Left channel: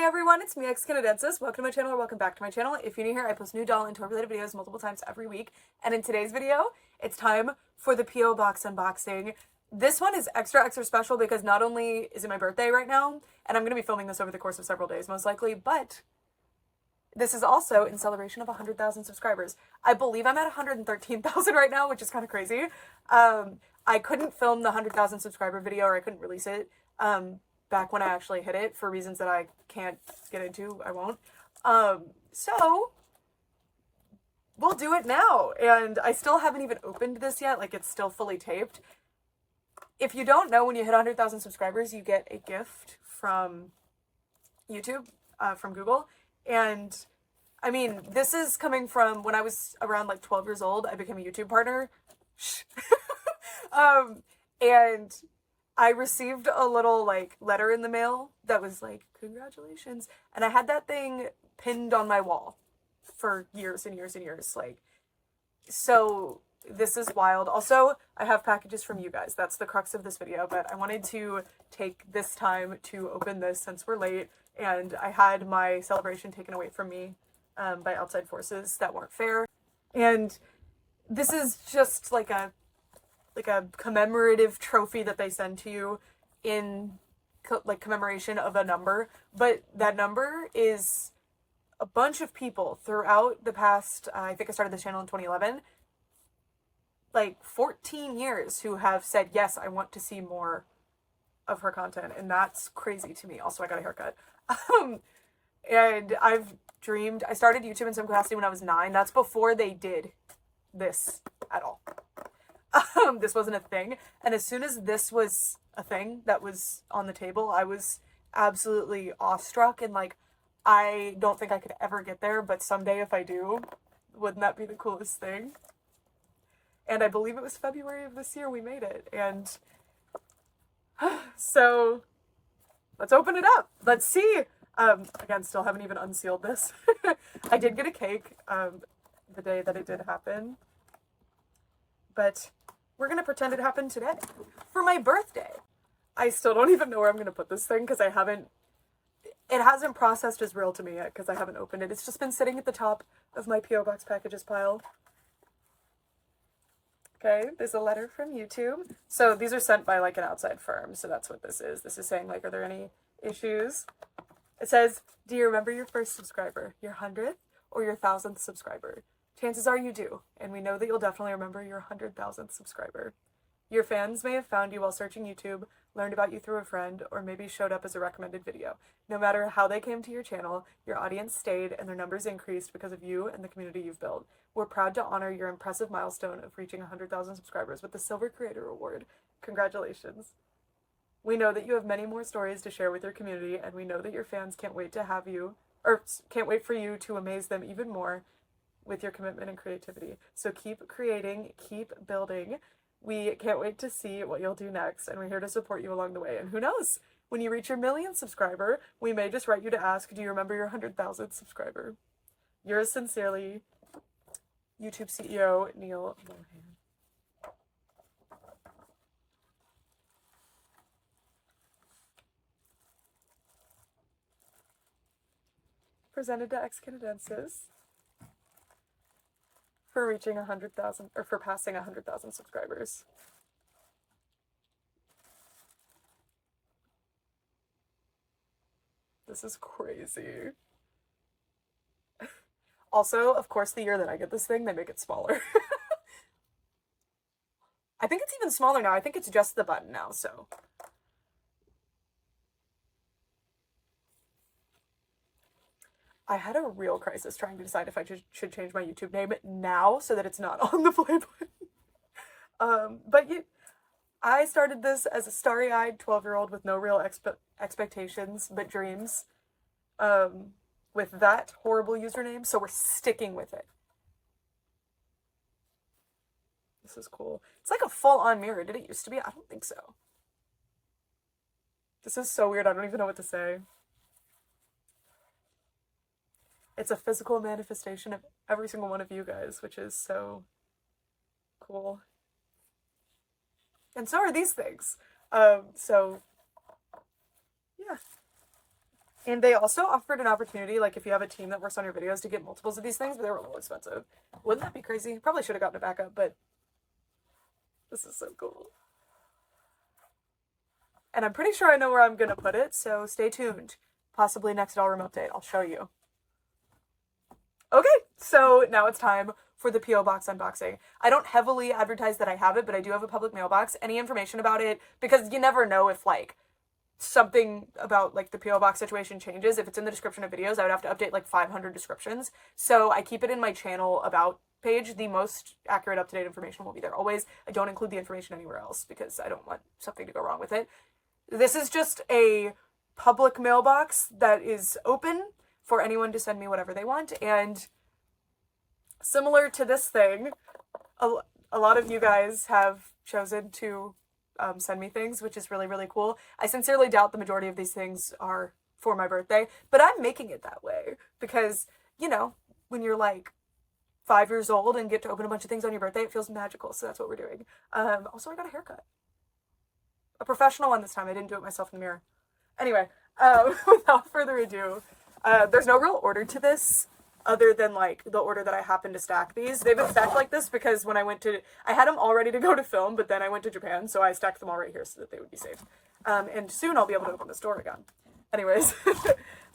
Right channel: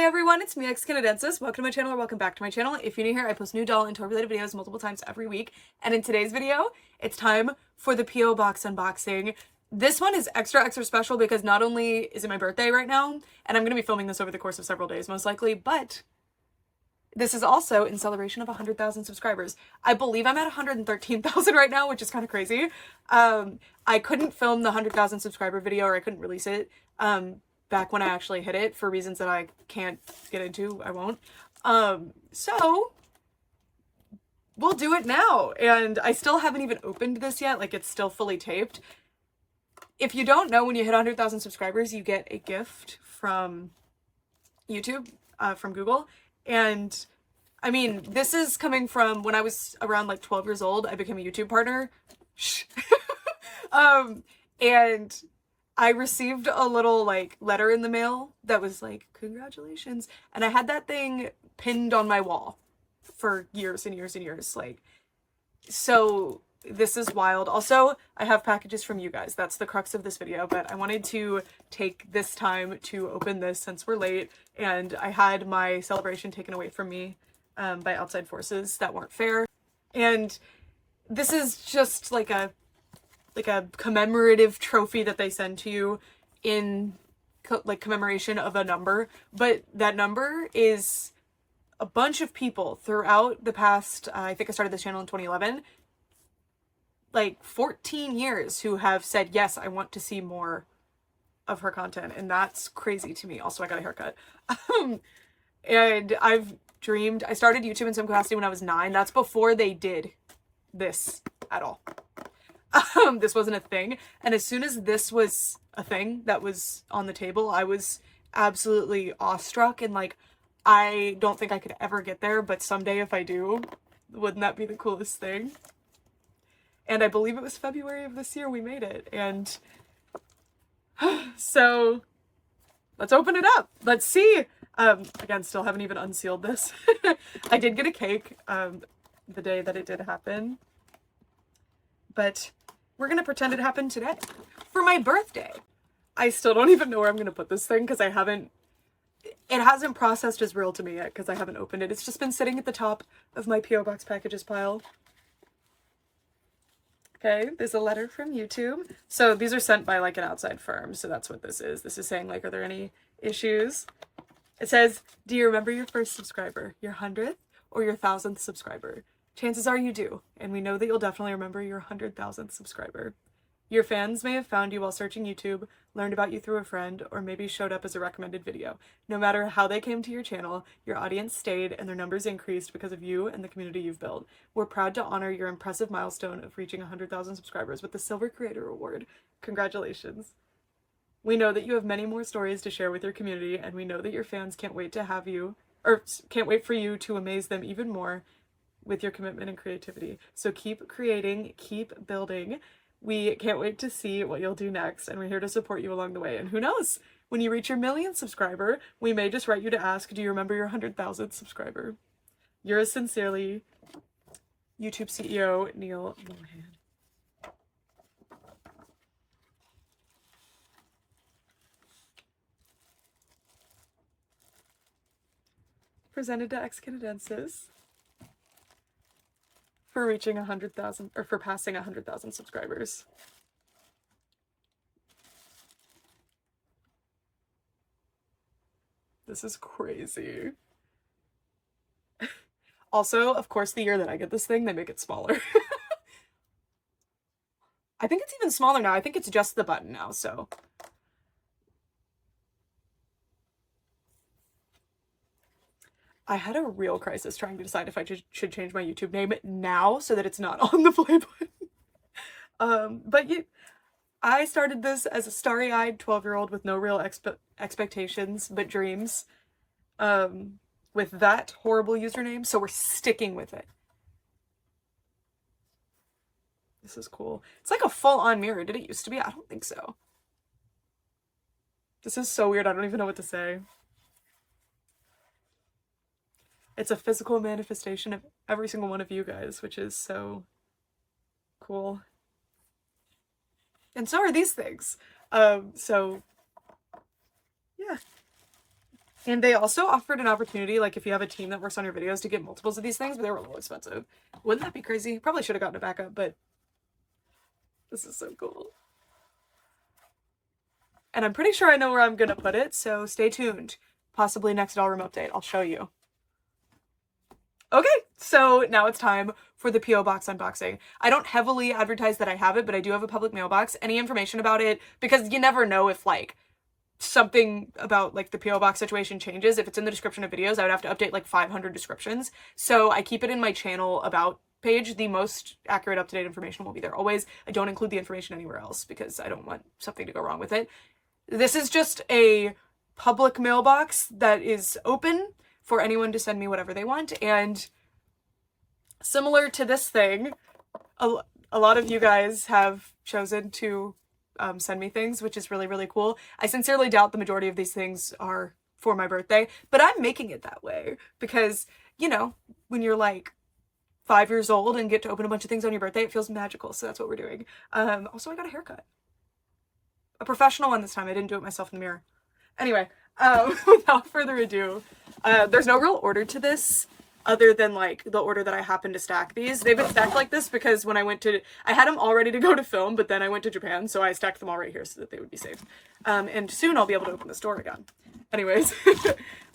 Hey everyone, it's me, Canadiensis. Welcome to my channel or welcome back to my channel. If you're new here, I post new doll and toy related videos multiple times every week. And in today's video, it's time for the P.O. Box unboxing. This one is extra special because not only is it my birthday right now, and I'm going to be filming this over the course of several days most likely, but this is also in celebration of 100,000 subscribers. I believe I'm at 113,000 right now, which is kind of crazy. I couldn't film the 100,000 subscriber video, or I couldn't release it back when I actually hit it for reasons that I can't get into. I won't. So we'll do it now. And I still haven't even opened this yet. Like, it's still fully taped. If you don't know, when you hit 100,000 subscribers, you get a gift from YouTube, from Google. And I mean, this is coming from when I was around like 12 years old. I became a YouTube partner. And I received a little like letter in the mail that was like, congratulations. And I had that thing pinned on my wall for years and years and years. Like, so this is wild. Also, I have packages from you guys. That's the crux of this video, but I wanted to take this time to open this since we're late and I had my celebration taken away from me by outside forces that weren't fair. And this is just like a commemorative trophy that they send to you in like commemoration of a number, but that number is a bunch of people throughout the past, I think I started this channel in 2011, like 14 years who have said, yes, I want to see more of her content. And that's crazy to me. Also, I got a haircut. And I've dreamed, I started YouTube in some capacity when I was 9. That's before they did this at all. This wasn't a thing. And as soon as this was a thing that was on the table, I was absolutely awestruck and like, I don't think I could ever get there, but someday if I do, wouldn't that be the coolest thing? And I believe it was February of this year we made it. And so let's open it up. Let's see. Again, still haven't even unsealed this. I did get a cake the day that it did happen. But we're going to pretend it happened today for my birthday. I still don't even know where I'm going to put this thing because it hasn't processed as real to me yet because I haven't opened it. It's just been sitting at the top of my P.O. Box packages pile. Okay, there's a letter from YouTube. So these are sent by like an outside firm. So that's what this is. This is saying like, are there any issues? It says, do you remember your first subscriber, your 100th or your 1,000th subscriber? Chances are you do, and we know that you'll definitely remember your 100,000th subscriber. Your fans may have found you while searching YouTube, learned about you through a friend, or maybe showed up as a recommended video. No matter how they came to your channel, your audience stayed and their numbers increased because of you and the community you've built. We're proud to honor your impressive milestone of reaching 100,000 subscribers with the Silver Creator Award. Congratulations. We know that you have many more stories to share with your community, and we know that your fans can't wait for you to amaze them even more with your commitment and creativity. So keep creating, keep building. We can't wait to see what you'll do next, and we're here to support you along the way. And who knows, when you reach your 1,000,000th subscriber, we may just write you to ask, do you remember your 100,000th subscriber? Yours sincerely, YouTube CEO Neil Mohan. Presented to Canadiensis for reaching 100,000 or for passing 100,000 subscribers. This is crazy. Also, of course, the year that I get this thing, they make it smaller. I think it's even smaller now. I think it's just the button now, so. I had a real crisis trying to decide if I should change my YouTube name now so that it's not on the play button. But I started this as a starry-eyed 12-year-old with no real expectations but dreams with that horrible username, so we're sticking with it. This is cool. It's like a full-on mirror. Did it used to be? I don't think so. This is so weird. I don't even know what to say. It's a physical manifestation of every single one of you guys, which is so cool. And so are these things. So, yeah. And they also offered an opportunity, like if you have a team that works on your videos, to get multiples of these things, but they were a little expensive. Wouldn't that be crazy? Probably should have gotten a backup, but this is so cool. And I'm pretty sure I know where I'm gonna put it, so stay tuned. Possibly next doll room update, I'll show you. Okay, so now it's time for the P.O. Box unboxing. I don't heavily advertise that I have it, but I do have a public mailbox. Any information about it, because you never know if, like, something about, like, the P.O. Box situation changes. If it's in the description of videos, I would have to update, like, 500 descriptions. So I keep it in my channel about page. The most accurate, up-to-date information will be there always. I don't include the information anywhere else because I don't want something to go wrong with it. This is just a public mailbox that is open for anyone to send me whatever they want, and similar to this thing, a lot of you guys have chosen to send me things, which is really, really cool. I sincerely doubt the majority of these things are for my birthday, but I'm making it that way because, you know, when you're like 5 years old and get to open a bunch of things on your birthday, it feels magical, so that's what we're doing. Also, I got a haircut. A professional one this time. I didn't do it myself in the mirror. Anyway, without further ado, there's no real order to this other than like the order that I happen to stack these. They've been stacked like this because when I had them all ready to go to film, but then I went to Japan, so I stacked them all right here so that they would be safe. And soon I'll be able to open the store again. Anyways,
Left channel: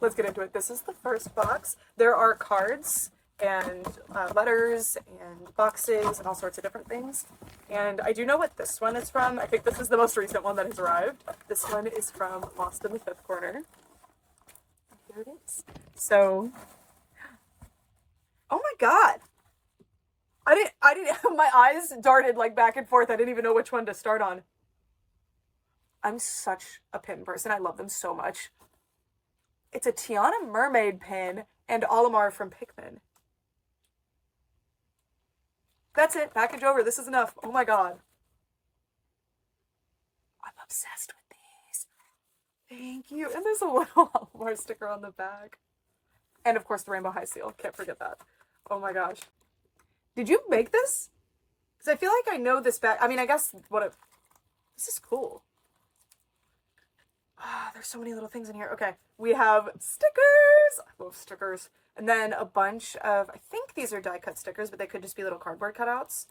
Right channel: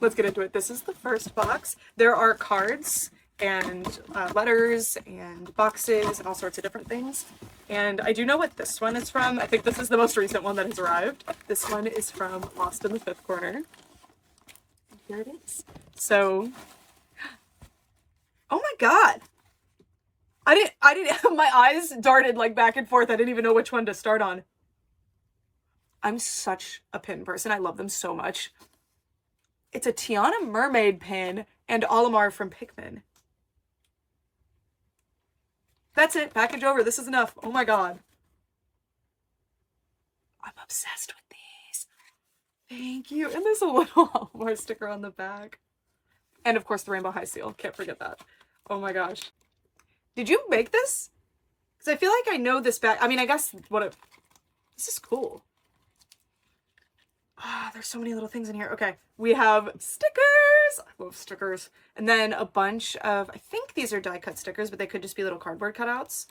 let's get into it. This is the first box. There are cards and letters and boxes and all sorts of different things. And I do know what this one is from. I think this is the most recent one that has arrived. This one is from Lost in the Fifth Corner. And here it is. So, oh my god. I didn't, my eyes darted like back and forth. I didn't even know which one to start on. I'm such a pin person. I love them so much. It's a Tiana Mermaid pin and Olimar from Pikmin. That's it. Package over. This is enough. Oh my god. I'm obsessed with these. Thank you. And there's a little more sticker on the back. And of course the Rainbow High Seal. Can't forget that. Oh my gosh. Did you make this? Because I feel like I know this back. I mean, I guess this is cool. Ah, there's so many little things in here. Okay. We have stickers. I love stickers. And then a bunch of, I think these are die cut stickers, but they could just be little cardboard cutouts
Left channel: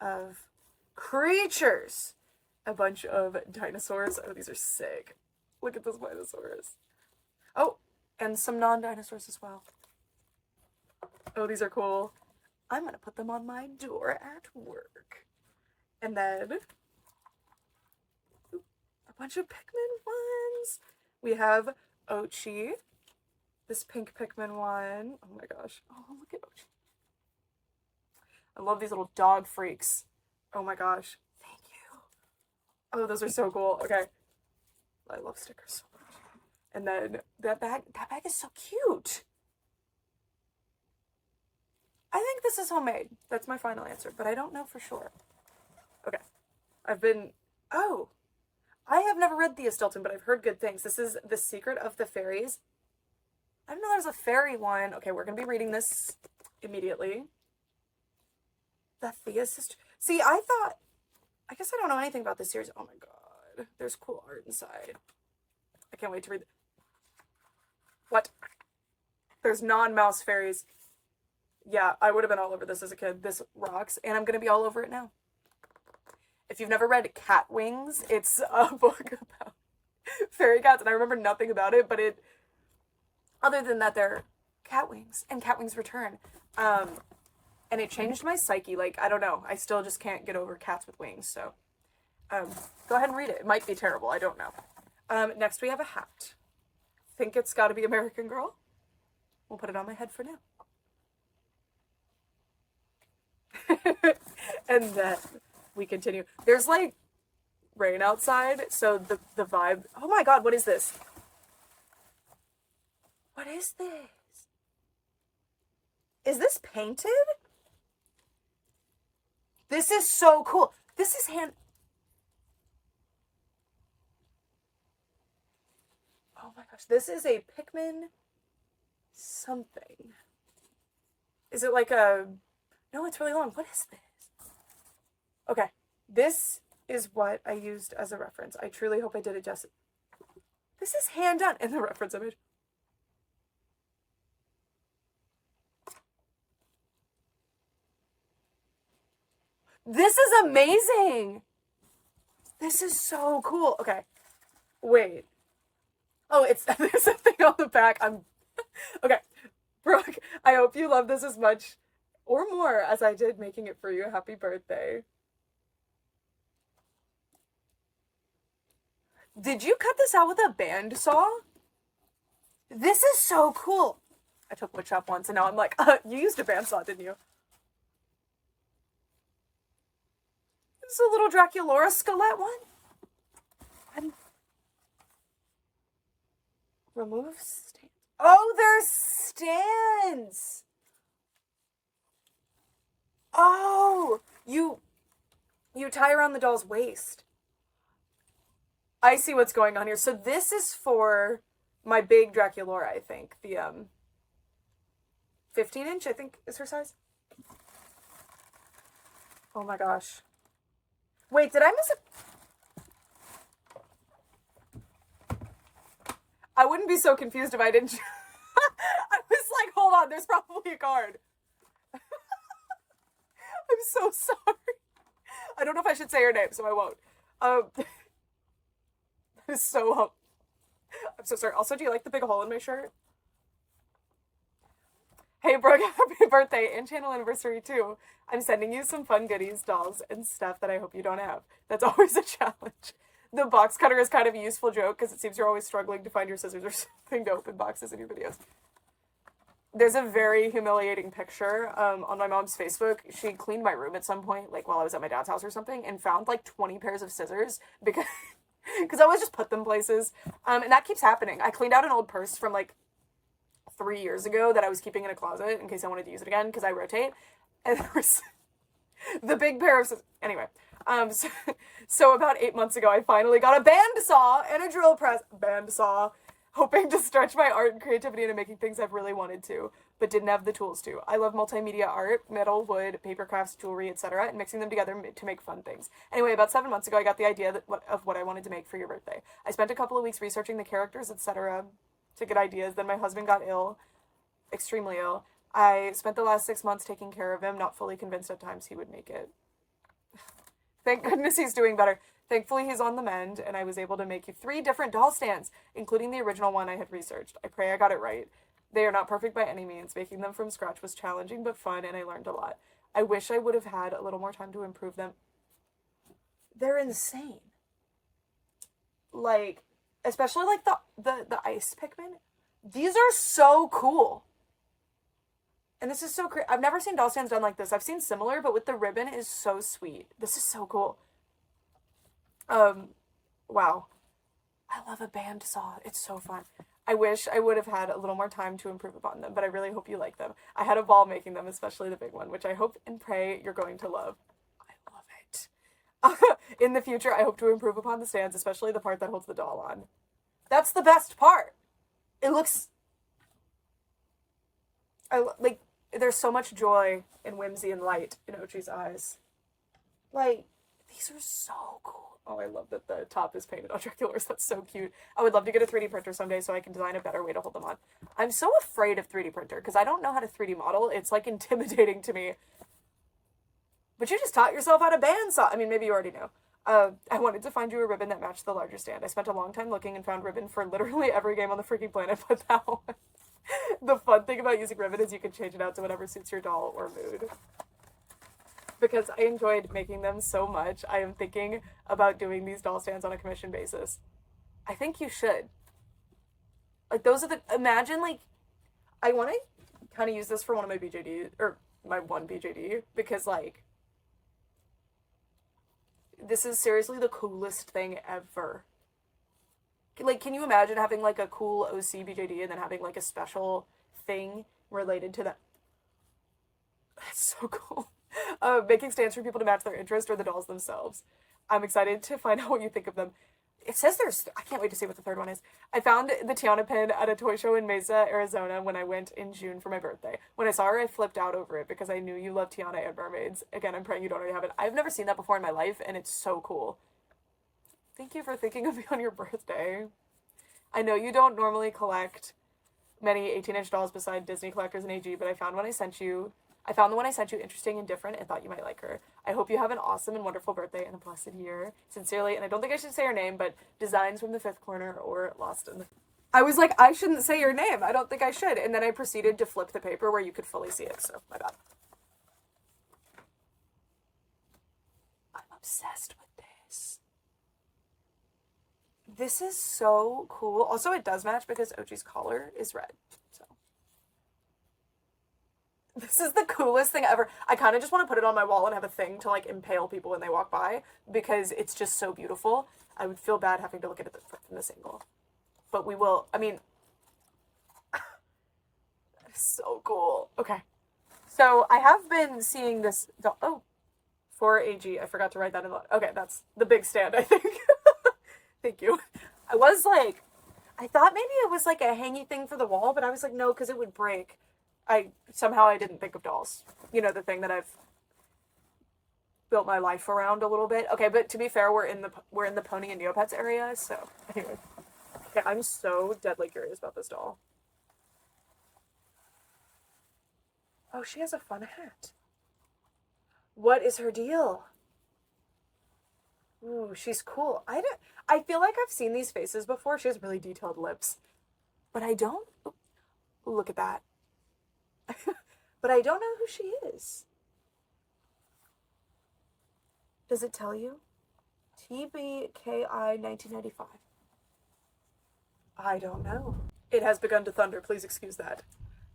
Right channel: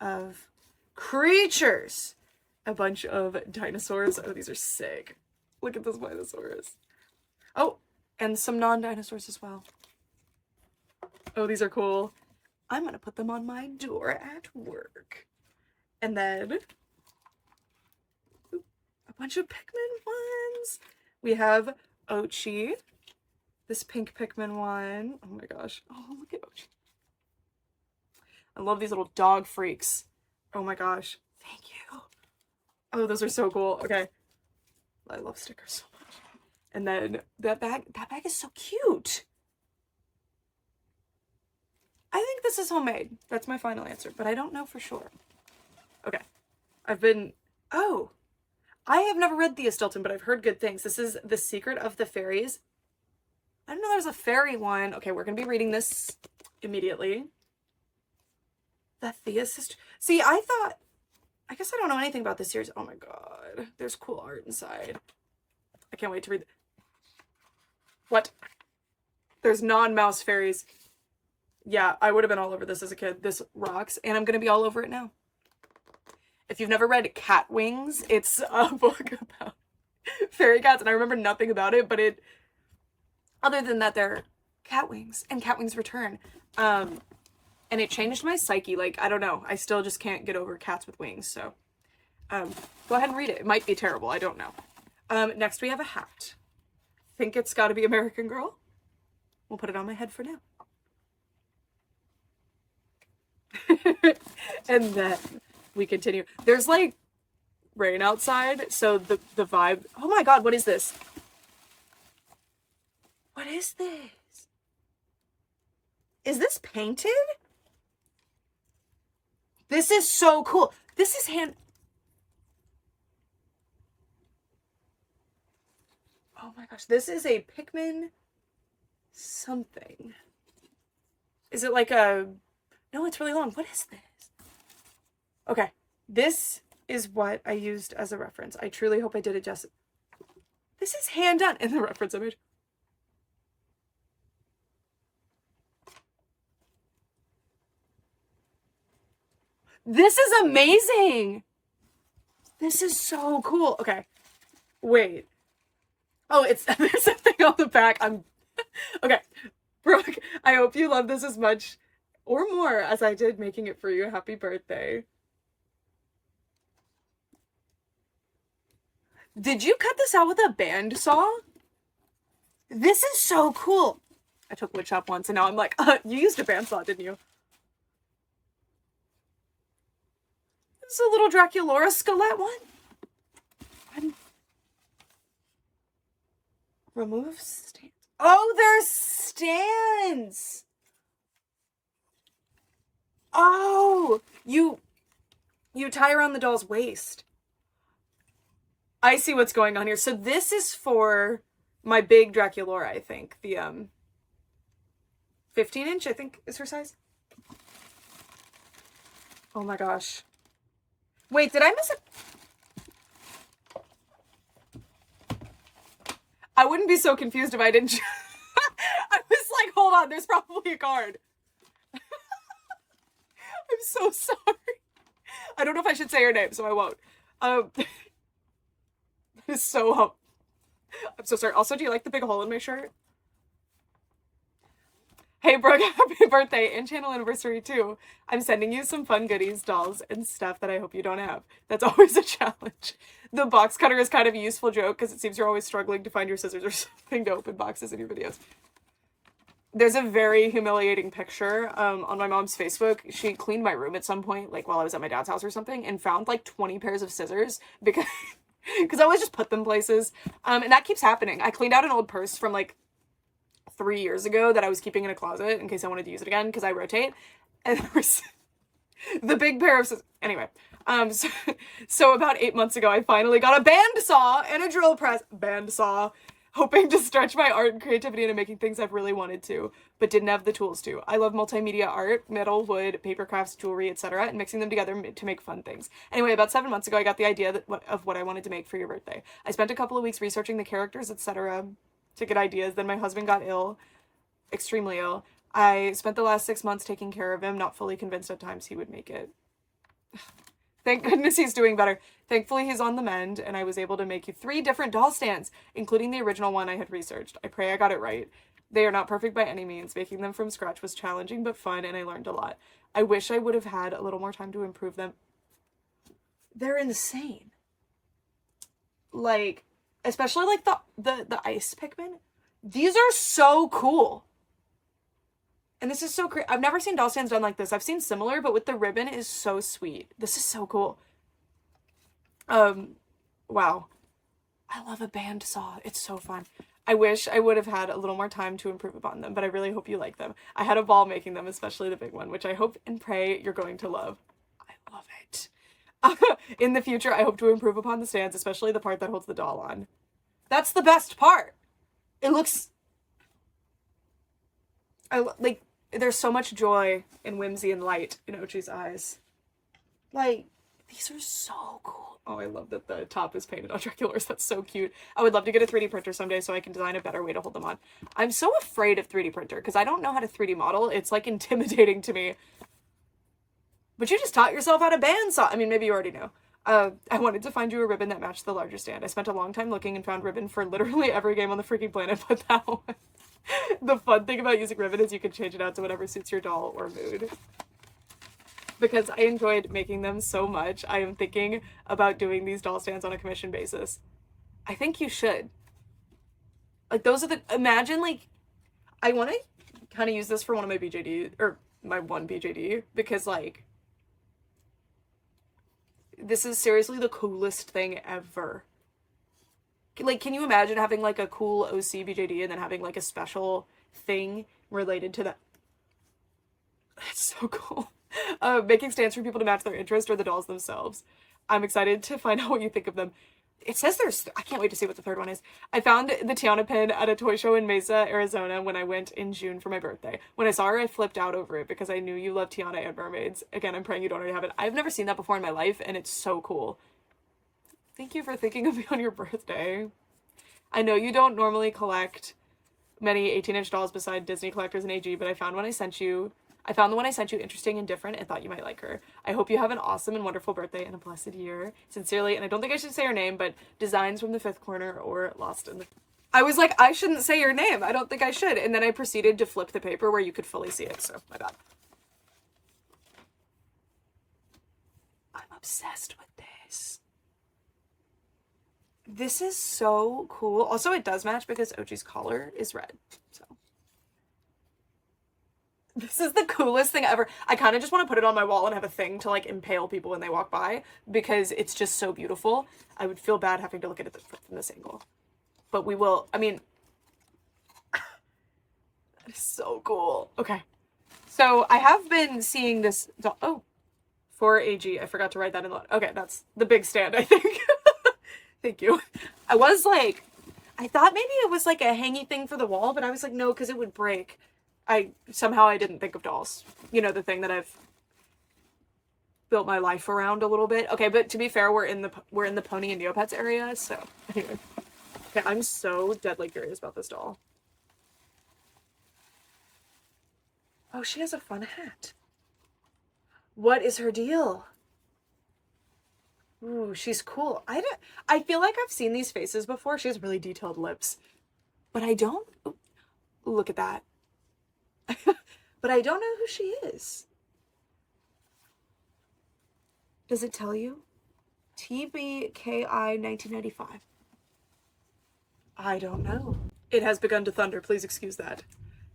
of creatures. A bunch of dinosaurs. Oh, these are sick. Look at this Minosaurus. Oh, and some non-dinosaurs as well. Oh, these are cool. I'm going to put them on my door at work. And then a bunch of Pikmin ones. We have Ochi. This pink Pikmin one. Oh my gosh. Oh, look at Ochi. I love these little dog freaks. Oh my gosh. Thank you. Oh, those are so cool. Okay. I love stickers so much. And then that bag is so cute. I think this is homemade. That's my final answer, but I don't know for sure. Okay. Oh, I have never read Thea Stilton, but I've heard good things. This is The Secret of the Fairies. I didn't know there's a fairy one. Okay, we're going to be reading this immediately. The Thea Sister. See, I guess I don't know anything about this series. Oh my god. There's cool art inside. I can't wait to read it. What? There's non-mouse fairies. Yeah, I would have been all over this as a kid. This rocks, and I'm going to be all over it now. If you've never read Cat Wings, it's a book about fairy cats, and I remember nothing about it, but other than that, they're cat wings, and cat wings return. And it changed my psyche. Like, I don't know. I still just can't get over cats with wings, so go ahead and read it. It might be terrible. I don't know. Next, we have a hat. Think it's got to be American Girl. We'll put it on my head for now. And then we continue. There's like rain outside, so the vibe. Oh my god, what is this? What is this? Is this painted? This is so cool. This is Oh my gosh, this is a Pikmin something. Is it like a... No, it's really long. What is this? Okay, this is what I used as a reference. I truly hope I did it justice. This is hand done in the reference image. This is amazing. This is so cool. Okay. Wait. Oh, it's there's something on the back. Okay. Brooke, I hope you love this as much or more as I did making it for you. Happy birthday. Did you cut this out with a bandsaw? This is so cool. I took wood shop once and now I'm like, you used a bandsaw, didn't you? This is a little Draculaura skelette one. Remove stands. Oh, there's stands. Oh, you tie around the doll's waist. I see what's going on here. So this is for my big Draculaura, I think. The 15-inch, I think, is her size. Oh my gosh. Wait, did I miss it? I wouldn't be so confused if I didn't. I was like, hold on, there's probably a card. I'm so sorry. I don't know if I should say her name, so I won't. So, I'm so sorry. Also, do you like the big hole in my shirt? Hey, Brooke, happy birthday and channel anniversary, too. I'm sending you some fun goodies, dolls, and stuff that I hope you don't have. That's always a challenge. The box cutter is kind of a useful joke because it seems you're always struggling to find your scissors or something to open boxes in your videos. There's a very humiliating picture on my mom's Facebook. She cleaned my room at some point, like while I was at my dad's house or something, and found like 20 pairs of scissors because I always just put them places. And that keeps happening. I cleaned out an old purse from like 3 years ago that I was keeping in a closet in case I wanted to use it again because I rotate. And there was the big pair of scissors. Anyway, so about 8 months ago, I finally got a bandsaw and a drill press. Bandsaw. Hoping to stretch my art and creativity into making things I've really wanted to, but didn't have the tools to. I love multimedia art, metal, wood, paper crafts, jewelry, etc., and mixing them together to make fun things. Anyway, about 7 months ago, I got the idea of what I wanted to make for your birthday. I spent a couple of weeks researching the characters, etc., to get ideas. Then my husband got ill, extremely ill. I spent the last 6 months taking care of him, not fully convinced at times he would make it. Thank goodness he's doing better. Thankfully, he's on the mend, and I was able to make you 3 different doll stands, including the original one I had researched. I pray I got it right. They are not perfect by any means. Making them from scratch was challenging but fun, and I learned a lot. I wish I would have had a little more time to improve them. They're insane. Like, especially like the ice Pikmin. These are so cool. And this is so great. I've never seen doll stands done like this. I've seen similar, but with the ribbon is so sweet. This is so cool. Wow. I love a bandsaw. It's so fun. I wish I would have had a little more time to improve upon them, but I really hope you like them. I had a ball making them, especially the big one, which I hope and pray you're going to love. I love it. In the future, I hope to improve upon the stands, especially the part that holds the doll on. That's the best part. It looks... like, there's so much joy and whimsy and light in Ochi's eyes. Like, these are so cool. Oh, I love that the top is painted on Draculaurs. That's so cute. I would love to get a 3D printer someday so I can design a better way to hold them on. I'm so afraid of 3D printer because I don't know how to 3D model. It's like intimidating to me. But you just taught yourself how to bandsaw. I mean, maybe you already know. I wanted to find you a ribbon that matched the larger stand. I spent a long time looking and found ribbon for literally every game on the freaking planet, but that one. The fun thing about using ribbon is you can change it out to whatever suits your doll or mood. Because I enjoyed making them so much, I am thinking about doing these doll stands on a commission basis. I think you should. Like, those are the... Imagine, like... I want to kind of use this for one of my BJD... Or my one BJD. Because, like... This is seriously the coolest thing ever. Like, can you imagine having, like, a cool OC BJD and then having, like, a special thing related to that? That's so cool. Making stands for people to match their interest or the dolls themselves. I'm excited to find out what you think of them. It says there's... I can't wait to see what the third one is. I found the Tiana pin at a toy show in Mesa, Arizona when I went in June for my birthday. When I saw her, I flipped out over it because I knew you love Tiana and mermaids. Again, I'm praying you don't already have it. I've never seen that before in my life, and it's so cool. Thank you for thinking of me on your birthday. I know you don't normally collect many 18-inch dolls beside Disney collectors and AG, but I found one I sent you I found the one I sent you interesting and different and thought you might like her. I hope you have an awesome and wonderful birthday and a blessed year. Sincerely, and I don't think I should say her name, but Designs from the Fifth Corner or Lost in the... I was like, I shouldn't say your name. I don't think I should. And then I proceeded to flip the paper where you could fully see it, so my bad. I'm obsessed with this. This is so cool. Also, it does match because Ochi's collar is red, so. This is the coolest thing ever. I kind of just want to put it on my wall and have a thing to, like, impale people when they walk by because it's just so beautiful. I would feel bad having to look at it from this angle. But we will, I mean, that is so cool. Okay. So I have been seeing this, oh, 4AG. I forgot to write that in. Okay, that's the big stand, I think. Thank you. I was like, I thought maybe it was like a hangy thing for the wall, but I was like, no, because it would break. Somehow I didn't think of dolls. You know, the thing that I've built my life around a little bit. Okay, but to be fair, we're in the Pony and Neopets area, so anyway. Okay, I'm so deadly curious about this doll. Oh, she has a fun hat. What is her deal? Ooh, she's cool. I feel like I've seen these faces before. She has really detailed lips. But I don't... Ooh, look at that. But I don't know who she is. Does it tell you? TBKI 1995. I don't know. It has begun to thunder. Please excuse that.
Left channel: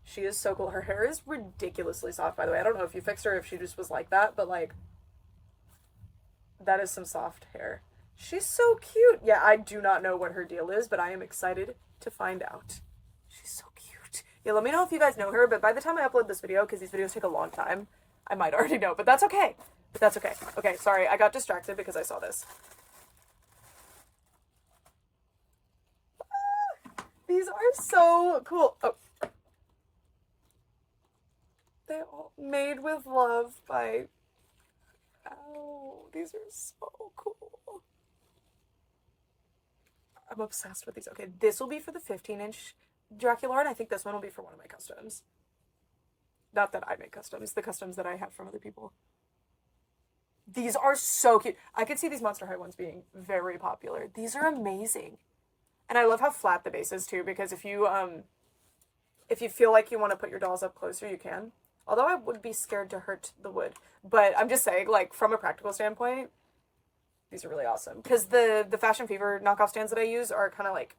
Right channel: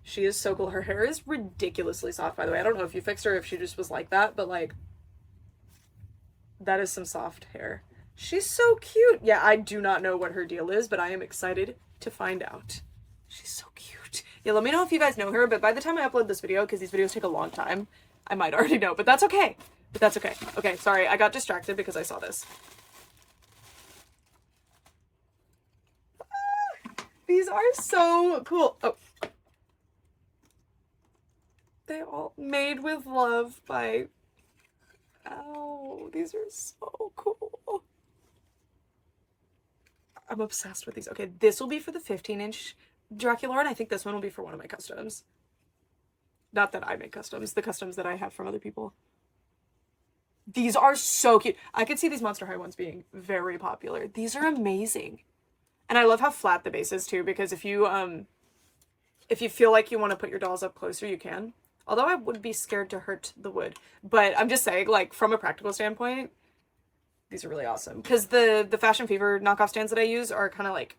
She is so cool. Her hair is ridiculously soft, by the way. I don't know if you fixed her, if she just was like that, but like, that is some soft hair. She's so cute. Yeah, I do not know what her deal is, but I am excited to find out. She's so cute. Yeah, let me know if you guys know her, but by the time I upload this video, because these videos take a long time, I might already know, but that's okay. But that's okay. Okay, sorry, I got distracted because I saw this. These are so cool. Oh. They all made with love by... Ow, these are so cool. I'm obsessed with these. Okay, this will be for the 15-inch Dracula, and I think this one will be for one of my customs. Not that I make customs, the customs that I have from other people. These are so cute. I could see these Monster High ones being very popular. These are amazing. And I love how flat the base is too, because if you feel like you want to put your dolls up closer, you can. Although I would be scared to hurt the wood. But I'm just saying, like, from a practical standpoint, these are really awesome. Because the Fashion Fever knockoff stands that I use are kind of, like,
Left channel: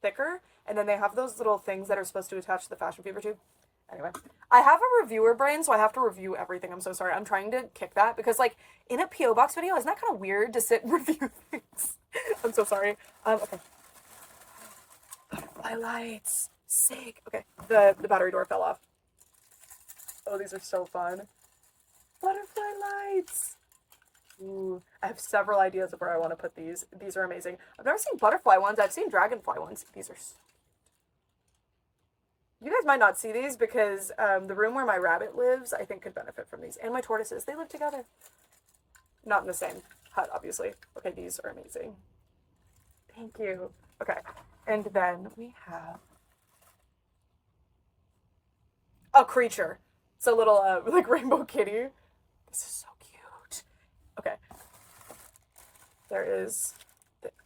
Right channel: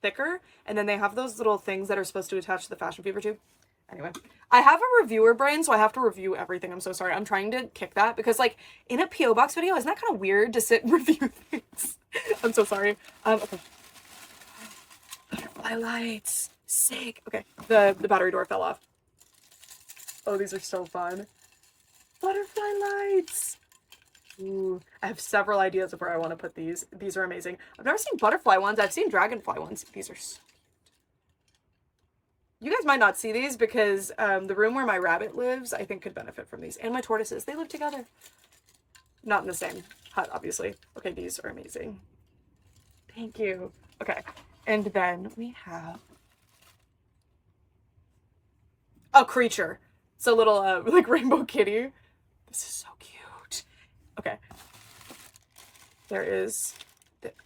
thicker. And then they have those little things that are supposed to attach to the Fashion Fever tube. Anyway, I have a reviewer brain, so I have to review everything. I'm so sorry. I'm trying to kick that because, like, in a P.O. Box video, isn't that kind of weird to sit and review things? I'm so sorry. Okay. Butterfly lights. Sick. Okay, the battery door fell off. Oh, these are so fun. Butterfly lights. Ooh, I have several ideas of where I want to put these. These are amazing. I've never seen butterfly ones. I've seen dragonfly ones. These are so cute. You guys might not see these because the room where my rabbit lives, I think, could benefit from these. And my tortoises. They live together. Not in the same hut, obviously. Okay, these are amazing. Thank you. Okay, and then we have a creature. It's a little, like, rainbow kitty. This is so cute. Okay. There is...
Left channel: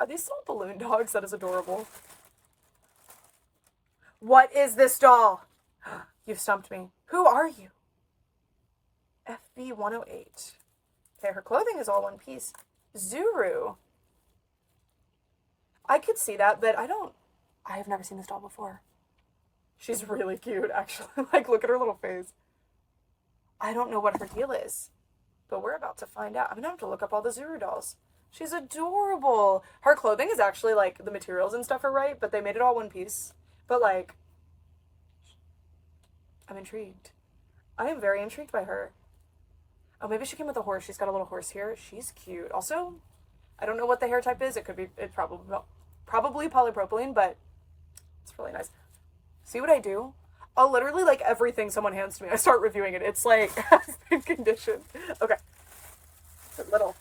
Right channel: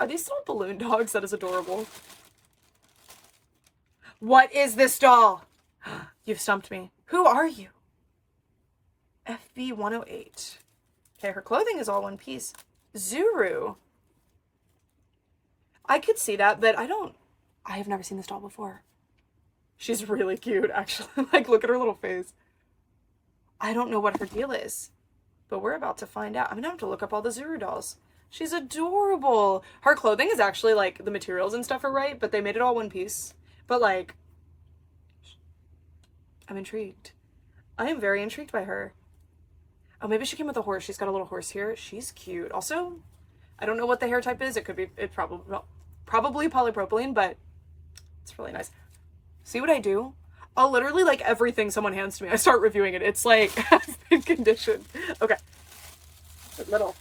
Are these little balloon dogs? That is adorable. What is this doll? You've stumped me. Who are you? FB 108. Okay, her clothing is all one piece. Zuru. I could see that, but I have never seen this doll before. She's really cute, actually. Like, look at her little face. I don't know what her deal is, but we're about to find out. I'm gonna have to look up all the Zuru dolls. She's adorable. Her clothing is actually, like, the materials and stuff are right, but they made it all one piece. But, like, I'm intrigued. I am very intrigued by her. Oh, maybe she came with a horse. She's got a little horse here. She's cute. Also, I don't know what the hair type is. It could be, probably polypropylene, but it's really nice. See what I do? I'll literally, like, everything someone hands to me, I start reviewing it. It's like, half-in condition. Okay. Little.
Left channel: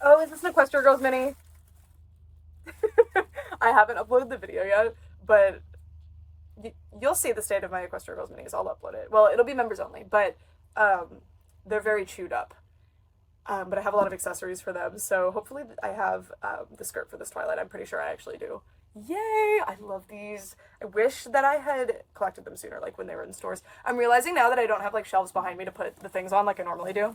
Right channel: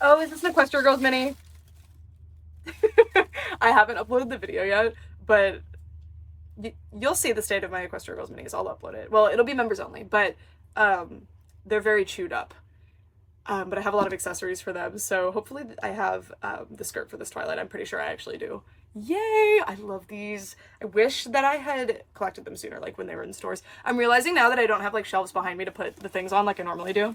Oh, is this an Equestria Girls mini? I haven't uploaded the video yet, but you'll see the state of my Equestria Girls minis. I'll upload it. Well, it'll be members only, but they're very chewed up. But I have a lot of accessories for them, so hopefully I have the skirt for this Twilight. I'm pretty sure I actually do. Yay! I love these. I wish that I had collected them sooner, like when they were in stores. I'm realizing now that I don't have like shelves behind me to put the things on like I normally do.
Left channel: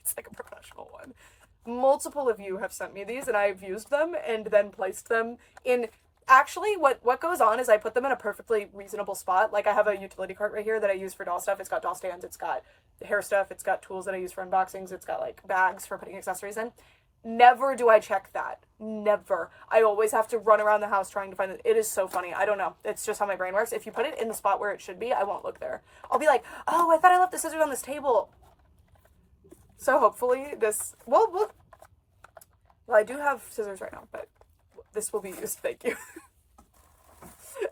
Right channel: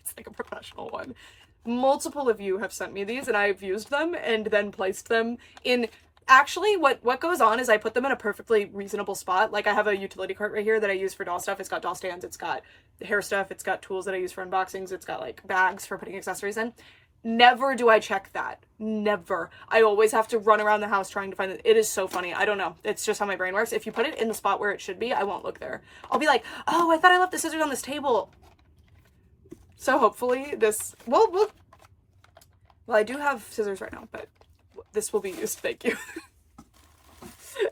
It's like a professional one. Multiple of you have sent me these and I've used them and then placed them in... Actually, what goes on is I put them in a perfectly reasonable spot. Like I have a utility cart right here that I use for doll stuff. It's got doll stands, it's got hair stuff, it's got tools that I use for unboxings, it's got like bags for putting accessories in. Never do I check that. Never. I always have to run around the house trying to find it. It is so funny. I don't know. It's just how my brain works. If you put it in the spot where it should be, I won't look there. I'll be like, oh, I thought I left the scissors on this table. So hopefully this... Well, I do have scissors right now, but this will be used. Thank you.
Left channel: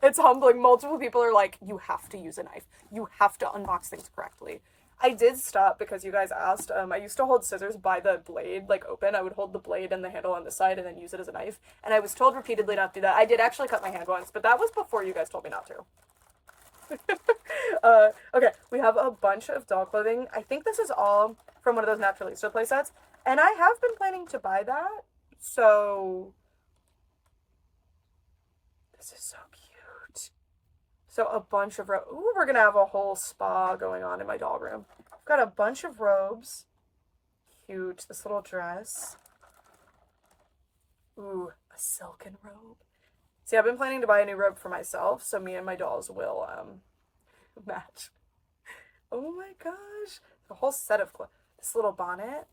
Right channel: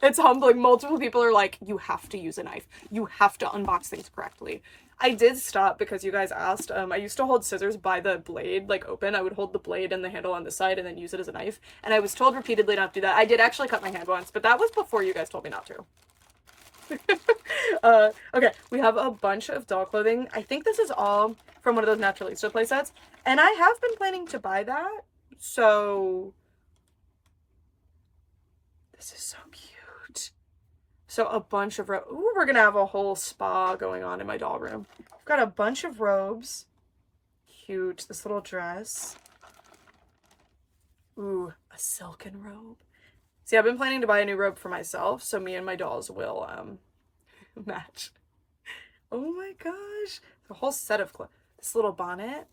It's humbling. Multiple people are like, you have to use a knife. You have to unbox things correctly. I did stop because you guys asked. I used to hold scissors by the blade, like open. I would hold the blade and the handle on the side and then use it as a knife. And I was told repeatedly not to do that. I did actually cut my hand once, but that was before you guys told me not to. Okay, we have a bunch of doll clothing. I think this is all from one of those Naturalista playsets. And I have been planning to buy that. So... This is so cute. So a bunch of robes. Ooh, we're gonna have a whole spa going on in my doll room. I've got a bunch of robes. Cute. This little dress. Ooh, a silken robe. See, I've been planning to buy a new robe for myself, so me and my dolls will match. Oh my gosh. A whole set of clothes. This little bonnet.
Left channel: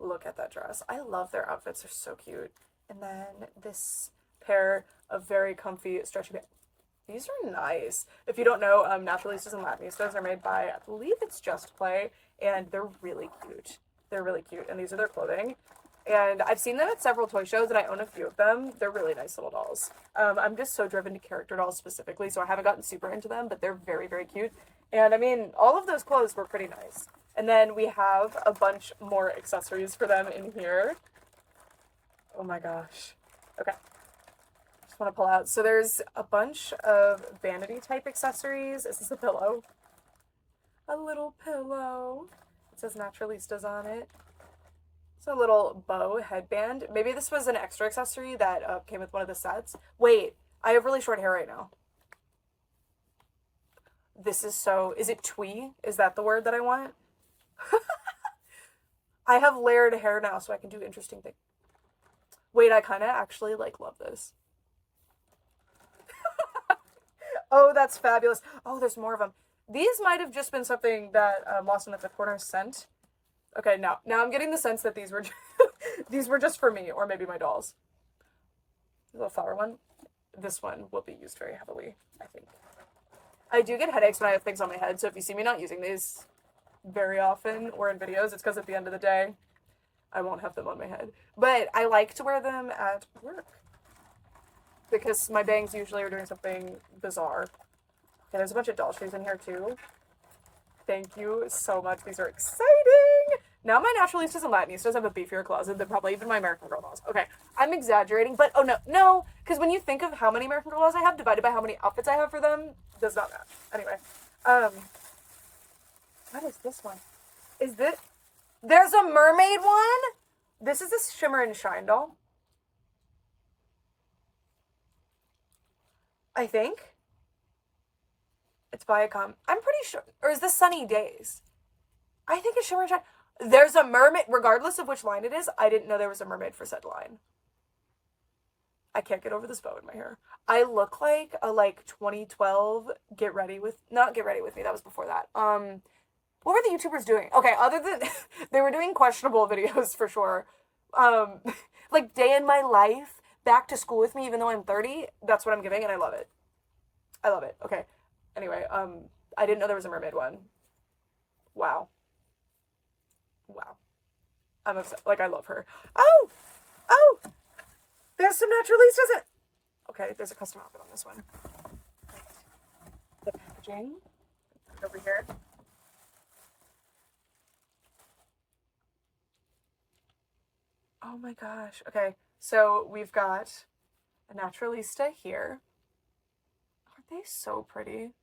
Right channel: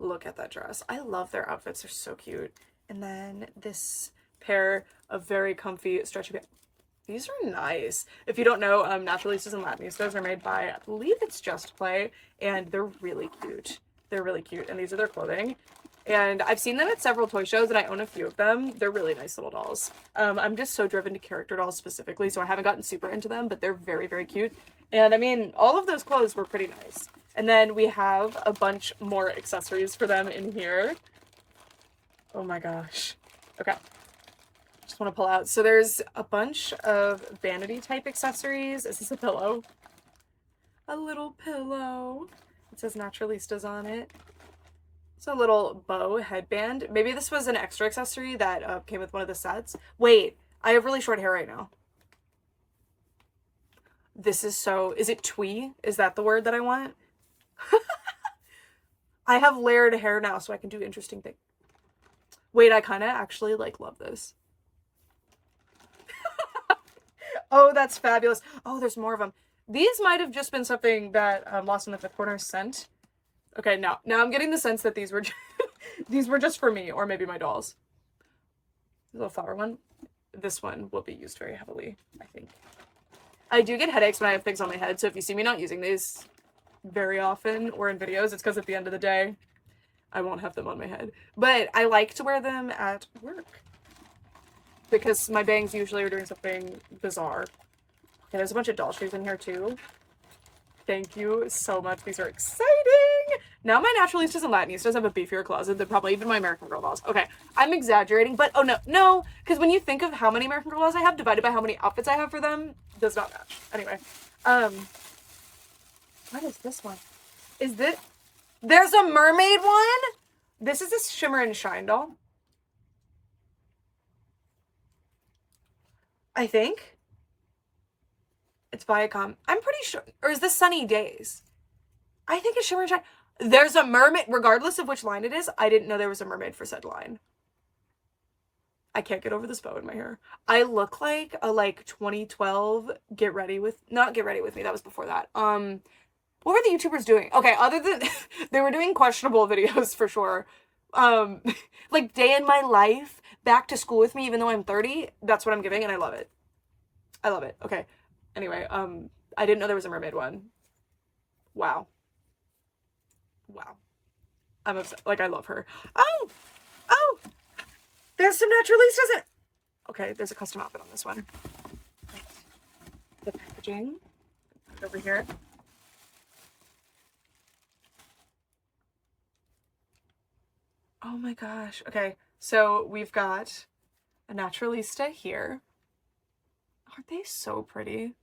Look at that dress. I love their outfits. They're so cute. And then this pair of very comfy stretchy pants. These are nice. If you don't know, Naturalistas and Latinistas are made by, I believe it's Just Play, and they're really cute. They're really cute, and these are their clothing. And I've seen them at several toy shows, and I own a few of them. They're really nice little dolls. I'm just so driven to character dolls specifically, so I haven't gotten super into them, but they're very, very cute. And I mean, all of those clothes were pretty nice. And then we have a bunch more accessories for them in here. Oh my gosh. Okay. Just want to pull out. So there's a bunch of vanity type accessories. Is this a pillow? A little pillow. It says Naturalistas on it. It's a little bow headband. Maybe this was an extra accessory that came with one of the sets. Wait, I have really short hair right now. This is so... Is it twee? Is that the word that I want? I have layered hair now, so I can do interesting things. Wait, I kind of actually, like, love this. Oh, that's fabulous. Oh, there's more of them. These might have just been something that Lost in the Fifth Corner sent. Okay, now I'm getting the sense that these were these were just for me, or maybe my dolls. The little flower one. This one will be used very heavily, I think. I do get headaches when I have things on my head, so if you see me not using these very often or in videos, it's because at the end of the day, I won't have them on my head. But I like to wear them at work, because my bangs usually are doing something bizarre. Okay, there's a bunch of doll shoes in here too. Thank you so much. These are exciting. Now my Naturalistas and Latinistas have a beefier closet than probably even my American Girl dolls. Okay, I'm exaggerating, but oh no, because when you think of how many American Girl dolls I have divided by how many outfits I have for them, does not match. Anyway, what is this one? Is this... There's a mermaid one? This is a Shimmer and Shine doll. I think. It's Viacom. I'm pretty sure. Or is this Sunny Days? I think it's Shimmer and Shine. There's a mermaid. Regardless of which line it is, I didn't know there was a mermaid for said line. I can't get over this bow in my hair. I look like a 2012 Get Ready With... Not Get Ready With Me. That was before that. What were the YouTubers doing? Okay, other than... they were doing questionable videos for sure. Like Day in My Life, Back to School With Me, even though I'm 30. That's what I'm giving, and I love it. I love it. Okay. Anyway, I didn't know there was a mermaid one. Wow. Wow. I'm upset. Like, I love her. Oh! There's some Naturalistas in... Okay, there's a custom outfit on this one. The packaging. Over here. Oh my gosh. Okay, so we've got a Naturalista here. Aren't they so pretty?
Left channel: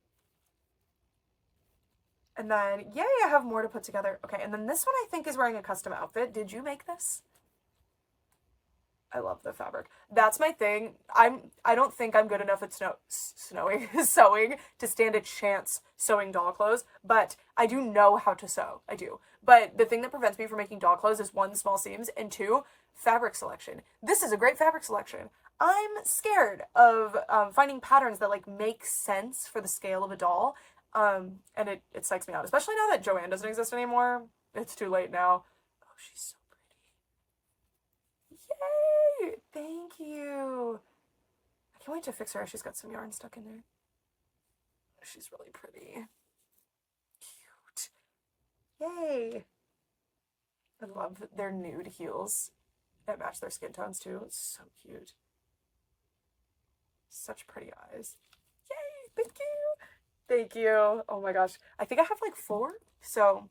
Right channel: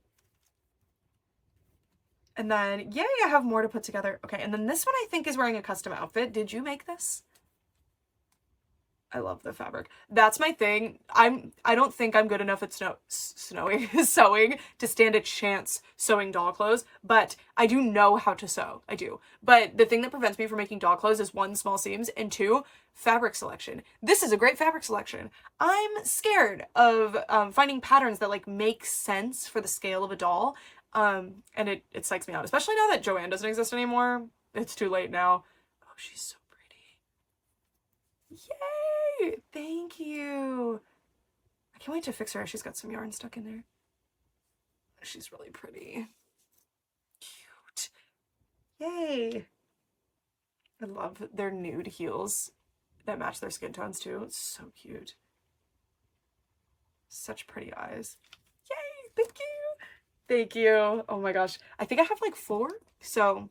And then, yay, I have more to put together. Okay, and then this one I think is wearing a custom outfit. Did you make this? I love the fabric. That's my thing. I don't think I'm good enough at sewing to stand a chance sewing doll clothes, but I do know how to sew. I do. But the thing that prevents me from making doll clothes is one, small seams, and two, fabric selection. This is a great fabric selection. I'm scared of finding patterns that like make sense for the scale of a doll. And it psychs me out, especially now that Joanne doesn't exist anymore. It's too late now. Oh, she's so pretty. Yay! Thank you. I can't wait to fix her. She's got some yarn stuck in there. She's really pretty. Cute. Yay. I love their nude heels that match their skin tones too. It's so cute. Such pretty eyes. Yay! Thank you. Thank you. Oh my gosh. I think I have like 4. So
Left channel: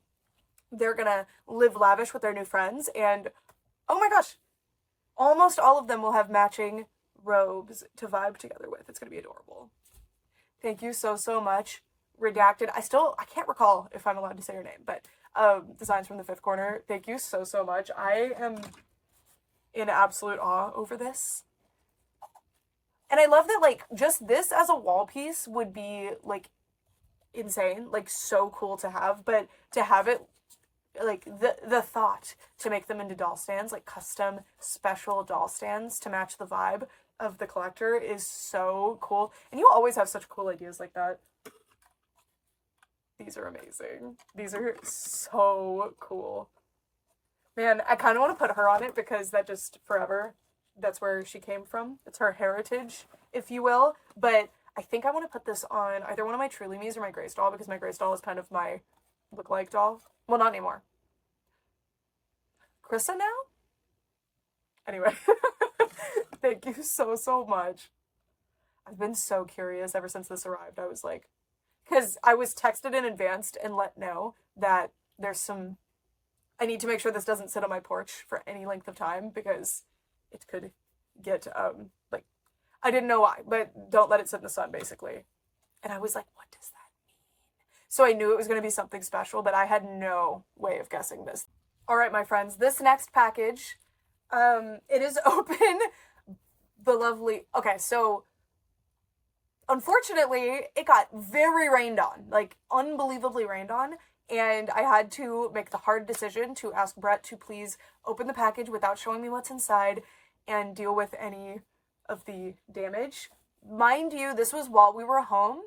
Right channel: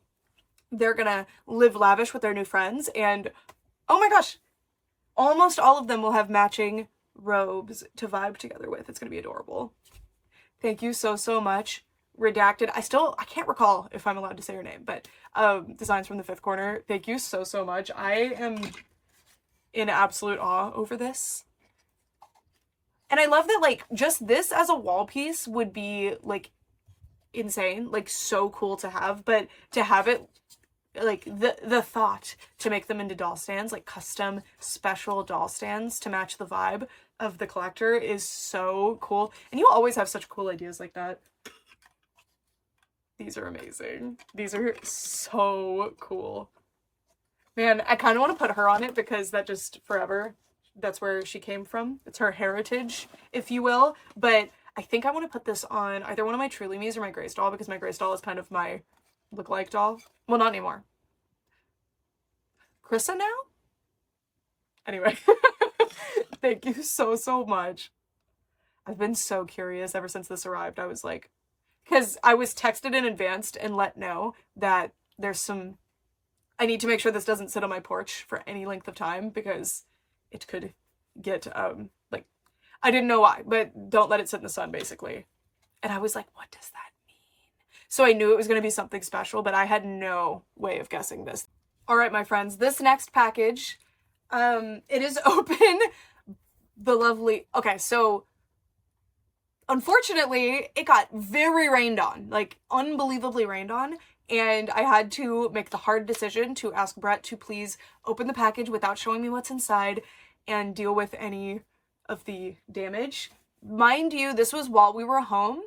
they're gonna live lavish with their new friends. And oh my gosh, almost all of them will have matching robes to vibe together with. It's gonna be adorable. Thank you so, so much. Redacted. I can't recall if I'm allowed to say your name, but Designs from the Fifth Corner. Thank you so, so much. I am in absolute awe over this. And I love that, like, just this as a wall piece would be, like, insane, like so cool to have, but to have it like the thought to make them into doll stands, like custom special doll stands to match the vibe of the collector is so cool. And you always have such cool ideas like that. These are amazing. These are so cool. Man, I kind of want to put her on it because that just forever, that's where she came from. It's her heritage, if you will. But I think I want to put this on either one of my Truly Me's or my Grace doll, because my Grace doll is kind of my look-alike doll. Well, not anymore. Chrissy now? Anyway, thank you so, so much. I've been so curious ever since this arrived. I was like, because I was texted in advance and let know that there's some, I need to make sure this doesn't sit on my porch for any length of time because it could get, like, I didn't know why, but don't let it sit in the sun, basically. And I was like, what does that mean? So I knew it was going to be something special, but I had no way of guessing this. All right, my friends, this next package, it is open. The lovely, okay, so unfortunately, it got very rained on, like unbelievably rained on. And I had to make the hard decision to ask Brett to please open the package without showing me what's inside and deal with any of the damage. Mind you, this was while we were home.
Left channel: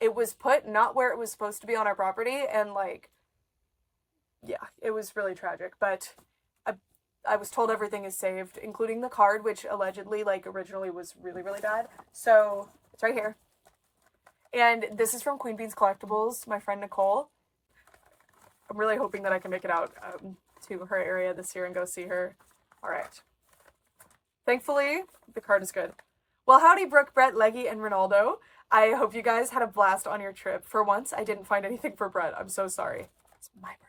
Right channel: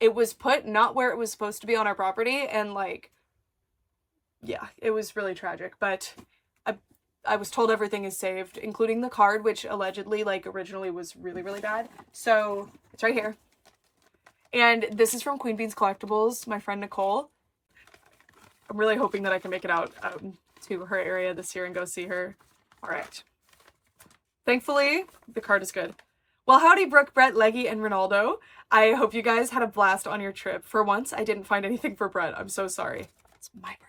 It was put not where it was supposed to be on our property, and like, yeah, it was really tragic, but I was told everything is saved, including the card, which allegedly, like, originally was really, really bad. So it's right here. And this is from Queen Beans Collectibles, my friend Nicole. I'm really hoping that I can make it out to her area this year and go see her. All right. Thankfully, the card is good. Well, howdy, Brooke, Brett, Leggy, and Ronaldo. I hope you guys had a blast on your trip. For once, I didn't find anything for Brett. I'm so sorry. It's my birthday.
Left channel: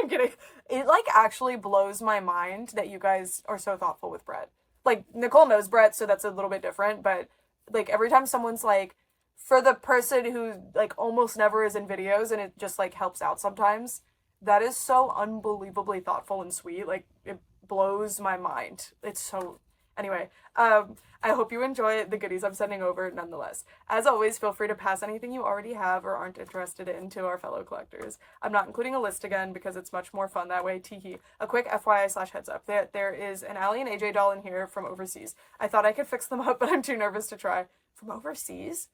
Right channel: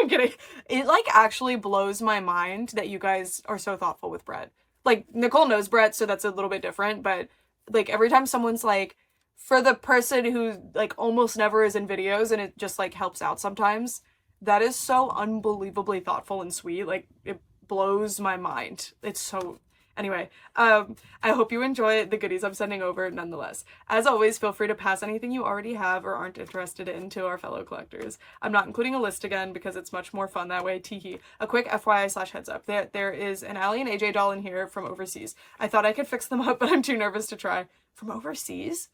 I'm kidding. It, like, actually blows my mind that you guys are so thoughtful with Brett. Like, Nicole knows Brett, so that's a little bit different, but, like, every time someone's like, for the person who, like, almost never is in videos and it just, like, helps out sometimes, that is so unbelievably thoughtful and sweet. Like, it blows my mind. It's so... Anyway, I hope you enjoy the goodies I'm sending over nonetheless. As always, feel free to pass anything you already have or aren't interested in to our fellow collectors. I'm not including a list again because it's much more fun that way, teehee. A quick FYI/heads up. There is an Allie and AJ doll in here from overseas. I thought I could fix them up, but I'm too nervous to try. From overseas?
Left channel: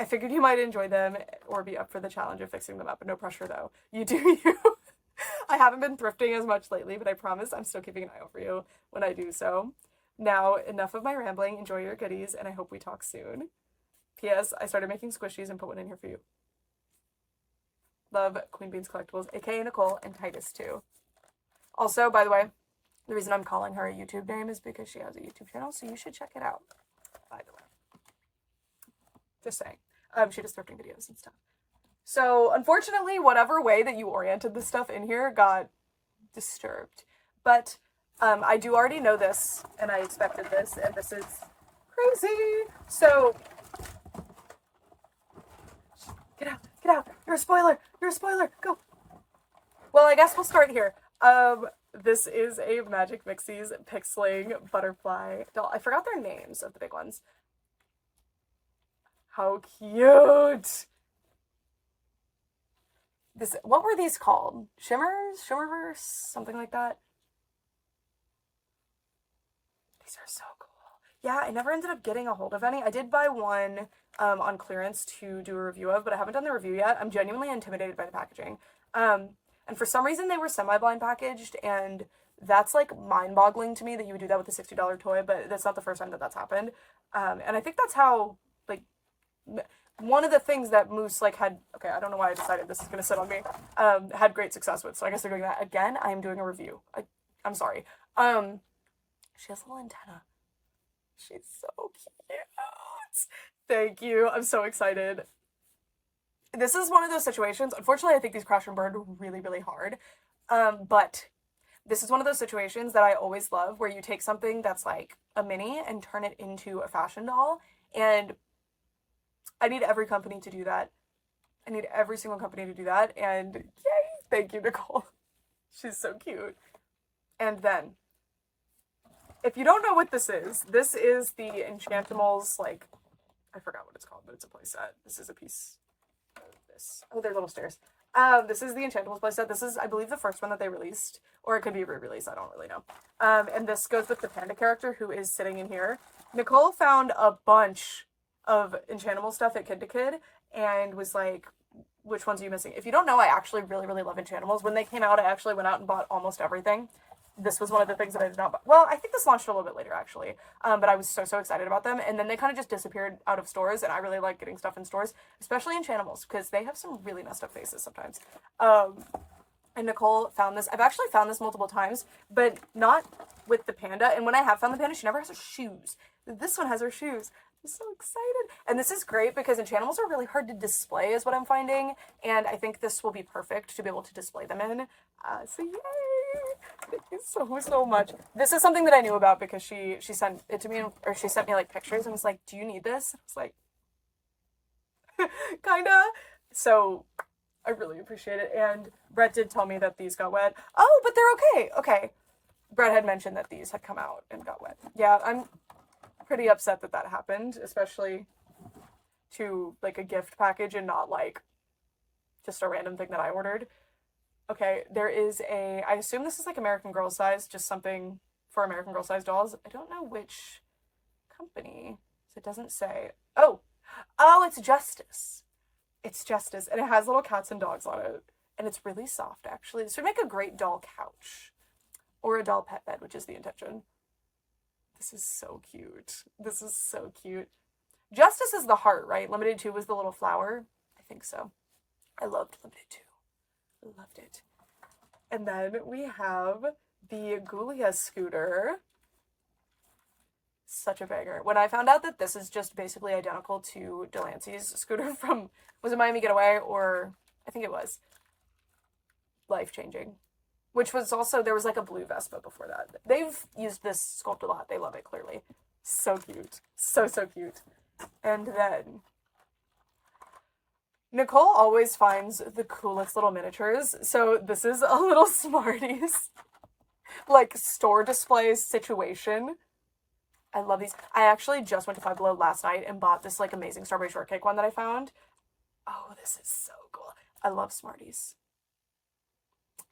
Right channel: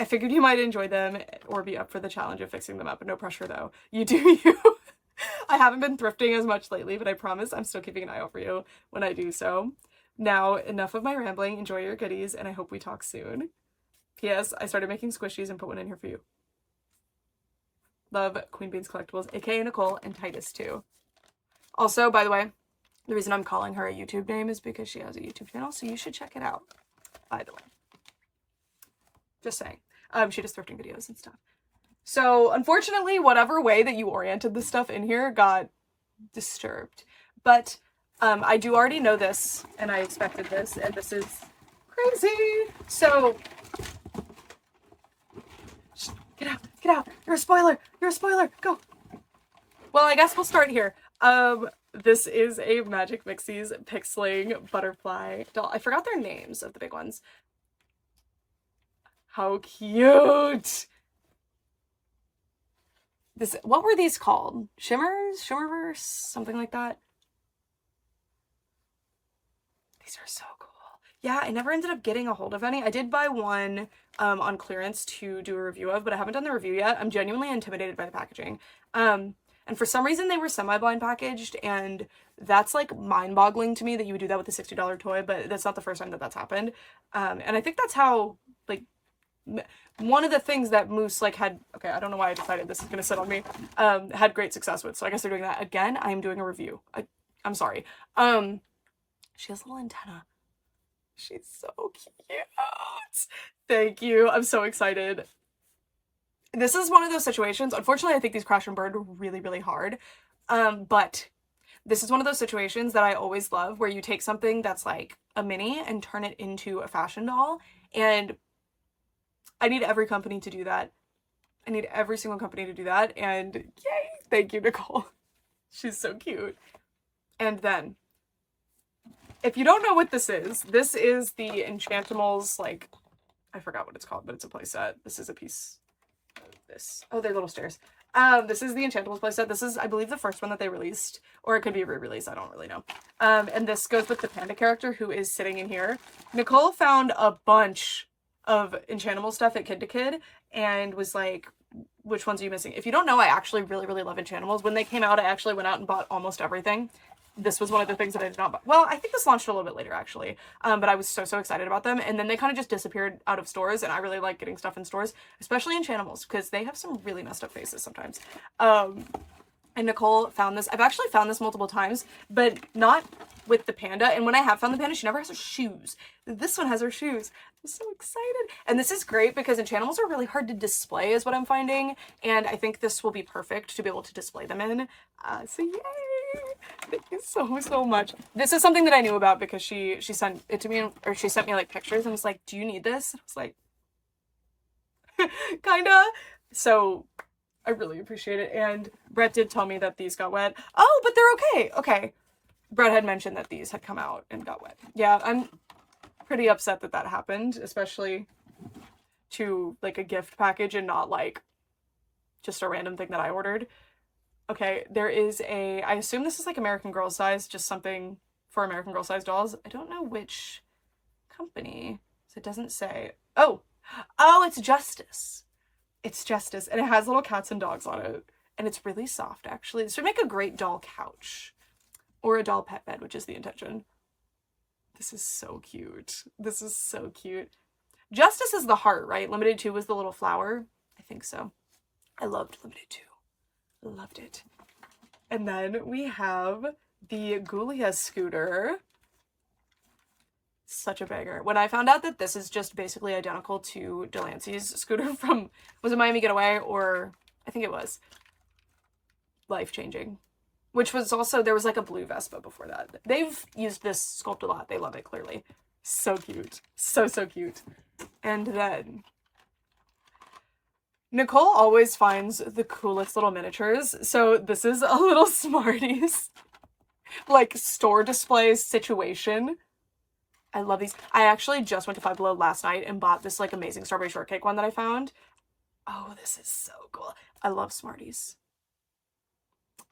I figured you might enjoy them or be up for the challenge of fixing them up. No pressure though. You do you. I haven't been thrifting as much lately, but I promise I'm still keeping an eye out for you when I do so. Now, enough of my rambling. Enjoy your goodies, and I hope we talk soon. P.S. I started making squishies and put one in here for you. Love, Queen Beans Collectibles, aka Nicole, and Titus too. Also, by the way, the reason I'm calling her a YouTube name is because she has a YouTube channel, so you should check it out, by the way. Just saying. She does thrifting videos and stuff. So, unfortunately, whatever way that you oriented this stuff in here got disturbed. But I do already know this, and I expected this, and this is crazy. So, get out, get out. You're a spoiler. You're a spoiler. Go. Well, I guess we'll start here. This is a Magic Mixies Pixeling Butterfly doll. I forgot their names of the big ones. How cute! What were these called? Shimmerverse? Something like that? These are so cool. Yeah, I never ended up getting a hold of any. I did buy one on clearance to do a review of, but I haven't done the review yet. I'm genuinely intimidated by the packaging. And for some reason they were semi-blind packaged, and that's like mind-boggling to me that you would do that with a $60 toy, but that's not the first time that that's happened. And I think that's how, like, one of the things that Moose like had, okay, I don't know why I decided this is gonna sit on me, had great success with. So I guess they're doing that again. I am doing a review. I'm sorry. She has a little antenna. She's so cute. Thank you. I'm so excited. This is one of those situations. Unfortunately, I think these crash and burn really, really hard. But this is one of those situations that I always love, where you take something that's like a mini and turn it into a fashion doll. And I need every company to do that. I need every single company to do that. And yay! Thank you, Nicole. She's so cute. And then, if you don't know what this is the Enchantimals, like, I forgot what it's called, but it's a playset. This is a piece of this. Oh, they're little stairs. This is the Enchantimals playset. This is, I believe, the first one that they released, or it could be a re-release. I don't really know. And this goes with the panda character who is sitting in here. Nicole found a bunch of Enchantimals stuff at Kid to Kid and was like, which ones are you missing? If you don't know, I actually really, really love Enchantimals. When they came out, I actually went out and bought almost everything. This was one of the things that I did not buy. Well, I think this launched a little bit later, actually. But I was so excited about them. And then they kind of just disappeared out of stores. And I really like getting stuff in stores, especially Enchantimals, because they have some really messed up faces sometimes. And Nicole found this. I've actually found this multiple times, but not with the panda. And when I have found the panda, she never has her shoes. This one has her shoes. I'm so excited. And this is great because Enchantimals are really hard to display, is what I'm finding. And I think this will be perfect to be able to display them in. So yay! Thank you so much. This is something that I knew about because she sent it to me, or she sent me like pictures and was like, do you need this? And I was like, kinda. So I really appreciate it. And Brett did tell me that these got wet. Oh, but they're okay. Okay. Brett had mentioned that these had come out and got wet. Yeah, I'm pretty upset that that happened, especially to like a gift package and not like just a random thing that I ordered. Okay, there is I assume this is like American Girl size, just something for American Girl size dolls. I don't know which company, so it doesn't say. Oh, it's Justice. It's Justice, and it has little cats and dogs on it, and it's really soft, actually. This would make a great doll couch, or a doll pet bed, which is the intention. This is so cute. This is so cute. Justice is the heart, right? Limited 2 was the little flower. I think so. I loved Limited 2. Loved it. And then we have the Ghoulia scooter. Such a banger. When I found out that this is just basically identical to Delancey's scooter from, was it Miami Getaway, or I think it was life-changing, which was also, there was like a blue Vespa before that. They've used this sculpt a lot. They love it, clearly. So cute. So cute. And then Nicole always finds the coolest little miniatures. So this is a little Smarties, like, store display situation. I love these. I actually just went to Five Below last night and bought this like amazing strawberry shortcake one that I found. Oh, this is so cool. I love Smarties.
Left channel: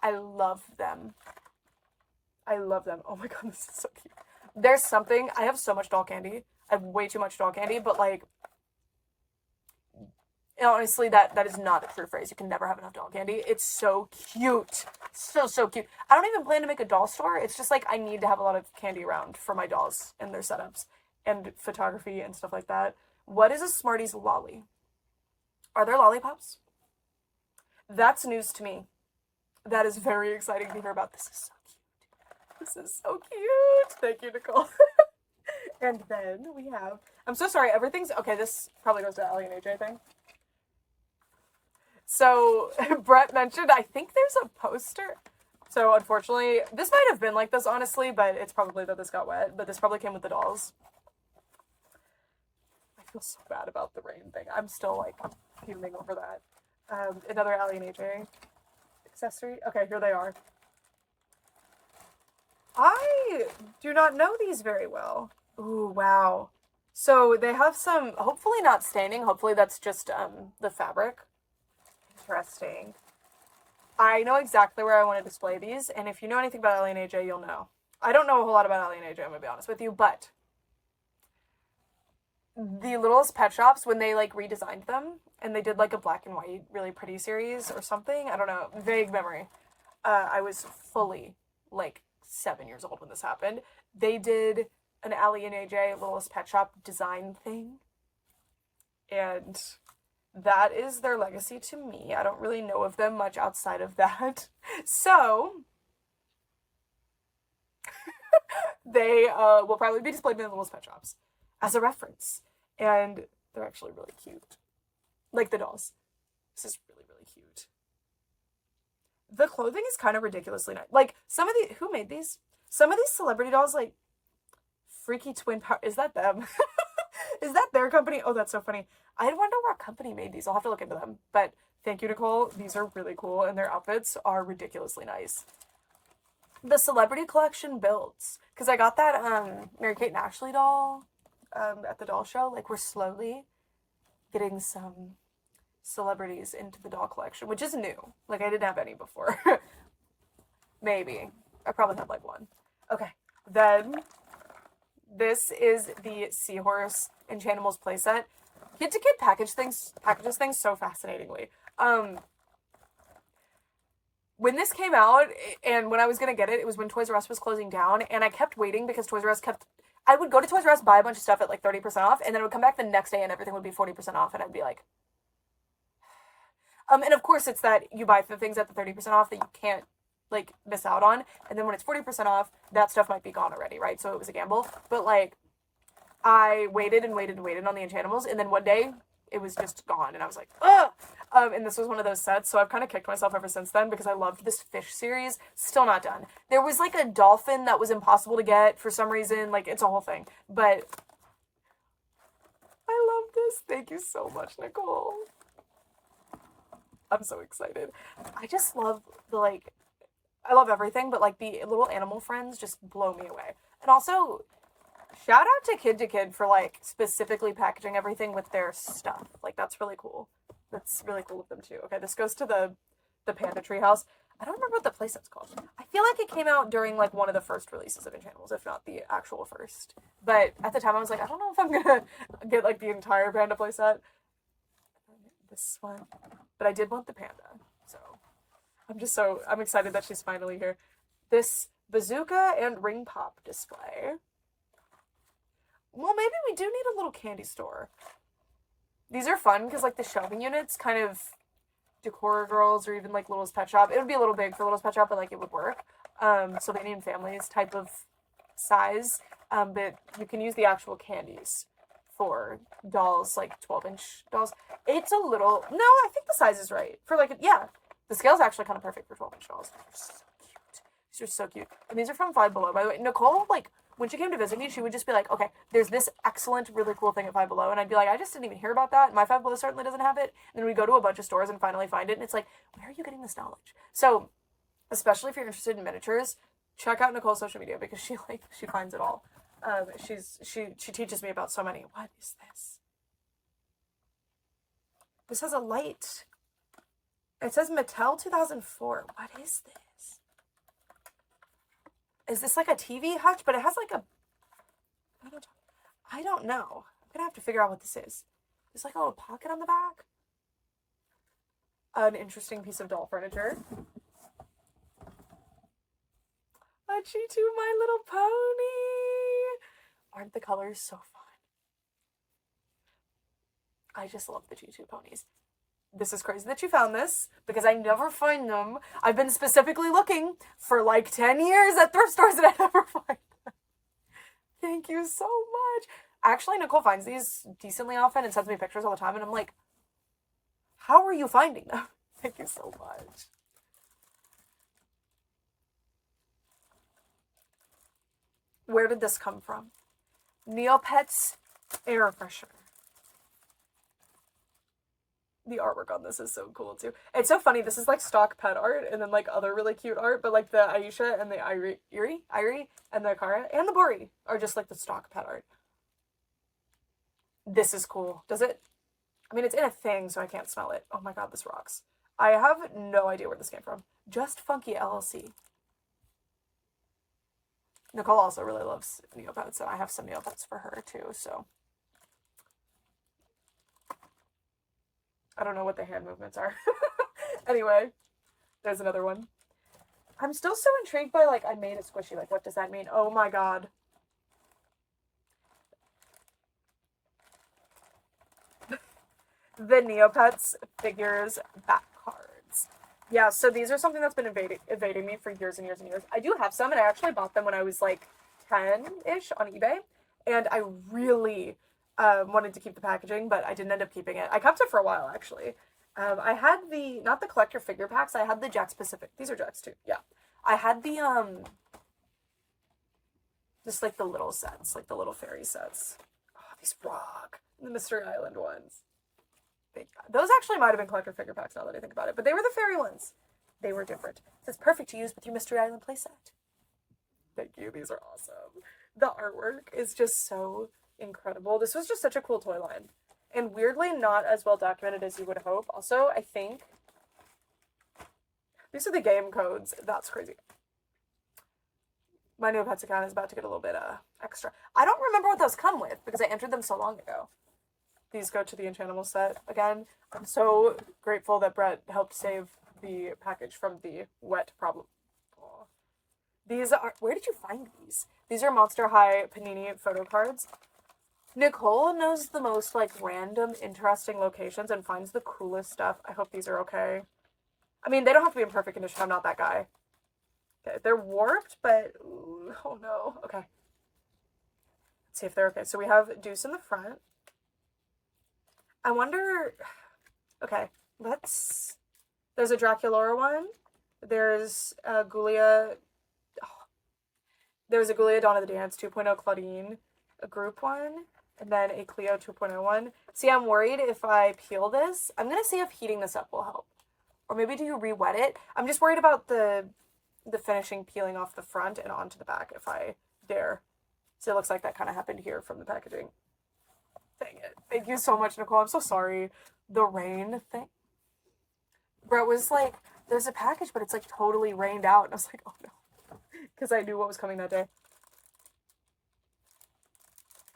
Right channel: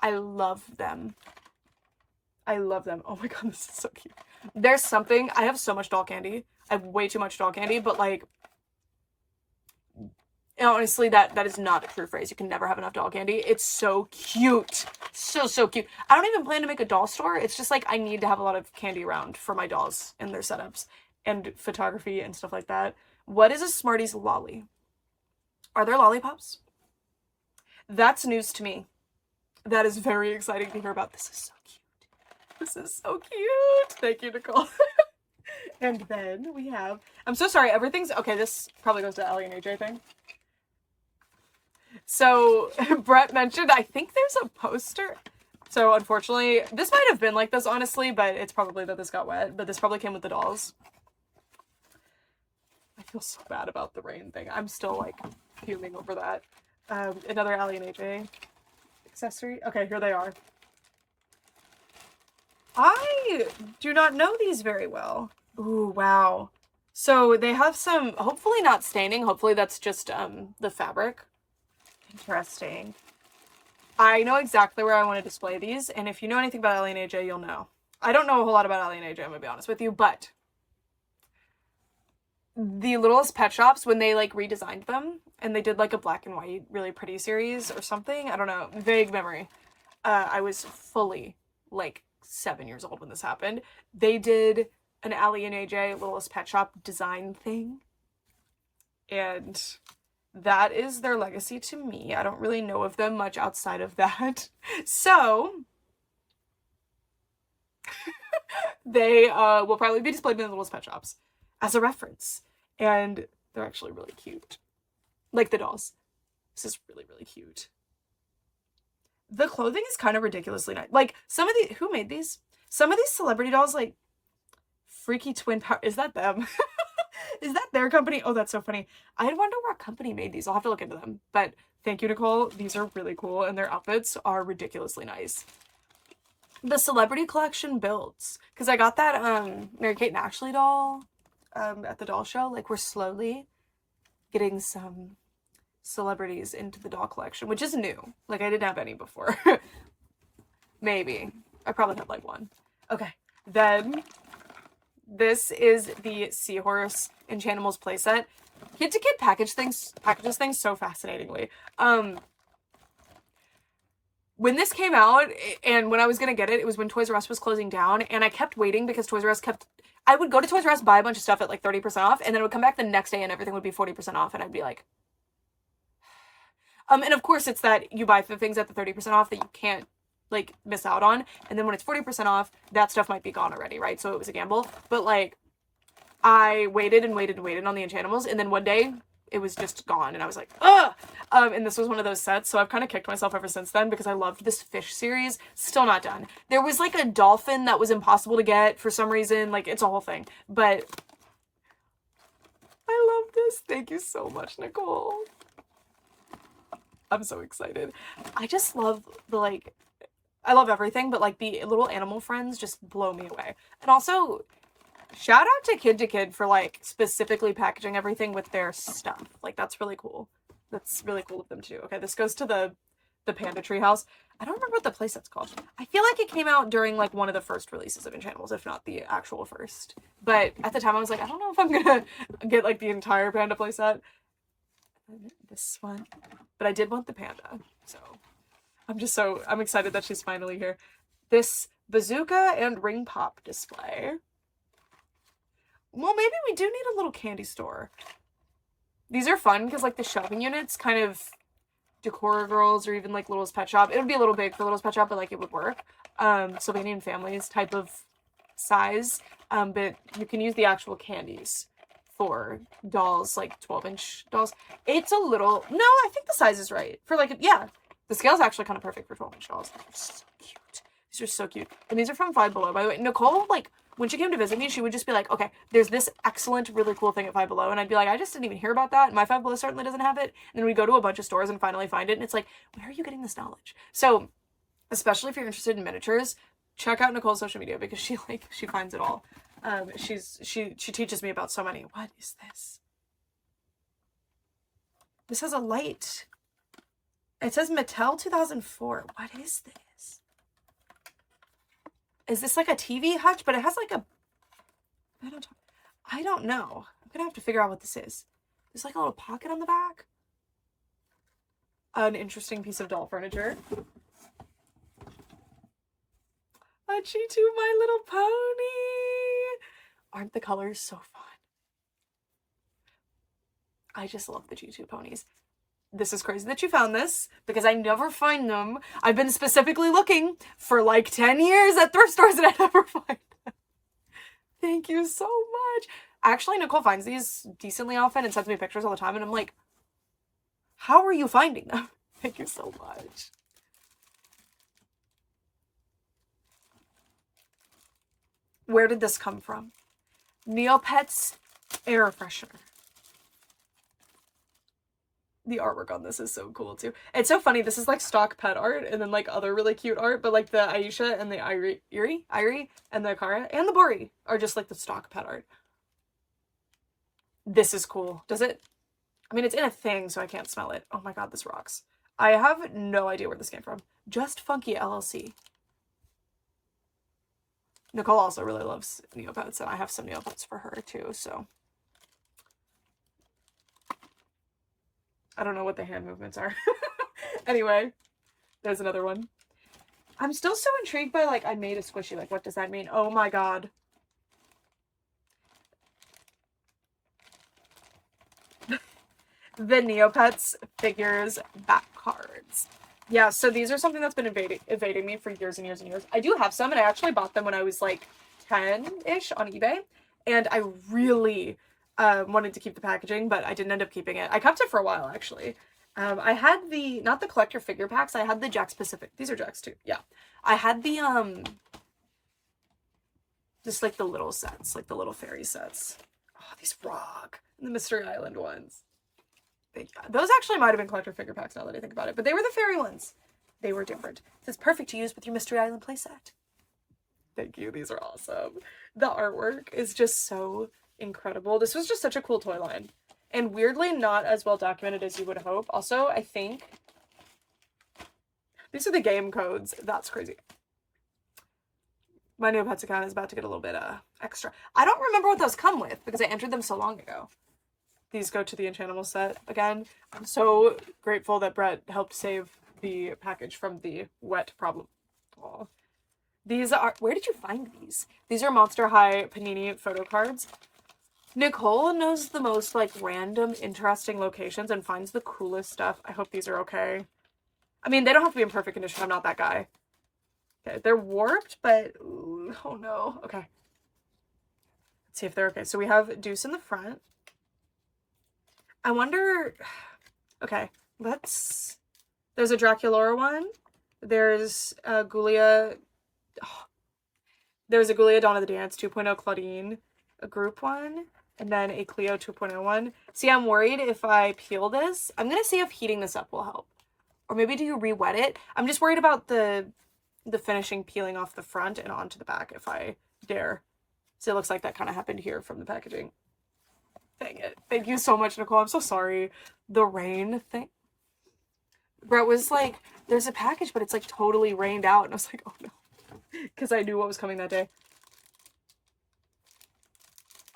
I love them. I love them. Oh my god, this is so cute. There's something, I have so much doll candy. I have way too much doll candy, but like, honestly, that is not a true phrase. You can never have enough doll candy. It's so cute. So cute. I don't even plan to make a doll store. It's just like I need to have a lot of candy around for my dolls and their setups and photography and stuff like that. What is a Smarties lolly? Are there lollipops? That's news to me. That is very exciting to hear about. This is so cute. This is so cute. Thank you, Nicole. And then we have, I'm so sorry, everything's, okay, this probably goes to Ellie and AJ thing. So Brett mentioned, I think there's a poster. So unfortunately, this might have been like this, honestly, but it's probably that this got wet. But this probably came with the dolls. feel so bad about the rain thing. I'm still like fuming over that. Another Allie and AJ accessory. Okay, here they are. I do not know these very well. Ooh, wow. So they have some, hopefully not staining. Hopefully that's just the fabric. Interesting. I know exactly where I want to display these, and if you know anything about Allie and AJ, you'll know. I don't know a whole lot about Allie and AJ, I'm gonna be honest with you, but the Littlest Pet Shops, when they like redesigned them and they did like a black and white really pretty series or something, I don't know, vague memory. I was fully like 7 years old when this happened. They did an Allie and AJ Littlest Pet Shop design thing, and that is their legacy to me. I don't really know of them much outside of that. So they will probably be displayed in the Littlest Pet Shops as a reference. And they're actually really cute. Like the dolls. This is really, really cute. The clothing is kind of ridiculously nice. Like, some of the... Who made these? Some of these celebrity dolls, like... Freaky Twin Power... Is that them? Is that their company? Oh, that's so funny. I wonder what company made these. I'll have to look into them. But thank you, Nicole. These are really cool, and their outfits are ridiculously nice. The celebrity collection builds. Because I got that Mary-Kate and Ashley doll at the doll show. Like, we're slowly getting some celebrities into the doll collection, which is new. Like, I didn't have any before. Maybe. I probably had, like, one. Okay. Then, this is the Seahorse Enchantimals playset. Kid to Kid packages things so fascinatingly. When this came out, and when I was gonna get it, it was when Toys R Us was closing down, and I kept waiting because Toys R Us kept... I would go to Toys R Us, buy a bunch of stuff at like 30% off, and then it would come back the next day and everything would be 40% off, and I'd be like... And of course it's that you buy the things at the 30% off that you can't, like, miss out on, and then when it's 40% off, that stuff might be gone already, right? So it was a gamble. But, like, I waited and waited and waited on the Enchantimals, and then one day, it was just gone, and I was like, ugh! And this was one of those sets, so I've kind of kicked myself ever since then, because I loved this fish series. Still not done. There was, like, a dolphin that was impossible to get for some reason. Like, it's a whole thing. But I love this. Thank you so much, Nicole. I'm so excited. I just love the, like... I love everything, but, like, the little animal friends just blow me away. And also... shout out to Kid for, like, specifically packaging everything with their stuff. Like, that's really cool. That's really cool of them, too. Okay, this goes to the Panda Treehouse. I don't remember what the playset's called. I feel like it came out during, like, one of the first releases of Enchantimals, if not the actual first. But at the time, I was like, I don't know if I'm gonna get, like, the entire Panda playset. This one. But I did want the Panda, so... I'm excited that she's finally here. This bazooka and ring pop display. Well, maybe we do need a little candy store. These are fun because, like, the shelving units kind of decor girls or even, like, Littlest Pet Shop. It would be a little big for Littlest Pet Shop, but, like, it would work. Sylvania and Families type of size. But you can use the actual candies for dolls, like 12-inch dolls. It's a little... No, I think the size is right. For, like, yeah. The scale's actually kind of perfect for 12-inch dolls. They're so cute. These are so cute. And these are from Five Below, by the way. Nicole, like... when she came to visit me, she would just be like, okay, there's this excellent, really cool thing at Five Below. And I'd be like, I just didn't even hear about that. My Five Below certainly doesn't have it. And then we go to a bunch of stores and finally find it. And it's like, where are you getting this knowledge? So, especially if you're interested in miniatures, check out Nicole's social media because she finds it all. She teaches me about so many. What is this? This has a light. It says Mattel 2004. What is this? Is this like a TV hutch? But it has like a... I don't know. I'm gonna have to figure out what this is. There's like a little pocket on the back. An interesting piece of doll furniture. A G2 My Little Pony! Aren't the colors so fun? I just love the G2 ponies. This is crazy that you found this, because I never find them. I've been specifically looking for like 10 years at thrift stores and I never find them. Thank you so much. Actually, Nicole finds these decently often and sends me pictures all the time, and I'm like, how are you finding them? Thank you so much. Where did this come from? Neopets air freshener. The artwork on this is so cool too. It's so funny. This is like stock pet art and then like other really cute art, but like the Aisha and the Irie and the Kara and the Bori are just like the stock pet art. This is cool. Does it? I mean, it's in a thing, so I can't smell it. Oh my god, this rocks. I have no idea where this came from. Just Funky LLC. Nicole also really loves Neopets, and I have some Neopets for her too, so. I don't know what the hand movements are. Anyway, there's another one. I'm still so intrigued by, like, I made a squishy. Like, what does that mean? Oh my god. The Neopets figures back cards. Yeah, so these are something that's been evading me for years and years and years. I do have some, and I actually bought them when I was, like, 10-ish on eBay. And I really wanted to keep the packaging, but I didn't end up keeping it. I kept it for a while, actually. I had the, not the collector figure packs, I had the Jack Specific. These are Jacks too, yeah. I had the, just like the little sets, like the little fairy sets. Oh, these rock. The Mystery Island ones. Those actually might have been collector figure packs now that I think about it, but they were the fairy ones. They were different. It's perfect to use with your Mystery Island playset. Thank you, these are awesome. The artwork is just so incredible. This was just such a cool toy line. And weirdly not as well documented as you would hope. Also, I think these are the game codes. That's crazy. My Neopets account is about to get a little bit extra. I don't remember what those come with because I entered them so long ago. These go to the Enchantimals set again. I'm so grateful that Brett helped save the package from the wet problem. Aww. These are, where did you find these? These are Monster High Panini photo cards. Nicole knows the most, like, random, interesting locations and finds the coolest stuff. I hope these are okay. I mean, they don't have to be in perfect condition. I'm not that guy. Okay, they're warped, but, ooh, oh no. Okay. Let's see if they're okay. So we have Deuce in the front. I wonder, okay, let's, there's a Draculaura one. There's a Ghoulia, oh, there's a Ghoulia Dawn of the Dance 2.0 Claudine, a group one. And then a Cleo 2.0 one. See, I'm worried if I peel this. I'm going to see if heating this up will help. Or maybe do you re-wet it? I'm just worried about the finishing peeling off the front and onto the back if I dare. So it looks like that kind of happened here from the packaging. Dang it. Thank you so much, Nicole. I'm so sorry. The rain thing. Brett was like, there's a package, but it's like totally rained out. And I was like, oh no. Because I knew what was coming that day.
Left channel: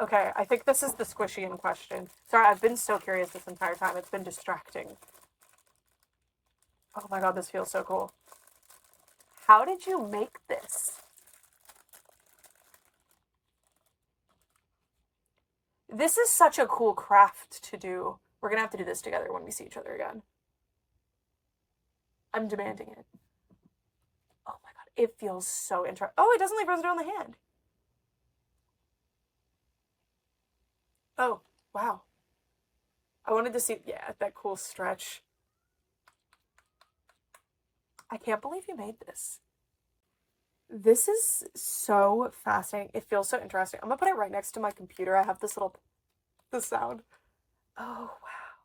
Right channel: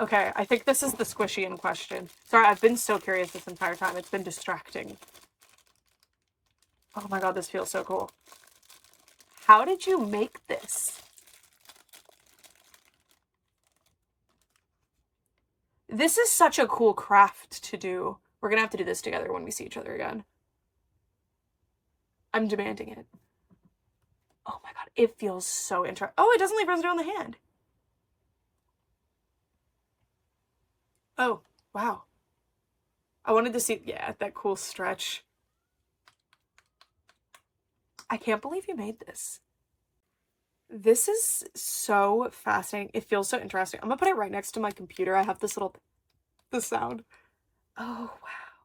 Okay, I think this is the squishy in question. Sorry, I've been so curious this entire time. It's been distracting. Oh my god, this feels so cool. How did you make this? This is such a cool craft to do. We're gonna have to do this together when we see each other again. I'm demanding it. Oh my god, it feels so interesting. Oh, it doesn't leave residue on the hand. Oh, wow. I wanted to see, yeah, that cool stretch. I can't believe you made this. This is so fascinating. It feels so interesting. I'm gonna put it right next to my computer. I have this little, the sound. Oh, wow.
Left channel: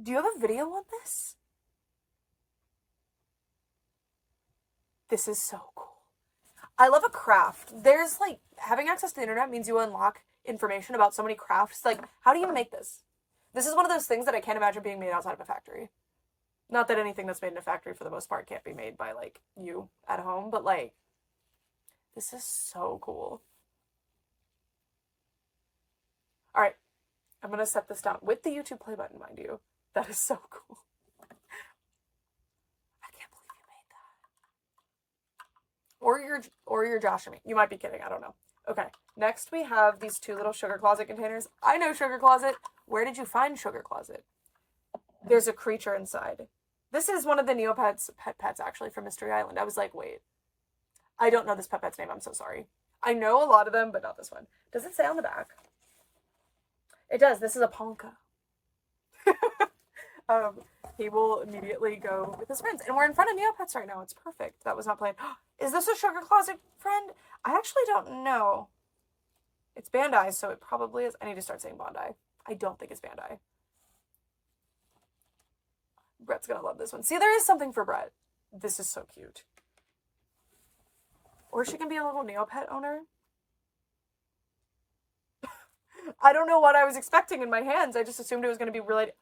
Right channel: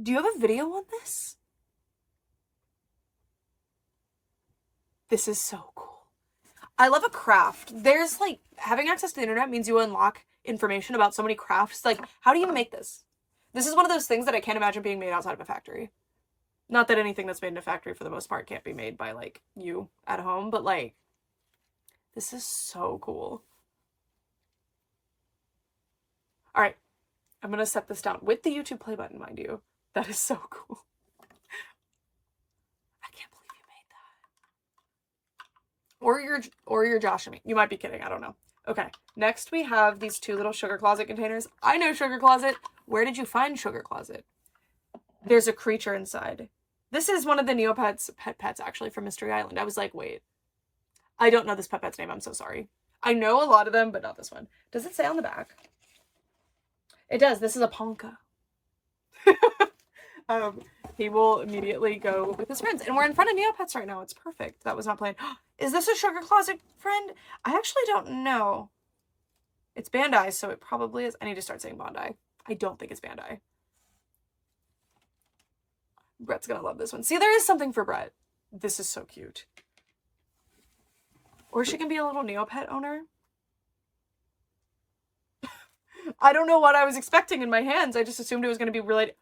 Do you have a video on this? This is so cool. I love a craft. There's like, having access to the internet means you unlock information about so many crafts. Like, how do you make this? This is one of those things that I can't imagine being made outside of a factory. Not that anything that's made in a factory for the most part can't be made by like you at home, but like, this is so cool. All right, I'm gonna set this down with the YouTube play button, mind you. That is so cool. I can't believe you made that. Or you're joshing me. You might be kidding. I don't know. Okay, next we have these two little Sugar Closet containers. I know Sugar Closet. Where did you find Sugar Closet? There's a creature inside. This is one of the Neopets pets, actually, from Mystery Island. I was like, wait. I don't know this pet's name. I'm so sorry. I know a lot of them, but not this one. Does it say on the back? It does. This is a Ponka. He will immediately go with his friends. And we're in front of Neopets right now. It's perfect. That was not planned. Is this a Sugar Closet friend? I actually don't know. It's Bandai, so it probably is. I need to start saying Bandai. I don't think it's Bandai. Brett's gonna love this one. See, there is something for Brett. This is so cute. Or she can be a little Neopet owner. I don't know what I was expecting in my hands. I just assumed it was going to be related.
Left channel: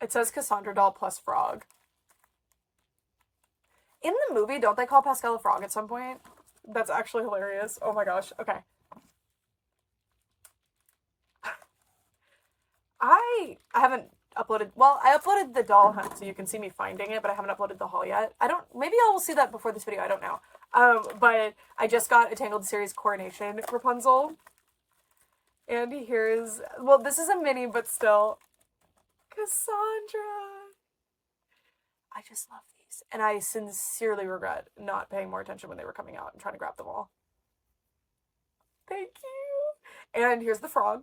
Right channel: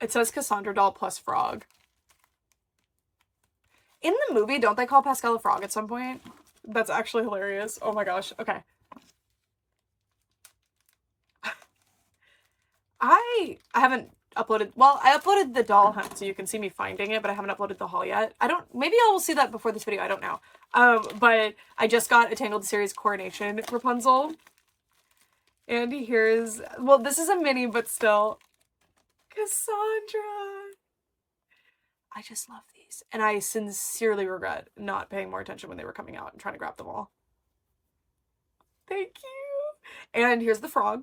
It says Cassandra doll plus frog. In the movie, don't they call Pascal a frog at some point? That's actually hilarious. Oh my gosh. Okay. I haven't uploaded, well, I uploaded the doll hunt so you can see me finding it, but I haven't uploaded the haul yet. Maybe I will see that before this video, I don't know. But I just got a Tangled Series Coronation Rapunzel. And here's, well, this is a mini, but still, Cassandra. I just love these. And I sincerely regret not paying more attention when they were coming out and trying to grab them all. Thank you. And here's the frog.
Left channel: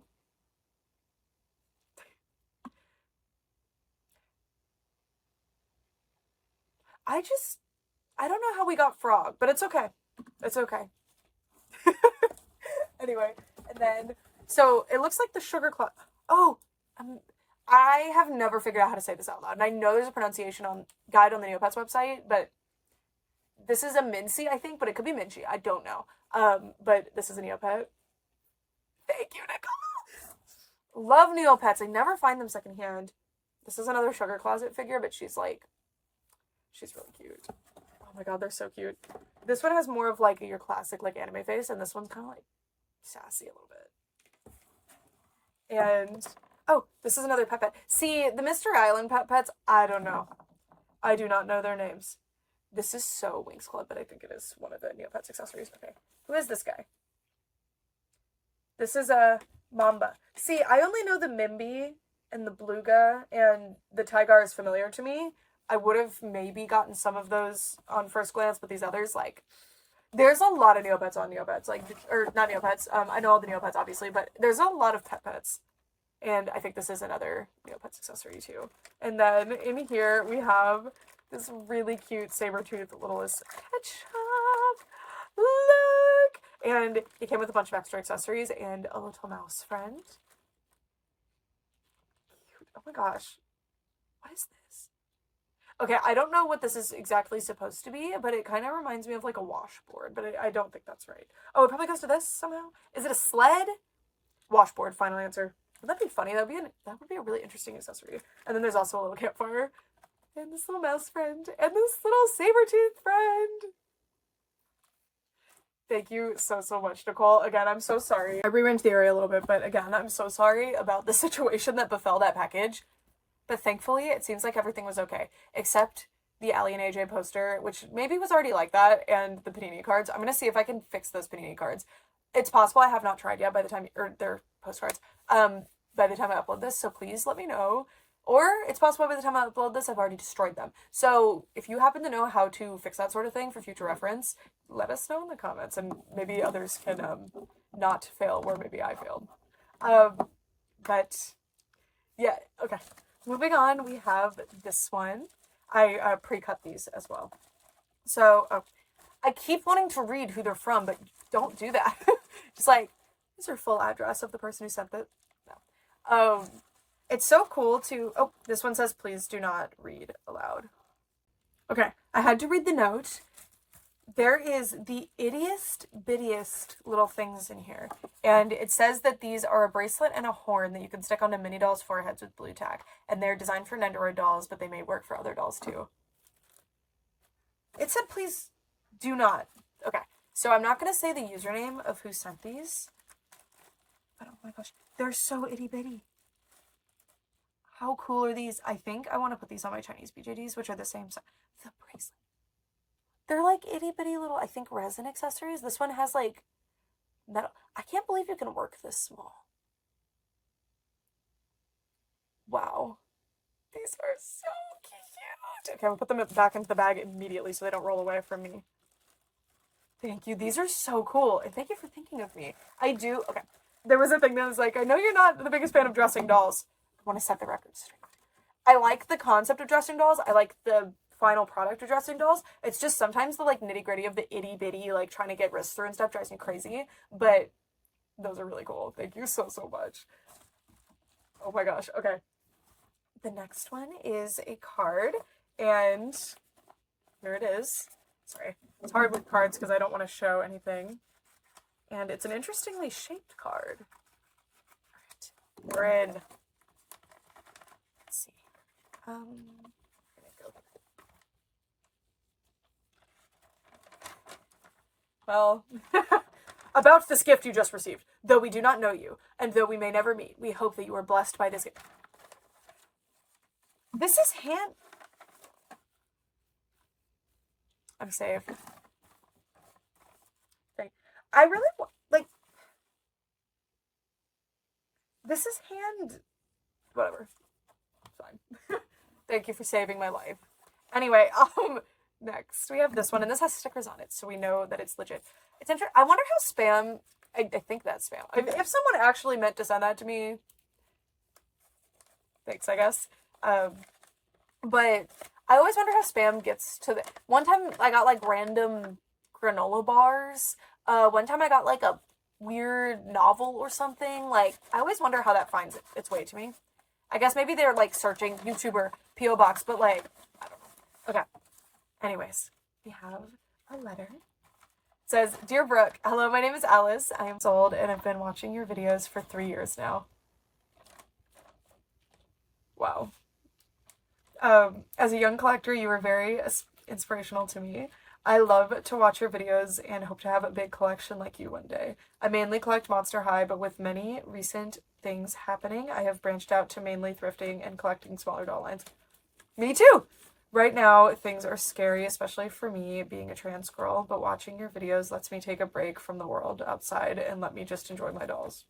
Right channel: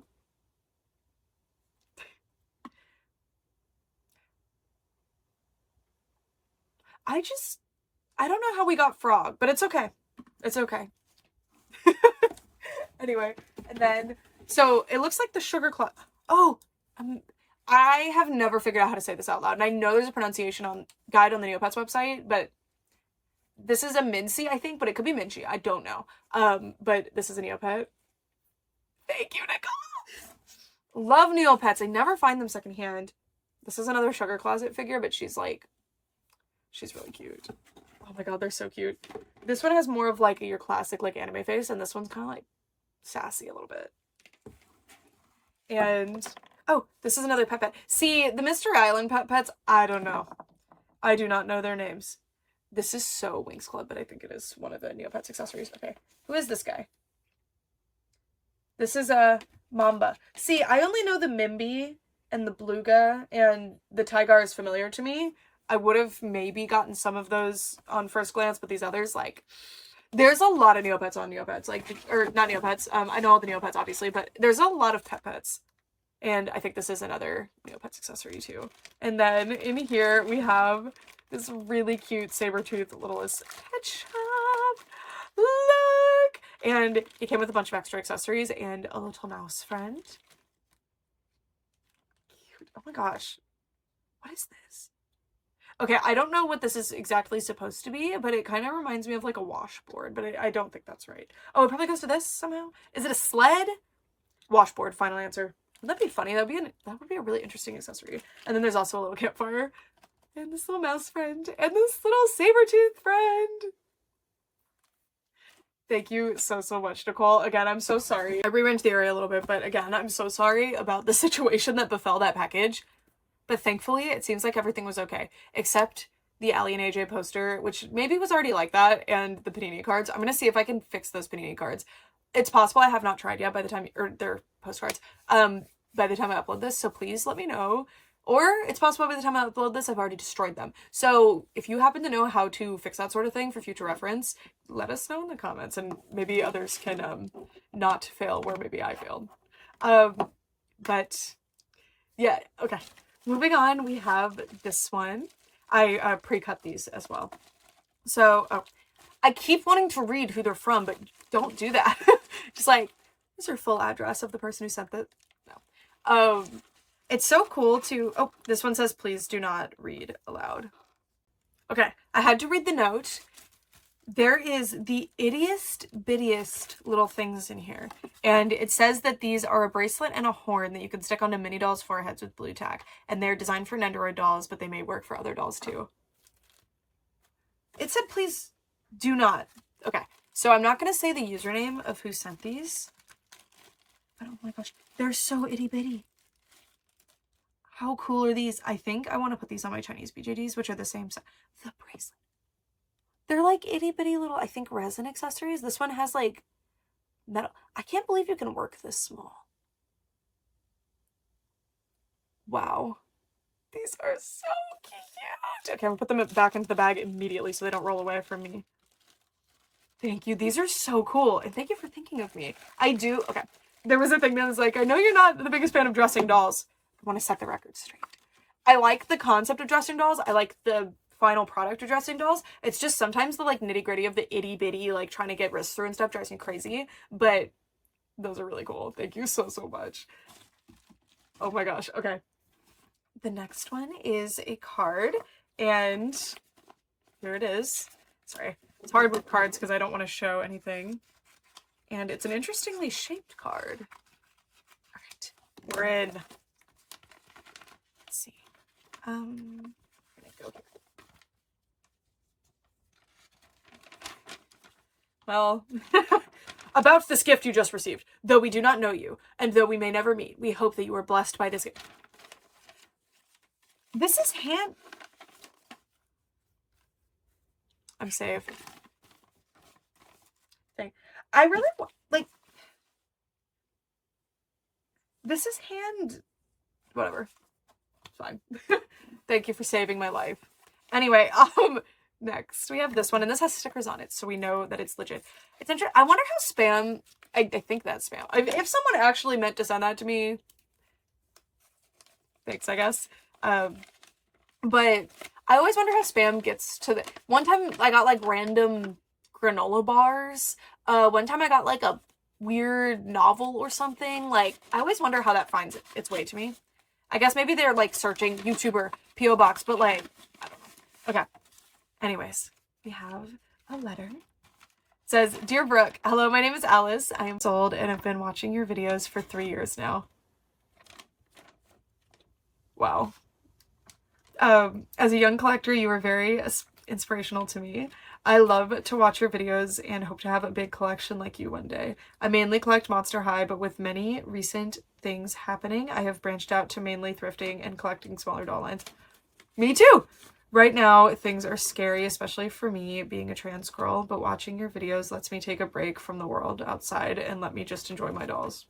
I don't know how we got frog, but it's okay. It's okay. Anyway, and then, so it looks like the sugar cloud. Oh, I have never figured out how to say this out loud. And I know there's a pronunciation guide on the Neopets website, but this is a Mincy, I think, but it could be Minchi. I don't know. But this is a Neopet. Thank you, Nicole. Love Neopets. I never find them secondhand. This is another Sugar Closet figure, but she's really cute. Oh my god, they're so cute. This one has more of like your classic like anime face, and this one's kind of like sassy a little bit. And oh, this is another pet. See, the Mystery Island pets, I don't know. I do not know their names. This is so Winx Club, but I think it is one of the Neopets accessories. Okay, who is this guy? This is a Mamba. See, I only know the Mimby and the Beluga, and the Tigar is familiar to me. I would have maybe gotten some of those on first glance, but these others, like, there's a lot of Neopets on Neopets, like, or not Neopets, I know all the Neopets, obviously, but there's a lot of pets. And I think this is another Neopets accessory, too. And then in here, we have this really cute saber-toothed littlest pet shop. Look! And it came with a bunch of extra accessories and a little mouse friend. Cute. Oh my gosh. What is this? Okay, I don't know what this is exactly supposed to be, but it kind of reminds me of like a washboard, but I don't think that's right. Oh, it probably goes to this somehow? Is it a sled? Washboard, final answer. Would that be funny? That would be a really interesting accessory. And then there's also a little campfire, and this little mouse friend, and this little saber-tooth friend. Thank you so much, Nicole. Again, I'm so sorry. I rearranged the area a little bit, but again, I'm so sorry about the situation that befell that package. But thankfully, it seems like everything was okay, except the Allie and AJ poster, which maybe was already like that, and the Panini cards. I'm going to see if I can fix those Panini cards. It's possible I have not tried yet by the time, or their postcards, by the time I upload this, so please let me know. Or it's possible by the time I upload this, I've already destroyed them. So if you happen to know how to fix that sort of thing for future reference, let us know in the comments, and maybe others can not fail where maybe I failed. But yeah, okay. Moving on, we have this one. I pre-cut these as well. So, oh, I keep wanting to read who they're from, but don't do that. Just like, is your full address of the person who sent it? No. It's so cool to, oh, this one says, please do not read aloud. Okay, I had to read the note. There is the ittiest bittiest little things in here. And it says that these are a bracelet and a horn that you can stick onto mini dolls' foreheads with blue tack. And they're designed for Nendoroid dolls, but they may work for other dolls too. It said, please do not. Okay, so I'm not going to say the username of who sent these. But oh my gosh, they're so itty bitty. How cool are these? I think I want to put these on my Chinese BJDs, which are the same size. The bracelet. They're like itty bitty little, I think, resin accessories. This one has like metal. I can't believe you can work this small. Wow. These are so cute. Okay, I'm gonna put them back into the bag immediately so they don't roll away from me. Thank you. These are so cool. And thank you for thinking of me. I do. Okay. There was a thing that was like, I know you're not the biggest fan of dressing dolls. I want to set the record straight. I like the concept of dressing dolls. I like the final product of dressing dolls. It's just sometimes the like nitty gritty of the itty bitty, like trying to get wrists through and stuff drives me crazy. But those are really cool. Thank you so, so much. Oh my gosh. Okay. The next one is a card, and here it is. Sorry. It's hard with cards because I don't want to show anything. And it's an interestingly shaped card. All right. We're in. Let's see. I'm gonna go here. Well, about this gift you just received. Though we do not know you, and though we may never meet, we hope that you are blessed by this gift. This is hand... I'm safe. Thing. I really like... This is hand... Whatever. It's fine. Thank you for saving my life. Anyway, next we have this one, and this has stickers on it, so we know that it's legit. It's interesting. I wonder how spam... I think that's spam. If someone actually meant to send that to me... Thanks, I guess. But I always wonder how spam gets to the... One time I got like random granola bars. One time I got like a weird novel or something. Like, I always wonder how that finds its way to me. I guess maybe they're like searching YouTuber P.O. Box, but like, I don't know. Okay. Anyways, we have a letter. It says, Dear Brooke, hello, my name is Alice. I am old and I've been watching your videos for 3 years now. Wow. As a young collector, you were very inspirational to me. I love to watch your videos and hope to have a big collection like you one day. I mainly collect Monster High, but with many recent things happening, I have branched out to mainly thrifting and collecting smaller doll lines. Me too! Right now, things are scary, especially for me being a trans girl, but watching your videos lets me take a break from the world outside and let me just enjoy my dolls.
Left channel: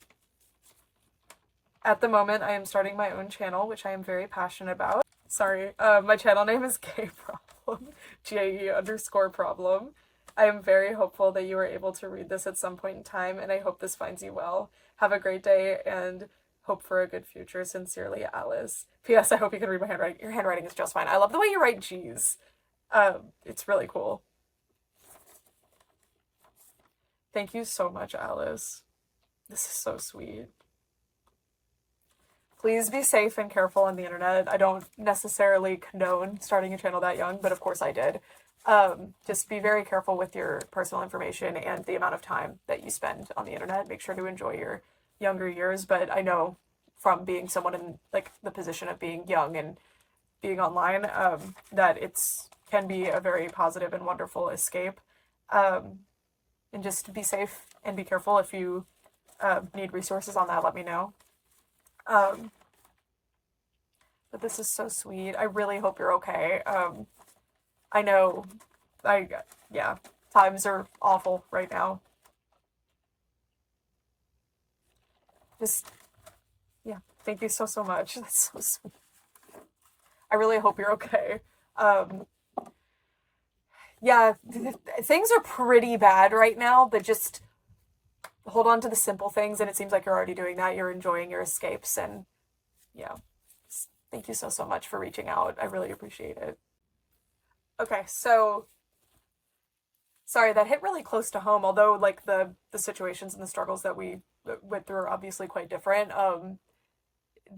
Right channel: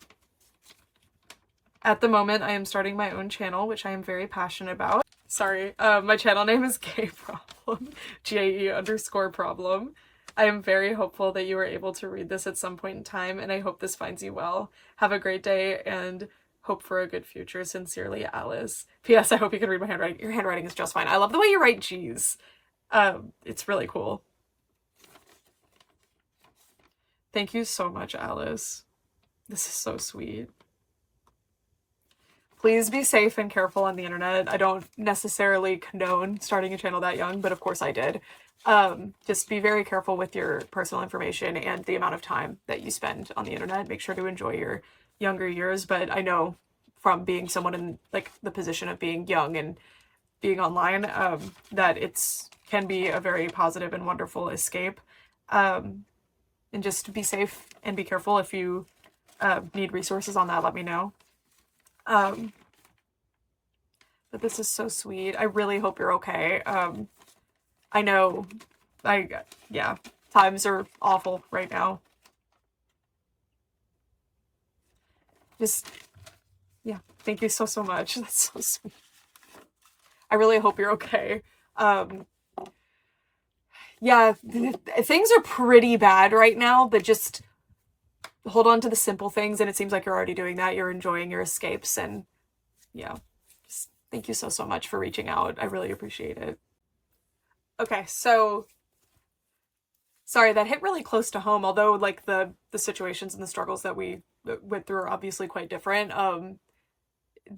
At the moment, I am starting my own channel, which I am very passionate about. Sorry, my channel name is Gay Problem, GAE_problem. I am very hopeful that you are able to read this at some point in time, and I hope this finds you well. Have a great day, and hope for a good future. Sincerely, Alice. P.S. I hope you can read my handwriting. Your handwriting is just fine. I love the way you write G's. It's really cool. Thank you so much, Alice. This is so sweet. Please be safe and careful on the internet. I don't necessarily condone starting a channel that young, but of course I did. Just be very careful with your personal information and the amount of time that you spend on the internet. Make sure to enjoy your younger years, but I know from being someone in like the position of being young and being online, that can be a very positive and wonderful escape. And just be safe and be careful. If you need resources on that, let me know. But this is so sweet. I really hope you're okay. I know, yeah, times are awful right now. Just, yeah, thank you so, so much. That's so sweet. I really hope you're okay. Yeah, things are pretty bad right now, but just hold on to the simple things, and it seems like you're already doing that. You're enjoying your escapes, and yeah, just thank you so, so much for reaching out. I really appreciate it. Okay, so sorry, that hit really close to home, although like the situations and the struggles that we went through are obviously quite different.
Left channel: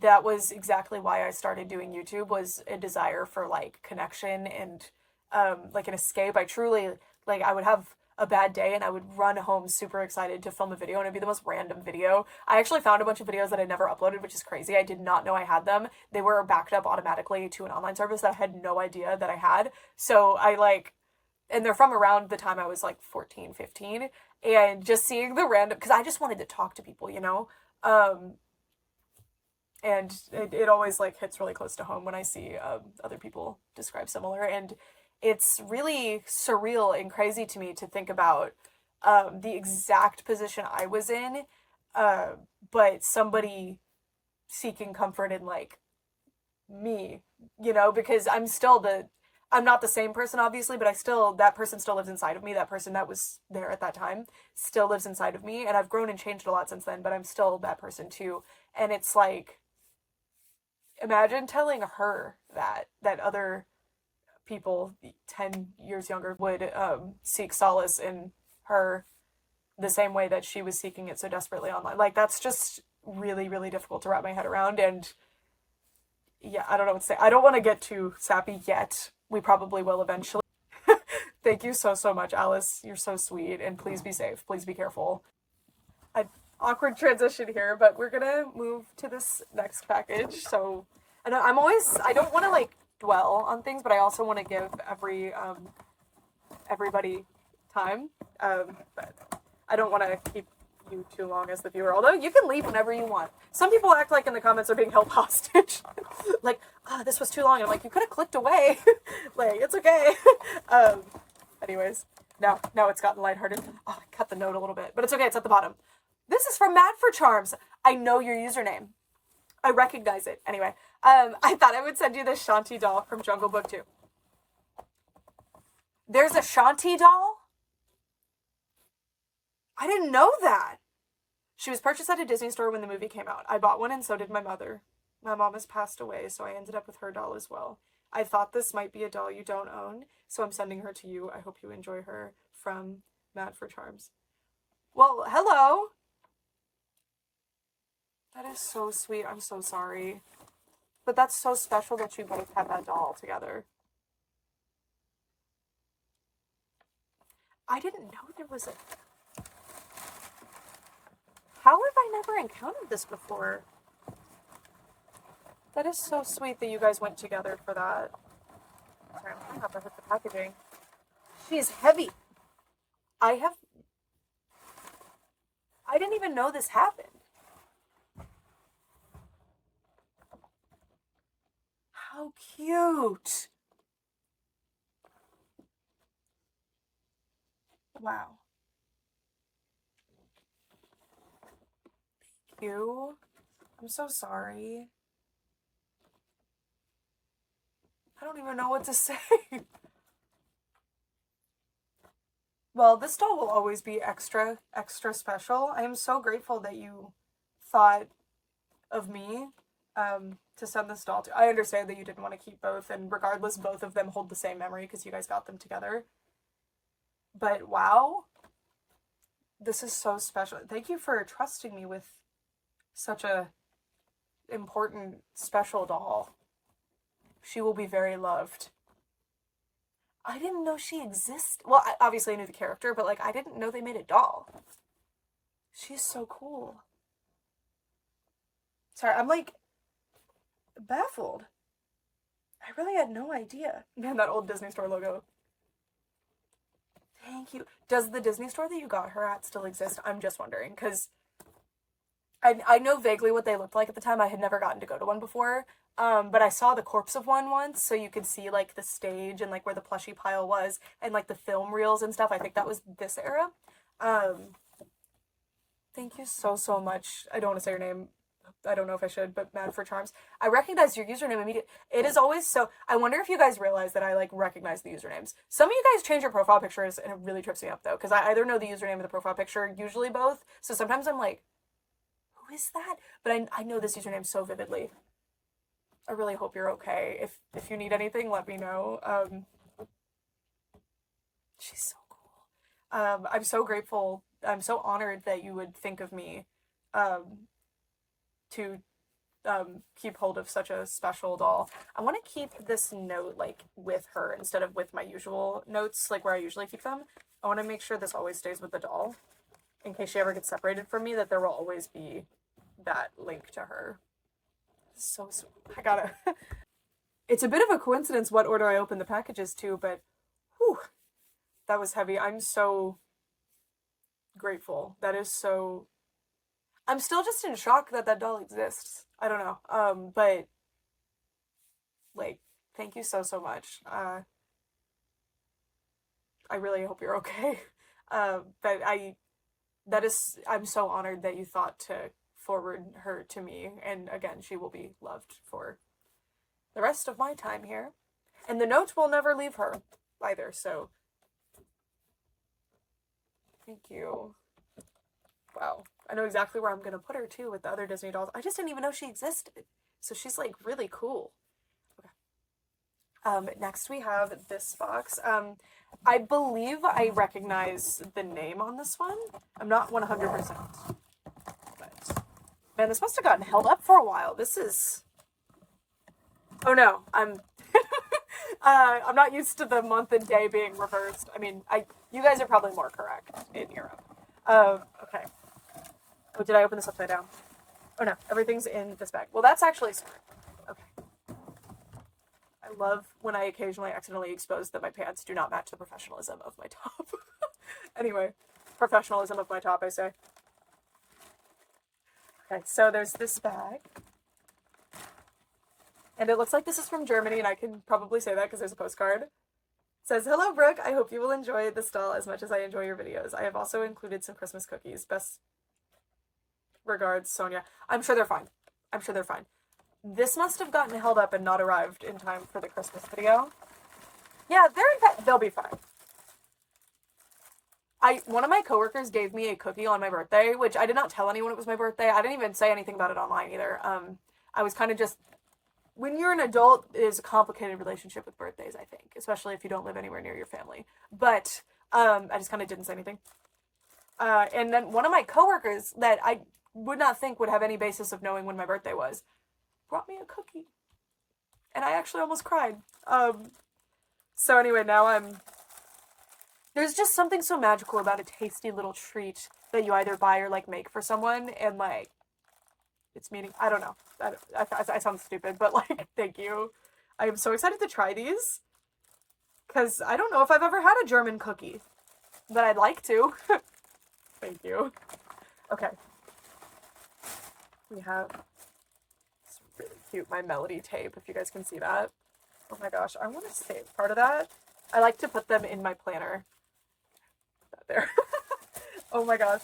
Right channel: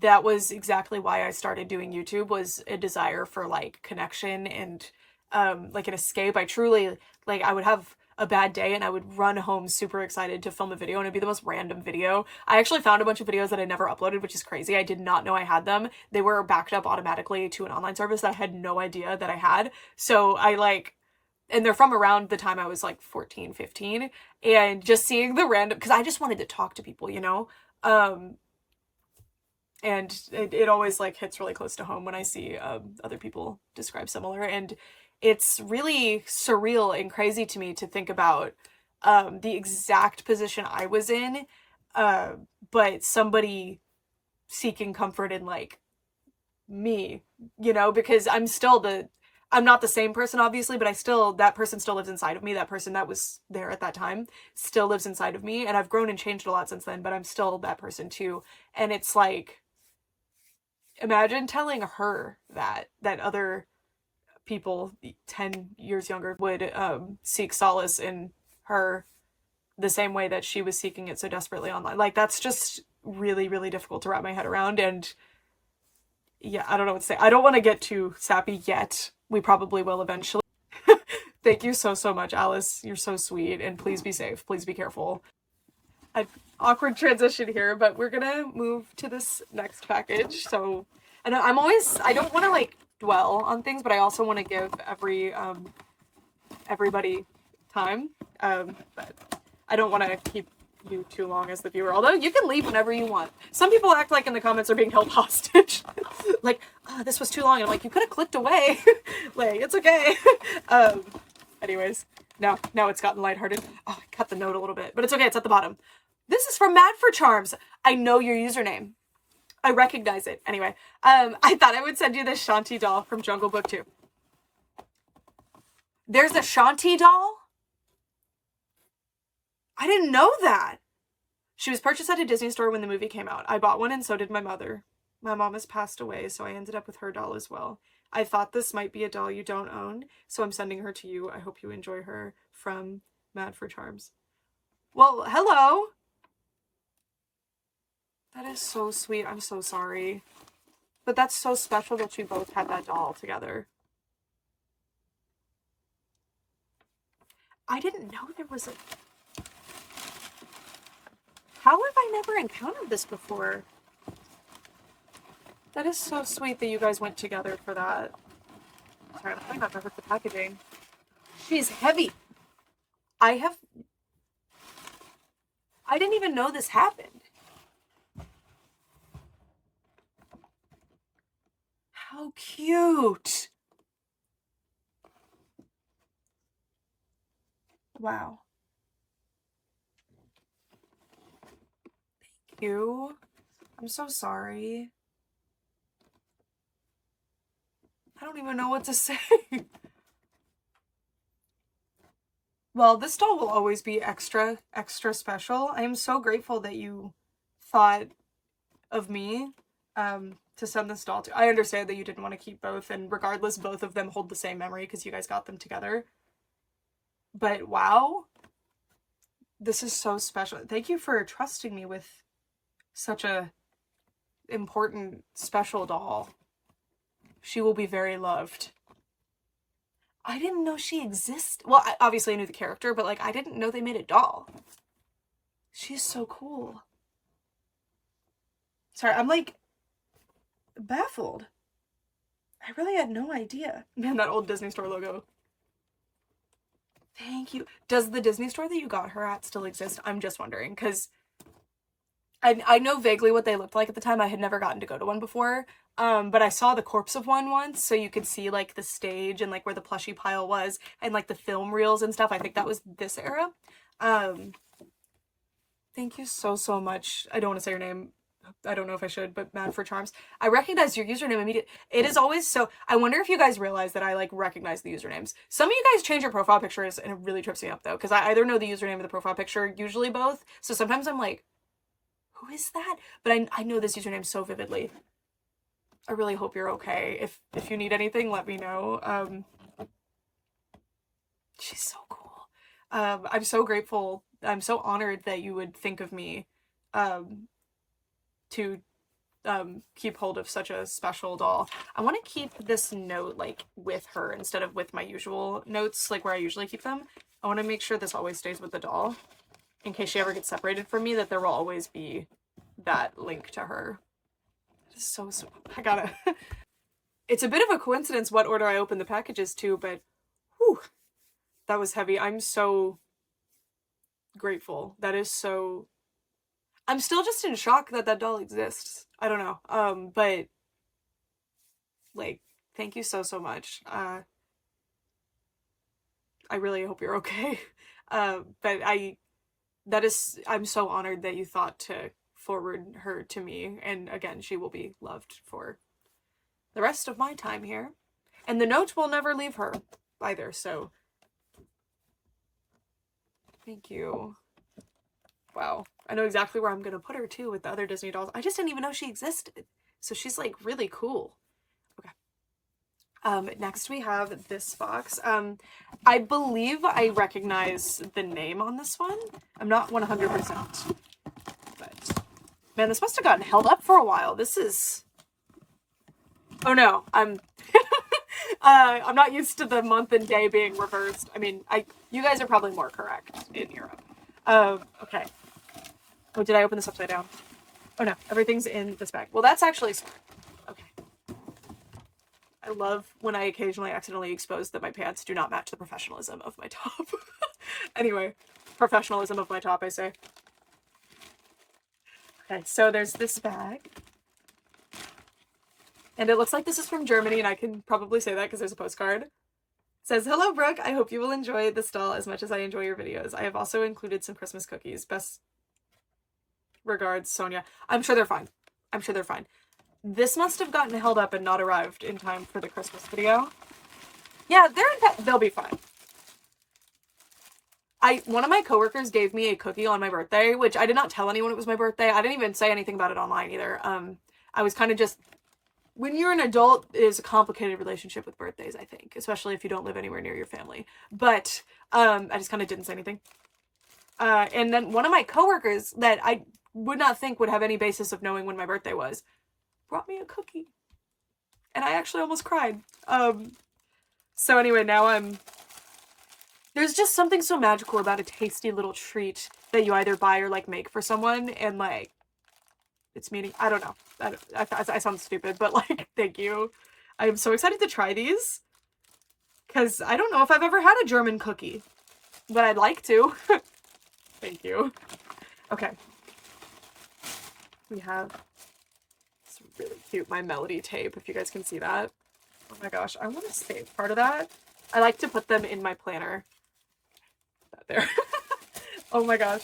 That was exactly why I started doing YouTube, was a desire for like connection and like an escape. I truly, like, I would have a bad day and I would run home super excited to film a video, and it'd be the most random video. I actually found a bunch of videos that I never uploaded, which is crazy. I did not know I had them. They were backed up automatically to an online service that I had no idea that I had. So I like, and they're from around the time I was like 14, 15, and just seeing the random, because I just wanted to talk to people, you know? And it always like hits really close to home when I see other people describe similar, and it's really surreal and crazy to me to think about the exact position I was in, but somebody seeking comfort in like me, you know, because I'm not the same person, obviously, but that person still lives inside of me. That person that was there at that time still lives inside of me, and I've grown and changed a lot since then, but I'm still that person too. And it's like, imagine telling her that other people 10 years younger would seek solace in her the same way that she was seeking it so desperately online. Like, that's just really, really difficult to wrap my head around. And yeah, I don't know what to say. I don't want to get too sappy yet. We probably will eventually. Thank you so, so much, Alice. You're so sweet. And please be safe. Please be careful. An awkward transition here, but we're gonna move to this next package. So, and I don't want to like dwell on things, but I also want to give everybody time. But I don't want to keep you too long as the viewer, although you can leave whenever you want. Some people act like in the comments are being held hostage. Like, oh, this was too long. And I'm like, you could have clicked away. Like, it's okay. Anyways, now it's gotten lighthearted. Oh, I cut the note a little bit, but it's okay. It's at the bottom. This is from Mad for Charms. I know your username. I recognize it. Anyway, I thought I would send you this Shanti doll from Jungle Book 2. There's a Shanti doll? I didn't know that. She was purchased at a Disney store when the movie came out. I bought one and so did my mother. My mom has passed away, so I ended up with her doll as well. I thought this might be a doll you don't own, so I'm sending her to you. I hope you enjoy her. From Mad for Charms. Well, hello. That is so sweet. I'm so sorry. But that's so special that you both had that doll together. I didn't know there was a... How have I never encountered this before? That is so sweet that you guys went together for that. Sorry, I'm trying not to hurt the packaging. She's heavy. I didn't even know this happened. How cute. Wow. Thank you. I'm so sorry. I don't even know what to say. Well, this doll will always be extra, extra special. I am so grateful that you thought of me to send this doll to. I understand that you didn't want to keep both, and regardless, both of them hold the same memory because you guys got them together. But wow, this is so special. Thank you for trusting me with such a important, special doll. She will be very loved. I didn't know she existed. Well, obviously I knew the character, but like I didn't know they made a doll. She's so cool. Sorry, I'm like baffled. I really had no idea. Man, that old Disney store logo. Thank you. Does the Disney store that you got her at still exist? I'm just wondering, because I know vaguely what they looked like at the time. I had never gotten to go to one before. But I saw the corpse of one once, so you could see like the stage and like where the plushie pile was and like the film reels and stuff. I think that was this era. Thank you so, so much. I don't want to say your name. I don't know if I should, but Mad for Charms. I recognize your username immediately. It is always so... I wonder if you guys realize that I, like, recognize the usernames. Some of you guys change your profile pictures, and it really trips me up, though, because I either know the username or the profile picture, usually both. So sometimes I'm like, who is that? But I know this username so vividly. I really hope you're okay. If you need anything, let me know. She's so cool. I'm so grateful. I'm so honored that you would think of me, to keep hold of such a special doll. I want to keep this note like with her instead of with my usual notes, like where I usually keep them. I want to make sure this always stays with the doll in case she ever gets separated from me, that there will always be that link to her. It's so sweet. I gotta... It's a bit of a coincidence what order I opened the packages to, but whew, that was heavy. I'm so grateful. That is so... I'm still just in shock that that doll exists. I don't know. But like, thank you so, so much. I really hope you're okay. But I'm so honored that you thought to forward her to me. And again, she will be loved for the rest of my time here. And the note will never leave her either, so thank you. Wow. I know exactly where I'm gonna put her too with the other Disney dolls. I just didn't even know she existed. So she's like really cool. Okay. Next we have this box. I believe I recognize the name on this one. I'm not 100%. But, man, this must have gotten held up for a while. This is... Oh no, I'm not used to the month and day being reversed. I mean, you guys are probably more correct in Europe. Okay. Oh, did I open this upside down? Oh no, everything's in this bag. Well, that's actually smart. Okay. I love when I occasionally accidentally expose that my pants do not match the professionalism of my top. Anyway, professionalism of my top, I say. Okay, so there's this bag. And it looks like this is from Germany, and I can probably say that because there's a postcard. It says, "Hello, Brooke. I hope you will enjoy this doll as much as I enjoy your videos. I have also included some Christmas cookies. Best regards, Sonia." I'm sure they're fine. I'm sure they're fine. This must have gotten held up and not arrived in time for the Christmas video. Yeah, they'll be fine. One of my coworkers gave me a cookie on my birthday, which I did not tell anyone it was my birthday. I didn't even say anything about it online either. I was kind of just... When you're an adult, it is a complicated relationship with birthdays, I think, especially if you don't live anywhere near your family. But I just kind of didn't say anything. And then one of my coworkers that I would not think would have any basis of knowing when my birthday was brought me a cookie. And I actually almost cried. So anyway, now there's just something so magical about a tasty little treat that you either buy or, like, make for someone, and, like, it's meaning... I don't know. I sound stupid, but, like, thank you. I am so excited to try these. Because I don't know if I've ever had a German cookie. But I'd like to. Thank you. Okay. We have... It's really cute, my Melody tape, if you guys can see that. Oh my gosh, I want to save part of that. I like to put them in my planner. That there. Oh my gosh.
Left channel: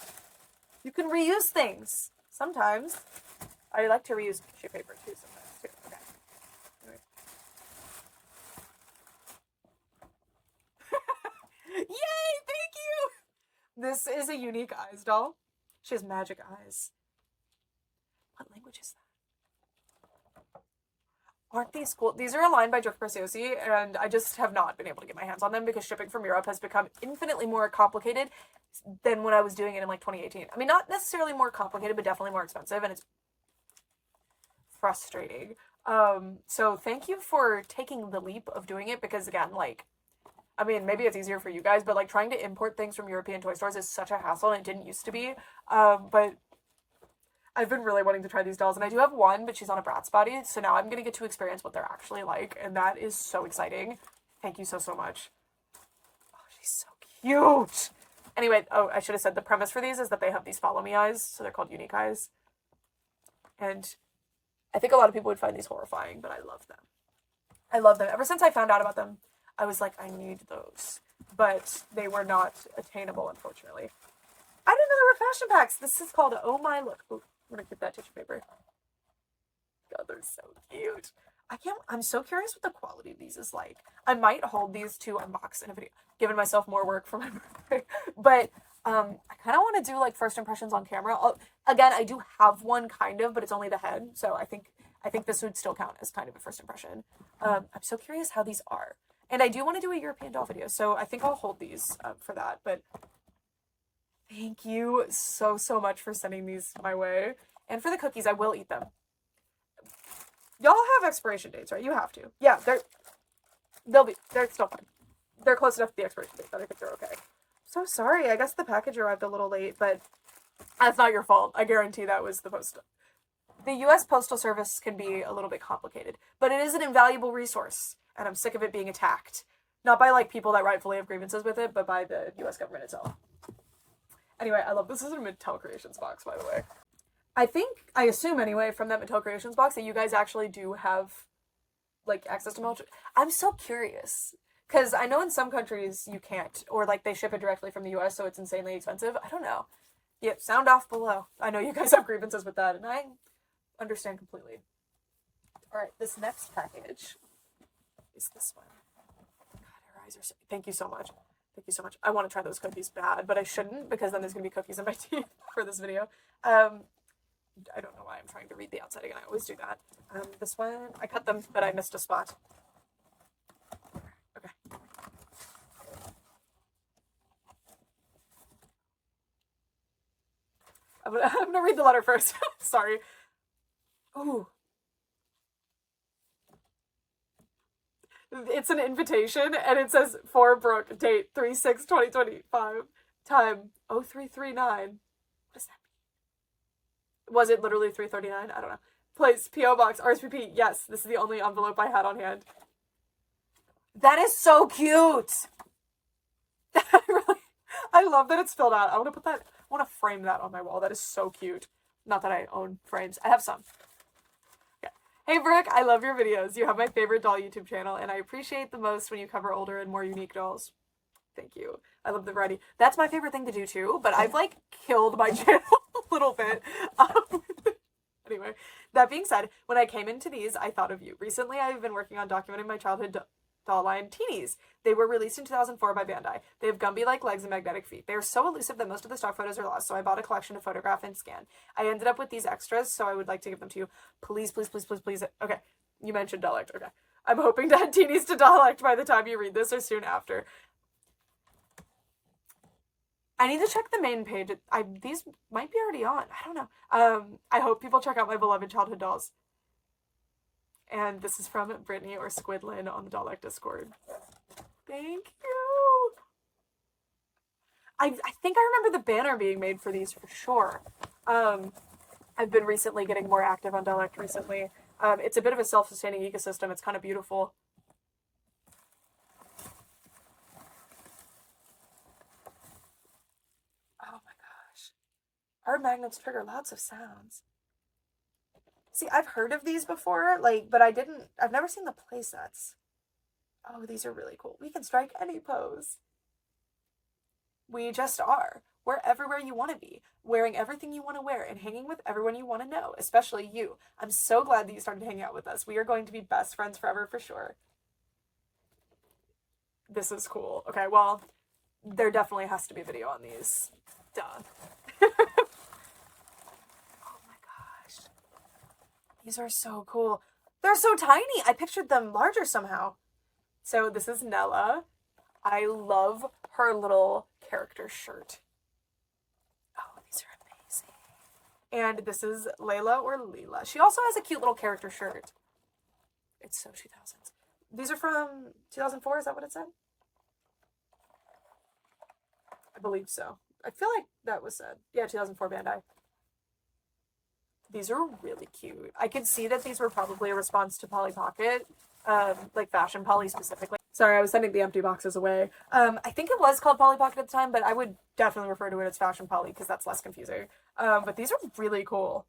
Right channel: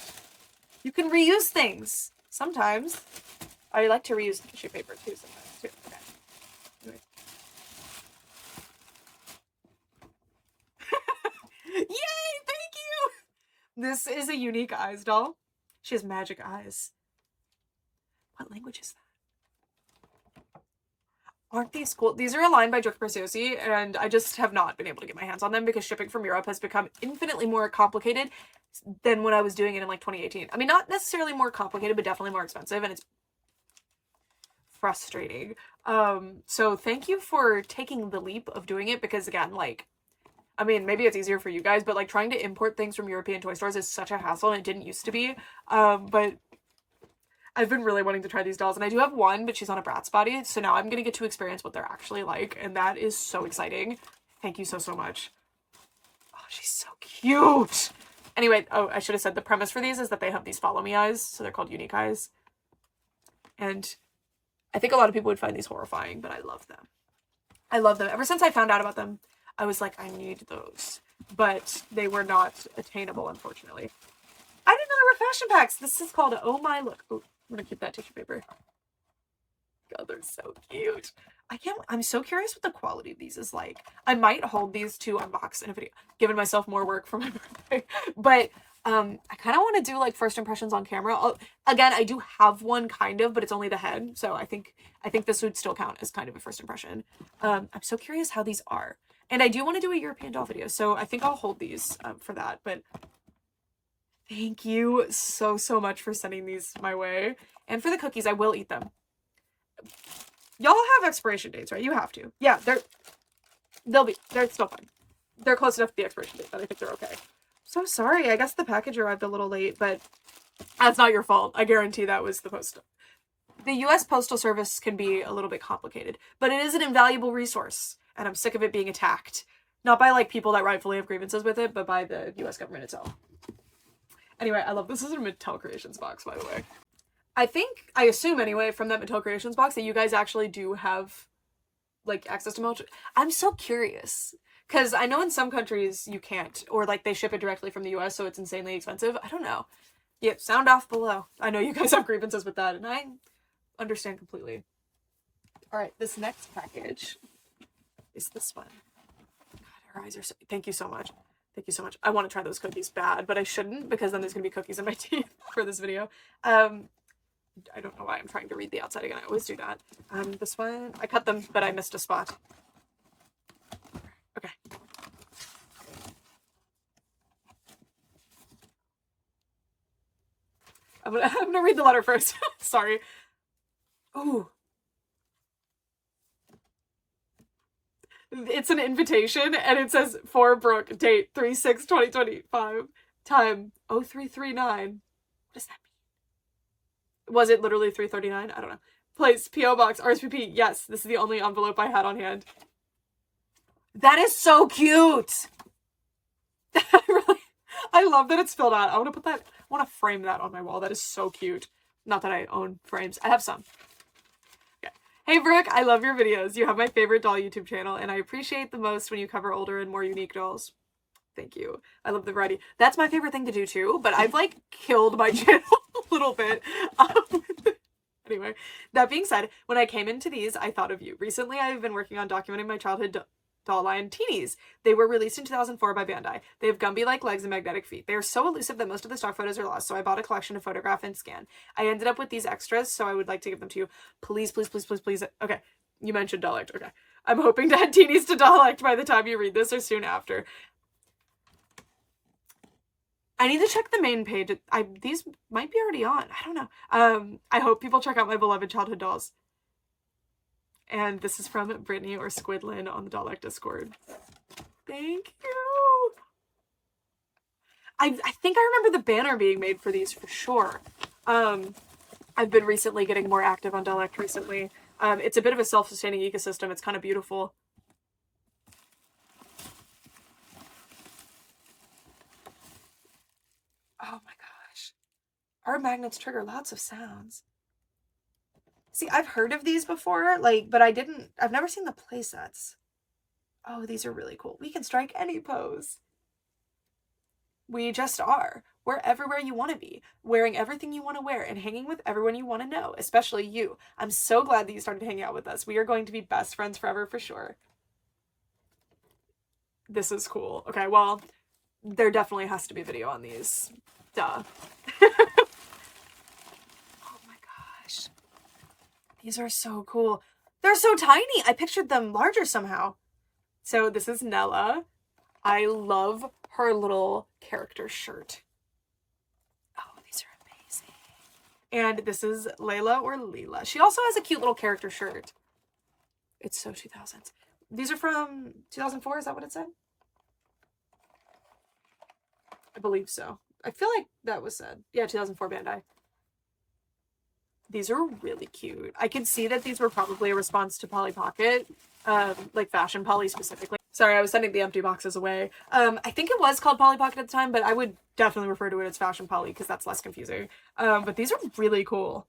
You can reuse things. Sometimes. I like to reuse tissue paper too sometimes too. Okay. Anyways. Yay! Thank you! This is a unique eyes doll. She has magic eyes. What language is that? Aren't these cool? These are aligned by Drift Preciosi, and I just have not been able to get my hands on them because shipping from Europe has become infinitely more complicated than when I was doing it in, like, 2018. I mean, not necessarily more complicated, but definitely more expensive, and it's frustrating. So thank you for taking the leap of doing it, because again, like, I mean, maybe it's easier for you guys, but, like, trying to import things from European toy stores is such a hassle, and it didn't used to be. But I've been really wanting to try these dolls, and I do have one, but she's on a Bratz body, so now I'm gonna get to experience what they're actually like, and that is so exciting. Thank you so, so much. Oh, she's so cute! Anyway, oh, I should have said the premise for these is that they have these follow me eyes, so they're called unique eyes. And I think a lot of people would find these horrifying, but I love them. I love them. Ever since I found out about them, I was like, I need those. But they were not attainable, unfortunately. I didn't know there were fashion packs. This is called Oh My Look. Oh, I'm gonna keep that tissue paper. God, they're so cute. I'm so curious what the quality of these is like. I might hold these to unbox in a video, giving myself more work for my birthday. But I kind of want to do, like, first impressions on camera. Again, I do have one, kind of, but it's only the head, so I think this would still count as kind of a first impression. I'm so curious how these are, and I do want to do a European doll video, so I think I'll hold these for that. But thank you so, so much for sending these my way, and for the cookies. I will eat them. Y'all have expiration dates, right? You have to. Yeah, they're still fine. They're close enough to the expiration date that I think they're okay. So sorry, I guess the package arrived a little late, but that's not your fault. I guarantee that was the post. The US Postal Service can be a little bit complicated, but it is an invaluable resource, and I'm sick of it being attacked. Not by, like, people that rightfully have grievances with it, but by the US government itself. Anyway, I love this. This is a Mattel Creations box, by the way. I assume anyway, from that Mattel Creations box, that you guys actually do have, like, access to Mattel. I'm so curious. Because I know in some countries you can't, or, like, they ship it directly from the US, so it's insanely expensive. I don't know. Yeah, sound off below. I know you guys have grievances with that, and I understand completely. Alright, this next package is this one. God, her eyes are so... Thank you so much. Thank you so much. I want to try those cookies bad, but I shouldn't, because then there's going to be cookies in my teeth for this video. I don't know why I'm trying to read the outside again. I always do that. This one, I cut them, but I missed a spot. I'm gonna read the letter first. Sorry. Ooh. It's an invitation, and it says, for Brooke, date 3/6/2025, time 0339. What does that mean? Was it literally 3:39? I don't know. Place, P.O. Box, RSVP. Yes, this is the only envelope I had on hand. That is so cute! I love that it's filled out. I want to put that, I want to frame that on my wall. That is so cute. Not that I own frames. I have some. Okay. Hey Brooke, I love your videos. You have my favorite doll YouTube channel, and I appreciate the most when you cover older and more unique dolls. Thank you. I love the variety. That's my favorite thing to do too, but I've like killed my channel a little bit. Anyway, that being said, when I came into these, I thought of you. Recently, I've been working on documenting my childhood doll line, Teenies. They were released in 2004 by Bandai. They have Gumby-like legs and magnetic feet. They are so elusive that most of the stock photos are lost, so I bought a collection to photograph and scan. I ended up with these extras, so I would like to give them to you. Please, please, please, please, please. Okay, you mentioned Dollect. Okay. I'm hoping to add Teenies to Dollect by the time you read this or soon after. I need to check the main page. These might be already on. I don't know. I hope people check out my beloved childhood dolls. And this is from Brittany or Squidlin on the Dollect Discord. Thank you. I think I remember the banner being made for these for sure. I've been recently getting more active on Dollect recently. It's a bit of a self-sustaining ecosystem. It's kind of beautiful. Oh my gosh. Our magnets trigger lots of sounds. See, I've heard of these before, like, but I've never seen the playsets. Oh, these are really cool. We can strike any pose. We just are. We're everywhere you want to be, wearing everything you want to wear and hanging with everyone you want to know, especially you. I'm so glad that you started hanging out with us. We are going to be best friends forever for sure. This is cool. Okay, well, there definitely has to be video on these. Duh. These are so cool. They're so tiny. I pictured them larger somehow. So this is Nella. I love her little character shirt. Oh, these are amazing. And this is Layla or Leela. She also has a cute little character shirt. It's so 2000s. These are from 2004. Is that what it said? I believe so. I feel like that was said. Yeah, 2004 Bandai. These are really cute. I can see that these were probably a response to Polly Pocket, like Fashion Polly specifically. Sorry, I was sending the empty boxes away. I think it was called Polly Pocket at the time, but I would definitely refer to it as Fashion Polly because that's less confusing. But these are really cool.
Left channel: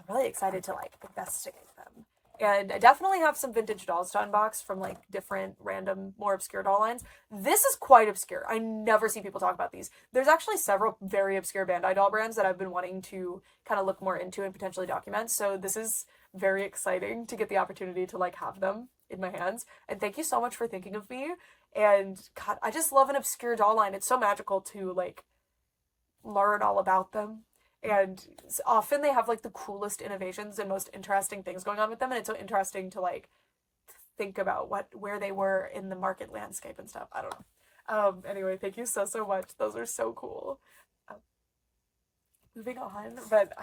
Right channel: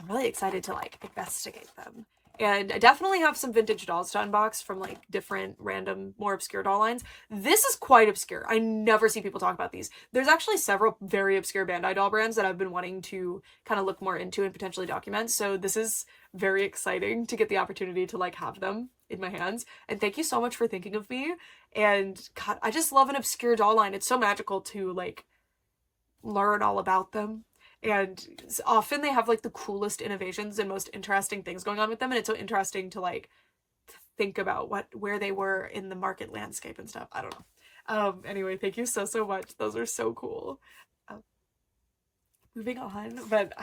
I'm really excited to like investigate them. And I definitely have some vintage dolls to unbox from like different random, more obscure doll lines. This is quite obscure. I never see people talk about these. There's actually several very obscure Bandai doll brands that I've been wanting to kind of look more into and potentially document. So this is very exciting to get the opportunity to like have them in my hands. And thank you so much for thinking of me. And God, I just love an obscure doll line. It's so magical to like learn all about them. And often they have like the coolest innovations and most interesting things going on with them, and it's so interesting to like think about where they were in the market landscape and stuff. I don't know. Anyway, thank you so much. Those are so cool. Moving on, but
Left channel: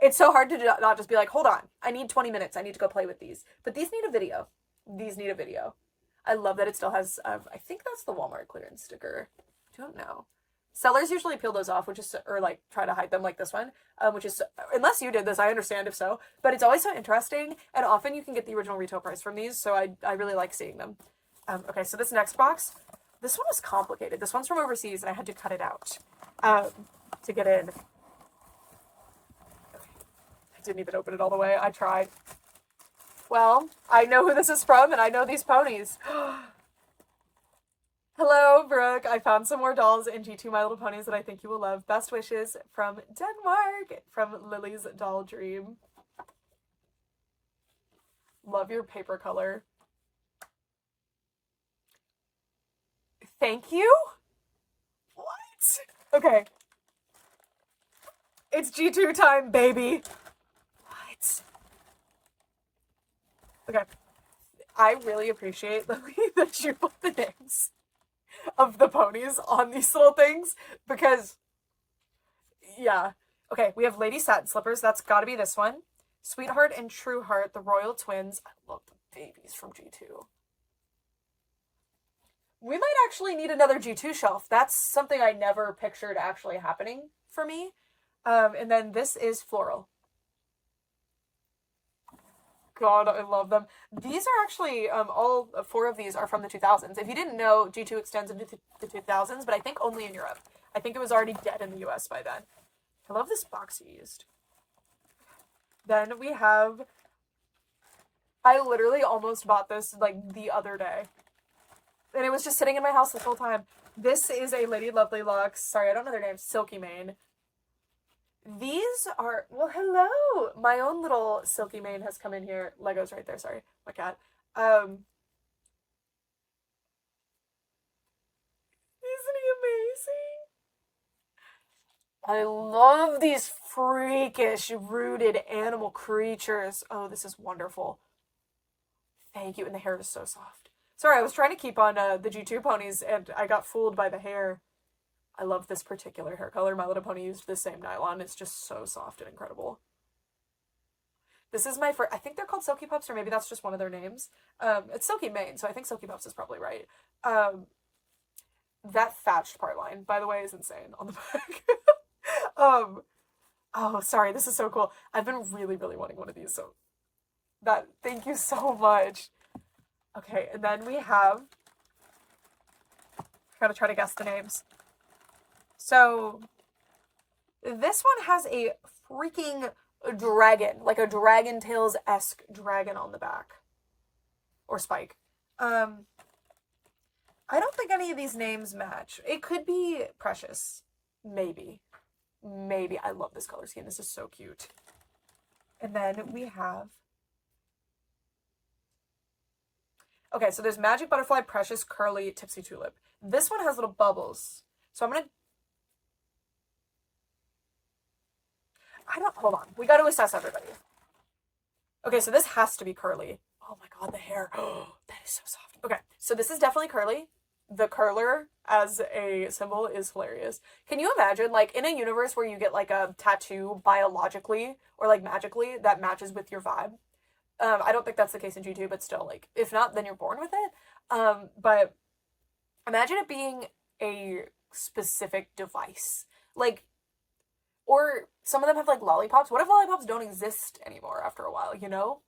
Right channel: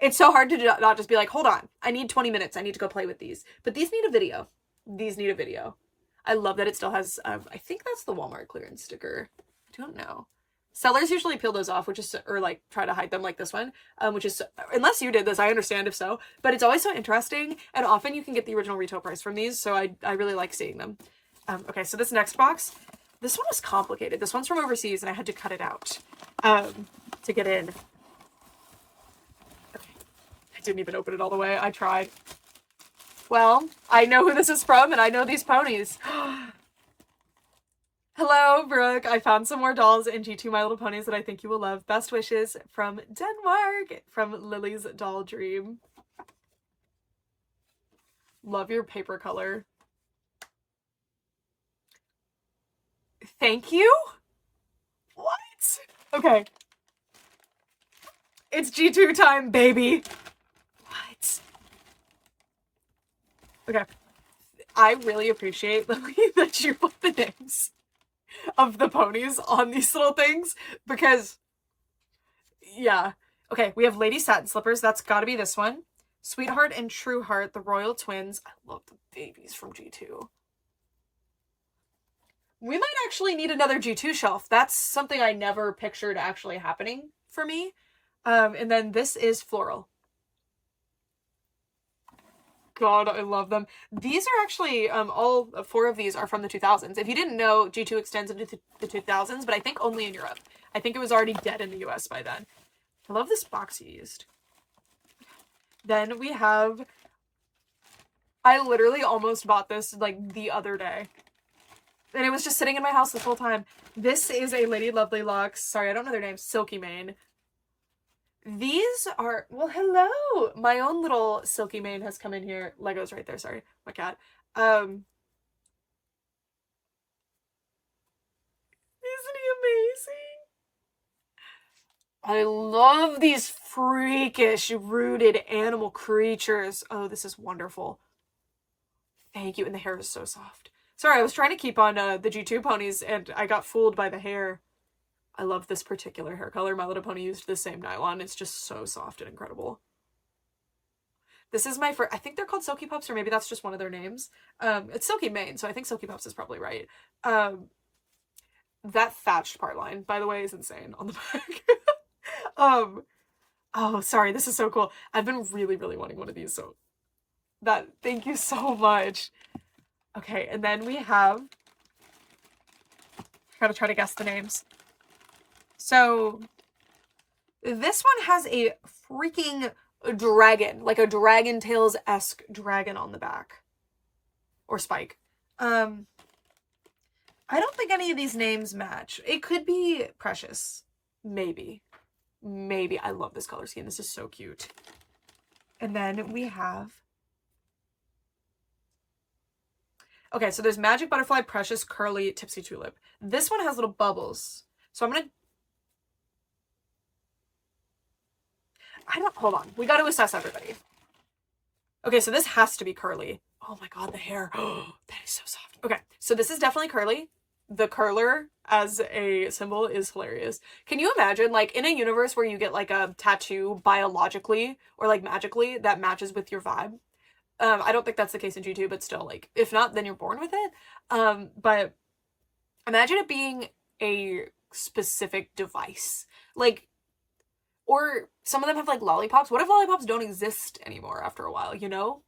it's so hard to not just be like, hold on, I need 20 minutes, I need to go play with these. But these need a video. These need a video. I love that it still has I think that's the Walmart clearance sticker. I don't know. Sellers usually peel those off, which is, or like try to hide them like this one, which is, unless you did this, I understand if so, but it's always so interesting, and often you can get the original retail price from these, so I really like seeing them. Okay, so this next box, this one was complicated. This one's from overseas, and I had to cut it out to get in. Okay. I didn't even open it all the way. I tried. Well, I know who this is from, and I know these ponies. Hello, Brooke. I found some more dolls in G2 My Little Ponies that I think you will love. Best wishes from Denmark, from Lily's Doll Dream. Love your paper color. Thank you? What? Okay. It's G2 time, baby. What? Okay. I really appreciate, Lily, that you put the names of the ponies on these little things, because yeah, Okay, we have Lady Satin Slippers. That's got to be this one. Sweetheart and True Heart, the Royal Twins. I love the babies from G2. We might actually need another G2 shelf. That's something I never pictured actually happening for me. And then this is Floral. God, I love them. These are actually, all 4 of these are from the 2000s. If you didn't know, G2 extends into the 2000s, but I think only in Europe. I think it was already dead in the US by then. I love this box you used. Then we have, I literally almost bought this like the other day. And it was just sitting in my house this whole time. This is a Lady Lovely Locks. Sorry, I don't know their name. Silky Mane. These are, well, hello. My own little Silky Mane has come in here. Lego's right there. Sorry, my cat. Isn't he amazing? I love these freakish, rooted animal creatures. Oh, this is wonderful. Thank you. And the hair is so soft. Sorry, I was trying to keep on the G2 ponies, and I got fooled by the hair. I love this particular hair color. My Little Pony used the same nylon. It's just so soft and incredible. This is my first, I think they're called Silky Pups, or maybe that's just one of their names. It's Silky Mane, so I think Silky Pups is probably right. That thatched part line, by the way, is insane on the back. Oh, sorry, this is so cool. I've been really, really wanting one of these, so thank you so much. Okay, and then we have, I gotta try to guess the names. So, this one has a freaking dragon, like a Dragon Tales-esque dragon on the back. Or Spike. I don't think any of these names match. It could be Precious. Maybe. Maybe. I love this color scheme. This is so cute. And then we have, okay, so there's Magic Butterfly, Precious, Curly, Tipsy Tulip. This one has little bubbles. So I'm gonna, hold on. We gotta assess everybody. Okay, so this has to be Curly. Oh my god, the hair. Oh, that is so soft. Okay, so this is definitely Curly. The curler as a symbol is hilarious. Can you imagine, like, in a universe where you get, like, a tattoo biologically or, like, magically that matches with your vibe? I don't think that's the case in G2, but still, like, if not, then you're born with it. But imagine it being a specific device. Like, or some of them have, like, lollipops. What if lollipops don't exist anymore after a while, you know?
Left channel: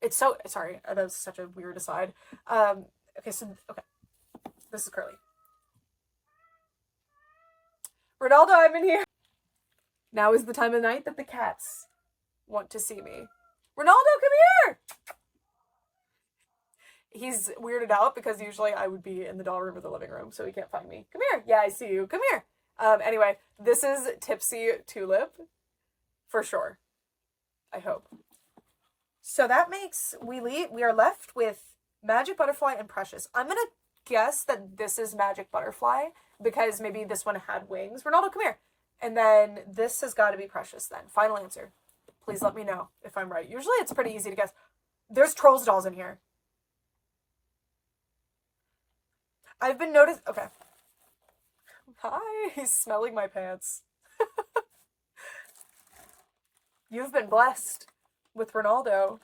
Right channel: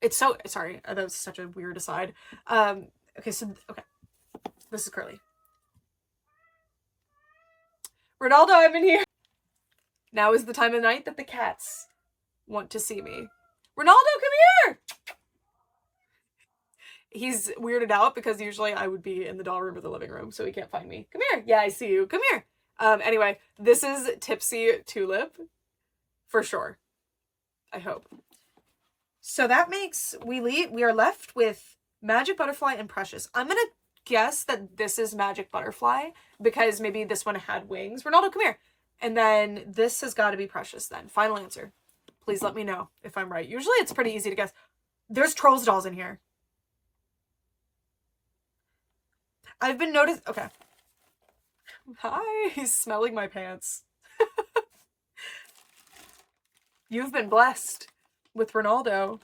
It's so, sorry, that was such a weird aside. Okay, so, okay. This is Curly. Ronaldo, I'm in here. Now is the time of night that the cats want to see me. Ronaldo, come here! He's weirded out because usually I would be in the doll room or the living room, so he can't find me. Come here. Yeah, I see you. Come here. Anyway, this is Tipsy Tulip. For sure. I hope. So that makes, we are left with Magic Butterfly and Precious. I'm gonna guess that this is Magic Butterfly because maybe this one had wings. Ronaldo, come here. And then this has got to be Precious then. Final answer. Please let me know if I'm right. Usually it's pretty easy to guess. There's Trolls dolls in here. I've been noticed. Okay. Hi. He's smelling my pants. You've been blessed with Ronaldo.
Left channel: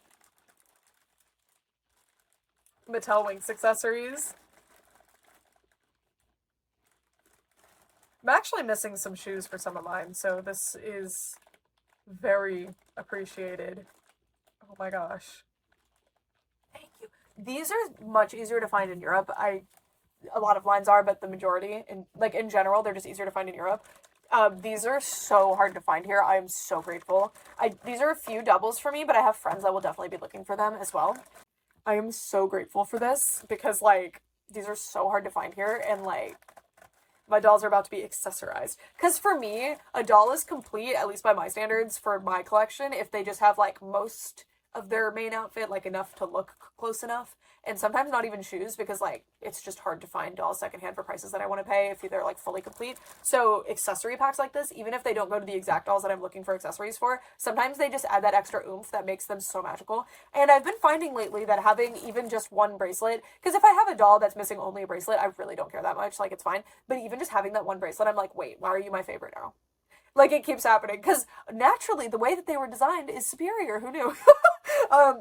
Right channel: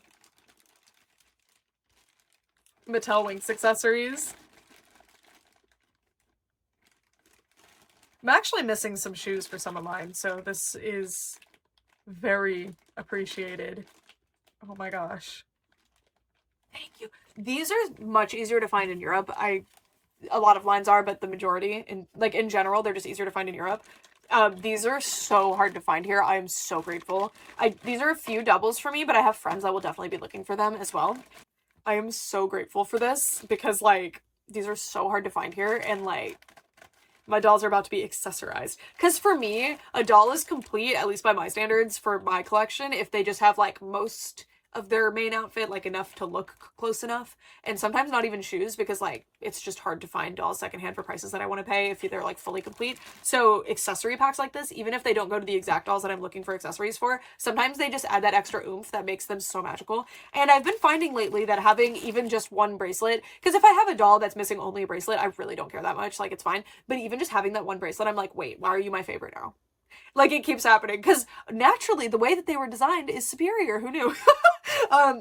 Mattel Winx accessories. I'm actually missing some shoes for some of mine, so this is very appreciated. Oh my gosh. Thank you. These are much easier to find in Europe. A lot of lines are, but the majority, in general, they're just easier to find in Europe. These are so hard to find here. I am so grateful. These are a few doubles for me, but I have friends that will definitely be looking for them as well. I am so grateful for this because, like, these are so hard to find here, and, like, my dolls are about to be accessorized. Because for me, a doll is complete, at least by my standards, for my collection, if they just have, like, most of their main outfit, like, enough to look close enough. And sometimes not even shoes, because, like, it's just hard to find dolls secondhand for prices that I want to pay if they're, like, fully complete. So accessory packs like this, even if they don't go to the exact dolls that I'm looking for accessories for, sometimes they just add that extra oomph that makes them so magical. And I've been finding lately that having even just one bracelet, because if I have a doll that's missing only a bracelet, I really don't care that much, like, it's fine. But even just having that one bracelet, I'm like, wait, why are you my favorite now? Like, it keeps happening. Because naturally, the way that they were designed is superior. Who knew?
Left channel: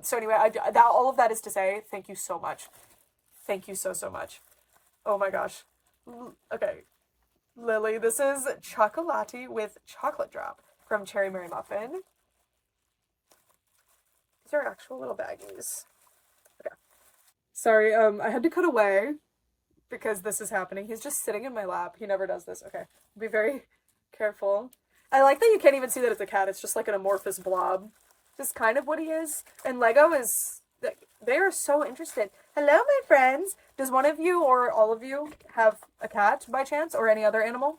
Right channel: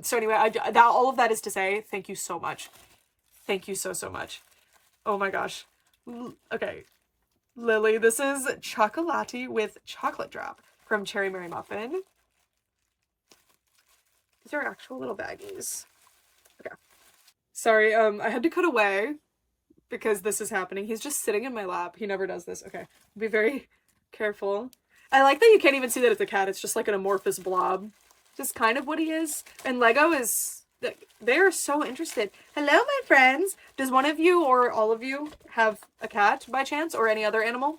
So anyway, all of that is to say, thank you so much. Thank you so, so much. Oh my gosh. Okay. Lily, this is chocolati with chocolate drop from Cherry Mary Muffin. These are actual little baggies. Okay. Sorry, I had to cut away because this is happening. He's just sitting in my lap. He never does this. Okay. Be very careful. I like that you can't even see that it's a cat. It's just like an amorphous blob. Just kind of what he is. And Lego is... They're so interested. Hello, my friends. Does one of you or all of you have a cat by chance or any other animal?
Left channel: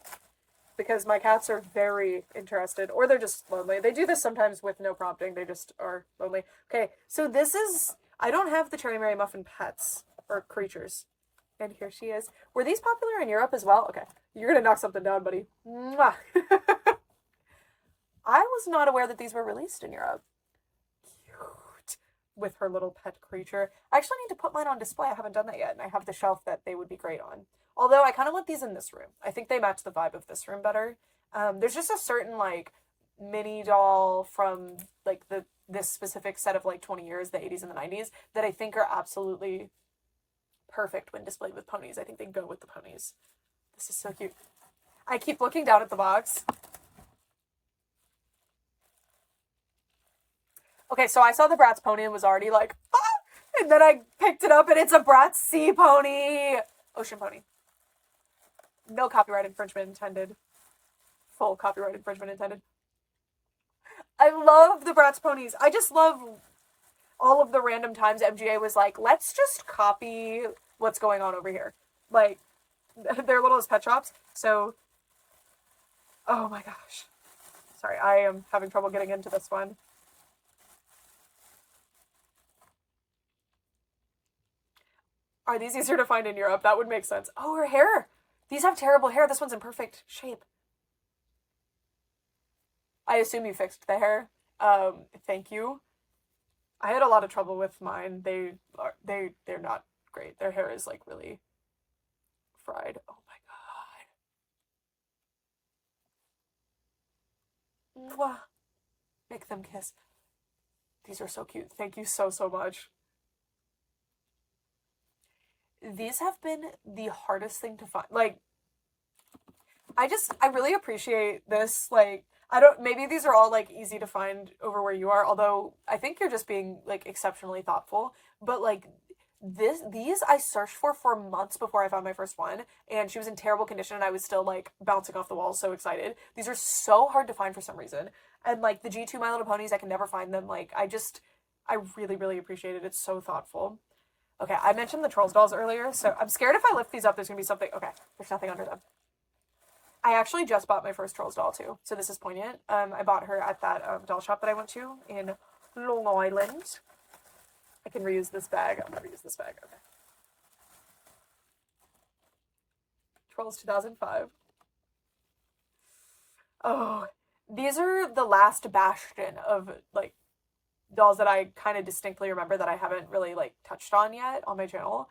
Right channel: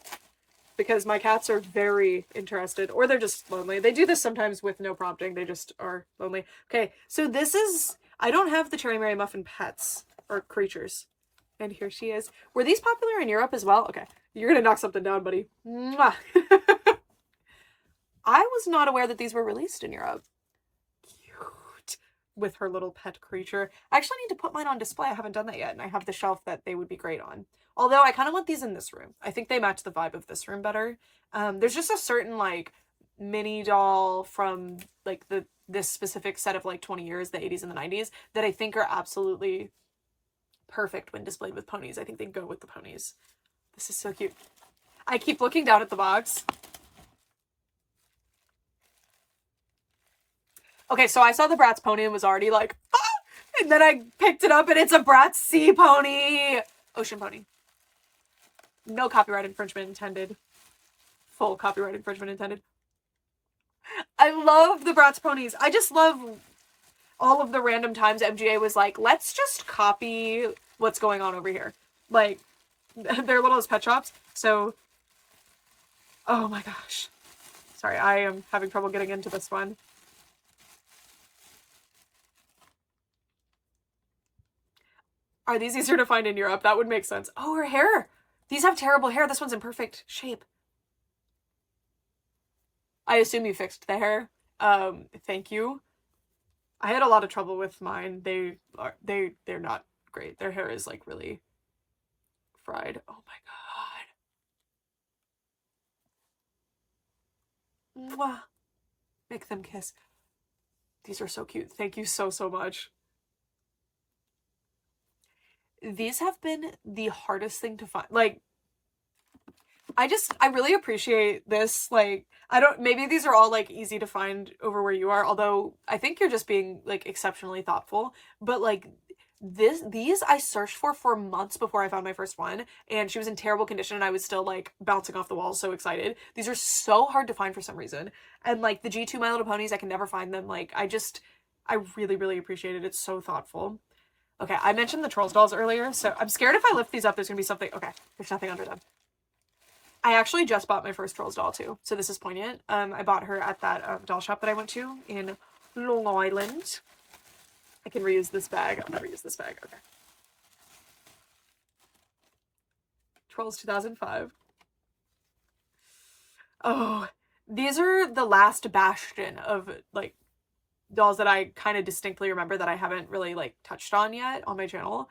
Because my cats are very interested. Or they're just lonely. They do this sometimes with no prompting. They just are lonely. Okay, so this is... I don't have the Cherry Mary Muffin pets or creatures. And here she is. Were these popular in Europe as well? Okay, you're gonna knock something down, buddy. Mwah. I was not aware that these were released in Europe. Cute. With her little pet creature. I actually need to put mine on display. I haven't done that yet, and I have the shelf that they would be great on. Although I kind of want these in this room. I think they match the vibe of this room better. There's just a certain, like, mini doll from, like, this specific set of, like, 20 years, the 80s and the 90s, that I think are absolutely perfect when displayed with ponies. I think they go with the ponies. This is so cute. I keep looking down at the box. Okay, so I saw the Bratz pony and was already like, ah! And then I picked it up and it's a Bratz sea pony. Ocean pony. No copyright infringement intended. Full copyright infringement intended. I love the Bratz ponies. I just love all of the random times MGA was like, let's just copy what's going on over here. Like, they're little as pet shops. So, oh my gosh. Sorry, I am having trouble getting into this one. Are these easier to find in Europe? That would make sense. Oh, her hair. These have terrible hair. This one's in perfect shape. I assume you fixed the hair. Thank you. I had a lot of trouble with mine. They're not great. Their hair is like really fried. Oh my god. Mwah. Make them kiss. These are so cute. Thank you so, so much. These have been the hardest thing to find. Like, I really appreciate this. Like, maybe these are all, like, easy to find over where you are, although I think you're just being, like, exceptionally thoughtful. But, like, these I searched for months before I found my first one, and she was in terrible condition, and I was still, like, bouncing off the walls, so excited. These are so hard to find for some reason. And, like, the G2 My Little Ponies, I can never find them. Like, I really, really appreciate it. It's so thoughtful. Okay, I mentioned the Trolls dolls earlier, so I'm scared if I lift these up, there's gonna be something. Okay, there's nothing under them. I actually just bought my first Trolls doll, too, so this is poignant. I bought her at that doll shop that I went to in Long Island. I can reuse this bag. I've never used this bag. Okay. Trolls 2005. Oh, these are the last bastion of, like, dolls that I kind of distinctly remember that I haven't really, like, touched on yet on my channel.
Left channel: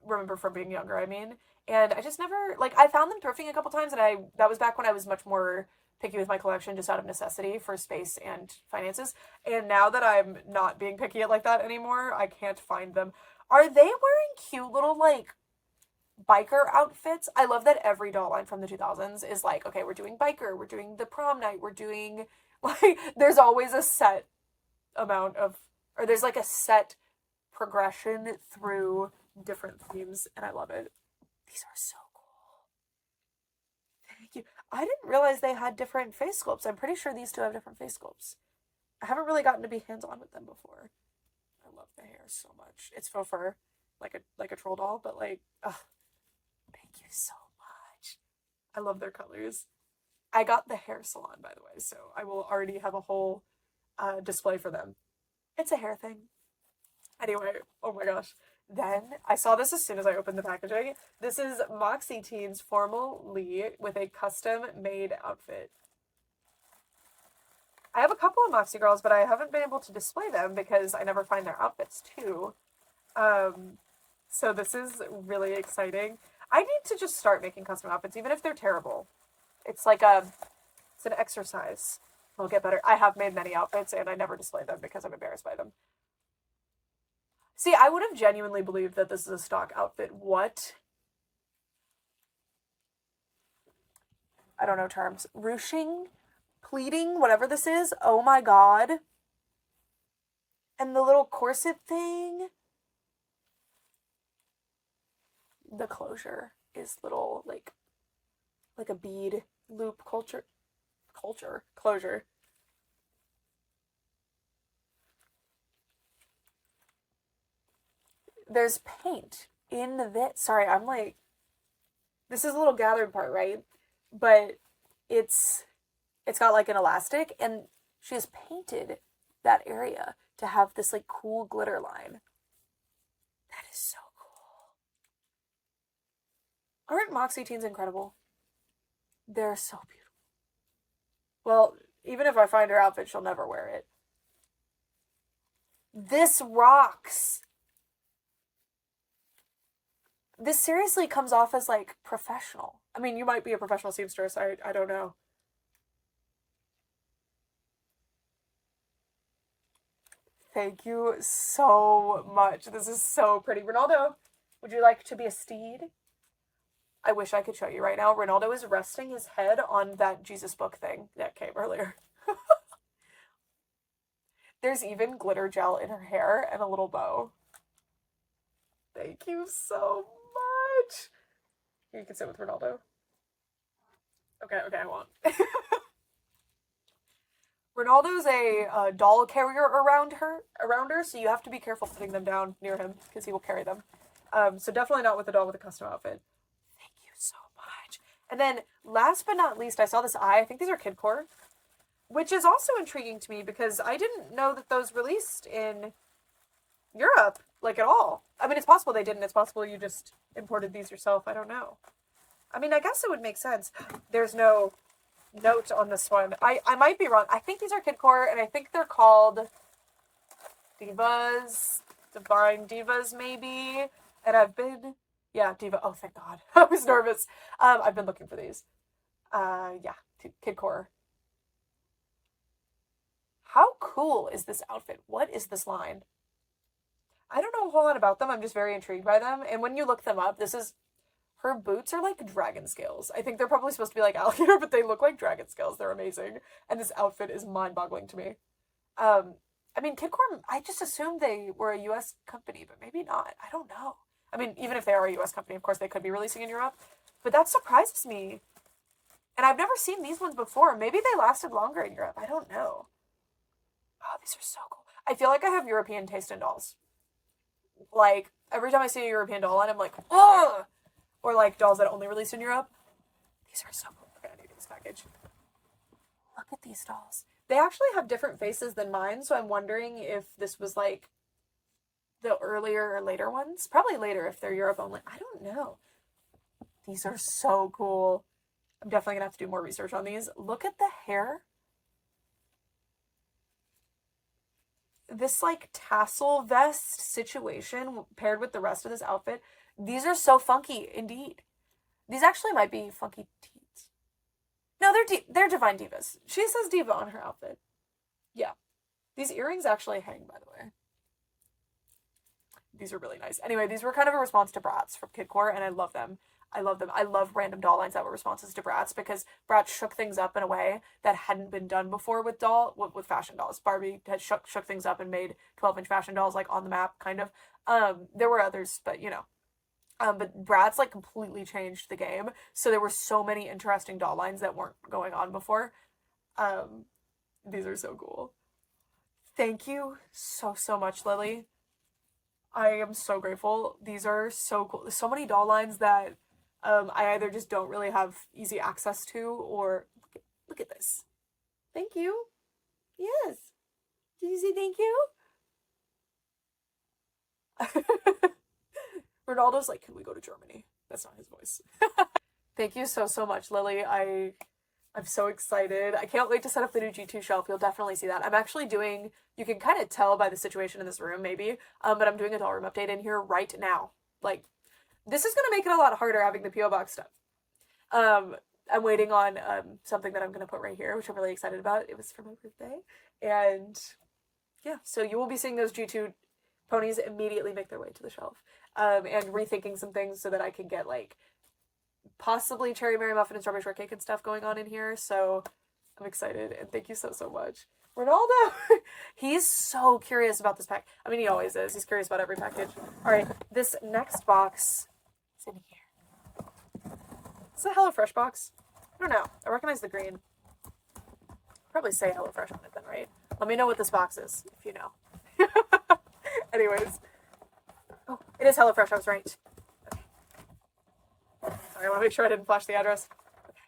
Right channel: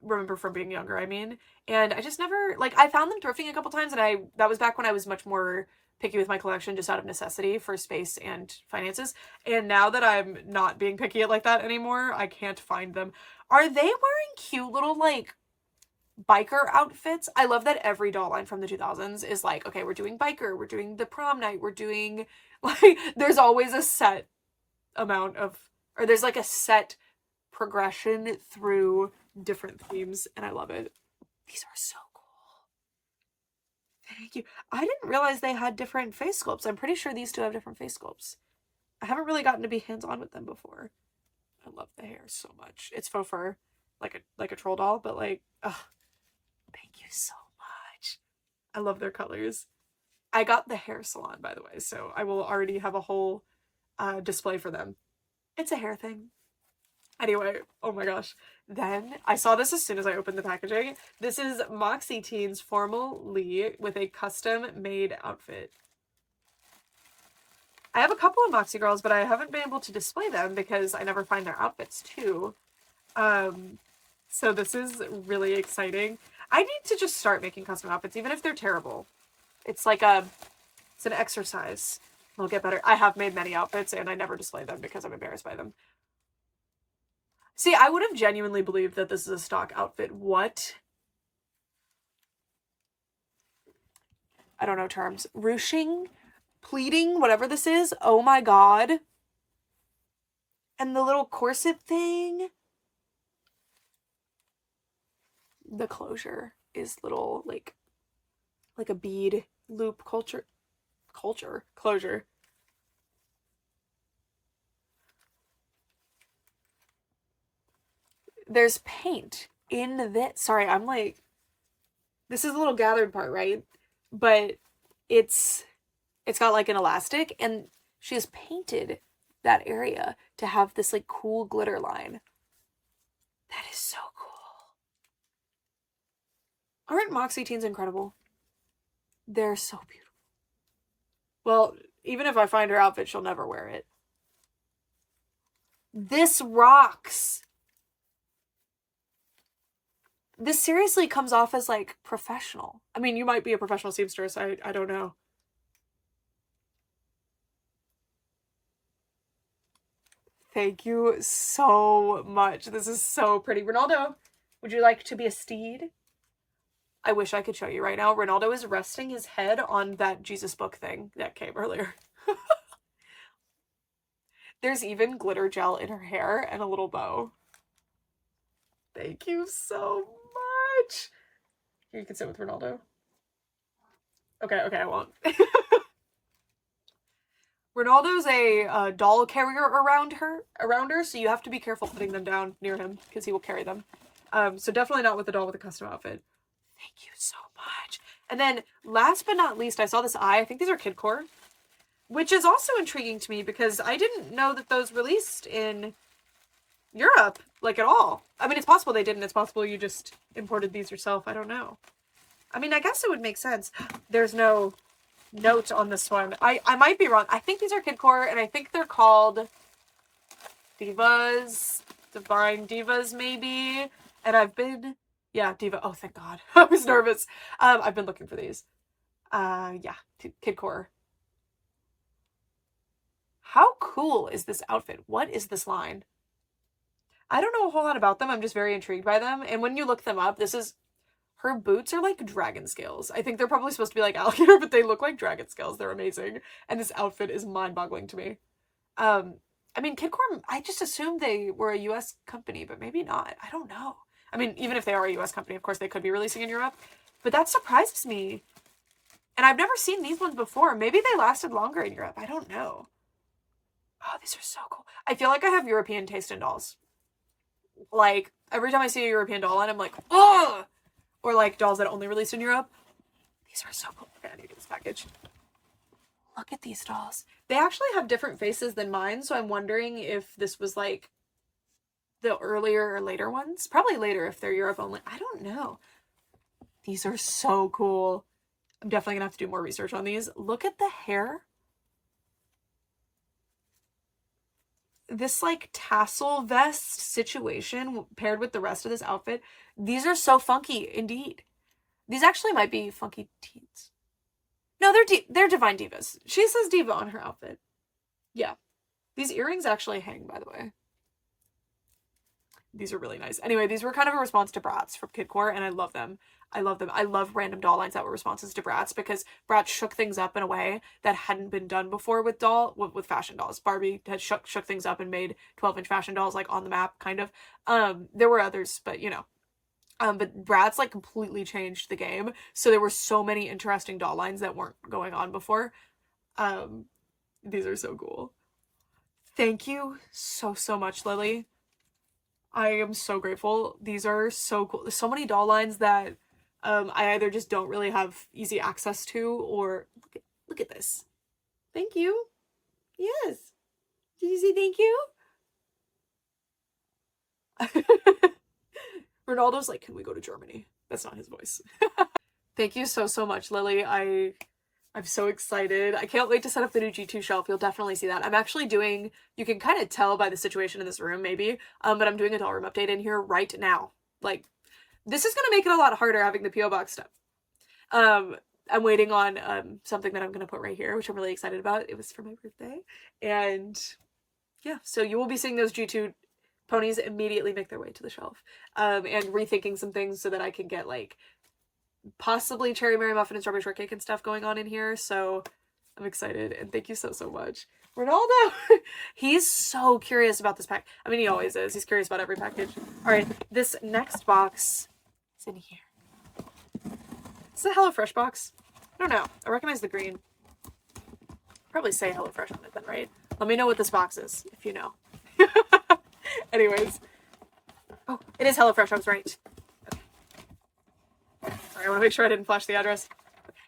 Remember from being younger, I mean. And I just never, like, I found them thrifting a couple times, and that was back when I was much more picky with my collection just out of necessity for space and finances. And now that I'm not being picky at like that anymore, I can't find them. Are they wearing cute little, like, biker outfits? I love that every doll line from the 2000s is like, okay, we're doing biker, we're doing the prom night, we're doing, like, there's always a set amount of, or there's like a set progression through different themes, and I love it. These are so cool. Thank you. I didn't realize they had different face sculpts. I'm pretty sure these two have different face sculpts. I haven't really gotten to be hands-on with them before. I love the hair so much. It's faux fur, like a troll doll, but like, ugh. Thank you so much. I love their colors. I got the hair salon, by the way, so I will already have a whole display for them. It's a hair thing. Anyway, oh my gosh. Then I saw this as soon as I opened the packaging. This is Moxie Teens Formal Lee with a custom made outfit. I have a couple of Moxie girls, but I haven't been able to display them because I never find their outfits too. So this is really exciting. I need to just start making custom outfits, even if they're terrible. It's like it's an exercise. It'll get better. I have made many outfits and I never display them because I'm embarrassed by them. See, I would have genuinely believed that this is a stock outfit. What? I don't know terms. Ruching? Pleating? Whatever this is. Oh my god. And the little corset thing. The closure is little, like a bead loop closure. There's paint in this. Sorry, I'm like, this is a little gathered part, right? But it's got like an elastic, and she has painted that area to have this like cool glitter line. That is so cool. Aren't Moxie Teens incredible? They're so beautiful. Well, even if I find her outfit, she'll never wear it. This rocks. This seriously comes off as like professional. I mean, you might be a professional seamstress. I don't know. Thank you so much. This is so pretty. Ronaldo, would you like to be a steed? I wish I could show you right now. Ronaldo is resting his head on that Jesus book thing that came earlier. There's even glitter gel in her hair and a little bow. Thank you so much. Here, you can sit with Ronaldo. Okay, I won't. Ronaldo's a doll carrier around her, so you have to be careful putting them down near him because he will carry them. So definitely not with a doll with a custom outfit. Thank you so much. And then last but not least, I saw this eye. I think these are kidcore, which is also intriguing to me because I didn't know that those released in Europe, like, at all. I mean, it's possible they didn't. It's possible you just imported these yourself. I don't know. I mean, I guess it would make sense. There's no note on this one. I might be wrong. I think these are kidcore, and I think they're called Divas, Divine Divas, maybe. And I've been, yeah, Diva. Oh, thank God. I was nervous. I've been looking for these. Yeah, kidcore. How cool is this outfit? What is this line? I don't know a whole lot about them. I'm just very intrigued by them. And when you look them up, her boots are like dragon scales. I think they're probably supposed to be like alligator, but they look like dragon scales. They're amazing. And this outfit is mind-boggling to me. I mean, Kidcore, I just assumed they were a US company, but maybe not. I don't know. I mean, even if they are a US company, of course, they could be releasing in Europe. But that surprises me. And I've never seen these ones before. Maybe they lasted longer in Europe. I don't know. Oh, these are so cool. I feel like I have European taste in dolls. Like, every time I see a European doll line, I'm like, oh! Or like dolls that only released in Europe. These are so cool. Okay, I need to get this package. Look at these dolls. They actually have different faces than mine, so I'm wondering if this was like the earlier or later ones. Probably later if they're Europe only. I don't know. These are so cool. I'm definitely gonna have to do more research on these. Look at the hair. This like tassel vest situation paired with the rest of this outfit. These are so funky indeed. These actually might be funky teens. No, they're Divine Divas. She says diva on her outfit. Yeah. These earrings actually hang, by the way. These are really nice. Anyway, these were kind of a response to Bratz from Kidcore, and I love them. I love them. I love random doll lines that were responses to Bratz because Bratz shook things up in a way that hadn't been done before with fashion dolls. Barbie had shook things up and made 12-inch fashion dolls like on the map, kind of. There were others, but you know. But Bratz like completely changed the game. So there were so many interesting doll lines that weren't going on before. These are so cool. Thank you so much, Lily. I am so grateful. These are so cool. There's so many doll lines that I either just don't really have easy access to, or look at this. Thank you. Yes. Did you say thank you? Ronaldo's like, can we go to Germany? That's not his voice. Thank you so much, Lily. I'm so excited. I can't wait to set up the new G2 shelf. You'll definitely see that. I'm actually doing, you can kind of tell by the situation in this room, maybe, but I'm doing a doll room update in here right now. Like, this is going to make it a lot harder having the P.O. Box stuff. I'm waiting on something that I'm going to put right here, which I'm really excited about. It was for my birthday. And yeah, so you will be seeing those G2 ponies immediately make their way to the shelf. And rethinking some things so that I can get like possibly cherry Mary muffin and strawberry shortcake and stuff going on in here. So I'm excited, and thank you so much. Ronaldo! He's so curious about this pack. I mean, he always is. He's curious about every package. Alright, this next box is in here. Is it a HelloFresh box? I don't know. I recognize the green. Probably say HelloFresh on it then, right? Let me know what this box is, if you know. Anyways. Oh, it is HelloFresh. I was right. Okay. Sorry, I want to make sure I didn't flash the address. Okay.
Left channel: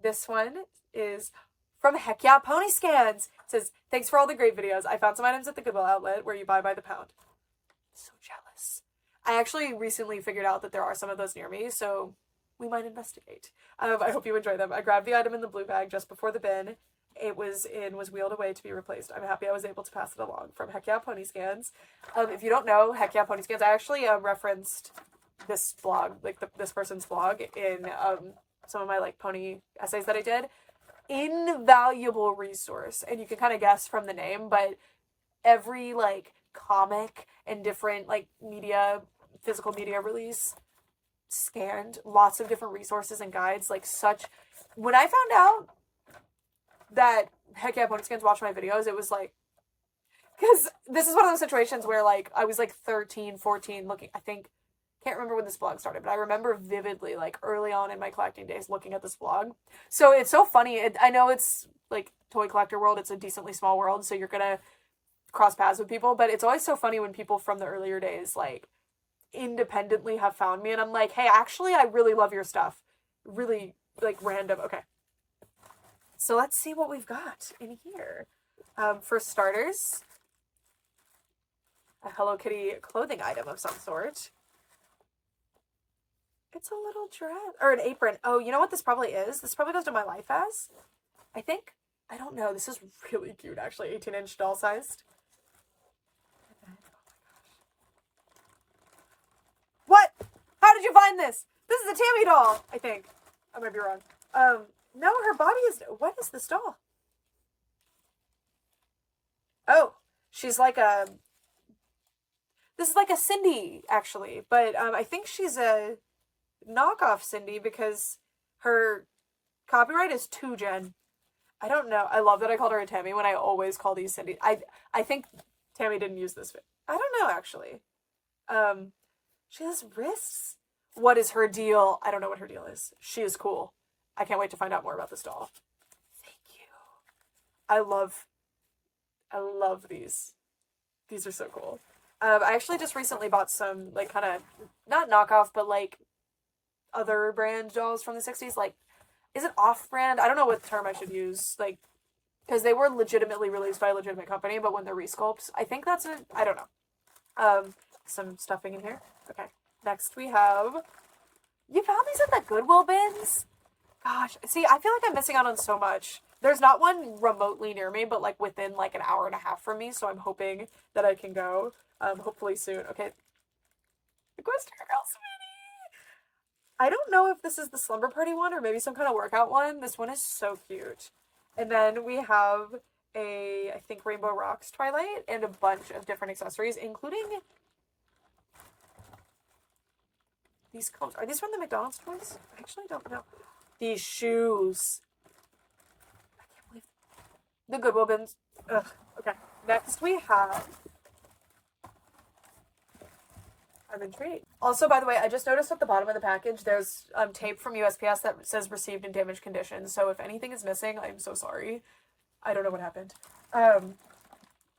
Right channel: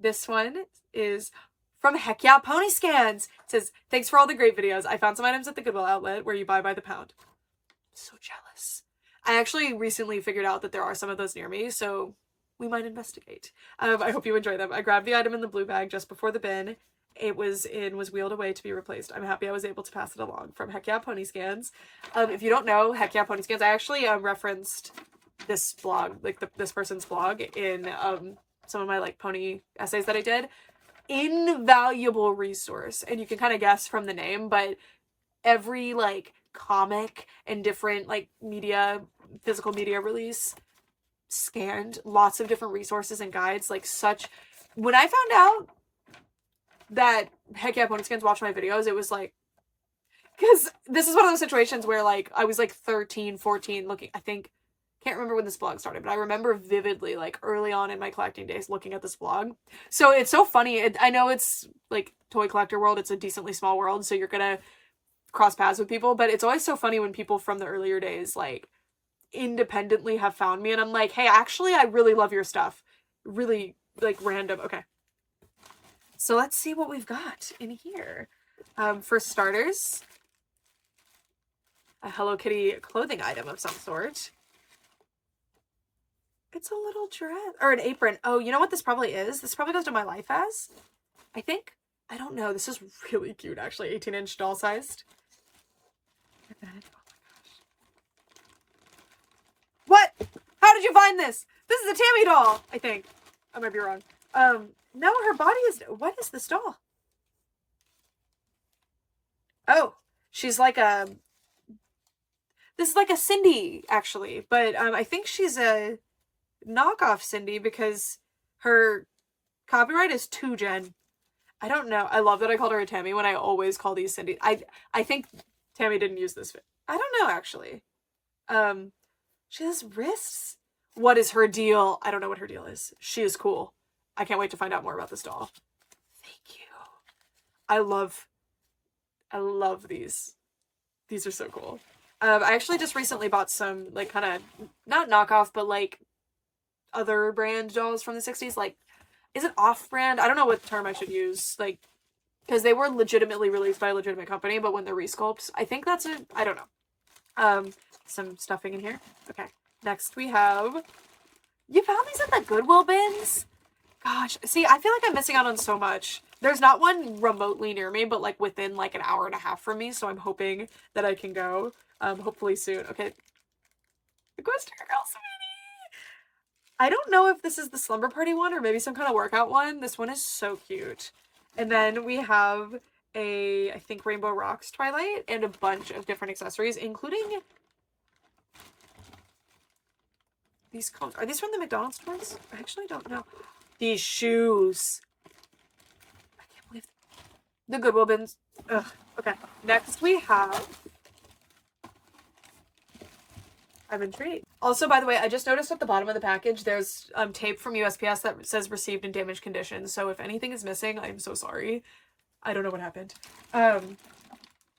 This one is from Heck Yeah Pony Scans. It says, thanks for all the great videos. I found some items at the Goodwill outlet where you buy by the pound. So jealous. I actually recently figured out that there are some of those near me, so we might investigate. I hope you enjoy them. I grabbed the item in the blue bag just before the bin. It was wheeled away to be replaced. I'm happy I was able to pass it along. From Heck Yeah Pony Scans. If you don't know Heck Yeah Pony Scans, I actually referenced this blog, like this person's blog, in some of my like pony essays that I did. Invaluable resource, and you can kind of guess from the name, but every like comic and different like media, physical media release scanned, lots of different resources and guides, like such. When I found out that Heck Yeah Pony Scans watched my videos, it was like, because this is one of those situations where like I was like 13, 14 looking, I think, can't remember when this blog started, but I remember vividly like early on in my collecting days looking at this blog. So it's so funny. I know it's like toy collector world, it's a decently small world, so you're gonna cross paths with people, but it's always so funny when people from the earlier days like independently have found me and I'm like, hey, actually I really love your stuff. Really like random. Okay. So let's see what we've got in here. For starters, a Hello Kitty clothing item of some sort. It's a little dress or an apron. Oh, you know what this probably is? This probably goes to My Life As, I think. I don't know. This is really cute, actually. 18-inch doll sized. Oh my gosh. What? How did you find this? This is a Tammy doll, I think. I might be wrong. No, her body is... What is this doll? Oh, she's like a... This is like a Cindy, actually. But I think she's a knockoff Cindy because her copyright is 2Gen. I don't know. I love that I called her a Tammy when I always call these Cindy. I think Tammy didn't use this. I don't know, actually. She has wrists. What is her deal? I don't know what her deal is. She is cool. I can't wait to find out more about this doll. Thank you. I love these. These are so cool. I actually just recently bought some, like, kind of, not knockoff, but, like, other brand dolls from the 60s. Like, is it off-brand? I don't know what term I should use. Like, because they were legitimately released by a legitimate company, but when they're resculpts, I think that's it. I don't know. Some stuffing in here. Okay. Next we have... You found these at the Goodwill bins? Gosh. See, I feel like I'm missing out on so much. There's not one remotely near me, but, like, within, like, an hour and a half from me, so I'm hoping that I can go. Hopefully soon. Okay. The Ghost Girl Sweetie! I don't know if this is the Slumber Party one or maybe some kind of workout one. This one is so cute. And then we have a, I think, Rainbow Rocks Twilight and a bunch of different accessories, including these cones. Are these from the McDonald's toys? I actually don't know. These shoes. I can't believe the Goodwill bins. Ugh. Okay. Next we have... I'm intrigued. Also, by the way, I just noticed at the bottom of the package, there's tape from USPS that says received in damaged condition. So if anything is missing, I'm so sorry. I don't know what happened.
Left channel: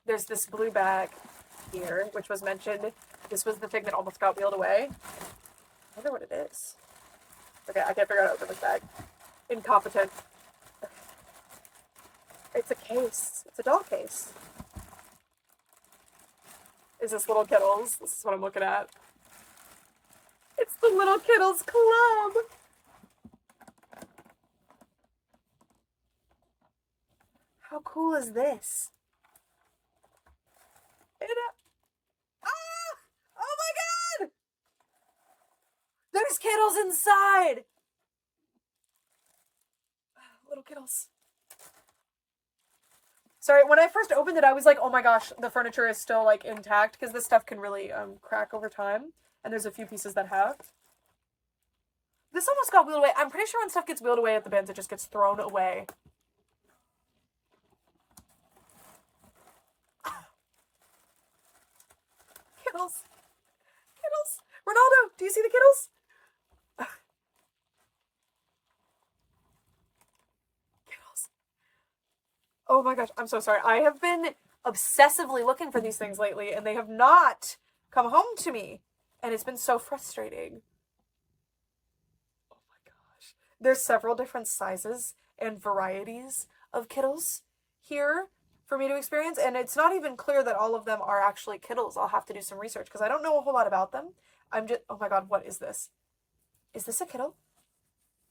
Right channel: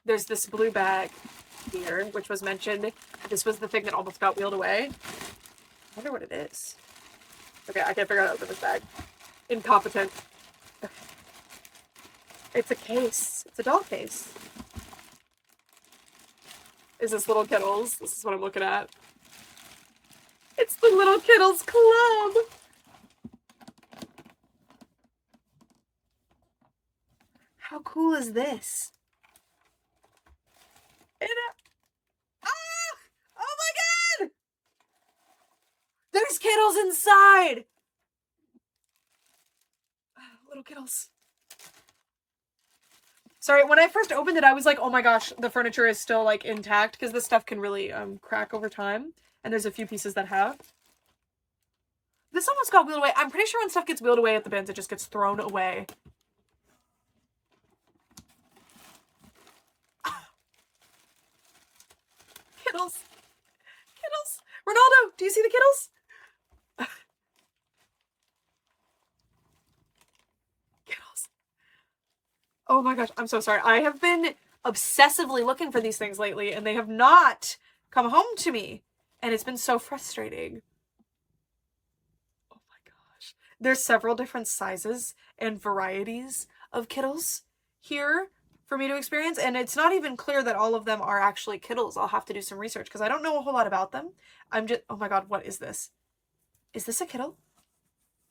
There's this blue bag here, which was mentioned. This was the thing that almost got wheeled away. I wonder what it is. Okay, I can't figure out how to open this bag. Incompetent. Okay. It's a case. It's a doll case. Is this Little Kittles? This is what I'm looking at. It's the Little Kittles Club! How cool is this? Ah! Oh my god! There's Kittles inside! little Kittles. Sorry, when I first opened it, I was like, oh my gosh, the furniture is still, like, intact, because this stuff can really, crack over time. And there's a few pieces that have. This almost got wheeled away. I'm pretty sure when stuff gets wheeled away at the bins, it just gets thrown away. Kittles. Kittles. Ronaldo, do you see the Kittles? Kittles. Oh my gosh, I'm so sorry. I have been obsessively looking for these things lately, and they have not come home to me. And it's been so frustrating. Oh my gosh. There's several different sizes and varieties of Kittles here for me to experience, and it's not even clear that all of them are actually Kittles. I'll have to do some research because I don't know a whole lot about them. I'm just, oh my god, what is this? Is this a Kittle?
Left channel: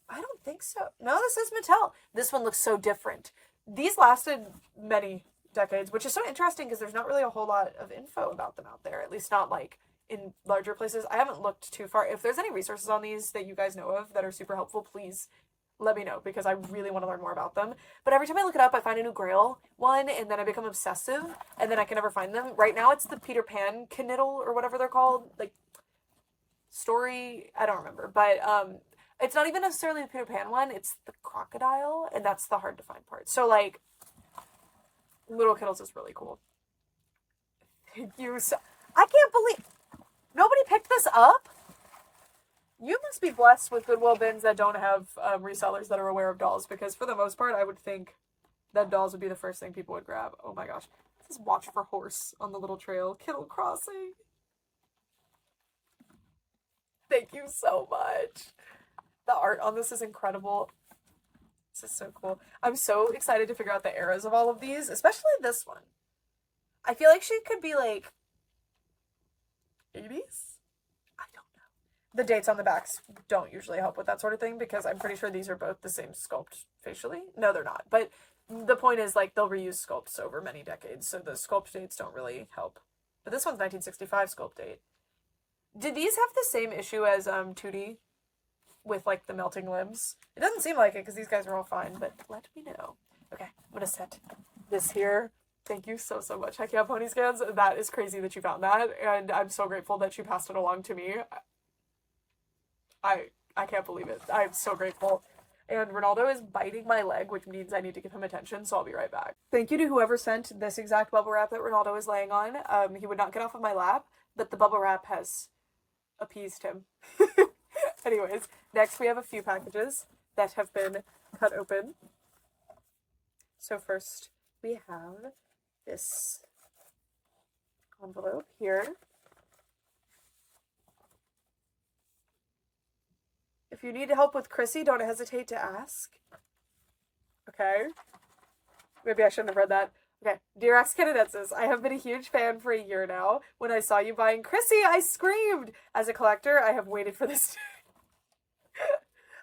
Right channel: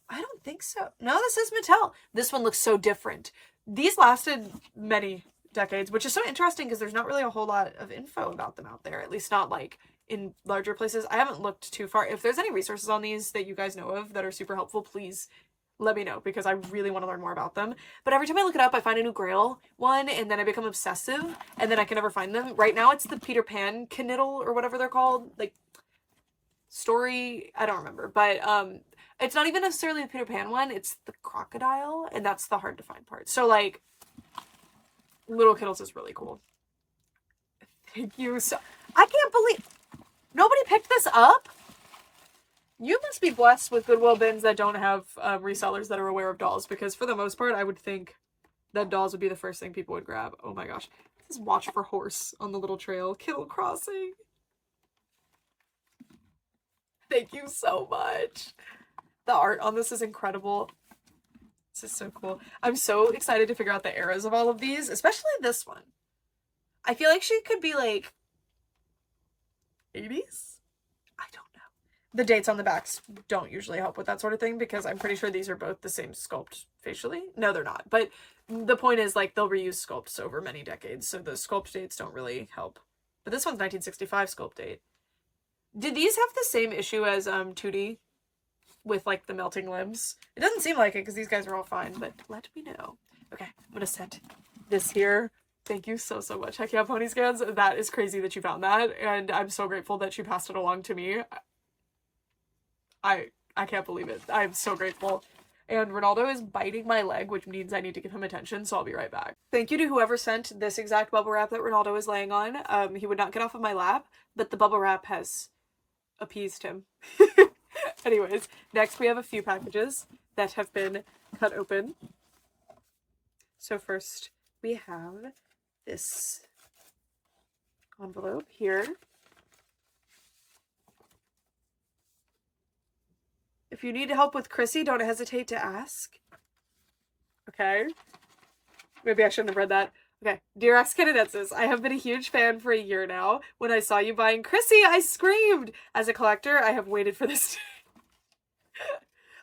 I don't think so. No, this is Mattel. This one looks so different. These lasted many decades, which is so interesting because there's not really a whole lot of info about them out there, at least not like in larger places. I haven't looked too far. If there's any resources on these that you guys know of that are super helpful, please let me know because I really want to learn more about them. But every time I look it up, I find a new Grail one, and then I become obsessive, and then I can never find them. Right now, it's the Peter Pan Kniddle or whatever they're called, like story. I don't remember, but it's not even necessarily the Peter Pan one. It's the crocodile, and that's the hard to find part. So like, Little Kittles is really cool. Thank you so. I can't believe nobody picked this up. You must be blessed with Goodwill bins that don't have resellers that are aware of dolls, because for the most part, I would think that dolls would be the first thing people would grab. Oh my gosh. This is Watch for Horse on the little trail. Kittle Crossing. Thank you so much. The art on this is incredible. This is so cool. I'm so excited to figure out the eras of all of these, especially this one. I feel like she could be like 80s? The dates on the backs don't usually help with that sort of thing because I'm pretty sure these are both the same sculpt facially. No, they're not. But the point is, like, they'll reuse sculpts over many decades, so the sculpt dates don't really help. But this one's 1965 sculpt date. Did these have the same issue as 2D with, like, the melting limbs? It doesn't seem like it because these guys are all fine, but let me know. Okay, I'm going to set this here. Thank you so, so much. Heck yeah, Pony Scans. That is crazy that you found that, and I'm so grateful that you passed it along to me. I can't believe it. I'm so grateful. And Ronaldo is biting my leg, which means I need to give him attention, so I'll be right back. Thank you to whoever sent this exact bubble wrap that Ronaldo is laying on. He would not get off of my lap, but the bubble wrap has appeased him. Anyways, next we have a few packages that have been cut open. So first we have this envelope here. If you need help with Chrissy, don't hesitate to ask. Okay. Maybe I shouldn't have read that. Okay. Dear ex-Canadienses, I have been a huge fan for a year now. When I saw you buying Chrissy, I screamed. As a collector, I have waited for this day.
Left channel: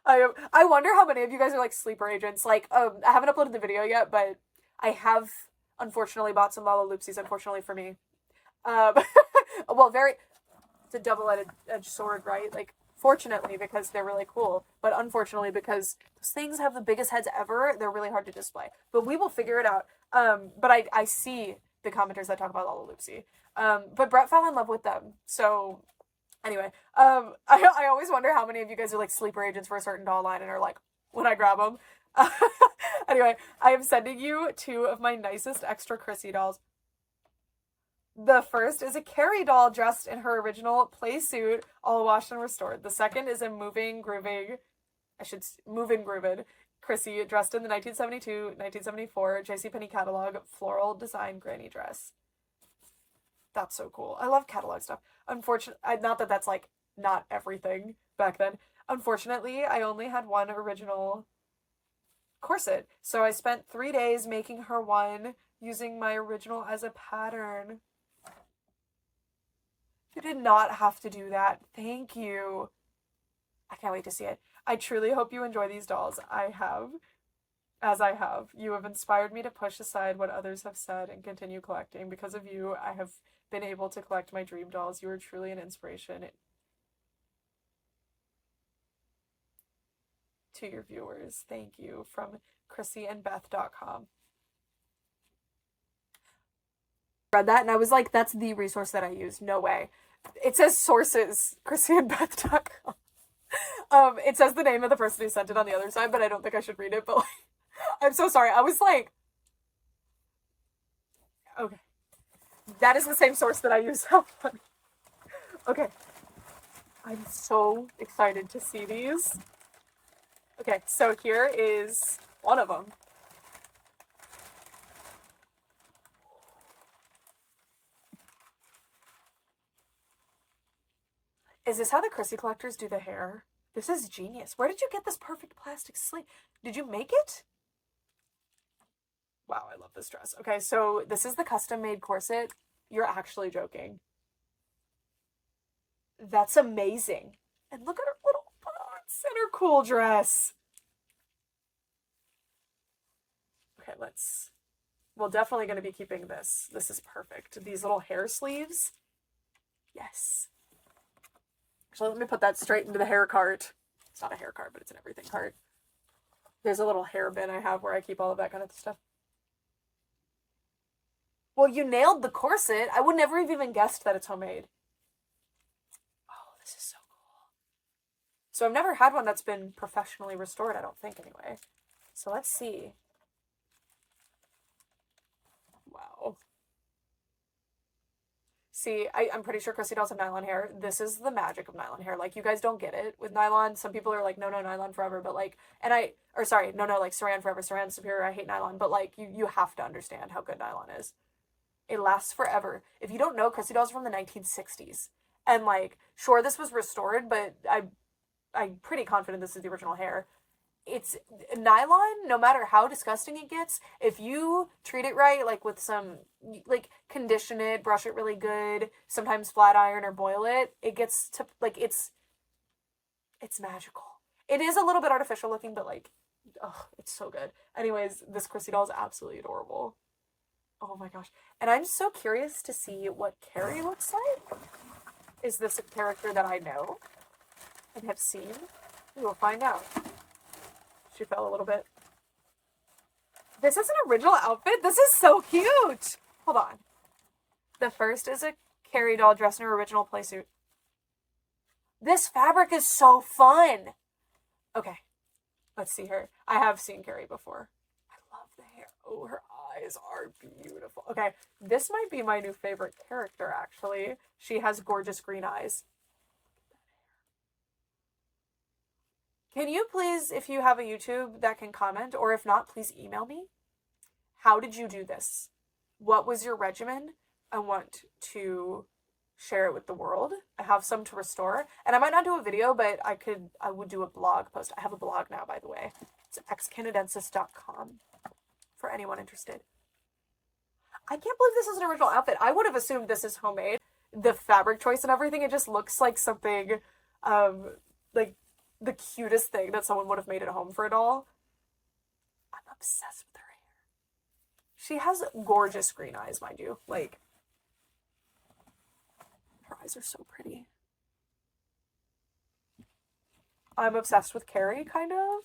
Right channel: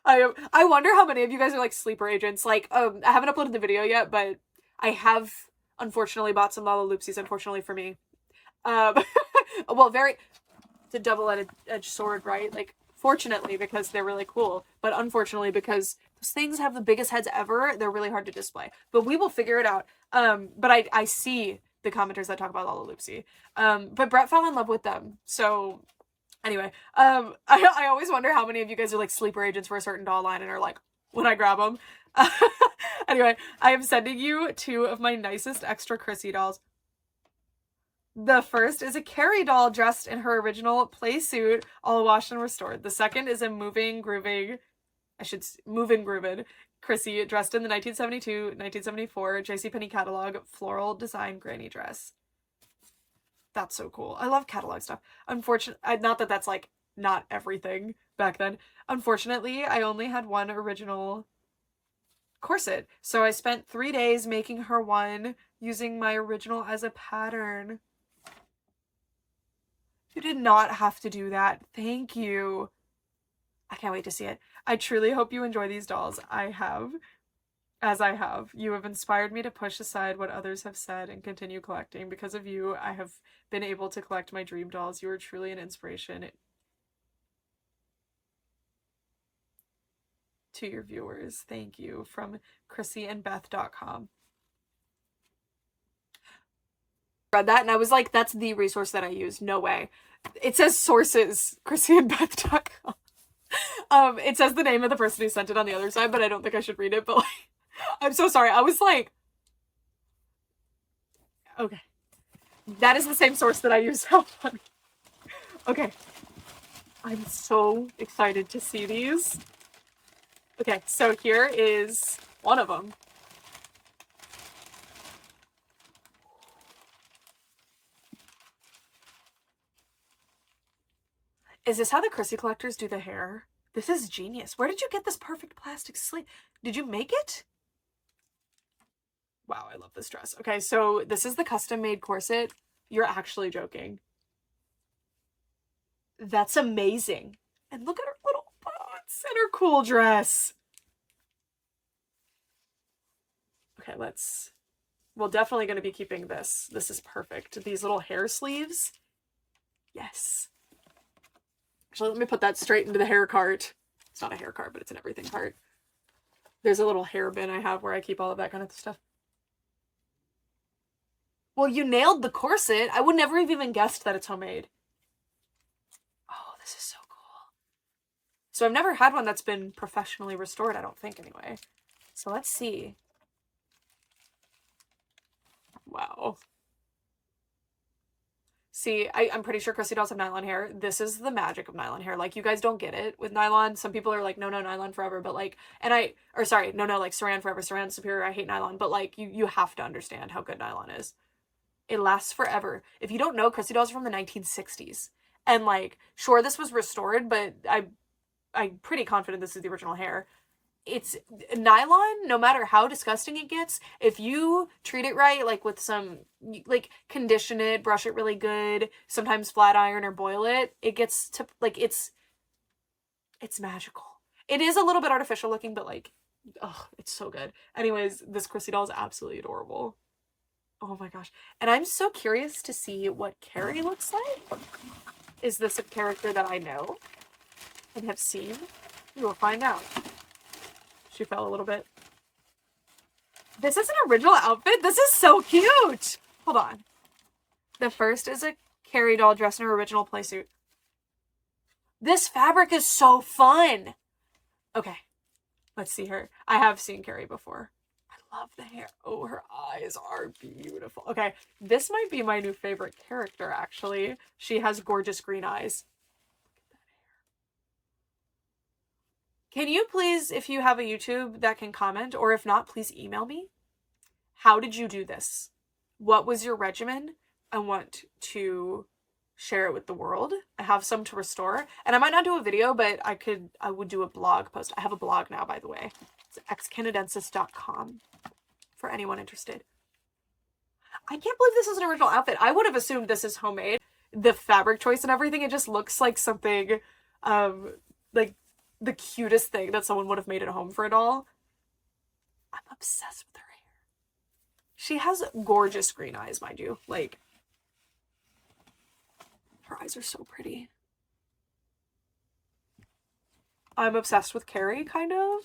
I wonder how many of you guys are like sleeper agents. Like, I haven't uploaded the video yet, but I have unfortunately bought some Lala Loopsies, unfortunately for me. Well, it's a double-edged sword, right? Like, fortunately, because they're really cool, but unfortunately, because these things have the biggest heads ever, they're really hard to display. But we will figure it out. But I see the commenters that talk about Lala Loopsy. But Brett fell in love with them. So, anyway, I always wonder how many of you guys are like sleeper agents for a certain doll line and are like, when I grab them. Anyway, I am sending you 2 of my nicest extra Chrissy dolls. The first is a Carrie doll dressed in her original play suit, all washed and restored. The second is a moving, grooving Chrissy dressed in the 1972-1974 JCPenney catalog floral design granny dress. That's so cool. I love catalog stuff. Unfortunately, not that that's like not everything back then. Unfortunately, I only had one original corset, so I spent 3 days making her one using my original as a pattern. You did not have to do that. Thank you. I can't wait to see it. I truly hope you enjoy these dolls. I have. You have inspired me to push aside what others have said and continue collecting. Because of you, I have been able to collect my dream dolls. You are truly an inspiration. to your viewers. Thank you. From ChrissyandBeth.com. Read that and I was like, that's the resource that I use. No way. It says sources, ChrissyandBeth.com. It says the name of the person who sent it on the other side, but I don't think I should read it, but like, I'm so sorry. I was like, okay. That is the same source that I use. How funny. Okay. I'm so excited to see these. Okay, so here is one of them. Is this how the Chrissy collectors do the hair? This is genius. Where did you get this perfect plastic sleeve? Did you make it? Wow, I love this dress. Okay, so this is the custom-made corset. You're actually joking. That's amazing. And look at her little boots and her cool dress. Okay, we're definitely going to be keeping this. This is perfect. These little hair sleeves. Yes. Actually, let me put that straight into the hair cart. It's not a hair cart, but it's an everything cart. There's a little hair bin I have where I keep all of that kind of stuff. Well, you nailed the corset. I would never have even guessed that it's homemade. Oh, this is so cool. So I've never had one that's been professionally restored, I don't think, anyway. So let's see. Wow. See, I'm pretty sure Chrissy dolls have nylon hair. This is the magic of nylon hair. Like, you guys don't get it with nylon. Some people are like, no, nylon forever. But like, like saran forever, saran superior. I hate nylon. But like, you have to understand how good nylon is. It lasts forever. If you don't know, Chrissy dolls are from the 1960s. And like, sure, this was restored, but I'm pretty confident this is the original hair. It's nylon, no matter how disgusting it gets, if you treat it right, like with some, like, condition it, brush it really good, sometimes flat iron or boil it, it gets to, like, it's magical. It is a little bit artificial looking, but like, oh, it's so good. Anyways, this Chrissy doll is absolutely adorable. Oh my gosh. And I'm so curious to see what Carrie looks like. Is this a character that I know and have seen? We will find out. She fell a little bit. This is an original outfit? This is so cute! Hold on. The first is a Carrie doll dressed in her original playsuit. This fabric is so fun! Okay. Let's see her. I have seen Carrie before. I love the hair. Oh, her eyes are beautiful. Okay. This might be my new favorite character, actually. She has gorgeous green eyes. Can you please, if you have a YouTube that can comment, or if not, please email me. How did you do this? What was your regimen? I want to share it with the world. I have some to restore. And I might not do a video, but I would do a blog post. I have a blog now, by the way. It's excanadensis.com for anyone interested. I can't believe this is an original outfit. I would have assumed this is homemade. The fabric choice and everything, it just looks like something, like, the cutest thing that someone would have made at home for a doll. I'm obsessed with her hair. She has gorgeous green eyes, mind you. Like, her eyes are so pretty. I'm obsessed with Carrie, kind of.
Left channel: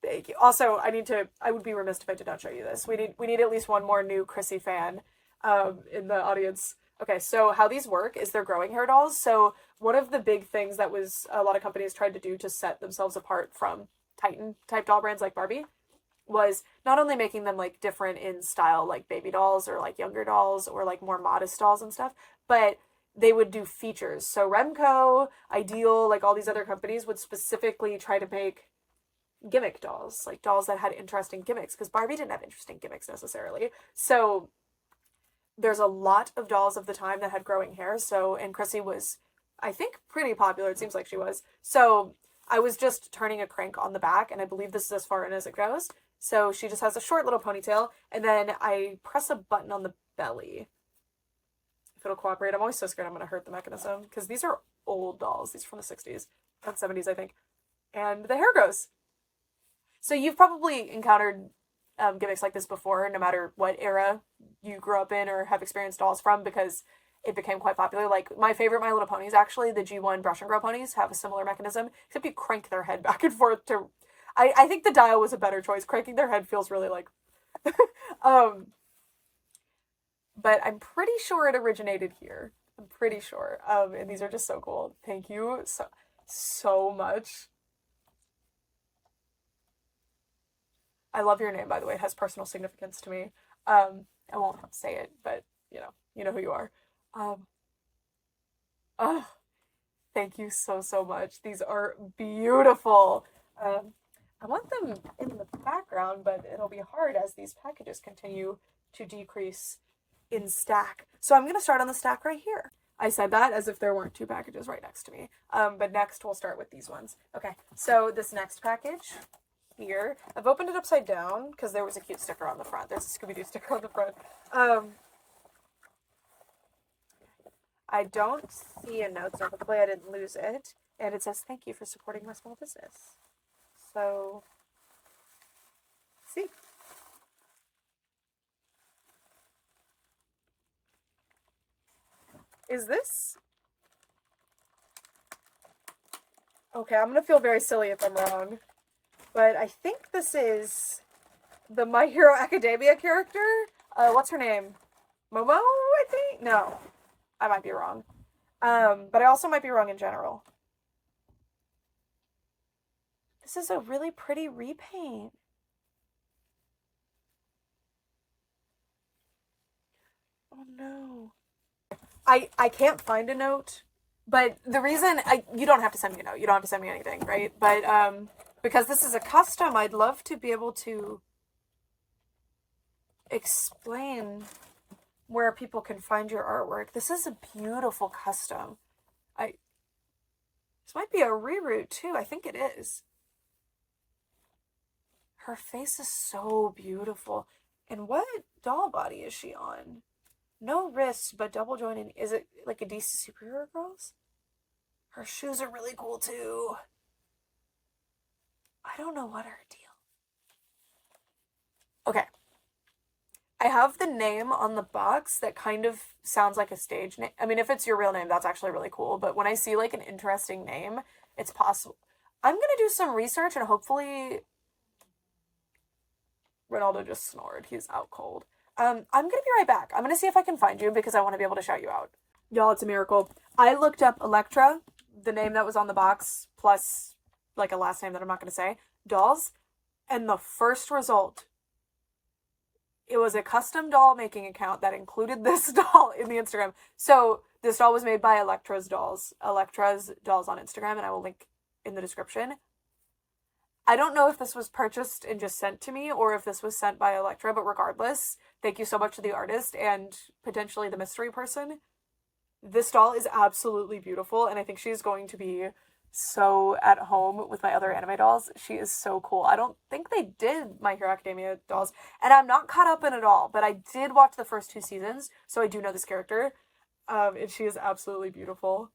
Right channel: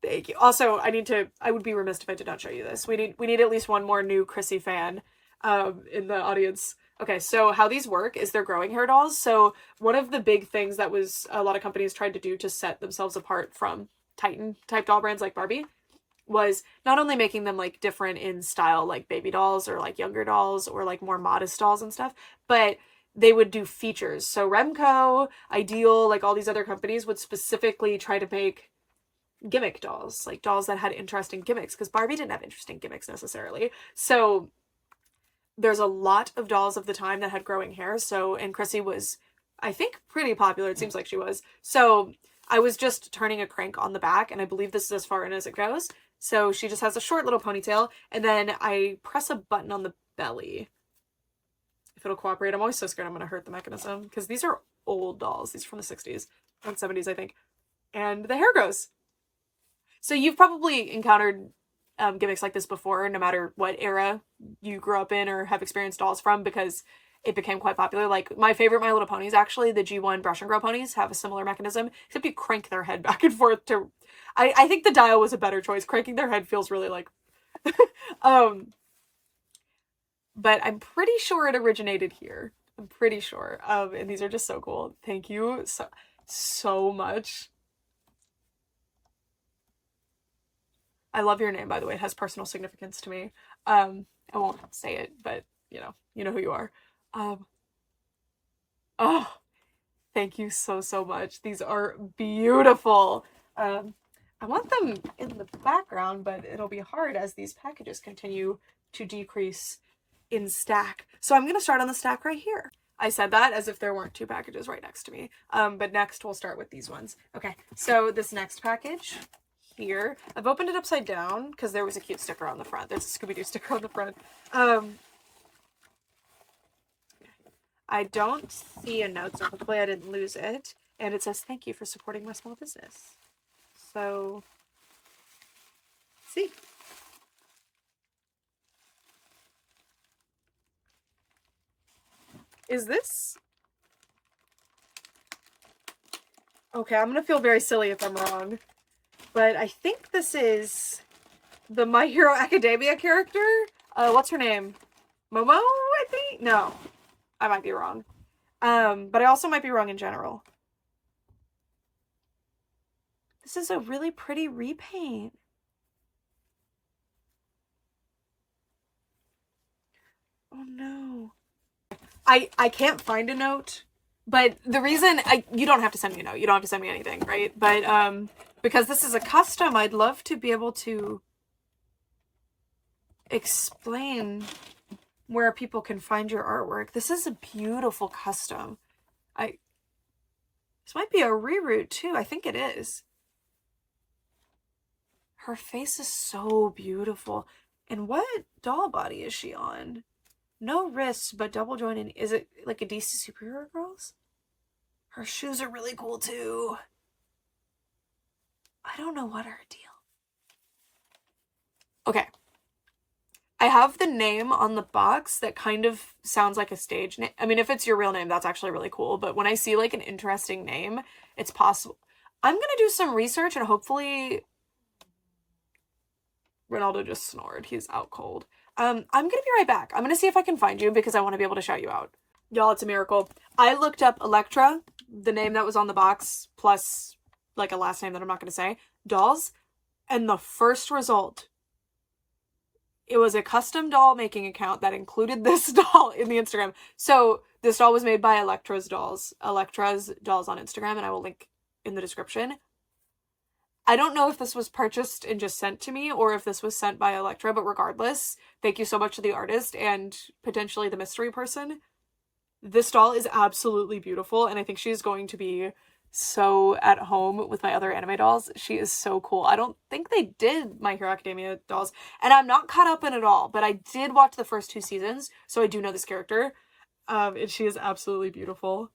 Thank you. Also, I would be remiss if I did not show you this. We need at least one more new Chrissy fan in the audience. Okay, so how these work is they're growing hair dolls. So one of the big things that was a lot of companies tried to do to set themselves apart from Titan type doll brands like Barbie was not only making them like different in style, like baby dolls or like younger dolls or like more modest dolls and stuff, but they would do features. So Remco, Ideal, like all these other companies would specifically try to make gimmick dolls, like dolls that had interesting gimmicks, because Barbie didn't have interesting gimmicks necessarily. So there's a lot of dolls of the time that had growing hair. So, and Chrissy was, I think, pretty popular. It seems like she was. So I was just turning a crank on the back, and I believe this is as far in as it goes. So she just has a short little ponytail, and then I press a button on the belly. If it'll cooperate. I'm always so scared I'm going to hurt the mechanism, because these are old dolls. These are from the 60s and 70s, I think. And the hair grows. So you've probably encountered gimmicks like this before, no matter what era you grew up in or have experienced dolls from, because it became quite popular. Like, my favorite My Little Ponies, actually, the G1 Brush and Grow ponies, have a similar mechanism, except you crank their head back and forth to... I think the dial was a better choice. Cranking their head feels really like... but I'm pretty sure it originated here. I'm pretty sure. And these are just so cool. Thank you so much. I love your name, by the way. It has personal significance to me. I won't say it, but you know who you are. Oh, thank you so much. These are beautiful. I want them in the background, but it'll be hard as these packages continue to decrease in stack. So I'm gonna start on the stack right here. I said that as if there weren't two packages right next to me. But next we'll start with these ones. Okay, so this next package here, I've opened it upside down because there was a cute sticker on the front. There's a Scooby-Doo sticker on the front. I don't see a note, so hopefully I didn't lose it. And it says, thank you for supporting my small business. So, see. Is this? Okay, I'm gonna feel very silly if I'm wrong. But I think this is the My Hero Academia character. What's her name? Momo, I think? No. I might be wrong. But I also might be wrong in general. This is a really pretty repaint. Oh no. I can't find a note, but the reason you don't have to send me a note. You don't have to send me anything, right? But because this is a custom, I'd love to be able to explain where people can find your artwork. This is a beautiful custom. This might be a reroute too. I think it is. Her face is so beautiful. And what doll body is she on? No wrists, but double jointed. Is it like a DC Superhero Girls? Her shoes are really cool too. I don't know what her deal. Okay. I have the name on the box that kind of sounds like a stage name. I mean, if it's your real name, that's actually really cool. But when I see like an interesting name, it's possible. I'm going to do some research and hopefully... Ronaldo just snored. He's out cold. I'm gonna be right back. I'm gonna see if I can find you because I want to be able to shout you out. Y'all, it's a miracle. I looked up Electra, the name that was on the box, plus like a last name that I'm not gonna say, dolls, and the first result, it was a custom doll making account that included this doll in the Instagram. So this doll was made by Electra's Dolls on Instagram, and I will link in the description. I don't know if this was purchased and just sent to me or if this was sent by Electra, but regardless, thank you so much to the artist and potentially the mystery person. This doll is absolutely beautiful, and I think she's going to be so at home with my other anime dolls. She is so cool. I don't think they did My Hero Academia dolls, and I'm not caught up in it all, but I did watch the first 2 seasons, so I do know this character, and she is absolutely beautiful.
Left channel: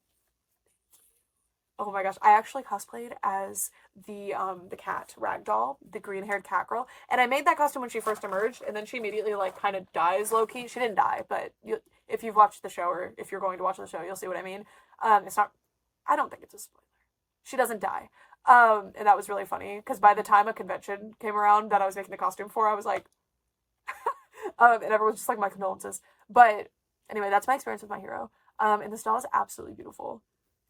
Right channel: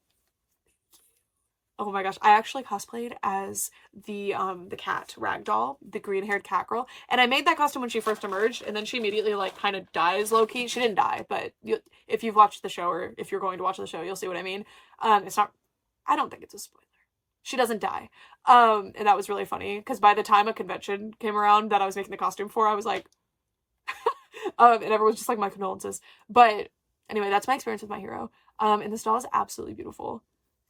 Oh my gosh, I actually cosplayed as the cat ragdoll, the green-haired cat girl, and I made that costume when she first emerged, and then she immediately like kind of dies low-key. She didn't die, but if you've watched the show or if you're going to watch the show, you'll see what I mean. It's not, I don't think it's a spoiler. She doesn't die, and that was really funny because by the time a convention came around that I was making the costume for, I was like, and everyone's just like, my condolences. But anyway, that's my experience with My Hero, and this doll is absolutely beautiful.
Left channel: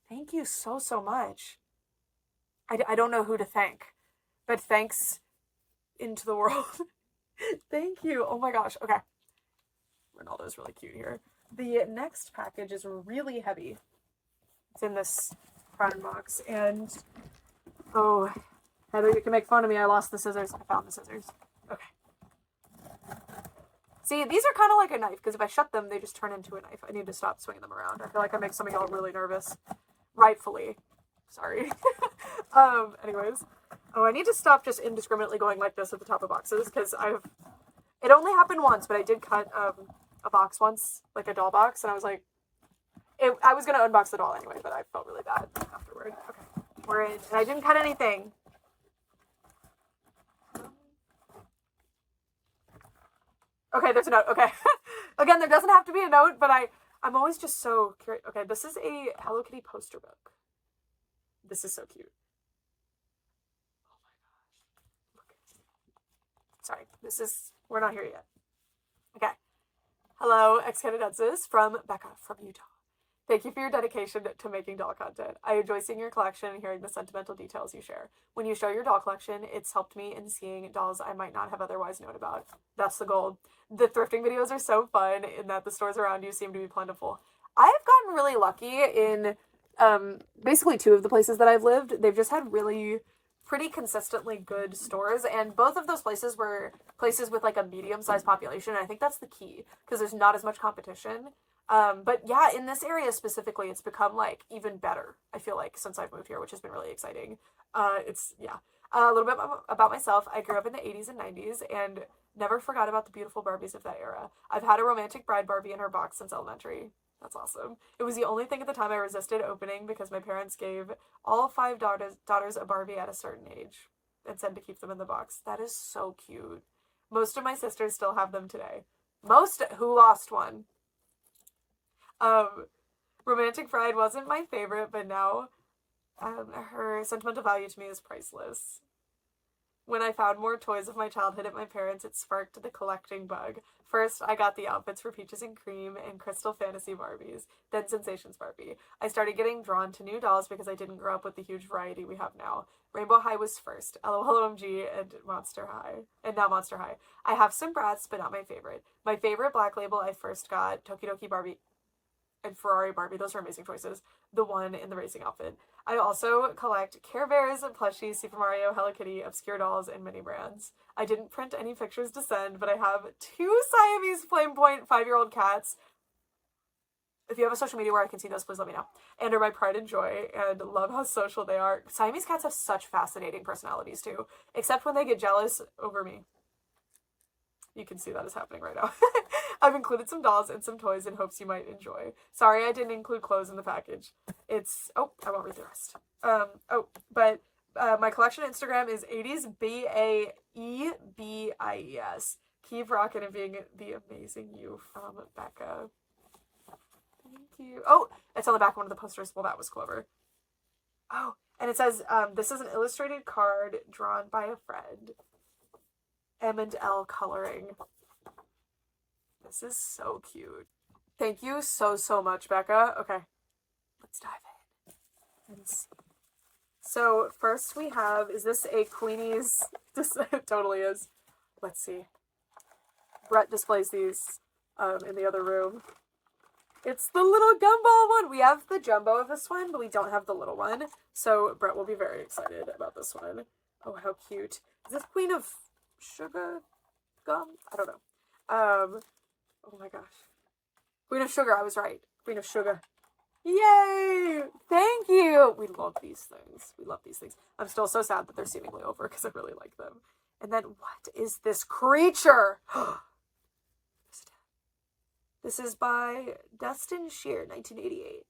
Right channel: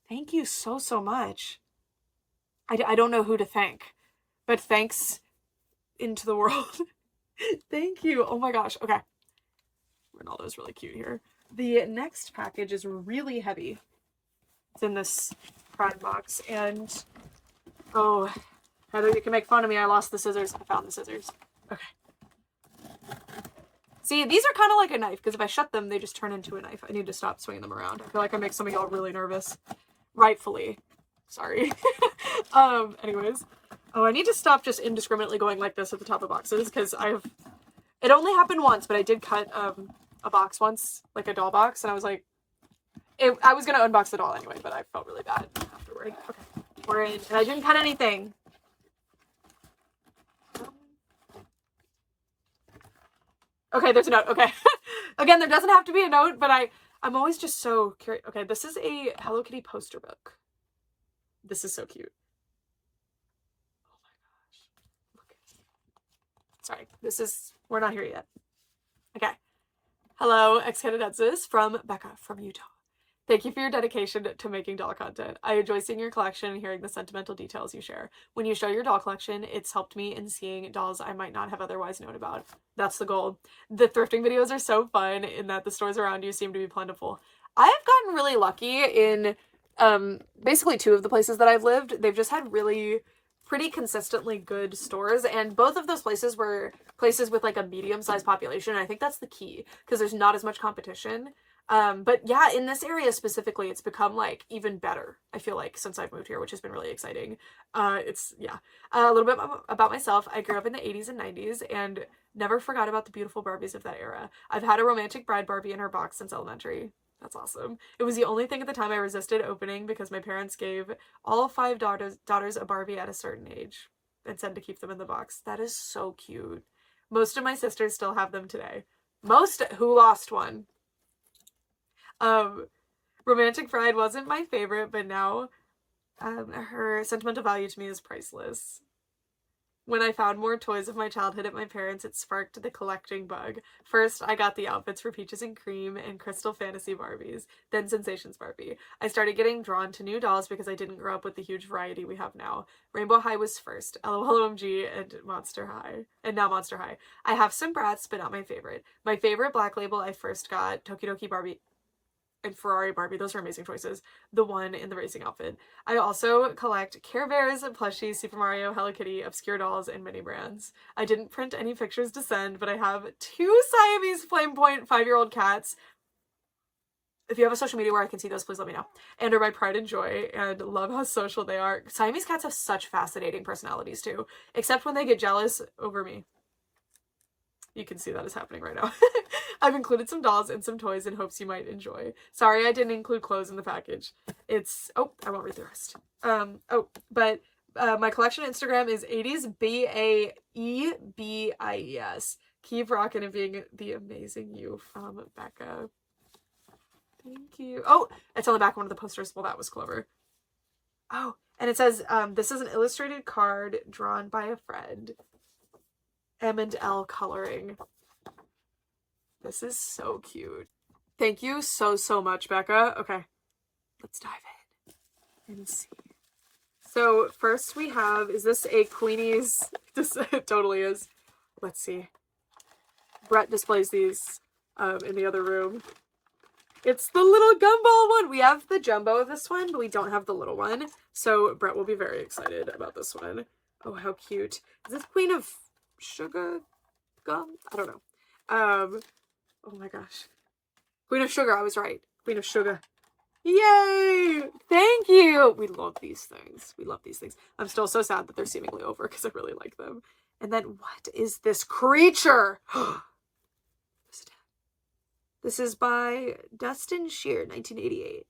Thank you so much. I don't know who to thank, but thanks into the world. Thank you. Oh my gosh. Okay. Ronaldo's really cute here. The next package is really heavy. It's in this prime box, and oh, Heather, you can make fun of me. I lost the scissors. I found the scissors. Okay. See, these are kind of like a knife, because if I shut them, they just turn into a knife. I need to stop swinging them around. I feel like I make some of y'all really nervous. Rightfully. Sorry. Anyways. Oh, I need to stop just indiscriminately going like this at the top of boxes, because it only happened once, but I did cut a box once, like a doll box, and I was like, I was going to unbox the doll anyway, but I felt really bad afterward. Okay. We're in, and I didn't cut anything. Okay, there's a note. Okay. Again, there doesn't have to be a note, but I'm always just so curious. Okay, this is a Hello Kitty poster book. This is so cute. Oh my gosh. Sorry, we're not here yet. Okay. Hello, ex-Canadiensis from Becca from Utah. Thank you for your dedication to making doll content. I enjoy seeing your collection and hearing the sentimental details you share. When you show your doll collection, it's helped me in seeing dolls I might not have otherwise known about. That's the goal. The thrifting videos are so fun in that the stores around you seem to be plentiful. I've gotten really lucky in basically 2 of the places that I've lived. They've just had really pretty consistently good stores, and both of those places were places with like a medium-sized population, and I think that's the key because there's not as much competition. But yeah, in this area specifically, it's become like even better, I feel like, since I've moved here, which has been really exciting. Yeah. A little bit about myself. I grew up in the 80s and 90s and never forgot about the beautiful Barbies of that era. I've had a romantic bride Barbie in her box since elementary. That's awesome. It was the only thing at the time I resisted opening because my parents gave all 5 daughters a Barbie at a certain age and said to keep them in the box. That is so cute. Most of my sisters still have them today. Most who lost one. Romantic Bride wasn't my favorite, but now her sentimental value to me is priceless. When I found more toys of my childhood at my parents', it sparked the collecting bug. First, I got the outfits for Peaches and Cream and Crystal Fantasy Barbies, then Sensations Barbie. I started getting drawn to new dolls because I didn't grow up with the huge variety we have now. Rainbow High was first, LOLOMG, and Monster High. And now Monster High. I have some Bratz, but not my favorite. My favorite Black Label I first got, Tokidoki Barbie and Ferrari Barbie. Those are amazing choices. The one in the racing outfit. I also collect Care Bears, plushies, Super Mario, Hello Kitty, obscure dolls, and mini brands. I didn't print any pictures to send, but I have 2 Siamese Flame Point 5-year-old cats. If you have a social media where I can see those, please let me know. And are my pride and joy, and love how social they are. Siamese cats have such fascinating personalities too, except when they get jealous over me. You can see that is happening right now. I've included some dolls and some toys in hopes you might enjoy. Sorry I didn't include clothes in the package. It's... Oh, I won't read the rest. My collection Instagram is 80sbaebies. Keep rocking and being the amazing you from Becca. Thank you. Oh, it's on the back of one of the posters. Well, that was clever. Oh, and it says, this is an illustrated card drawn by a friend. M&L coloring. This is so cute. Thank you so much, Becca. Okay, let's dive in and see. So first we have, is this a Queenies? This it totally is. Let's see. Brett displays these in the other room. It's the little gumball one. We have the jumbo of this one, but we don't have the little one. So Brett will be very excited about this one. Oh, how cute. Is this Queen of Sugar gum? I don't know. Oh my gosh. Queen of Sugar, I was right. Queen of Sugar. Yay! Thank you! We love these things. We love these things. I'm still so sad that they're seemingly over because I really like them. And then what is this creature? This is by Dustin Shear, 1988.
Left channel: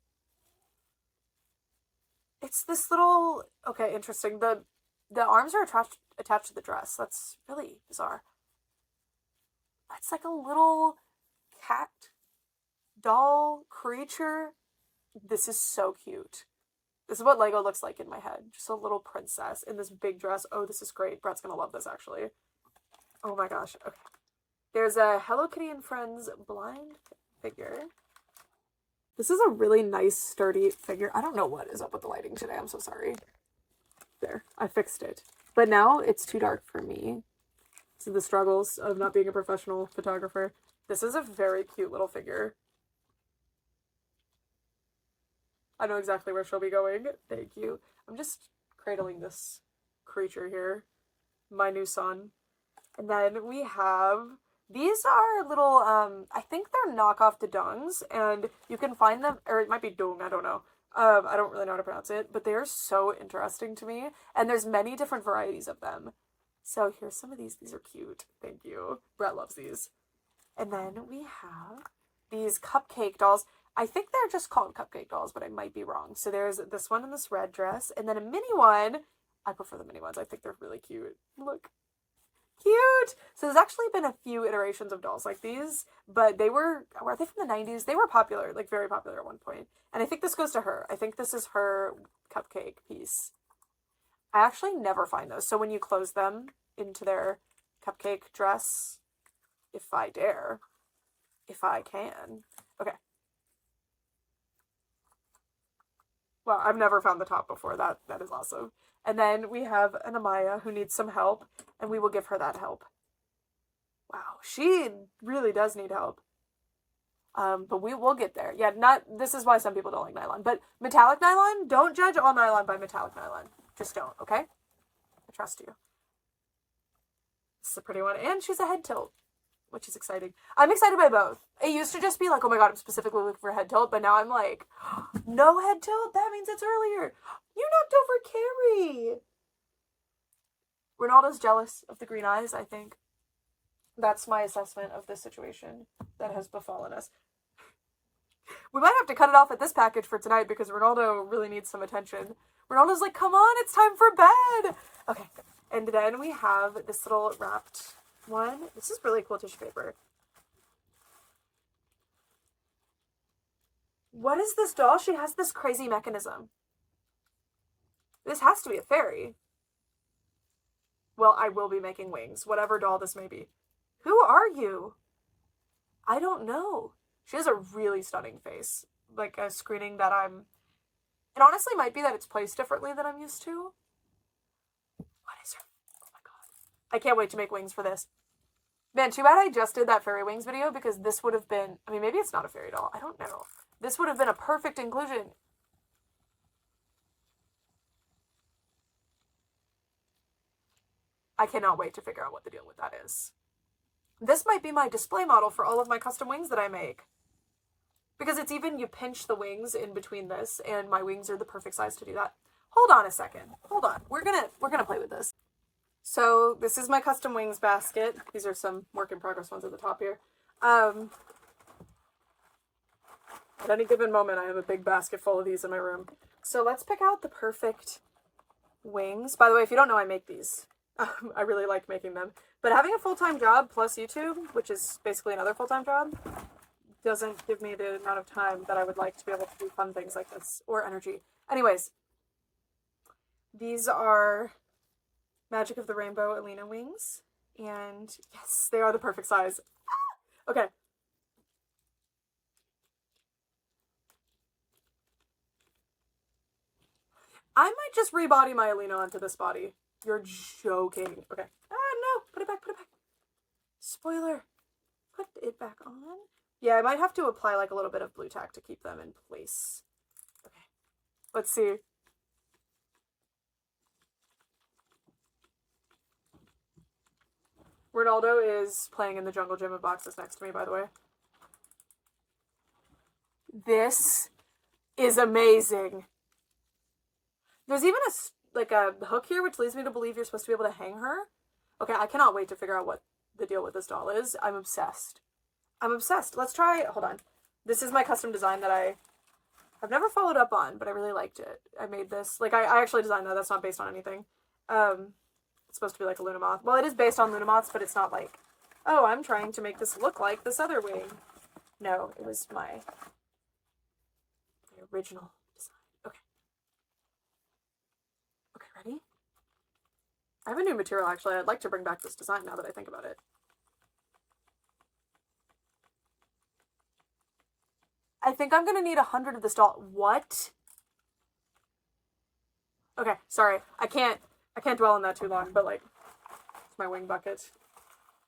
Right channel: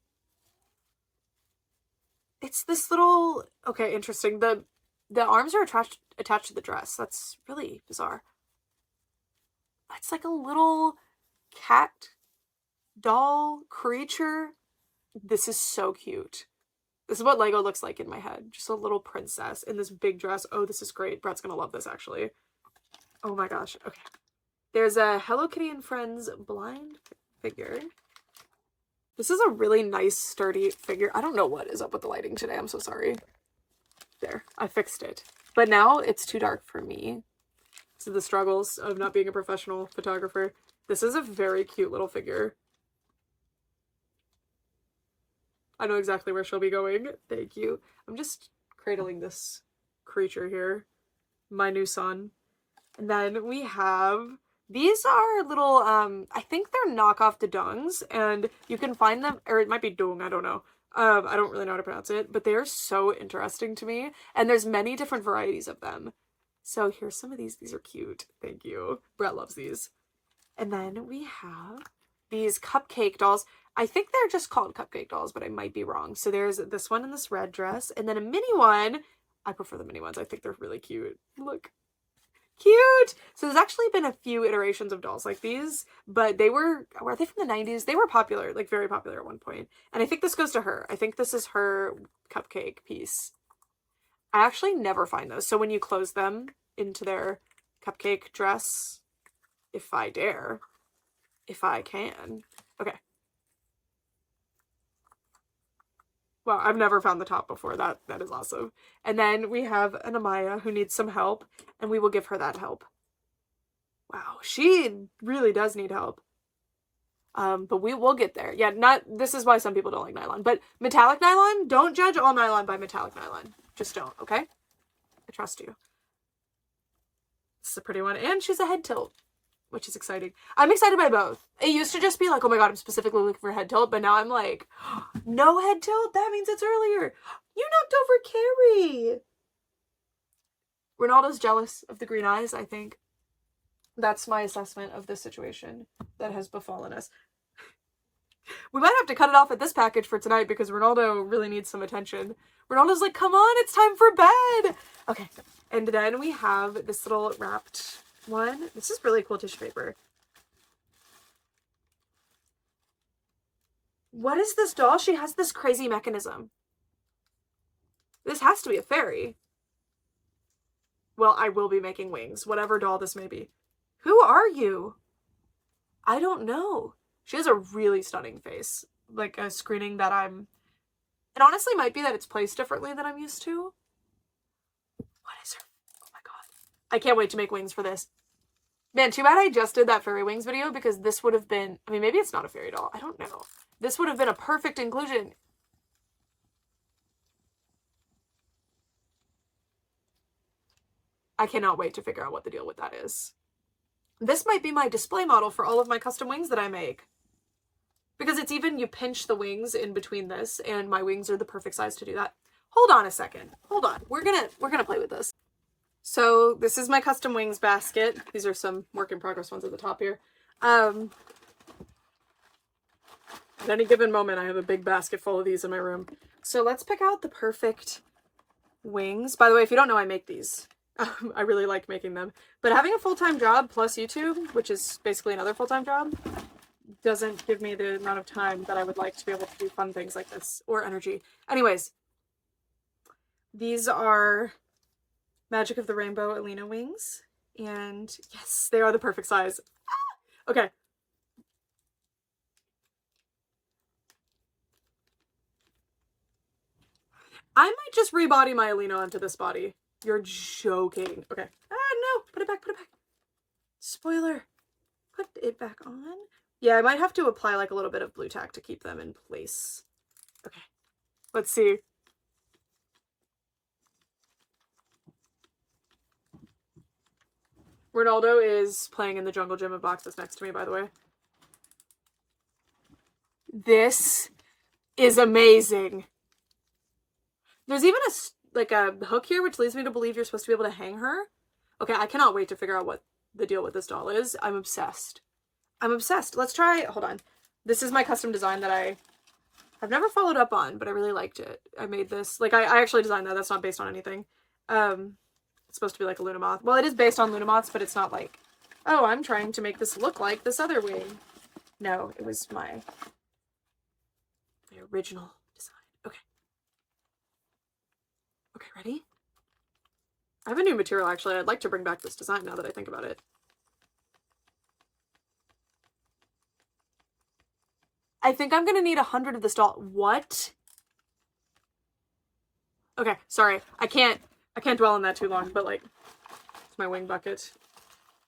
It's this little... Okay, interesting. The arms are attached to the dress. That's really bizarre. It's like a little cat doll creature. This is so cute. This is what Lego looks like in my head. Just a little princess in this big dress. Oh, this is great. Brett's gonna love this, actually. Oh my gosh. Okay. There's a Hello Kitty and Friends blind figure. This is a really nice, sturdy figure. I don't know what is up with the lighting today. I'm so sorry. There. I fixed it. But now it's too dark for me. So the struggles of not being a professional photographer. This is a very cute little figure. I know exactly where she'll be going. Thank you. I'm just cradling this creature here. My new son. And then we have... These are little, I think they're knockoff Dodongs, and you can find them, or it might be Dong, I don't know. I don't really know how to pronounce it, but they are so interesting to me, and there's many different varieties of them. So here's some of these. These are cute. Thank you. Brett loves these. And then we have these cupcake dolls. I think they're just called cupcake dolls, but I might be wrong. So there's this one in this red dress, and then a mini one. I prefer the mini ones. I think they're really cute. Look. Cute! So there's actually been a few iterations of dolls like these, but were they from the 90s? They were popular, like very popular at one point. And I think this goes to her. I think this is her cupcake piece. I actually never find those. So when you close them into their cupcake dress, if I dare, if I can. Okay. Wow, I've never found the top before. That is awesome. And then we have an Amaya who needs some help, and we will give her that help. Wow, she really does need help. But we will get there. Yeah, this is why some people don't like nylon. But metallic nylon, don't judge all nylon by metallic nylon. Just don't, okay? I trust you. This is a pretty one. And she's a head tilt, which is exciting. I'm excited by both. It used to just be like, oh my god, I'm specifically looking for head tilt, but now I'm like, no head tilt? That means it's earlier. You knocked over Carrie. Ronaldo's jealous of the green eyes, I think. That's my assessment of this situation that has befallen us. We might have to cut it off at this package for tonight because Ronaldo really needs some attention. Ronaldo's like, come on, it's time for bed. Okay, and then we have this little wrapped one. This is really cool tissue paper. What is this doll? She has this crazy mechanism. This has to be a fairy. Well, I will be making wings, whatever doll this may be. Who are you? I don't know. She has a really stunning face. Like a screening that it honestly might be that it's placed differently than I'm used to. What is her? Oh my god. I can't wait to make wings for this. Man, too bad I just did that fairy wings video because this would have been, I mean, maybe it's not a fairy doll. I don't know. This would have been a perfect inclusion. I cannot wait to figure out what the deal with that is. This might be my display model for all of my custom wings that I make. Because it's even, you pinch the wings in between this, and my wings are the perfect size to do that. Hold on a second. Hold on. We're gonna play with this. So this is my custom wings basket. These are some work in progress ones at the top here. At any given moment, I have a big basket full of these in my room. So let's pick out the perfect wings. By the way, if you don't know, I make these. I really like making them. But having a full-time job plus YouTube, which is basically another full-time job, doesn't give me the amount of time that I would like to be able to do fun things like this, or energy. Anyways, these are Magic of the Rainbow Alina wings, and yes, they are the perfect size. Ah! Okay. I might just rebody my Alina onto this body. You're joking. Okay. Ah, no. Put it back, put it back. Spoiler. Put it back on. Yeah, I might have to apply like a little bit of blue tack to keep them in place. Okay. Let's see. Ronaldo is playing in the jungle gym of boxes next to me, by the way. This is amazing. There's even a hook here, which leads me to believe you're supposed to be able to hang her. Okay, I cannot wait to figure out what the deal with this doll is. I'm obsessed. I'm obsessed. Let's try, hold on. This is my custom design that I've never followed up on, but I really liked it. I made this, like, I actually designed that. That's not based on anything. It's supposed to be like a Luna Moth. Well, it is based on Luna Moths, but it's not like, oh, I'm trying to make this look like this other wing. No, it was my original design. Okay. Okay, ready? I have a new material, actually. I'd like to bring back this design now that I think about it. I think I'm gonna need 100 of this doll. What? Okay, sorry. I can't dwell on that too long, but like, it's my wing bucket.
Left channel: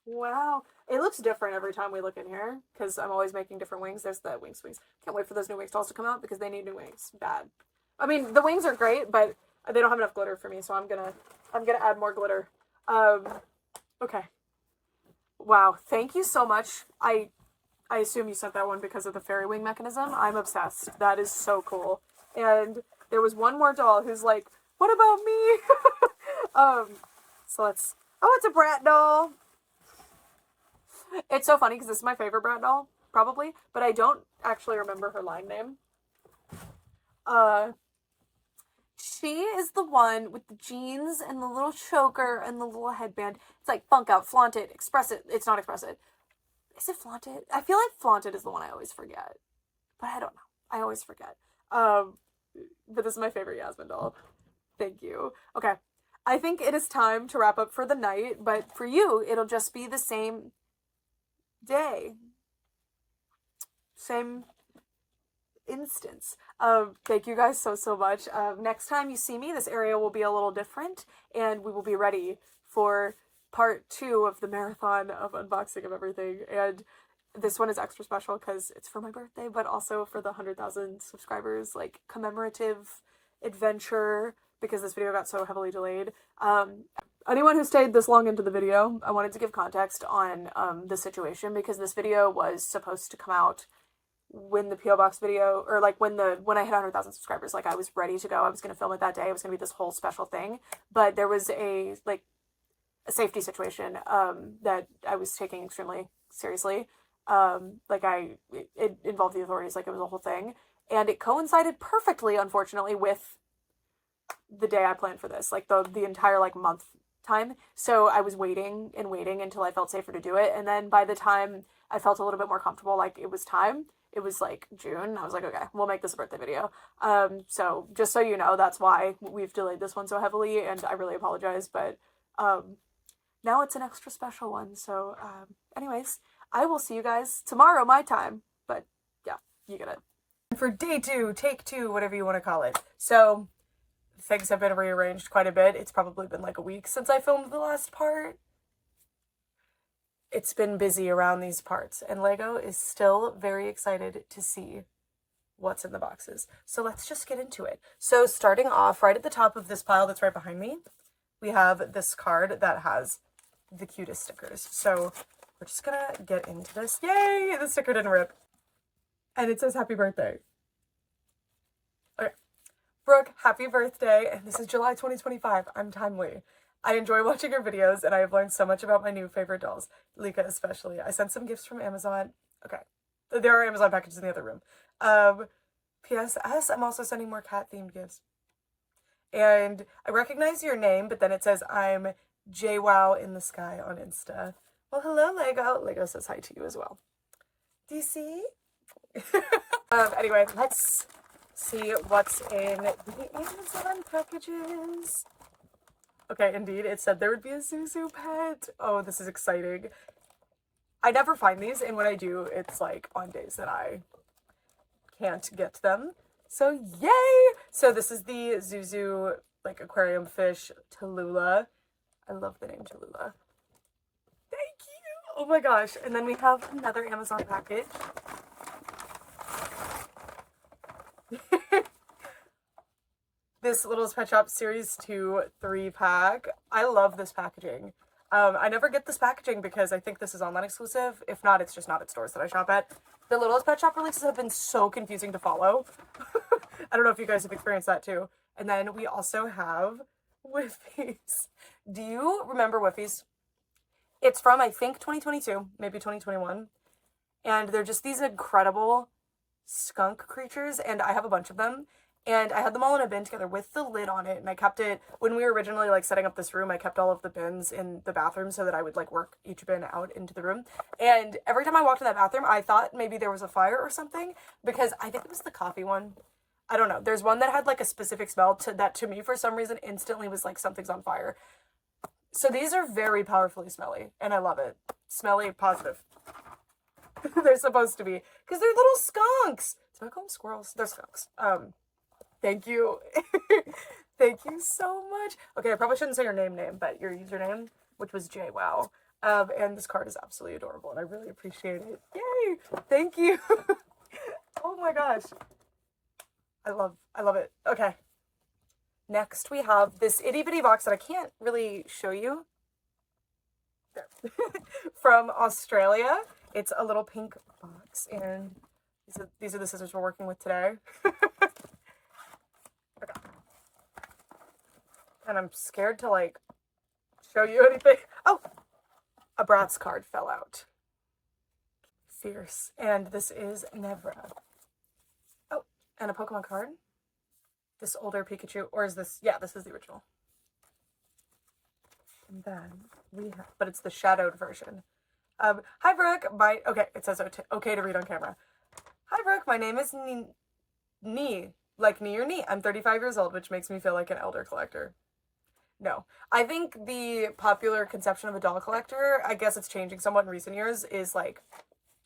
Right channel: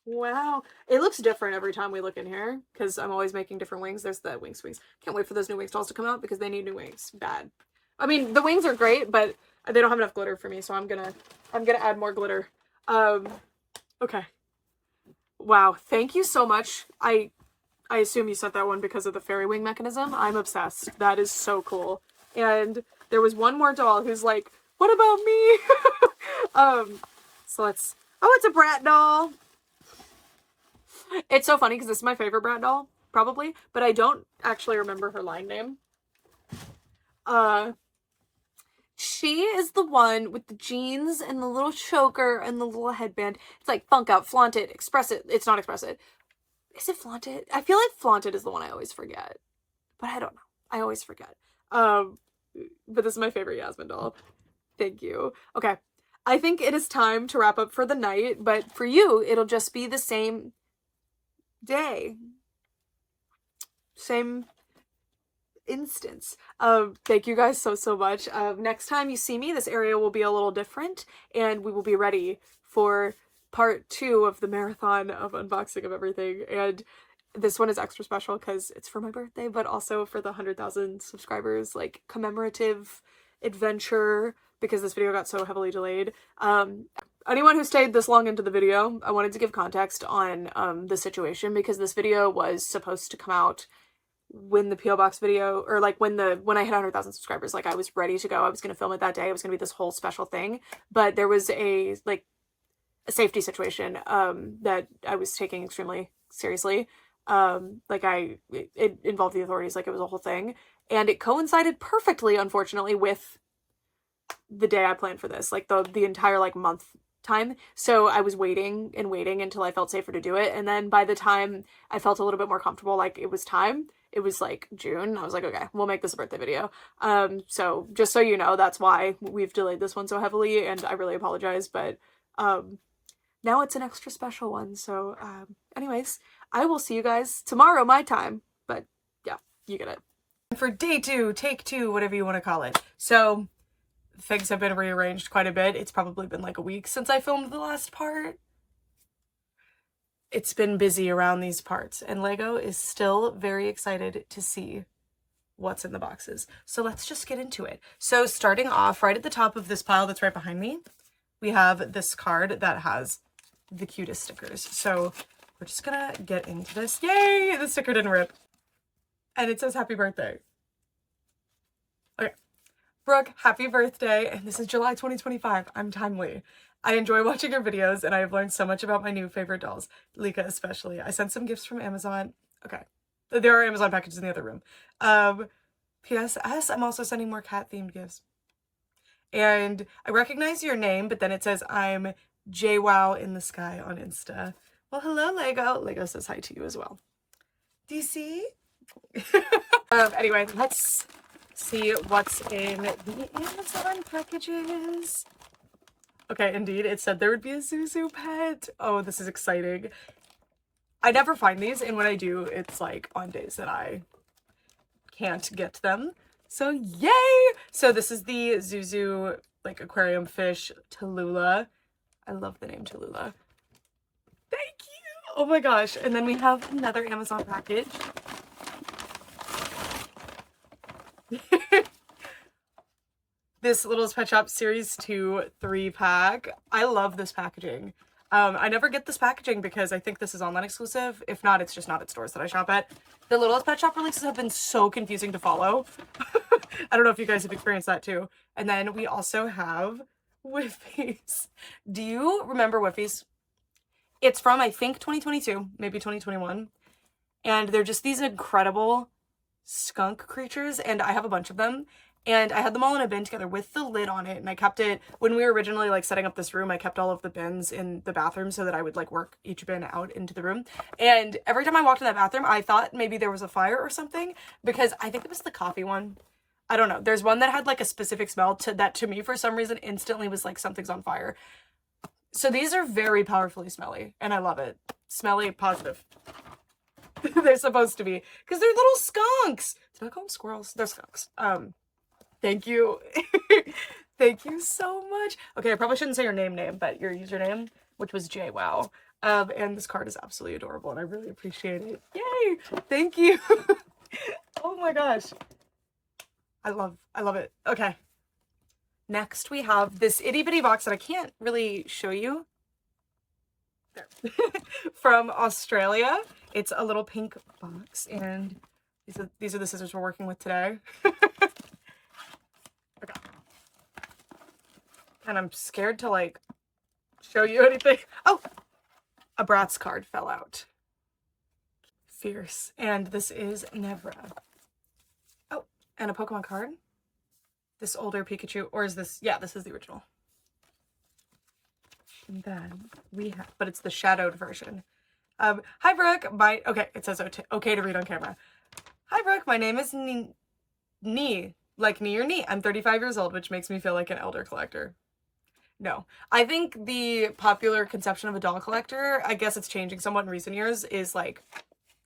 Wow. It looks different every time we look in here, because I'm always making different wings. There's the wing swings. Can't wait for those new wings dolls to come out, because they need new wings. Bad. I mean, the wings are great, but they don't have enough glitter for me, so I'm gonna add more glitter. Okay. Wow, thank you so much. I assume you sent that one because of the fairy wing mechanism. I'm obsessed. That is so cool. And there was one more doll who's like, what about me? So let's, oh, it's a Brat doll. It's so funny because this is my favorite Brat doll, probably, but I don't actually remember her line name. she is the one with the jeans and the little choker and the little headband. It's like funk out, flaunt it, express it. It's not express it. Is it flaunt it? I feel like flaunt it is the one I always forget. But I don't know. I always forget. But this is my favorite Yasmin doll. Thank you. Okay. I think it is time to wrap up for the night, but for you, it'll just be the same day. Same instance. Thank you guys so much. Next time you see me, this area will be a little different, and we will be ready for part 2 of the marathon of unboxing of everything. And this one is extra special because it's for my birthday, but also for the 100,000 subscribers, like, commemorative adventure, because this video got so heavily delayed. Anyone who stayed this long into the video, I wanted to give context on the situation, because this video was supposed to come out when the PO box video, or like when I hit 100,000 subscribers. Like, I was ready to go. I was going to film it that day. It was going to be this whole special thing, but there was a safety situation that I was taking extremely seriously. It involved the authorities. Like, it was a whole thing, and it coincided perfectly, unfortunately, with the day I planned for this, like the entire like month time. So I was waiting and waiting until I felt safer to do it, and then by the time I felt a little bit more comfortable, like it was time, it was like June, I was like, okay, we'll make this a birthday video. So just so you know, that's why we've delayed this one so heavily, and I really apologize, but now it's an extra special one. So anyways, I will see you guys tomorrow, my time, but yeah, you get it. For day 2, take 2, whatever you want to call it. So things have been rearranged quite a bit. It's probably been like a week since I filmed the last part. It's been busy around these parts, and Lego is still very excited to see what's in the boxes. So let's just get into it. So starting off right at the top of this pile that's right behind me, we have this card that has the cutest stickers. So we're just gonna get into this. Yay! The sticker didn't rip. And it says happy birthday. Okay. Brooke, happy birthday, and this is July 2025. I'm timely. I enjoy watching your videos, and I have learned so much about my new favorite dolls, Lika especially. I sent some gifts from Amazon. Okay. There are Amazon packages in the other room. PSS, I'm also sending more cat-themed gifts. And I recognize your name, but then it says I'm JWoww in the sky on Insta. Well, hello, Lego. Lego says hi to you as well. Do you see? Anyway, let's see what's in the Amazon packages. Okay, indeed, it said there would be a Zuzu pet. Oh, this is exciting. I never find these, and when I do, it's like on days that I can't get them. So yay! So this is the Zuzu like aquarium fish, Tallulah. I love the name Tallulah. Thank you! Oh my gosh. And then we have another Amazon package. This Littlest Pet Shop Series 2 3-pack. I love this packaging. I never get this packaging because I think this is online exclusive. If not, it's just not at stores that I shop at. The Littlest Pet Shop releases have been so confusing to follow. I don't know if you guys have experienced that too. And then we also have Whiffies. Do you remember Whiffies? It's from, I think, 2022, maybe 2021. And they're just these incredible skunk creatures, and I have a bunch of them. And I had them all in a bin together with the lid on it, and I kept it, when we were originally like setting up this room, I kept all of the bins in the bathroom so that I would like work each bin out into the room. And every time I walked in that bathroom, I thought maybe there was a fire or something, because I think it was the coffee one. I don't know. There's one that had like a specific smell that to me for some reason instantly was like something's on fire. So these are very powerfully smelly, and I love it. Smelly, positive. They're supposed to be, because they're little skunks. Did I call them squirrels? They're skunks. Thank you. Thank you so much. Okay, I probably shouldn't say your name, but your username, which was JWoww. And this card is absolutely adorable, and I really appreciate it. Yay! Thank you. Oh my gosh. I love it. Okay. Next, we have this itty bitty box that I can't really show you. There. From Australia. It's a little pink box, and these are the scissors we're working with today. Okay. And I'm scared to like show you anything. Oh, a Bratz card fell out. Fierce. And this is Nevra. Oh, and a Pokemon card. this older Pikachu, or is this, yeah, this is the original. And then we have, but it's the shadowed version. Hi Brooke, okay, it says okay to read on camera. Hi Brooke, my name is like knee or knee. I'm 35 years old, which makes me feel like an elder collector. No, I think the popular conception of a doll collector, I guess it's changing somewhat in recent years, is like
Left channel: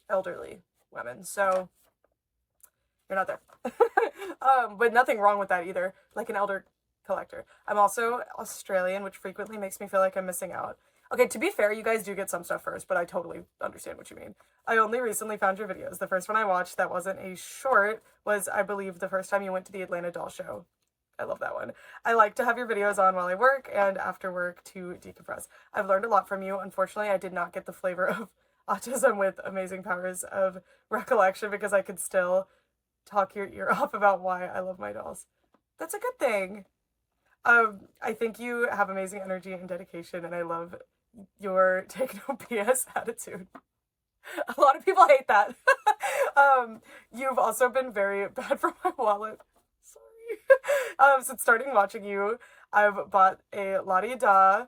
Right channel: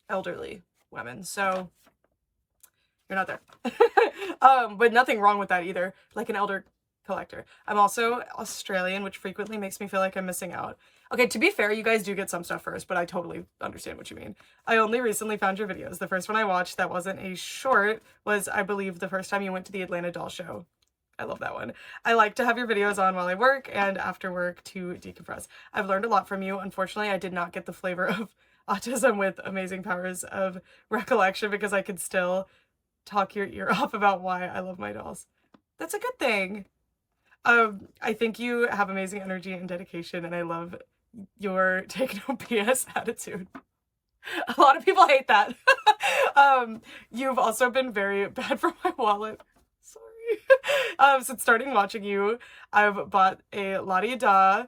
elderly women. So you're not there. But nothing wrong with that either. Like an elder collector. I'm also Australian, which frequently makes me feel like I'm missing out. Okay, to be fair, you guys do get some stuff first, but I totally understand what you mean. I only recently found your videos. The first one I watched that wasn't a short was, I believe, the first time you went to the Atlanta Doll Show. I love that one. I like to have your videos on while I work and after work to decompress. I've learned a lot from you. Unfortunately, I did not get the flavor of autism with amazing powers of recollection because I could still talk your ear off about why I love my dolls. That's a good thing. I think you have amazing energy and dedication, and I love your take no BS attitude. A lot of people hate that. You've also been very bad for my wallet. Sorry. Since starting watching you, I've bought a la-di-da.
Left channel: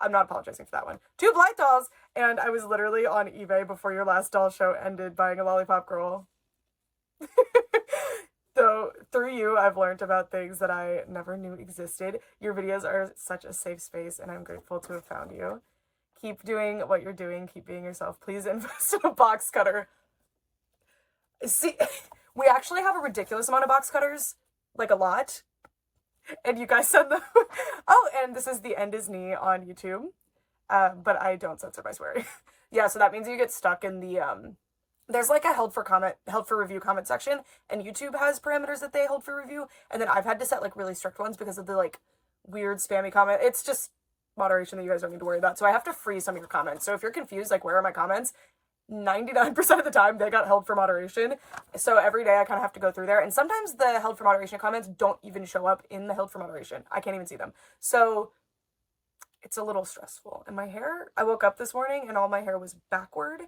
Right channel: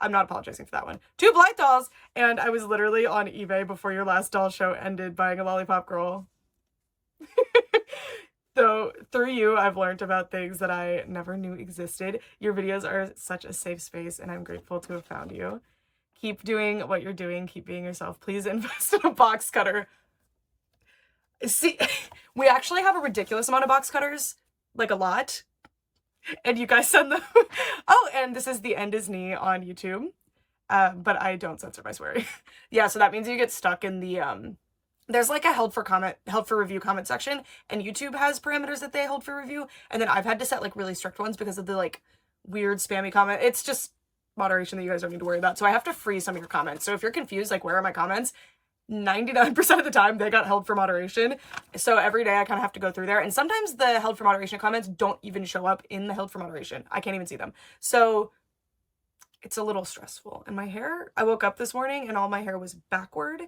I'm not apologizing for that one. 2 Blythe dolls, and I was literally on eBay before your last doll show ended buying a lollipop girl. So through you, I've learned about things that I never knew existed. Your videos are such a safe space, and I'm grateful to have found you. Keep doing what you're doing. Keep being yourself. Please invest in a box cutter. See, we actually have a ridiculous amount of box cutters, like a lot. And you guys send them. Oh, and this is the End is Knee on YouTube. But I don't censor my swearing. Yeah, so that means you get stuck in the there's like a held for review comment section, and YouTube has parameters that they hold for review, and then I've had to set like really strict ones because of the like weird spammy comment. It's just moderation that you guys don't need to worry about. So I have to freeze some of your comments. So if you're confused, like where are my comments? 99% of the time they got held for moderation. So every day I kind of have to go through there, and sometimes the held for moderation comments don't even show up in the held for moderation. I can't even see them. So it's a little stressful. And my hair, I woke up this morning and all my hair was backward.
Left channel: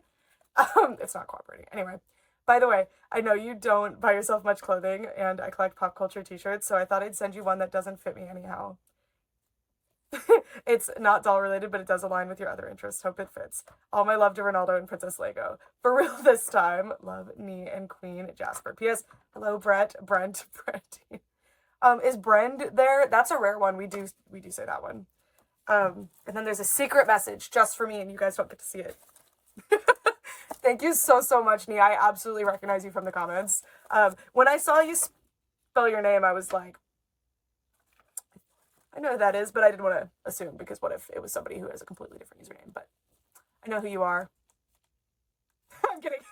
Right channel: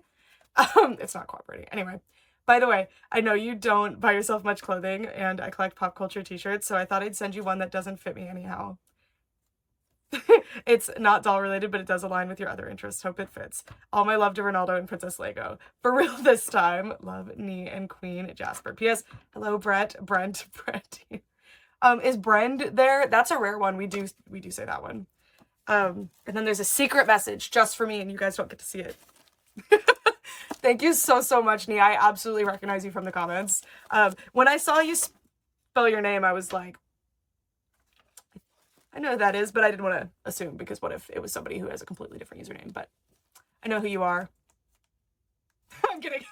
It's not cooperating. Anyway, by the way, I know you don't buy yourself much clothing, and I collect pop culture t-shirts, so I thought I'd send you one that doesn't fit me anyhow. It's not doll related, but it does align with your other interests. Hope it fits. All my love to Ronaldo and Princess Lego. For real this time. Love, Nee and Queen Jasper. P.S. Hello, Brent. Is Brend there? That's a rare one. We do say that one. And then there's a secret message just for me, and you guys don't get to see it. Thank you so much, Nee. I absolutely recognize you from the comments. When I saw you spell your name, I was like, I know who that is, but I didn't want to assume, because what if it was somebody who has a completely different username? But I know who you are. I'm kidding.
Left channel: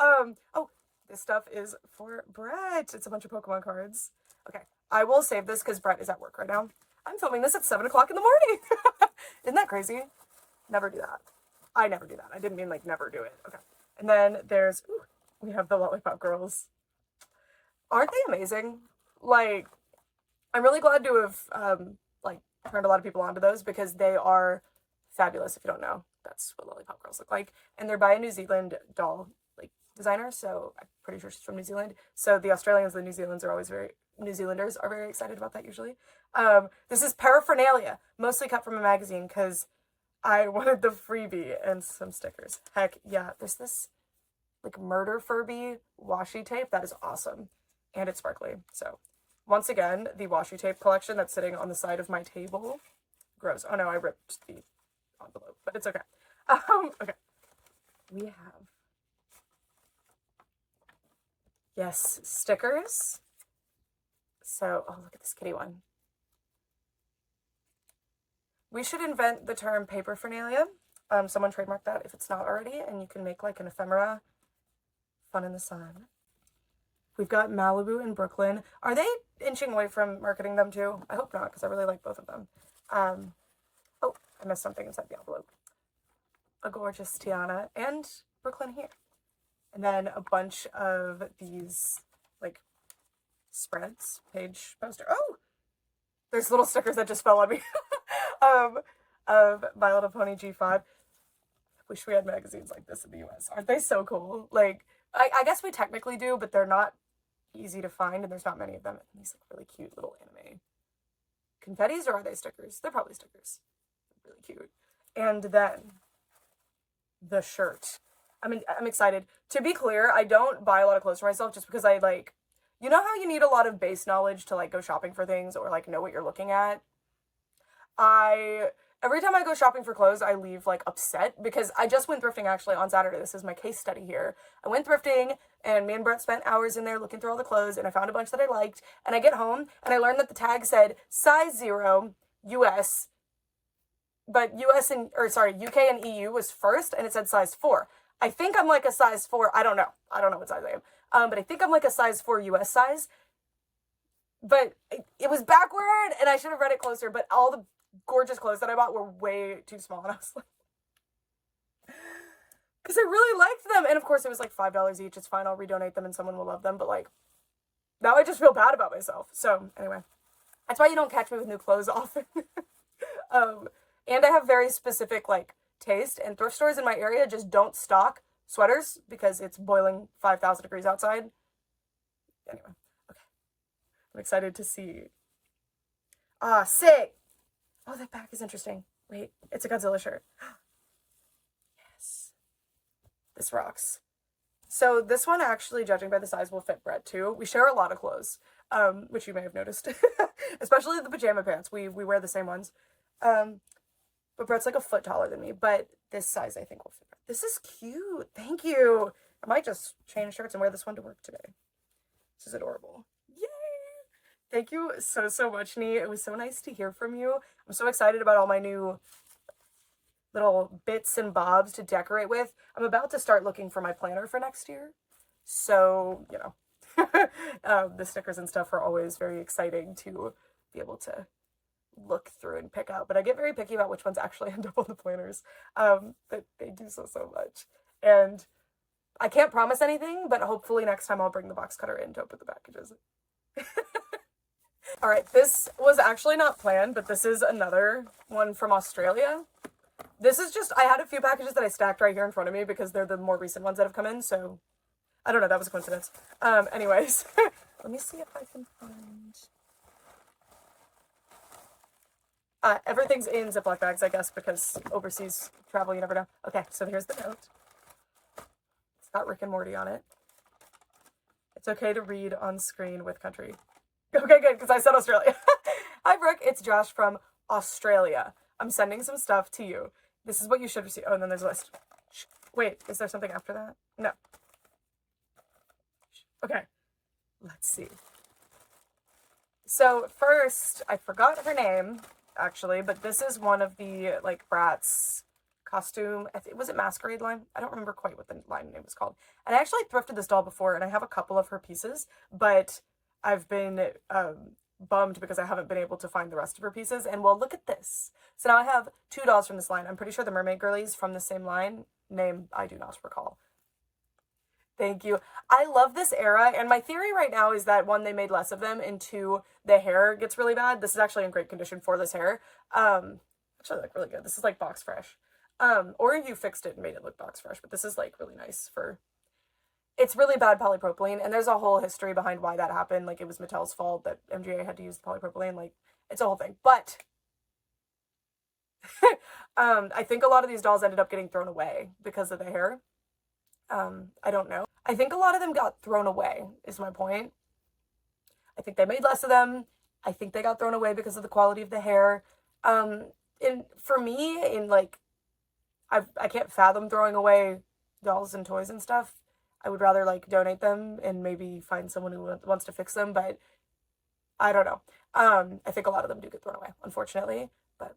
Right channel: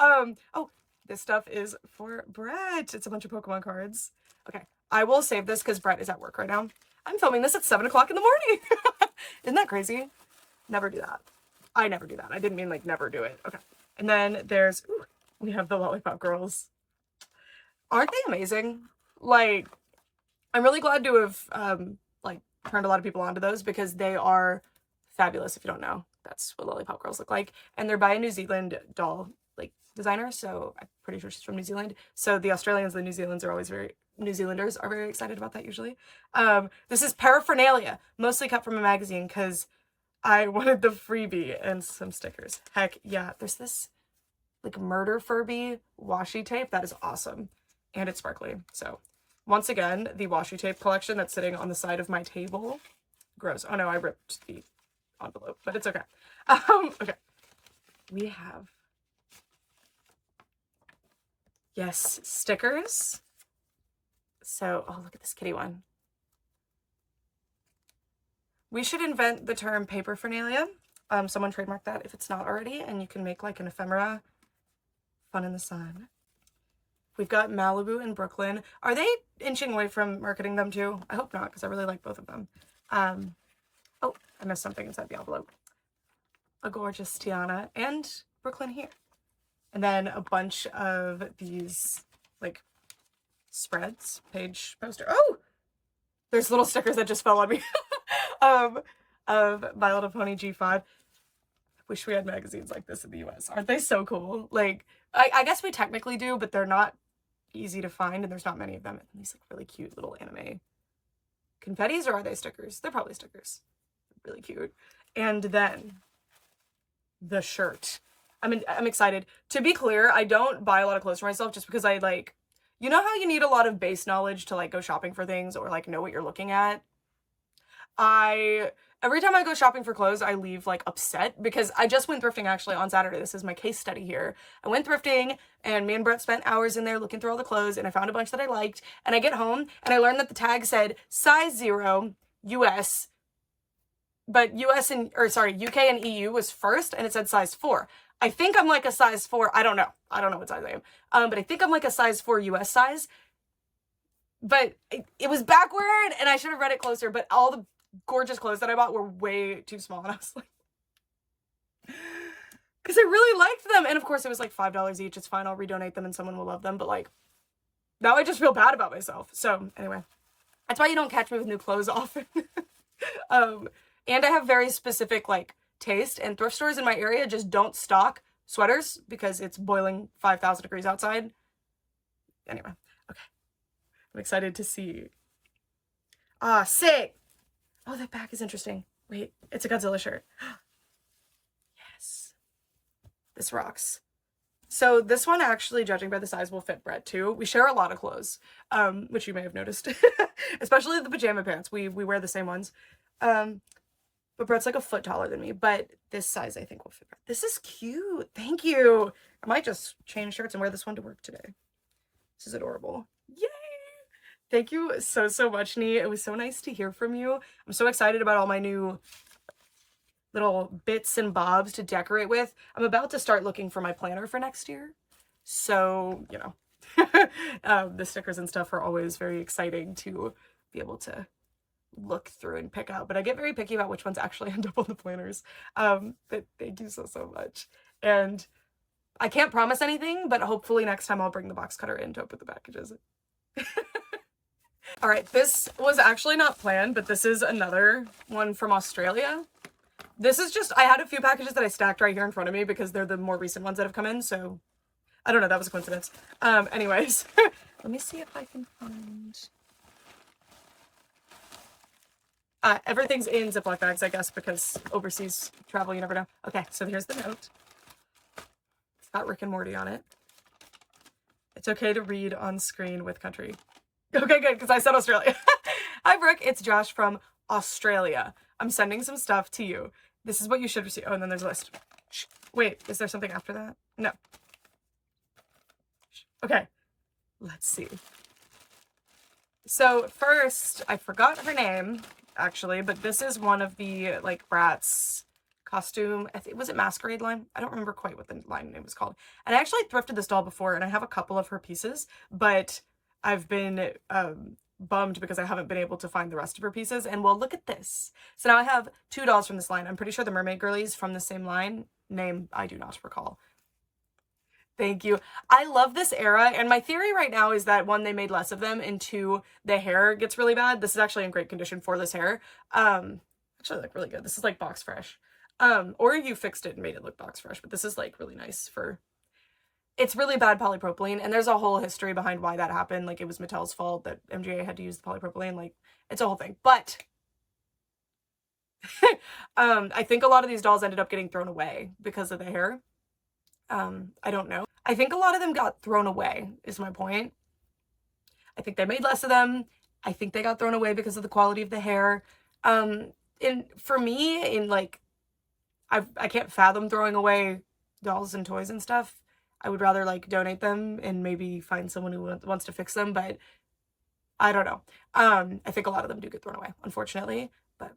Oh, this stuff is for Brett. It's a bunch of Pokemon cards. Okay, I will save this because Brett is at work right now. I'm filming this at 7 o'clock in the morning. Isn't that crazy? Never do that. I never do that. I didn't mean like never do it. Okay. And then there's, we have the Lollipop Girls. Aren't they amazing? Like, I'm really glad to have, like, turned a lot of people onto those, because they are fabulous. If you don't know, that's what Lollipop Girls look like. And they're by a New Zealand doll, like, designer. So I'm pretty sure she's from New Zealand. So the Australians and the New Zealanders are very excited about that usually. This is paraphernalia, mostly cut from a magazine, because I wanted the freebie and some stickers. Heck yeah. There's this like murder Furby washi tape. That is awesome. And it's sparkly. So once again, the washi tape collection that's sitting on the side of my table. Gross. Oh no, I ripped the envelope, but it's okay. Okay. We have, yes, stickers. So, oh, look at this kitty one. We should invent the term paperphernalia. Someone trademark that if it's not already, and you can make like an ephemera. Fun in the sun. We've got Malibu and Brooklyn. Are they inching away from marketing them too? I hope not, because I really like both of them. Oh, I missed something inside the envelope. A gorgeous Tiana and Brooklyn here. And then a bunch of these like spreads, page poster. Oh, there's little stickers that just fell on me. Of My Little Pony G5. Wish we had magazines like this in the US. Aren't they so cool? Like, I guess we technically do, but they're not easy to find, and there's not many of them. And these like really cute little anime confettis, or are they stickers? They're probably stickers. Really cute. And then the shirt. I'm excited. To be clear, I don't buy a lot of clothes for myself just because I like, you know how you need a lot of base knowledge to like go shopping for things or like know what you're looking at? Every time I go shopping for clothes, I leave like upset because I just went thrifting actually on Saturday. This is my case study here. I went thrifting and me and Brett spent hours in there looking through all the clothes, and I found a bunch that I liked, and I get home and I learned that the tag said size 0 US, but UK and EU was first, and it said size 4. I think I'm like a size 4. I don't know what size I am. But I think I'm like a size 4 US size. But it was backward, and I should have read it closer, but all the gorgeous clothes that I bought were way too small, and I was like, because I really liked them, and of course it was like $5 each. It's fine, I'll redonate them and someone will love them, but like, now I just feel bad about myself. So anyway, that's why you don't catch me with new clothes often. And I have very specific like taste, and thrift stores in my area just don't stock sweaters because it's boiling 5,000 degrees outside. Anyway, okay. I'm excited to see. Sick! Oh, that back is interesting. Wait, it's a Godzilla shirt. Yes. This rocks. So this one actually, judging by the size, will fit Brett too. We share a lot of clothes, which you may have noticed. Especially the pajama pants. We wear the same ones. But Brett's like a foot taller than me, but this size I think will fit Brett. This is cute. Thank you. I might just change shirts and wear this one to work today. This is adorable. Yay! Thank you so much, Nee. It was so nice to hear from you. I'm so excited about all my new little bits and bobs to decorate with. I'm about to start looking for my planner for next year. So, you know, the stickers and stuff are always very exciting to be able to look through and pick out, but I get very picky about which ones actually end up on the planners. But thank you so much. And I can't promise anything, but hopefully next time I'll bring the box cutter in to open the packages. All right, this was actually not planned, but this is another one from Australia. This is just, I had a few packages that I stacked right here in front of me because they're the more recent ones that have come in, so I don't know, that was a coincidence. Anyways, let me see if I can find... everything's in Ziploc bags, I guess, because overseas travel, you never know. Okay, so here's the note. It's got Rick and Morty on it. It's okay to read on screen with country. Okay, good, because I said Australia. Hi, Brooke. It's Josh from Australia. I'm sending some stuff to you. This is what you should receive. Oh, and then there's a list. Shh. Wait, is there something after that? No. Okay, let's see. So first, I forgot her name, actually, but this is one of the, like, Bratz costume, was it Masquerade line? I don't remember quite what the line name was called. And I actually thrifted this doll before, and I have a couple of her pieces, but I've been bummed because I haven't been able to find the rest of her pieces. And well, look at this. So now I have 2 dolls from this line. I'm pretty sure the Mermaid girlies from the same line. Name, I do not recall. Thank you. I love this era, and my theory right now is that 1, they made less of them, and 2, the hair gets really bad. This is actually in great condition for this hair. Actually, like, really good. This is like box fresh. Or you fixed it and made it look box fresh, but this is like really nice for... It's really bad polypropylene, and there's a whole history behind why that happened. Like, it was Mattel's fault that MGA had to use the polypropylene. Like, it's a whole thing. But I think a lot of these dolls ended up getting thrown away because of the hair. I don't know. I think a lot of them got thrown away, is my point. I think they made less of them. I think they got thrown away because of the quality of the hair. And for me, like, I can't fathom throwing away dolls and toys and stuff. I would rather, like, donate them and maybe find someone who wants to fix them, but I don't know. I think a lot of them do get thrown away, unfortunately, but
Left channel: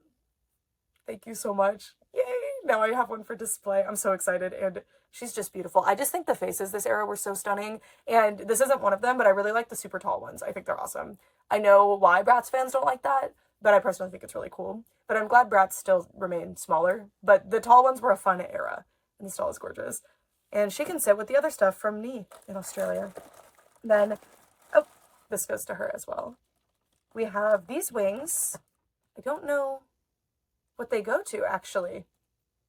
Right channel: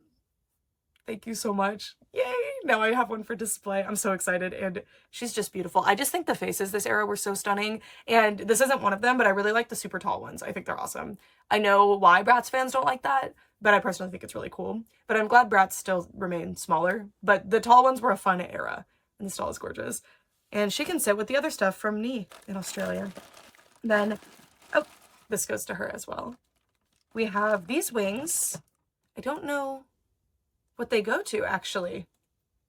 thank you so much. Yay! Now I have one for display. I'm so excited, and she's just beautiful. I just think the faces this era were so stunning, and this isn't one of them, but I really like the super tall ones. I think they're awesome. I know why Bratz fans don't like that, but I personally think it's really cool. But I'm glad Bratz still remain smaller, but the tall ones were a fun era, and this doll is gorgeous. And she can sit with the other stuff from Nee in Australia. Then, oh, this goes to her as well. We have these wings. I don't know what they go to, actually.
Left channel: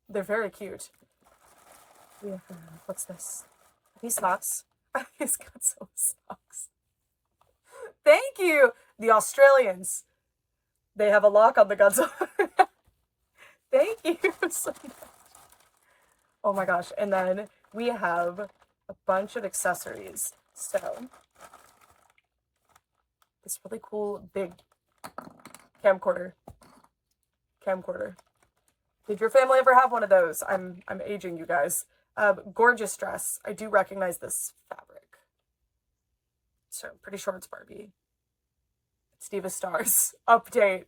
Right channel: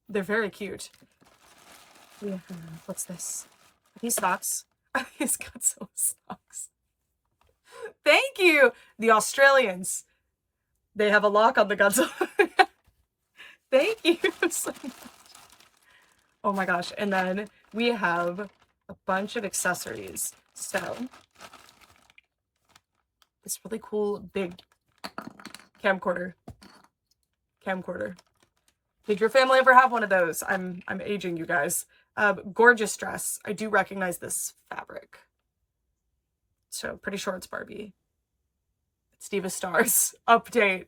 They're very cute. We have, what's this? Are these socks? Are these Godzilla socks? Thank you. The Australians. They have a lock on the Godzilla. Thank you so much. Oh my gosh. And then we have a bunch of accessories. So, this really cool big camcorder. Did your family ever have one of those? I'm aging you guys. Gorgeous dress. I do recognize this fabric. So, pretty sure it's Barbie. It's Diva Stars. Update.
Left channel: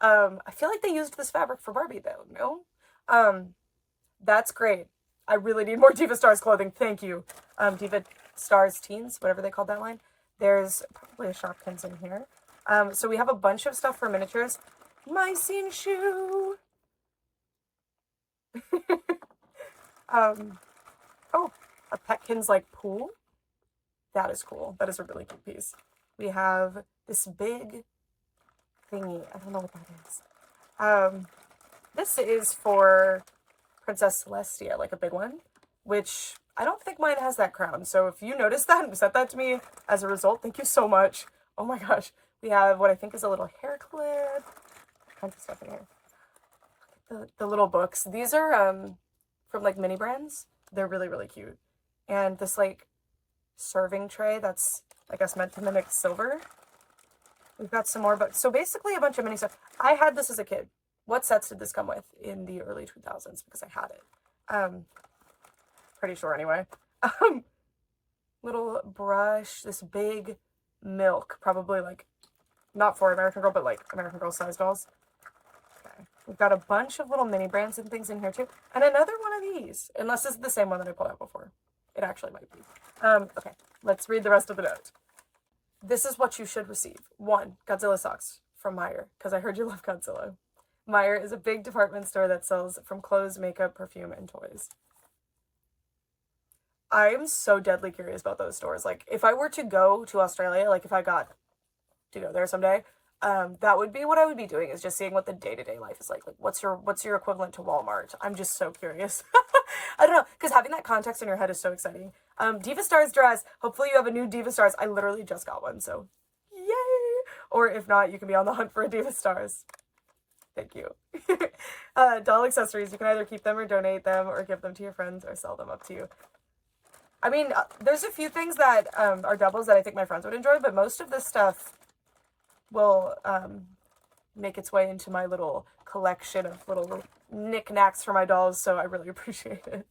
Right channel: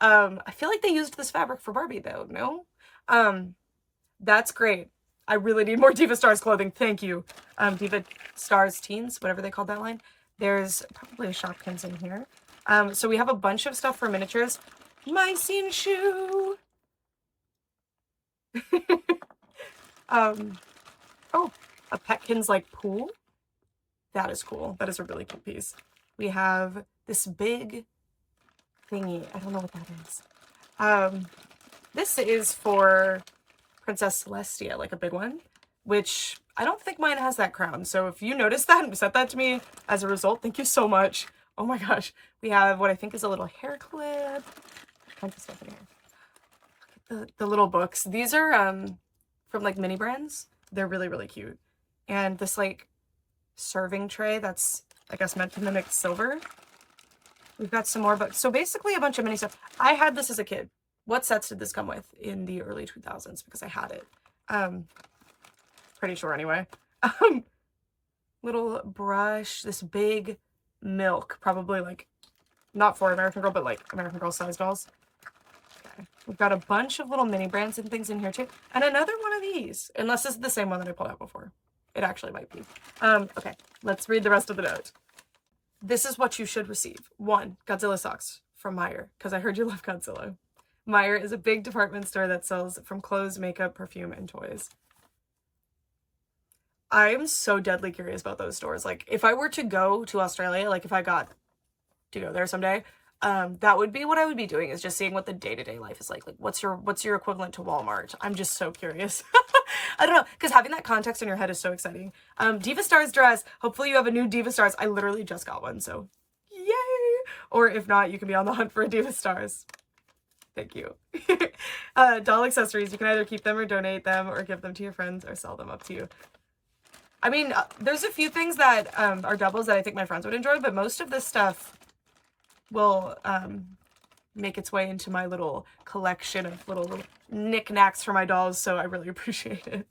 I feel like they used this fabric for Barbie though, no? That's great. I really need more Diva Stars clothing. Thank you. Diva Stars Teens, whatever they called that line. There's probably a Shopkins in here. So we have a bunch of stuff for miniatures. My scene shoe. Oh, a Petkins like pool. That is cool. That is a really cool piece. We have this big thingy. I don't know what that is. This is for Princess Celestia, like a big one, which I don't think mine has that crown. So if you noticed that and sent that to me as a result, thank you so much. Oh my gosh. We have what I think is a little hair clip. Kinds of stuff in here. The little books. These are from like mini brands. They're really, really cute. And this like serving tray that's, I guess, meant to mimic silver. We've got some more books. So basically a bunch of mini stuff. I had this as a kid. What sets did this come with in the early 2000s? Because I had it. Pretty sure anyway. Little brush, this big milk, probably like, not for American Girl, but like American Girl size dolls. Okay. We've got a bunch of little mini brands and things in here too. And another one of these, unless this is the same one that I pulled out before. It actually might be. Okay, let's read the rest of the note. This is what you should receive. 1, Godzilla socks from Meijer, because I heard you love Godzilla. Meijer is a big department store that sells from clothes, makeup, perfume, and toys. I'm so deadly curious about those stores. Like, if I were to go to Australia, like if I got to go there someday, that would be what I would be doing, is just seeing what the day-to-day life is like. Like, what's your equivalent to Walmart? I'm just so curious. I don't know, because having that context in your head is so exciting. Diva Stars dress. Hopefully you have a new Diva Stars. I literally just got one, so yay! Or if not, you can be on the hunt for a Diva Stars. Thank you. Doll accessories. You can either keep them or donate them or give them to your friends or sell them, up to you. I mean, there's a few things that are doubles that I think my friends would enjoy, but most of this stuff will make its way into my little collection of little knickknacks for my dolls, so I really appreciate it.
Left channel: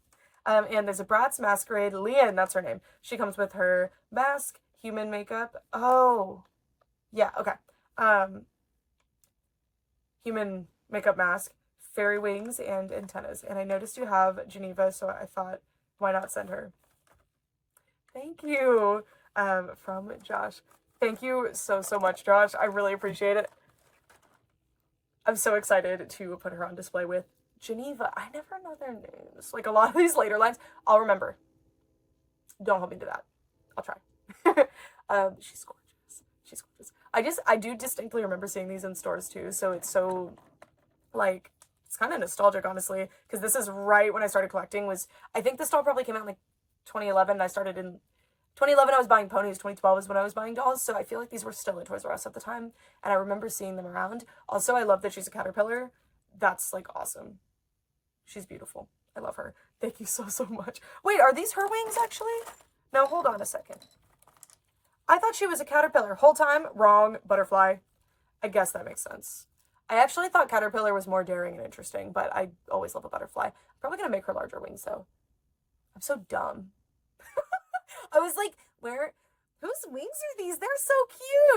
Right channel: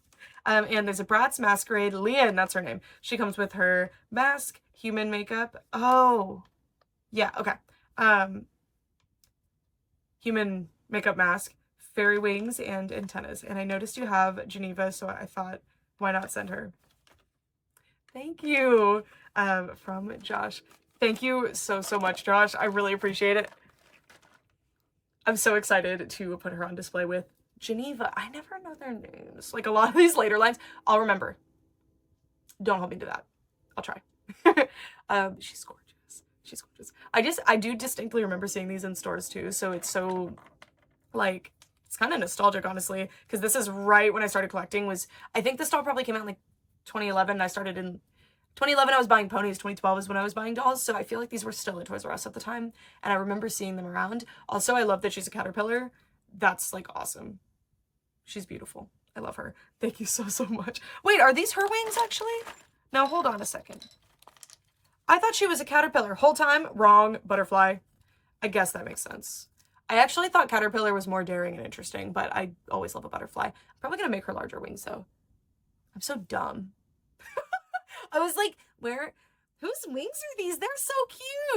And there's a Bratz masquerade. Leah, and that's her name. She comes with her mask, human makeup. Oh, yeah, okay. Human makeup mask, fairy wings, and antennas. And I noticed you have Geneva, so I thought, why not send her? Thank you, from Josh. Thank you so, so much, Josh. I really appreciate it. I'm so excited to put her on display with Geneva. I never know their names. Like, a lot of these later lines, I'll remember. Don't hold me to that. I'll try. She's gorgeous. She's gorgeous. I do distinctly remember seeing these in stores too, so it's so, like, it's kind of nostalgic, honestly, because this is right when I started collecting. I think this doll probably came out in like 2011, and I started in 2011. I was buying Ponies. 2012 is when I was buying dolls, so I feel like these were still at Toys R Us at the time, and I remember seeing them around. Also, I love that she's a caterpillar. That's, like, awesome. She's beautiful. I love her. Thank you so, so much. Wait, are these her wings, actually? No, hold on a second. I thought she was a caterpillar. Whole time, wrong. Butterfly. I guess that makes sense. I actually thought caterpillar was more daring and interesting, but I always love a butterfly. I'm probably gonna make her larger wings, though. I'm so dumb. I was like, whose wings are these? They're so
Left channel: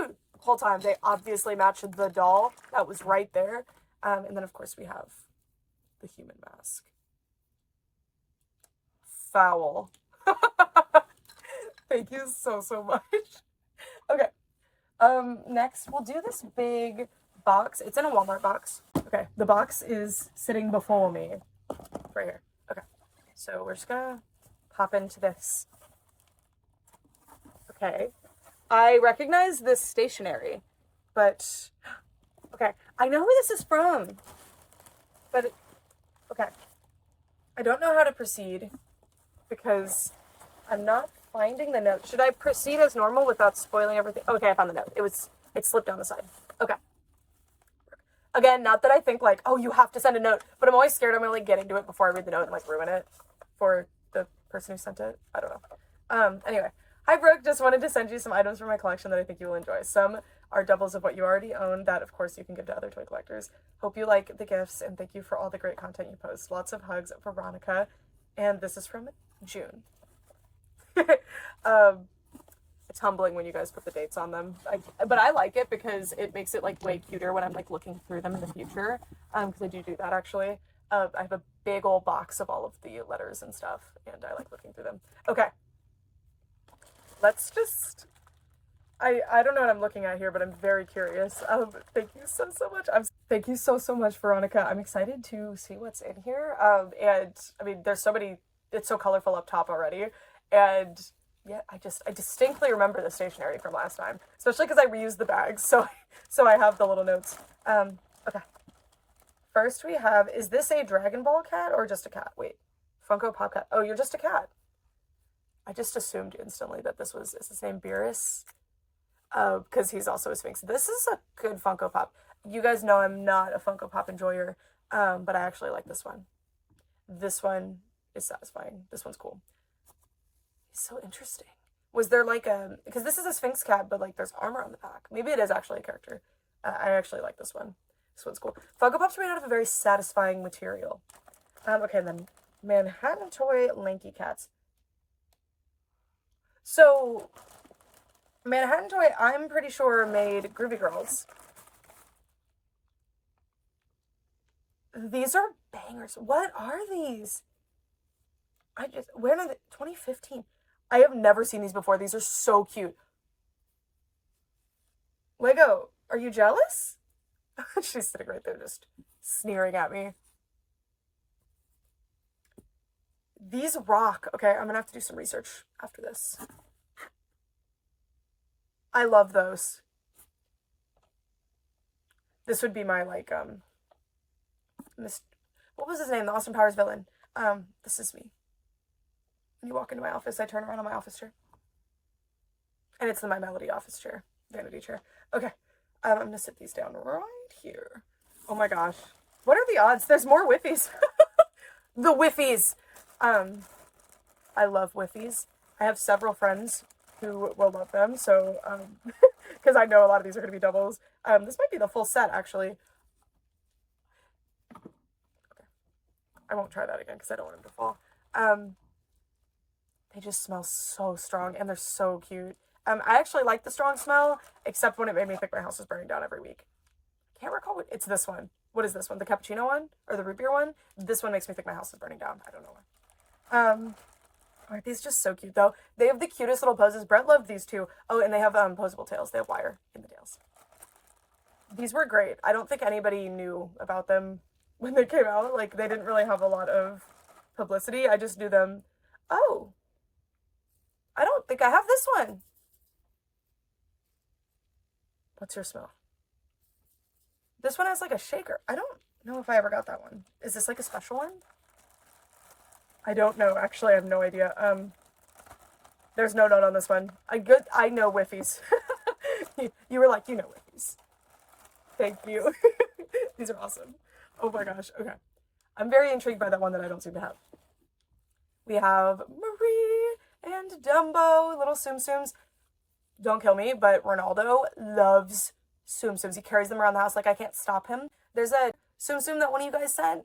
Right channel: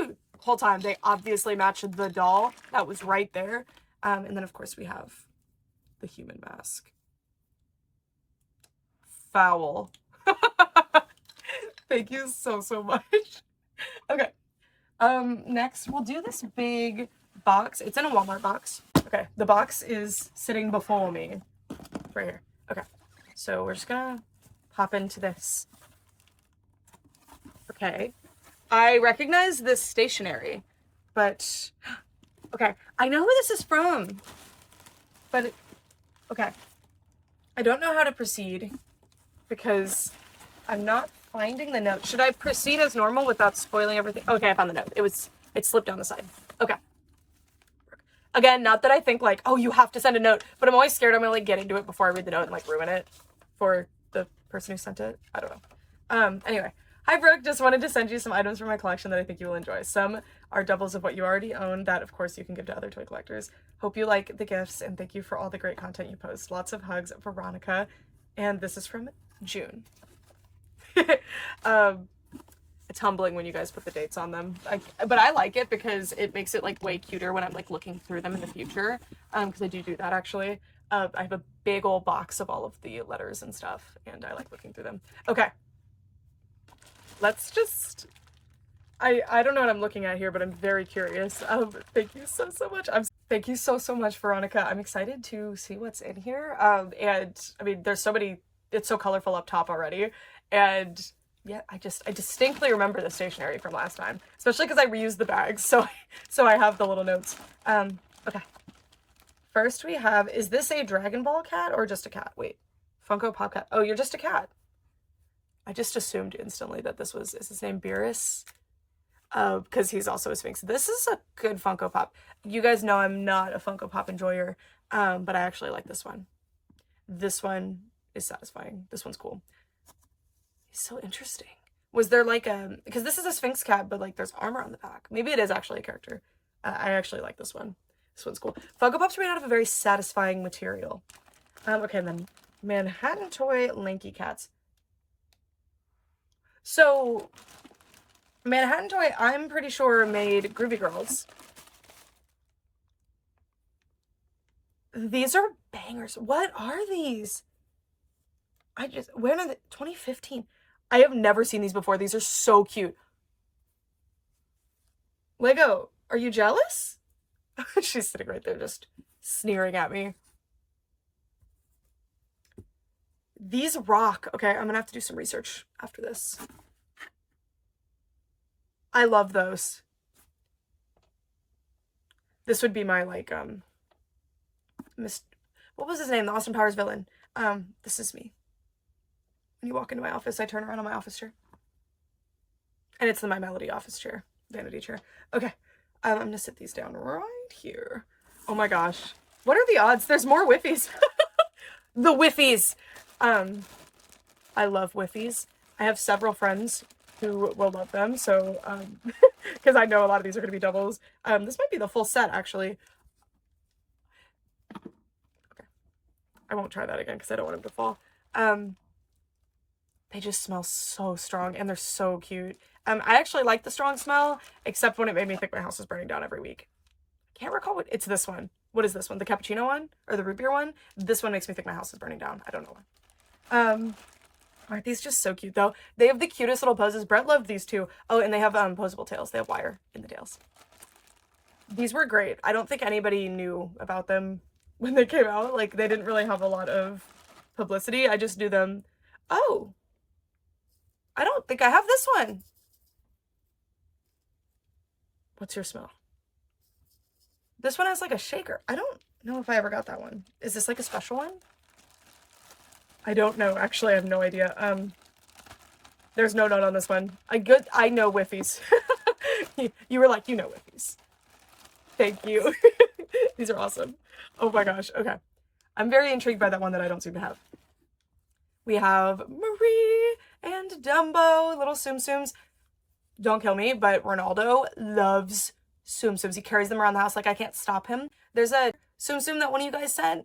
cute. Whole time, they obviously matched the doll that was right there. And then, of course, we have the human mask. Foul. Thank you so, so much. Okay. Next, we'll do this big box. It's in a Walmart box. Okay, the box is sitting before me. Right here. Okay, so we're just gonna hop into this. Okay, I recognize this stationery, but okay, I know who this is from, but okay, I don't know how to proceed because I'm not finding the note. Should I proceed as normal without spoiling everything? Okay, I found the note. It slipped down the side. Okay. Again, not that I think like, oh, you have to send a note, but I'm always scared I'm gonna like get into it before I read the note and like ruin it for the person who sent it. I don't know. Anyway. Hi Brooke, just wanted to send you some items from my collection that I think you will enjoy. Some are doubles of what you already own that of course you can give to other toy collectors. Hope you like the gifts and thank you for all the great content you post. Lots of hugs, Veronica. And this is from June. It's humbling when you guys put the dates on them. But I like it because it makes it like way cuter when I'm like looking through them in the future. Because I do that actually. I have a big old box of all of the letters and stuff and I like looking through them. Okay. Let's just, I don't know what I'm looking at here, but I'm very curious. Thank you so much. Thank you so much, Veronica. I'm excited to see what's in here. And I mean, there's so many, it's so colorful up top already. And yeah, I distinctly remember the stationery from last time, especially because I reused the bags. So I have the little notes. Okay. First we have, is this a Dragon Ball cat or just a cat? Wait, Funko Pop cat. Oh, you're just a cat. I just assumed instantly that is his name Beerus? Because he's also a Sphinx. This is a good Funko Pop. You guys know I'm not a Funko Pop enjoyer, but I actually like this one. This one is satisfying. This one's cool. He's so interesting. Was there like a, because this is a Sphinx cat, but like there's armor on the back. Maybe it is actually a character. I actually like this one. This one's cool. Funko Pops are made out of a very satisfying material. Okay, and then Manhattan Toy Lanky Cats. So, Manhattan Toy, I'm pretty sure, made Groovy Girls. These are bangers. What are these? When are they? 2015. I have never seen these before. These are so cute. Lego, are you jealous? She's sitting right there just sneering at me. These rock. Okay, I'm gonna have to do some research after this. I love those. This would be my, like, what was his name? The Austin Powers villain. This is me. When you walk into my office, I turn around on my office chair. And it's the My Melody office chair. Vanity chair. Okay. I'm gonna sit these down right here. Oh my gosh. What are the odds? There's more Whiffies. The Whiffies. I love Whiffies. I have several friends who will love them, so, because I know a lot of these are going to be doubles. This might be the full set, actually. Okay. I won't try that again, because I don't want them to fall. They just smell so strong, and they're so cute. I actually like the strong smell, except when it made me think my house is burning down every week. I can't recall what, it's this one. What is this one? The cappuccino one? Or the root beer one? This one makes me think my house is burning down. I don't know why. Aren't these just so cute, though? They have the cutest little poses. Brett loved these, too. Oh, and they have posable tails. They have wire in the tails. These were great. I don't think anybody knew about them when they came out. Like, they didn't really have a lot of publicity. I just knew them. Oh. I don't think I have this one. What's your smell? This one has, like, a shaker. I don't know if I ever got that one. Is this, like, a special one? I don't know. Actually, I have no idea. There's no note on this one. I know Whiffies. You were like, you know Whiffies. Thank you. These are awesome. Oh my gosh. Okay. I'm very intrigued by that one that I don't seem to have. We have Marie and Dumbo, little Tsum Tsums. Don't kill me, but Ronaldo loves Tsum Tsums. He carries them around the house like I can't stop him. There's a Tsum Tsum that one of you guys sent.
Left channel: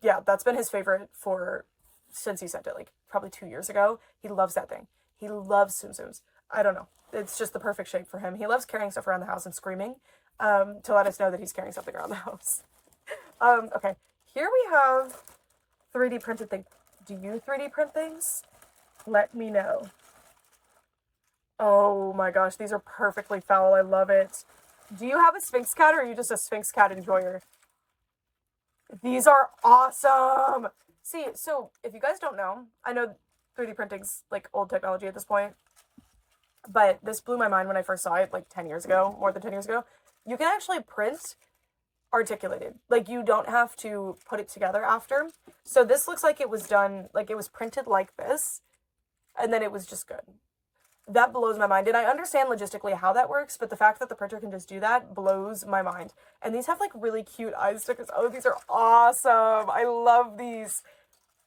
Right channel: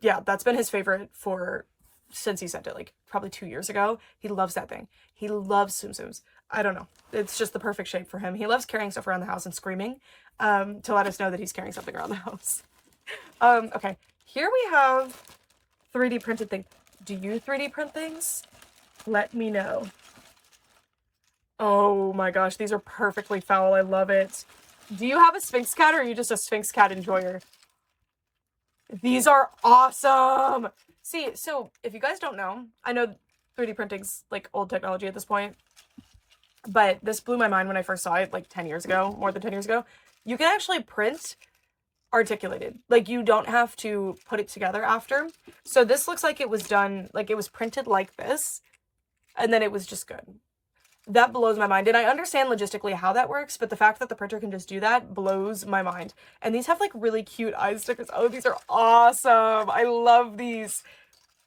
Yeah, that's been his favorite since he sent it, like, probably 2 years ago. He loves that thing. He loves Tsum Tsums. I don't know. It's just the perfect shape for him. He loves carrying stuff around the house and screaming, to let us know that he's carrying something around the house. Okay. Here we have 3D printed thing. Do you 3D print things? Let me know. Oh my gosh, these are perfectly foul. I love it. Do you have a Sphinx cat or are you just a Sphinx cat enjoyer? These are awesome. See, so if you guys don't know, I know 3D printing's like old technology at this point, but this blew my mind when I first saw it like 10 years ago, more than 10 years ago. You can actually print articulated. Like, you don't have to put it together after. So this looks like it was done, like it was printed like this, And then it was just good. That blows my mind. And I understand logistically how that works, but the fact that the printer can just do that blows my mind. And these have like really cute eye stickers. Oh, these are awesome. I love these.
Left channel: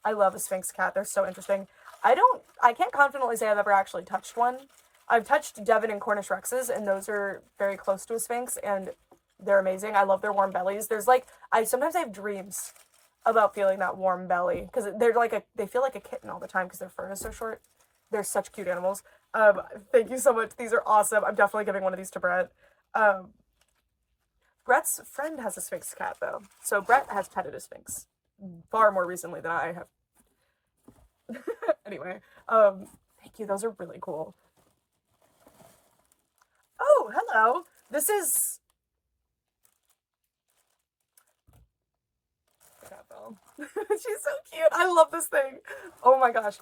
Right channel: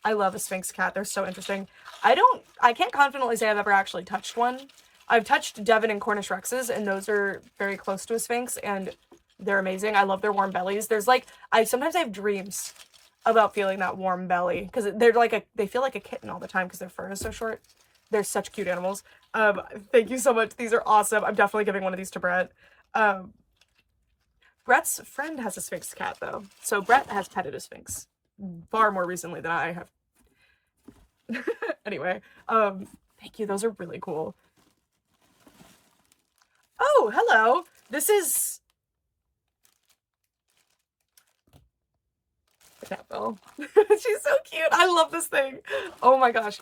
I love a Sphinx cat. They're so interesting. I can't confidently say I've ever actually touched one. I've touched Devon and Cornish Rexes, and those are very close to a Sphinx, and they're amazing. I love their warm bellies. There's like, sometimes I have dreams about feeling that warm belly, because they're like they feel like a kitten all the time because their fur is so short. They're such cute animals. Thank you so much. These are awesome. I'm definitely giving one of these to Brett. Brett's friend has a Sphinx cat, though. So Brett has petted a Sphinx far more recently than I have. Anyway, thank you. Those are really cool. Oh, hello. This is... the cat bell. She's so cute. I love this thing. Oh my gosh.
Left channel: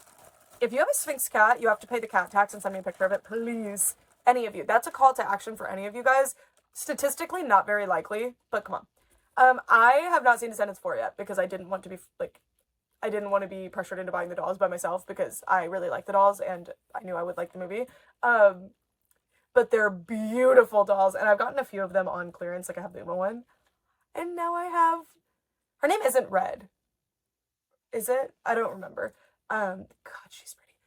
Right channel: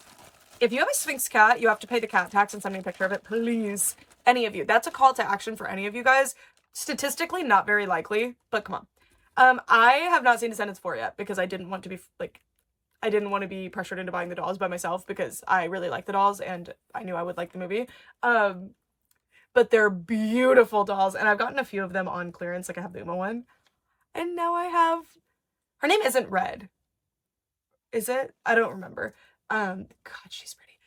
If you have a Sphinx cat, you have to pay the cat tax and send me a picture of it, please. Any of you. That's a call to action for any of you guys. Statistically, not very likely, but come on. I have not seen Descendants 4 yet because I didn't want to be, like, I didn't want to be pressured into buying the dolls by myself because I really like the dolls and I knew I would like the movie. But they're beautiful dolls, and I've gotten a few of them on clearance, like I have the Uma one. And now I have... her name isn't Red. Is it? I don't remember. God, she's pretty.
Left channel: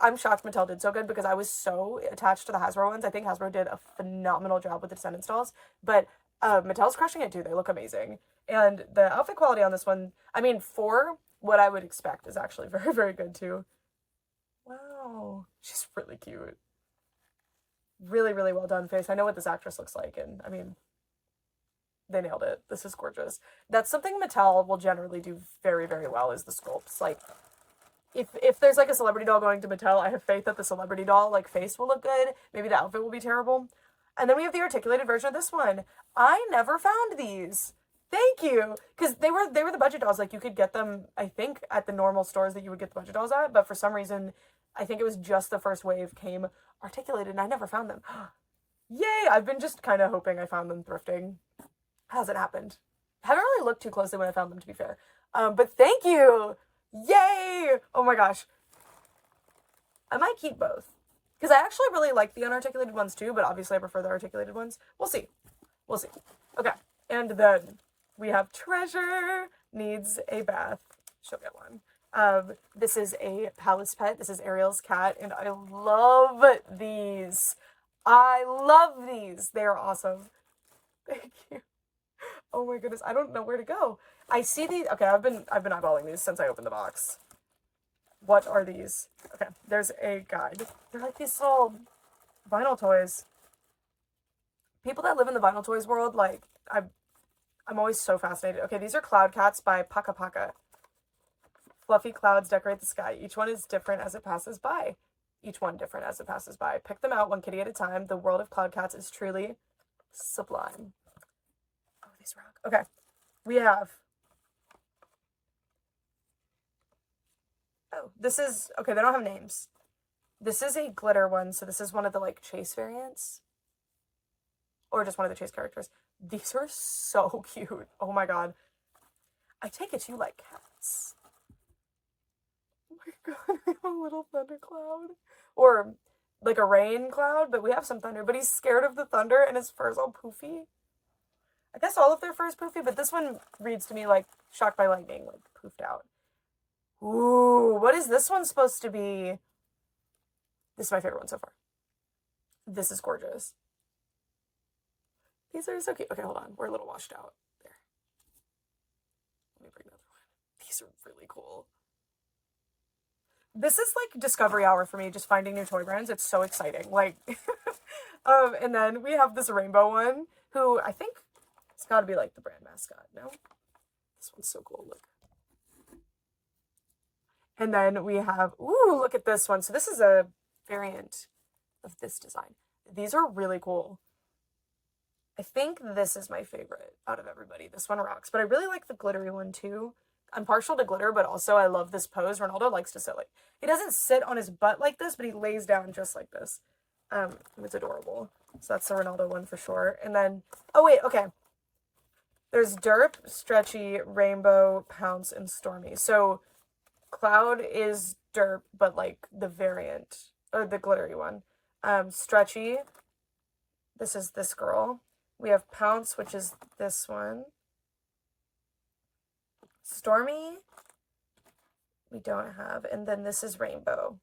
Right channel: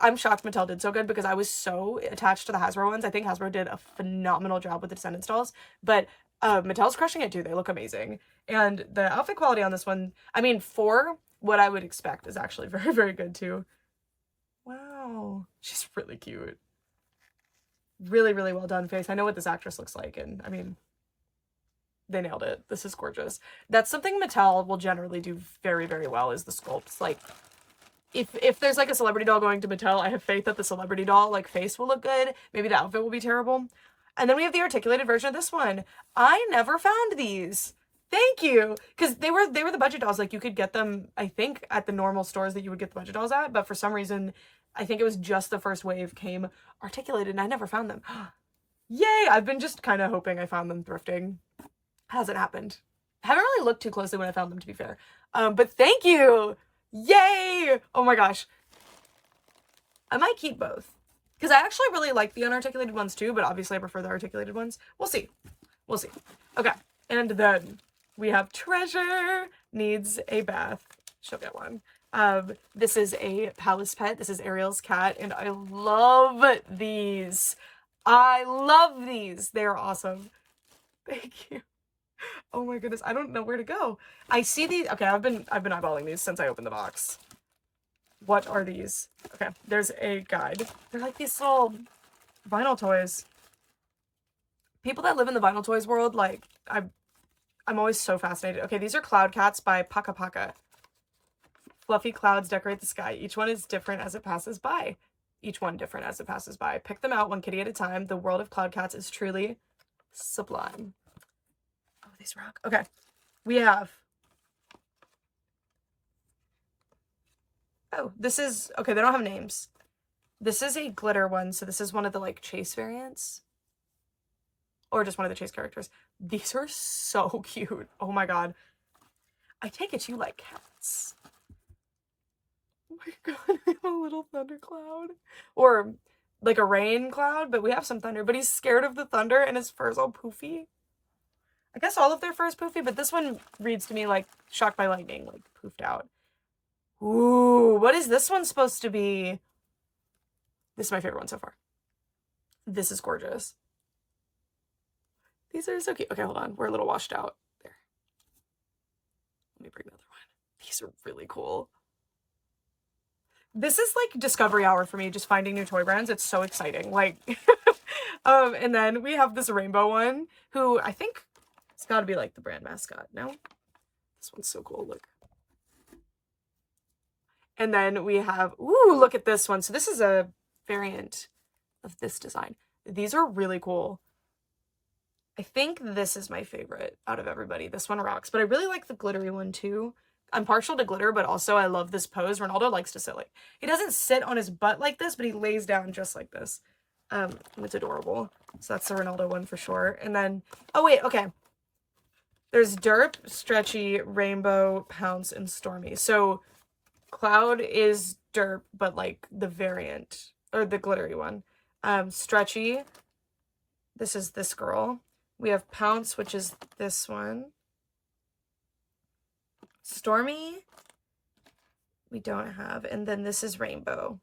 I'm shocked Mattel did so good because I was so attached to the Hasbro ones. I think Hasbro did a phenomenal job with the Descendants dolls, but Mattel's crushing it too. They look amazing. And the outfit quality on this one, I mean, for what I would expect, is actually very, very good too. Wow. She's really cute. Really, really well done face. I know what this actress looks like, and I mean, they nailed it. This is gorgeous. That's something Mattel will generally do very, very well, is the sculpts. Like, if there's like a celebrity doll going to Mattel, I have faith that the celebrity doll like face will look good. Maybe the outfit will be terrible. And then we have the articulated version of this one. I never found these. Thank you. Because they were the budget dolls. Like, you could get them, I think, at the normal stores that you would get the budget dolls at, but for some reason, I think it was just the first wave came articulated and I never found them. Yay! I've been just kind of hoping I found them thrifting. Hasn't happened. Haven't really looked too closely when I found them, to be fair. But thank you! Yay! Oh my gosh. I might keep both. Because I actually really like the unarticulated ones too, but obviously I prefer the articulated ones. We'll see. We'll see. Okay. And then we have Treasure needs a bath. She'll get one. This is a palace pet. This is Ariel's cat, and I love these. I love these. They're awesome. Thank you. Oh my goodness, I don't know where to go. I see these. Okay, I've been eyeballing these since I opened the box. What are these? Okay, there's a guide. They're like these little vinyl toys. People that live in the vinyl toys world, like, I'm always so fascinated. Okay, these are Cloud Cats by Paka Paka. Fluffy clouds decorate the sky. Each one is different as it passes by. Each one different as it passes by. Pick them out one kitty at a time. The world of Cloud Cats is truly sublime. Oh, these rock. Okay. We have... oh, this is... okay, they don't have names. This is a glitter one, so this is one of the, like, chase variants. Or just one of the chase characters. These are so cute. Oh my god. I take it you like cats. Oh my god, we have a little thunder cloud. Or like a rain cloud, but we have some thunder. But he's scared of the thunder and his fur's all poofy. I guess all of their fur is poofy, but this one reads to me like shocked by lightning, like poofed out. Ooh, what is this one supposed to be? This is my favorite one so far. This is gorgeous. These are so cute. Okay, hold on. We're a little washed out. There. Let me bring another one. These are really cool. This is like discovery hour for me, just finding new toy brands. It's so exciting. Like, and then we have this rainbow one, who I think it's got to be like the brand mascot. No? This one's so cool. Look. And then we have, ooh, look at this one. So this is a variant of this design. These are really cool. I think this is my favorite out of everybody. This one rocks, but I really like the glittery one too. I'm partial to glitter, but also I love this pose. Ronaldo likes to sit like, he doesn't sit on his butt like this, but he lays down just like this. And it's adorable. So that's the Ronaldo one for sure. And then, oh wait, okay. There's Derp, Stretchy, Rainbow, Pounce, and Stormy. So Cloud is derp, but like the variant, or the glittery one. Stretchy. This is this girl. We have Pounce, which is this one. Stormy, we don't have. And then this is Rainbow.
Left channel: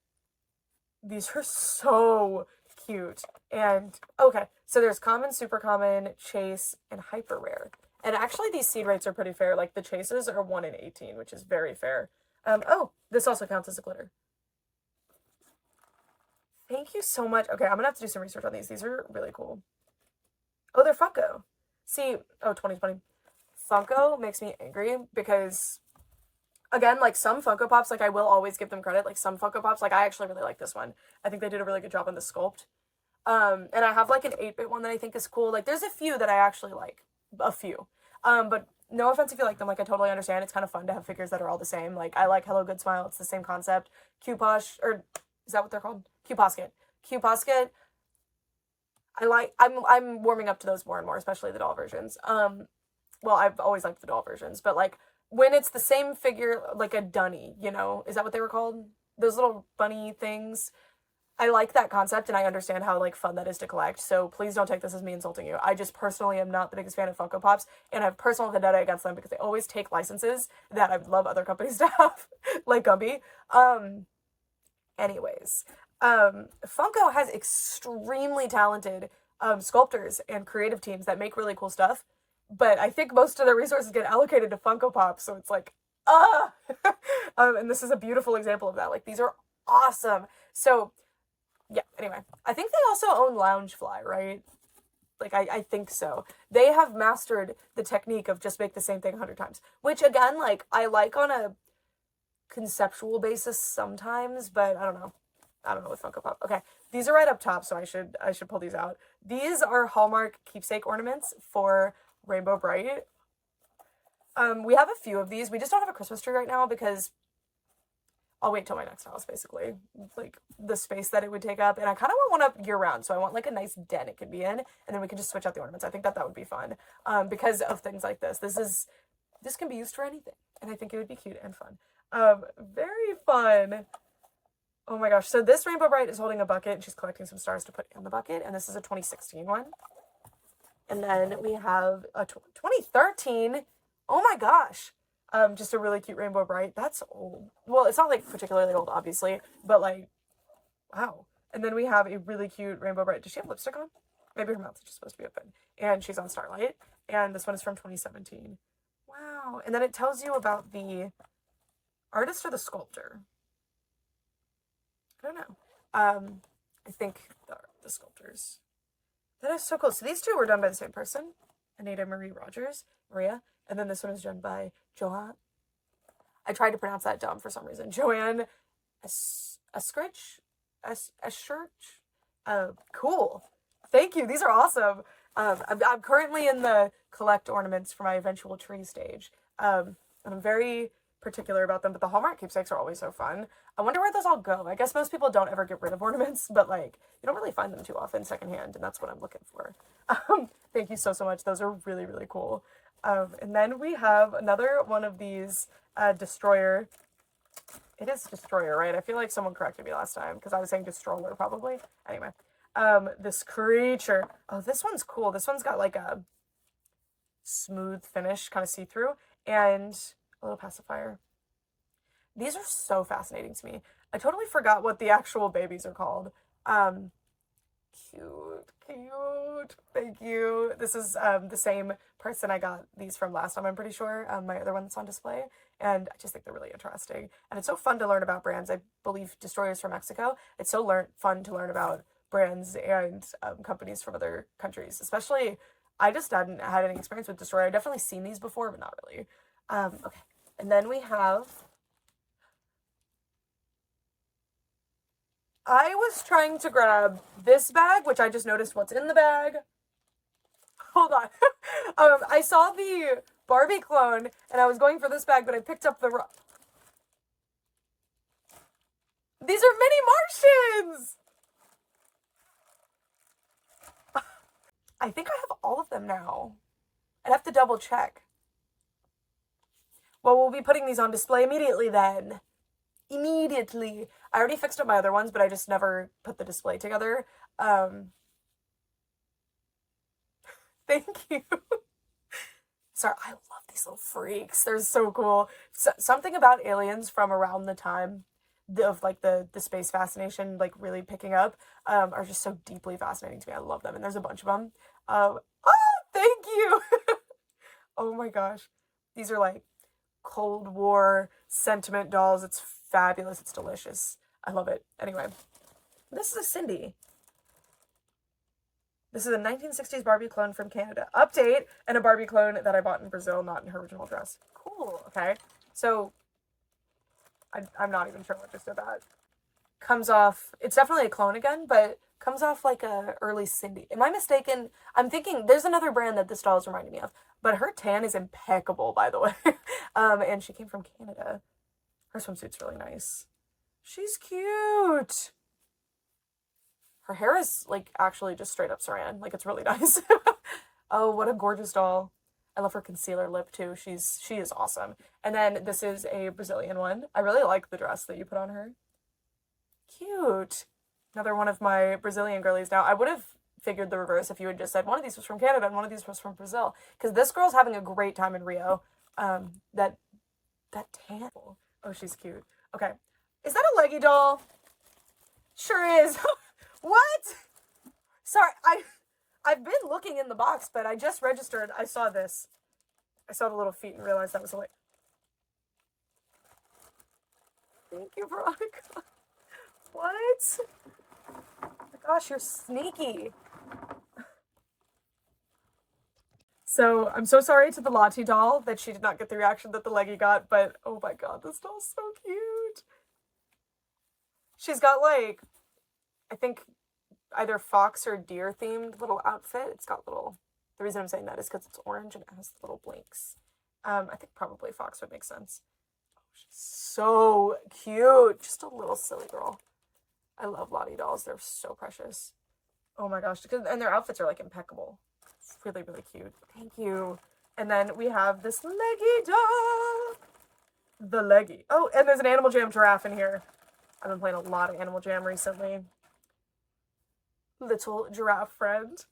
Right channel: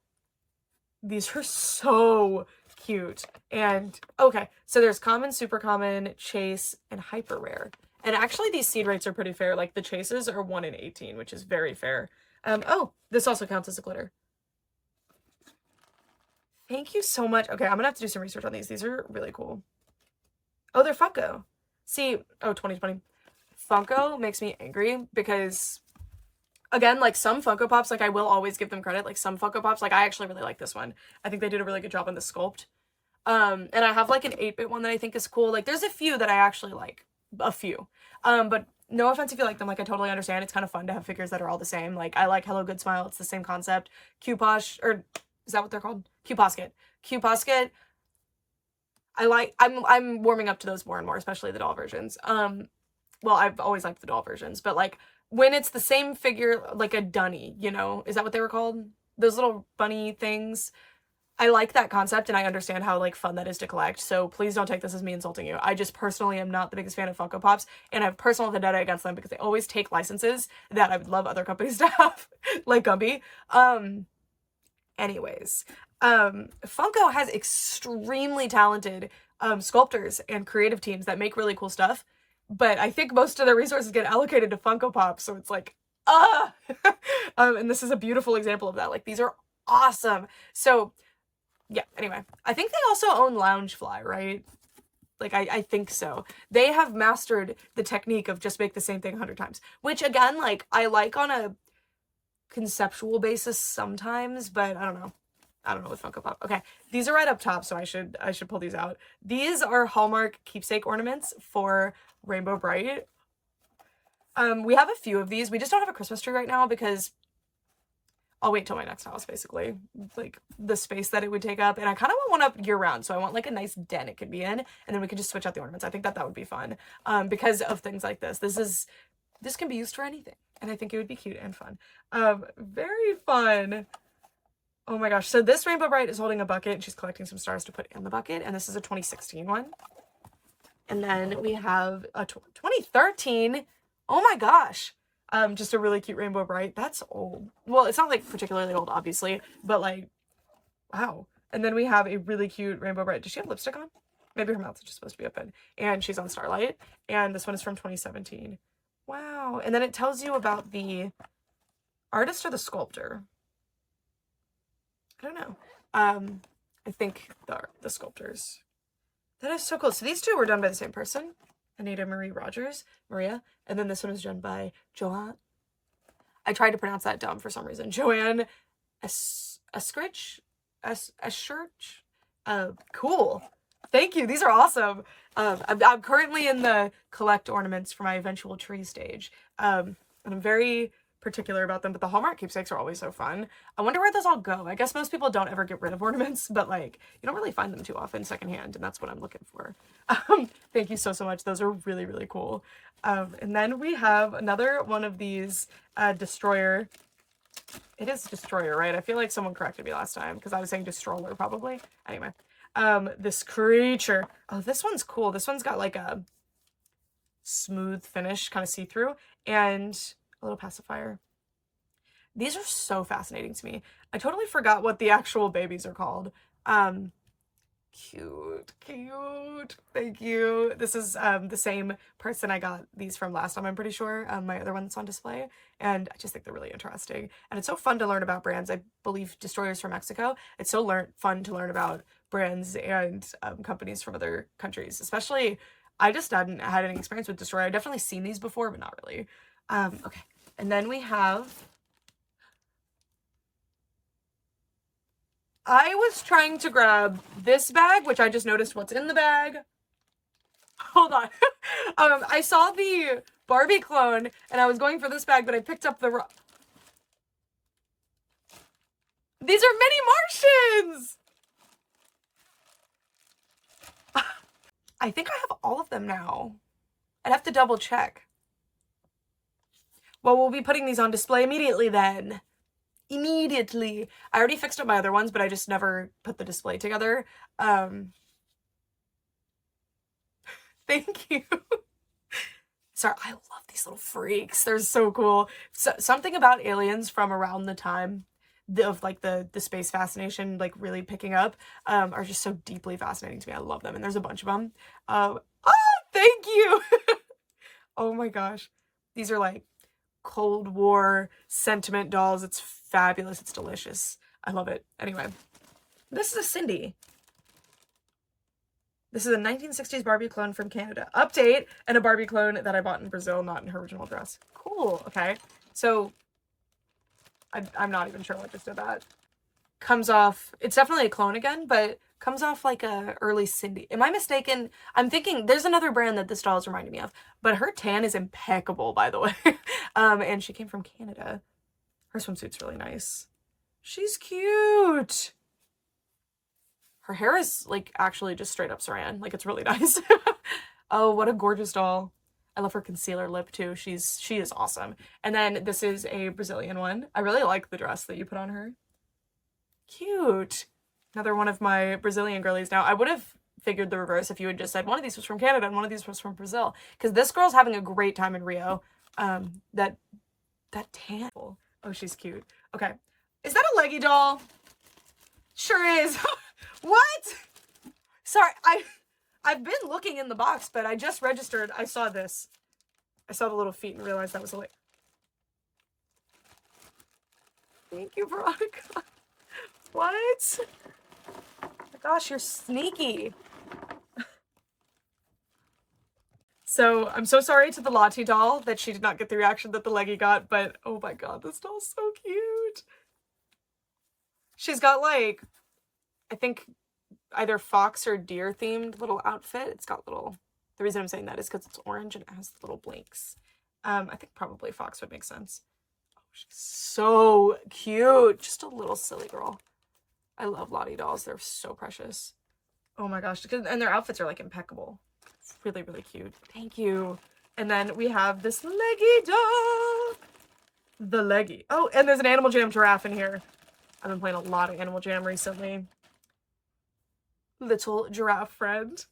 These are so cute. And, okay, so there's common, super common, chase, and hyper rare. And actually, these seed rates are pretty fair. Like, the chases are 1 in 18, which is very fair. Oh, this also counts as a glitter. Thank you so much. Okay, I'm gonna have to do some research on these. These are really cool. Oh, they're Funko. See, oh, 2020. Funko makes me angry because, again, like some Funko Pops, like I will always give them credit. Like some Funko Pops, like I actually really like this one. I think they did a really good job on the sculpt. And I have like an 8-bit one that I think is cool. Like there's a few that I actually like. A few. But no offense if you like them, like I totally understand. It's kind of fun to have figures that are all the same. Like I like Hello Good Smile, it's the same concept. Q-Posh, or is that what they're called? Q-Posket. Q-Posket. I'm warming up to those more and more, especially the doll versions. Well, I've always liked the doll versions, but like when it's the same figure, like a dunny, you know, is that what they were called? Those little bunny things. I like that concept and I understand how like fun that is to collect. So please don't take this as me insulting you. I just personally am not the biggest fan of Funko Pops and I have personal vendetta against them because they always take licenses that I would love other companies to have, like Gumby. Anyways, Funko has extremely talented sculptors and creative teams that make really cool stuff, but I think most of their resources get allocated to Funko Pop, so it's like, and this is a beautiful example of that. Like these are awesome. So yeah, anyway, I think they also own Loungefly, right? Like, I think so. They have mastered the technique of just make the same thing 100 times. Which, again, like, I like on a conceptual basis sometimes, but I don't know. I don't know with Funko Pop. Okay, these are right up top, so I should pull these out. These are Hallmark keepsake ornaments for Rainbow Bright. We have a few of these. We just don't have a Christmas tree right now because I'll wait till my next house, basically. Like, the space that it would take up. And I kind of want one up year-round, so I want, like, a nice den it could be in. And then we can just switch out the ornaments. I think that would be fun. Because of things like this. This can be used for anything. And I think it would be cute and fun. Very fun. Oh my gosh. So this Rainbow Bright is holding a bucket, and she's collecting some stars to put in the bucket. And this is a 2016 one. And then we have a 2013. Oh my gosh. Just a really cute Rainbow Bright. That's old. Well, it's not, like, particularly old, obviously, but, like, wow. And then we have a really cute Rainbow Bright. Does she have lipstick on? Maybe her mouth is just supposed to be open. And she's on Starlight. And this one is from 2017. Wow. And then it tells you about the artist or the sculptor. I don't know. I think the sculptors. That is so cool. So these two were done by the same person. Anita Marie Rogers, Maria. And then this one was done by Joanne. I tried to pronounce that dumb for some reason. Joanne Eskridge? Eschurch? Cool. Thank you. These are awesome. I'm currently in the collect ornaments for my eventual tree stage. And I'm very particular about them, but the Hallmark keepsakes are always so fun. I wonder where those all go. I guess most people don't ever get rid of ornaments, but like you don't really find them too often secondhand, and that's what I'm looking for. Thank you so much. Those are really, really cool. And then we have another one of these Destroyer. It is Destroyer, right? I feel like someone corrected me last time because I was saying Destroyer probably. Anyway, this creature. Oh, this one's cool. This one's got like a smooth finish, kind of see-through, and a little pacifier. These are so fascinating to me. I totally forgot what the actual babies are called. Cute. Thank you. This is the same person I got these from last time, I'm pretty sure. My other one that's on display. And I just think they're really interesting. And it's so fun to learn about brands. I believe Destroyer's from Mexico. It's so fun to learn about brands and companies from other countries. Especially, I just hadn't had any experience with Destroyer. I've definitely seen these before, but not really. Okay. And then we have... I was trying to grab this bag, which I just noticed what's in the bag. Hold on. I saw the Barbie clone, and I was going for this bag, but I picked up the... These are mini Martians! I think I have all of them now. I'd have to double check. Well, we'll be putting these on display immediately then. immediately. I already fixed up my other ones, but I just never put the display together. Thank you. Sorry, I love these little freaks. They're so cool. So, something about aliens from around the time of like the space fascination like really picking up are just so deeply fascinating to me. I love them, and there's a bunch of them. Oh, thank you. Oh my gosh. These are like Cold War sentiment dolls. It's fabulous. It's delicious. I love it. Anyway, this is a Cindy. This is a 1960s Barbie clone from Canada. Update, and a Barbie clone that I bought in Brazil, not in her original dress. Cool. Okay. So, I'm not even sure what just did that. Comes off, it's definitely a clone again, but comes off like a early Cindy. Am I mistaken? I'm thinking there's another brand that this doll is reminding me of, but her tan is impeccable, by the way. And she came from Canada. Her swimsuit's really nice. She's cute. Her hair is like actually just straight up saran. Like it's really nice. Oh, what a gorgeous doll. I love her concealer lip too. She is awesome. And then this is a Brazilian one. I really like the dress that you put on her. Cute. Another one of my Brazilian girlies. Now, I would have figured the reverse if you had just said one of these was from Canada and one of these was from Brazil. Because this girl's having a great time in Rio. That tan. Oh, she's cute. Okay. Is that a leggy doll? Sure is. What? Sorry, I've been looking in the box, but I just registered. I saw this. I saw the little feet and realized that was a leg. Thank you, Veronica. What? Oh my gosh, you're sneaky. So, I'm so sorry to the Lottie doll that she did not get the reaction that the leggy got, but oh my god, this doll's so cute. She's got like, I think either fox or deer themed little outfit. It's got little, the reason I'm saying that is because it's orange and it has little blinks. I think probably fox would make sense. Oh, she's so cute. Just a little silly girl. I love Lottie dolls. They're so precious. Oh my gosh. And their outfits are like impeccable. It's really, really cute. Thank you. And then we have this leggy doll. The leggy. Oh, and there's an Animal Jam giraffe in here. I've been playing a lot of Animal Jam recently. Little giraffe friend.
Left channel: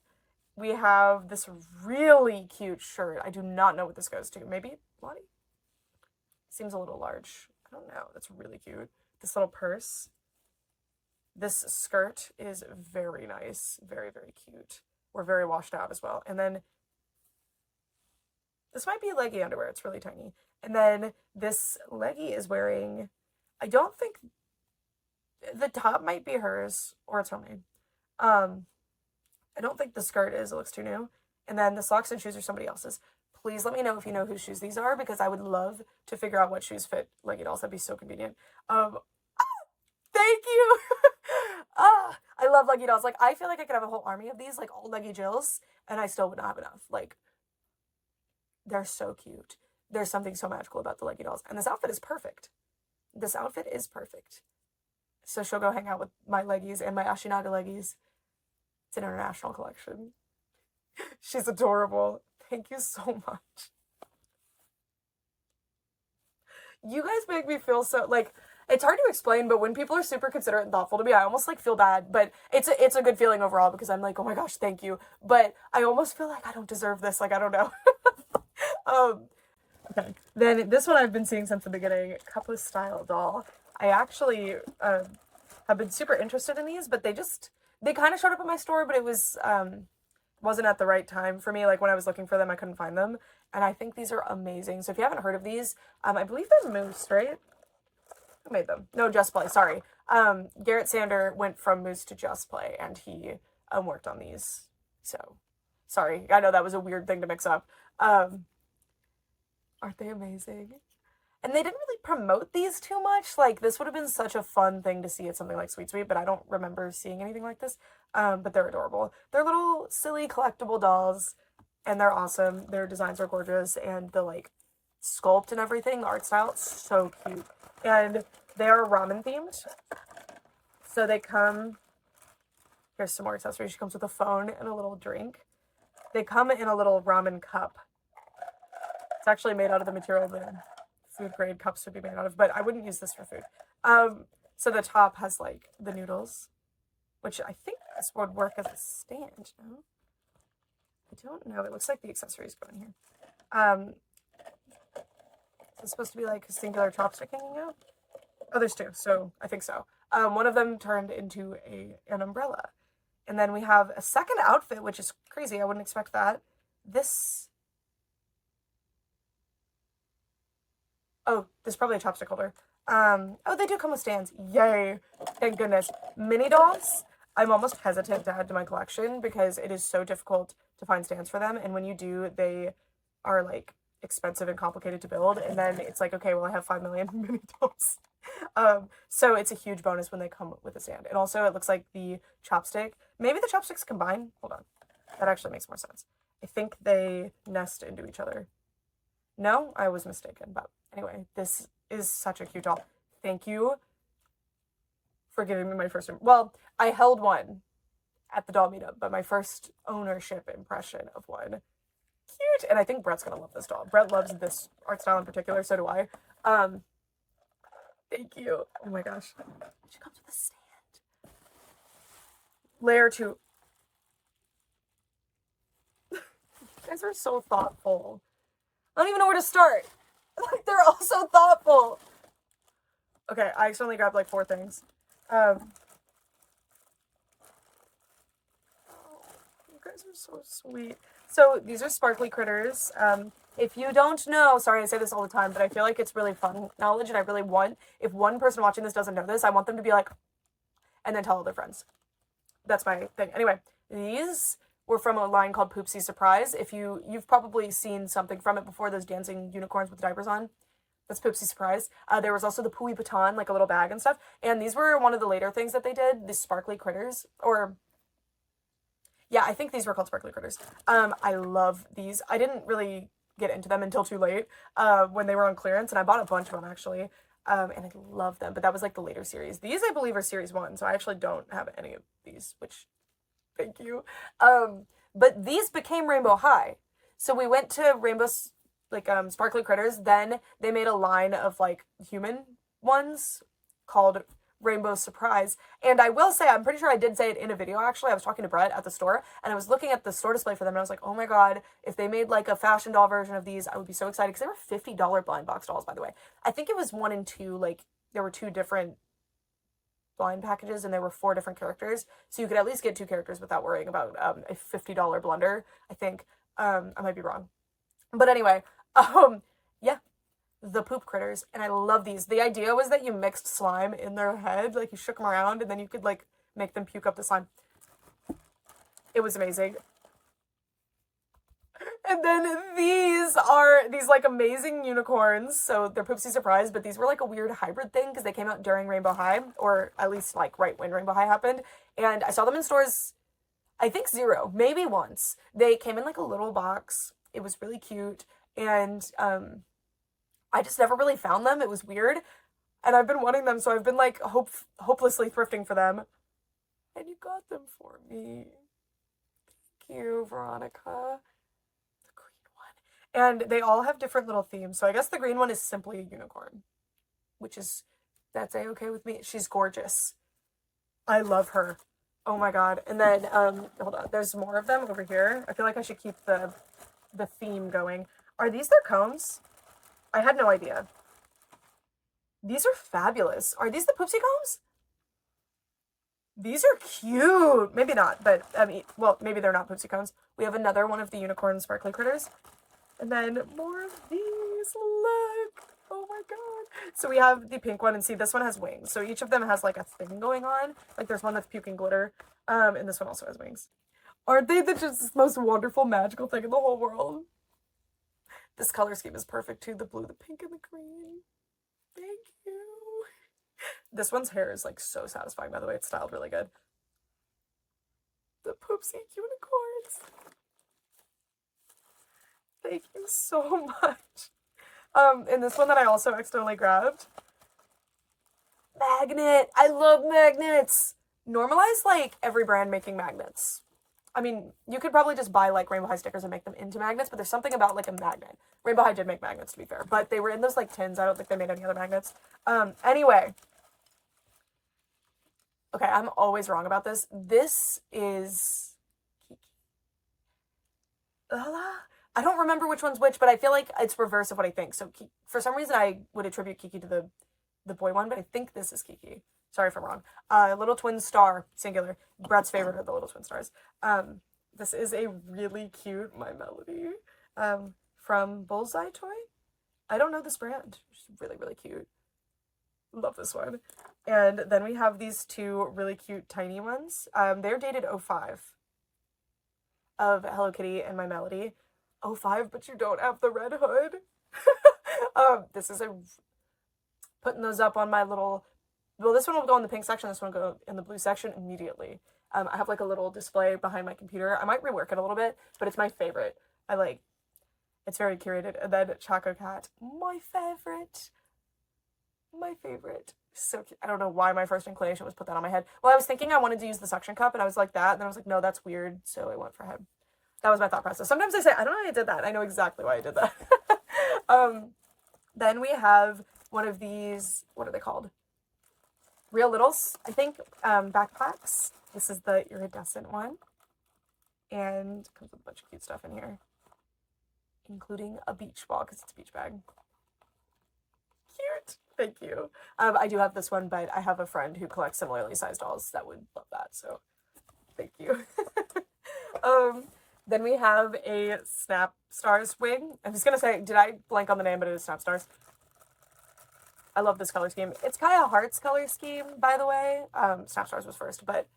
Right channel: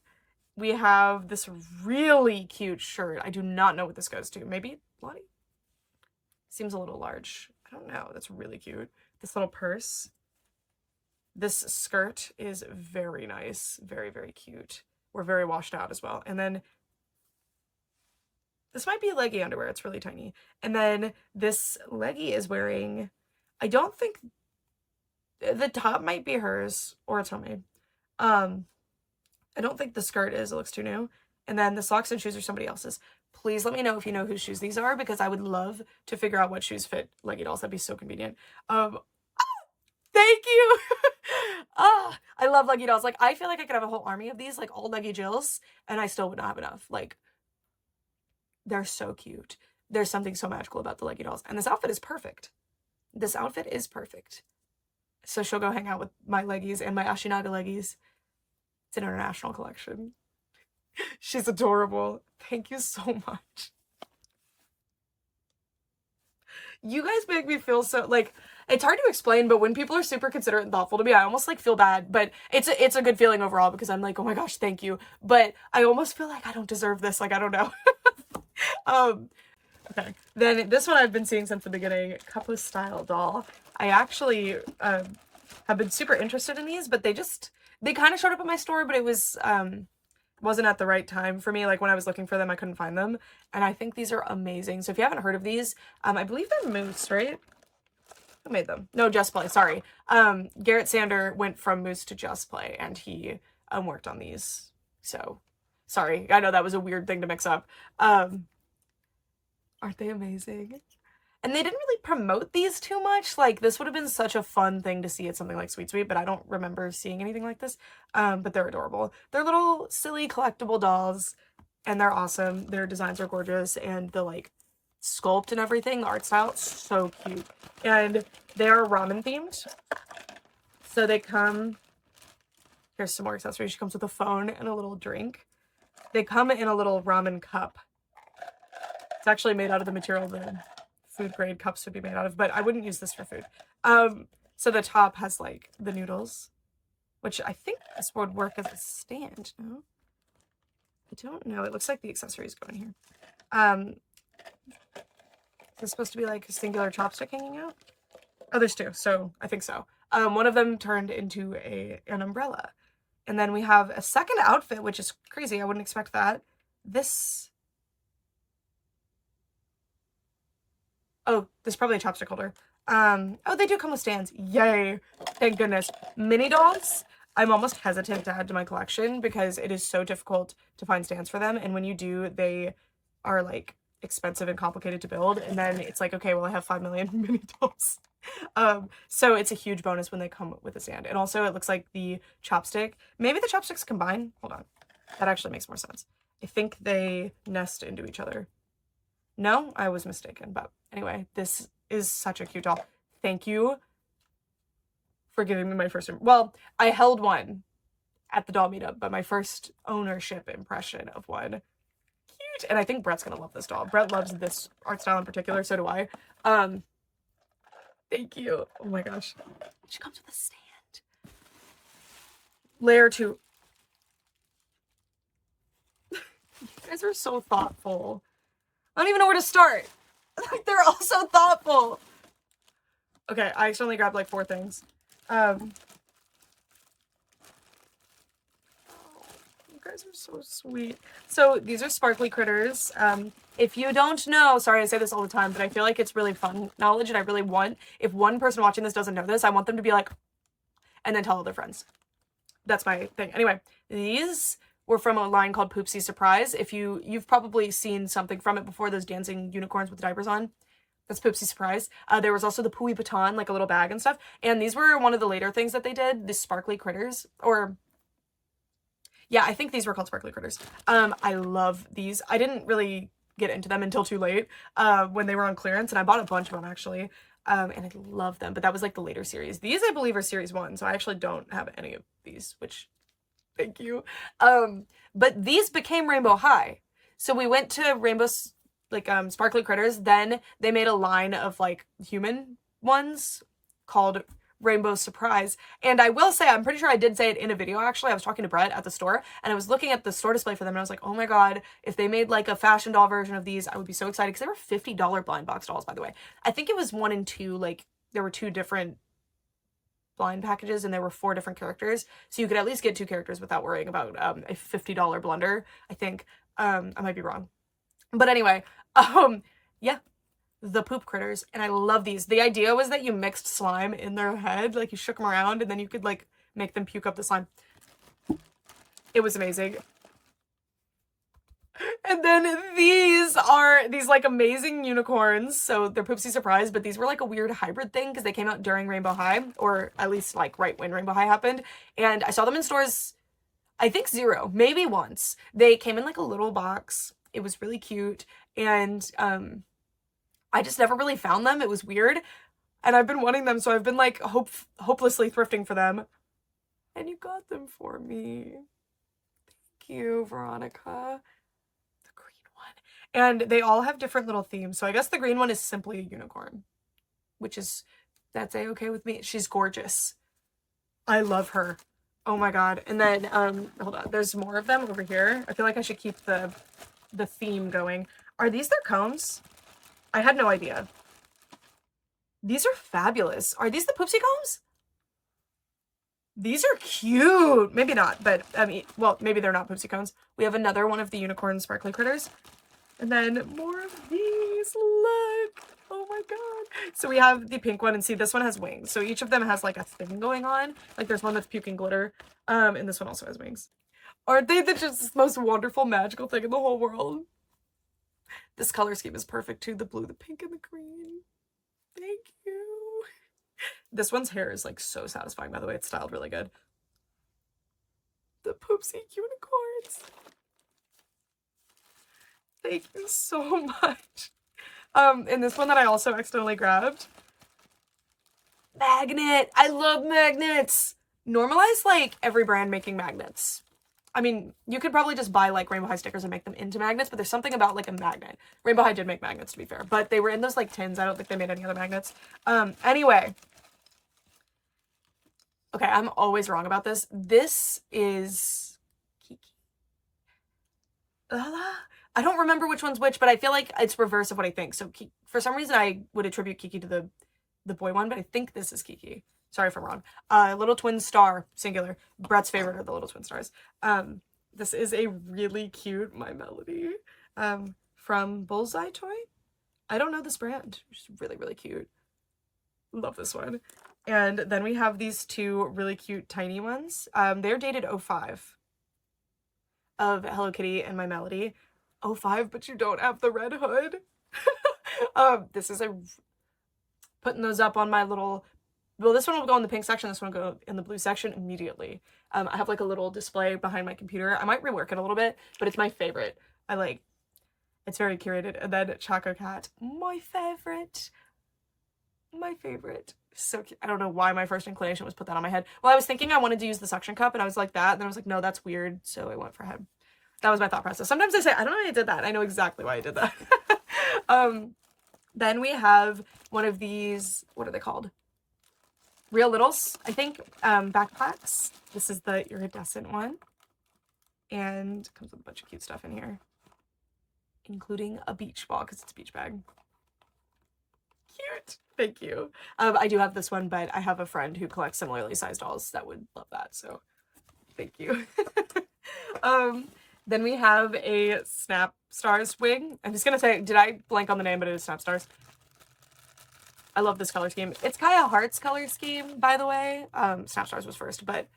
We have this really cute shirt. I do not know what this goes to. Maybe Lottie? Seems a little large. I don't know. That's really cute. This little purse. This skirt is very nice. Very, very cute. We're very washed out as well. And then this might be leggy underwear. It's really tiny. And then this leggy is wearing, I don't think, the top might be hers or it's homemade. I don't think the skirt is. It looks too new. And then the socks and shoes are somebody else's. Please let me know if you know whose shoes these are because I would love to figure out what shoes fit leggy dolls. That'd be so convenient. Thank you. I love leggy dolls. Like, I feel like I could have a whole army of these, like all leggy Jills, and I still would not have enough. Like, they're so cute. There's something so magical about the leggy dolls. And this outfit is perfect. This outfit is perfect. So she'll go hang out with my leggies and my Ashinaga leggies. It's an international collection. She's adorable. Thank you so much. You guys make me feel so, like, it's hard to explain, but when people are super considerate and thoughtful to me, I almost, like, feel bad. But it's a good feeling overall because I'm like, oh my gosh, thank you. But I almost feel like I don't deserve this. Like, I don't know. Okay. Then this one I've been seeing since the beginning, Couple Style doll. I actually have been super interested in these, but they kind of showed up at my store, but it was wasn't at the right time for me. Like when I was looking for them, I couldn't find them. And I think these are amazing. So if you haven't heard of these, I believe they're Moose, right? Who made them? No, Just Play, sorry. Garrett Sander went from Moose to Just Play and he worked on these. So sorry. I know that was a weird thing to mix up. Aren't they amazing? And they didn't really promote these too much. Like, this would have been such a fun thing to see at something like Sweet Sweet, but I don't remember seeing anything like this. But they're adorable. They're little, silly, collectible dolls, and they're awesome. Their designs are gorgeous, and the, like, sculpt and everything, the art style, so cute. And they're ramen-themed. So they come... Here's some more accessories. She comes with a phone and a little drink. They come in a little ramen cup. It's actually made out of the material the food grade cups would be made out of, but I wouldn't use this for food. So the top has like the noodles, which I think this would work as a stand. No? I don't know. It looks like the accessories go in here. Is this supposed to be like a singular chopstick hanging out? Oh, there's two, so I think so. One of them turned into an umbrella. And then we have a second outfit, which is crazy. I wouldn't expect that. This... Oh, this is probably a chopstick holder. Oh, they do come with stands. Yay. Thank goodness. Mini dolls, I'm almost hesitant to add to my collection because it is so difficult to find stands for them. And when you do, they are like expensive and complicated to build. And then it's like, okay, well, I have 5 million mini dolls. So it's a huge bonus when they come with a stand. And also it looks like the chopstick, maybe the chopsticks combine. Hold on. That actually makes more sense. I think they nest into each other. No, I was mistaken. But anyway, this is such a cute doll. Thank you for giving me my first... Well, I held one at the doll meetup, but my first ownership impression of one. Cute. And I think Brett's gonna love this doll. Brett loves this art style in particular, so do I. Thank you. Oh my gosh. She comes with a stand. Layer 2. You guys are so thoughtful. I don't even know where to start. Like, they're all so thoughtful. Okay, I accidentally grabbed like 4 things. You guys are so sweet. So these are sparkly critters. If you don't know, sorry I say this all the time, but I feel like it's really fun knowledge, and I really want, if one person watching this doesn't know this, I want them to be like, and then tell all their friends. That's my thing. Anyway, these were from a line called Poopsie Surprise. If you've probably seen something from it before, those dancing unicorns with diapers on. That's Poopsie Surprise. There was also the Pooey Baton, like a little bag and stuff. And these were one of the later things that they did, the sparkly critters, or... Yeah, I think these were called sparkly critters. I love these. I didn't really get into them until too late, when they were on clearance, and I bought a bunch of them, actually. And I love them, but that was like the later series. These, I believe, are series 1, so I actually don't have any of these, which, thank you. But these became Rainbow High. So we went to Rainbow's, like, sparkly critters, then they made a line of, like, human ones called Rainbow Surprise. And I will say, I'm pretty sure I did say it in a video, actually. I was talking to Brett at the store, and I was looking at the store display for them, and I was like, oh my god, if they made like a fashion doll version of these, I would be so excited, because they were $50 blind box dolls, by the way. I think it was 1 and 2, like, there were 2 different blind packages, and there were 4 different characters, so you could at least get 2 characters without worrying about a $50 blunder, I think. I might be wrong. But anyway, yeah. The poop critters, and I love these. The idea was that you mixed slime in their head, like you shook them around, and then you could like make them puke up the slime. It was amazing. And then these are these like amazing unicorns. So they're Poopsie Surprise, but these were like a weird hybrid thing because they came out during Rainbow High, or at least like right when Rainbow High happened. And I saw them in stores, I think 0, maybe once. They came in like a little box. It was really cute, and I just never really found them. It was weird. And I've been wanting them, so I've been like hopelessly thrifting for them. And you got them for me. Thank you, Veronica. The green one. And they all have different little themes. So I guess the green one is simply a unicorn, which is, that's a-okay with me. She's gorgeous. I love her. Oh my god. And then, hold on. There's more of them over here. I feel like I should keep the theme going. Are these their combs? I had no idea. These are fabulous. Are these the Poopsie combs? These are cute. Maybe not, but I mean, well, maybe they're not Poopsie combs. We have another one of the unicorn sparkly critters. And then more of these. Look. Oh my god. So we have the pink one, and see, this one has wings. So each of them has like a thing going on. Like there's one that's puking glitter. And this one also has wings. Aren't they just the most wonderful, magical thing in the whole world? This color scheme is perfect too. The blue, the pink, and the green. Thank you. This one's hair is like so satisfying, by the way. It's styled really good. The Poopsie unicorns. Thank you so much. And this one that I also accidentally grabbed. Magnet. I love magnets. Normalize like every brand making magnets. I mean, you could probably just buy like Rainbow High stickers and make them into magnets, but there's something about like a magnet. Rainbow High did make magnets, to be fair, but they were in those like tins. I don't think they made any other magnets. Anyway, Okay, I'm always wrong about this. This is Kiki. I don't remember which one's which, but I feel like it's reverse of what I think. So for some reason, I would attribute Kiki to the boy one, but I think this is Kiki. Sorry if I'm wrong. Little twin star, singular. Brett's favorite are the little twin stars. This is a really cute My Melody from Bullseye Toy. I don't know this brand. It's really, really cute. Love this one. And then we have these two really cute tiny ones. They're dated 05 of Hello Kitty and My Melody. 05, but you don't have the red hood. This is putting those up on my little, well, this one will go in the pink section, this one will go in the blue section immediately. I have like a little display behind my computer. I might rework it a little bit, but it's my favorite. It's very curated. And then Choco Cat, my favorite. My favorite. So cute. I don't know why my first inclination was put that on my head. Well, I was thinking I wanted to use the suction cup, and I was like that, and then I was like, no, that's weird, so I went for head. That was my thought process. Sometimes I say, I don't know why I did that. I know exactly why I did that. Then we have one of these, what are they called? Real Littles, I think, backpacks. This is the iridescent one. And comes with a bunch of cute stuff in here, including a beach ball, because it's a beach bag. Cute. Thank you. I do have this one, but I have a friend who collects similarly sized dolls that would love that, so thank you. Then we have a Snap Stars wing. I'm just gonna say, did I blank on the name, but it is Snap Stars. I love this color scheme. It's Kaya Hart's color scheme, by the way. Snap Stars was first, but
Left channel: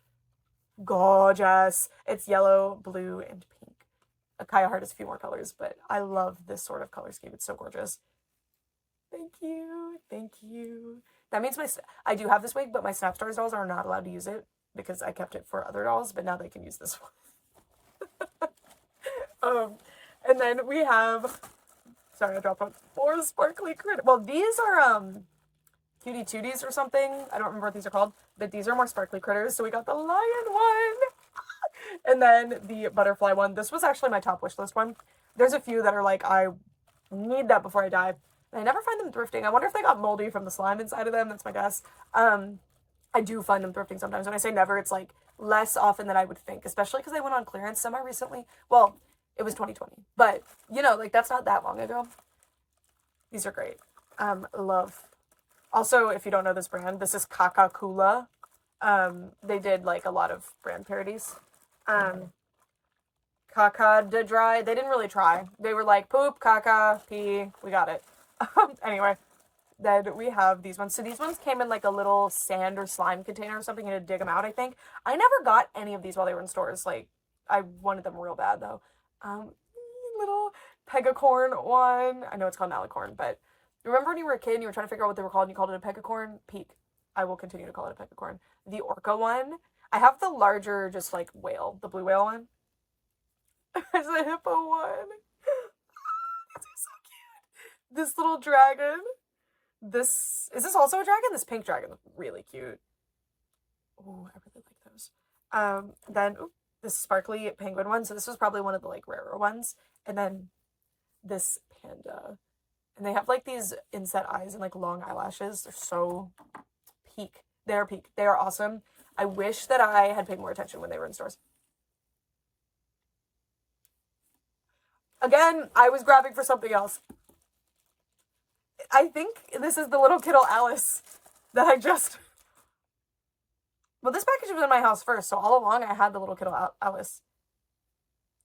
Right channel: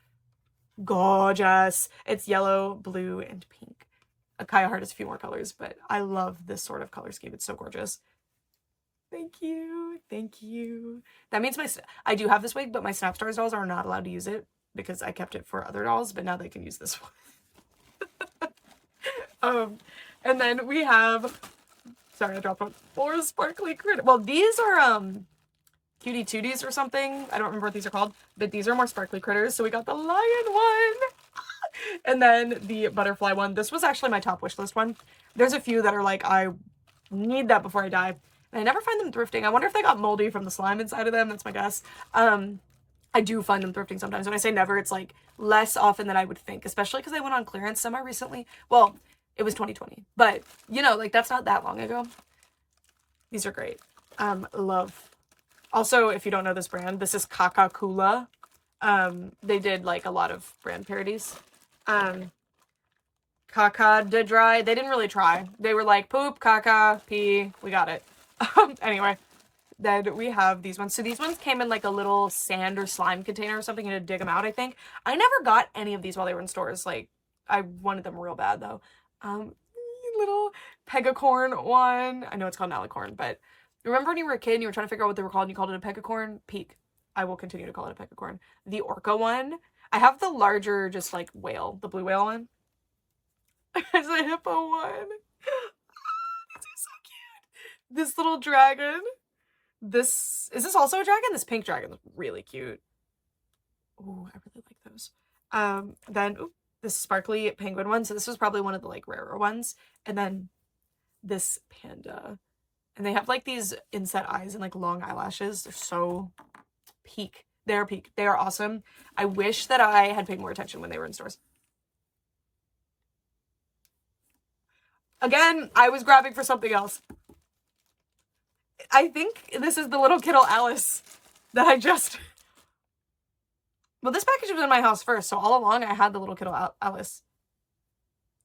gorgeous. It's yellow, blue, and pink. Kaya Hart has a few more colors, but I love this sort of color scheme. It's so gorgeous. Thank you. Thank you. That means I do have this wig, but my Snap Stars dolls are not allowed to use it because I kept it for other dolls, but now they can use this one. And then we have, sorry, I dropped one, more sparkly critter. Well, these are, Cutie Tooties or something. I don't remember what these are called, but these are more sparkly critters. So we got the lion one. And then the butterfly one. This was actually my top wish list one. There's a few that are like, I need that before I die. And I never find them thrifting. I wonder if they got moldy from the slime inside of them. That's my guess. I do find them thrifting sometimes. When I say never, it's like less often than I would think, especially because they went on clearance semi-recently. Well, it was 2020, but you know, like that's not that long ago. These are great. Love. Also, if you don't know this brand, this is Kaka-Kula. They did like a lot of brand parodies. Caca de dry. They didn't really try. They were like poop, caca, pee. We got it. Anyway, then we have these ones. So these ones came in like a little sand or slime container or something. You had to dig them out, I think. I never got any of these while they were in stores. Like, I wanted them real bad though. Little pegacorn one. I know it's called alicorn, but remember when you were a kid and you were trying to figure out what they were called and you called it a pegacorn? Peak. I will continue to call it a pegacorn. The orca one. I have the larger, just like whale, the blue whale one. There's a hippo one. This is so cute. This little dragon. Is this also a dragon? This pink dragon is really cute. Oh, I really like those. Then this sparkly penguin one. So this was probably one of the like rarer ones. And then this panda. And they have like these inset eyes and like long eyelashes. They're so peak. They're peak. They are awesome. I wish that I had paid more attention when they were in stores. Again, I was grabbing for something else. I think this is the little Kittle Alice that I just... Well, this package was in my house first, so all along I had the little Kittle Alice.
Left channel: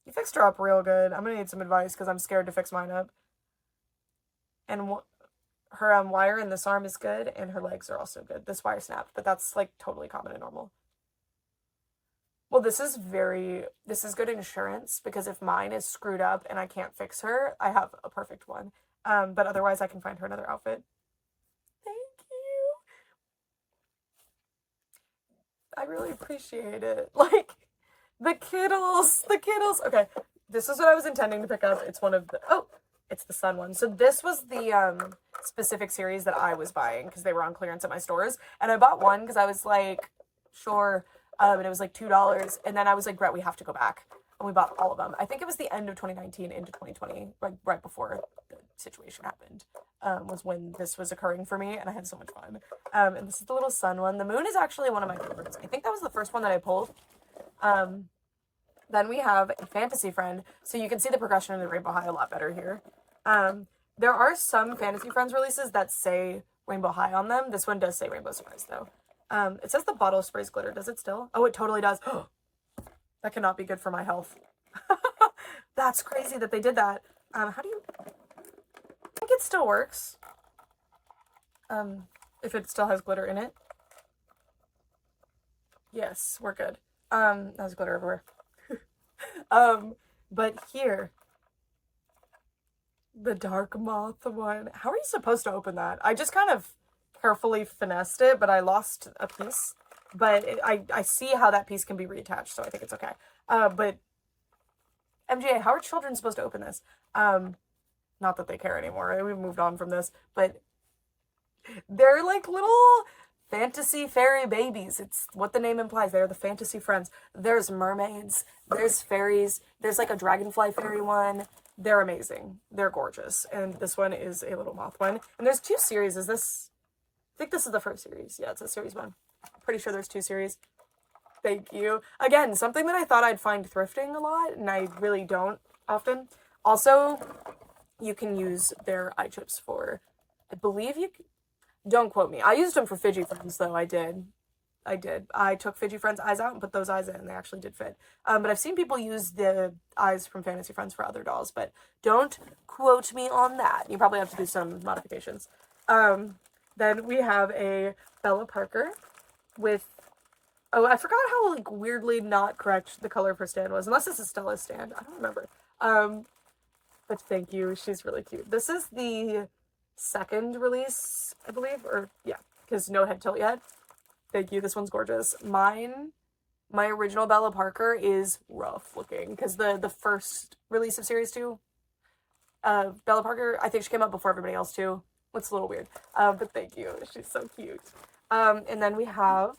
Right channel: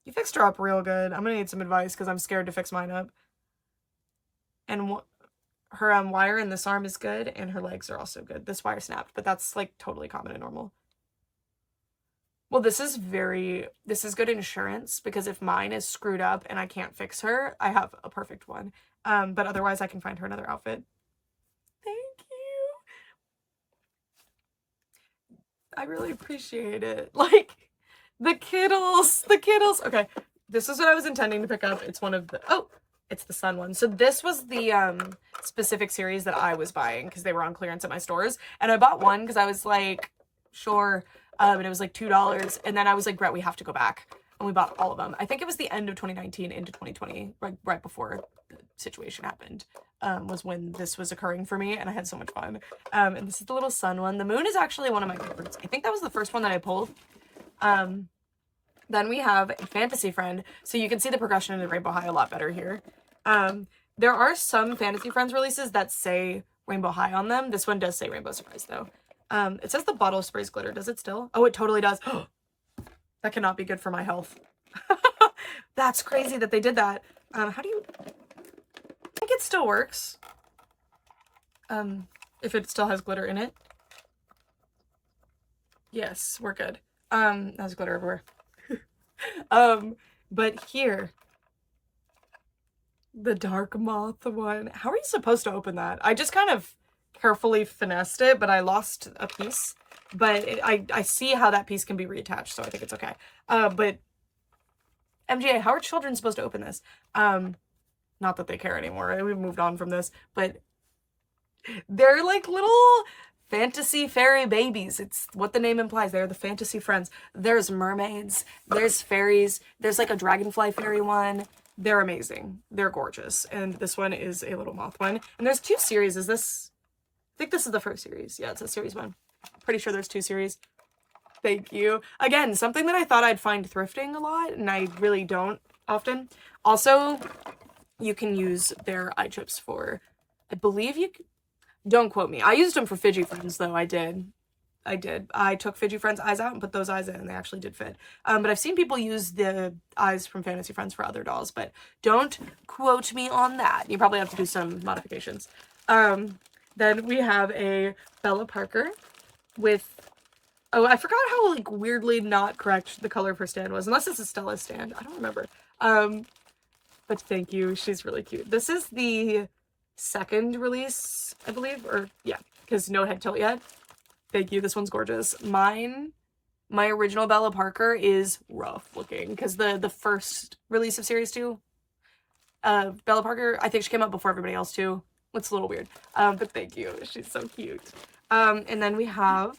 You fixed her up real good. I'm gonna need some advice because I'm scared to fix mine up. And her wire in this arm is good, and her legs are also good. This wire snapped, but that's like totally common and normal. Well, this is good insurance because if mine is screwed up and I can't fix her, I have a perfect one. But otherwise I can find her another outfit. Thank you. I really appreciate it. Like, the Kittles. Okay, this is what I was intending to pick up. It's one of the, it's the sun one. So this was the specific series that I was buying because they were on clearance at my stores. And I bought one because I was like, sure. And it was like $2. And then I was like, Brett, we have to go back. And we bought all of them. I think it was the end of 2019 into 2020, right before the situation happened. was when this was occurring for me, and I had so much fun. And this is the little sun one. The moon is actually one of my favorites. I think that was the first one that I pulled. Then we have a fantasy friend. So you can see the progression in the Rainbow High a lot better here. There are some Fantasy Friends releases that say Rainbow High on them. This one does say Rainbow Surprise, though. It says the bottle sprays glitter. Does it still? Oh, it totally does. That cannot be good for my health. That's crazy that they did that. How do you... I think it still works. If it still has glitter in it. Yes, we're good. There's glitter everywhere. But here... The dark moth one. How are you supposed to open that? I just kind of carefully finessed it, but I lost a piece. But I see how that piece can be reattached, so I think it's okay. But MGA, how are children supposed to open this? Not that they care anymore. We've moved on from this, but they're like little fantasy fairy babies. It's what the name implies. They're the fantasy friends. There's mermaids. There's fairies. There's like a dragonfly fairy one. They're amazing. They're gorgeous. And this one is a little moth one. And there's 2 series. Is this... I think this is the first series. Yeah, it's a series 1. Pretty sure there's 2 series. Thank you. Again, something that I thought I'd find thrifting a lot, and I really don't often. Also, you can use their eye chips for... I believe you... Don't quote me. I used them for Fidgy Friends, though. I did. I took Fidgy Friends' eyes out and put those eyes in, and they actually did fit. But I've seen people use the eyes from Fantasy Friends for other dolls, but don't quote me on that. You probably have to do some modifications. Then we have a Bella Parker with... Oh, I forgot how, like, weirdly not correct the color of her stand was, unless it's a Stella stand. I don't remember. But thank you. She's really cute. This is the second release, I believe, or, yeah, because no head tilt yet. Thank you. This one's gorgeous. My original Bella Parker is rough looking because the first release of Series 2, Bella Parker, I think she came out before everybody else too. It's a little weird. But thank you. She's so cute. And then we have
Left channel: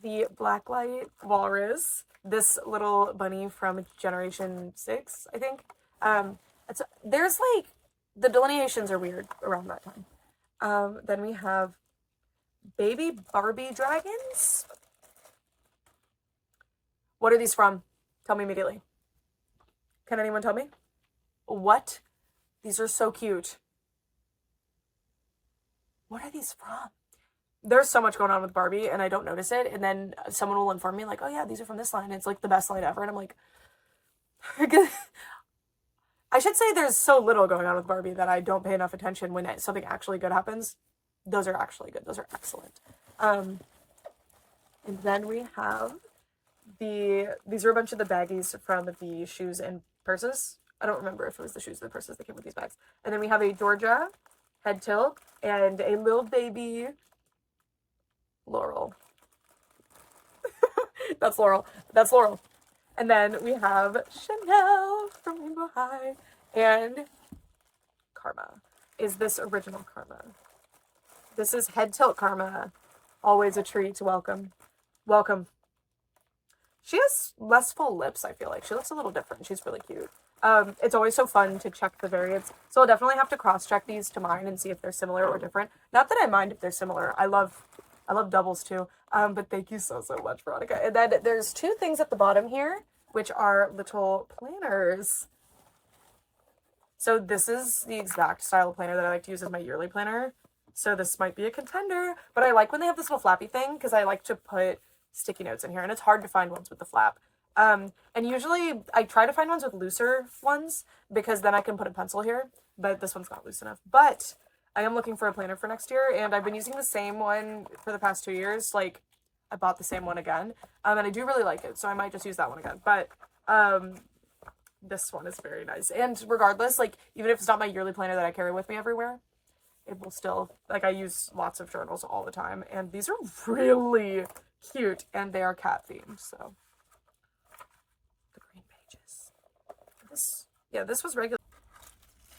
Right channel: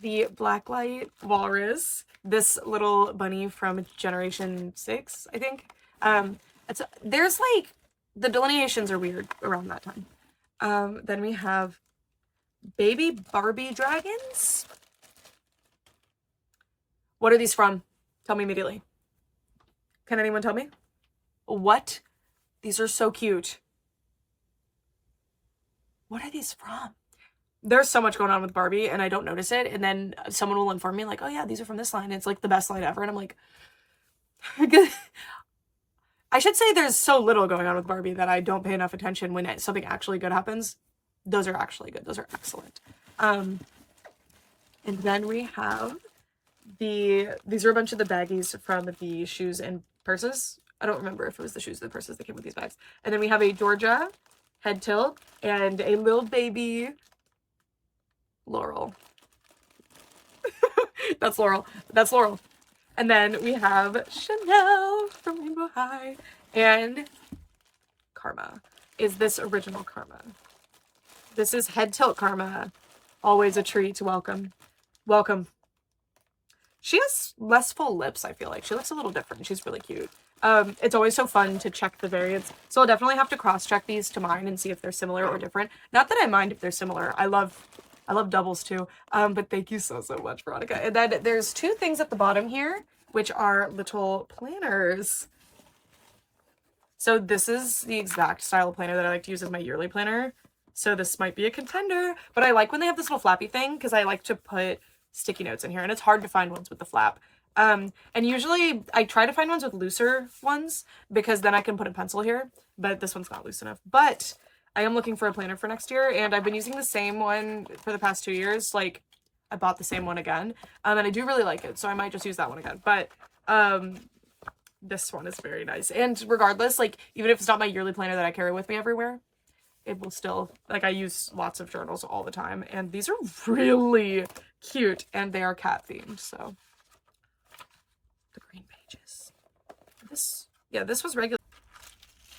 the Blacklight Walrus. This little bunny from Generation 6, I think. There's like, the delineations are weird around that time. Then we have baby Barbie dragons. What are these from? Tell me immediately. Can anyone tell me? What? These are so cute. What are these from? There's so much going on with Barbie and I don't notice it, and then someone will inform me like, oh yeah, these are from this line. It's like the best line ever, and I'm like, I should say there's so little going on with Barbie that I don't pay enough attention when something actually good happens. Those are actually good. Those are excellent. And then we have these are a bunch of the baggies from the shoes and purses. I don't remember if it was the shoes or the purses that came with these bags. And then we have a Georgia head tilt and a little baby Laurel. That's Laurel. That's Laurel. And then we have Chanel from Rainbow High. And Karma is this original Karma. This is head tilt Karma. Always a treat. Welcome. Welcome. She has less full lips, I feel like. She looks a little different. She's really cute. It's always so fun to check the variants. So I'll definitely have to cross-check these to mine and see if they're similar or different. Not that I mind if they're similar. I love doubles too. But thank you so much, Veronica. And then there's 2 things at the bottom here, which are little planners. So this is the exact style of planner that I like to use as my yearly planner. So this might be a contender, but I like when they have this little flappy thing because I like to put sticky notes in here, and it's hard to find ones with the flap. And usually I try to find ones with looser ones because then I can put a pencil here, but this one's not loose enough. But I am looking for a planner for next year, and I've been using the same one for the past 2 years. Like, I bought the same one again, and I do really like it, so I might just use that one again. But this one is very nice, and regardless, like, even if it's not my yearly planner that I carry with me everywhere, it will still, like, I use lots of journals all the time, and these are really cute, and they are cat themed. So the green pages, this was regular.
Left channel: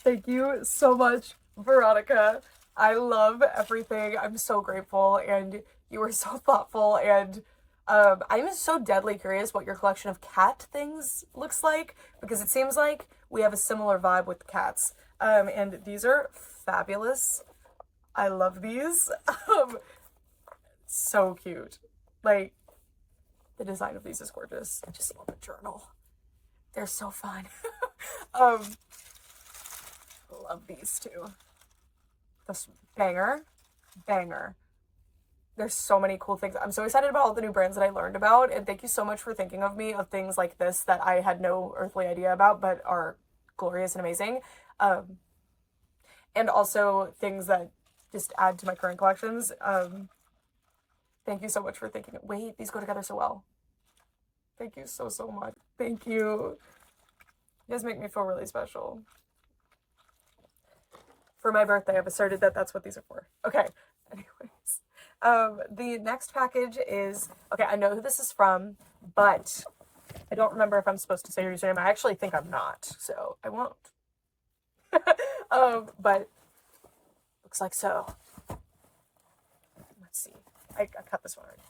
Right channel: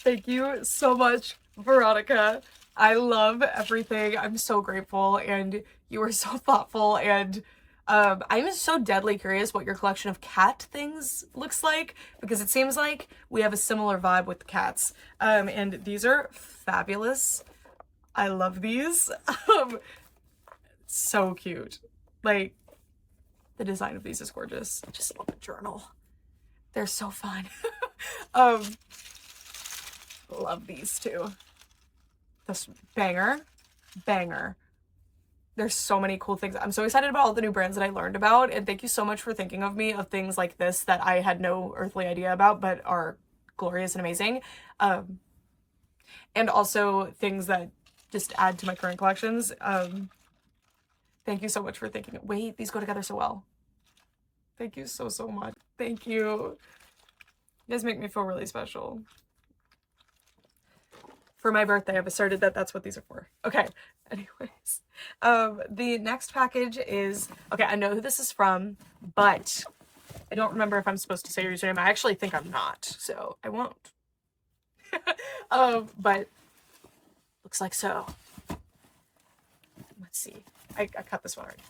Thank you so much, Veronica. I love everything. I'm so grateful, and you were so thoughtful, and I'm so deadly curious what your collection of cat things looks like, because it seems like we have a similar vibe with the cats. And these are fabulous. I love these. So cute. Like, the design of these is gorgeous. I just love the journal. They're so fun. um, love these too. This banger. There's so many cool things. I'm so excited about all the new brands that I learned about, and thank you so much for thinking of me of things like this that I had no earthly idea about but are glorious and amazing. And also things that just add to my current collections. Thank you so much for thinking. Wait, these go together so well. Thank you so much. Thank you. You guys make me feel really special. For my birthday, I've asserted that that's what these are for. Okay, anyways. The next package is, okay, I know who this is from, but I don't remember if I'm supposed to say your username. I actually think I'm not, so I won't. But looks like so. Let's see. I cut this one already.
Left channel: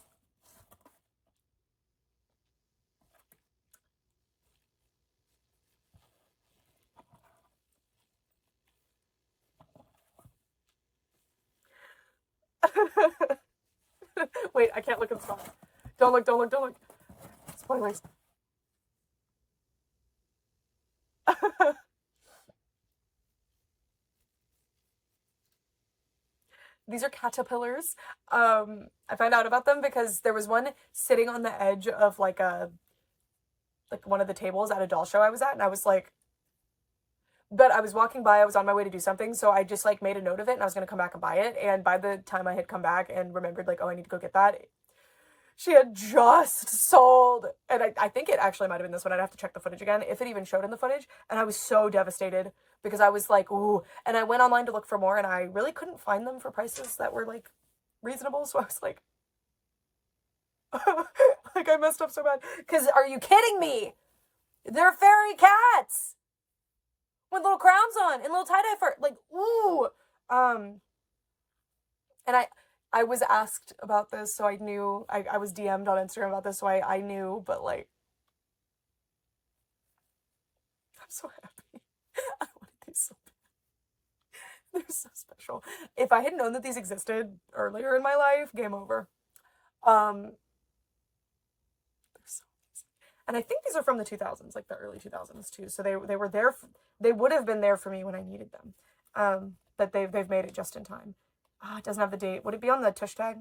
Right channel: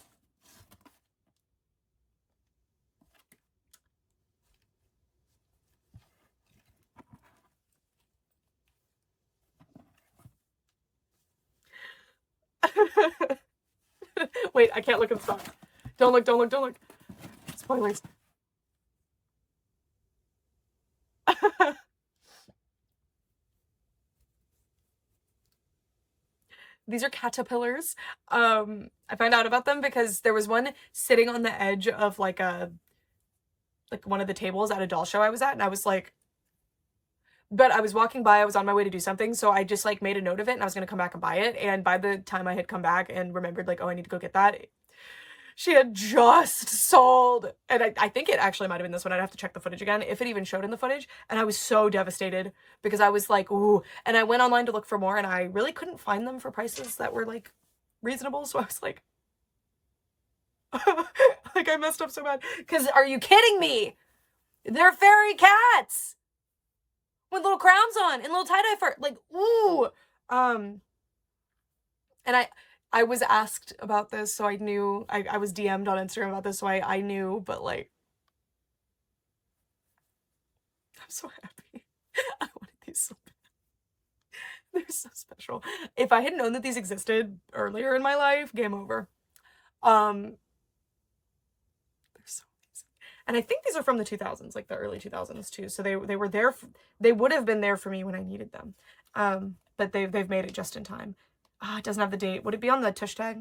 Wait, I can't look at the song. Don't look. Spoilers. These are caterpillars. I found out about them because there was one sitting on the edge of like one of the tables at a doll show I was at, and I was like, but I was walking by, I was on my way to do something, so I just like made a note of it and I was gonna come back and buy it. And by the time I had come back and remembered like, oh, I need to go get that, she had just sold. And I think it actually might have been this one. I'd have to check the footage again, if it even showed in the footage. And I was so devastated because I was like, ooh. And I went online to look for more and I really couldn't find them for prices that were like reasonable. So I was like, like I messed up so bad. Because are you kidding me? They're fairy cats with little crowns on and little tie-dye fur. Like, ooh. And I was asked about this, so I knew. I was DM'd on Instagram about this, so I knew, but like, I'm so happy. I wanted these so bad. They're so special. If I had known that these existed earlier in my life, game over. They're so amazing. And I think these are from the 2000s, like the early 2000s too. So they were there. They would have been there for me when I needed them. But they've made it just in time. Ah, it doesn't have the date. Would it be on the tush tag?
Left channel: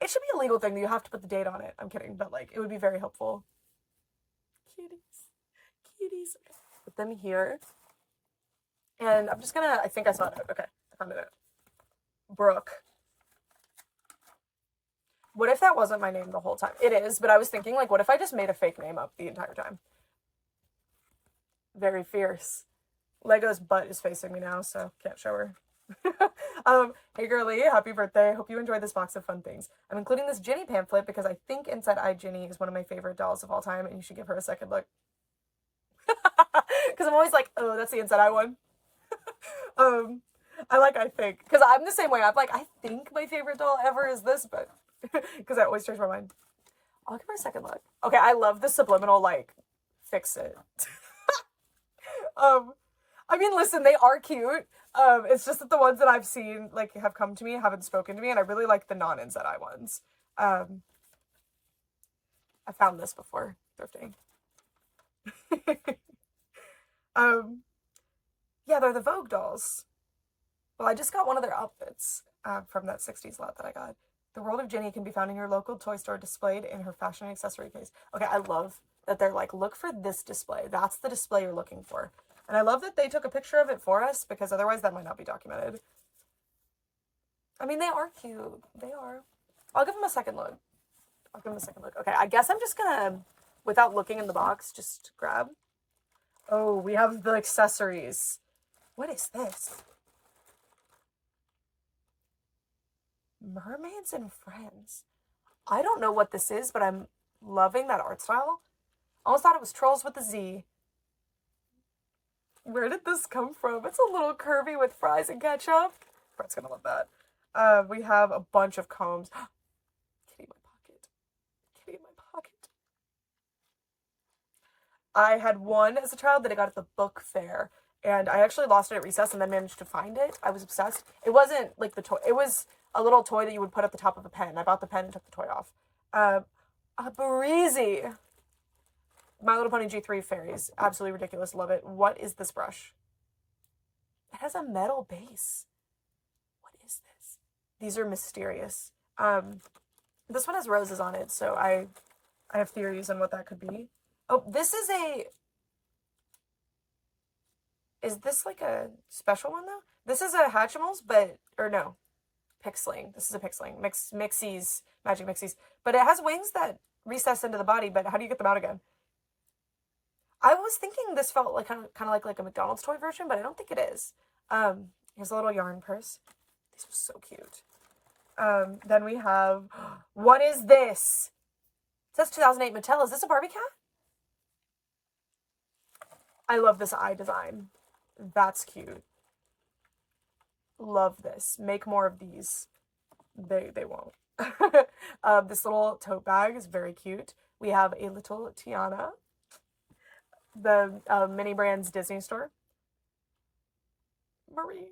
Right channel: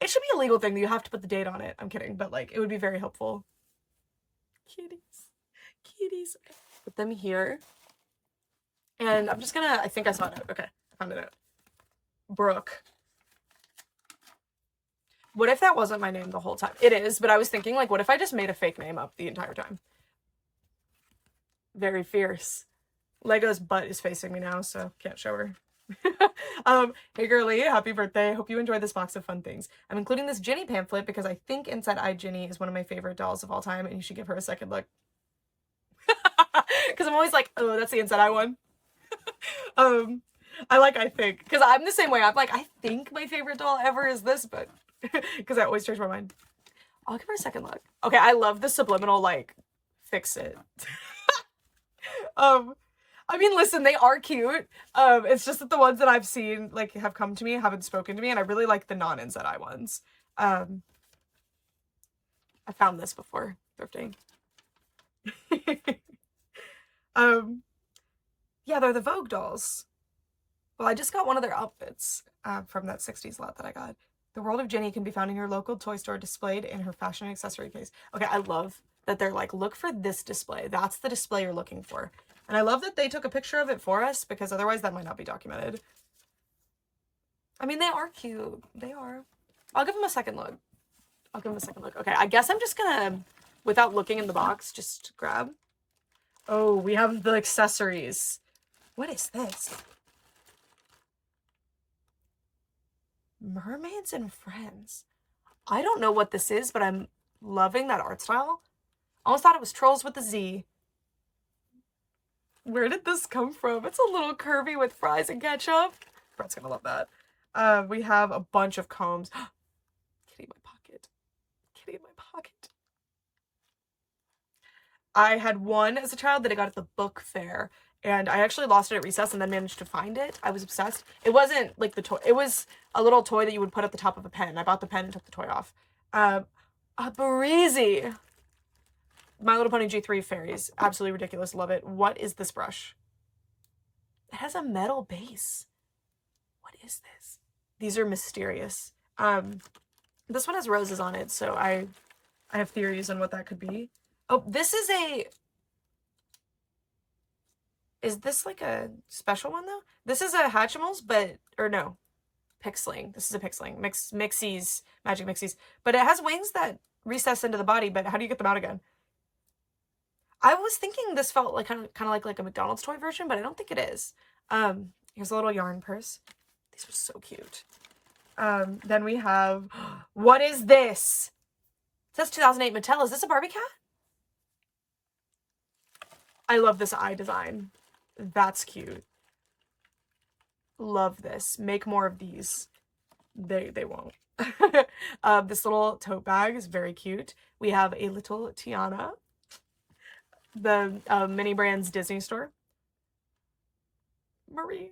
It should be a legal thing that you have to put the date on it. I'm kidding, but like it would be very helpful. Kitties. Okay. Put them here. And I'm just gonna, I think I saw it out. Okay, I found it out. Brooke. What if that wasn't my name the whole time? It is, but I was thinking, like, what if I just made a fake name up the entire time? Very fierce. Lego's butt is facing me now, so can't show her. Hey girly, happy birthday. Hope you enjoyed this box of fun things. I'm including this Ginny pamphlet because I think Inside Eye Ginny is one of my favorite dolls of all time, and you should give her a second look. Because I'm always like, oh, that's the Inside Eye one. I think, because I'm the same way. I'm like, I think my favorite doll ever is this, but because I always change my mind. I'll give her a second look. Okay, I love the subliminal, like, fix it. I mean, listen, they are cute. It's just that the ones that I've seen, like, have come to me, haven't spoken to me, and I really like the non-Inside Eye ones. I found this before thrifting. Yeah, they're the Vogue dolls. Well, I just got one of their outfits from that 60s lot that I got. The World of Ginny can be found in your local toy store, displayed in her fashion accessory case. Okay, I love that they're like, look for this display. That's the display you're looking for. And I love that they took a picture of it for us, because otherwise that might not be documented. I mean, they are cute. They are. I'll give them a second look. Okay, I guess I'm just gonna, without looking in the box, just grab. Oh, we have the accessories. What is this? Mermaids and Friends. I don't know what this is, but I'm loving that art style. Almost thought it was Trolls with a Z. Where did this come from? It's a little curvy with fries and ketchup. Brett's gonna love that. We have a bunch of combs. Kitty, my I had one as a child that I got at the book fair, and I actually lost it at recess and then managed to find it. I was obsessed. It wasn't like the toy. It was a little toy that you would put at the top of a pen. I bought the pen and took the toy off. A breezy. My Little Pony G3 fairies. Absolutely ridiculous. Love it. What is this brush? It has a metal base. What is this? These are mysterious. This one has roses on it, so I have theories on what that could be. Oh, this is a... Is this like a special one, though? This is a Hatchimals, but... Or no. Pixling. This is a Pixling. Mixies. Magic Mixies. But it has wings that recess into the body, but how do you get them out again? I was thinking this felt like kind of like a McDonald's toy version, but I don't think it is. Here's a little yarn purse. These are so cute. Then we have... What is this? It says 2008 Mattel. Is this a Barbie cat? I love this eye design. That's cute. Love this. Make more of these. They won't. This little tote bag is very cute. We have a little Tiana. The Mini Brands Disney store. Marie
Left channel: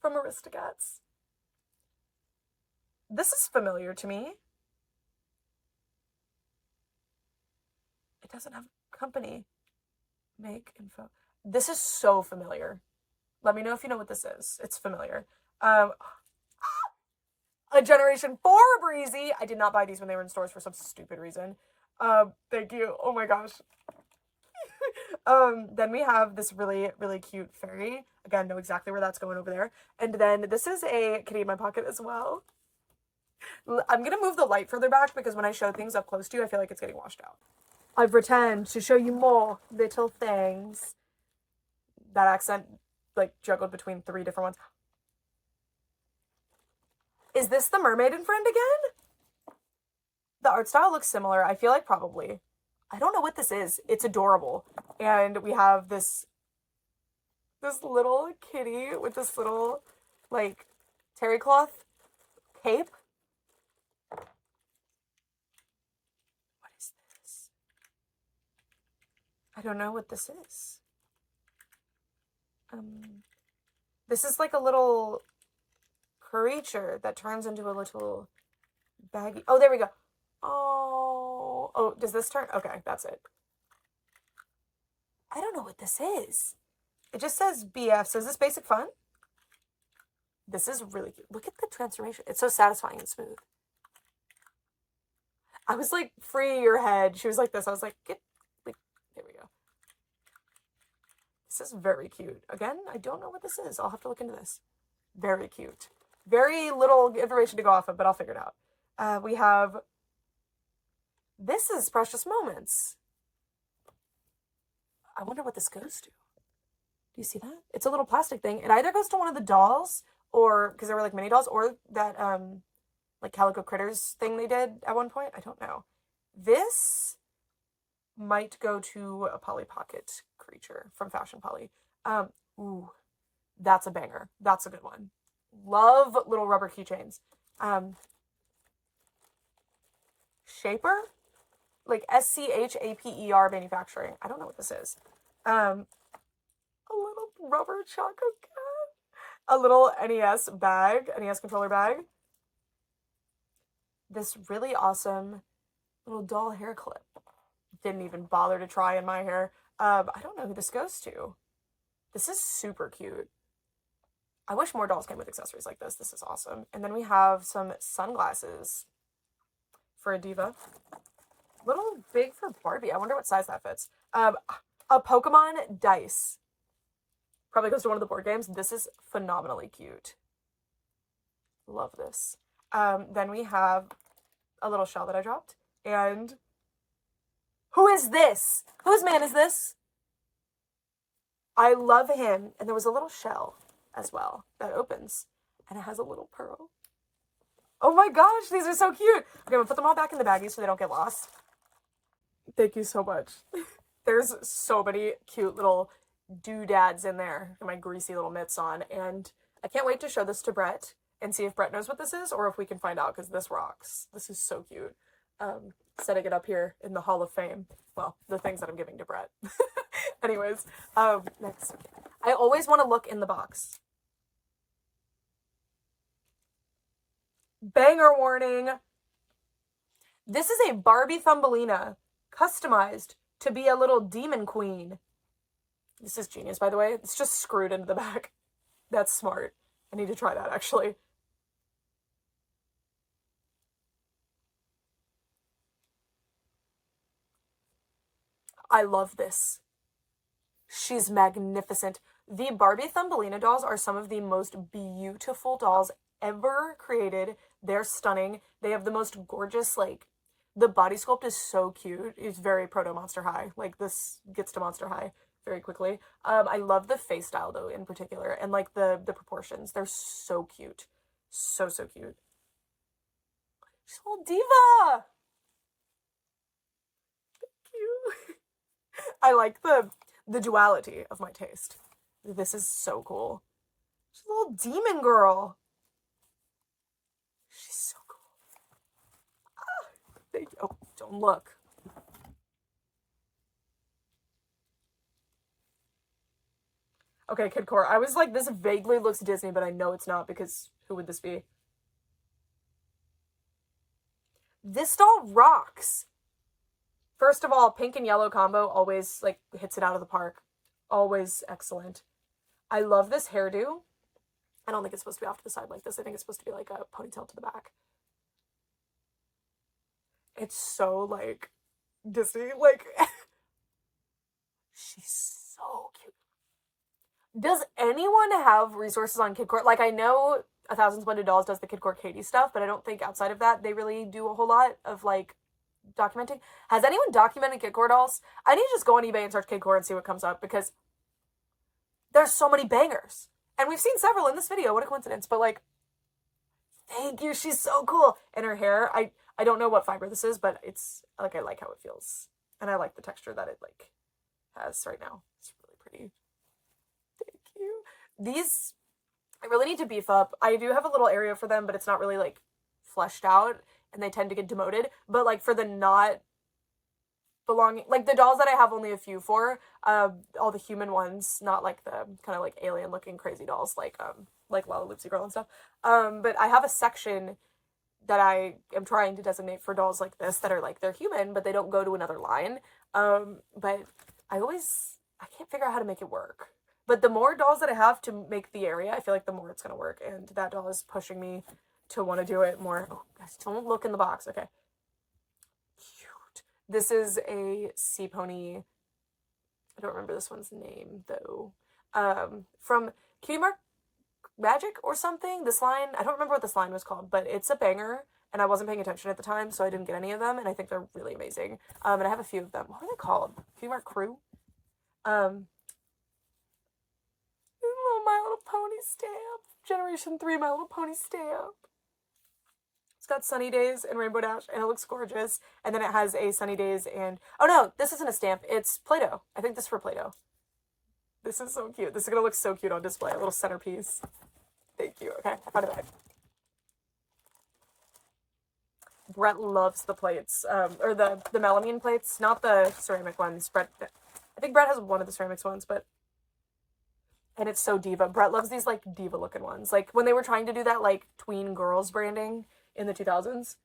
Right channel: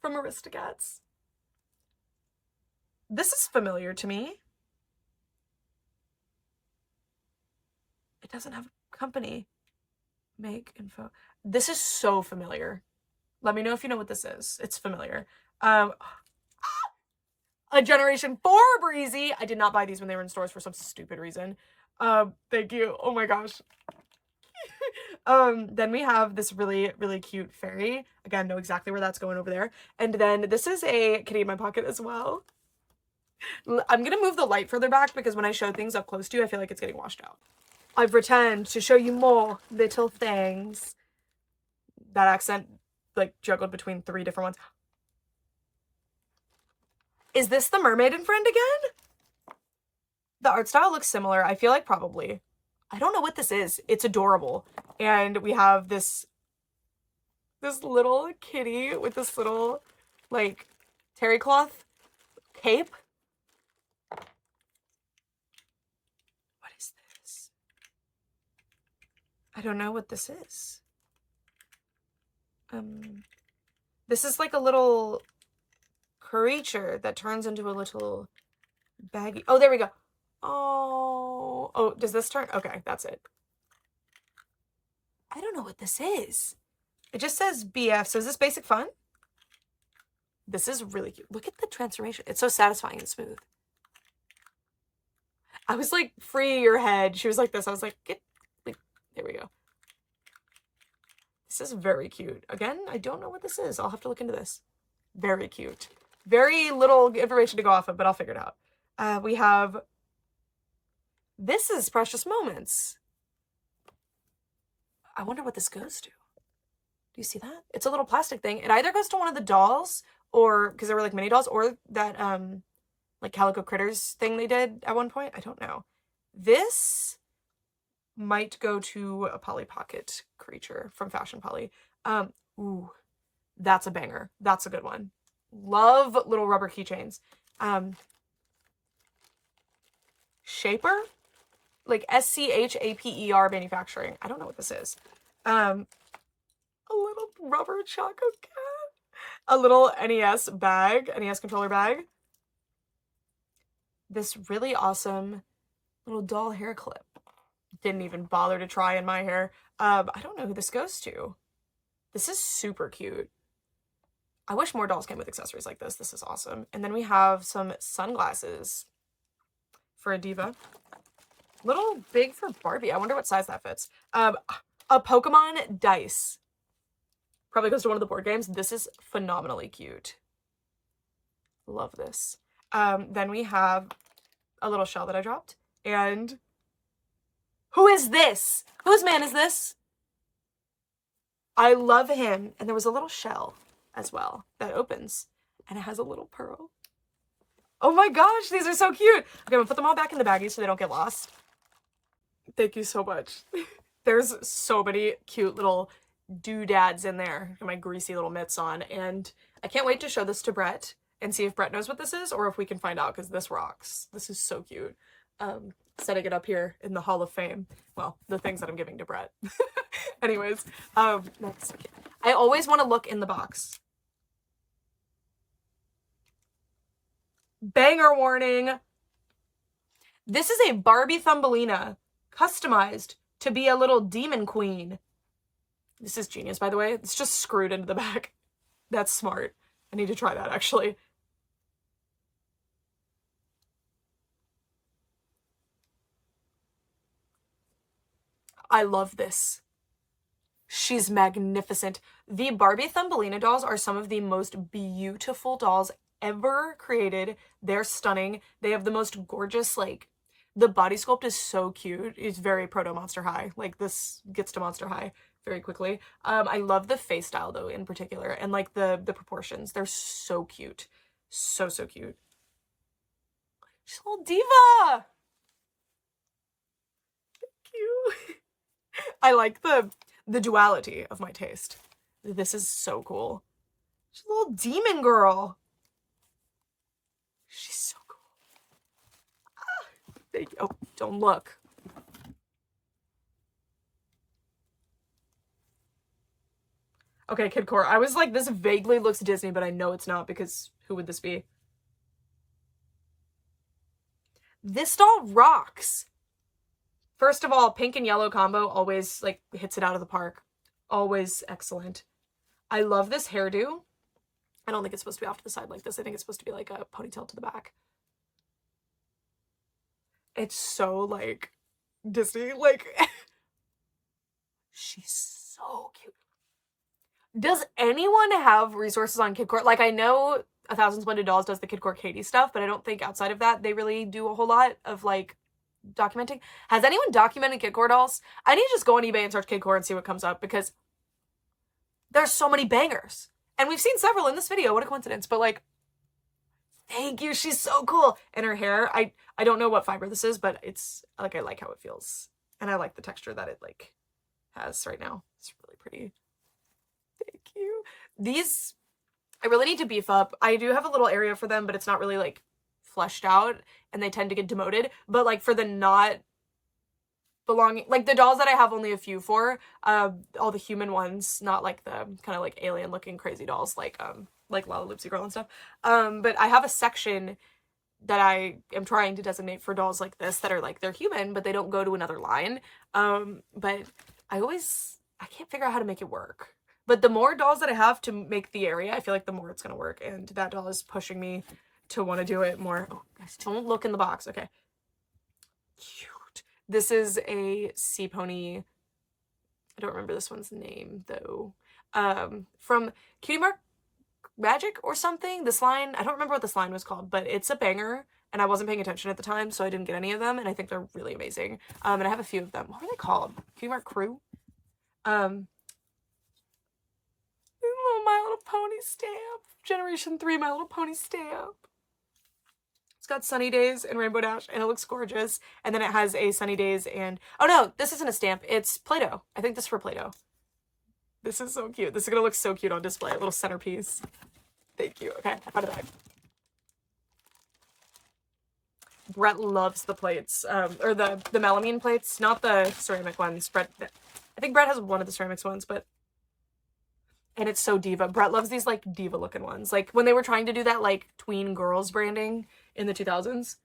from Aristocats. This is familiar to me. It doesn't have a company. Make info. This is so familiar. Let me know if you know what this is. It's familiar. A Generation 4 Breezy. I did not buy these when they were in stores for some stupid reason. Thank you. Oh my gosh. Then we have this really, really cute fairy. Again, know exactly where that's going over there. And then this is a kitty in my pocket as well. I'm gonna move the light further back because when I show things up close to you, I feel like it's getting washed out. I've returned to show you more little things. That accent, like, juggled between 3 different ones. Is this the Mermaid and Friend again? The art style looks similar. I feel like probably. I don't know what this is. It's adorable. And we have this little kitty with this little, like, terry cloth cape. What is this? I don't know what this is. This is like a little creature that turns into a little baggy. Oh, there we go. Oh, does this turn? Okay, that's it. I don't know what this is. It just says BF. So is this basic fun? This is really cute. Look at the transformation. It's so satisfying and smooth. I was like, free your head. She was like this. I was like, there we go. This is very cute. Again, I don't know what this is. I'll have to look into this. Very cute. Very little information to go off of, but I'll figure it out. We have... This is Precious Moments. I wonder what this goes to. Do you see that? It's a little plastic thing. It either goes to one of the dolls, or... Because there were, like, mini dolls, or that, like, Calico Critters thing they did at one point. I don't know. This might go to a Polly Pocket creature from Fashion Polly. Ooh, that's a banger. That's a good one. Love little rubber keychains. Shaper? Like SCHAPER manufacturing. I don't know what this is. A little rubber Choco Cat. A little NES bag, NES controller bag. This really awesome little doll hair clip. Didn't even bother to try in my hair. I don't know who this goes to. This is super cute. I wish more dolls came with accessories like this. This is awesome. And then we have some sunglasses for a diva. Little big for Barbie. I wonder what size that fits. A Pokemon dice. Probably goes to one of the board games. This is phenomenally cute. Love this. Then we have a little shell that I dropped. And... who is this? Whose man is this? I love him. And there was a little shell as well that opens. And it has a little pearl. Oh my gosh, these are so cute. Okay, I'm gonna put them all back in the baggie so they don't get lost. Thank you so much. There's so many cute little doodads in there. Got my greasy little mitts on. And I can't wait to show this to Brett and see if Brett knows what this is or if we can find out because this rocks. This is so cute. setting it up here in the Hall of Fame. Well, the things that I'm giving to Brett. Anyways, next. I always want to look in the box. Banger warning. This is a Barbie Thumbelina, customized to be a little demon queen. This is genius, by the way. It's just screwed into the back. That's smart. I need to try that, actually. I love this. She's magnificent. The Barbie Thumbelina dolls are some of the most beautiful dolls ever created. They're stunning. They have the most gorgeous, like, the body sculpt is so cute. It's very proto Monster High. Like, this gets to Monster High very quickly. I love the face style, though, in particular, and like the proportions. They're so cute. So cute. She's a little diva. Thank you. I like the duality of my taste. This is so cool. She's a little demon girl. She's so cool. Ah, thank you. Oh, don't look. Okay, Kidcore. I was like, this vaguely looks Disney, but I know it's not, because who would this be? This doll rocks. First of all, pink and yellow combo always, like, hits it out of the park. Always excellent. I love this hairdo. I don't think it's supposed to be off to the side like this. I think it's supposed to be like a ponytail to the back. It's so, like, Disney. Like, she's so cute. Does anyone have resources on Kidcore? Like, I know A Thousand Splendid Dolls does the Kidcore Katie stuff, but I don't think outside of that they really do a whole lot of, like, documenting. Has anyone documented Kidcore dolls? I need to just go on eBay and search Kidcore and see what comes up, because there's so many bangers. And we've seen several in this video. What a coincidence. But, like, thank you. She's so cool. And her hair, I don't know what fiber this is, but it's, like, I like how it feels. And I like the texture that it, like, has right now. It's really pretty. Thank you. These, I really need to beef up. I do have a little area for them, but it's not really, like, fleshed out, and they tend to get demoted. But, like, for the not belonging, like, the dolls that I have only a few for, all the human ones, not like the kind of like alien looking crazy dolls like Lala Loopsy Girl and stuff, but I have a section that I am trying to designate for dolls like this that are like, they're human but they don't go to another line, but I can't figure out how to make it work. But the more dolls that I have to make the area, I feel like the more it's gonna work, and that doll is pushing me to want to do it more. Oh, guys, don't look in the box. Okay. Cute. This is a sea pony. I don't remember this one's name, though. From Cutie Mark Magic or something? This line, I don't remember what this line was called, but it's a banger, and I wasn't paying attention at the time, so I didn't get any of them, and I think they're really amazing. And I have a few of them. What are they called? Cutie Mark Crew? Little My Little Pony stamp. Generation 3 My Little Pony stamp. It's got Sunny Days and Rainbow Dash, and it looks gorgeous. And then it has a Sunny Days and... Oh, no, this isn't a stamp. It's Play-Doh. I think this is for Play-Doh. This is so cute. This is going to look so cute on display. A little centerpiece. Thank you. Okay, I found it back. Brett loves the plates. Or the melamine plates, not the ceramic ones. I think Brett has one of the ceramics ones, but... And it's so diva. Brett loves these, like, diva-looking ones. Like, when they were trying to do that, like, tween girls branding in the 2000s.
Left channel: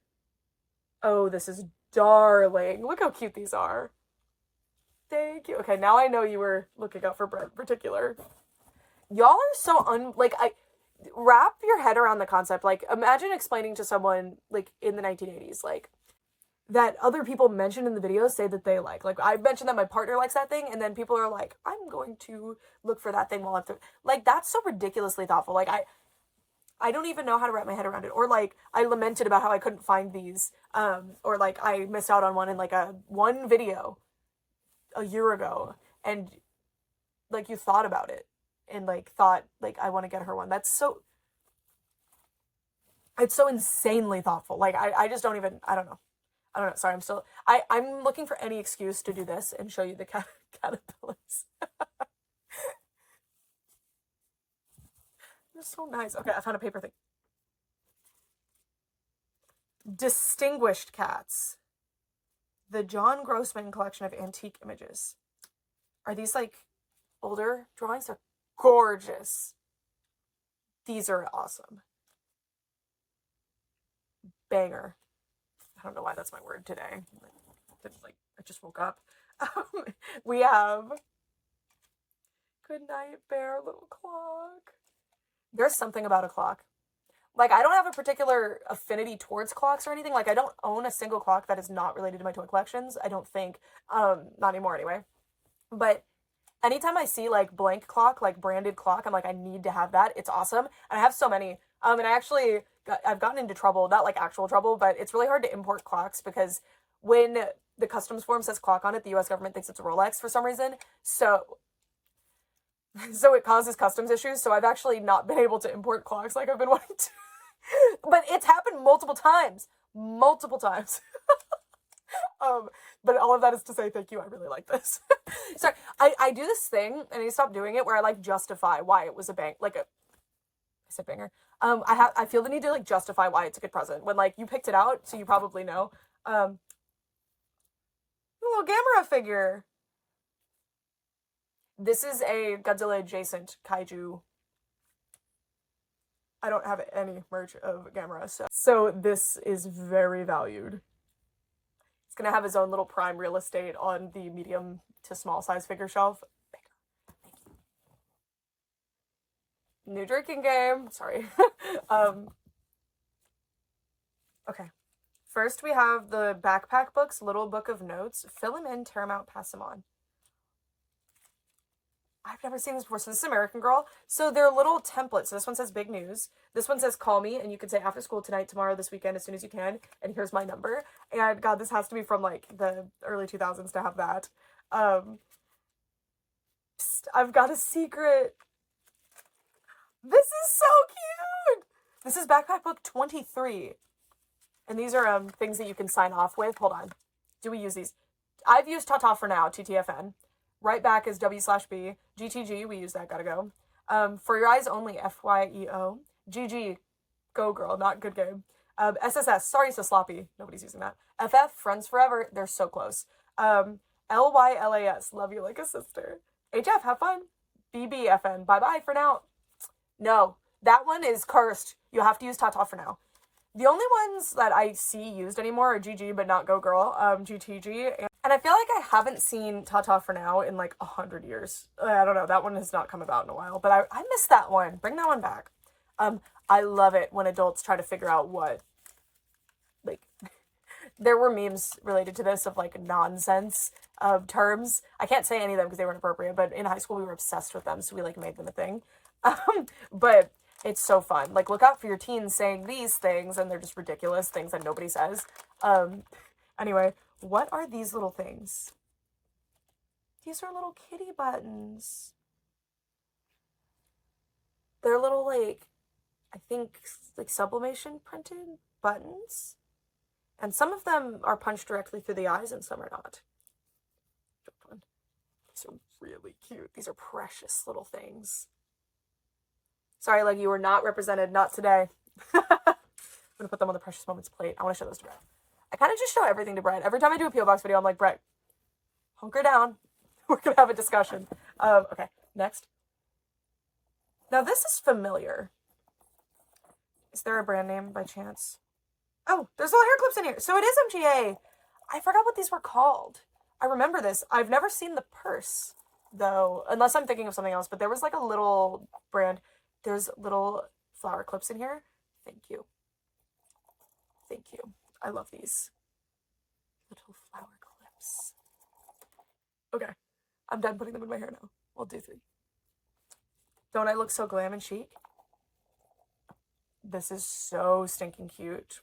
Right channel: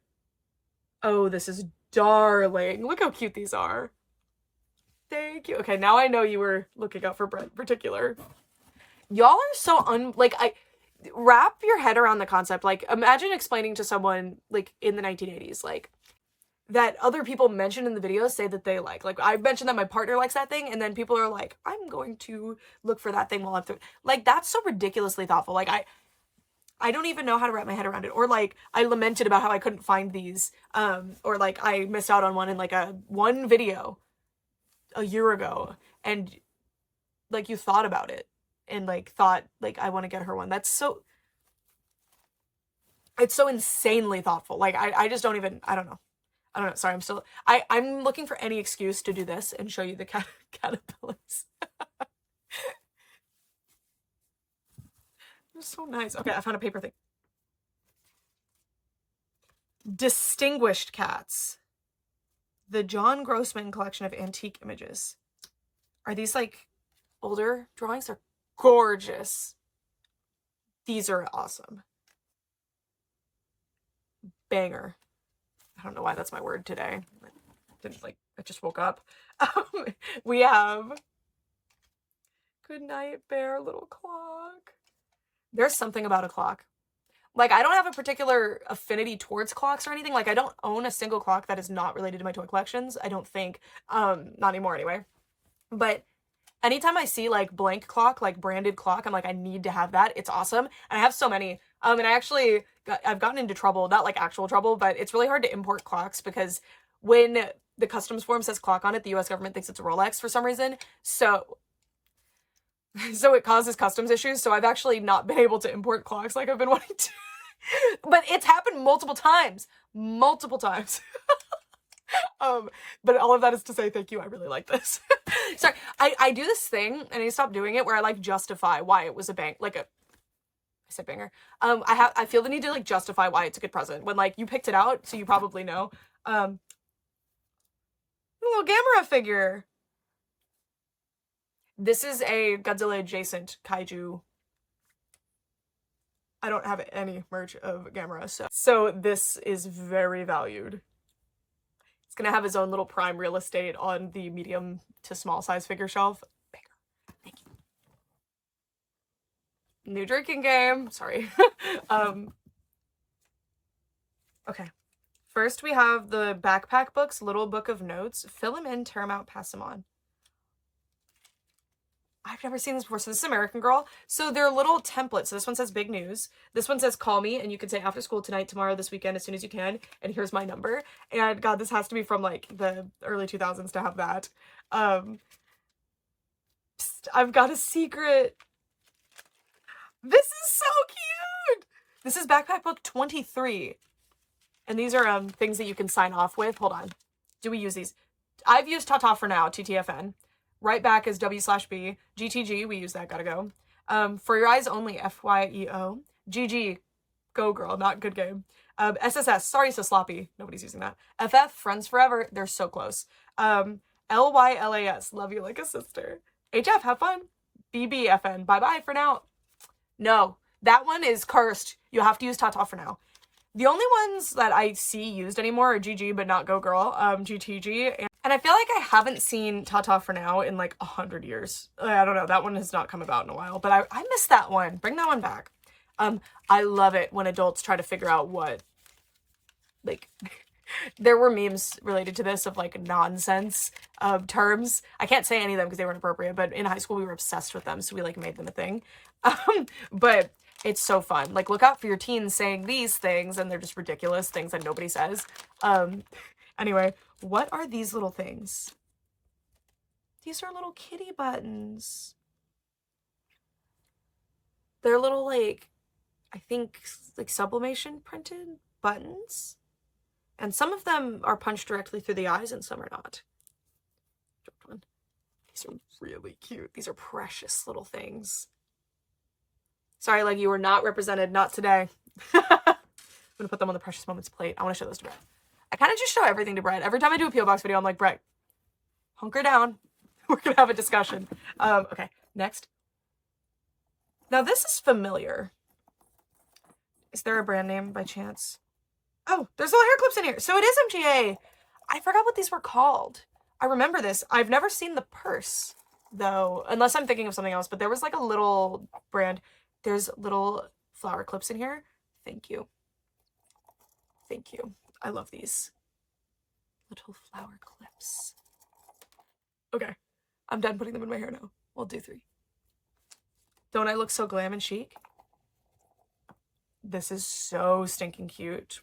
Oh, this is darling. Look how cute these are. Thank you. Okay, now I know you were looking out for Brett in particular. Y'all are so wrap your head around the concept. Like, imagine explaining to someone, like, in the 1980s, like, that other people mentioned in the videos say that they like. Like, I mentioned that my partner likes that thing, and then people are like, I'm going to look for that thing while I'm through. Like, that's so ridiculously thoughtful. Like, I don't even know how to wrap my head around it. Or, like, I lamented about how I couldn't find these. Or, like, I missed out on one in, like, one video a year ago. And, like, you thought about it. And, like, thought, like, I want to get her one. That's so... It's so insanely thoughtful. Like, I just don't even... I don't know. Sorry, I'm looking for any excuse to do this and show you the caterpillars. They're so nice. Okay, I found a paper thing. Distinguished cats. The John Grossman collection of antique images. Are these like older drawings? They're gorgeous. These are awesome. Banger. I don't know why that's my word today. I just woke up. We have Good Night Bear little clock. There's something about a clock. Like, I don't have a particular affinity towards clocks or anything. Like, I don't own a single clock that is not related to my toy collections. I don't think. Not anymore anyway. But anytime I see, like, blank clock, like, branded clock, I'm like, I need to have that. It's awesome. And I have so many. And I've gotten into trouble, not, like, actual trouble, but it's really hard to import clocks because when the customs form says clock on it, the US government thinks it's a Rolex for some reason. So it causes customs issues. So I've actually not been able to import clocks like I've been wanting to. But it's happened multiple times. But all of that is to say thank you. I really like this. Sorry, I do this thing, and I stop doing it, where I like justify why it was a bang, like a, I said banger. I feel the need to like justify why it's a good present when like you picked it out, so you probably know. A little Gamera figure. This is a Godzilla adjacent kaiju. I don't have any merch of Gamera, so this is very valued. It's gonna have his own little prime real estate on the medium to small size figure shelf. Thank you. New drinking game. Sorry. Okay. First we have the backpack books, Little Book of Notes. Fill them in, tear them out, pass them on. I've never seen this before. So this is American Girl. So they're little templates. So this one says big news. This one says call me, and you can say after school tonight, tomorrow, this weekend, as soon as you can. And here's my number. And God, this has to be from like the early 2000s to have that. Psst, I've got a secret. This is so cute. This is backpack book 23. And these are things that you can sign off with. Hold on. Do we use these? I've used Tata for now, TTFN. Right back is W/B. GTG, we use that, gotta go. For Your Eyes Only, FYEO. GG, go girl, not good game. SSS, sorry so sloppy, nobody's using that. FF, Friends Forever, they're so close. LYLAS, love you like a sister. HF, have fun. BBFN, bye-bye for now. No, that one is cursed. You have to use Tata for now. The only ones that I see used anymore are GG, but not Go Girl, GTG. And I feel like I haven't seen Tata for now in like 100 years. I don't know, that one has not come about in a while, but I miss that one. Bring that one back. I love it when adults try to figure out what, like, there were memes related to this of like nonsense terms. I can't say any of them because they weren't appropriate, but in high school we were obsessed with them, so we like made them a thing. But it's so fun. Like, look out for your teens saying these things, and they're just ridiculous things that nobody says. Anyway, what are these little things? These are little kitty buttons. They're little, like, I think, like, sublimation printed buttons. And some of them are punched directly through the eyes, and some are not. These are really cute. These are precious little things. Sorry, like, you were not represented, not today. I'm gonna put them on the Precious Moments plate. I want to show those to Brett. I kind of just show everything to Brett. Every time I do a P.O. Box video, I'm like, Brett, hunker down. We're gonna have a discussion. Okay, next. Now, this is familiar. Is there a brand name by chance? Oh, there's little hair clips in here. So it is MGA. I forgot what these were called. I remember this. I've never seen the purse, though, unless I'm thinking of something else. But there was like a little brand. There's little flower clips in here. Thank you. Thank you. I love these. Little flower clips. Okay. I'm done putting them in my hair now. We'll do 3. Don't I look so glam and chic? This is so stinking cute.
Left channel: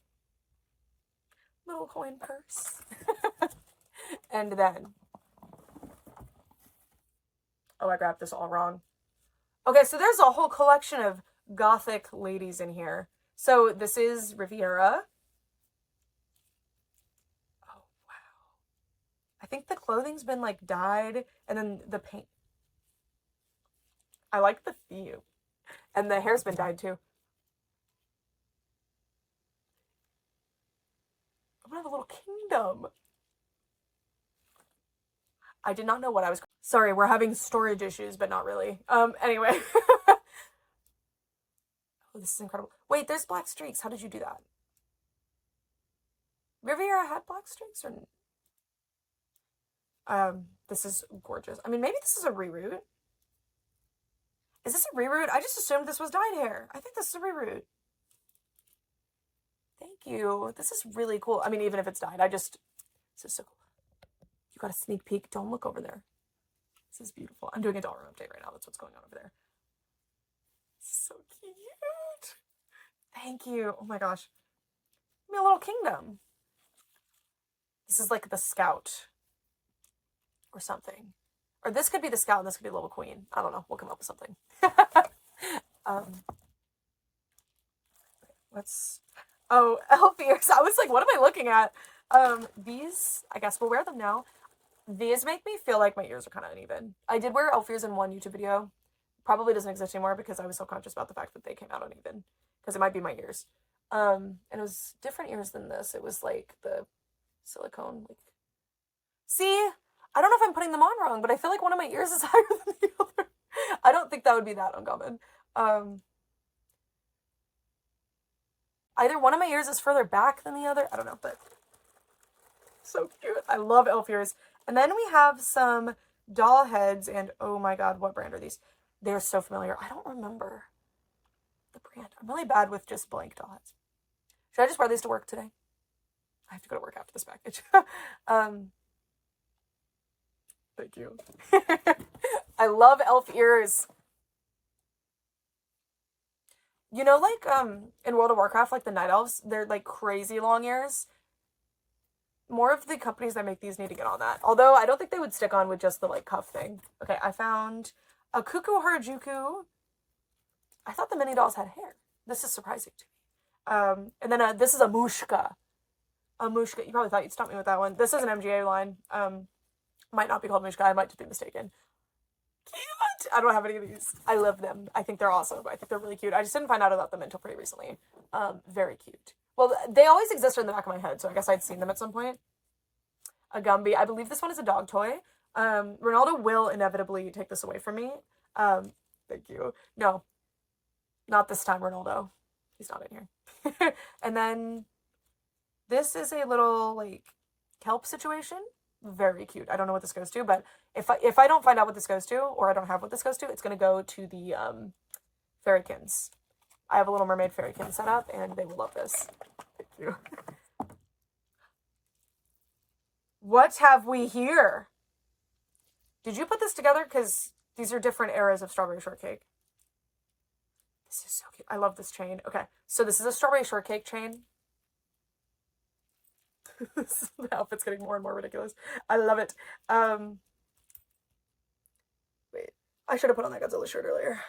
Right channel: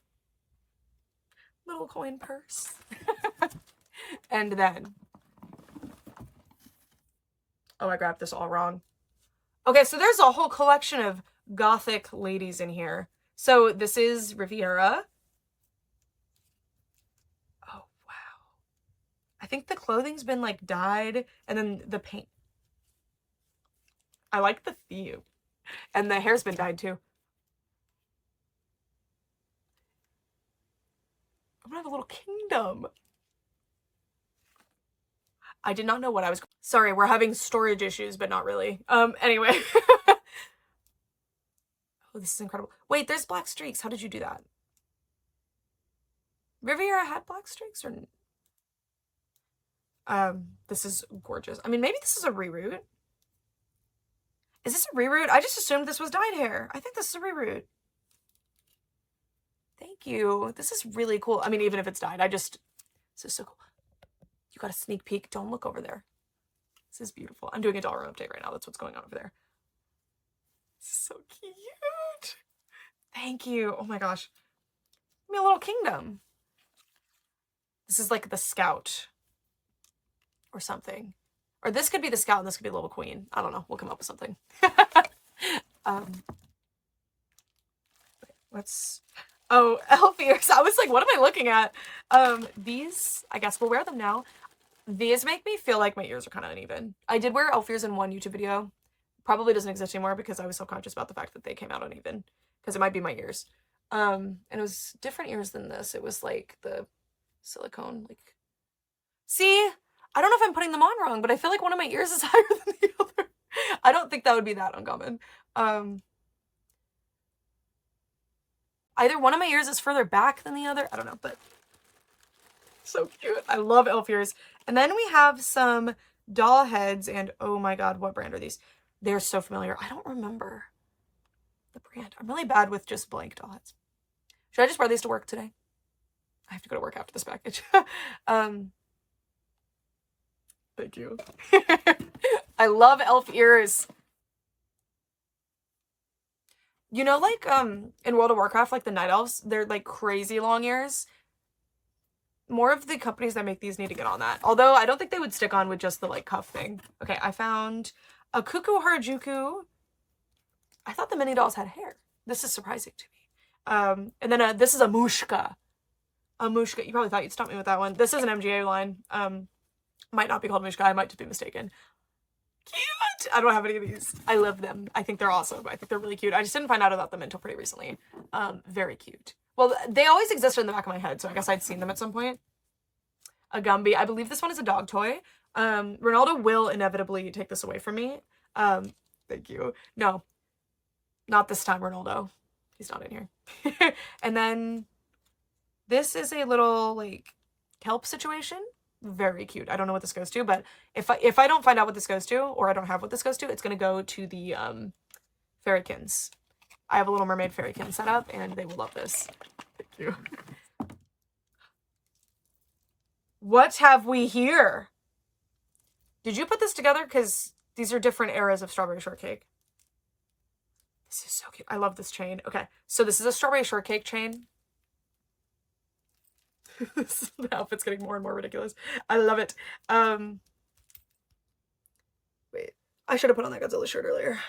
Little coin purse. And then, oh, I grabbed this all wrong. Okay, so there's a whole collection of gothic ladies in here. So this is Riviera. Oh, wow. I think the clothing's been like dyed, and then the paint. I like the theme. And the hair's been dyed too. I'm gonna have a little kingdom. I did not know what I was. Sorry, we're having storage issues, but not really. Anyway. Oh, this is incredible. Wait, there's black streaks. How did you do that? Riviera had black streaks, or this is gorgeous. I mean, maybe this is a reroute. Is this a reroute? I just assumed this was dyed hair. I think this is a reroute. Thank you. This is really cool. I mean, even if it's dyed, this is so cool. You got a sneak peek. Don't look over there. This is beautiful. I'm doing a doll room update right now. That's what's going on over there. This is so cute. Thank you. Oh my gosh. Give me a little kingdom. This is like the scout or something. Or this could be the scout and this could be the little queen. I don't know. We'll come up with something. Oh, elf ears. I was like, what am I looking at? These, I guess we'll wear them now. These make me feel like my ears are kind of uneven. I did wear elf ears in one YouTube video. Probably doesn't exist anymore because I was so conscious about the fact that they came out uneven. Because it might be my ears. And it was different ears than this. It was like the silicone, like... See? I don't know if I'm putting them on wrong, but I feel like one of my ears is higher than the other. I don't think that would be that uncommon. Either one of my ears is further back than the other. I don't know, but so cute. I love elf ears. And then we have some doll heads, and oh my god, what brand are these? They're so familiar. I don't remember the brand. I'm really bad with just blank doll heads. Should I just wear these to work today? I have to go to work after this package. Thank you. I love elf ears. You know, like, in World of Warcraft, like, the night elves, they're, like, crazy long ears. More of the companies that make these need to get on that. Although, I don't think they would stick on with just the, like, cuff thing. Okay, I found a Cuckoo Harajuku. I thought the mini dolls had hair. This is surprising to me. And then, this is a Mushka. A Mushka. You probably thought you'd stop me with that one. This is an MGA line. Might not be called Mushka. I might just be mistaken. Cute! I don't have any of these. I love them. I think they're awesome. I think they're really cute. I just didn't find out about them until pretty recently. Very cute. Well, they always existed in the back of my head, so I guess I'd seen them at some point. A Gumby. I believe this one is a dog toy. Ronaldo will inevitably take this away from me. Thank you. No. Not this time, Ronaldo. He's not in here. And then this is a little, like, kelp situation. Very cute. I don't know what this goes to, but if I don't find out what this goes to, or I don't have what this goes to, it's going to go to the ferrykins. I have a little mermaid ferrykin set up, and they will love this. Thank you. What have we here? Did you put this together? Because these are different eras of strawberry shortcake. This is so cute. I love this chain. Okay, so this is a strawberry shortcake chain. The outfit's getting more and more ridiculous. I love it. Wait, I should have put on that Godzilla shirt earlier.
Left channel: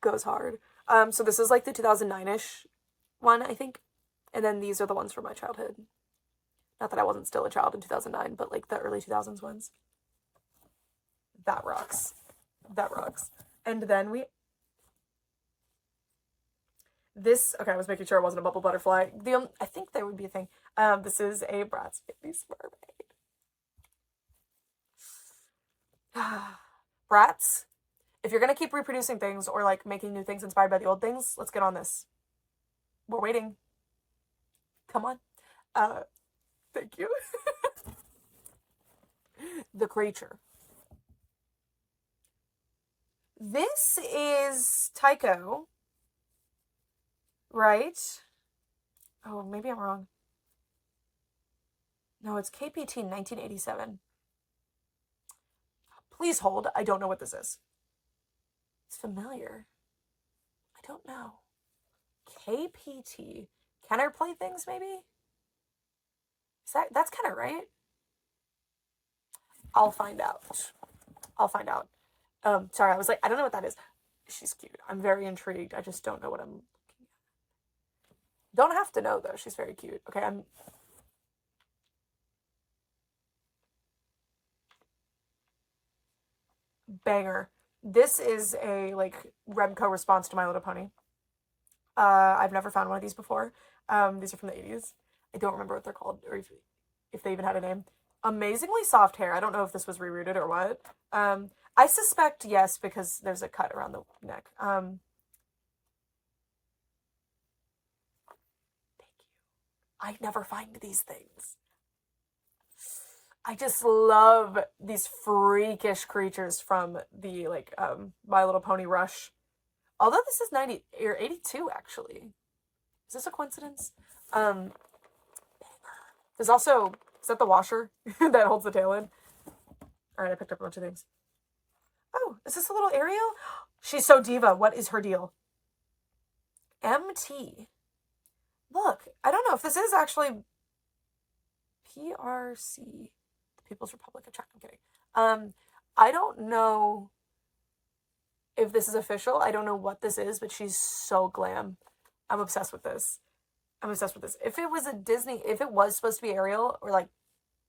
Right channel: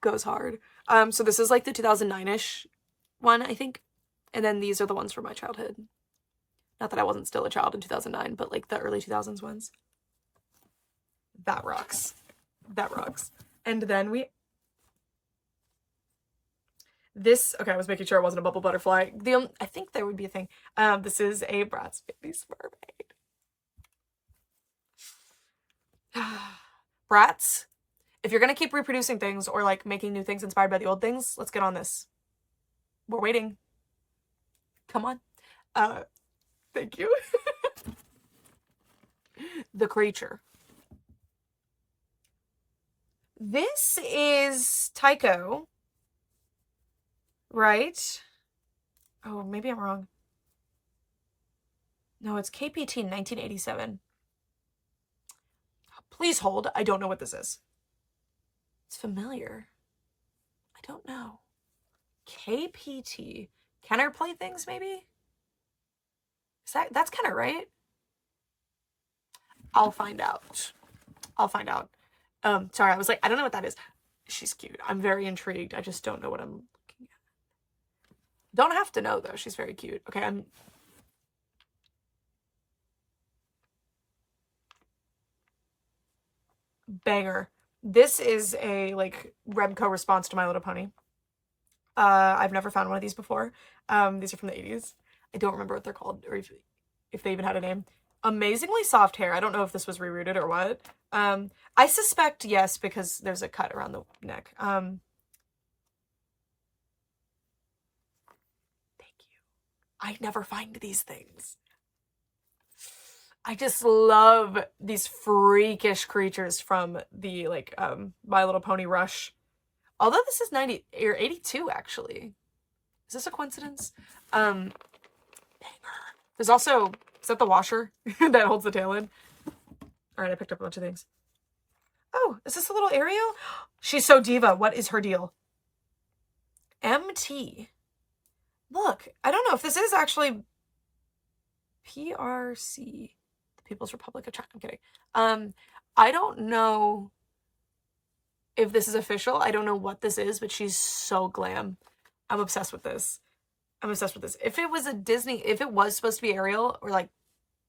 Goes hard. So this is like the 2009-ish one, I think. And then these are the ones from my childhood. Not that I wasn't still a child in 2009, but like the early 2000s ones. That rocks. That rocks. And then okay, I was making sure it wasn't a bubble butterfly. I think there would be a thing. This is a Bratz Baby's Mermaid. Bratz, if you're gonna keep reproducing things or like making new things inspired by the old things, let's get on this. We're waiting. Come on. Thank you. The creature. This is Tycho, right? Oh, maybe I'm wrong. No, it's KPT 1987. Please hold. I don't know what this is. It's familiar. I don't know. KPT. Kenner Playthings, maybe? That's Kenner, right? I'll find out. I'll find out. Sorry, I was like, I don't know what that is. She's cute. I'm very intrigued. I just don't know what I'm looking at. Don't have to know, though. She's very cute. Okay, Banger. This is a, like, Remco response to My Little Pony. I've never found one of these before. These are from the 80s. I don't remember what they're called or if they even had a name. Amazingly soft hair. I don't know if this was rerouted or what. I suspect yes, because there's a cut around the neck. Thank you. I never find these things. I just love these freakish creatures from the like My Little Pony Rush. Although this is 90 or 82 actually. Is this a coincidence? There's also, is that the washer that holds the tail in? All right, I picked up a bunch of things. Oh, is this a little Ariel? She's so diva. What is her deal? MT. Look, I don't know if this is actually PRC, the People's Republic of China. I'm kidding. I don't know if this is official. I don't know what this is, but she's so glam. I'm obsessed with this. I'm obsessed with this. If it was a Disney, if it was supposed to be Ariel, or like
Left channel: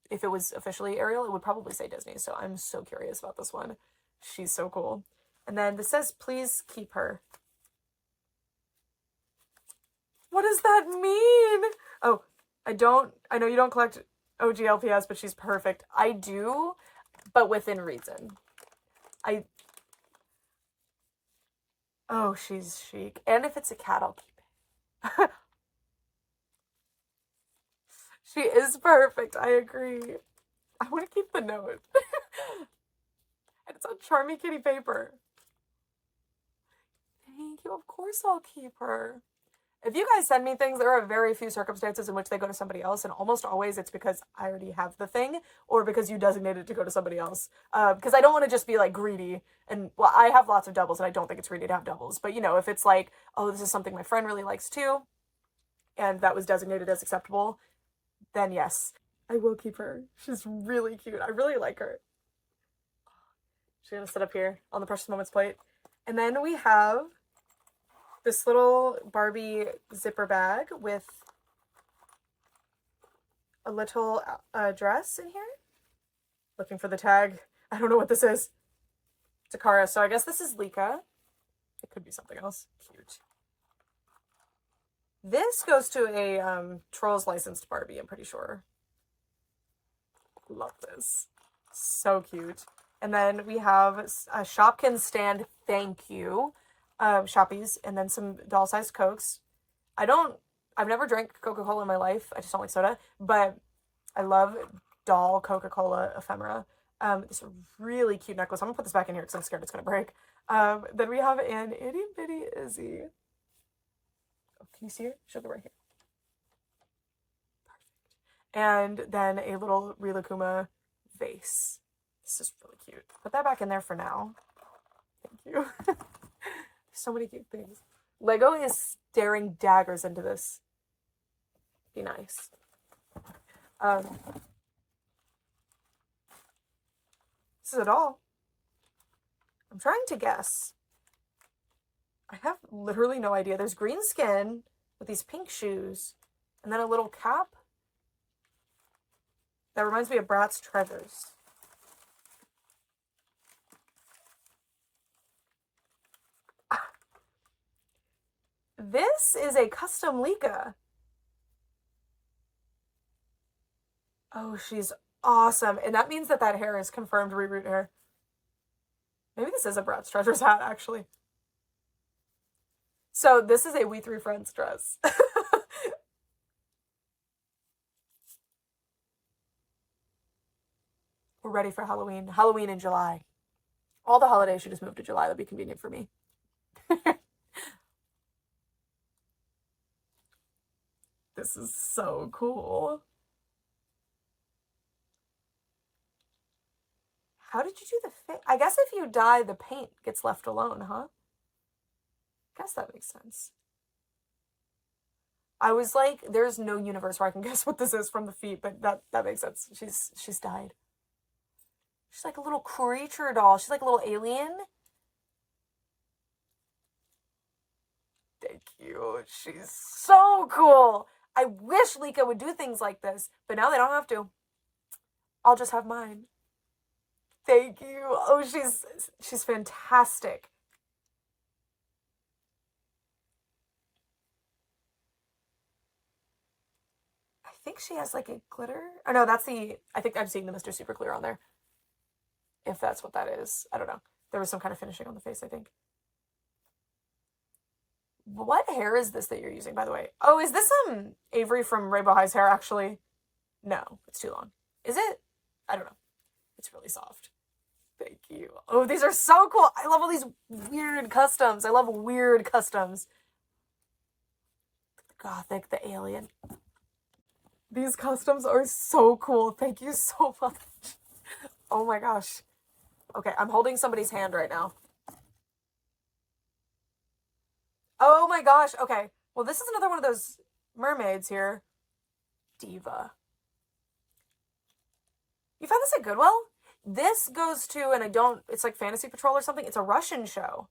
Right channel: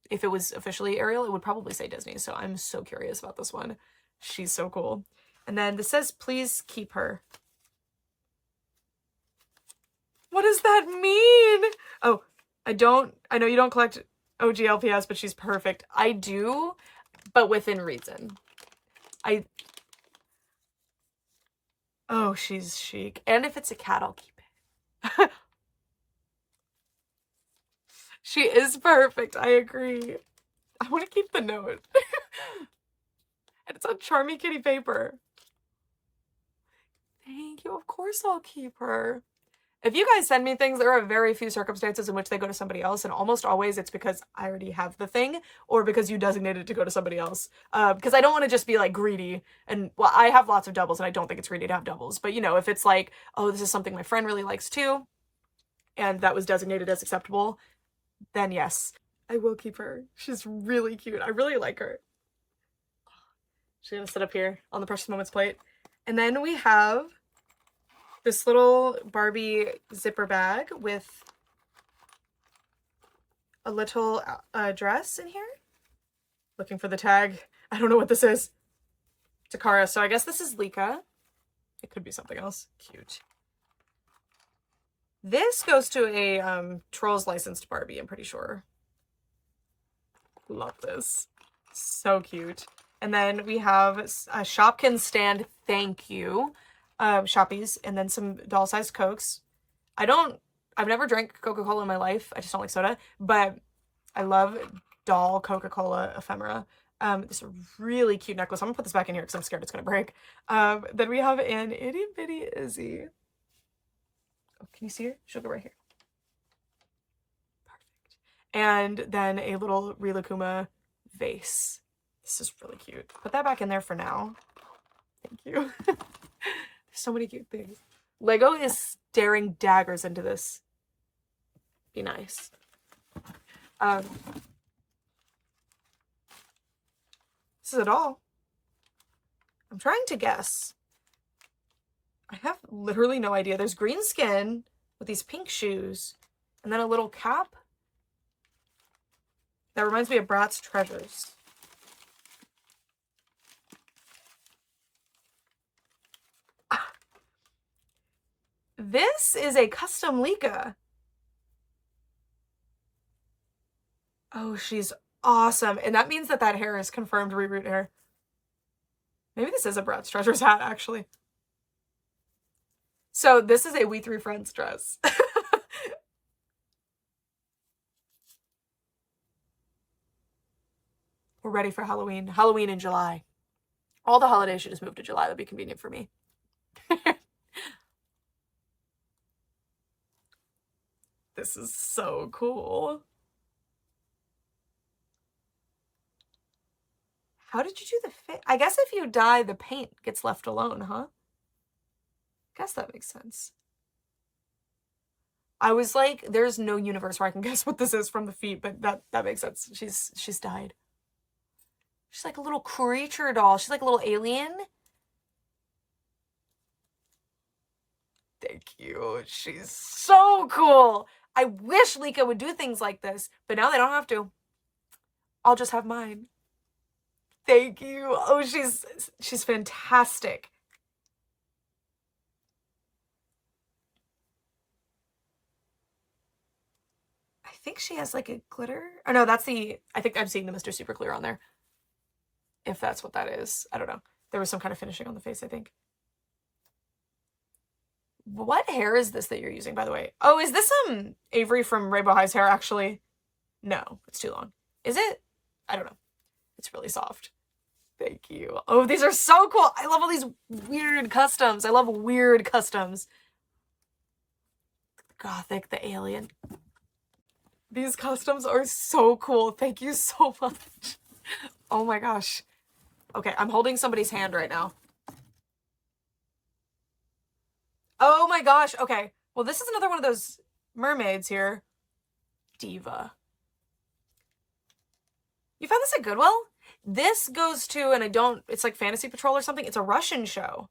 if it was officially Ariel, it would probably say Disney. So I'm so curious about this one. She's so cool. And then this says, please keep her. What does that mean? Oh, I know you don't collect OGLPS, but she's perfect. I do, but within reason. Oh, she's chic. And if it's a cat, I'll keep it. She is perfect. I agree. I want to keep the note. And it's on Charmy Kitty paper. Thank you. Of course I'll keep her. If you guys send me things, there are very few circumstances in which they go to somebody else, and almost always it's because I already have the thing, or because you designated to go to somebody else. Because I don't want to just be like greedy, and well, I have lots of doubles, and I don't think it's greedy to have doubles. But you know, if it's like, oh, this is something my friend really likes too, and that was designated as acceptable, then yes, I will keep her. She's really cute. I really like her. She's gonna sit up here on the Precious Moments plate. And then we have this little Barbie zipper bag with a little dress in here. Looking for the tag. I don't know what this is. Takara. So I guess this is Lika. It could be something else. Cute. This goes to a Trolls licensed Barbie, I'm pretty sure. Love this. So cute. And then we have a Shopkins stand, thank you. Shoppies, and then some doll-sized Cokes. I've never drank Coca-Cola in my life. I just don't like soda. But I love doll Coca-Cola ephemera. This really cute necklace. I'm gonna put this back in here because I'm scared it's gonna break. Then we have an itty bitty Izzy. Oh, can you see her? She'll go right here. Perfect. And then a little Rilakkuma vase. This is really cute. Put that back in there for now. Thank you. So many cute things. Lego is staring daggers into this. Be nice. This is it all. I'm trying to guess. I have literally no idea. There's green skin with these pink shoes and then a little cap. That reminds me of Bratz Treasures. This is a custom Lika. Oh, she's awesome. And that means that hair is confirmed reroot hair. Maybe this is a Bratz Treasures hat, actually. So this is a We Three Friends dress. We're ready for Halloween. Halloween in July. All the holidays should just move to July. That'd be convenient for me. This is so cool. How did you do the fit? I guess if you dye, the paint gets left alone, huh? Guess that makes sense. I was like, there's no universe where I can guess what this is from the feet, but that makes sense. She's dyed. She's like a little creature doll. She's like a little alien. Thank you. She's so cool. I wish Lika would do things like this, but now they don't have to. I'll just have mine. Thank you. Oh, she's fantastic. think she has like a glitter. Oh no, that's the, I think I'm seeing the Mr. Super Clear on there. If that's what that is. I don't know. There was some kind of finishing on the face, I think. What hair is this that you're using, by the way? Oh, is this Avery from Rainbow High's hair, actually? No, it's too long. Is it? I don't know. It's really soft. Thank you. Oh, these are so cool. I love all these weird customs. I love weird customs. The Gothic, the alien. These customs are so cool. Thank you so much. Oh my gosh. Okay, I'm holding somebody's hand right now. Oh my gosh. Okay. Well, this is another one of those mermaids here. Diva. You found this at Goodwill? This goes to, and I don't, it's like Fantasy Patrol or something. It's a Russian show.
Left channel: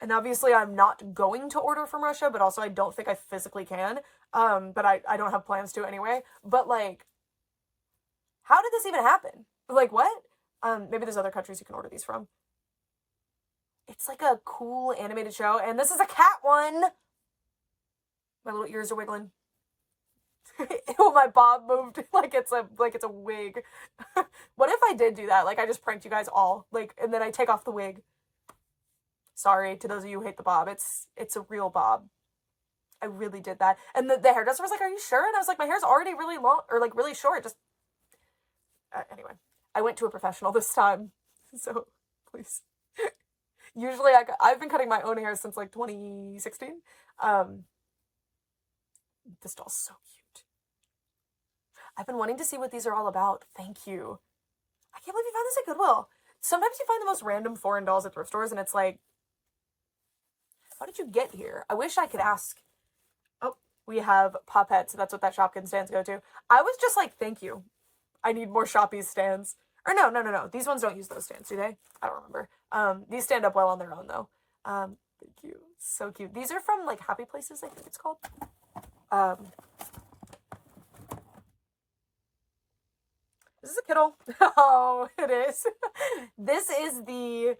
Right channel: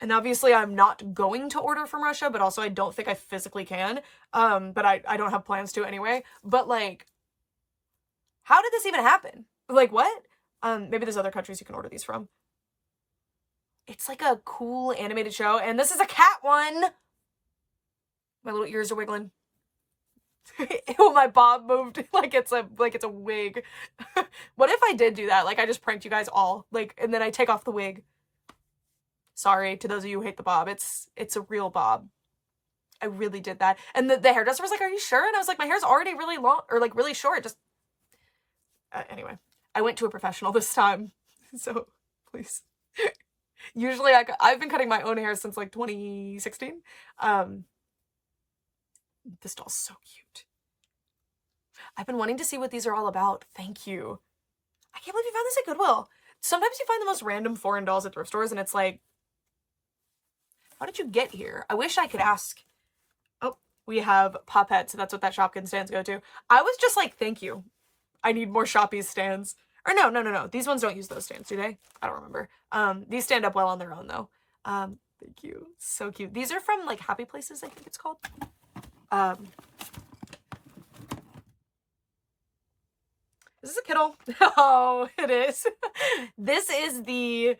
And obviously I'm not going to order from Russia, but also I don't think I physically can. But I don't have plans to anyway. But like, how did this even happen? Like what? Maybe there's other countries you can order these from. It's like a cool animated show, and this is a cat one. My little ears are wiggling. Ew, my bob moved like it's a wig. What if I did do that? Like I just pranked you guys all, like, and then I take off the wig. Sorry to those of you who hate the bob. It's a real bob. I really did that. And the hairdresser was like, "Are you sure?" And I was like, "My hair's already really long, or like really short." Just anyway, I went to a professional this time, so please. Usually I've been cutting my own hair since like 2016. This doll's so cute. I've been wanting to see what these are all about. Thank you. I can't believe you found this at Goodwill. Sometimes you find the most random foreign dolls at thrift stores and it's like, how did you get here? I wish I could ask. Oh, we have Poppets, so that's what that Shopkins stands go to. I was just like, thank you. I need more Shoppies stands. Or no. These ones don't use those stands, do they? I don't remember. These stand up well on their own though. Thank you. So cute. These are from like Happy Places, I think it's called. Is this a Kittle? Oh, it is. This is the,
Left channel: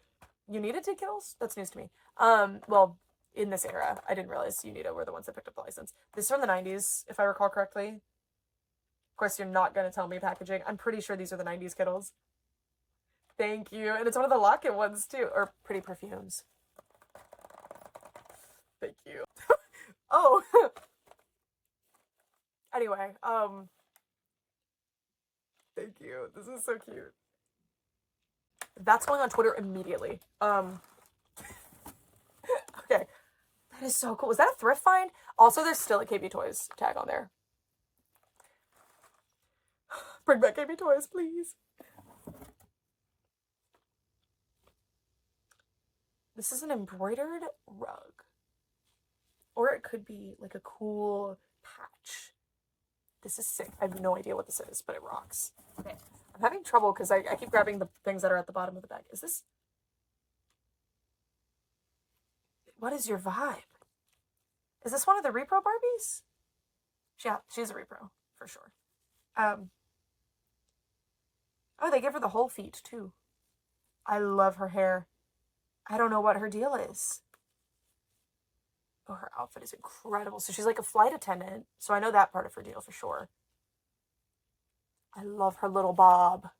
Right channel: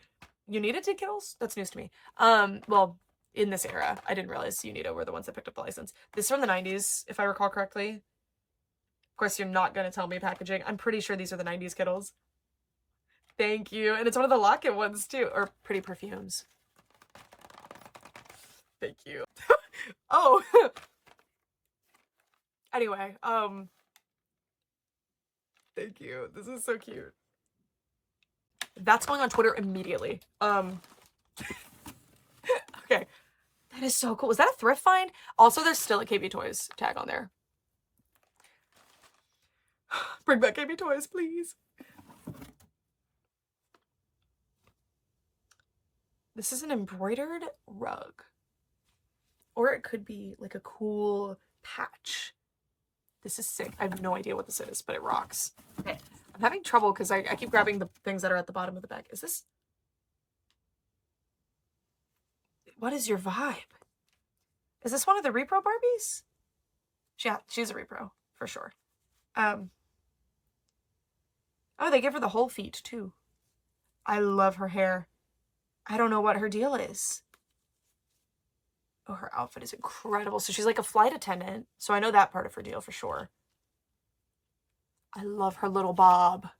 you needed to Kittles? That's news to me. Well, in this era, I didn't realize Unito were the ones that picked up the license. This is from the 90s, if I recall correctly. Of course, you're not going to tell me packaging. I'm pretty sure these are the 90s Kittles. Thank you. And it's one of the Locket ones, too. Or Pretty Perfumes. Thank you. Oh. Anyway, thank you. This is so cute. That's going on Twitter immediately. Okay. That is so cool. Was that a thrift find? Also, there's still a KB Toys tag on there. Bring back KB Toys, please. This is an embroidered rug. Or it could be like a cool patch. This is sick. I have no idea what this is, but it rocks. Okay. I'm having trouble because I keep grabbing the things that are at the bottom of the bag. Is this... What is your vibe? Is this one of the repro Barbies? Yeah, she's a repro, for sure. Oh, they give her the whole feet, too. I love her hair. I don't know what her deal is. Oh, her outfit is incredible. So she's like a flight attendant. So I know that part of her deal for sure. I love her little bob.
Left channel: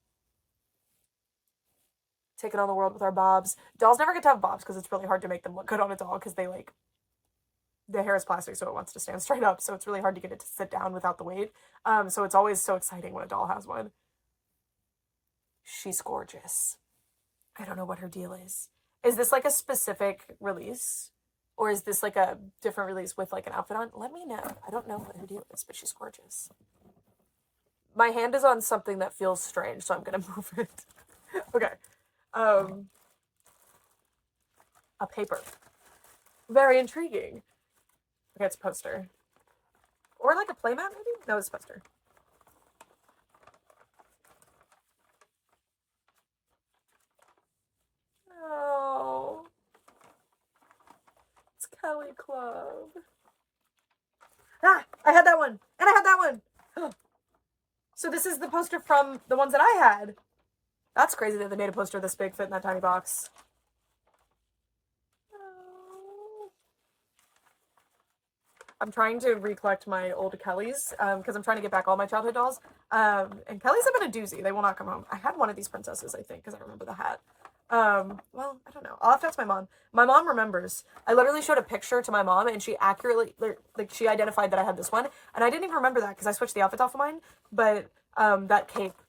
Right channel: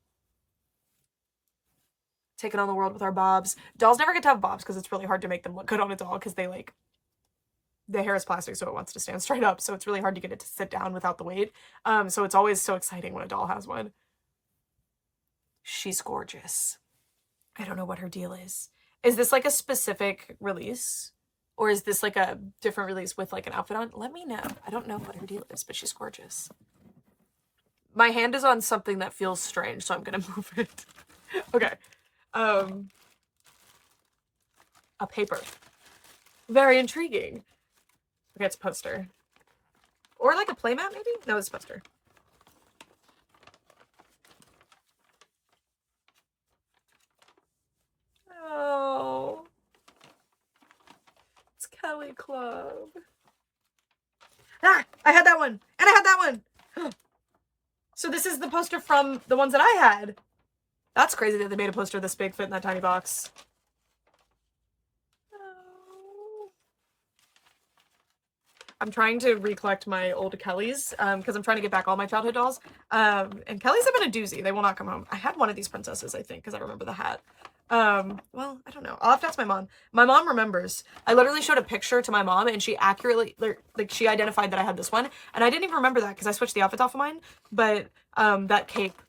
Taking on the world with our bobs. Dolls never get to have bobs because it's really hard to make them look good on a doll because they like... The hair is plastic, so it wants to stand straight up. So it's really hard to get it to sit down without the weight. So it's always so exciting when a doll has one. She's gorgeous. I don't know what her deal is. Is this like a specific release? Or is this like a different release with like an outfit on? Let me know. I don't know what her deal is, but she's gorgeous. My hand is on something that feels strange, so I'm gonna move it. Okay. A paper. Very intriguing. Okay, it's a poster. Or like a playmat, maybe? No, it's a poster. Oh. It's Kelly Club. Ah! I had that one! And I had that one! So this is the poster from the ones that I had. That's crazy that they made a poster this big fit in that tiny box. Oh. I'm trying to recollect my old Kellys, because I'm trying to get back all my childhood dolls. And Kellys have been a doozy. They will not come home. I had one of these princesses, I think, because I remember the hat. Well, I don't know. I'll have to ask my mom. My mom remembers. I literally showed a picture to my mom, and she accurately, like, she identified that I had this one, and I didn't even remember that because I switched the outfits off of mine. But that cape,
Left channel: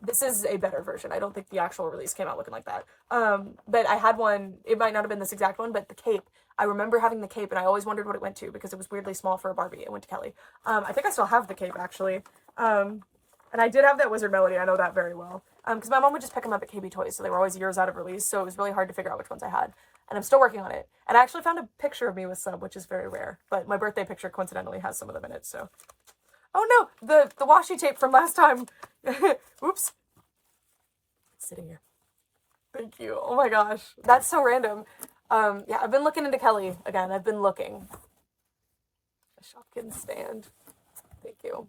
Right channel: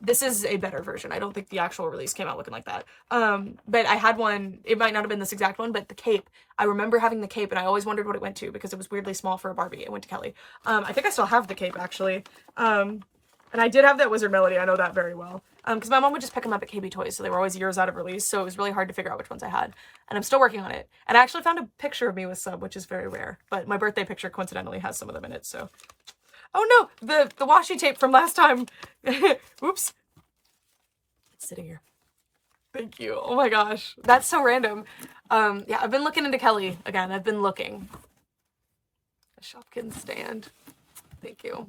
this is a better version. I don't think the actual release came out looking like that. But I had one. It might not have been this exact one, but the cape. I remember having the cape, and I always wondered what it went to because it was weirdly small for a Barbie. It went to Kelly. I think I still have the cape actually. And I did have that Wizard Melody. I know that very well. Because my mom would just pick them up at KB Toys, so they were always years out of release. So it was really hard to figure out which ones I had. And I'm still working on it. And I actually found a picture of me with Sub, which is very rare. But my birthday picture coincidentally has some of them in it. So, oh no, the washi tape from last time. Oops. It's sitting here. Thank you. Oh my gosh, that's so random. Yeah, I've been looking into Kelly again. I've been looking. A Shopkins stand. Thank you.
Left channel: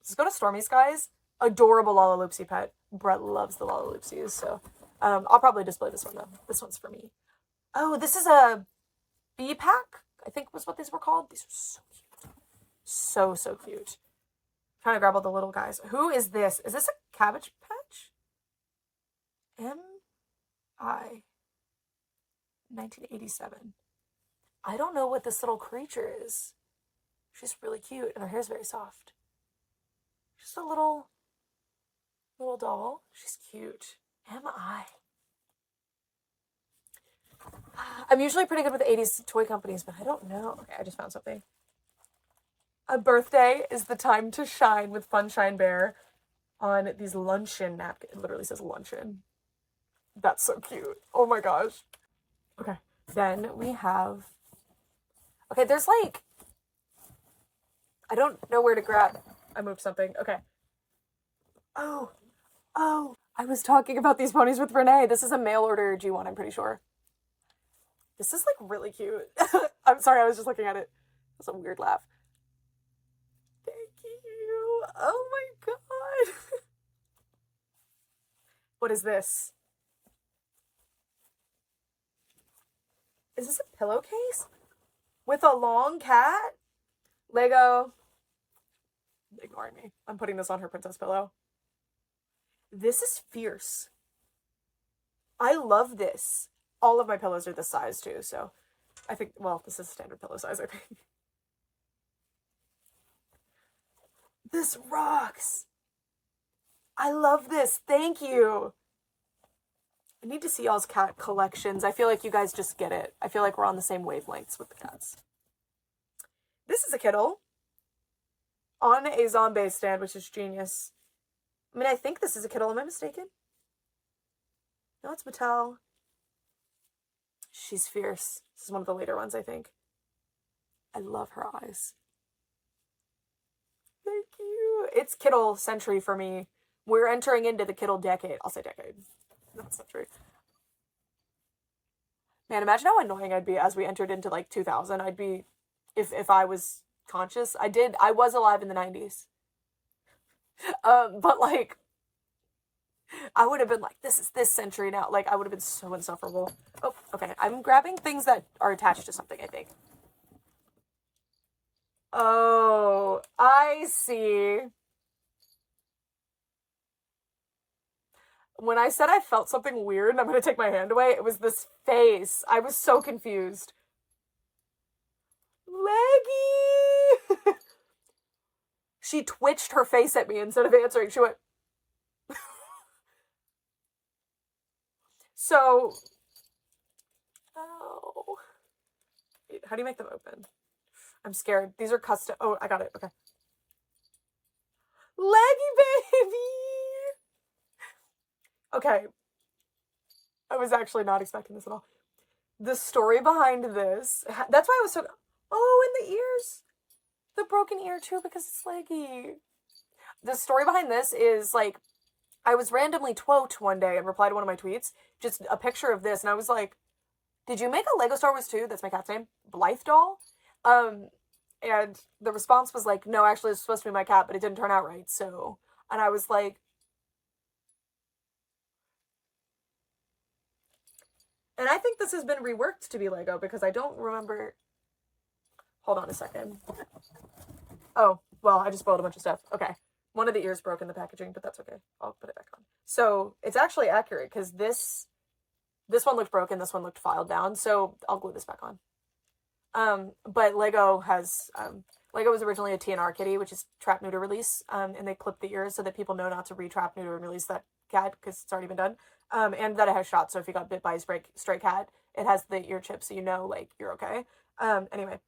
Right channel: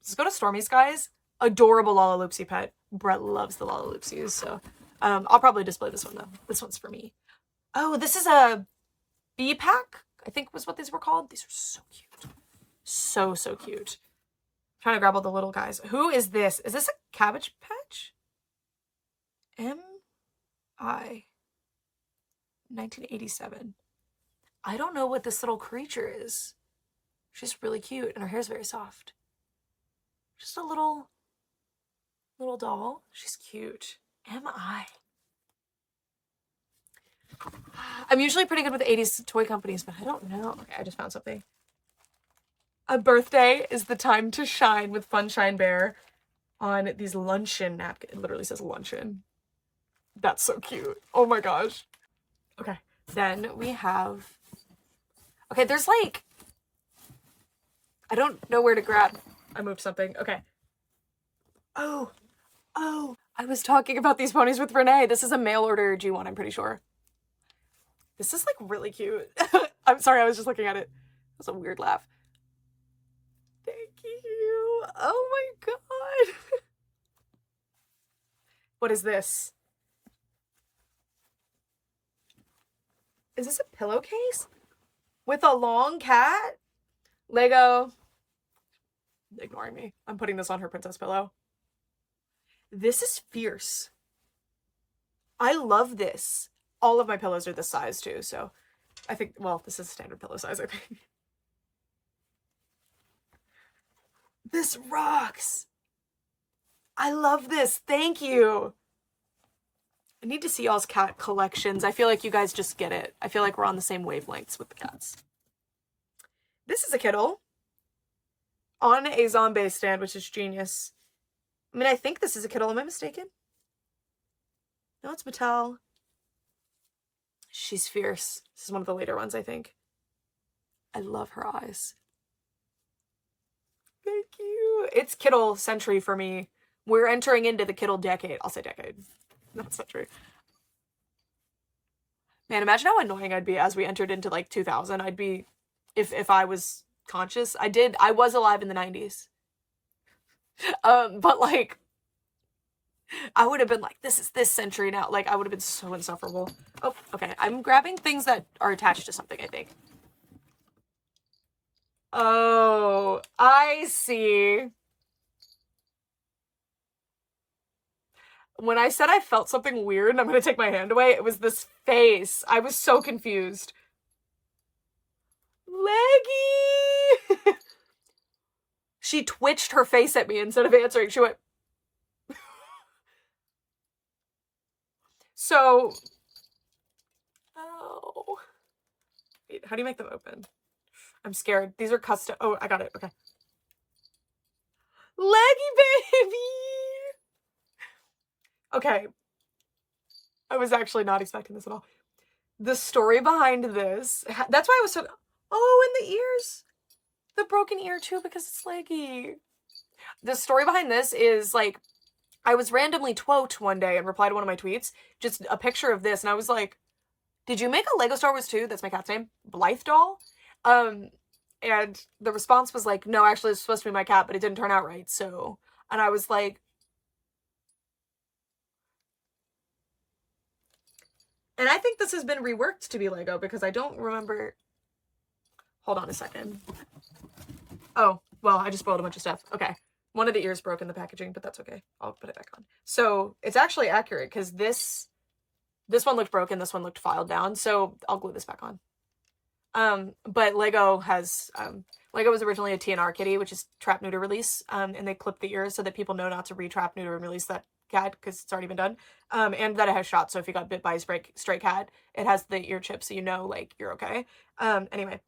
Let's go to Stormy Skies. Adorable Lalaloopsy pet. Brett loves the Lalaloopsies, so I'll probably display this one though. This one's for me. Oh, this is a bee pack, I think was what these were called. These are so cute. So cute. I'm trying to grab all the little guys. Who is this? Is this a Cabbage Patch? M.I. 1987. I don't know what this little creature is. She's really cute, and her hair's very soft. Just a little doll. She's cute. M.I. I'm usually pretty good with 80s toy companies, but I don't know. Okay, I just found something. A birthday is the time to shine with Funshine Bear on these luncheon napkins. It literally says luncheon. That's so cute. Oh my gosh. Okay, then we have... Okay, there's like... I don't know where to grab. I moved something. Okay. Oh, I was talking about these ponies with Renee. This is a mail order G1, I'm pretty sure. This is like really cute. I'm sorry, I was just looking at it. That's a weird laugh. Thank you. Oh my god. What is this? Is this a pillowcase? With a long cat? Lego. Ignoring me. I'm putting this on her princess pillow. This is fierce. I love this. All of my pillows are this size too, so I think, well, this is standard pillow size, I think. This rocks. I love this. Thank you. I need to see y'all's cat collections. I feel like you guys just get it. I feel like we're on the same wavelengths with the cats. This is a Kittle on a zombie stand, which is genius. I mean, I think this is a Kittle. Am I mistaken? No, it's Mattel. She's fierce. This is one of the later ones, I think. I love her eyes. Thank you. It's Kittle century for me. We're entering into the Kittle decade. I'll say decade. Not century. Man, imagine how annoying I'd be as we entered into like 2000. I'd be, if I was conscious. I was alive in the 90s. But like, I would have been like, this is this century now. Like, I would have been so insufferable. Oh, okay. I'm grabbing things that are attached to something, I think. Oh, I see. When I said I felt something weird and I'm going to take my hand away, it was this face. I was so confused. Leggy! She twitched her face at me instead of answering. She went... So... Oh. Wait, how do you make them open? I'm scared. These are custom... Oh, I got it. Okay. Leggy baby! Okay. I was actually not expecting this at all. The story behind this... That's why I was so... Oh, and the ears. The broken ear too because it's leggy. The story behind this is like... I was randomly twote one day and replied to one of my tweets. Just a picture of this. And I was like, did you make a Lego Star Wars 2? That's my cat's name. Blythe doll? And the response was like, no, actually it's supposed to be my cat, but it didn't turn out right. So... And I was like... And I think this has been reworked to be Lego because I don't remember. Hold on a second. Oh, well, I just spoiled a bunch of stuff. Okay. One of the ears broke in the packaging, but that's okay. I'll put it back on. So it's actually accurate because this one looked broken, this one looked filed down. So I'll glue this back on. But Lego was originally a TNR kitty, which is trap, neuter, release. And they clip the ears so that people know not to re-trap, neuter, and release that cat because it's already been done. And that it has shots. So if you got bit by a stray cat, it has the ear chip so you know, like, you're okay. Anyway.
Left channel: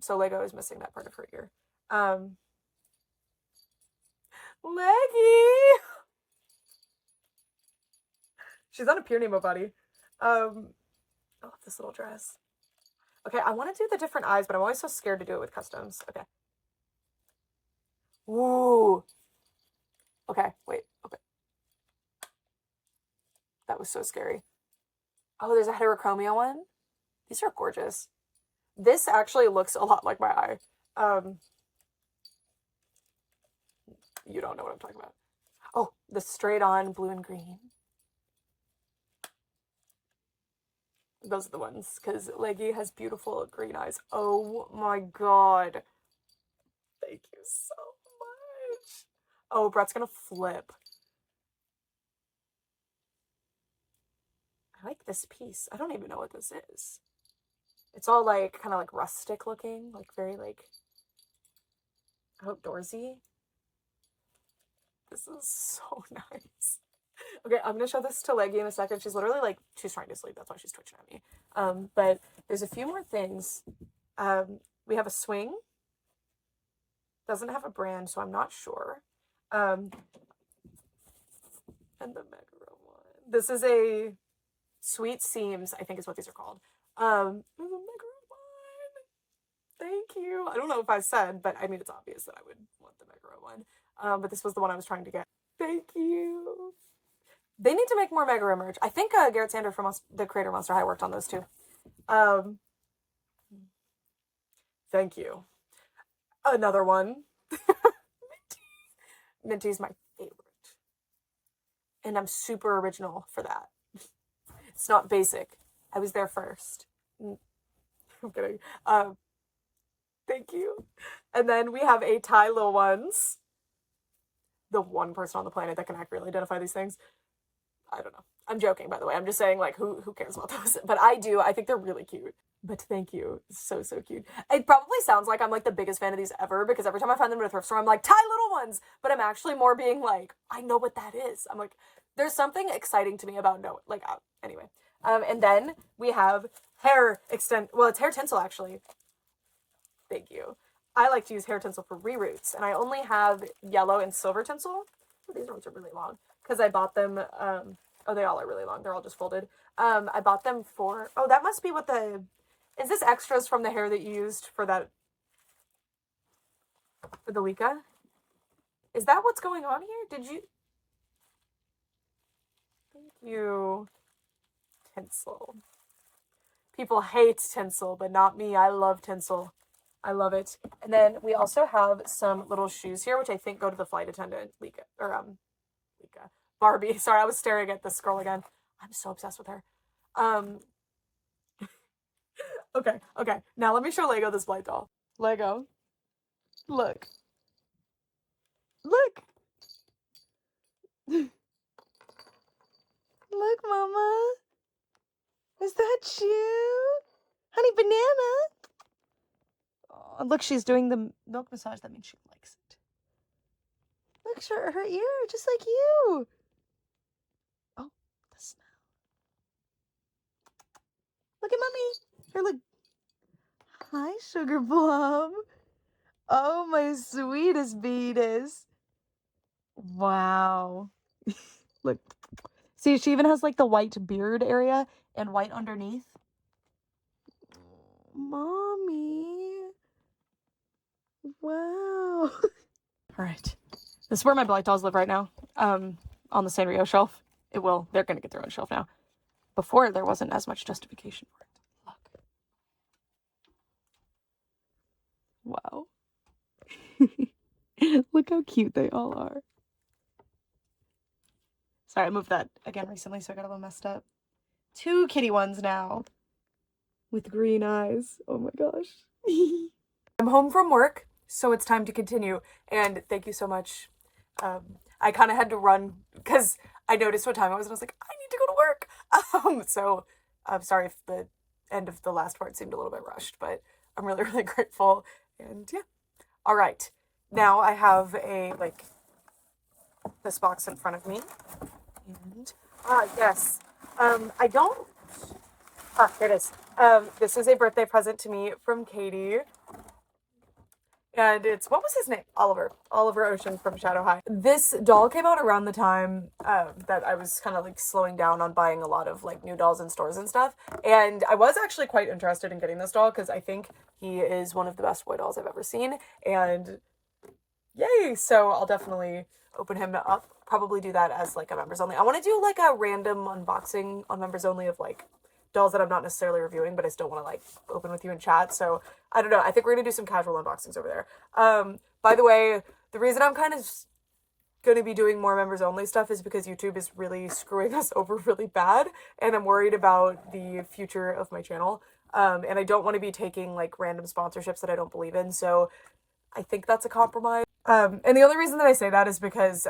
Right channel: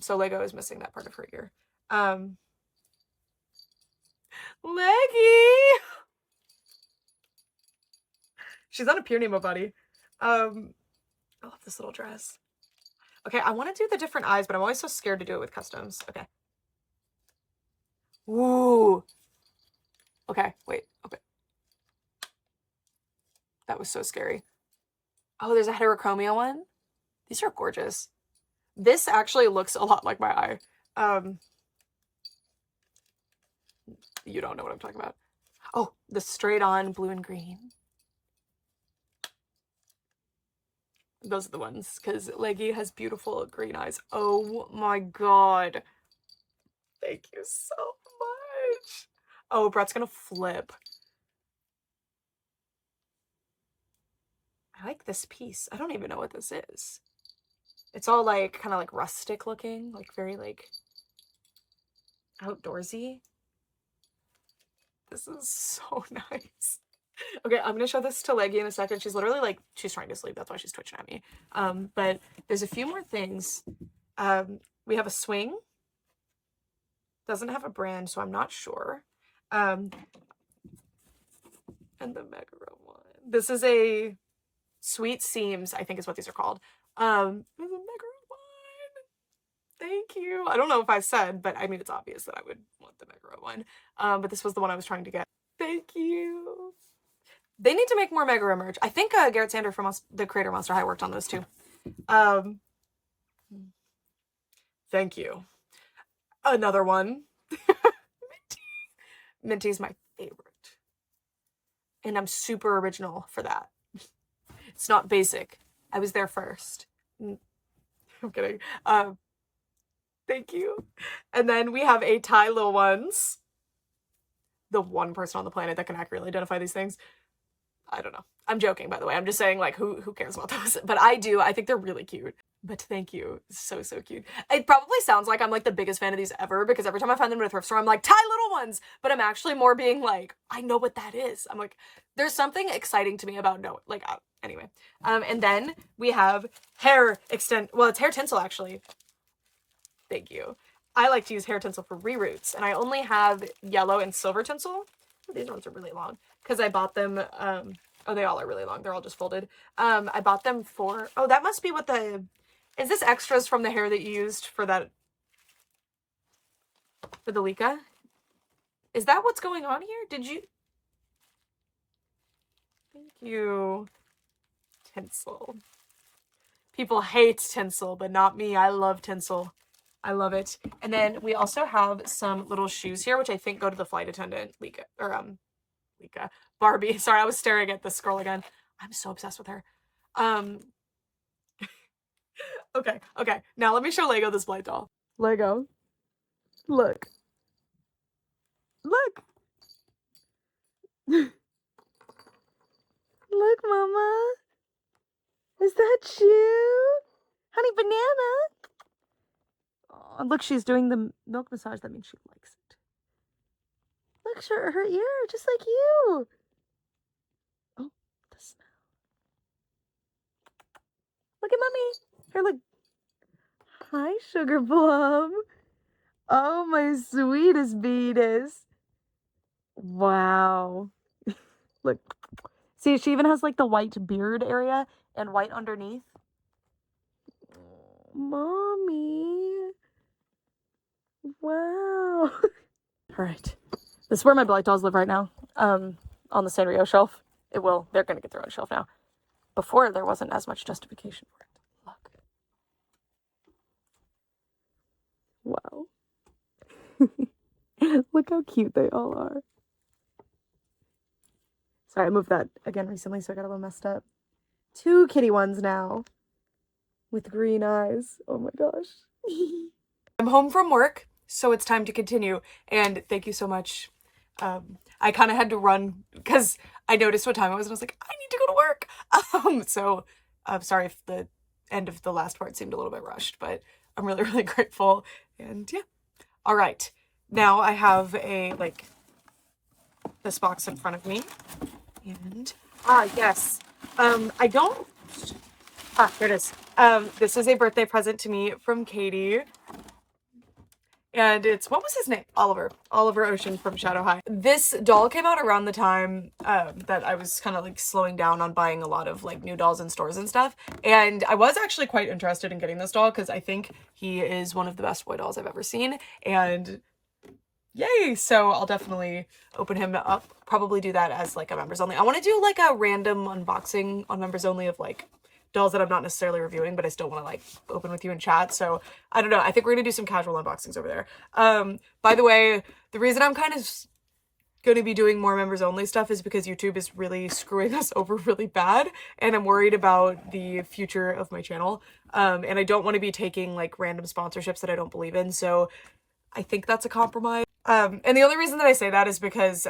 So Lego is missing that part of her ear. Leggy! She's on a Pure Nemo body. I love this little dress. Okay, I want to do the different eyes, but I'm always so scared to do it with customs. Okay. Ooh. Okay, wait. Okay. That was so scary. Oh, there's a heterochromia one. These are gorgeous. This actually looks a lot like my eye. You don't know what I'm talking about. Oh, the straight on blue and green. Those are the ones, because Leggy has beautiful green eyes. Oh my god. Thank you so much. Oh, Brett's gonna flip. I like this piece. I don't even know what this is. It's all like kind of like rustic looking, like very like outdoorsy. This is so nice. Okay, I'm gonna show this to Leggy in a second. She's literally like, she's trying to sleep. That's why she's twitching at me. But there's a few more things. We have a swing. Doesn't have a brand, so I'm not sure. And the Megara one. This is a Sweet Seams, I think is what these are called. There's a Megara one. Thank you. I don't know if I said, but I mean, it's obvious that I would want the Megara one. But this was the one I was trying to get. Thank you. They need to make more Megara merch. I think Garrett Sander from the creator Monster High worked on those too. Thank you. Another one. Minty's my favorite. And I'm super original for that. It's not basic. I was there first. I'm kidding. Thank you. And then we have a Thai little ones. The one person on the planet that can accurately identify these things. I don't know. I'm joking, by the way. I'm just saying, like, who cares about those? But I do. I think they're really cute. But thank you. So cute. It probably sounds like I'm like the biggest fan of these ever because every time I find them in a thrift store, I'm like, Thai little ones. But I'm actually more being like, I know what that is. I'm like, there's something exciting to me about anyway. And then we have hair extend. Well, it's hair tinsel actually. Thank you. I like to use hair tinsel for reroots, and I only have yellow and silver tinsel. These ones are really long because I bought them. Oh, they all are really long. They're all just folded. I bought them for. Oh, that must be what the. Is this extras from the hair that you used for that? For the Lika? Is that what's going on here? Did you? Thank you. Tinsel. People hate tinsel, but not me. I love tinsel. I love it. And then we also have some little shoes here, which I think go to the flight attendant, Lika. Barbie. Sorry, I was staring at this girl again. I'm so obsessed with her. Okay. Now let me show Lego this Blight doll. Lego. Look. Look, Mama. Is that you? Honey banana. Oh, look, she's doing the milk massage. That means she likes it. Look, her ear, just like you. Oh, the smell. Look at Mommy. Her look. Hi, Sugar Plum. Oh, my sweetest beatus. Wow. Look. See, she even has like the white beard area and white underneath. Mommy. Wow. All right. This is where my Blight dolls live right now. On the Sanrio shelf. They're going to get their own shelf now. Before, there wasn't as much justification for it. Look. Wow. Look how cute they all are. Sorry, I moved that again recently, so I got a little messed up. 2 kitty ones now with green eyes. Oh my gosh. I'm home from work, so it's time to continue. And thank you so much. I kind of had to run because I noticed what time it was and I was like, I need to go to work. So I'm sorry if the end of the last part seemed a little bit rushed, but I'm really, really grateful. And yeah. All right. Now I have this box in front of me. And, yes. I don't, there it is. This is a birthday present to me from Katie. And it's, what was his name? Oliver Ocean from Shadow High. This doll came out around the time that I was kind of like slowing down on buying a lot of like new dolls in stores and stuff. And I was actually quite interested in getting this doll because I think he is one of the best boy dolls I've ever seen. And yay! So I'll definitely open him up. Probably do that as like a members only. I want to do like a random unboxing on members only of like dolls that I'm not necessarily reviewing, but I still want to like open with you in chat. So I don't know. I think we're gonna do some casual unboxings over there. By the way, the reason I'm kind of going to be doing more members only stuff is because YouTube is really screwing us over really bad, and I'm worried about the future of my channel. And I don't want to be taking like random sponsorships that I don't believe in. So I think that's a compromise. And the only reason that I say that is because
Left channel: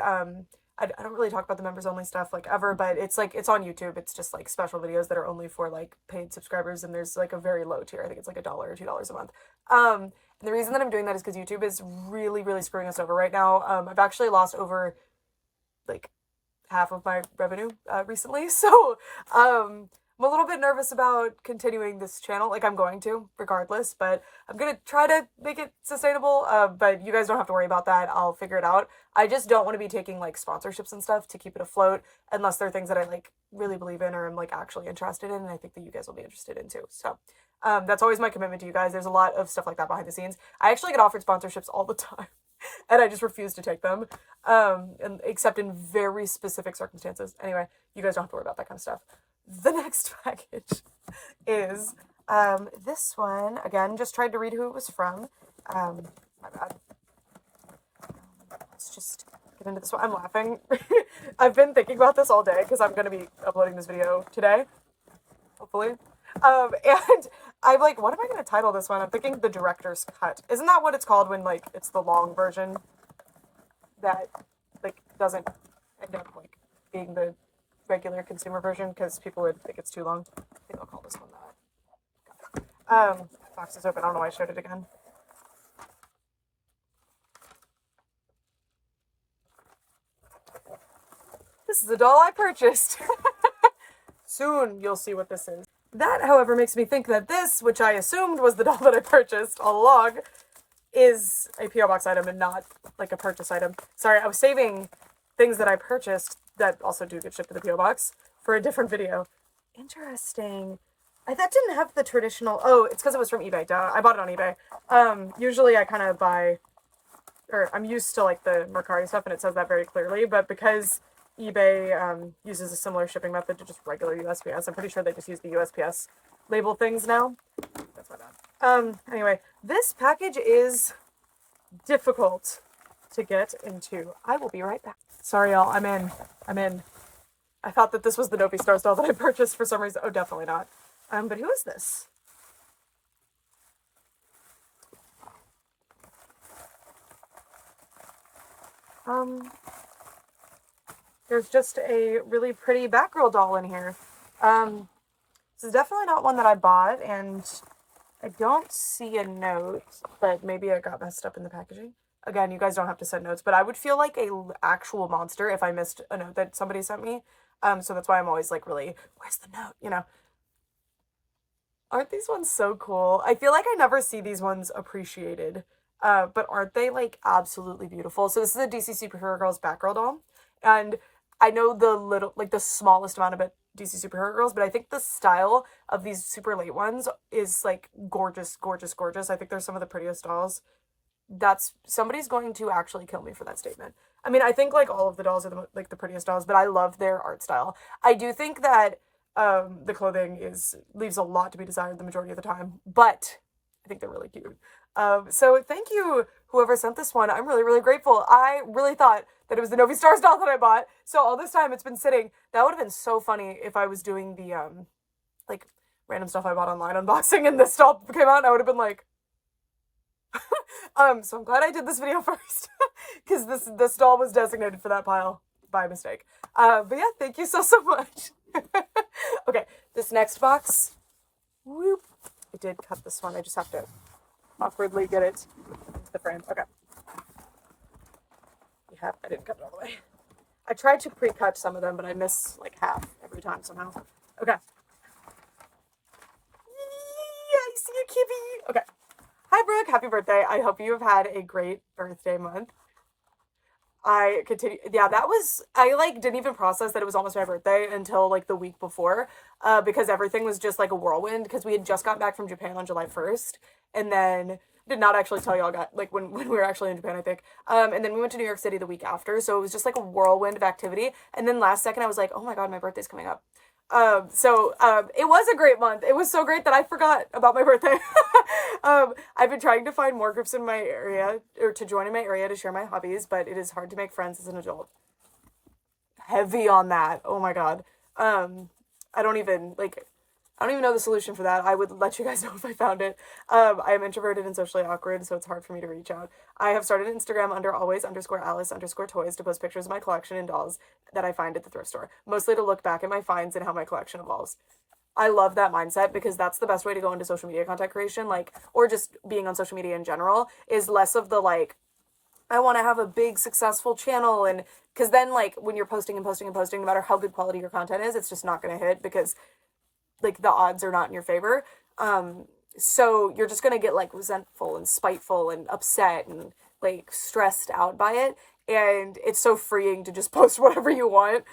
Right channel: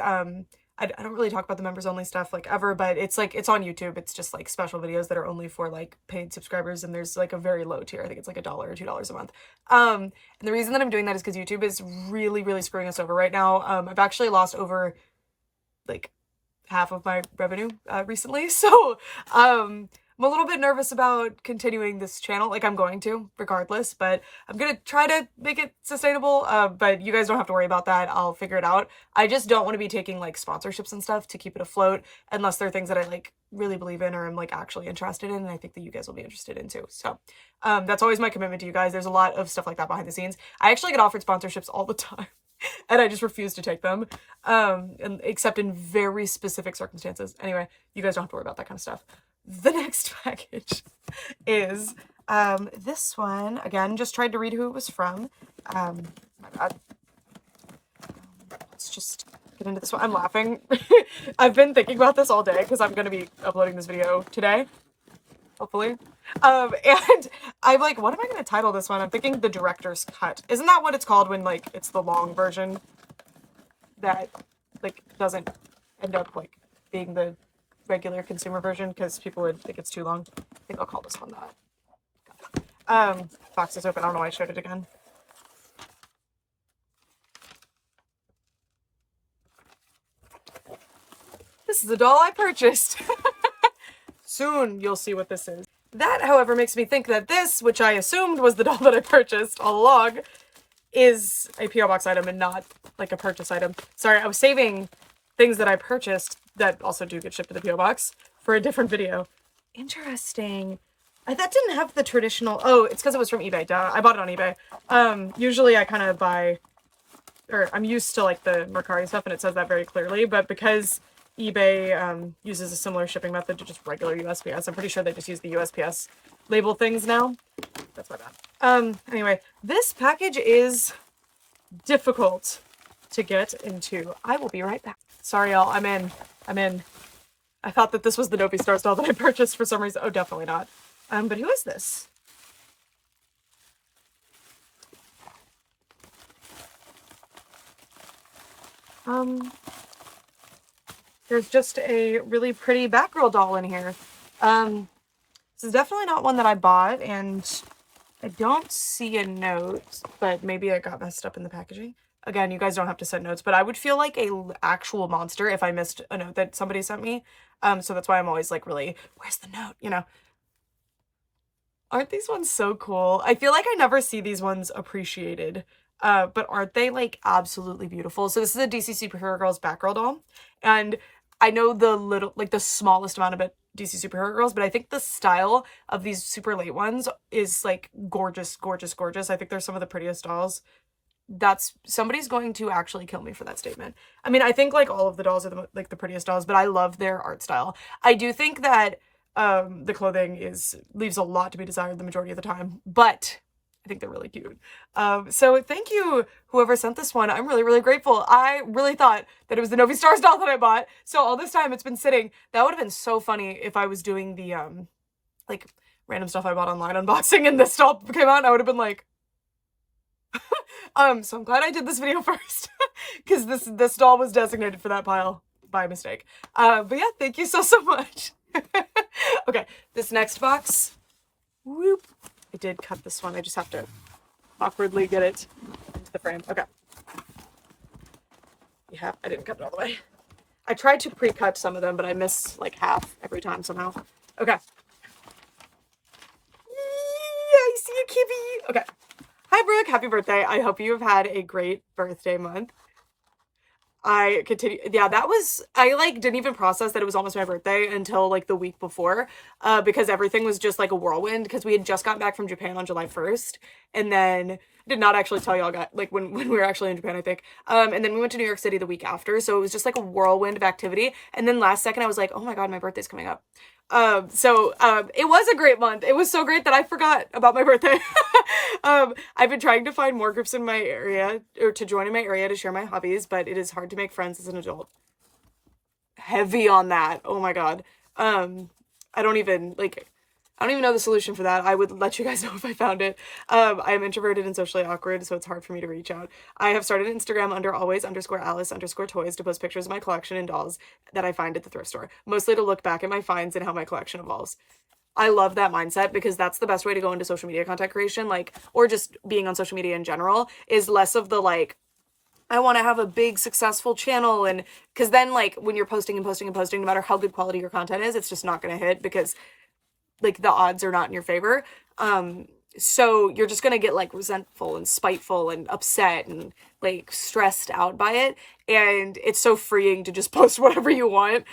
I don't really talk about the members only stuff like ever, but it's like, it's on YouTube. It's just like special videos that are only for like paid subscribers. And there's like a very low tier. I think it's like $1 or $2 a month. And the reason that I'm doing that is because YouTube is really, really screwing us over right now. I've actually lost over like half of my revenue recently. So I'm a little bit nervous about continuing this channel. Like, I'm going to regardless, but I'm gonna try to make it sustainable. But you guys don't have to worry about that. I'll figure it out. I just don't want to be taking like sponsorships and stuff to keep it afloat unless they're things that I like really believe in or I'm like actually interested in, and I think that you guys will be interested in too. So that's always my commitment to you guys. There's a lot of stuff like that behind the scenes. I actually get offered sponsorships all the time. And I just refuse to take them, and except in very specific circumstances. Anyway, you guys don't have to worry about that kind of stuff. The next package is this one. Again, just tried to read who it was from. My God. Let's just get into this one. I'm laughing. I've been thinking about this all day because I'm going to be uploading this video today, hopefully. And I'm like, what am I going to title this one? I'm thinking the director's cut. Isn't that what it's called when like it's the long version that like doesn't end up like being the regular consumer version because people would think it's too long? I think I'll call this one that. Box is open. I don't know why I showed it again. This is the doll I purchased. Soon you'll see what this is. That, however, makes me think that this, which I assumed was the doll that I purchased all along, is a P.O. Box item and not like a purchase item. Sorry, I was saving things that I purchased that also do get shipped to the P.O. Box for a different video. Interesting. That didn't have the traditional... Oh, it's because it was from eBay. Duh. I bought it on eBay. Usually I kind of buy... Or I'm used to like the Mercari stuff and it says that very clearly, but because eBay uses a similar shipping method to just regular USPS, I'm pretty sure they just use the USPS label things now. That's my bad. Anyway, this package is difficult to get into. I will be right back. Sorry, y'all. I'm in. I thought that this was the Dopey Stars doll that I purchased for some reason. Oh, definitely not. But who is this? There's just a really pretty Batgirl doll in here. This is definitely not one that I bought, and I don't see a note, but maybe I got messed up in the packaging. Again, you guys don't have to send notes, but I would feel like a actual monster if I missed a note that somebody sent me. So that's why I'm always like, really, where's the note, you know? Aren't these ones so cool? I feel like I never see these ones appreciated, but aren't they like absolutely beautiful? So this is a DC Superhero Girls Batgirl doll, and I know the smallest amount of DC Superhero Girls, but I think the style of these super late ones is like gorgeous, gorgeous, gorgeous. I think they're some of the prettiest dolls. Somebody's going to actually kill me for that statement. I mean, I think like all of the dolls are the prettiest dolls, but I love their art style. I do think that the clothing leaves a lot to be desired the majority of the time, but I think they're really cute. So thank you, whoever sent this one. I'm really, really grateful. I really thought that it was the Novi Stars doll that I bought. So all this time it's been sitting. That would have been so funny if I was doing the, like, random stuff I bought online unboxing and this doll came out and I would have been like, so I'm glad I did this video first because this doll was designated for that pile by mistake. But yeah, thank you so much. Okay, this next box, whoop, I did cut this one. I just have to awkwardly get it into the frame. Okay. Yeah, I didn't cut it all the way. I tried to pre-cut some of them, but I miss like half every time somehow. Okay. I see a kitty. Okay. Hi, Brooke. Happy birthday. I hope you have had a great birthday month. I continue. Yeah, that was, I like didn't even process that it was almost my birthday until like the week before, because everything was just like a whirlwind because we had just gotten back from Japan on July 1st and then did not actually tell y'all got like when we were actually in Japan, I think. And then we went to New York City the week after. So it was just like a whirlwind of activity. And then last second I was like, oh my God, my birthday's coming up. It was a great month. It was so great that I forgot about my birthday. I've been trying to find more groups in my area or to join in my area to share my hobbies, but it is hard to make friends as an adult. Heavy on that. Oh my God. I don't even know the solution for that. I would let you guys know if I found it. I am introverted and socially awkward, so it's hard for me to reach out. I have started Instagram under always_Alice_toys to post pictures of my collection and dolls that I find at the thrift store, mostly to look back at my finds and how my collection evolves. I love that mindset because that's the best way to go into social media content creation, like, or just being on social media in general, is less of the like, I want to have a big successful channel. And because then like when you're posting and posting and posting, no matter how good quality your content is, it's just not going to hit because like the odds are not in your favor. So you're just gonna get like resentful and spiteful and upset and like stressed out by it. And it's so freeing to just post whatever you want.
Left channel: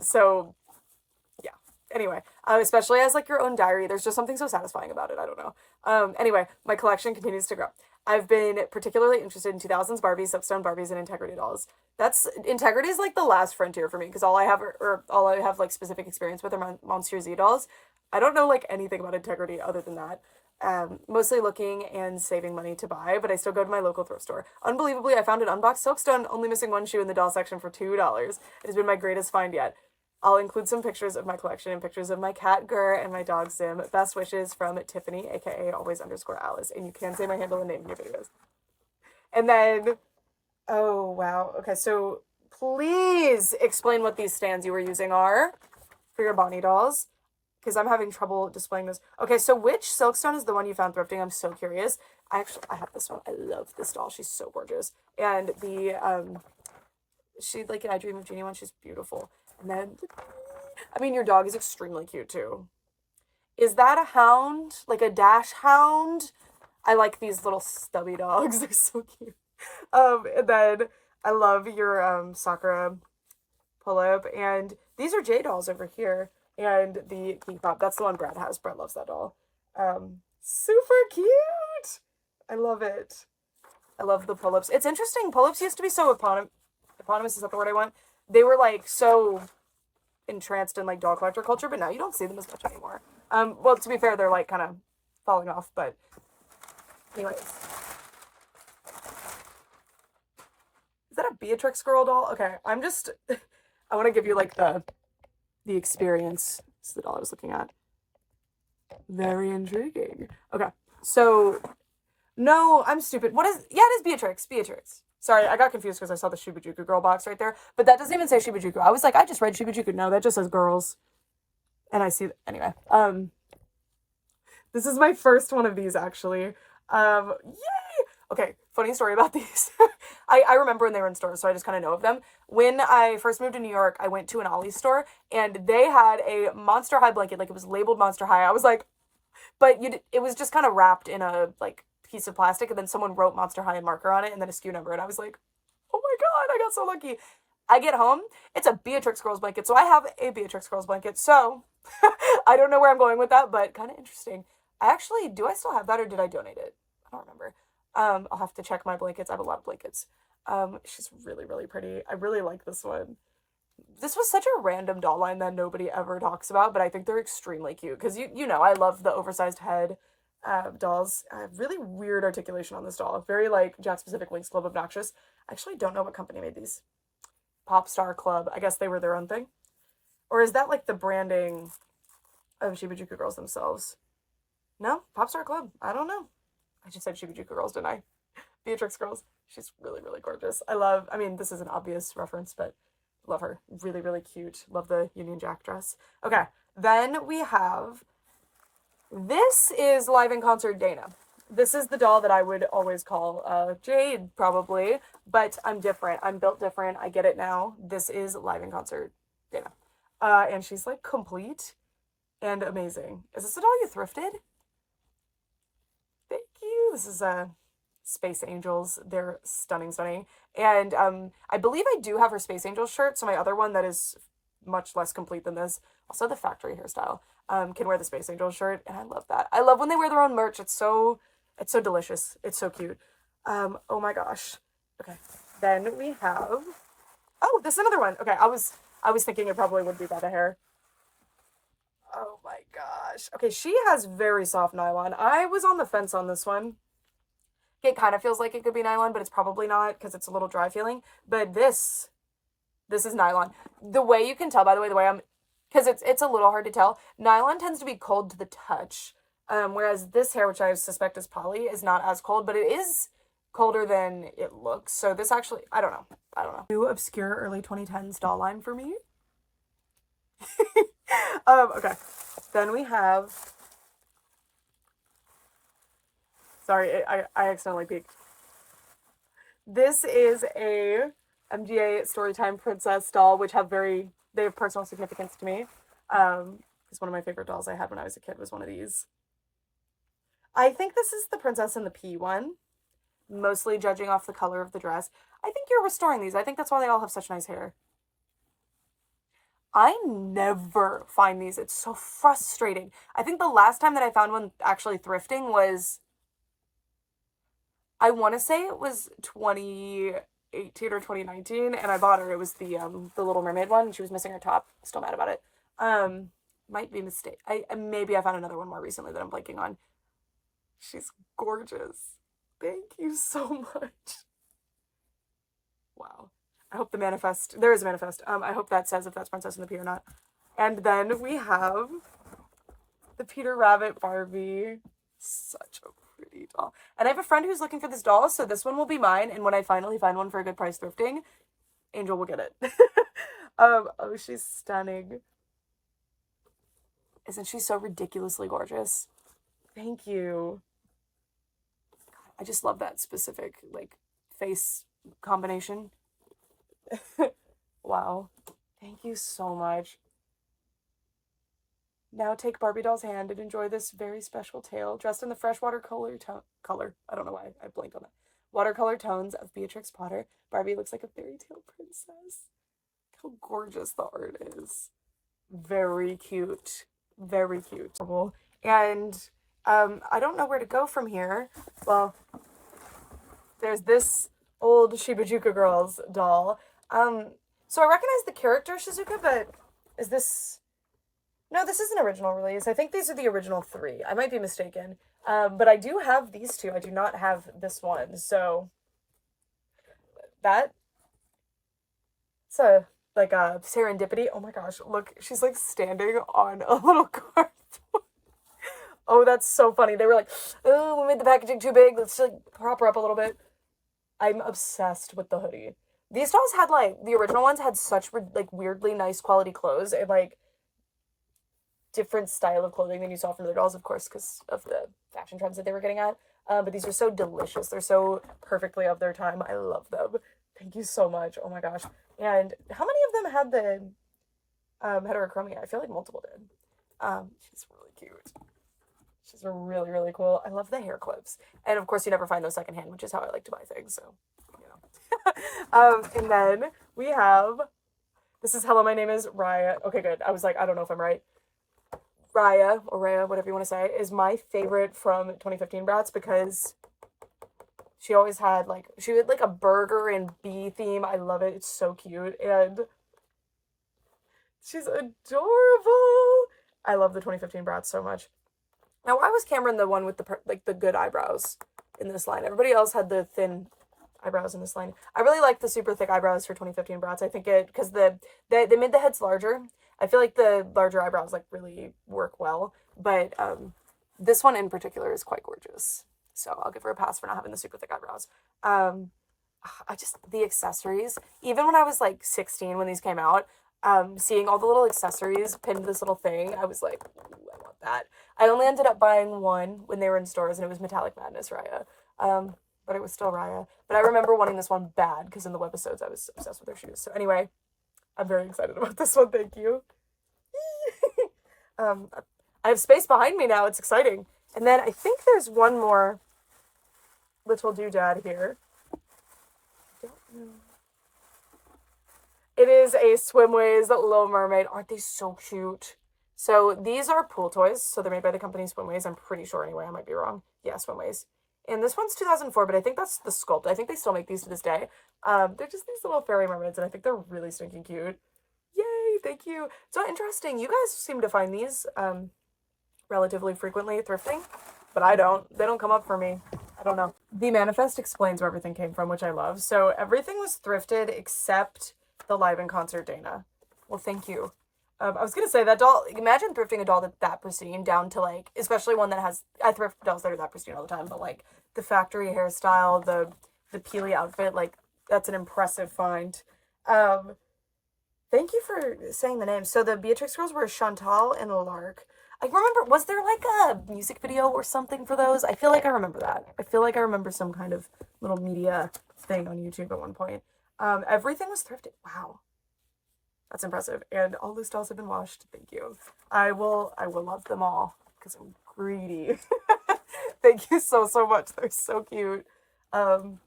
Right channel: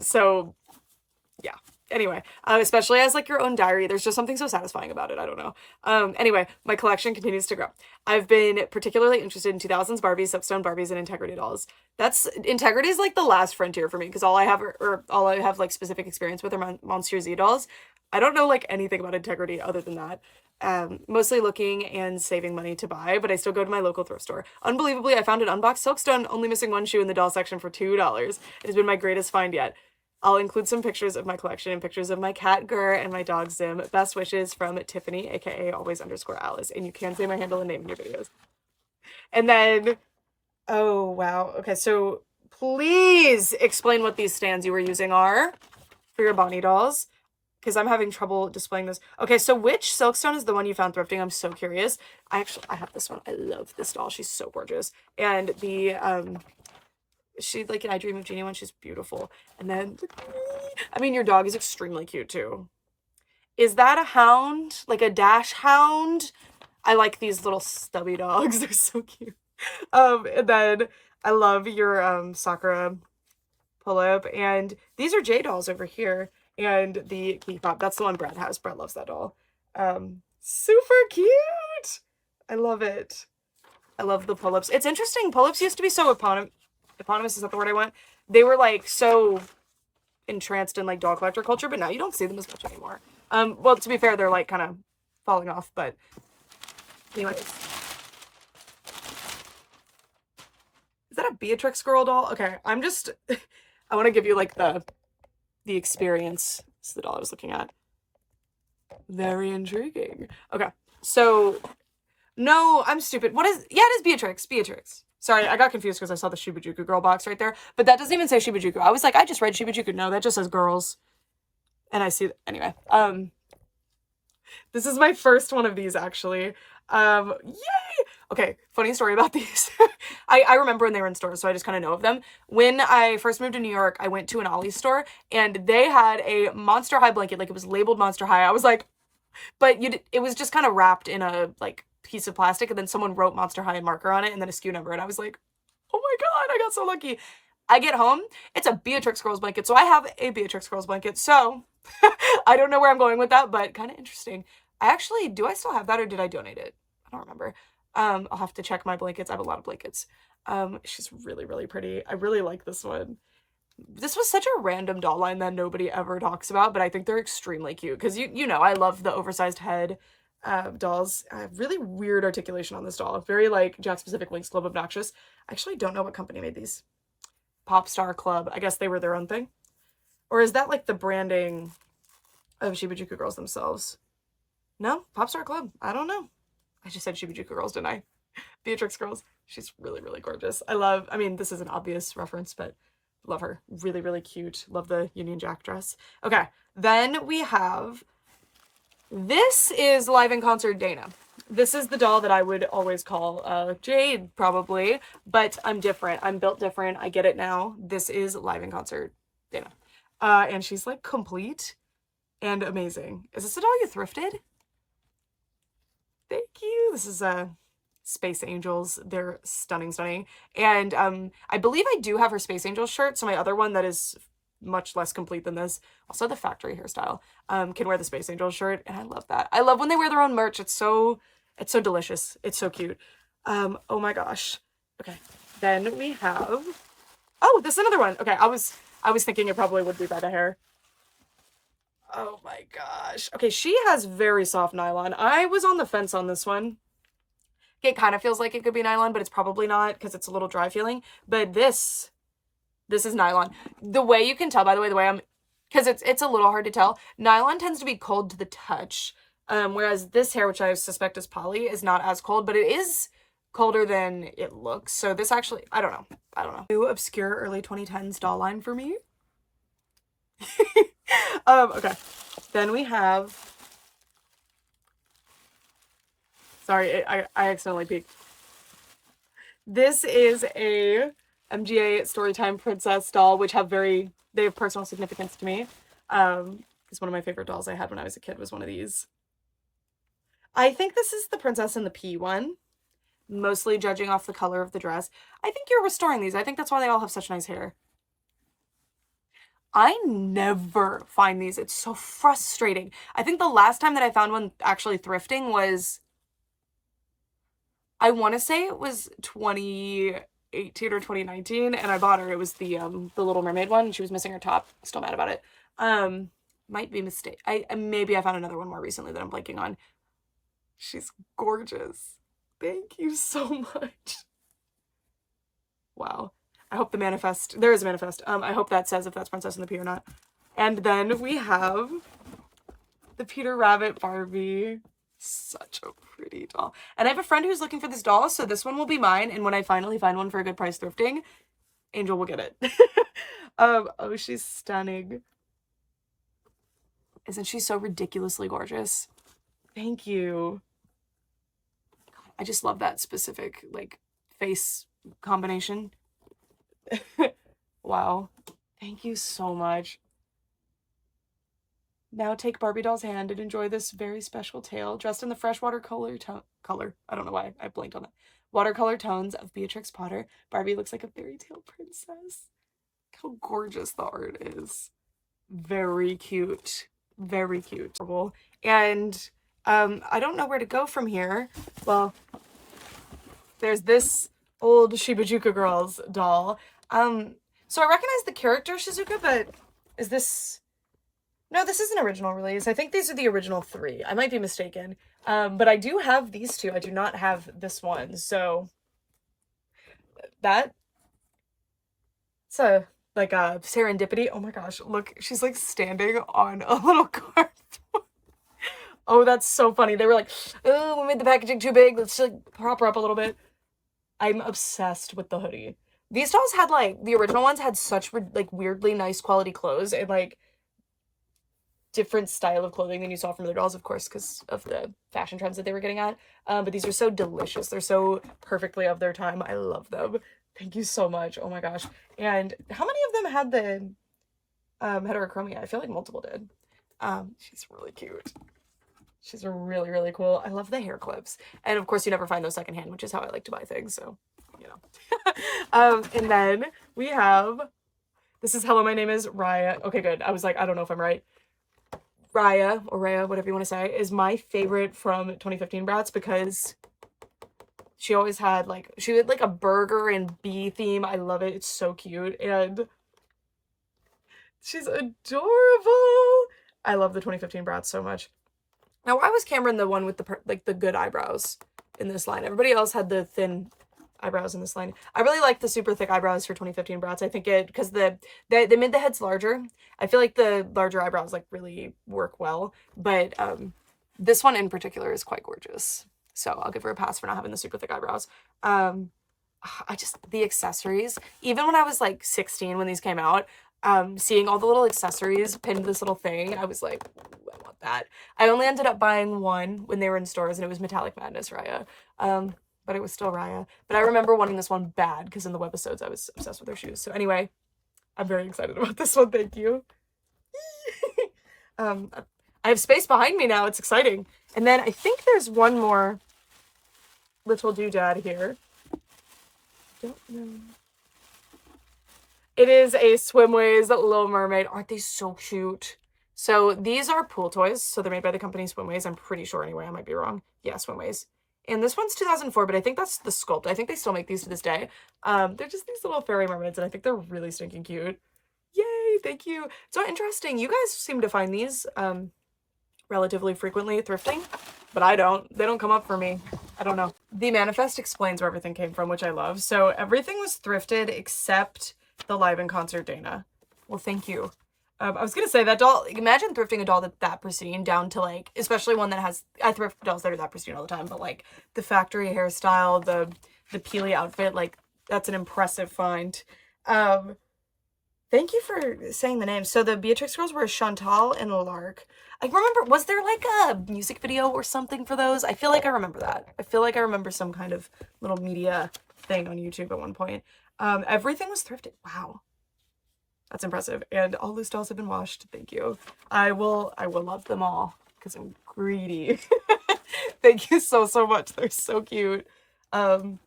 So yeah. Anyway, especially as like your own diary, there's just something so satisfying about it. I don't know. Anyway, my collection continues to grow. I've been particularly interested in 2000s Barbies, Soapstone Barbies, and Integrity dolls. Integrity is like the last frontier for me because all I have or all I have like specific experience with are Monsieur Z dolls. I don't know like anything about Integrity other than that. Mostly looking and saving money to buy, but I still go to my local thrift store. Unbelievably, I found an unboxed Soapstone, only missing one shoe in the doll section for $2. It has been my greatest find yet. I'll include some pictures of my collection and pictures of my cat Gur and my dog Zim. Best wishes from Tiffany, aka always_Alice. And you can say my handle and name in your videos. And then, oh wow. Okay, so please explain what these stands you were using are for your Bonnie dolls, because I'm having trouble displaying this. Okay, so which Silkstone is the one you found thrifting? I'm so curious. I have this one. I love this doll. She's so gorgeous. And the she like an I Dream of Jeannie one. She's beautiful. And then I mean your dog is extremely cute too. Is that a hound? Like a dash hound? I like these little stubby dogs. They're so cute. And then I love your Sakura pull-up. And these are J dolls over here. And the Key Pop. That's the one Brad has. Brad loves that doll. Super cute. I love it. I love the pull-ups. It's interesting. Pull-ups used to be so eponymous, is that the word I want? They were like so entranced in like doll collector culture, but now you don't see them as much anymore. Well, to be fair, they're like kind of falling off, but anyways. Is that a Beatrix girl doll? Okay, I'm just, I want to give you like the experience. This is the doll I was looking at. Very intriguing. Okay, so, no, I'm stupid. What is, yeah, it is Beatrix. Sorry, I got confused because I saw the Shibajuku girl box right there. But that doesn't even say Shibajuku. I was like, I just read Shibajuku. No, that just says girls. And I see, anyway. This is my first one of these, actually. Yay! Okay, funny story about these. I remember when they were in stores, so I just kind of know of them. When I first moved to New York, I went to an Ollie's store, and they had a Monster High blanket. Like, it was labeled Monster High. I was like, but it was just kind of wrapped in a, like, piece of plastic, and then someone wrote Monster High in marker on it and then a SKU number, and I was like, oh my God, I got so lucky. I get home, it's a Beatrix Girls blanket, so I have a Beatrix Girls blanket, so I don't know where I'm going with that, but kind of interesting. Do I still have that, or did I donate it? I don't remember. I'll have to check my blankets. I have a lot of blankets. She's really, really pretty. I really like this one. This was such a random doll line that nobody ever talks about, but I think they're extremely cute, because you know, I love the oversized head. dolls. Really weird articulation on this doll. Very like Jack Specific Winx Club obnoxious. I actually don't know what company made these. Pop Star Club. I guess they were their own thing. Or is that like the branding of Shibajuku Girls themselves? No? Pop Star Club. I don't know. I just said Shibajuku Girls, didn't I? Beatrix Girls. She's really, really gorgeous. I mean, this is an obvious reference, but love her. Really, really cute. Love the Union Jack dress. Okay, then we have, this is live in concert Dana. This is the doll that I would always call Jade, probably, but I'm different. I'm built different. I get it now. This is live in concert Dana. And she's like complete and amazing. Is this a doll you thrifted? Thank you. This is Space Angels. They're stunning, stunning. And I believe I do have her Space Angels shirt, so my other one that is much less complete than this, also the factory hairstyle, can wear the Space Angels shirt, and I love that. I love when they wear their own merch. It's so delicious. It's so cute. Oh my gosh. Okay. Then we have, oh, this is another one. Okay, I was thinking it probably would be by the hair. Oh my gosh. Okay, she has very soft nylon. I was on the fence on this one. It kind of feels like it could be nylon, but it's probably not because it's a little dry feeling. But this is nylon. The way you can tell, by the way, because it's a little hard to tell, nylon tends to be cold to the touch. Whereas this hair, which I suspect is poly, is not as cold, but it is colder than it looks. So this actually, I don't know. New obscure early 2010s doll line for me. Okay. Then we have, sorry, I accidentally peeked. This is a MGA Storytime Princess doll, which they have personal significance to me. It's one of my favorite dolls I had when I was a kid, was one of these. I think this is the Princess and the Pea one, mostly judging off the color of the dress. I think you're restoring these. I think that's why they all have such nice hair. I never find these. It's so frustrating. I think the last time that I found one actually thrifting was, I want to say it was 2018 or 2019, and I bought her. It was the Little Mermaid one, and she was missing her top. Still mad about it. Might be a mistake. Maybe I found another one more recently that I'm blanking on. She's gorgeous. Thank you so much. Wow. I hope the manifest, there is a manifest. I hope that says if that's Princess and the Pea or not. And then we have the Peter Rabbit Barbie. Such a pretty doll. And I have a friend who's looking for this doll, so this one will be mine. And when I finally find one for a good price thrifting, Angel will get it. Oh, she's stunning. Isn't she so ridiculously gorgeous? Thank you. I just love that specific, like, face combination. Wow. Thank you so much. Now take Barbie doll's hand and enjoy this very special tale, dressed in the fresh watercolor color. I don't know why I blanked on that. Watercolor tones of Beatrix Potter. Barbie looks like a fairy tale princess. How gorgeous the art is. Very cute. Very cute. And I don't know where to go from here. Well, there's this old Shibajuku Girls doll. So I recognize the character Shizuka, but is this... No, this is an original release. I think these are the original 3. I might be mistaken. But I do have these 2. I do not have this one. So that... It's a serendipity. Oh my gosh, look, she's like standing on a little cardboard. Oh, that's so funny. They were like, oh, we made the packaging too big. Let's just prop her up a little bit. I'm obsessed with the hoodie. These dolls had the original ones had such weirdly nice quality clothes and different style of clothing than you saw from other dolls, of course, because of the fashion trends that they were getting at. But these are so delicious. They're so perfectly of their time. I love them. Thank you so much. Oh my gosh. And how many of them had the heterochromia? I feel like multiple did. She's really cute. She's really, really cool. I love the hair clips. And of course, you never find those secondhand, which is how I like to buy things. So, and then we have, this is Hello, My Name is Raya. Okay, good. I was like, I don't know if I'm right. Raya, or Raya, whatever you want to say, is my favorite from 2015 Bratz because she always had she had a burger and bee theme. I love it. It's so cute. And she's adorable. I love the 2015 Bratz so much. Now, why was Cameron the one with the, like, the good eyebrows in this line? Everybody else had the thin eyebrows in this line. I really like the super thick eyebrows for 2015 Bratz. I think because they made the heads larger. I feel like the larger eyebrows, like, really work well. But this one in particular is quite gorgeous. So I'll give her a pass for not having the super thick eyebrows. The accessories, even when I was like 16 when these came out, seeing all the little accessories pinned to this little thing, I was like, ooh, I want that. I only ended up buying one when they were in stores, and it was Metallic Madness Raya. But it was still Raya. But I remember wanting this one bad because in the webisodes I was obsessed with her shoes. So anyway, I'm very excited about this one. Thank you. I have space behind me now. It's exciting. And then I think there's one more little doodad here. Don't know. It is a Swimways Little Mermaid. Aren't they so cute? So these are pool toys. So they're made by the company Swimways. I'm pretty sure anyway. I might be wrong. Yeah, Swimways. And this one's 2004, but I think that's the sculpt. I think they still make these to this day. They're just these little fairy mermaids, and I think they're really stinking cute. Yay, thank you. So interesting. You guys seem to find these relatively frequently thrifting, but I don't. They don't come up for me. I don't know. The manifest explains where everything came from, which I love. So everything was thrifted except the live in concert Dana. Well, thank you. I was gonna say that doll, imagine thrifting a doll that pristine down to, like, especially one that has, I thrift dolls that are that pristine all the time, but like the factory hairstyle, the Peely outfit, like, that's an impressive find. Thank you for saying the names. So the Beatrix girls were Chantal and Lark. I remember, was there like a music video or something for those? I feel like I remember that. I feel like I remember some kind of little media thing on YouTube at one point. Everything was thrifted. Wow. That's impressive. And all those dolls have been washed. Thank you. I will love them all because I'm greedy. Thank you so much. They're so cute. She's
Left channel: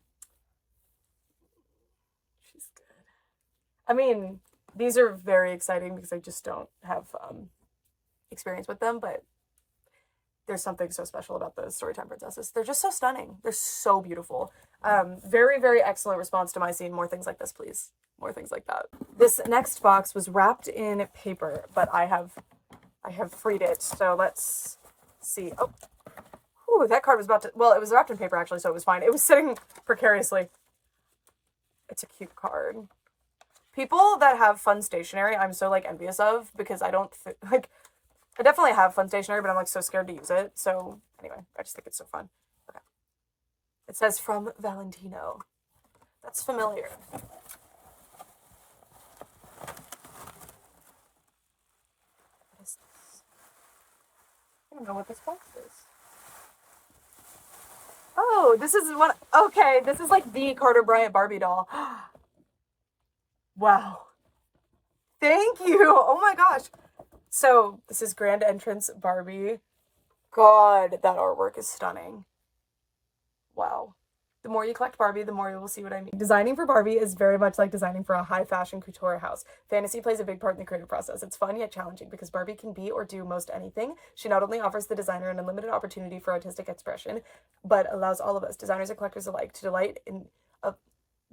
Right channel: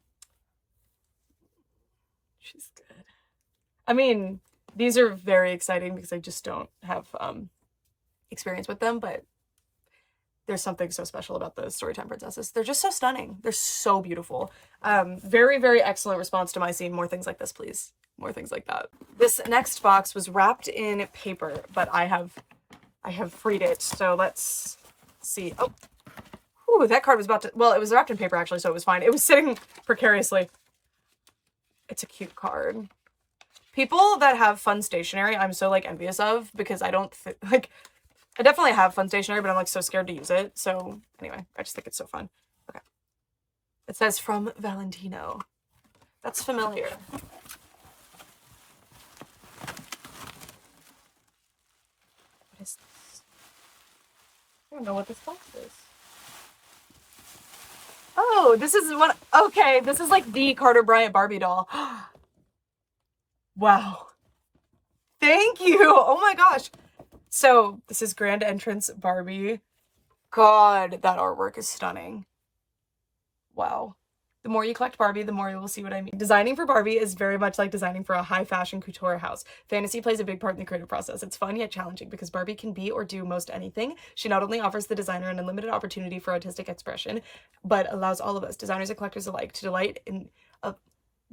good. I mean, these are very exciting because I just don't have experience with them, but there's something so special about those Storytime princesses. They're just so stunning. They're so beautiful. Very, very excellent response to my scene. More things like this, please. More things like that. This next box was wrapped in paper, but I have freed it. So let's see. Oh, ooh, that card was about to, well, it was wrapped in paper actually, so it was fine. It was sitting precariously. It's a cute card. People that have fun stationery, I'm so, like, envious of, because I don't like, I definitely have fun stationery, but I'm, like, so scared to use it. So anyway, I just think it's so fun. Okay. It says from Valentino. That's familiar. What is this? I don't know what this box is. Oh, this is what, okay, this is like the Carter Bryant Barbie doll. Wow. Thank you. Oh my gosh. So this is Grand Entrance Barbie. God, that artwork is stunning. Wow. The more you collect Barbie, the more you will see what I mean. Designing for Barbie is very much like designing for a high fashion couture house. Fantasy plays a big part in the creative process. It's fun yet challenging because Barbie can be or do most anything. She not only offers the designer an unlimited opportunity for artistic expression, but allows all of us, designers and collectors alike, to delight in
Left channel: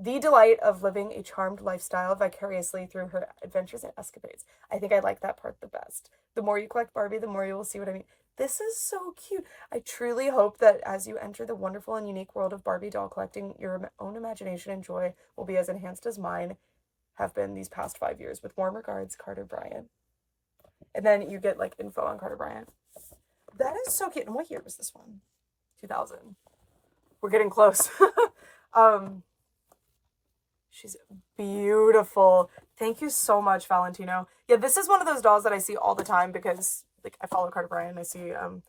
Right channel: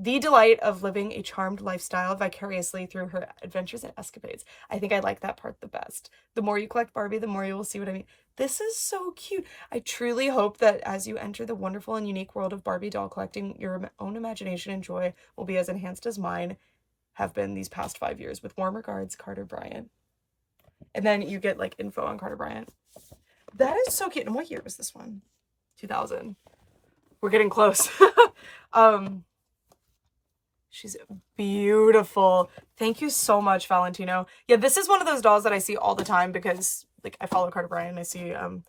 the delight of living a charmed lifestyle vicariously through her adventures and escapades. I think I like that part the best. The more you collect Barbie, the more you will see what I mean. This is so cute. I truly hope that as you enter the wonderful and unique world of Barbie doll collecting, your own imagination and joy will be as enhanced as mine have been these past 5 years. With warm regards, Carter Bryant. And then you get, like, info on Carter Bryant. That is so cute. And what year was this one? 2000. We're getting close. She's beautiful. Thank you so much, Valentino. Yeah, this is one of those dolls that I see all the time because, like, I follow Carter Bryant and I see him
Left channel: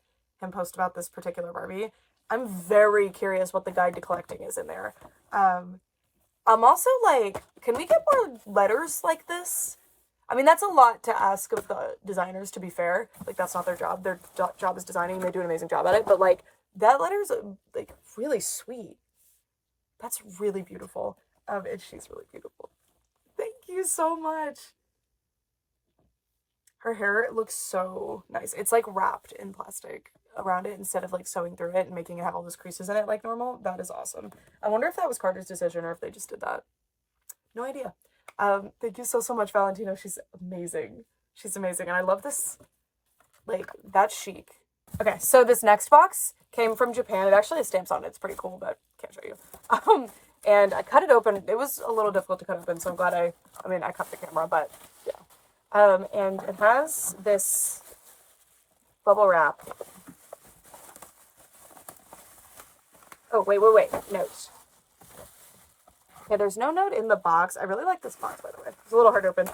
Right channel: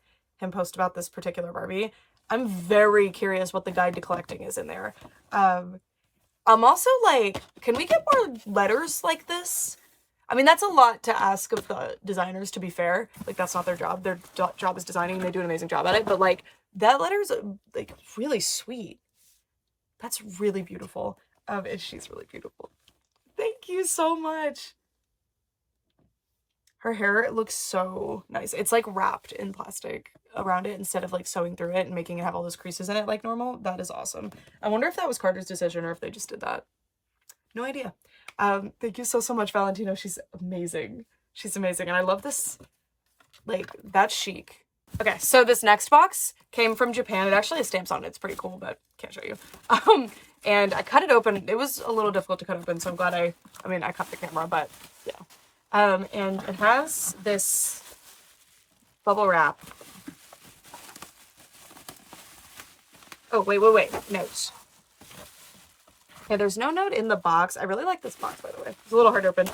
post about this particular Barbie. I'm very curious what the guide to collecting is in there. I'm also like, can we get more letters like this? I mean, that's a lot to ask of the designers, to be fair. Like, that's not their job. Their job is designing and they do an amazing job at it. But, like, that letter's, like, really sweet. That's really beautiful. And she's really beautiful. Thank you so much. Her hair looks so nice. It's, like, wrapped in plastic around it instead of, like, sewing through it and making it have all those creases in it like normal. That is awesome. I wonder if that was Carter's decision or if they just did that. No idea. Thank you so much, Valentino. She's amazing. She's amazing. And I love this, like, that's chic. Okay, so this next box came from Japan. It actually has stamps on it. It's pretty cool, but can't show you. And I cut it open. It was a little difficult to cut open, so I'm glad I cut the camera, but yeah. And it has this bubble wrap. Oh, wait. Notes. Okay, there's no note in the box. I really like this box, by the way. It's a little hard to open.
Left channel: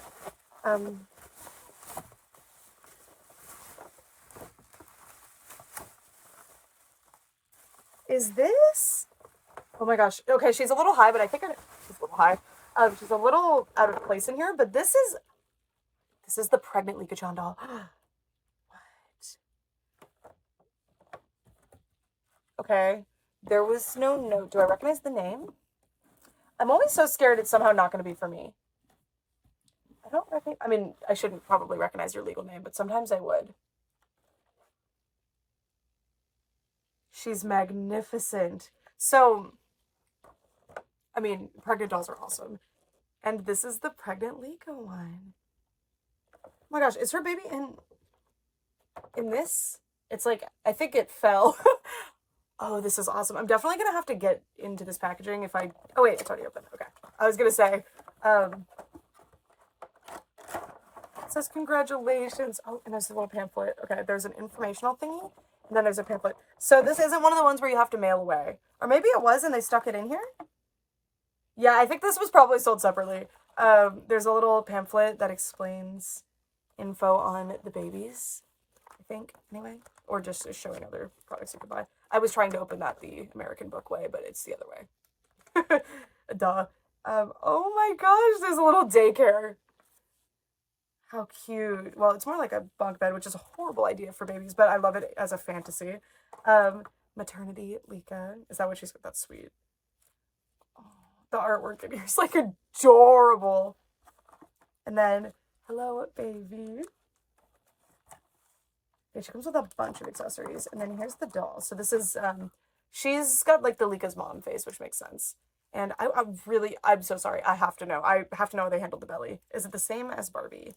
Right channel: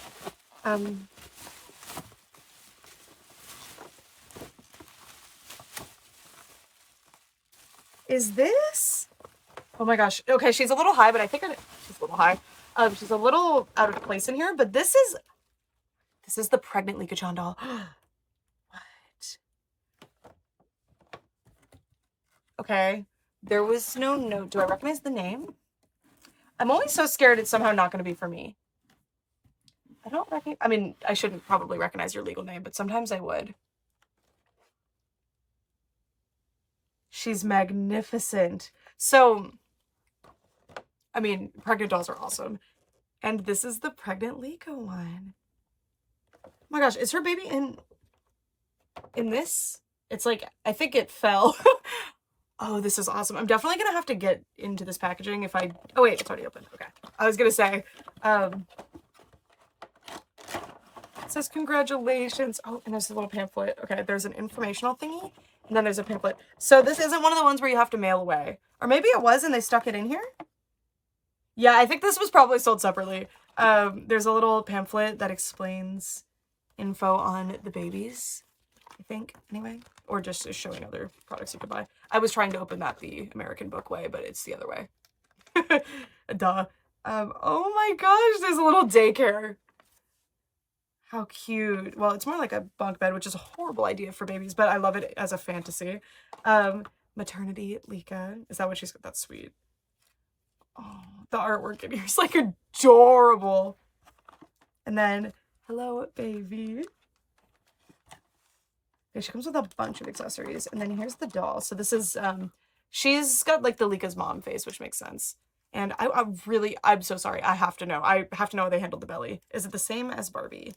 Is this? Oh my gosh. Okay, she's a little high, but I think she's a little high. She's a little out of place in here, but this is the pregnant Lika-chan doll. What? Okay. There was no note. Do I recognize the name? I'm always so scared it's somehow not going to be for me. I don't recognize. I mean, I shouldn't probably recognize your legal name, but sometimes I would. She's magnificent. So, I mean, pregnant dolls are awesome. And this is the pregnant Lika one. Oh my gosh, is her baby in this? It's like, I think it fell. Oh, this is awesome. I'm definitely gonna have to get into this packaging if I... Oh wait, it's already open. Okay. I was gonna say, it says congratulations. Oh, and there's a little pamphlet. Okay, there's an informational thingy, and then there's a pamphlet. So this isn't one of the ones where you have to mail away. Or maybe it was and they stuck it in here? Yeah, I think this was probably sold separately. There's a little pamphlet that explains info on the babies, I think, anyway. Or just is showing other products you could buy. I was trying to open that the American book way, but it's the other way. Duh. Oh my gosh, there's a little daycare. How cute. Well, it's more like a bunk bed, which is a horrible idea for babies, but I love it as a fantasy. Maternity Lika. Is that what she's got? That's sweet. Oh, the artwork in here is like adorable. And then, hello, baby. Okay, she comes with a bunch of accessories. And then here's the doll. So this is, she's got like the Lika's mom face, which makes sense. And I'm so sorry. I have to know. I have to know how they handled the belly. Is it the same as Barbie?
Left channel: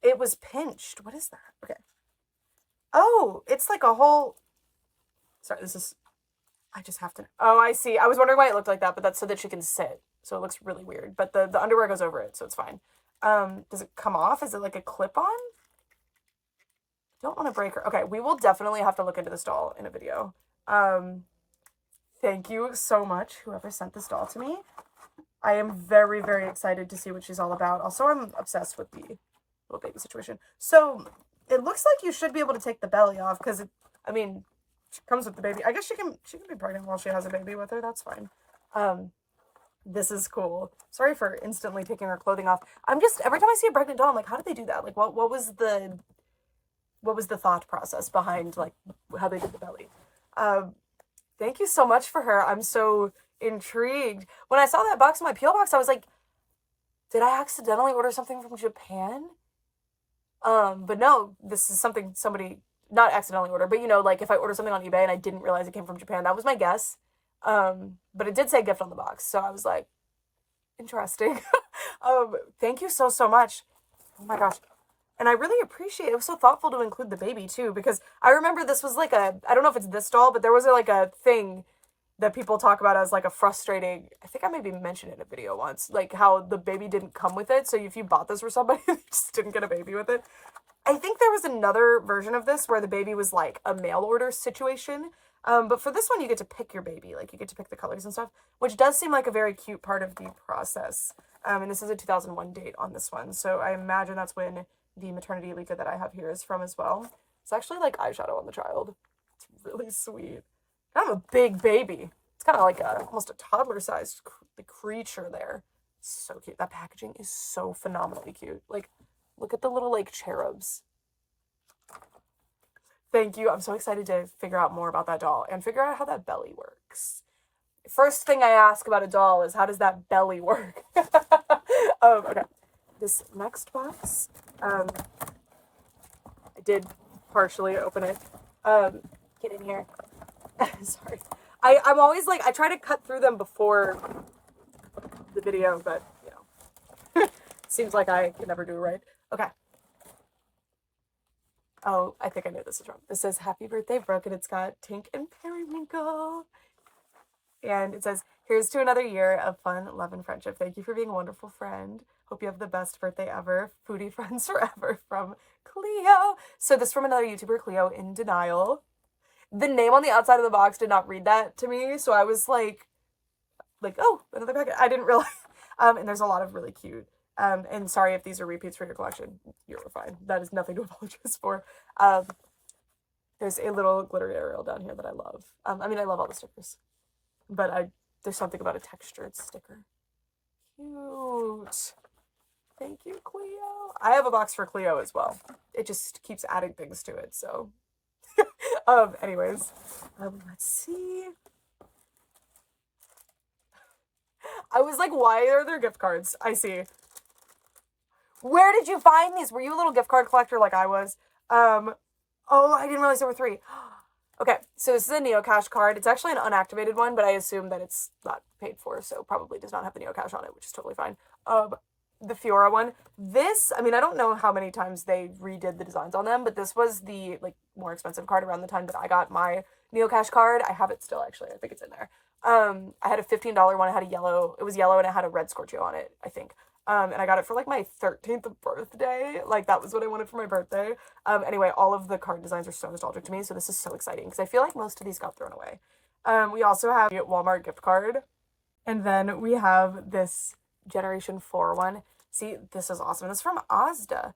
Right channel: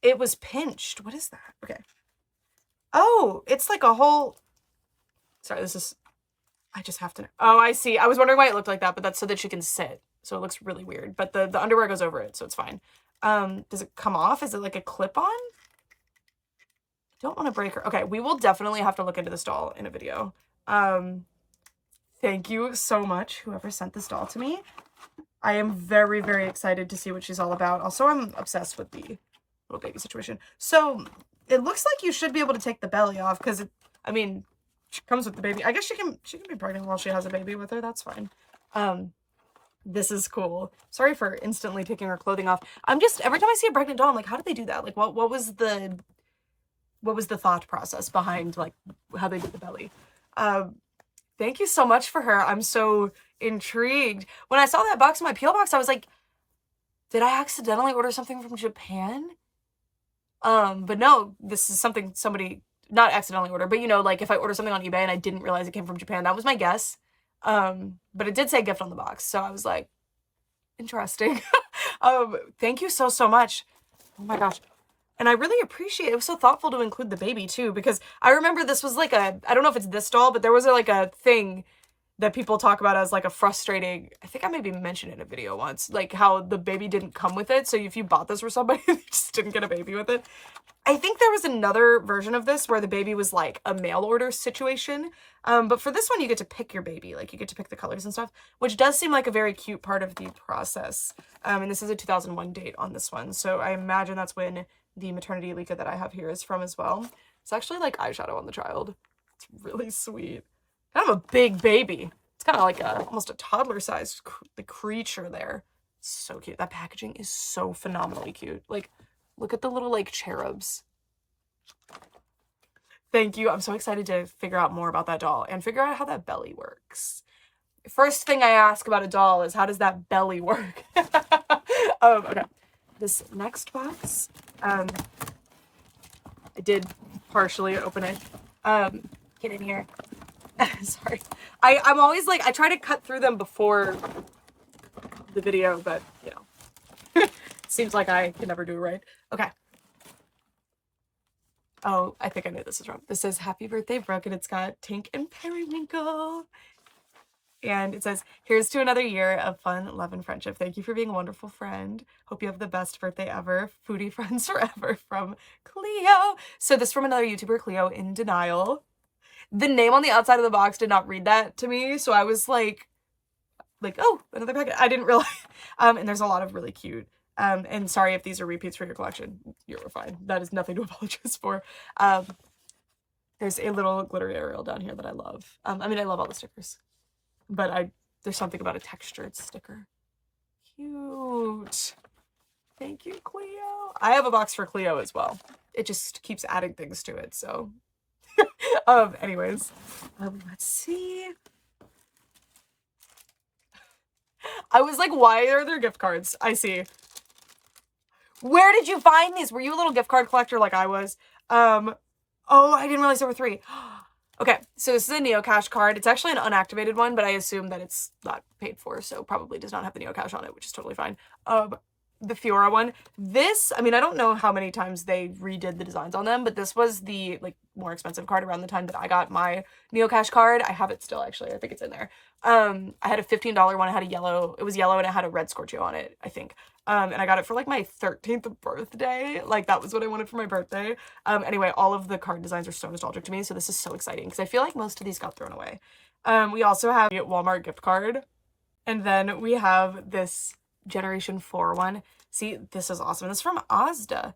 It was pinched. What is that? Okay. Oh, it's like a whole... Sorry, I just have to know. Oh, I see. I was wondering why it looked like that, but that's so that she can sit. So it looks really weird. But the underwear goes over it, so it's fine. Does it come off? Is it like a clip-on? I don't want to break her. Okay, we will definitely have to look into this doll in a video. Thank you so much, whoever sent this doll to me. I am very, very excited to see what she's all about. Also, I'm obsessed with the little baby situation. So, it looks like you should be able to take the belly off, because, I mean, she comes with the baby. I guess she can be pregnant while she has a baby with her. That's fine. This is cool. Sorry for instantly taking her clothing off. I'm just, every time I see a pregnant doll, I'm like, how did they do that? Like, what was the thought process behind, like, how they did the belly? Thank you so much for her. I'm so intrigued. When I saw that box in my P.O. box, I was like, did I accidentally order something from Japan? But no, this is something somebody, not accidentally ordered, but you know, like if I order something on eBay and I didn't realize it came from Japan, that was my guess. But it did say gift on the box, so I was like, interesting. Thank you so, so much. Oh my gosh. And I really appreciate it. It was so thoughtful to include the baby too, because I remember this was like I don't know if it's this doll, but there was like a thing that people talk about as like a frustrating, I think I maybe mentioned it in a video once, like how the baby didn't come with it. So if you bought this for somebody, they just didn't get a baby with it. I think there was another version of this where the baby was like a mail order situation. But for this one, you get to pick your baby. Like you get to pick the colors and stuff, which does seem like a very cute part of the process. And this is a 2001 date on this one. So I imagine that's when the maternity Lika that I have here is from as well. It's actually like eyeshadow on the child. It's really sweet. Kind of a big baby. It's kind of like almost a toddler-sized creature there. So cute. That packaging is so phenomenally cute. Like, look at the little, like, cherubs. Thank you. I'm so excited to figure out more about that doll and figure out how that belly works. First thing I ask about a doll is, how does that belly work? Okay. This next box, I did partially open it. Get in here. Sorry. I'm always like, I try to cut through them before the video, but, you know, seems like I can never do it right. Okay. Oh, I think I know this is wrong. This says happy birthday, Brooke, and it's got Tink and Periwinkle. And it says, here's to another year of fun, love, and friendship. Thank you for being a wonderful friend. Hope you have the best birthday ever. Foodie friends forever, from Cleo. So this from another YouTuber, Cleo in Denial. The name on the outside of the box did not read that to me, so I was like, oh, another packet. I didn't realize. And there's a lot of really cute. And sorry if these are repeats for your collection. You're fine. That is nothing to apologize for. There's a little glittery Ariel down here that I love. I mean, I love all the stickers, but there's something about a textured sticker. Cute. Thank you, Cleo. I have a box for Cleo as well. It just keeps adding things to it, so. Anyways, let's see. I was like, why are there gift cards? I see. Where did you find these? Were you a little gift card collector like I was? Oh, I didn't realize there were 3. Okay, so this is a Neocash card. It's actually an unactivated one, but I assume that it's not paid for, so probably does not have the Neocash on it, which is totally fine. The Fiora one. This, I mean, I don't know how many times they redid the designs on them, but this was the, like, more expensive card around the time that I got my Neocash card. I have it still, actually. I think it's in there. I had a $15 one. I had a yellow. It was yellow, and it had a red Scorchio on it, I think. And I got it for, like, my 13th birthday. Like, that was what I wanted for my birthday. Anyway, all of the card designs are so nostalgic to me, so this is so exciting, because I feel like most of these got thrown away. We also have a Walmart gift card. And then we have this Generation 4 one. See, this is awesome. This is from Asda.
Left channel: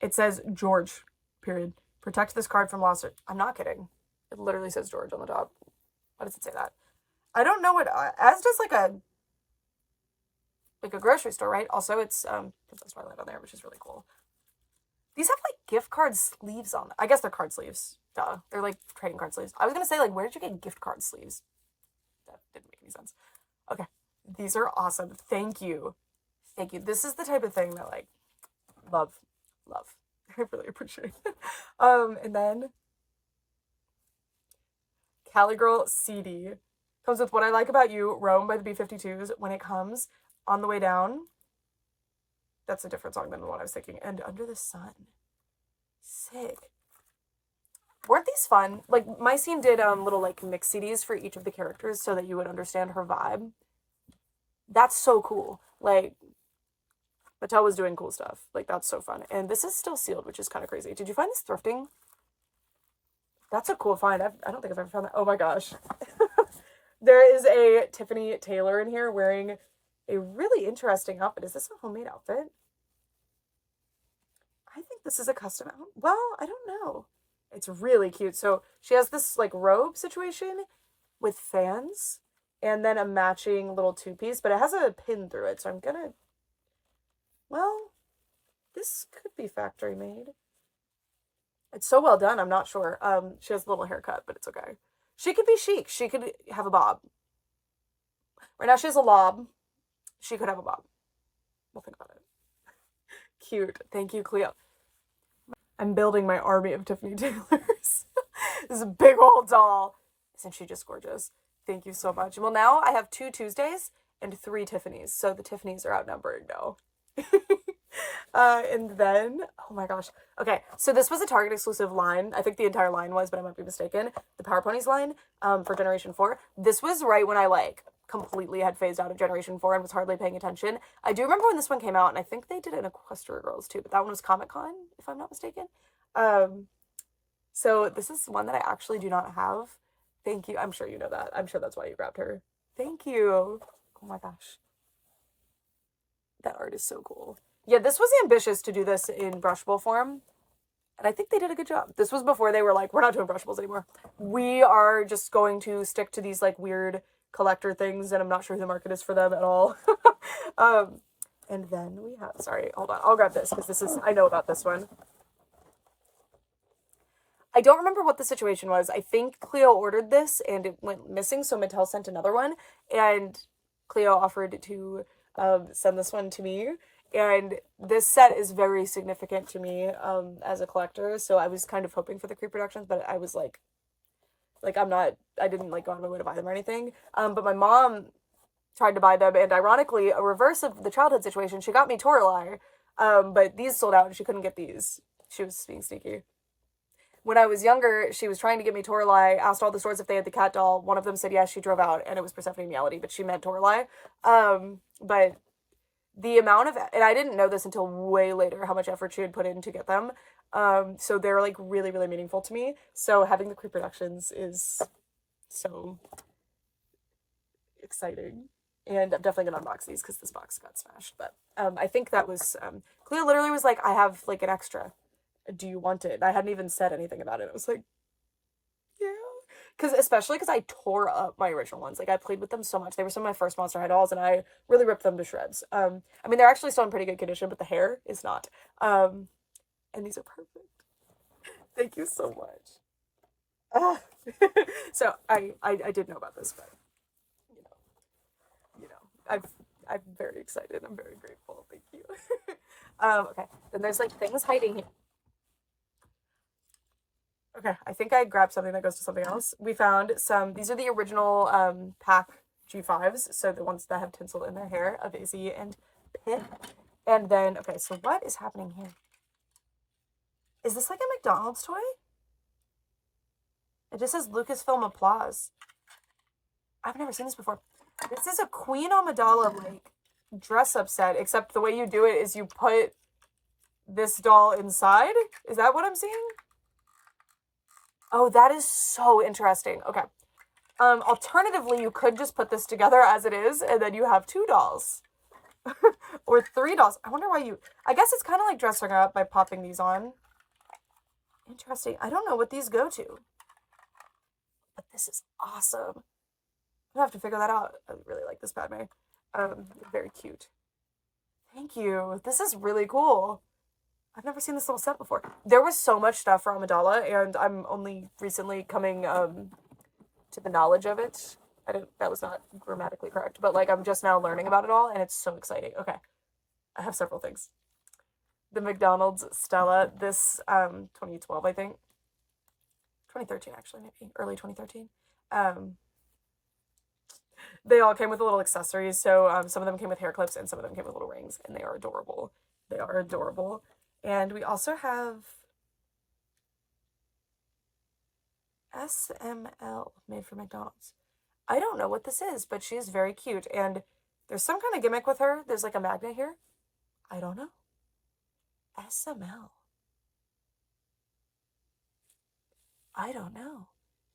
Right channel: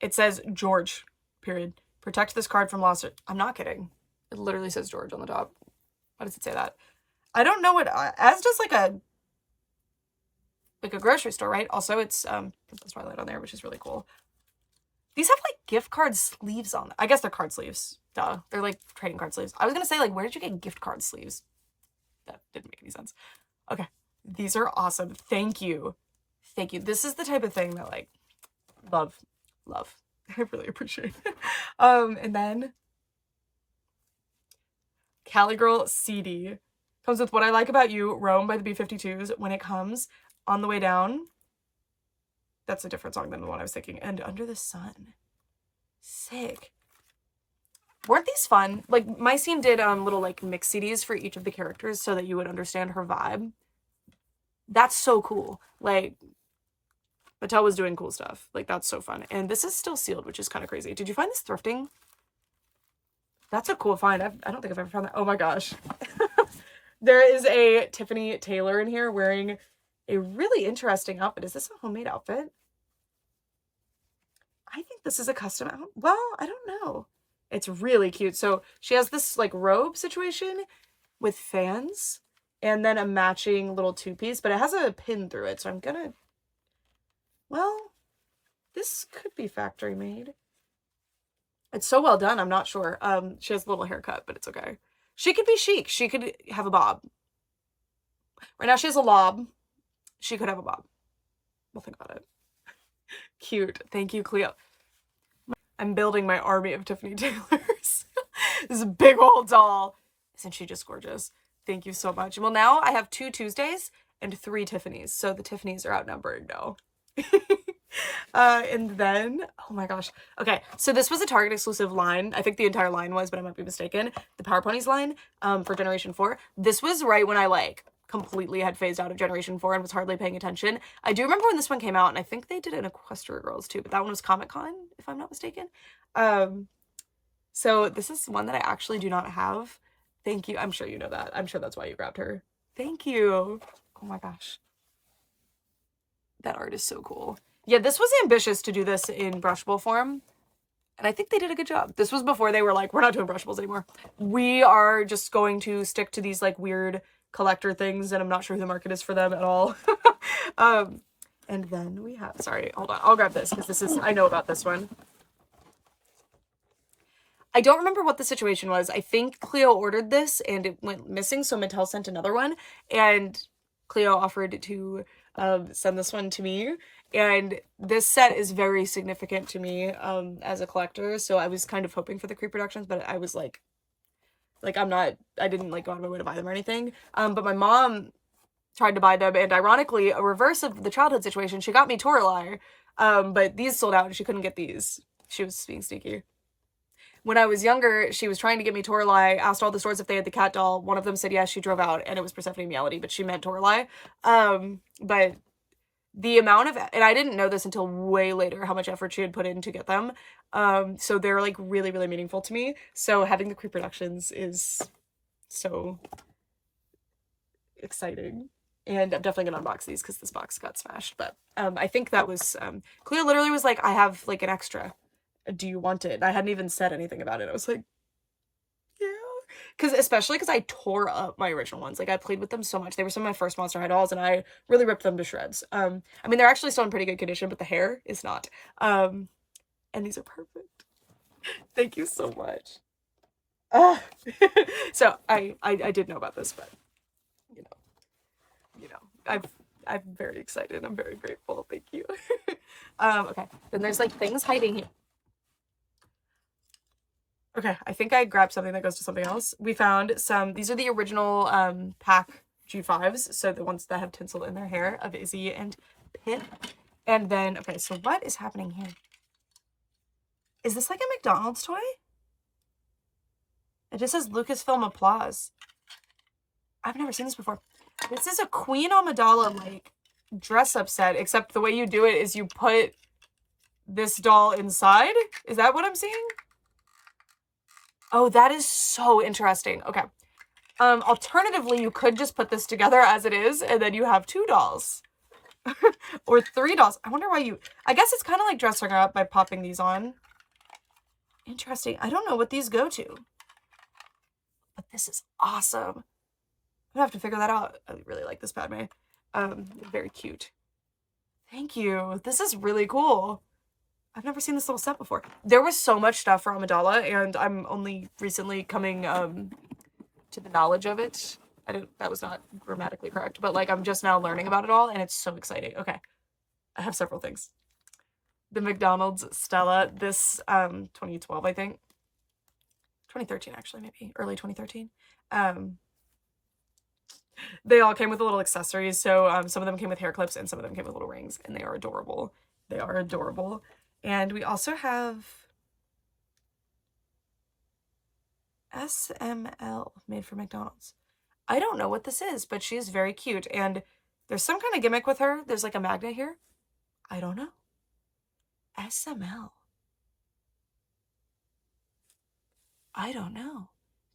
It says George, period. Protect this card from loss. I'm not kidding. It literally says George on the top. Why does it say that? I don't know what Asda's like a grocery store, right? Also, it's Princess Twilight on there, which is really cool. These have like gift card sleeves on them. I guess they're card sleeves. Duh. They're like trading card sleeves. I was gonna say, like, where did you get gift card sleeves? That didn't make any sense. Okay. These are awesome. Thank you. Thank you. This is the type of thing that, like, love. I really appreciate it. And then Cali Girl CD comes with What I Like About You, Rome by the B-52s. When it comes on the way down. That's a different song than the one I was thinking. And Under the Sun. Sick. Weren't these fun? Like, my scene did little, like, mix CDs for each of the characters so that you would understand her vibe. That's so cool. Like, Mattel was doing cool stuff. Like, that's so fun. And this is still sealed, which is kind of crazy. Did you find this thrifting? That's a cool find. I don't think I've ever found that. Oh my gosh. There is a Tiffany Taylor in here wearing a really interesting outfit. Is this a homemade outfit? I think this is a custom outfit. Well, I don't know. It's really cute. So she has this, like, robe situation with fans and then a matching little two-piece, but it has a pin through it. So I'm gonna, well, this could be factory made. It's so well done. I'm not sure. She has a little haircut, but it's okay. She could be chic. She could have a bob. Right now she has a lob. She could have a bob. We'll think about it. Cute. Thank you, Cleo. I'm building my army of Tiffany Taylors. This is a big old doll. Isn't she just gorgeous? Thank you so much. Well, now I have 2 Tuesdays and 3 Tiffany's. So the Tiffany's are outnumbered now. And then, oh my gosh. Okay, so this was a Target exclusive line. I think the entire line was, but I might be mistaken. The Power Ponies line for Generation 4. This was right when I, like, completely had phased out of Generation 4 and was hardly paying attention. I do remember when this one came out, and I think they did an Equestria Girls too, but that one was Comic-Con, if I'm not mistaken. So this is one that I actually do not have. Thank you. I'm sure you know that. I'm sure that's why you grabbed her. Thank you. Oh my gosh. That art is so cool. Yeah, this was ambitious to do this in brushable form. And I think they did a good job. This was before they were like, we're not doing brushables anymore. We are just going to stick to these, like, weird collector things, and I'm not sure who the market is for them at all. And then we have, sorry, hold on. I'll grab this because this is, I know about this one. I don't remember what the situation was. I think Cleo ordered this and it went missing, so Mattel sent another one, and Cleo offered to send this one to me. And this set is very significant to me as a collector, so I was kind of hoping for the Creep Productions, but I was like I didn't, like, go out of my way to buy them or anything. But my mom tried to buy them, and ironically, a reverse of the childhood situation, she got me Toralei, but these sold out and she couldn't get these. She was being sneaky. when I was younger, she was trying to get me Toralei, asked all the stores if they had the cat doll. One of them said yes, she drove out, and it was Persephone Reality, but she meant Toralei. But the amount of, and I didn't know this until way later, how much effort she had put in to get them. So they're like really, really meaningful to me. So having the pre-productions is so exciting. And I'm definitely gonna unbox these because this box got smashed. But I think that was Cleo literally was like, I have like an extra. Do you want it? And I hadn't even said anything about it. I was like, yeah. Especially because I tore up my original ones. Like I played with them so much. They were some of my first Monster High dolls and I really ripped them to shreds. I mean they're actually still in pretty good condition, but the hair is not. And these are perfect. Thank you so much. So I did know about this, but you know, I'm very excited. I'm very grateful. Thank you. Okay. Then there's like things hiding here. Okay, I think I grabbed something that goes to something else. We found some, these are the original pack G5s, so the ones that have tinsel in their hair of Izzy and Pip. And then, okay, so what is happening here? Is this like a McDonald's toy? It just says Lucasfilm Applause. I've never seen this before. This is a Queen Amidala, like, dress-up set, except the way you do it is you put this doll inside? Is that what I'm seeing? Oh, that is so interesting. Okay. Alternatively, you could just put this together as it is, and then you have 2 dolls. Or 3 dolls. I wonder why you... I guess it's kind of like dressing her up by popping these on. Interesting. I don't know what these go to. But this is awesome. I'm gonna have to figure that out. I really like this Padme. Very cute. Thank you. This is really cool. I've never seen this little set before. There was so much stuff for Amidala, and I'm only recently coming to the knowledge of it. That was not grammatically correct, but like I'm just now learning about it all, and it's so exciting. Okay. I have several things. The McDonald's Stella, this 2012, I think. 2013 actually, maybe. Early 2013. They all came with little accessories, so some of them came with hair clips and some of them came with little rings, and they are adorable. They are adorable. And we also have SML made for McDonald's. I don't know what this is, but she is very cute, and there's some kind of gimmick with her. There's like a magnet here. I don't know. SML. I don't know.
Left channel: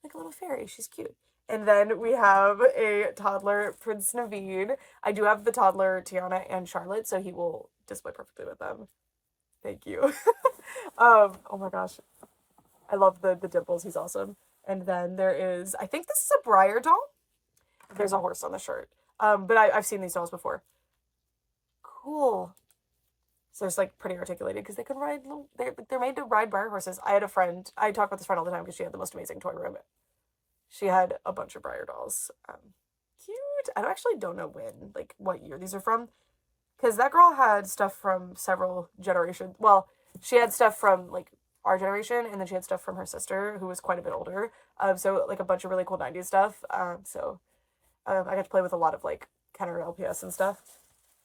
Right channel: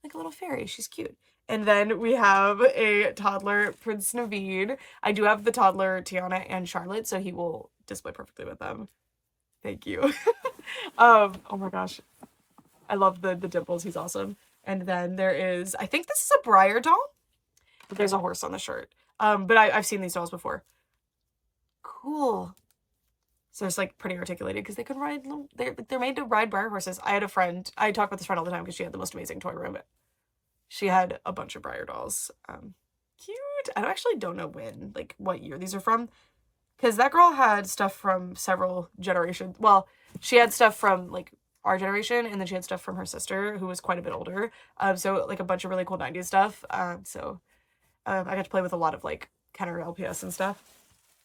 Like a little fairy. She's cute. And then we have a toddler, Prince Naveed. I do have the toddler, Tiana and Charlotte, so he will display perfectly with them. Thank you. Oh my gosh. I love the dimples. He's awesome. And then there is, I think this is a Briar doll. There's a horse on the shirt. But I've seen these dolls before. Cool. So it's like pretty articulated because they can ride, they're made to ride Briar horses. I had a friend, I talk about this friend all the time because she had the most amazing toy room. She had a bunch of Briar dolls. Cute. I actually don't know when, like what year these are from. Because that girl had stuff from several generations. Well, she had stuff from like our generation, and then she had stuff from her sister, who was quite a bit older. So like a bunch of really cool 90s stuff. I got to play with a lot of like Kenner LPS and stuff.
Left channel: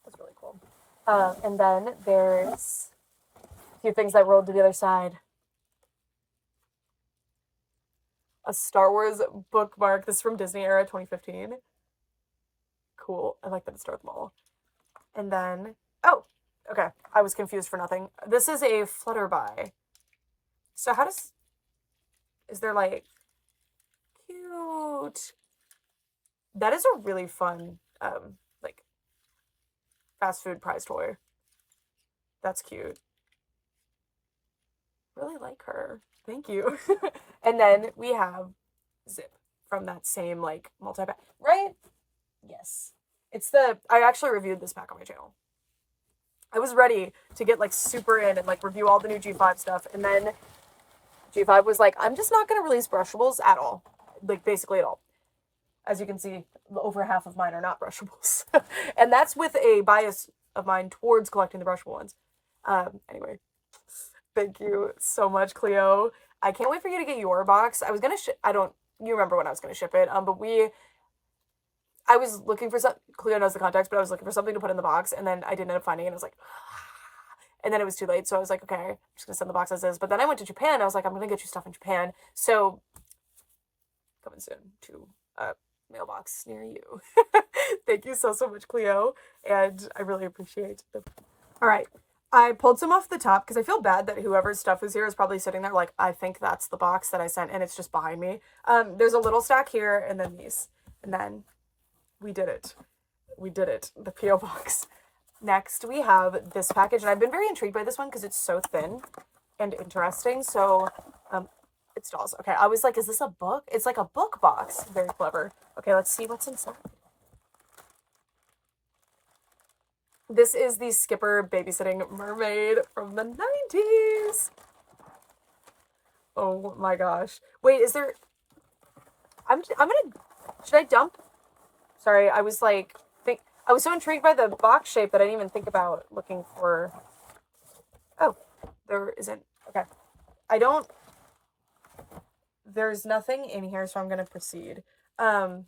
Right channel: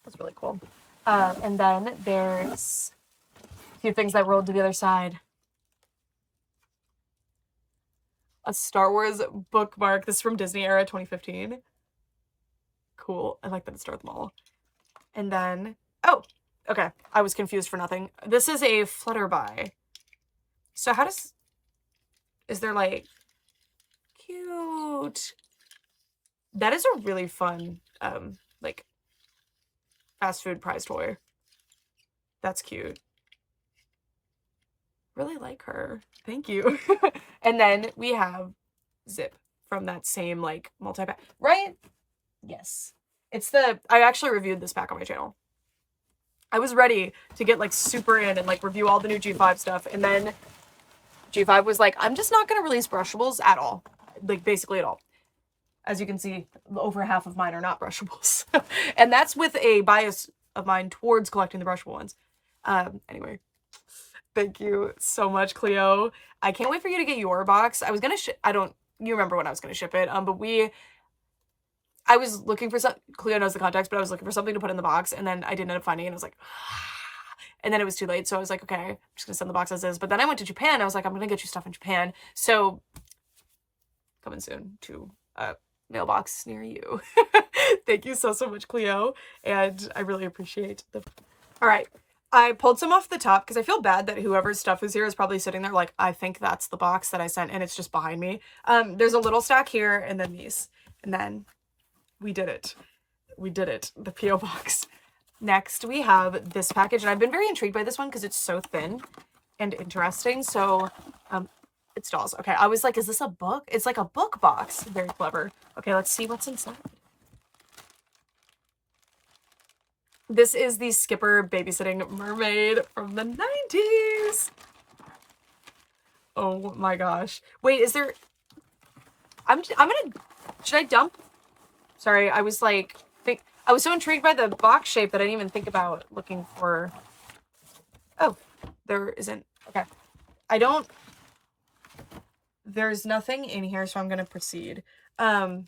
That's really cool. And then there's a few things that rolled to the other side. A Star Wars bookmark. This is from Disney era 2015. Cool. I like that it's Darth Maul. And then, oh, okay. I was confused for nothing. This is a Flutterby. So how is there like, cute. That is a really fun, like, fast food prize toy. That's cute. Really like her. Thank you. And then we have Zip from that same, like, multi-pack. Right? Yes. I actually reviewed this pack on my channel. I was ready to get, like, super in and, like, review all the new G5 stuff. And then G5 was like, I'm just not going to release brushables at all. Like, basically at all. As you can see, over half of mine are not brushables. And that's with a bias of mine towards collecting the brushable ones. Anyway. Thank you so much, Cleo. I can't wait for you to get your box. I was going to you remember when I was going to ship it. But I was looking for Cleo knows the context, but I was looking for something to put in the box, and then I didn't end up finding it. I was like, And then it was too late. So I was like, okay, I'm just gonna send the box as is. But then I went to Japan. I was like, I'm gonna get you stuff in Japan. So coming soon to a mailbox near you. Thank you so, so much, Cleo. And I really appreciate the... All right. I pulled some off the top because I feel bad that whoever's stuff was here is probably sitting there like, I think that's the box that I sent and it's just behind me. There's a little stack here and then these. And then we did it. We did it. The P.O. box. Next, we have this package. And I've been very intrigued by this one because it's so thin and interesting. So, it's dolls. Okay, I was like, is this a book? It's like a book box. Very clever. Okay, let's see what's inside. This is the Skipper Babysitting Mermaid from the 90s. Oh my gosh. Wait, is there... I'm gonna... Should I dump? Sorry, I was like... I was so intrigued by the box shape that I didn't even think about looking for... Oh, there isn't... Okay. I don't... There's nothing in here, so I'm gonna proceed. Oh,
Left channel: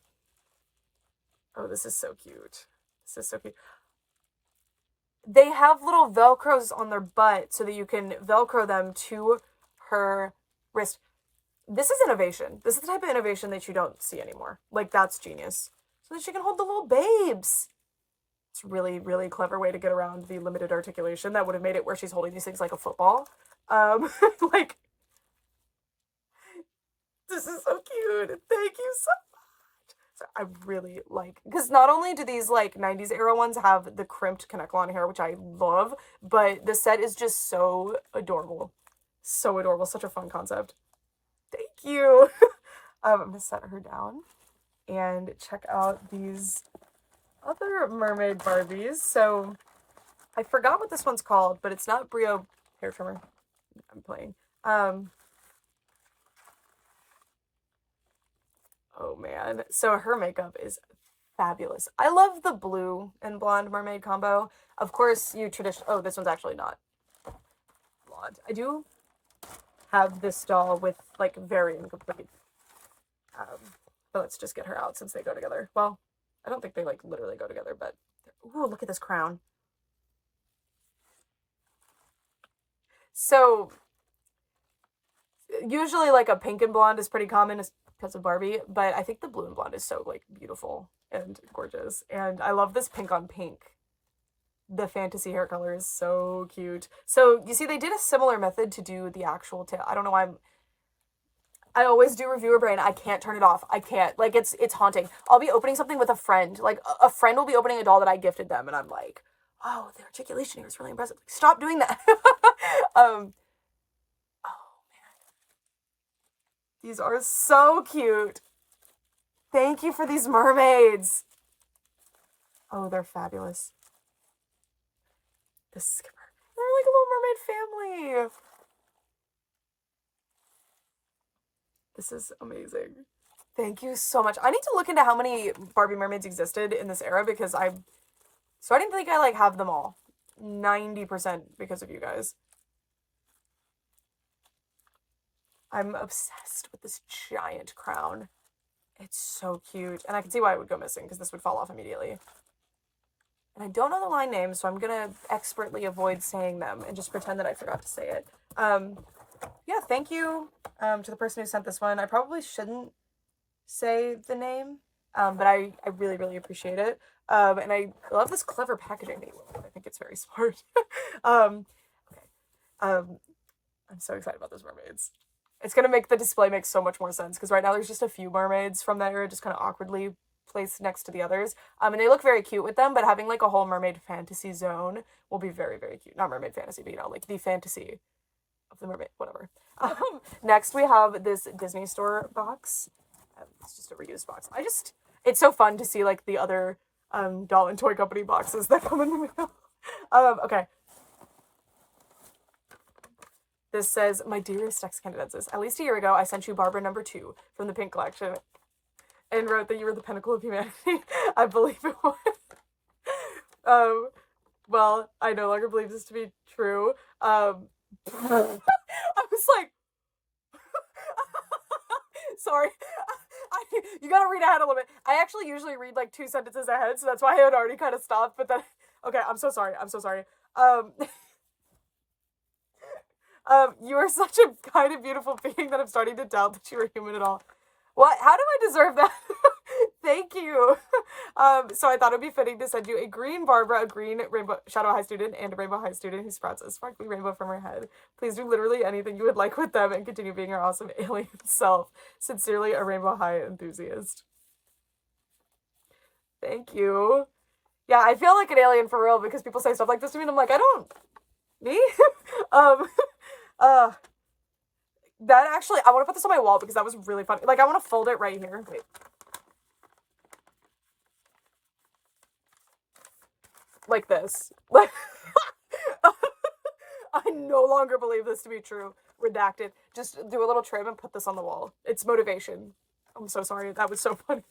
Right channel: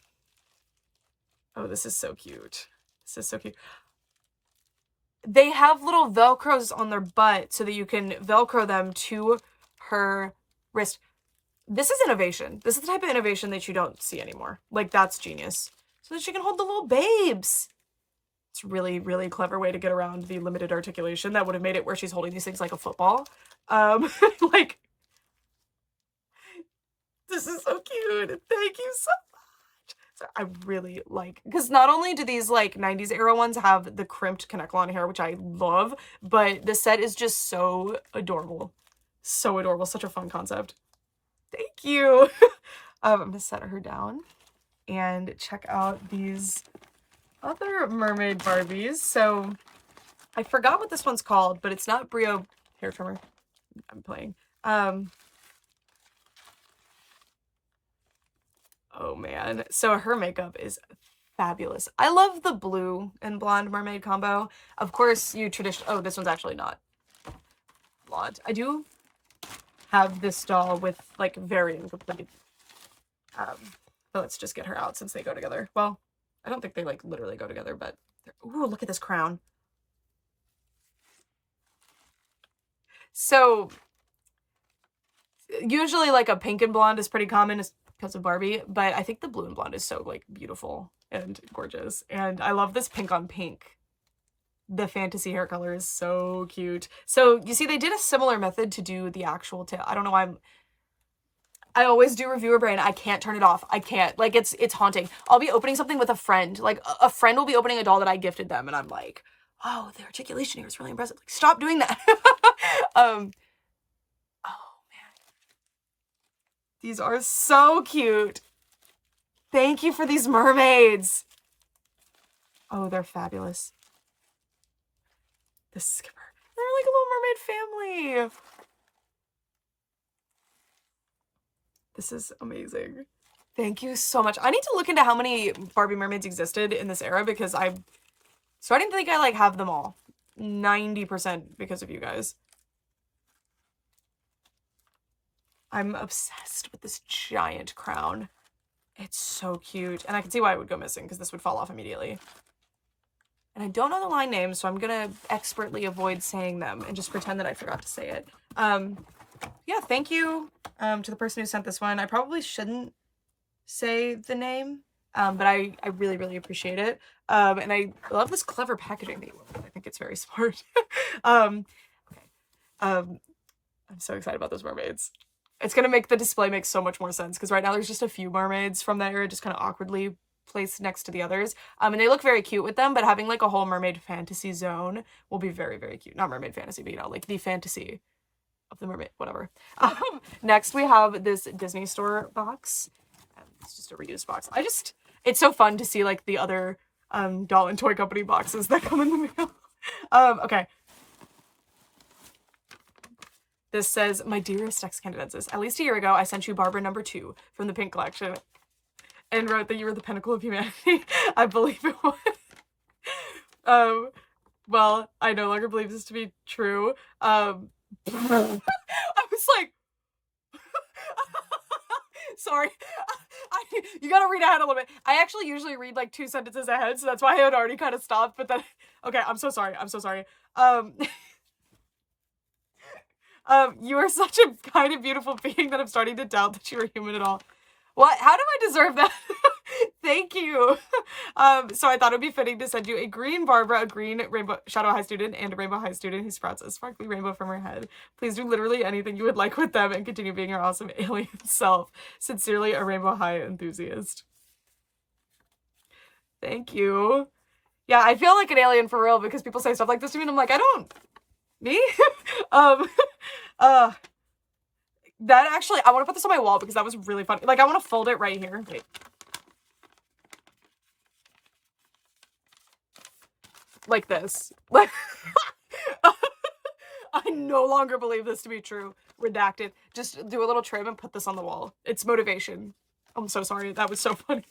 this is so cute. This is so cute. They have little Velcros on their butt so that you can Velcro them to her wrist. This is innovation. This is the type of innovation that you don't see anymore. Like, that's genius. So that she can hold the little babes. It's really, really clever way to get around the limited articulation. That would have made it where she's holding these things like a football. Like, this is so cute. Thank you so much. So I really like, because not only do these like 90s era ones have the crimped connect lawn hair, which I love, but the set is just so adorable. So adorable. Such a fun concept. Thank you. I'm gonna set her down and check out these other mermaid Barbies. So I forgot what this one's called, but it's not Brio hair trimmer. I'm playing. Oh man. So her makeup is fabulous. I love the blue and blonde mermaid combo. Of course, oh, this one's actually not blonde. I do have this doll with like very incomplete. But let's just get her out since they go together. Well, I don't think they like literally go together, but ooh, look at this crown. So usually like a pink and blonde is pretty common because of Barbie, but I think the blue and blonde is so like beautiful and gorgeous. And I love this pink on pink. The fantasy hair color is so cute. So you see, they did a similar method to do the actual tail. I don't know why I always do reviewer brain. I can't turn it off. I can't. Like, it's haunting. I'll be opening something with a friend. Like, a friend will be opening a doll that I gifted them, and I'm like, oh, the articulation here is really impressive. Like, stop doing that. Oh, man. These are so cute. Thank you for these mermaids. Oh, they're fabulous. The Skipper. They're like a little mermaid family. This is amazing. Thank you so much. I need to look into how many Barbie mermaids existed in this era because I didn't think I like have them all. 90% because of you guys. I'm obsessed with this giant crown. It's so cute. And I can see why it would go missing because this would fall off immediately. And I don't know the line names, so I'm going to expertly avoid saying them and just pretend that I forgot to say it. Yeah, thank you to the person who sent this one. I probably shouldn't say the name, but I really, really appreciate it. And I love this clever packaging that you work with. I think it's very smart. Okay. I'm so excited about those mermaids. It's going to make the display make so much more sense because right now there's just a few mermaids from that era just kind of awkwardly placed next to the others. And they look very cute with them, but having like a whole mermaid fantasy zone will be very, very cute. Not mermaid fantasy, but you know, like the fantasy of the mermaid, whatever. Next we have this Disney Store box. It's just a reused box. It's so fun to see like the other doll and toy company boxes that come in the mail. Okay. This says, my dearest ex-candidates, at least a year ago, I sent you Barbara #2 from the Pink Collection and wrote that you were the pinnacle of humanity. I believe it was. Well, I no longer believe this to be true. I was like, sorry. You gotta read ahead a little bit. I actually usually read like 2 sentences ahead, so that's why I had already kind of stopped, but then, okay, I'm so sorry. You are such a kind and beautiful being that I'm starting to doubt that you are human at all. What? How do I deserve that? Thank you. So I thought it would be fitting to send you a green Barbara, a green Rainbow Shadow High student, and a Rainbow High student who sprouts a sparkly rainbow from her head. Please do literally anything you would like with them and continue being your awesome alien self. Sincerely, a Rainbow High enthusiast. Thank you. Yeah, I feel like an alien for real because people say stuff like this to me and I'm like, I don't... Me? um, uh... That actually, I want to put this on my wall because that was really funny. Like, I want to fold it right here. Wait. Like this. I no longer believe this to be true. Redacted. Just do a little trim and put this on the wall. It's motivation. I'm so sorry. That was so funny.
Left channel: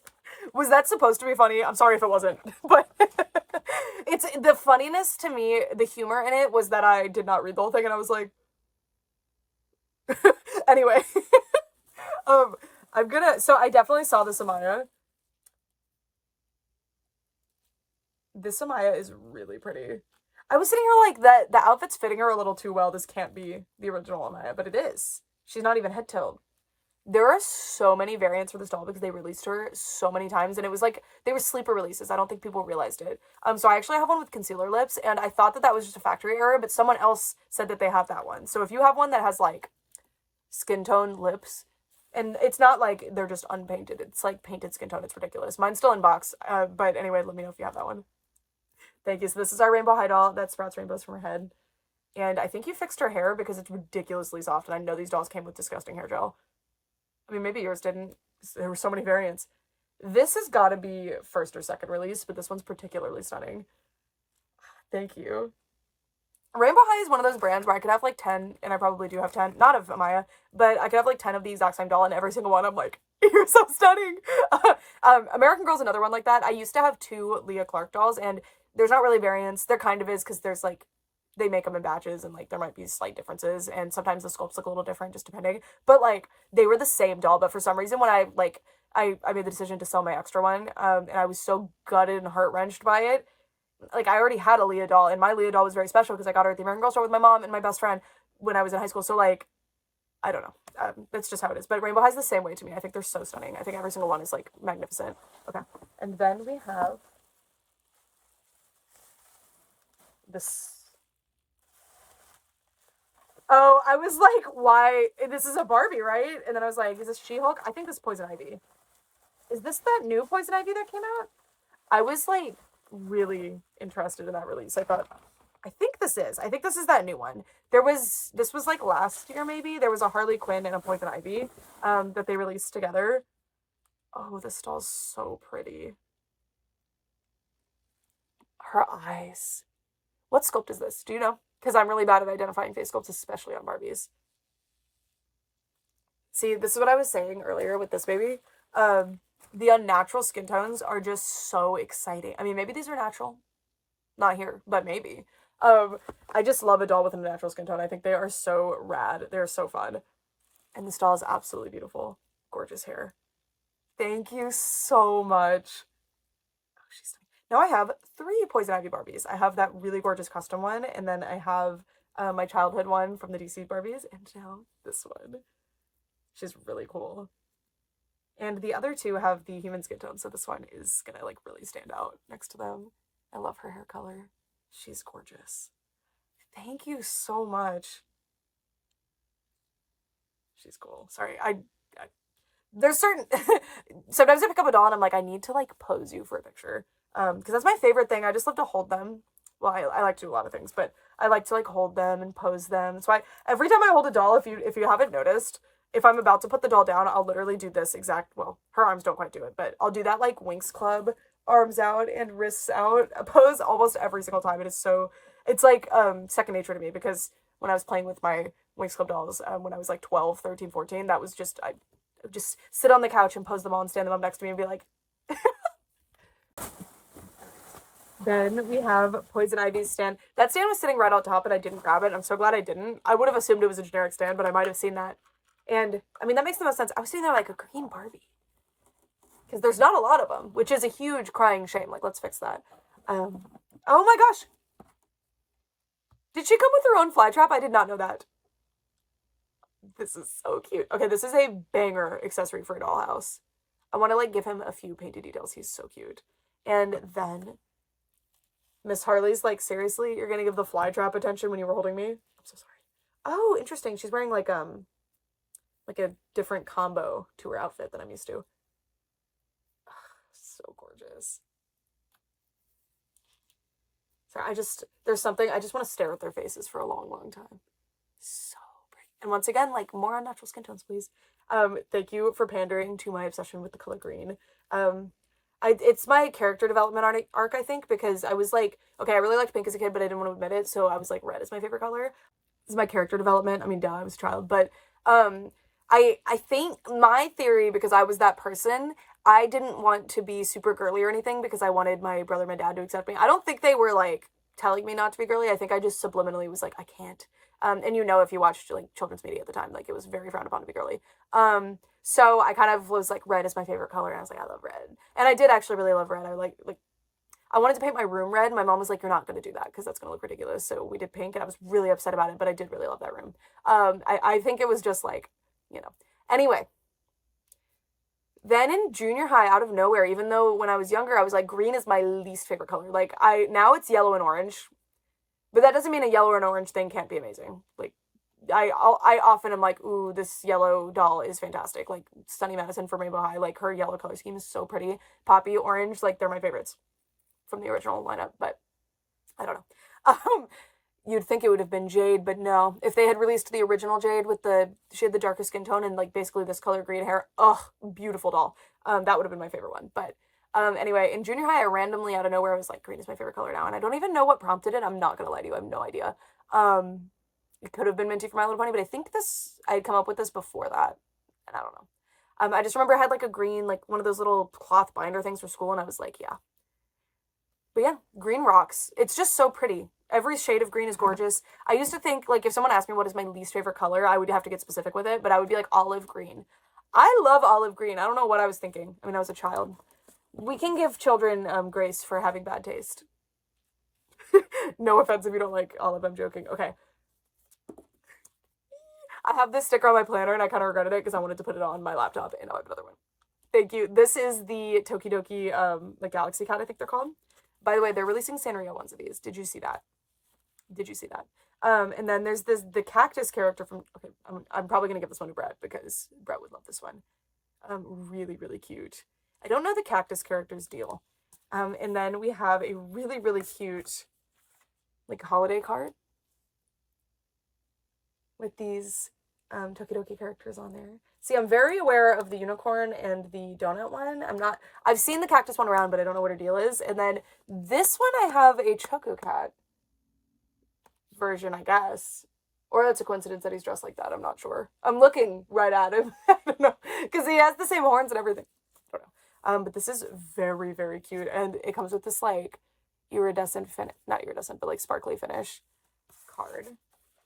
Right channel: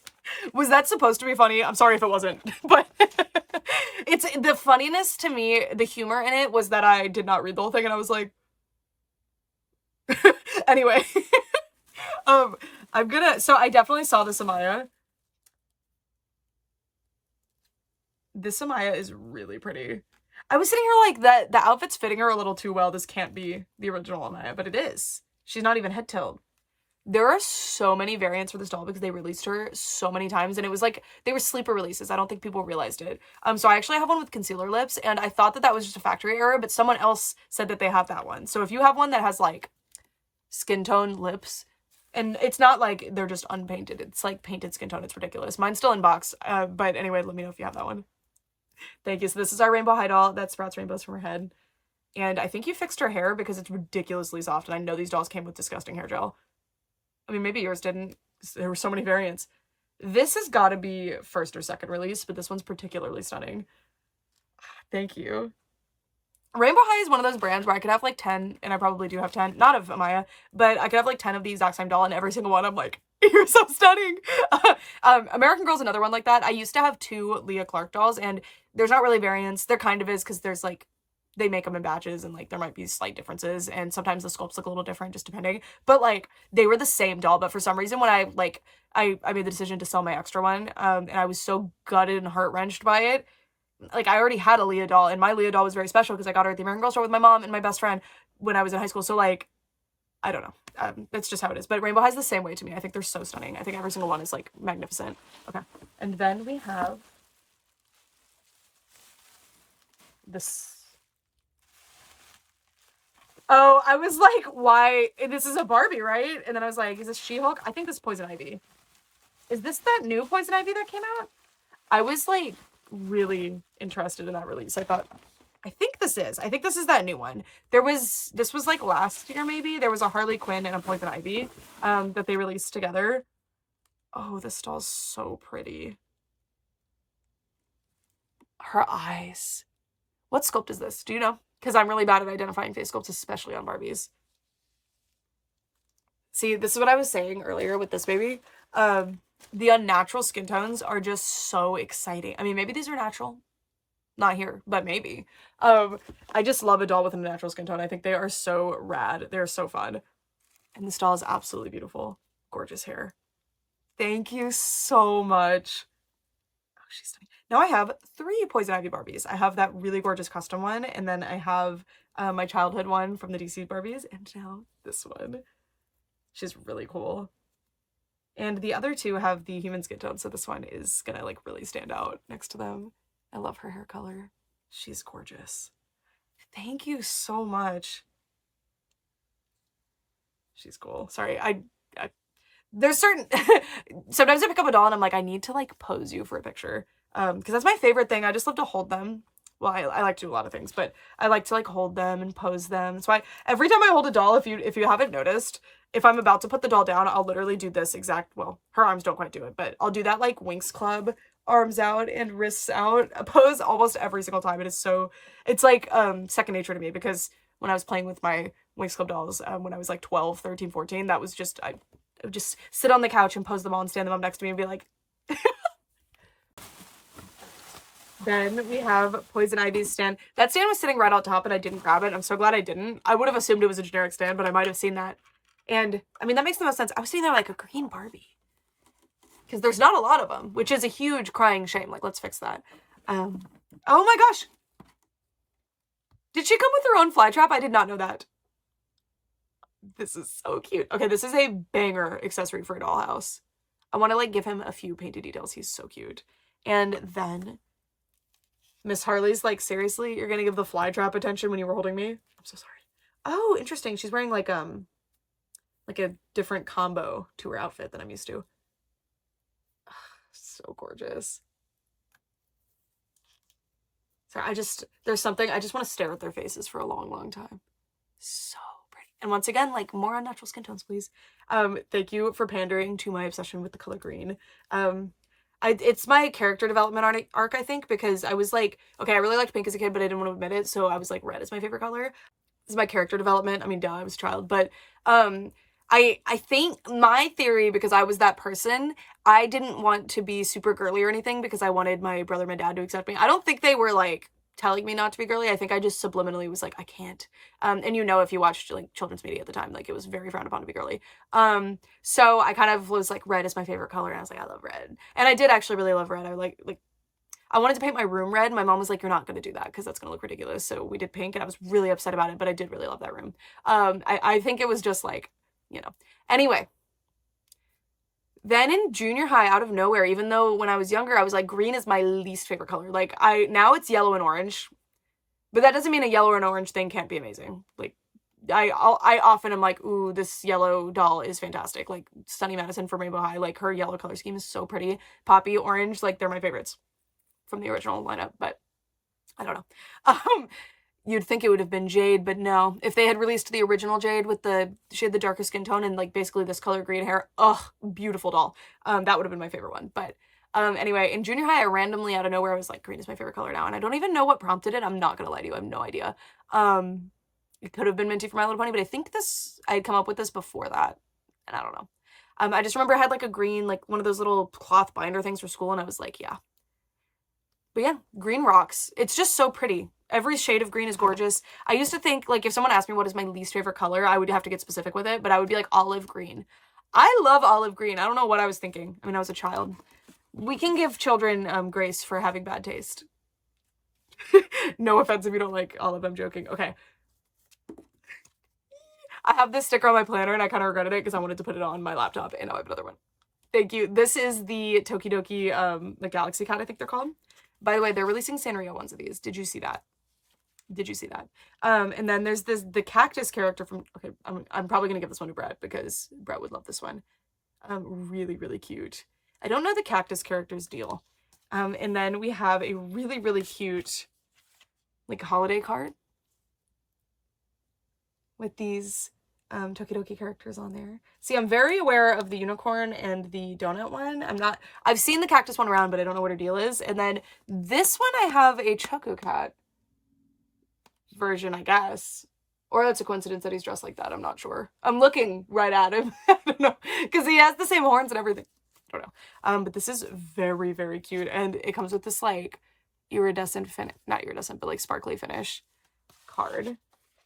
Was that supposed to be funny? I'm sorry if it wasn't. But it's the funniness to me, the humor in it was that I did not read the whole thing and I was like... Anyway. I'm gonna... So I definitely saw this Amaya. This Amaya is really pretty. I was sitting here like, that the outfit's fitting her a little too well. This can't be the original Amaya, but it is. She's not even head tilt. There are so many variants for this doll because they released her so many times, and it was like, they were sleeper releases. I don't think people realized it. So I actually have one with concealer lips, and I thought that that was just a factory error, but someone else said that they have that one. So if you have one that has like skin tone lips, and it's not like they're just unpainted, it's like painted skin tone, it's ridiculous. Mine's still in box, but anyway, let me know if you have that one. Thank you. So this is our Rainbow High doll that sprouts rainbows from her head. And I think you fixed her hair because it's ridiculously soft. And I know these dolls came with disgusting hair gel. I mean, maybe yours didn't. There were so many variants. This has got to be first or second release, but this one's particularly stunning. Thank you. Rainbow High is one of those brands where I could have like 10, and I probably do have 10, not of Amaya, but I could have like 10 of the exact same doll, and every single one I'm like, you're so stunning. American Girl's another one like that. I used to have 2 Leah Clark dolls, and there's not really variants. There kind of is because there's like, they make them in batches and like there might be slight differences, and sometimes the sculpts look a little different just depending, but like they were the same doll. But for some reason when I made the decision to sell my extra one, and I was so gutted and heart-wrenched by it. Like, I already had a Leah doll, and my Leah doll was very special because I got her at the American Girl store with my mom and my best friend when I was in high school. So, like, I don't know. It's just how it is. But Rainbow High's the same way to me. I think they're so stunning. I think every single one is, like, magnificent. Okay. And then we have this. Oh, I was like, why? This is a Barbie, right? And then I was like, is this She-Hulk? I think this is Poison Ivy. Is this that new Poison Ivy that came out? I was, like, really interested in that release. I think this is that new one. This was like last year maybe. There was a Harley Quinn and a Poison Ivy that they released together. Oh, this doll's so pretty. Her eyes. What sculpt is this? Do you know? Because I'm really bad at identifying face sculpts, especially on Barbies. See, this is what I was saying earlier with this baby. The unnatural skin tones are just so exciting. I mean, maybe these are natural. Not here, but maybe. I just love a doll with a natural skin tone. I think they are so rad. They're so fun. And this doll is absolutely beautiful. Gorgeous hair. Thank you so much. Oh, she's stunning. Now I have 3 Poison Ivy Barbies. I have that really gorgeous custom one, and then I have my childhood one from the DC Barbies, and now this one. She's really cool. And the other 2 have the human skin tone, so this one is gonna like really stand out next to them. I love her hair color. She's gorgeous. Thank you so much. She's cool. Sorry, there's certain sometimes I pick up a doll and I'm like, I need to like pose you for a picture. Because that's my favorite thing. I just love to hold them. Well, I like to do a lot of things, but I like to like hold them and pose them. So every time I hold a doll, if you haven't noticed, if I'm about to put the doll down, I'll literally do this exact, well, her arms don't quite do it, but I'll do that like Winx Club, arms out and wrists out pose almost every single time. It's like second nature to me, because when I was playing with my Winx Club dolls, when I was like 12, 13, 14, that was just, I would just sit on the couch and pose them all and stand them up next to me and be like... Then we have Poison Ivy's stand. That stand was sitting right on top and I didn't grab it. I'm so glad I didn't. I would have assumed it was a generic stand, but I might have seen that. And, I mean, that makes the most sense. I was sitting there like a green Barbie. Because there's not a lot of them, which is a huge crying shame. Like, let's fix that. Oh my gosh. Did she come with her own fly trap? I did not know that. This is so cute. Okay, this is a banger accessory for a dollhouse. I want to like give him a few painted details. He's so cute. And then Miss Harley's like, seriously, you're gonna give the fly trap attention when you were holding me? I'm so sorry. Oh, interesting. She's wearing like a different combo to her outfit than I'm used to. So gorgeous. Sorry, there's something, I just want to stare at their faces for a long, long time. So pretty. And once again, like, more on natural skin tones, please. Thank you for pandering to my obsession with the color green. It's my character development arc, I think, because I was like, okay, I really liked pink as a kid, but I didn't want to admit it, so I was like, red is my favorite color. This is my character development. I mean, duh, I was a child, but I think my theory, because I was that person, I didn't want to be super girly or anything because I wanted my brother and my dad to accept me. I don't think they were like telling me not to be girly. I think I just subliminally was like, I can't. And you know, if you watched like children's media at the time, like it was very frowned upon to be girly. So I kind of was like, red is my favorite color, and I was like, I love red. And I did actually really love red. I wanted to paint my room red. My mom was like, you're not going to do that because that's going to look ridiculous. So we did pink, and I was really upset about it, but I did really love that room. I think it was just like, you know. Anyway, then in junior high, out of nowhere, even though when I was younger, I was like, green is my least favorite color. Like, now it's yellow and orange, but that doesn't mean a yellow and orange thing can't be amazing. Like, I often am like, ooh, this yellow doll is fantastic. Like, Sunny Madison from Rainbow High, like, her yellow color scheme is so pretty. Poppy, orange, like, they're my favorites from the original lineup, but I don't know. You'd think it would have been Jade, but no. If they had released the original Jade with she had the darker skin tone and like basically this color green hair, ugh, beautiful doll. That would have been my favorite one. But anyway, in junior high, I randomly out of nowhere was like, green is my favorite color now, and I don't even know what prompted it. I'm not gonna lie to you, I have no idea. It could have been Minty from My Little Pony, but I think I had come up with this before that, and I don't know. I just remember I had like a green, like one of those little cloth binder things for school, and I was like, yeah. But yeah, green rocks. It's just so pretty. Every shade of green is gorgeous. I used to think, like, if someone asked me what is my least favorite color, I would have to get specific with it, but I would be like olive green. I love olive green. I don't know what I was thinking. I mean, I was a child. We can give children grace for having bad taste. No offense if you don't like olive, I'm joking. Okay. I have this sticker on my planner, and I kind of regretted it because I wanted to put it on my laptop, and now I have another one. Thank you. This is the Tokidoki, the Galaxy Cat, I think they're called. By the way, they're releasing Sanrio ones of these. Did you see that? Did you see that? And then there's the cactus character from, okay, I'm probably gonna give this one to Brett because Brett would love this one. Really, really cute. I don't know the cactus character's deal. And then we have a really, really cute, like, holiday card with these Tokidoki characters on there. See, I'm very aware of the unicorn and the donut one. I've seen the cactus one around, but I don't know what her deal is. And then this one, I have a Choco Cat version, I guess. Or it's a coincidence that he's dressed like that. I'm not sure. I'm looking right at him. I don't know. Because he has the same horns and everything. I don't know. But this is very, very cute. And it comes with this, like, iridescent finish. Not iridescent, but, like, sparkly finish card.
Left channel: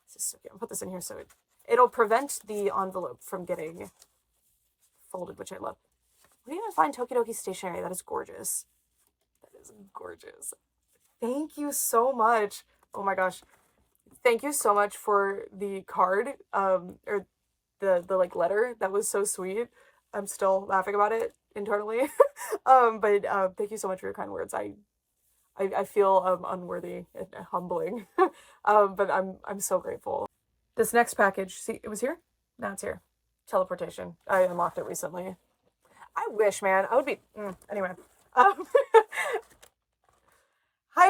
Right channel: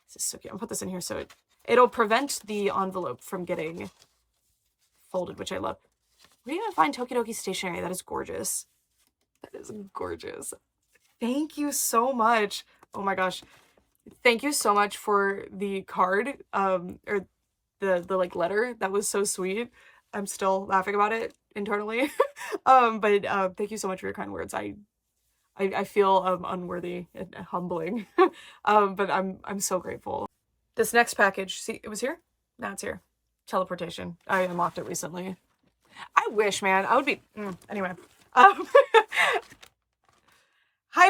This is so cute. I'll put this in here so it'll prevent the envelope from getting folded, which I love. Where do you even find Tokidoki stationery? That is gorgeous. That is gorgeous. Thank you so much. Oh my gosh. Thank you so much for the card, or the like letter. That was so sweet. I'm still laughing about it internally. But thank you so much for your kind words. I feel unworthy and humbling. But I'm so grateful. This next package, see, it was here? Now it's here. Teleportation. I unlocked it recently. I wish, man. I would be... anyway. Hi,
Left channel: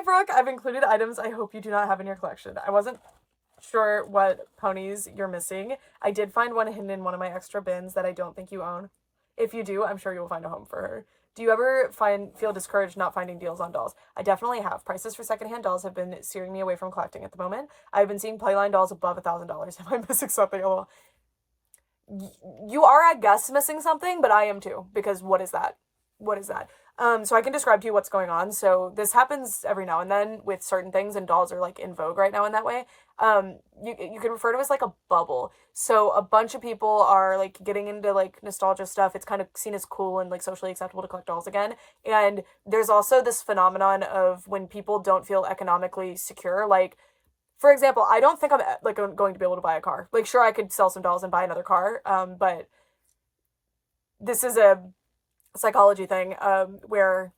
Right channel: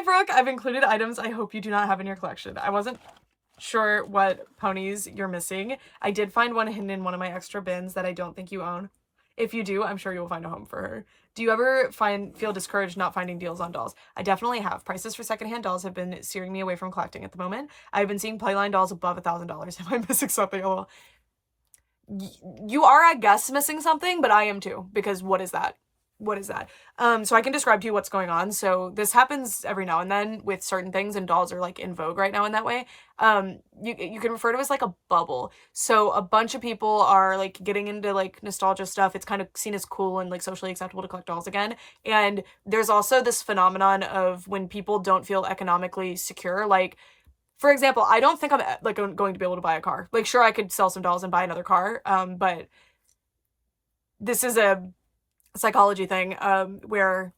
Brooke. I've included items I hope you do not have in your collection. I wasn't sure what ponies you're missing. I did find one hidden in one of my extra bins that I don't think you own. If you do, I'm sure you will find a home for her. Do you ever feel discouraged not finding deals on dolls? I definitely have. Prices for secondhand dolls have been steering me away from collecting at the moment. I've been seeing Playline dolls above $1,000. Am I missing something? Oh, you are, I guess, missing something, but I am too, because what is that? What is that? So I can describe to you what's going on. So this happens every now and then with certain things, and dolls are like in vogue right now in that way. You can refer to it as like a bubble. So a bunch of people are like getting into like nostalgia stuff. It's kind of seen as cool and like socially acceptable to collect dolls again. And there's also this phenomenon of when people don't feel economically secure, like for example, I don't think I'm like going to be able to buy a car. Like, sure, I could sell some dolls and buy another car, but this is a psychology thing, where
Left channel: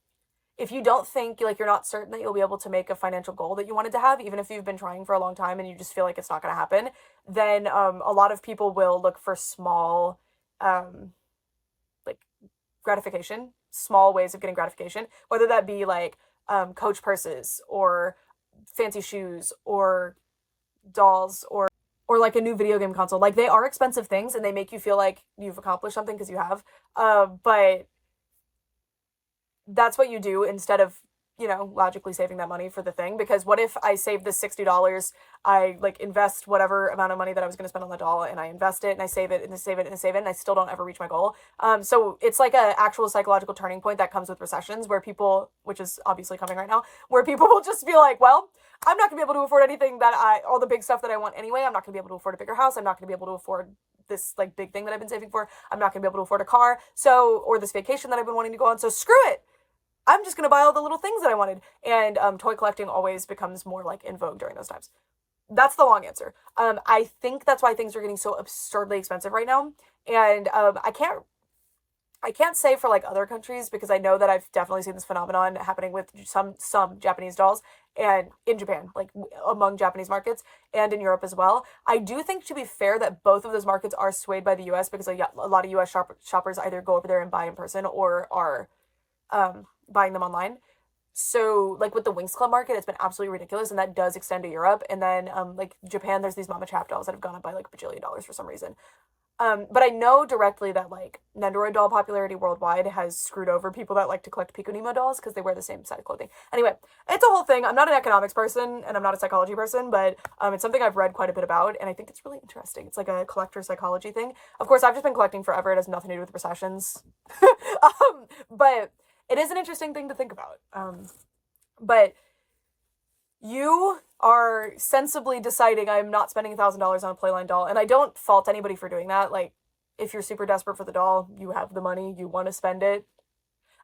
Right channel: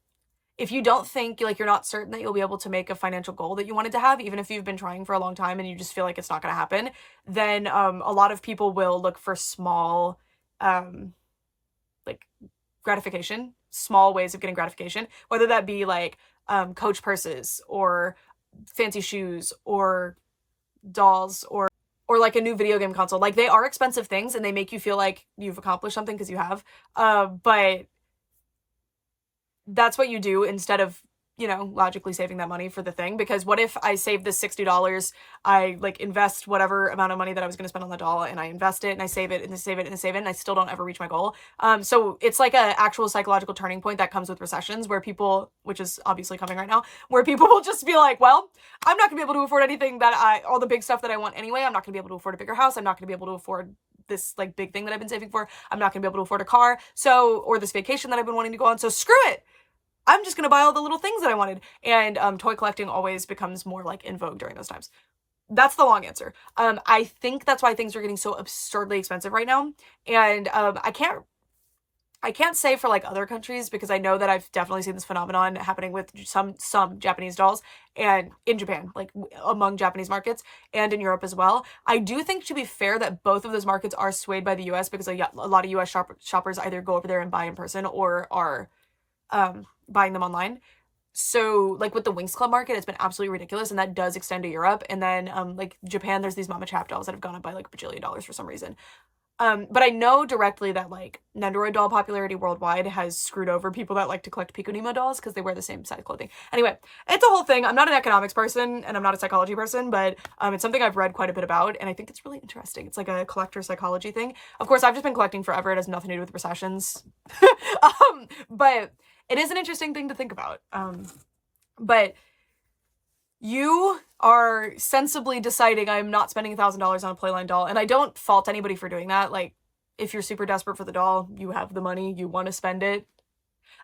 if you don't think, like, you're not certain that you'll be able to make a financial goal that you wanted to have, even if you've been trying for a long time and you just feel like it's not going to happen, then a lot of people will look for small, um, like, gratification, small ways of getting gratification, whether that be like Coach purses or fancy shoes or dolls or like a new video game console. Like, they are expensive things and they make you feel like you've accomplished something because you have. But that's what you do instead of, you know, logically saving that money for the thing. Because what if I save this $60, I like invest whatever amount of money that I was going to spend on the doll, and I invest it and I save it and I save it and I save it, and I still don't ever reach my goal. So it's like a actual psychological turning point that comes with recessions, where people, which is obviously coming right now, where people will just be like, well, I'm not gonna be able to afford anything all the big stuff that I want anyway. I'm not gonna be able to afford a bigger house. I'm not gonna be able to afford this like big thing that I've been saving for. I'm not gonna be able to afford a car. So, or this vacation that I've been wanting to go on. So screw it. I'm just going to buy all the little things that I wanted. And toy collecting always becomes more like in vogue during those times. That's the long answer. I think that's why things are getting so absurdly expensive right now. And I can't say for like other countries, because I know that I've definitely seen this phenomenon happening with some Japanese dolls, and in Japan, like among Japanese markets, and in Europe as well. I do think, to be fair, that both of those markets are swayed by the US, because a lot of US shoppers either go over there and buy in person or are buying them online. So like with the Winx Club market, it's been absolutely ridiculous, and that does extend to Europe. And then like Japan, there's these Mama Chap dolls that have gone up by like a bajillion dollars for some reason. But I know directly that like Nendoroid doll popularity worldwide has screwed over people that like to collect Pico Nemo dolls because they wear the same size clothing. Anyway, it's a whole thing. I'm not an economics person and I'm not a psychology person, but it's something I've read quite a bit about, and I think it's really interesting. It's like a collector psychology thing. Of course, I've just been collecting forever. It has nothing to do with recessions. But it is an interesting thing to think about. But you are sensibly deciding, I'm not spending $1,000 on a Playline doll, and I don't fault anybody for doing that. Like, if you're super desperate for the doll, you have the money, you want to spend it.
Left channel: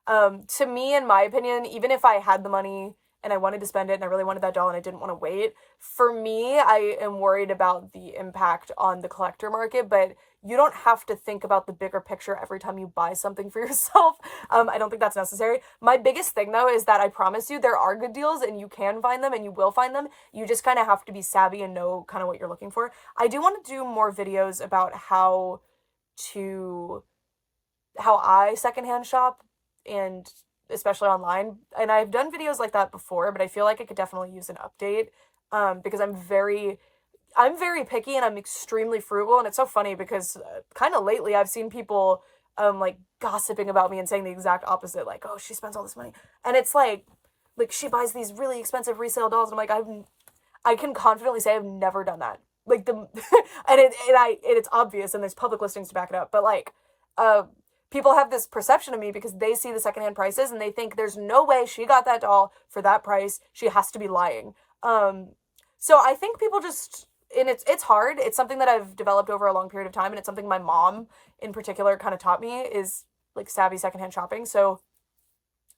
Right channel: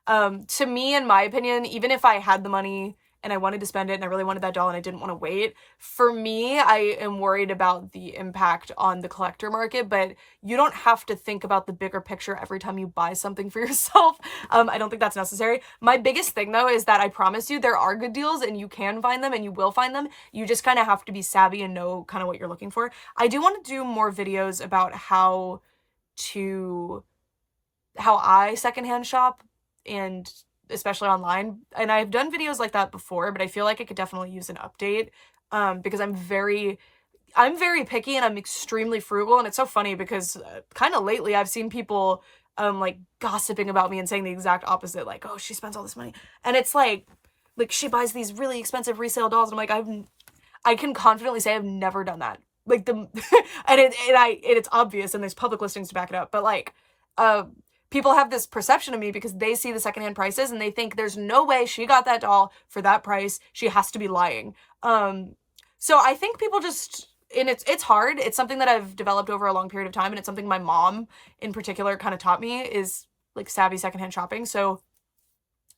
To me, in my opinion, even if I had the money and I wanted to spend it and I really wanted that doll and I didn't want to wait, for me, I am worried about the impact on the collector market. But you don't have to think about the bigger picture every time you buy something for yourself. I don't think that's necessary. My biggest thing, though, is that I promise you there are good deals and you can find them and you will find them. You just kind of have to be savvy and know kind of what you're looking for. I do want to do more videos about how I secondhand shop, and especially online. And I've done videos like that before, but I feel like it could definitely use an update, because I'm very picky and I'm extremely frugal. And it's so funny because kind of lately I've seen people like gossiping about me and saying the exact opposite, like, oh, she spends all this money, and it's like she buys these really expensive resale dolls, and I'm like, I can confidently say I've never done that. Like and it's obvious, and there's public listings to back it up, but like people have this perception of me because they see the secondhand prices and they think there's no way she got that doll for that price. She has to be lying. So I think people just, and it's hard. It's something that I've developed over a long period of time, and it's something my mom in particular kind of taught me, is like savvy secondhand shopping. So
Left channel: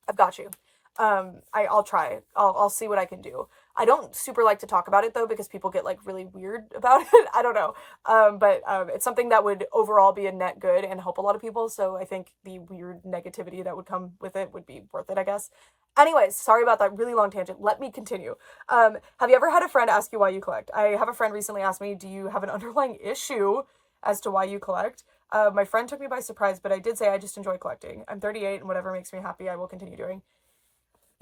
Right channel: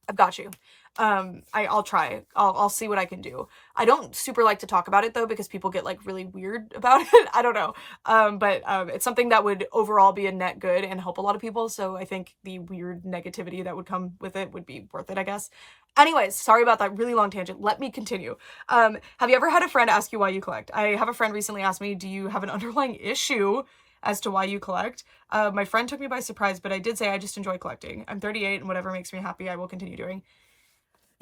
I've got you. I'll try. I'll see what I can do. I don't super like to talk about it though, because people get like really weird about it. I don't know. But it's something that would overall be a net good and help a lot of people. So I think the weird negativity that would come with it would be worth it, I guess. Anyways, sorry about that really long tangent. Let me continue. Have you ever had a friend ask you why you collect? I have a friend recently asked me, do you have an underlying issue as to why you collect? My friend took me by surprise, but I did say I just enjoy collecting. I'm 38 and whatever makes me happy, I will continue doing.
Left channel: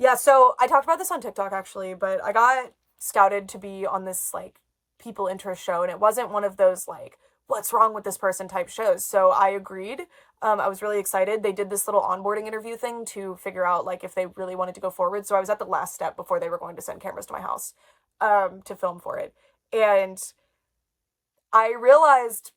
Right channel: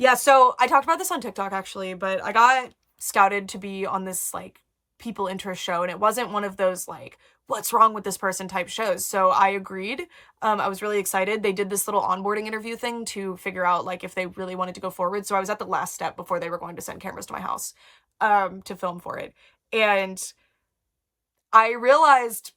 Yeah, so I talked about this on TikTok actually, but I got scouted to be on this like people interest show, and it wasn't one of those like, what's wrong with this person type shows. So I agreed. I was really excited. They did this little onboarding interview thing to figure out like if they really wanted to go forward. So I was at the last step before they were going to send cameras to my house to film for it. And I realized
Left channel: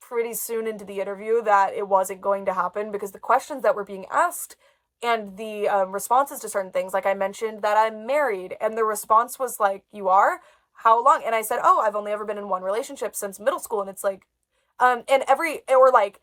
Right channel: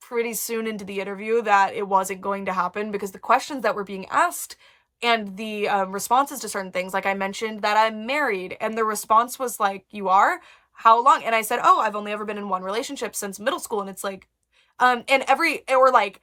pretty soon into the interview that it wasn't going to happen, because the questions that were being asked and the responses to certain things, like I mentioned that I'm married, and the response was like, you are? How long? And I said, oh, I've only ever been in one relationship since middle school. And it's like, or like,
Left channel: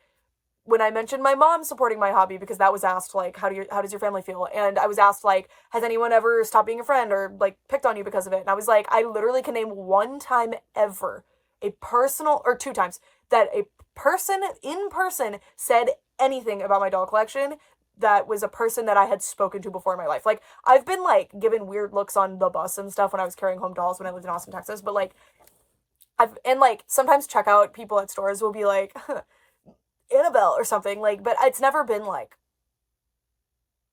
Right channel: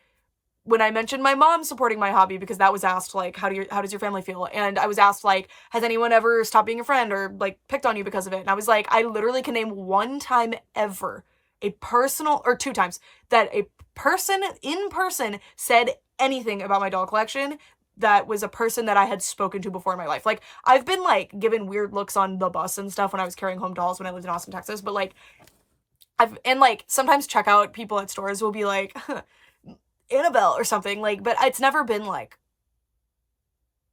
when I mentioned my mom supporting my hobby, because that was asked, like, how does your family feel? And I was asked, like, has anyone ever stopped being a friend or, like, picked on you because of it? And I was like, I literally can name one time ever, or 2 times, that a person in person said anything about my doll collection that was a person that I had spoken to before in my life. Like, I've been, like, given weird looks on the bus and stuff when I was carrying home dolls when I lived in Austin, Texas, but, like, like, sometimes checkout people at stores will be like, Annabelle or something, like, but it's never been like,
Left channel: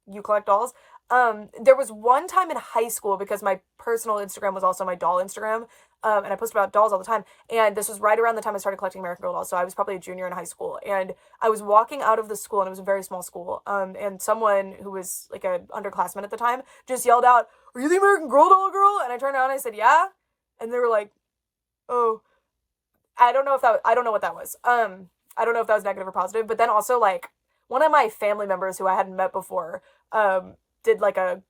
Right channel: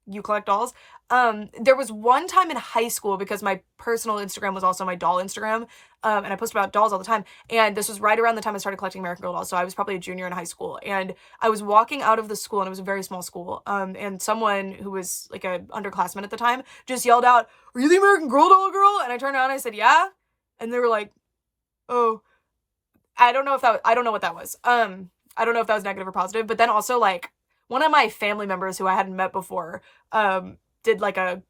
you collect dolls. There was one time in high school, because my personal Instagram was also my doll Instagram, and I post about dolls all the time, and this was right around the time I started collecting American Girl dolls, so I was probably a junior in high school, and I was walking out of the school, and it was a very small school, and someone who was, like, a underclassman at the time just yelled out, "Are you the American Girl doll girl?" And I turned around and I said, "Yeah," and they were like, "Oh." I don't know what that was. I don't know if that was negative or positive, but then also, like, one of my family members who I hadn't met before, did, like, a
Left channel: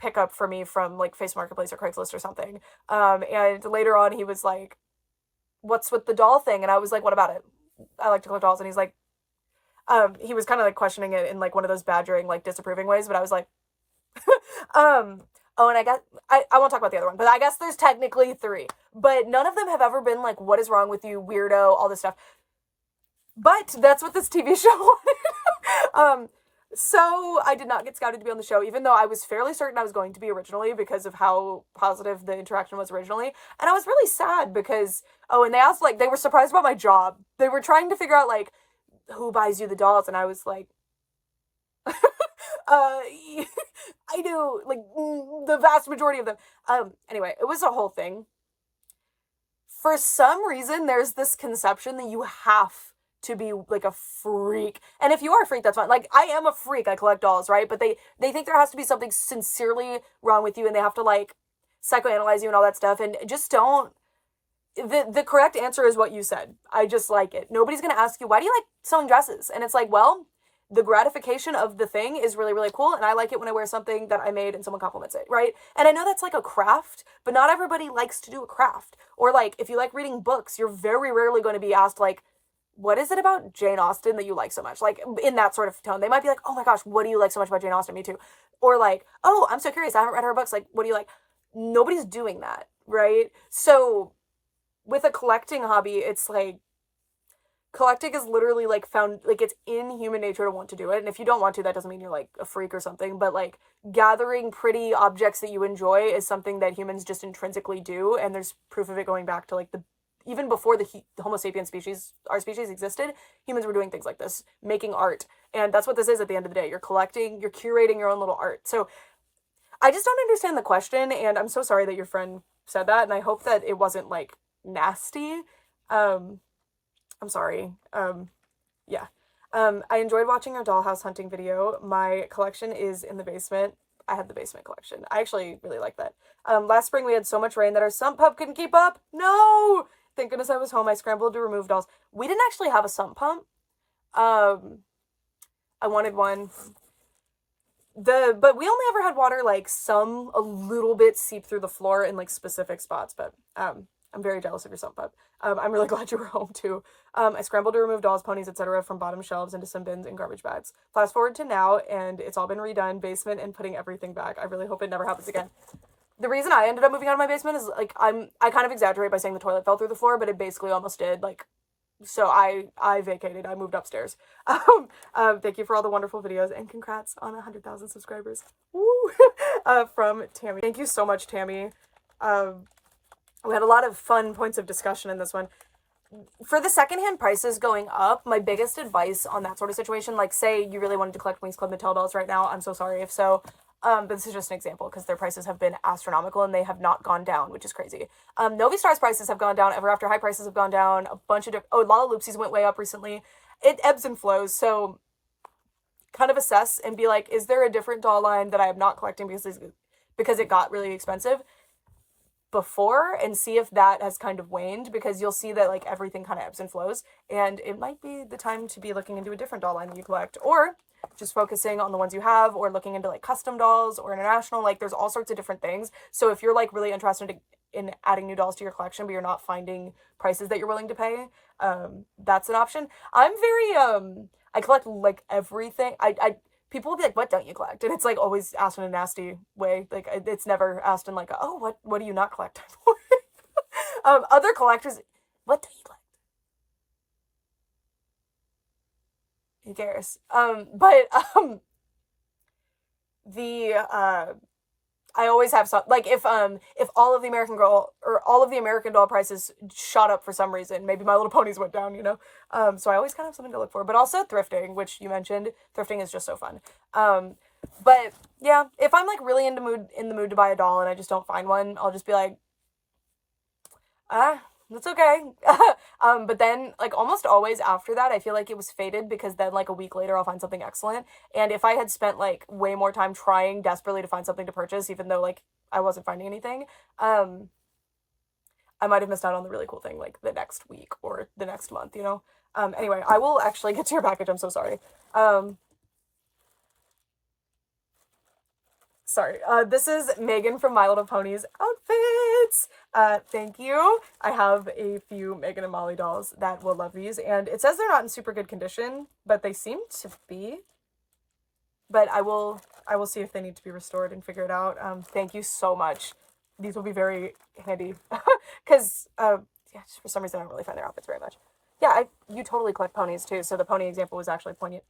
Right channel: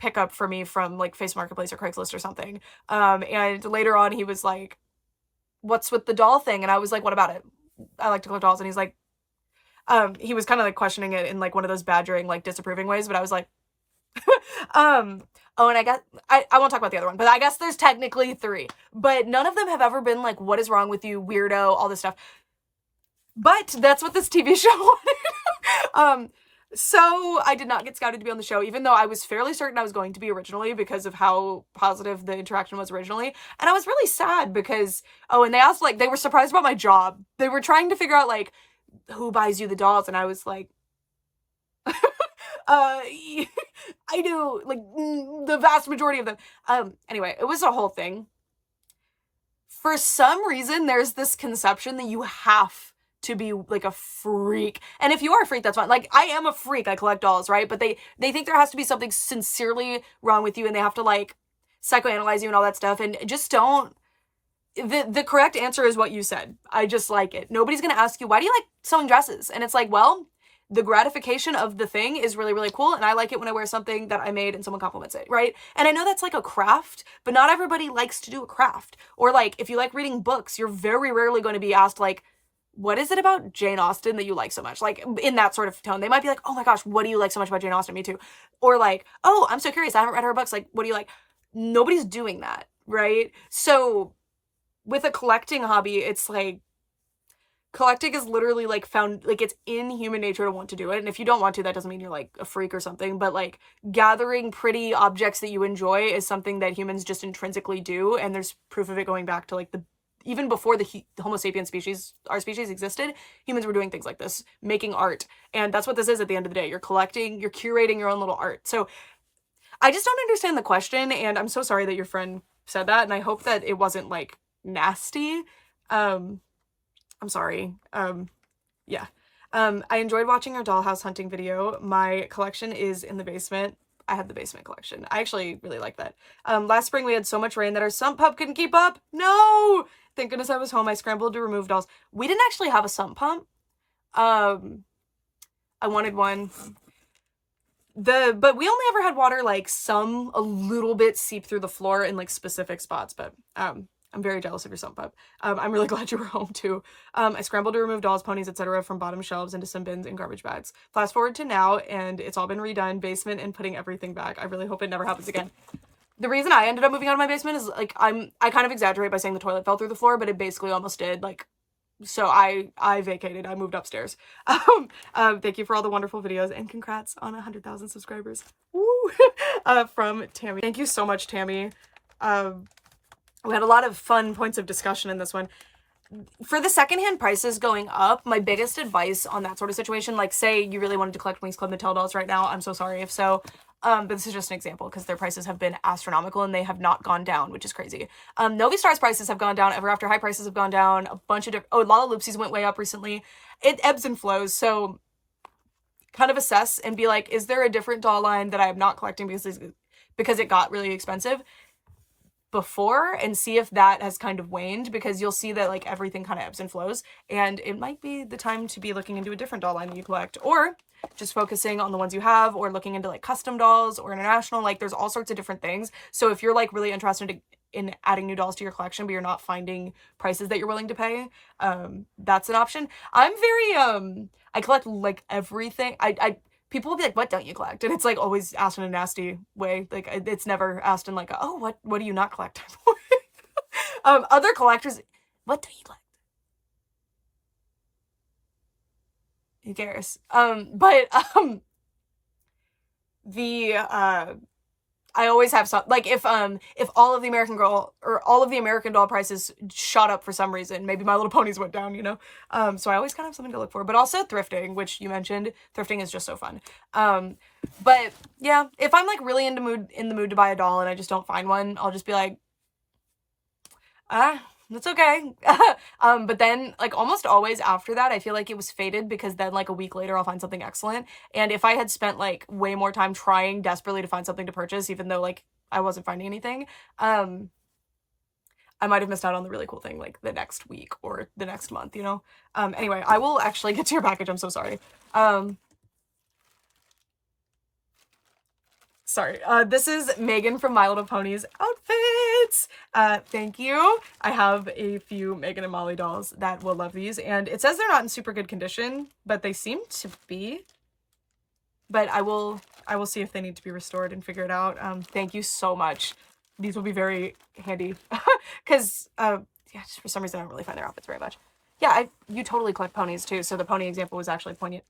pickup for me from, like, Facebook Marketplace or Craigslist or something. And later on he was like, "What's with the doll thing?" And I was like, "What about it? I like to collect dolls." And he's like, he was kind of, like, questioning it in, like, one of those badgering, like, disapproving ways, but I was like, oh, and I won't talk about the other one, but I guess there's technically 3, but none of them have ever been like, "What is wrong with you, weirdo?" All this stuff. But that's what this TV show wanted. So I did not get scouted to be on the show, even though I was fairly certain I was going to be originally, because of how positive the interaction was originally. And I was really sad because, and they asked, like, they were surprised about my job. They were trying to figure out, like, who buys you the dolls, and I was like, I do, like, the vast majority of them. Anyway, it was a whole thing. For some reason, there's this conception that you have to be, like, a freak. And if you are a freak, that's fine. Like, I am a freak. I collect dolls, right? But they think there has to be something sincerely wrong with you, and they have to, like, psychoanalyze you and all that stuff. And just don't. The correct answer is what you said. I just like it. Nobody's gonna ask you, why do you like sewing dresses? And it's like, well, the gratification of the thing is really, really cool, and I like it when I wear something that I made and someone compliments it, right? And I know that's like a craft, but not everybody likes to do a craft. Or, like, if you like reading books, you're very rarely going to be asked, like, what is it about Jane Austen that you like so much? Like, in that sort of tone. They might be like, "Oh my gosh, what do you like so much about Jane Austen?" Me too. Or, like, "Oh, I'm so curious, I haven't read her books, like, what do you like?" Nobody's doing that, right? So with a collecting hobby, it's like, collecting is literally, like, found, like, it's in human nature to want to do it. And if you don't want to, that doesn't mean you're, like, a freak or something. But, like, gathering pretty objects that you enjoy is something that humans just intrinsically do. And there's proof of it going back to, like, even before the Homo sapiens species, our species existed, humans were doing things like this, making art. And that's what this is at the end of the day. You're collecting, you're curating your own little art. So I just don't understand the question. And I'm so sorry that your friend said that. And I hope that it wasn't, like, nasty. I'm sorry. Yeah. I enjoyed watching our dollhouse hunting video. My collection is in the basement. I had the basement collection. I actually really like that. Last spring we had so much rain that our sump pump couldn't keep up. No! Thank goodness I was home. I scrambled to remove dolls. We didn't actually have a sump pump. I wanted one. But we only ever had water, like, a little bit seep through the floor in, like, specific spots, but, I'm very jealous of your sump pump. I'm really glad you were home too. I scrambled to remove dolls, ponies, etc. from bottom shelves into some bins and garbage bags. Fast forward to now, and it's all been redone, basement, and putting everything back. I really hope it never happens again. The reason I ended up moving out of my basement is, like, I kind of exaggerate by saying the toilet fell through the floor, but it basically almost did. Like, so I vacated. I moved upstairs. Thank you for all the wonderful videos, and congrats on 100,000 subscribers. Woo! From Tammy. Thank you so much, Tammy. We had a lot of fun points of discussion in this one. For the secondhand prices going up, my biggest advice on that sort of situation, like, say you really wanted to collect Wings Club Mattel dolls right now, I'm so sorry if so, but this is just an example because their prices have been astronomical and they have not gone down, which is crazy. Novi Star's prices have gone down, Ever After High prices have gone down, a bunch of different, Lala Loopsies went way up recently. It ebbs and flows, so kind of assess and be like, is there a different doll line that I am not collecting because it got really expensive before, and see if that has kind of waned, because you'll see that, like, everything kind of ebbs and flows, and it might be the time to be looking into a different doll line that you collect. Or just focusing on the ones you have, or looking into like custom dolls or international. Like there's all sorts of different things. So if you're like really interested in adding new dolls to your collection, but you're not finding prices that you're willing to pay, that's an option. I'm very I collect like everything. I people will be like, what don't you collect? And it's like always asked in a nasty way. Like it's never asked in like, oh, what do you not collect? Other collectors, what do you collect? Who cares? But the I always have some, like if all of the American Girl or all of the American Doll prices shot up for some reason, maybe My Little Ponies went down, you know. So I always kind of have something to look for. But also thrifting, which you mentioned, thrifting is just so fun. But yeah, if I'm like really in the mood to buy a doll and I just don't find one, I'll just be like, that's okay. But then like almost always after that, I feel like it was fated, because then like a week later I'll find something excellent. And if I had spent like way more time trying desperately to find something to purchase, even though like I wasn't finding anything, I might have missed out on the really cool thing like the next week or the next month, you know? Anyway, I will actually get to your package. I'm so sorry. Sorry. This is Megan from My Little Ponies Outfits. Thank you. I have a few Megan and Molly dolls that will love these, and it says they're not in super good condition, but they seem to be. But I will see if they need to be restored and figure it out. Thank you so much. These will be very handy, because yeah, just for some reason I don't really find their outfits very much. Yeah, you totally collect ponies too, so the pony example was actually poignant.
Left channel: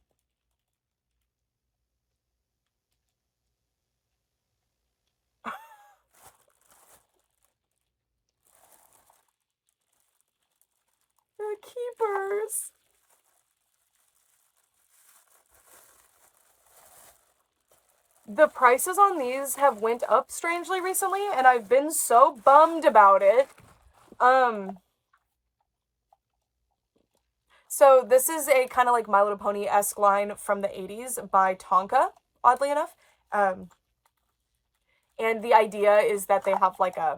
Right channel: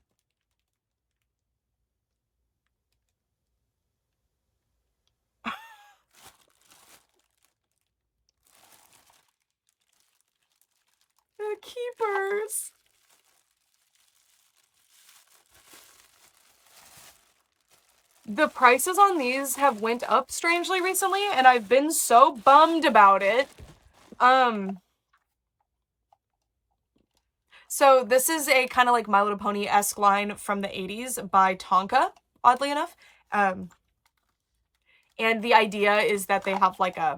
The keepers. The prices on these have went up strangely recently, and I've been so bummed about it. So this is a kind of like My Little Pony-esque line from the 80s by Tonka, oddly enough. And the idea is that they have like a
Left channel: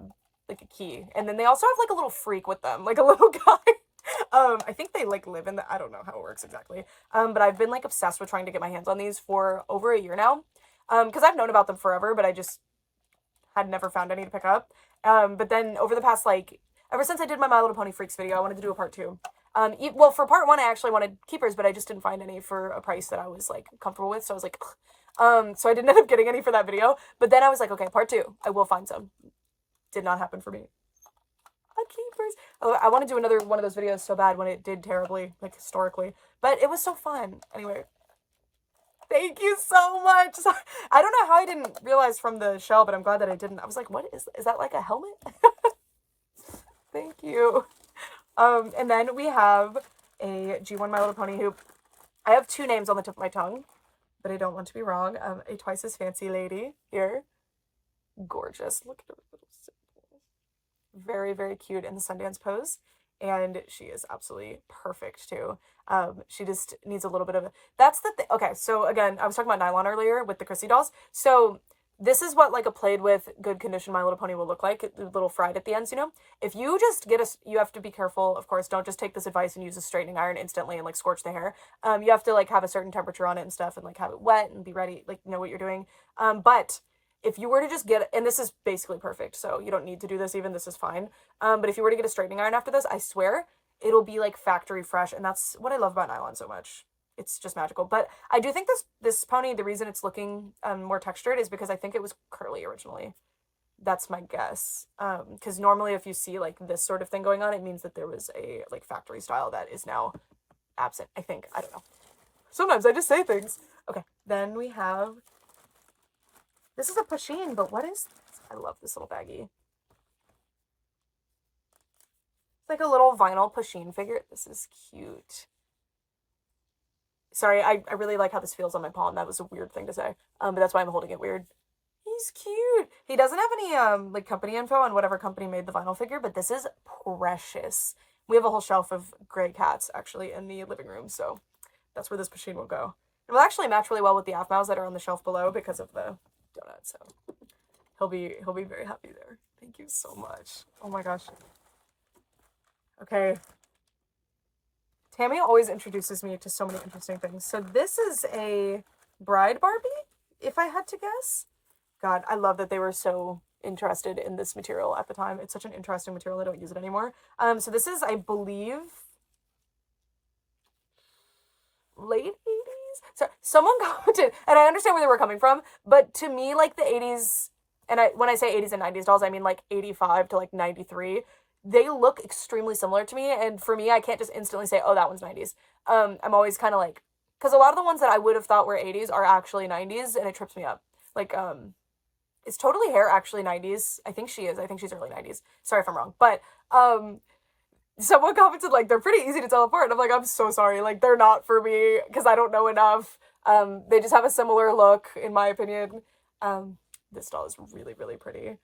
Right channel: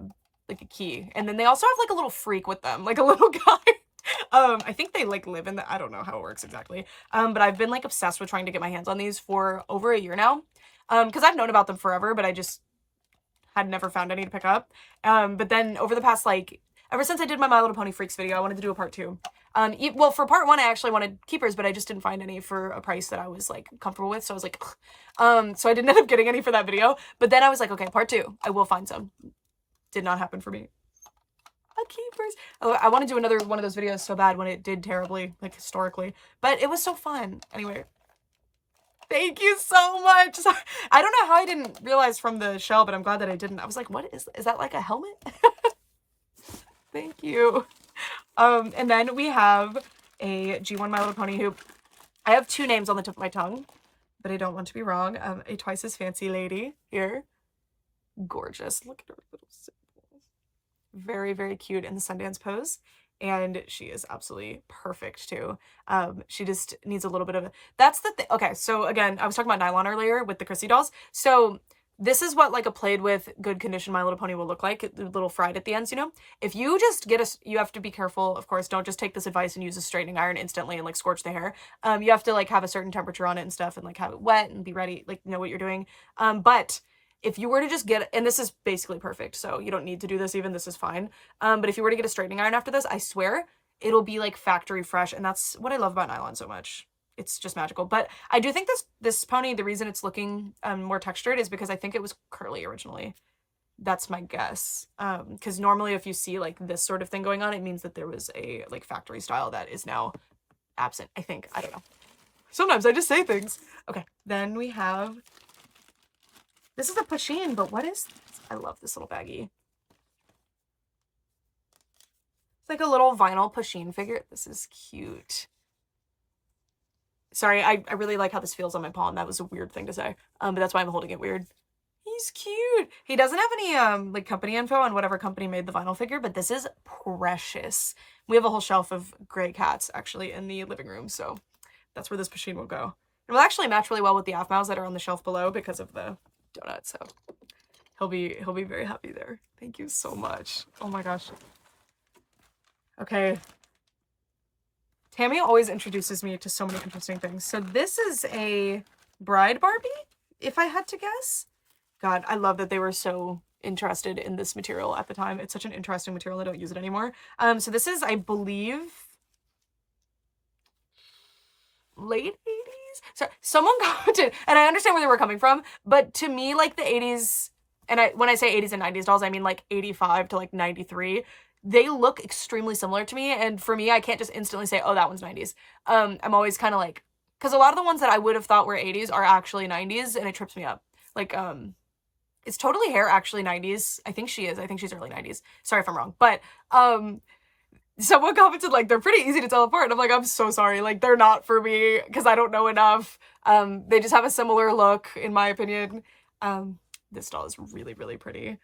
key, and then they also have like a little freak with them, like a little guy. I think they like live in the, I don't know how it works exactly. But I've been like obsessed with trying to get my hands on these for over a year now. Because I've known about them forever, but I just had never found any to pick up. But then over the past, like, ever since I did my Little Pony Freaks video, I wanted to do a part 2. Well, for part 1, I actually wanted keepers, but I just didn't find any for a price that I was, like, comfortable with, so I was like, ugh. So I didn't end up getting any for that video, but then I was like, okay, part 2, I will find some. Did not happen for me. Keepers. Oh, I want to do another one of those videos so bad when it did terribly, like, historically, but it was so fun. Anyway. Thank you so much. I don't know how I didn't realize from the shell, but I'm glad that I didn't. I was like, what is that, like a helmet? Thank you. And then we have a G1 My Little Pony hoop. I have 2 names on the tip of my tongue, but I don't want to be wrong. A Twice as Fancy lady here. Gorgeous. Look at her little symbol. Very, very cute in the Sundance pose. And she is absolutely perfect too. She just needs a little bit of, that's the thing. Okay, so again, I was talking about nylon earlier with the Chrissy dolls. So this is what like a played with good condition My Little Pony will look like, a little fried at the ends, you know? If you just you have to be careful, of course, don't just take this advice and use a straightening iron instantly and like scorch the hair. You have to like have a certain temperature on it and stuff, and like have it wet and be ready, like know what you're doing. But if you were to just get, and this is basically perfect, so you don't need to do this even, this is fine. But if you were to get a straightening iron after this, I swear, it'll be like factory fresh, and that's what I love about nylon so much. It's just magical. But I do think this pony, the reason it's looking more textured is because I think it was curly originally. That's my guess. Because normally if you see like this sort of thing going on, it means that there was a like factory style that is now absent, I think. I don't know. Sometimes I just say things. Okay, then we have, this is a Pasheen, but what is this? I love this little baggie. It's like a little vinyl Pasheen figure. This is cute. Sorry, I really like how this feels on my palm. That was a weird thing to say. But that's why I'm holding it weird. He's cute. He doesn't have any like company info on whatever company made the vinyl figure, but this is precious. We have a whole shelf of gray cats actually in the living room, so that's where this Pasheen will go. It will actually match really well with the Afmaus that are on the shelf below because of the donut, so he'll be very happy there. Thank you so much. Oh my gosh. Okay. Tammy always introduces me to so many interesting things. So this is a bride Barbie, if I had to guess. God, I love that they were so interested in this material at the time. It's such an interesting material. I don't use it anymore. So this is, I believe, late 80s. So someone commented, and I understand where they were coming from, but to me, like the 80s, and when I say 80s and 90s dolls, I mean like 85 to like 93. They look extremely similar to me, and for me, I can't just instantly say, oh, that one's 90s. I'm always kind of like, because a lot of the ones that I would have thought were 80s are actually 90s, and it trips me up. Like, is Totally Hair actually 90s? I think she is. I think she's early 90s. Sorry if I'm wrong. But someone commented like they're pretty easy to tell apart. And I'm like, I'm so sorry. Like they're not for me because I don't know enough. They just have a similar look in my opinion. This doll is really, really pretty.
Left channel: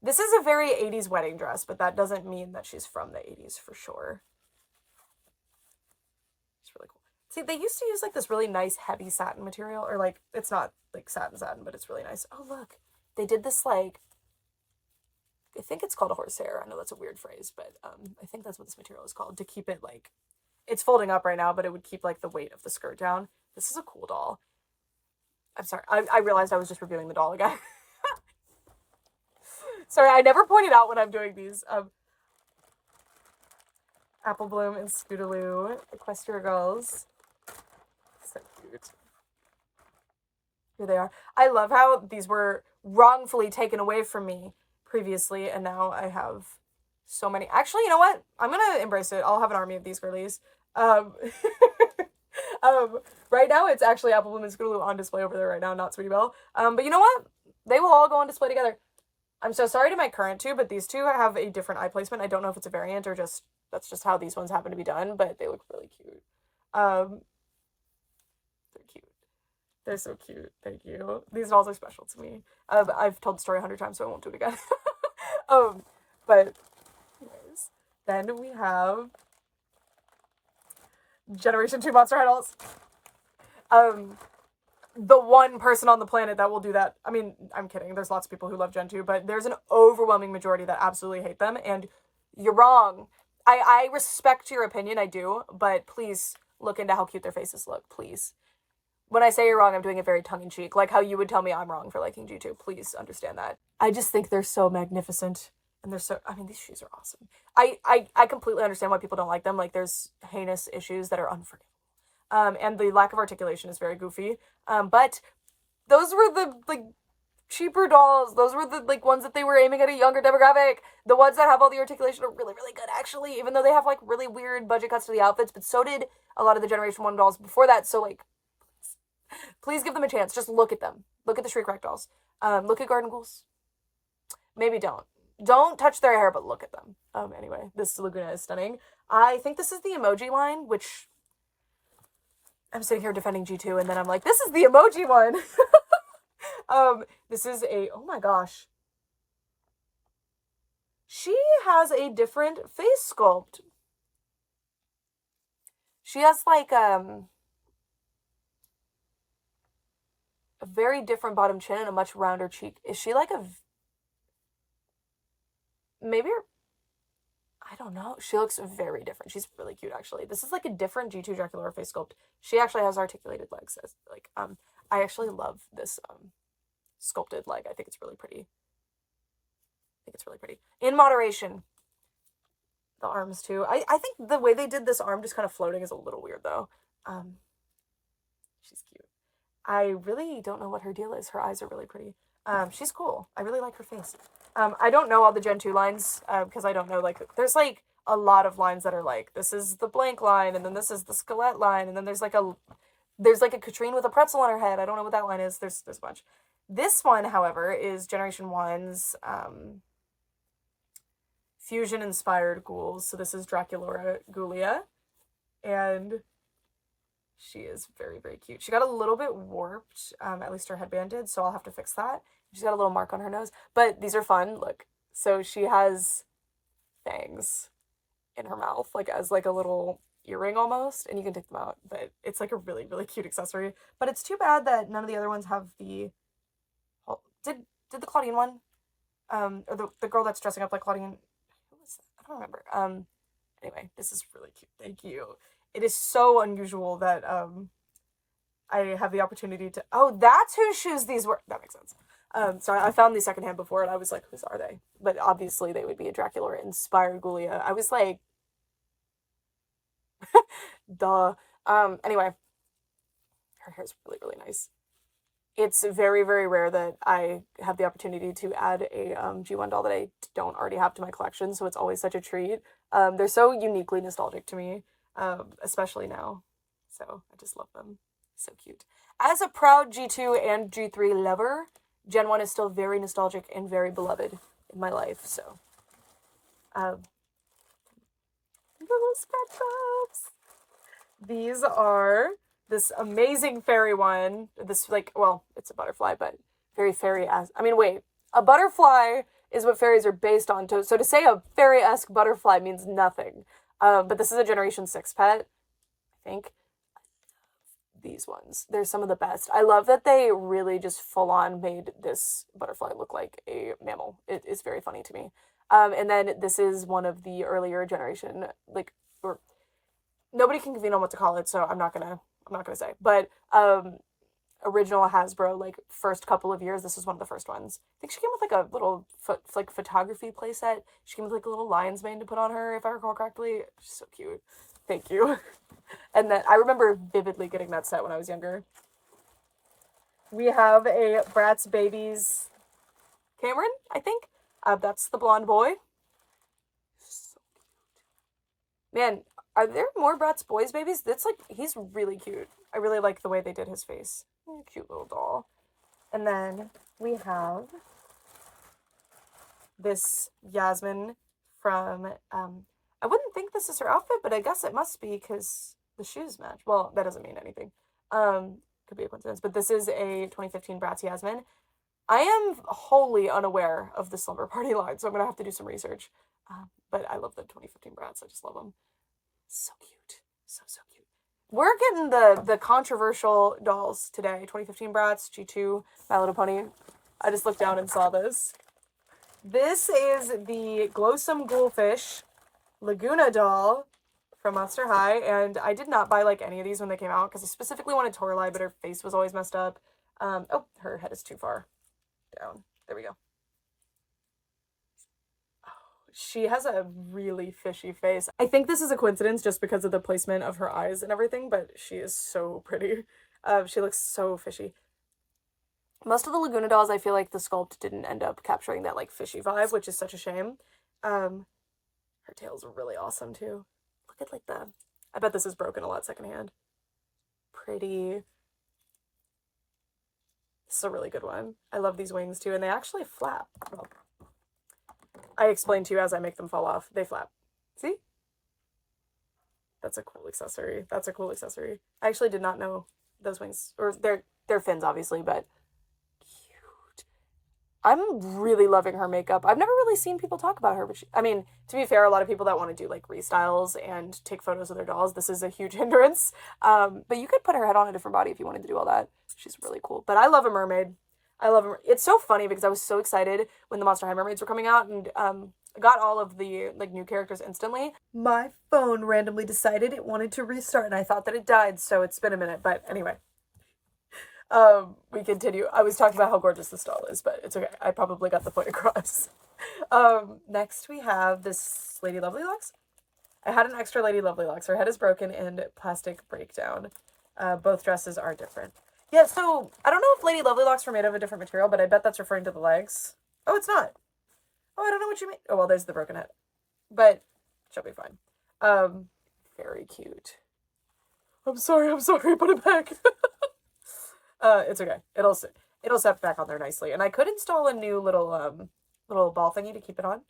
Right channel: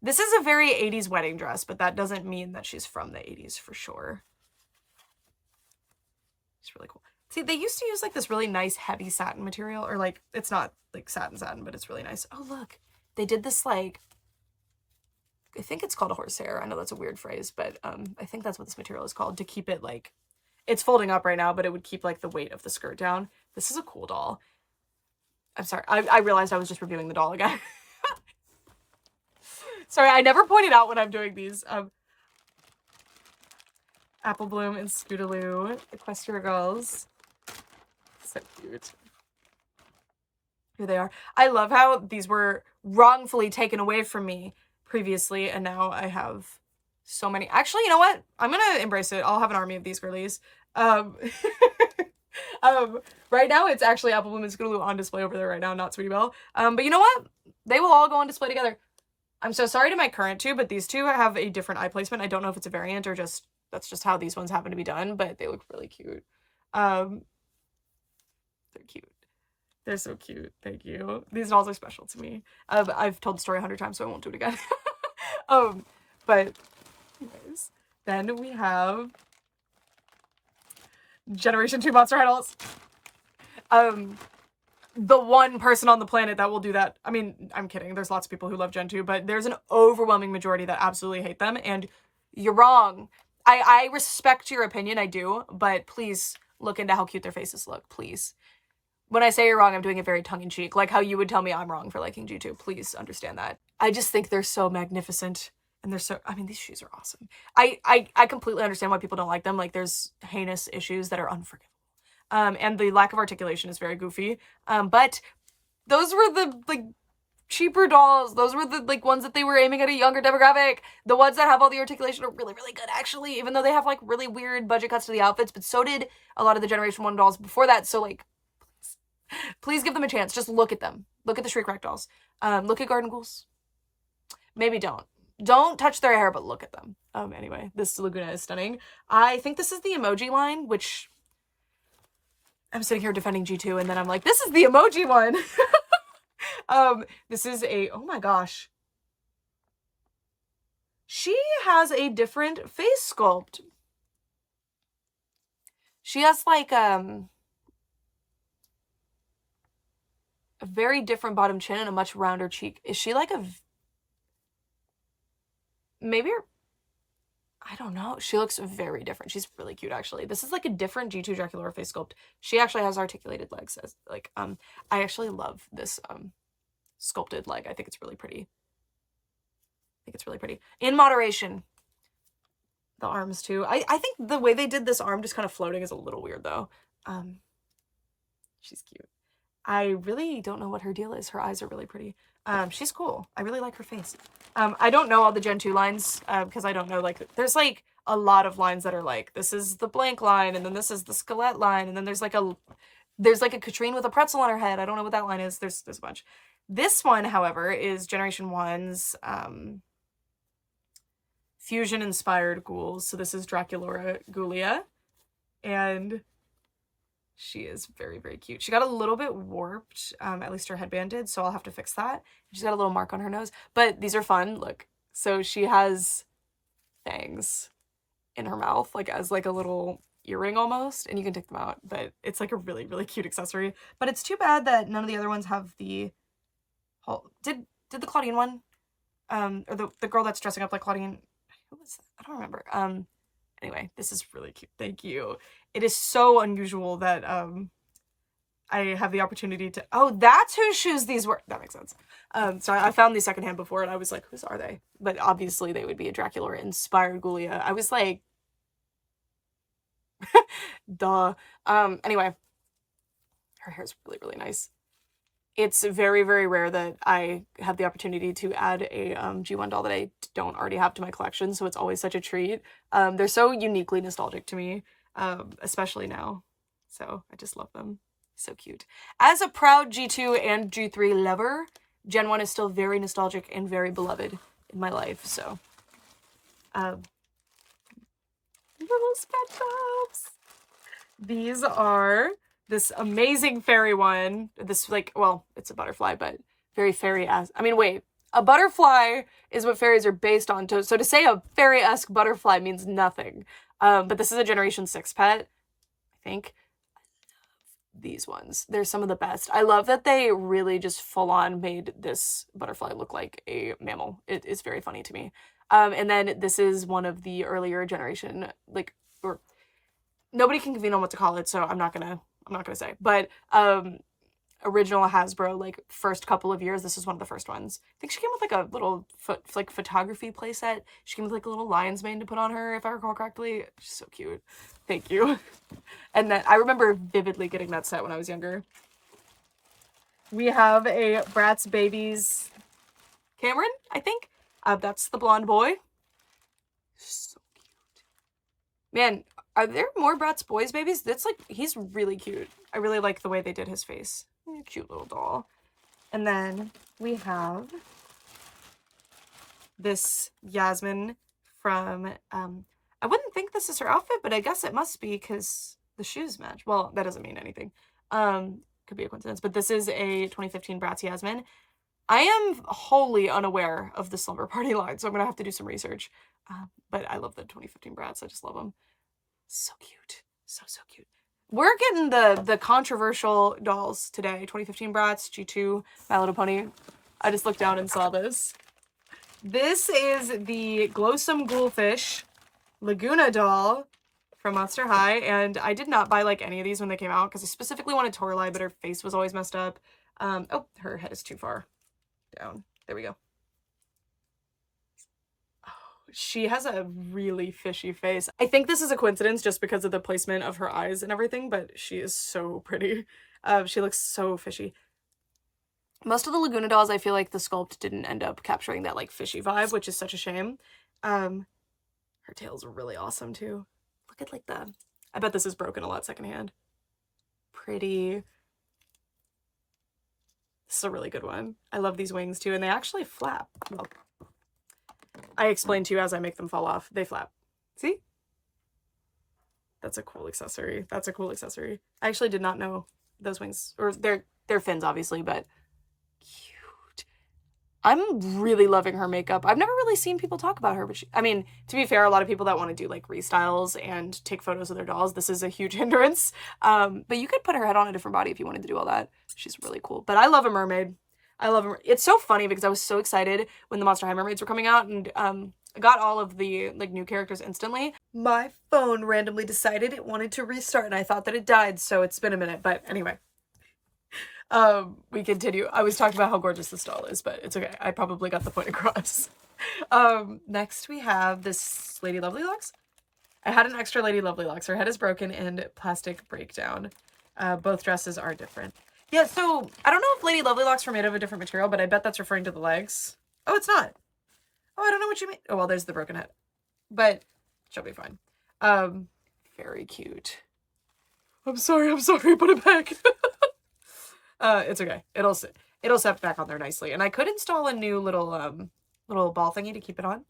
This is a very 80s wedding dress, but that doesn't mean that she's from the 80s for sure. It's really cool. See, they used to use like this really nice heavy satin material, or like it's not like satin, but it's really nice. Oh, look. They did this like, I think it's called a horsehair. I know that's a weird phrase, but I think that's what this material is called, to keep it like, it's folding up right now, but it would keep like the weight of the skirt down. This is a cool doll. I'm sorry. I realized I was just reviewing the doll again. Sorry, I never pointed out when I'm doing these. Apple Bloom and Scootaloo, Equestria Girls. So cute. Here they are. I love how these were wrongfully taken away from me previously, and now I have so many. Actually, you know what? I'm gonna embrace it. I'll have an army of these girlies. Right now it's actually Apple Bloom and Scootaloo on display over there right now, not Sweetie Belle. But you know what? They will all go on display together. I'm so sorry to my current two, but these two have a different eye placement. I don't know if it's a variant or just that's just how these ones happen to be done, but they look really cute. They're cute. They're so cute. Thank you. These dolls are special to me. I've told the story 100 times, so I won't do it again. But anyways, then we have Generation 2 Monster High dolls. The one person on the planet that will do that. I mean, I'm kidding. There's lots of people who love Gen 2, but there's an overwhelming majority that absolutely hate them, and you're wrong. I respect your opinion, I do, but please look into how cute their faces look, please. When I say you're wrong, I'm doing it very tongue-in-cheek, like how you would tell me I'm wrong for liking G2. Please understand that. I just think they're so magnificent, and they're so, I mean, these shoes are awesome. I completely understand why people don't like them. Like, there's heinous issues that are unforgivable. And the lack of articulation is very goofy. But those were the, like, cheaper dolls. Those were the, like, ones that they were aiming at a younger demographic. The ones that have all the articulation are really, really good, actually, even though they have, like, really weird budget cuts to the outfits. But so did a lot of the Generation 1 dolls before that. So, like, please give them a chance. Just look at them. Look at the Shriek Rack dolls. Look at Garden Ghouls. Maybe don't. Don't touch their hair, but look at them. Anyway, this Laguna is stunning. I think this is the emoji line, which I'm sitting here defending G2, and then I'm like, this is the emoji one. This is a, oh my gosh. She has a different face sculpt. She has like, a very different bottom chin and a much rounder cheek. Is she like a, maybe, I don't know. She looks very different. She's really cute, actually. This is like a different G2 Draculaura face sculpt. She actually has articulated legs. As, like, I actually love this, sculpted leg. I think it's really pretty. I think it's really pretty. In moderation. The arms, too. I think the way they did this arm just kind of floating is a little weird, though. She's cute. I really don't know what her deal is. Her eyes are really pretty. She's cool. I really like her face. I don't know all the Gen 2 lines, because I don't know, like, there's, like, a lot of lines that are, like, this is the blank line, and then this is the Skelette line, and then there's, like, a Katrine with a pretzel on her head. I don't know what that line is. There's a bunch. This one, however, is Generation 1's, fusion-inspired ghouls. So this is Draculaura Ghoulia, and she is very, very cute. She got a little bit warped, at least her headband did, so I'll have to fix that. She's got a little mark on her nose, but these are fun. Look, so she has fangs in her mouth, like as like a little earring almost, and you can take them out, but it's like a really, really cute accessory. But it's too bad that none of the other ones have the, did the Claudine one, or the girl that's dressing up like Claudine, who was that? I don't remember. Anyway, this is really cute. Thank you. It is so unusual that I have the opportunity to, oh, that's whose shoes these were. That makes sense. So I found these secondhand before and I was like, whose are they? But obviously they would be a Dracula inspired Ghoulia. I was like, duh. Anyway, her hair's really, really nice. It's very, very rare that I have the opportunity to add a G1 doll that I don't already have to my collection, so it's always such a treat. They're so uniquely nostalgic to me, especially now. So I just love them. So cute. As a proud G2 and G3 lover, Gen 1 is still very nostalgic and very beloved in my life, so. Little SpongeBobs. These are this amazing fairy one. This, like, well, it's a butterfly, but very fairy-esque. I mean, wait. A butterfly is what fairies are based on. So to say a fairy-esque butterfly means nothing. But this is a Generation 6 pet, I think. These ones. They're some of the best. I love that they really just full-on made this butterfly look like a mammal. It is very funny to me. And then this is one of the earlier generation, like, or nobody can convene on what to call it, so I'm not gonna say. But original Hasbro, like, first couple of years, this is one of the first ones. I think she came with like a little photography playset. She came with like a little lion's mane to put on her, if I recall correctly. She's so cute. Thank you. And then I remember vividly getting that set when I was younger. We have a Bratz Babies Cameron, I think. That's the blonde boy. So cute. Man, are there more Bratz Boys babies? That's like, he's really cute. I really like the way they did his face. Cute little doll. And then we have this Yasmin from, I wouldn't think this is her outfit, but I guess it must be because the shoes match. Well, that doesn't mean anything. Could be a coincidence, but this is a 2015 Bratz Yasmin. I am wholly unaware of the Slumber Party line, so I'm gonna have to do some research. But I love the 2015 Bratz. I just love them. So cute. So cute. We're getting the controversial dolls today. 2015 Bratz, G2, My Little Pony. I just looked down and saw this. This is the Glowsome Ghoulfish Laguna doll from Monster High, and I did not buy like any of these when they came out because I specifically wanted Toralei, but her face was always messed up. Oh, her head is too far down. There we go. She has a really fishy face. I think this is a coincidence just because of the placement of her eyes and everything, but she is so pretty. She looks so fishy. Most of the Laguna dolls, I feel like the sculpt didn't end up capturing that like fishy vibe, which is such a shame. Her tail's really awesome too. Look at like I bet this is broken a lot secondhand. Pretty. This is a really good one. I love these wings too, and they actually flap. Well, I explain to you as I make them fall off. They flap. See? That's a cool accessory. That's a cool accessory. I actually did not know those wings, or they're fins obviously, but cute. I'm really loving her makeup. I've never really seen people talk about her, but I mean, to be fair, a lot of people that want to do like restyles and take photos of their dolls, this is a huge hindrance. But you could put her head on a different body if you wanted to do all that. She's really cool. But I love a mermaid. I love her. It's so funny because I was so excited when the Monster High mermaids were coming out, and I got all of the like new characters instantly. My phone randomly decided it wanted to restart, and I thought that it died, so it's been a minute. But anyway. We continue. I was talking about how gorgeous this doll is, but it's okay. I probably got the point across. Next we have this Lady Lovely Locks. I had an extra Lady Lovely Locks. Her head is broken and plastic breakdown. Both dresses are different. Yeah, so I don't know if Lady Lovely Locks were made of a different material, but I bet that's referring to the legs. Oh, it's not. Oh, I don't know what you mean. Oh, well, there's the broken head. But she'll be fine. Very cute. I'm sorry, put it back. It's okay. It'll set back on there nicely. And I could install a new little ball thingy to keep it on.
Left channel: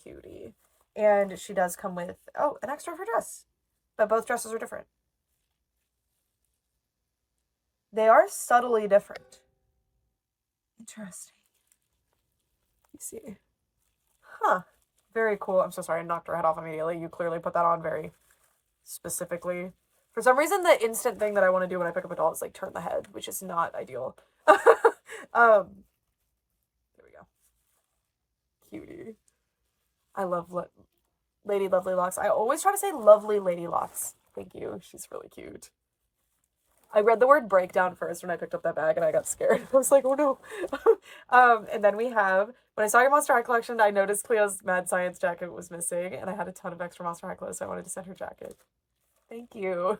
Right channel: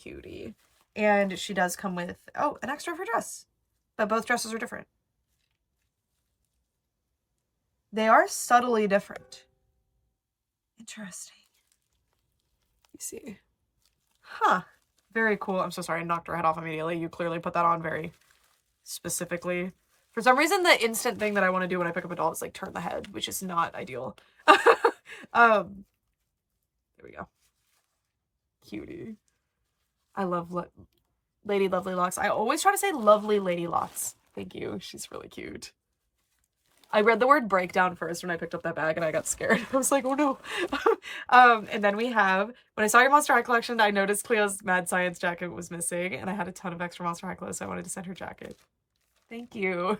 Cutie. And she does come with, oh, an extra of her dress. But both dresses are different. They are subtly different. Interesting. Let me see. Huh. Very cool. I'm so sorry I knocked her head off immediately. You clearly put that on very specifically. For some reason, the instant thing that I want to do when I pick up a doll is like turn the head, which is not ideal. There we go. Cutie. I love Lady Lovely Locks. I always try to say Lovely Lady Locks. Thank you. She's really cute. I read the word breakdown first when I picked up that bag and I got scared. I was like, oh no. And then we have, when I saw your Monster High collection, I noticed Cleo's Mad Science jacket was missing and I had a ton of extra Monster High clothes, so I wanted to send her jacket. Thank you.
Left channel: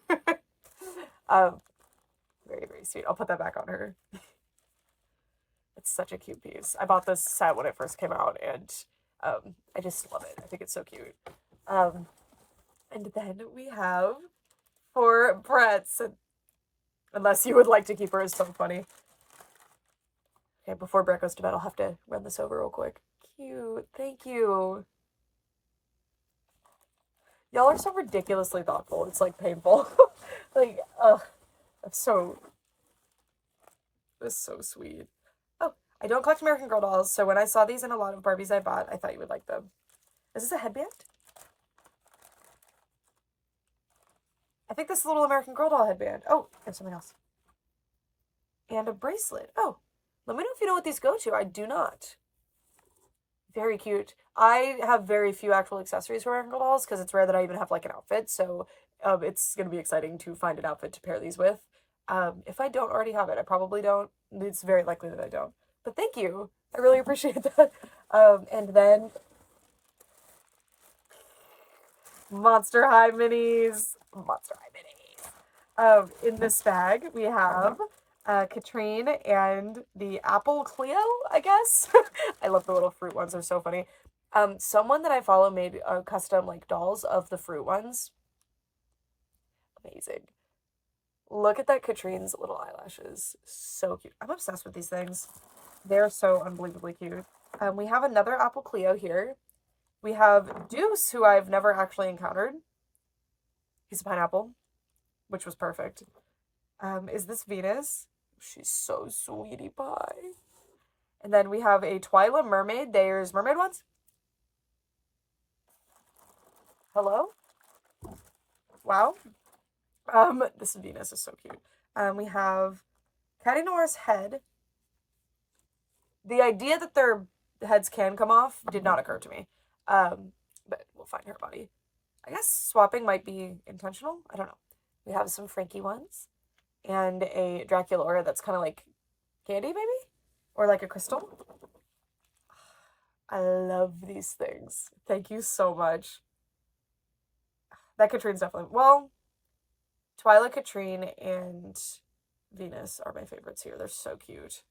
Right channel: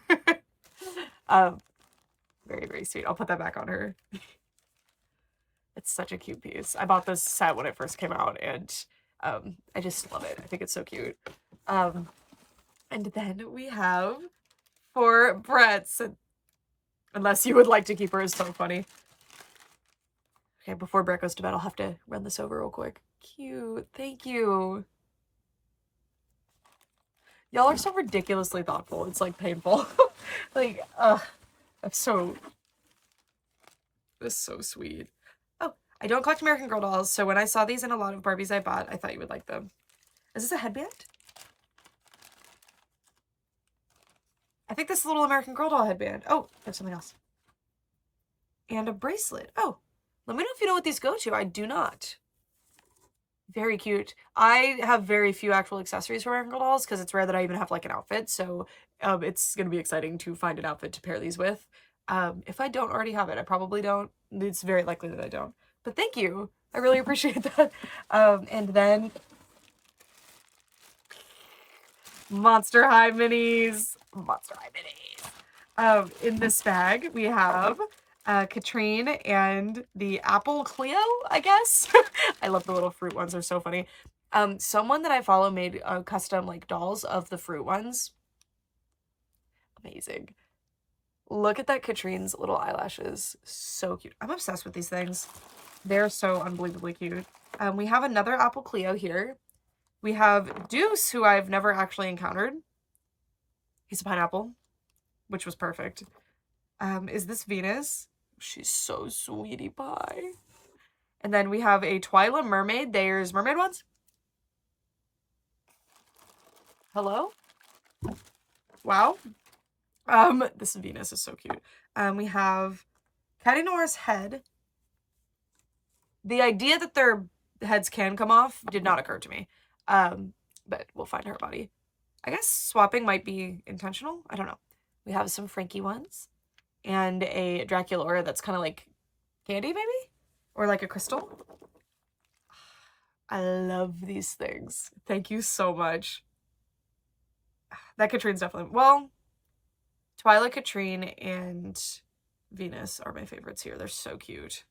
Very, very sweet. I'll put that back on her. It's such a cute piece. I bought this set when it first came out and I just love it. I think it's so cute. And then we have for Bratz, unless you would like to keep her, is so funny. Okay, before Brett goes to bed, I'll have to run this over real quick. Cute. Thank you. Y'all are so ridiculously thoughtful. It's like painful. Like, it's so sweet. Oh, I don't collect American Girl dolls, so when I saw these in a lot of Barbies I bought, I thought you would like them. Is this a headband? I think this is a little American Girl doll headband. Oh, there's something else. And a bracelet. Oh, let me know if you know what these go to. I do not. Very cute. I have very few actual accessories for American Girl dolls because it's rare that I even have like an outfit. So it's going to be exciting to find an outfit to pair these with. If I don't already have it, I probably don't. It's very likely that I don't. But thank you. I really appreciate that. And then Monster High minis. Monster High minis. In this bag, we have Katrine and the Apple Cleo, I guess. I love the little fruit ones. They're so funny. Someone that I follow made custom like dolls of the fruit ones. Amazing. Look at that Katrine's little eyelashes. So cute. I'm obsessed with these things. They're so unbelievably cute. We have another Apple Cleo here. We have Deuce, who I've never actually encountered. He's a pineapple, which was perfect. Is this Venus? She's so sweetie pie. And then we have a Twyla Mermaid. There's mermaid ones. Hello? Wow. This Venus is so cute. We have Caddy Noir's head. The idea that their heads can come off did not occur to me. But we'll find her body. I guess swapping might be intentional. I don't know. We have some Frankie ones. And a Draculaura that's kind of like candy, maybe? Or like a crystal. I love these things. Thank you so much. That Katrine's definitely... Well, Twyla, Katrine, and Venus are my favorites here. They're so cute.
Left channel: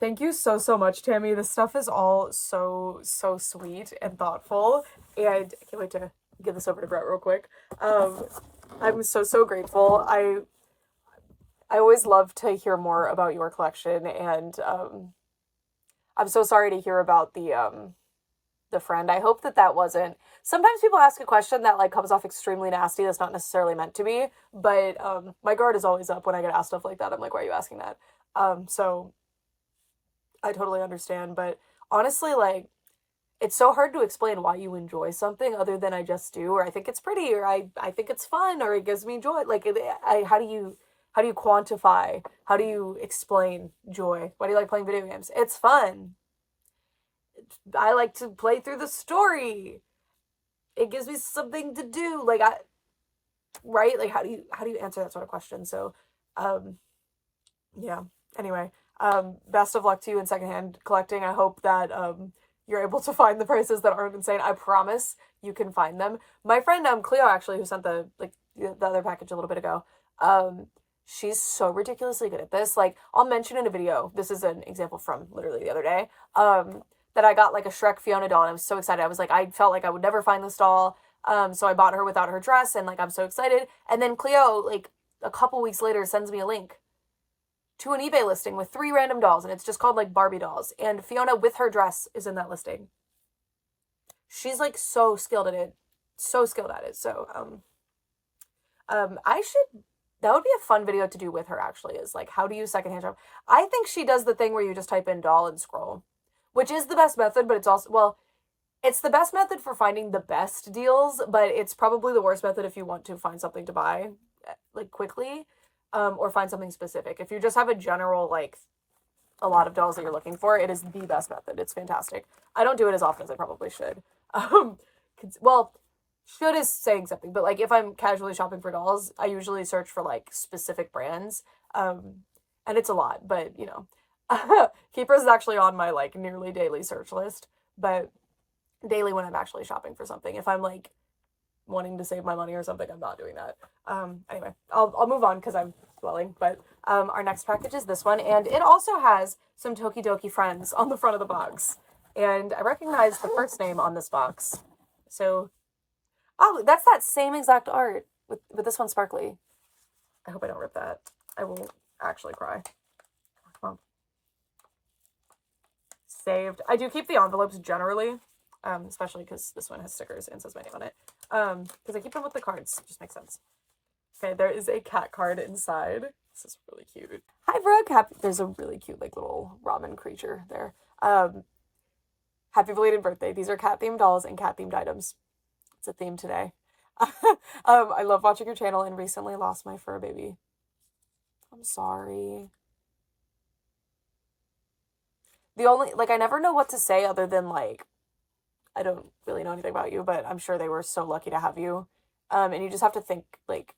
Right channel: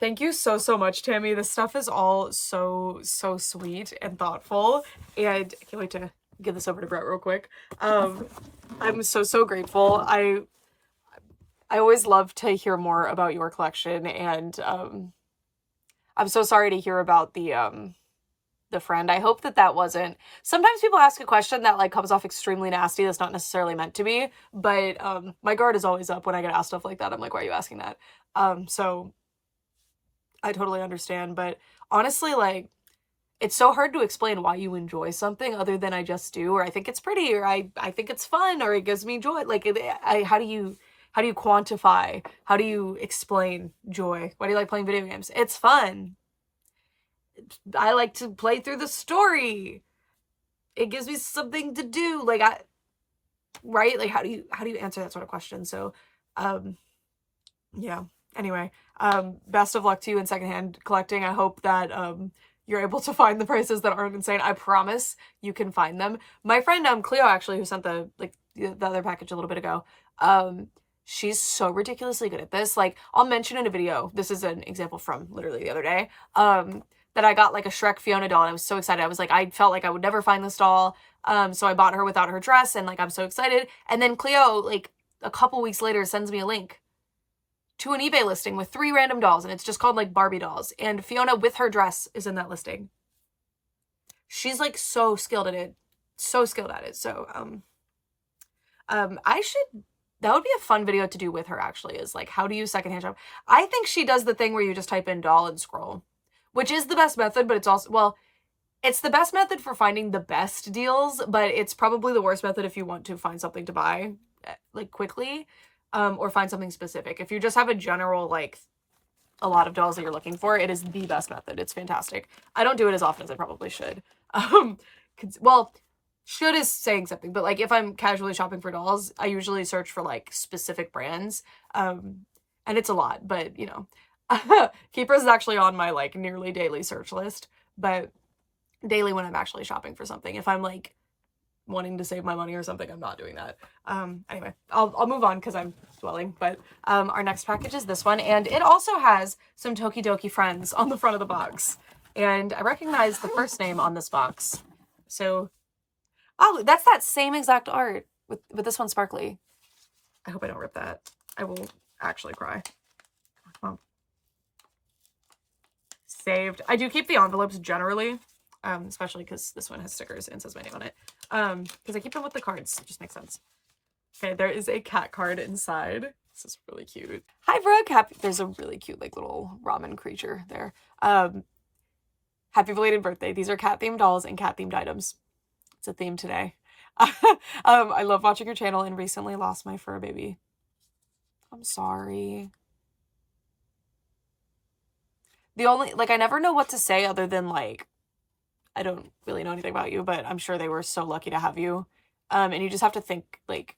Thank you so, so much, Tammy. This stuff is all so, so sweet and thoughtful. And I can't wait to give this over to Brett real quick. I'm so, so grateful. I always love to hear more about your collection, and I'm so sorry to hear about the friend. I hope that wasn't... Sometimes people ask a question that like comes off extremely nasty that's not necessarily meant to be, but my guard is always up when I get asked stuff like that. I'm like, why are you asking that? So I totally understand, but honestly, like, it's so hard to explain why you enjoy something other than I just do, or I think it's pretty, or I think it's fun, or it gives me joy. Like, how do you quantify? How do you explain joy? Why do you like playing video games? It's fun. I like to play through the story. It gives me something to do. Like, right? Like, how do you answer that sort of question? So, yeah. Anyway, best of luck to you in secondhand collecting. I hope that, you're able to find the prices that aren't insane. I promise you can find them. My friend, Cleo, actually, who sent the other package a little bit ago, she's so ridiculously good at this. Like, I'll mention in a video, this is an example from literally the other day, that I got like a Shrek Fiona doll, and I was so excited. I was like, I felt like I would never find this doll, so I bought her without her dress, and like, I'm so excited. And then Cleo, like, a couple weeks later, sends me a link to an eBay listing with 3 random dolls, and it's just called like Barbie dolls, and Fiona with her dress is in that listing. She's like so skilled at it. So that would be a fun video to do with her, actually, is like, how do you secondhand shop? I think she does the thing where you just type in doll and scroll, which is the best method, but it's also, well, it's the best method for finding the best deals, but it's probably the worst method if you want to find something to buy, like, quickly, or find something specific. If you just have a general, like, a lot of dolls that you're looking for, it is the best method. It's fantastic. I don't do it as often as I probably should. Well, should is saying something, but like if I'm casually shopping for dolls, I usually search for like specific brands. And it's a lot, but you know, Keepers is actually on my like nearly daily search list, but daily when I'm actually shopping for something. If I'm like wanting to save my money or something, I'm not doing that. Anyway, I'll move on because I'm dwelling, but our next package is this one, and it also has some Tokidoki friends on the front of the box, and I recognize the first name on this box. So, oh, that's that same exact art with this one sparkly. I hope I don't rip that. I will actually cry. Oh. Saved. I do keep the envelopes generally, especially because this one has stickers and says my name on it. Because I keep them with the cards. It just makes sense. Okay, there is a cat card inside. This is really cute. Hi, Brooke. There's a really cute, like, little ramen creature there. Happy belated birthday. These are cat-themed dolls and cat-themed items. It's a theme today. I love watching your channel and recently lost my fur baby. I'm sorry. The only, like, I never know what to say other than, like, I don't really know anything about you, but I'm sure they were so lucky to have you. And you just have to think, like,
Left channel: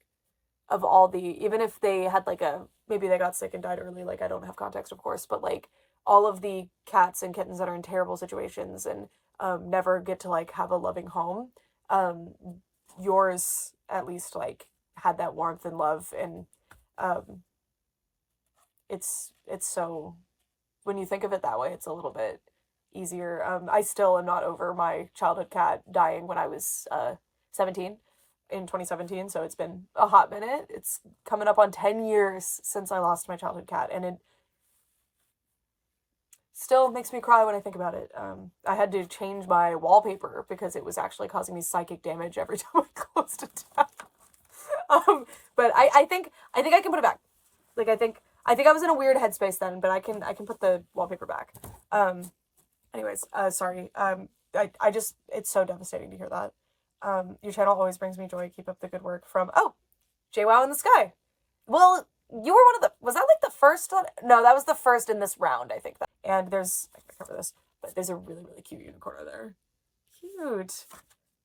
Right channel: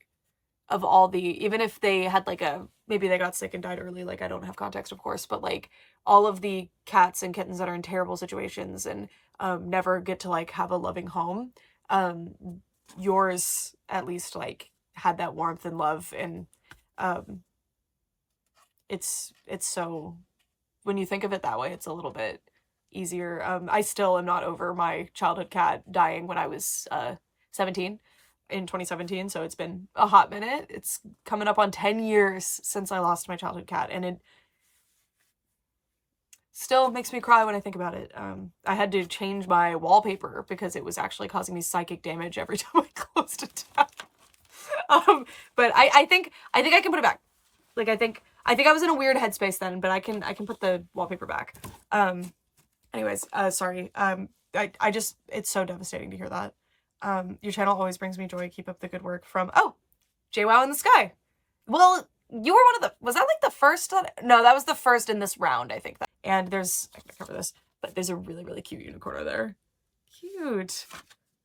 of all the, even if they had, like, maybe they got sick and died early, like, I don't have context, of course, but, like, all of the cats and kittens that are in terrible situations and never get to, like, have a loving home, yours, at least, like, had that warmth and love, and it's so, when you think of it that way, it's a little bit easier. I still am not over my childhood cat dying when I was 17 in 2017, so it's been a hot minute. It's coming up on 10 years since I lost my childhood cat, and it still makes me cry when I think about it. I had to change my wallpaper because it was actually causing me psychic damage every time I closed it down. But I think I can put it back. Like, I think I was in a weird headspace then, but I can put the wallpaper back. Anyways, sorry. I just, it's so devastating to hear that. Your channel always brings me joy. Keep up the good work. From, oh, JWoww in the Sky. Well, you were one of the, was that like the first one? No, that was the first in this round, I think. And there's, I'm gonna cover this, but there's a really, really cute unicorn there. Cute.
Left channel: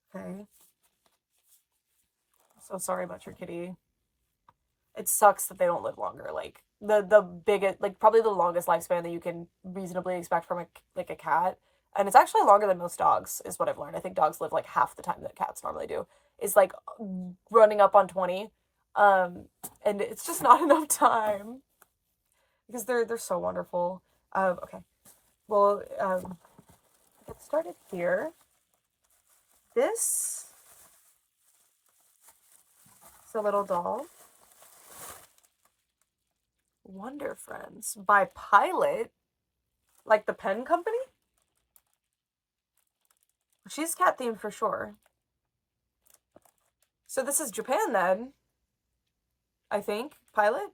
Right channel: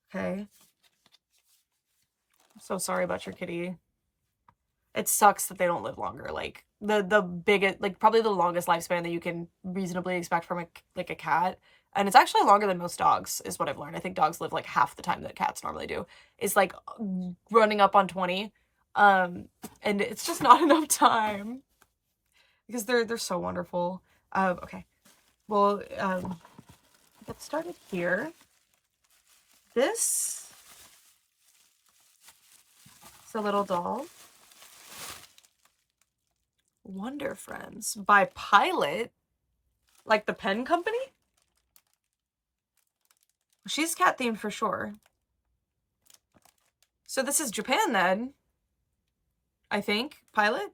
Okay. I'm so sorry about your kitty. It sucks that they don't live longer. Like, the biggest, like, probably the longest lifespan that you can reasonably expect from a cat, and it's actually longer than most dogs, is what I've learned. I think dogs live like half the time that cats normally do. Is like running up on 20, and it's just not enough time because they're so wonderful. Okay, well, get started here. This is a little doll. Wonder Friends by Pilot, like the pen company. She's cat themed for sure. So this is Japan then, I think. Pilot.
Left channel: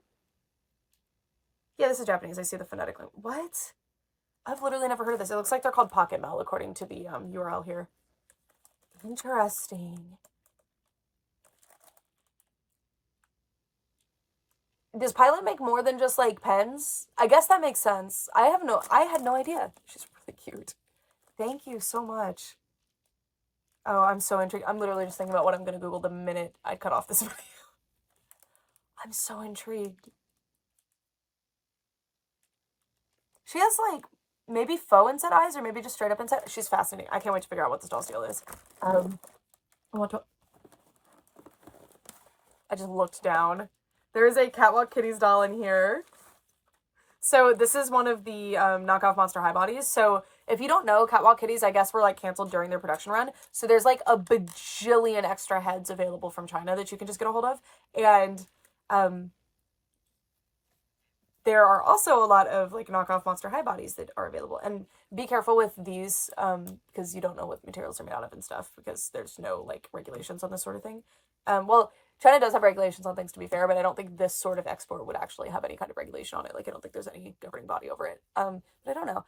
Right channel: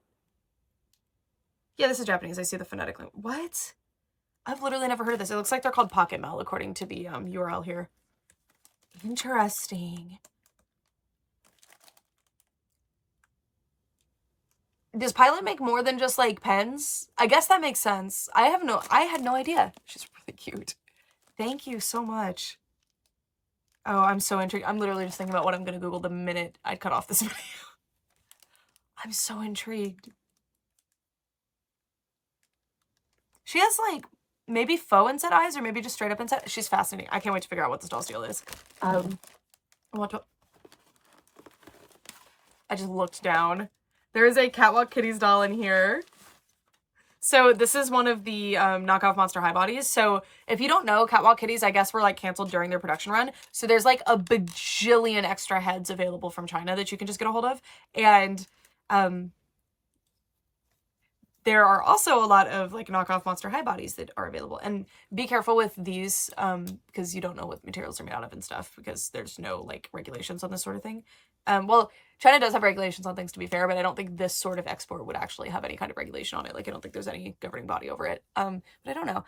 Yeah, this is Japanese. I see the phonetic link. What? I've literally never heard of this. It looks like they're called Pocket Mail according to the URL here. Interesting. Does Pilot make more than just like pens? I guess that makes sense. I had no idea. She's really cute. Thank you so much. Oh, I'm so intrigued. I'm literally just thinking about what I'm gonna Google the minute I cut off this video. I'm so intrigued. She has like maybe faux inset eyes or maybe just straight up inset. She's fascinating. I can't wait to figure out what this doll's deal is. I just looked down. There is a Catwalk Kitties doll in here. So this is one of the knockoff Monster High bodies. So if you don't know, Catwalk Kitties, I guess, were like canceled during their production run. So there's like a bajillion extra heads available from China that you can just get a hold of. And there are also a lot of like knockoff Monster High bodies that are available. And be careful with these because you don't know what materials are made out of and stuff because there's no like regulations on this sort of thing. Well, China does have regulations on things, to be fair, but I don't think this sort of export would actually have any kind of regulation on it. Like, I don't think there's any governing body over it. But I don't know.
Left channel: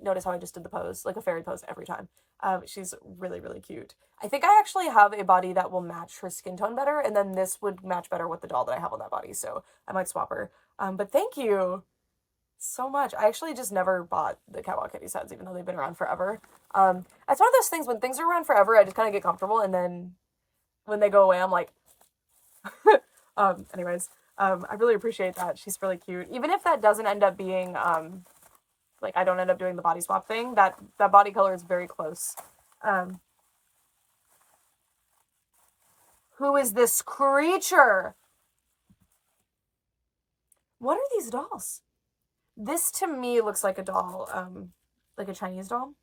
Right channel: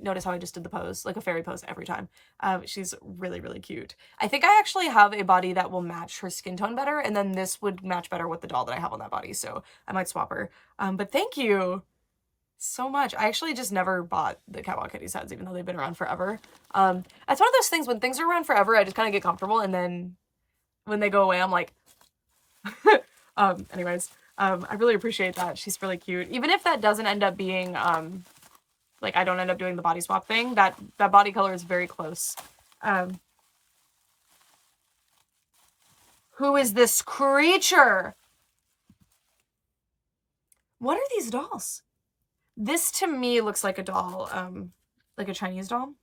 Notice how I just did the pose, like a fairy pose every time. She's really, really cute. I think I actually have a body that will match her skin tone better, and then this would match better with the doll that I have on that body, so I might swap her. But thank you so much. I actually just never bought the Catwalk Kitties heads, even though they've been around forever. It's one of those things when things are around forever, I just kind of get comfortable, and then when they go away, I'm like, anyways, I really appreciate that. She's really cute. Even if that doesn't end up being, like I don't end up doing the body swap thing, that body color is very close. Who is this creature? What are these dolls? This to me looks like a doll, like a Chinese doll.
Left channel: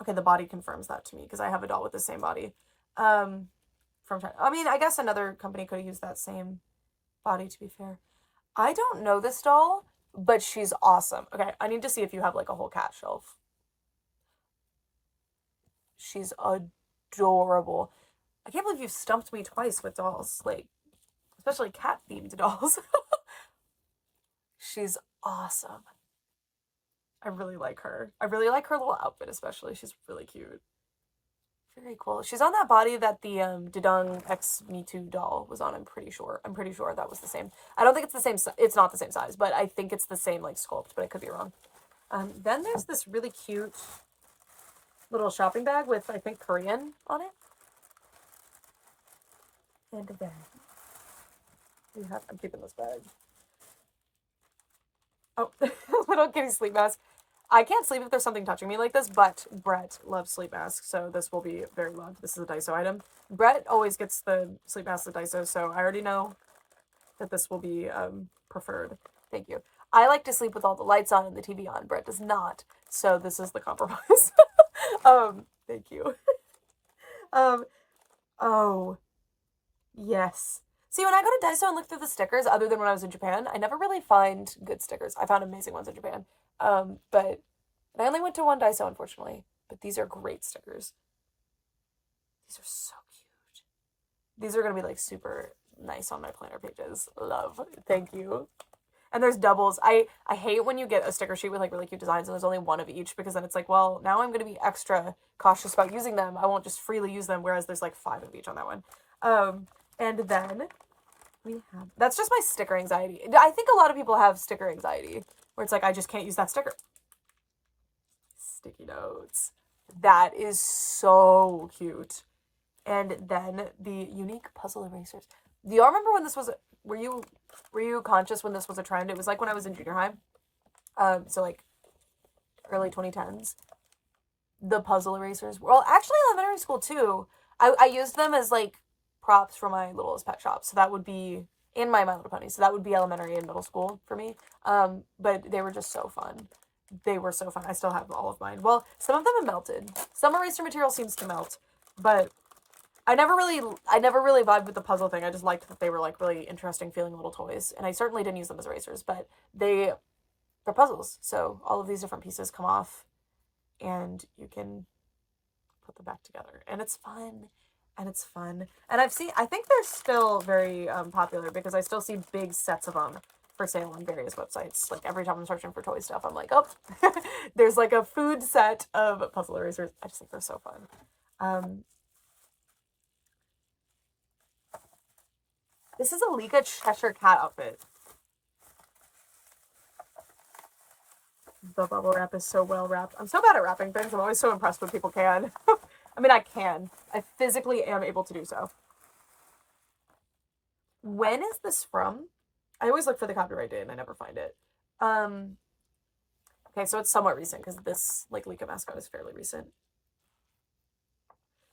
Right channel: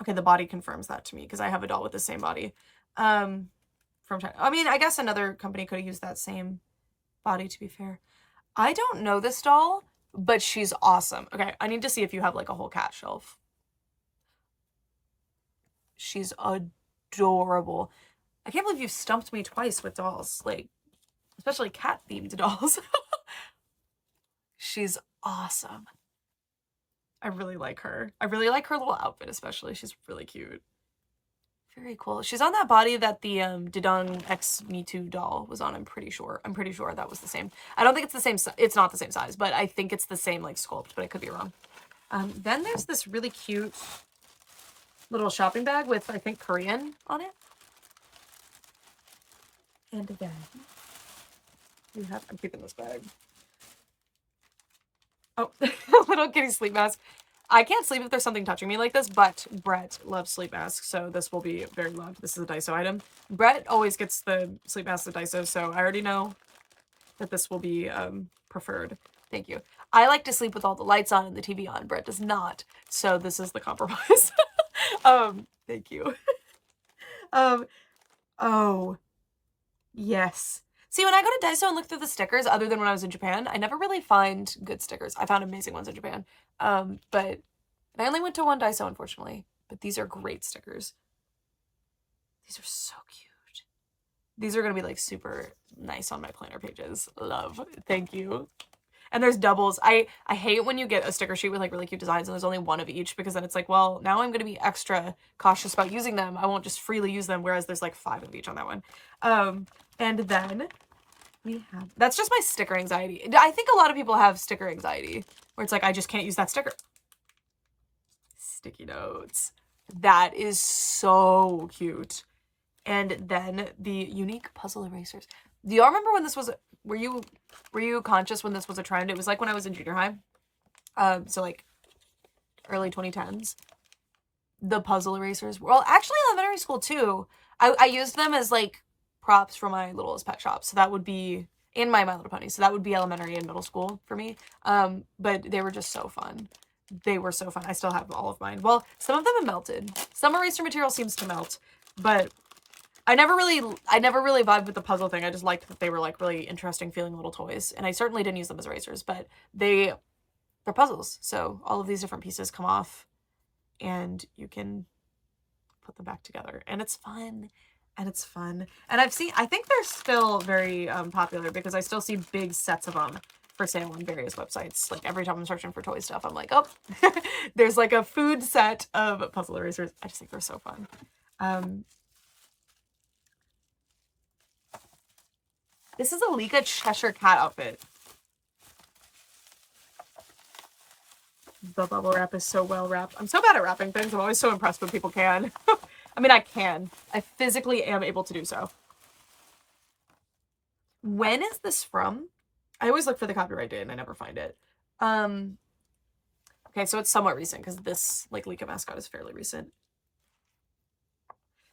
Okay, the body confirms that to me because I have a doll with the same body. From China. I mean, I guess another company could have used that same body, to be fair. I don't know this doll, but she's awesome. Okay, I need to see if you have like a whole cat shelf. She's adorable. I can't believe you've stumped me twice with dolls, like, especially cat-themed dolls. She's awesome. I really like her. I really like her little outfit, especially. She's really cute. Very cool. She's on that body that the Didong X Me Too doll was on, I'm pretty sure. I'm pretty sure that was the same. I don't think it's the same, it's not the same size, but I think it's the same, like, sculpt, but I could be wrong. Then there's this really cute little shopping bag with, I think, Korean on it. And then we have, I'm keeping this bag. Oh, little kitty sleep mask. I can't sleep if there's something touching me like this, but Brett loves sleep masks, so this will be very loved. This is a Daiso item. Brett always gets the sleep mask at Daiso, so I already know that this will be preferred. Thank you. I like to sleep with all the lights on and the TV on. Brett does not, so this is the compromise. Thank you. Oh, yes. See, when I go to Daiso and look through the stickers, other than when I was in Japan, I never really find good stickers. I found amazing ones in Japan. But I only went to one Daiso, unfortunately. But these are great stickers. These are so cute. These are going to be, like, super nice on my planner pages. Love. Thank you. And there's doubles. I hate when you get a sticker sheet with, like, really cute designs and there's only one of each, because then it's like, well, now I'm going to be extra cautious about using them. I won't just freely use them, whereas there's, like, 5 of each on that one. And then we have, that's just my sticker anxiety. I think a lot of people have sticker anxiety, where it's like, I just can't use that sticker. Sticky notes. That is so cute. And then the unique puzzle erasers. Do y'all remember when this was, were you conscious when this was a trend? It was like when I was in junior high. So like early 2010s. The puzzle erasers. Well, actually elementary school too. I used them as like props for my littlest pet shop. So that would be, and my Little Pony. So that would be elementary and middle school for me. But they were just so fun. They were so fun. I still have all of mine. Well, some of them have melted. Some eraser material seems to melt, but I never really vibed with the puzzle thing. I just liked that they were like really interesting feeling little toys. And I certainly didn't use them as erasers, but they're puzzles. So all of these different pieces come off and you can put them back together. And it's fun. And it's fun. And I think they're still very popular, because I still see big sets of them for sale on various websites. Like every time I'm searching for toy stuff, I'm like, oh, there's like a food set of puzzle erasers. I just think they're so fun. This is a Lika Cheshire Cat outfit. The bubble wrap is so well wrapped. I'm so bad at wrapping things. I'm always so impressed when people can. I mean, I can. I physically am able to do so. When is this from? I always look for the copyright date and I never find it. Okay, so it's somewhat recent, because this, like, Lika mascot is fairly recent.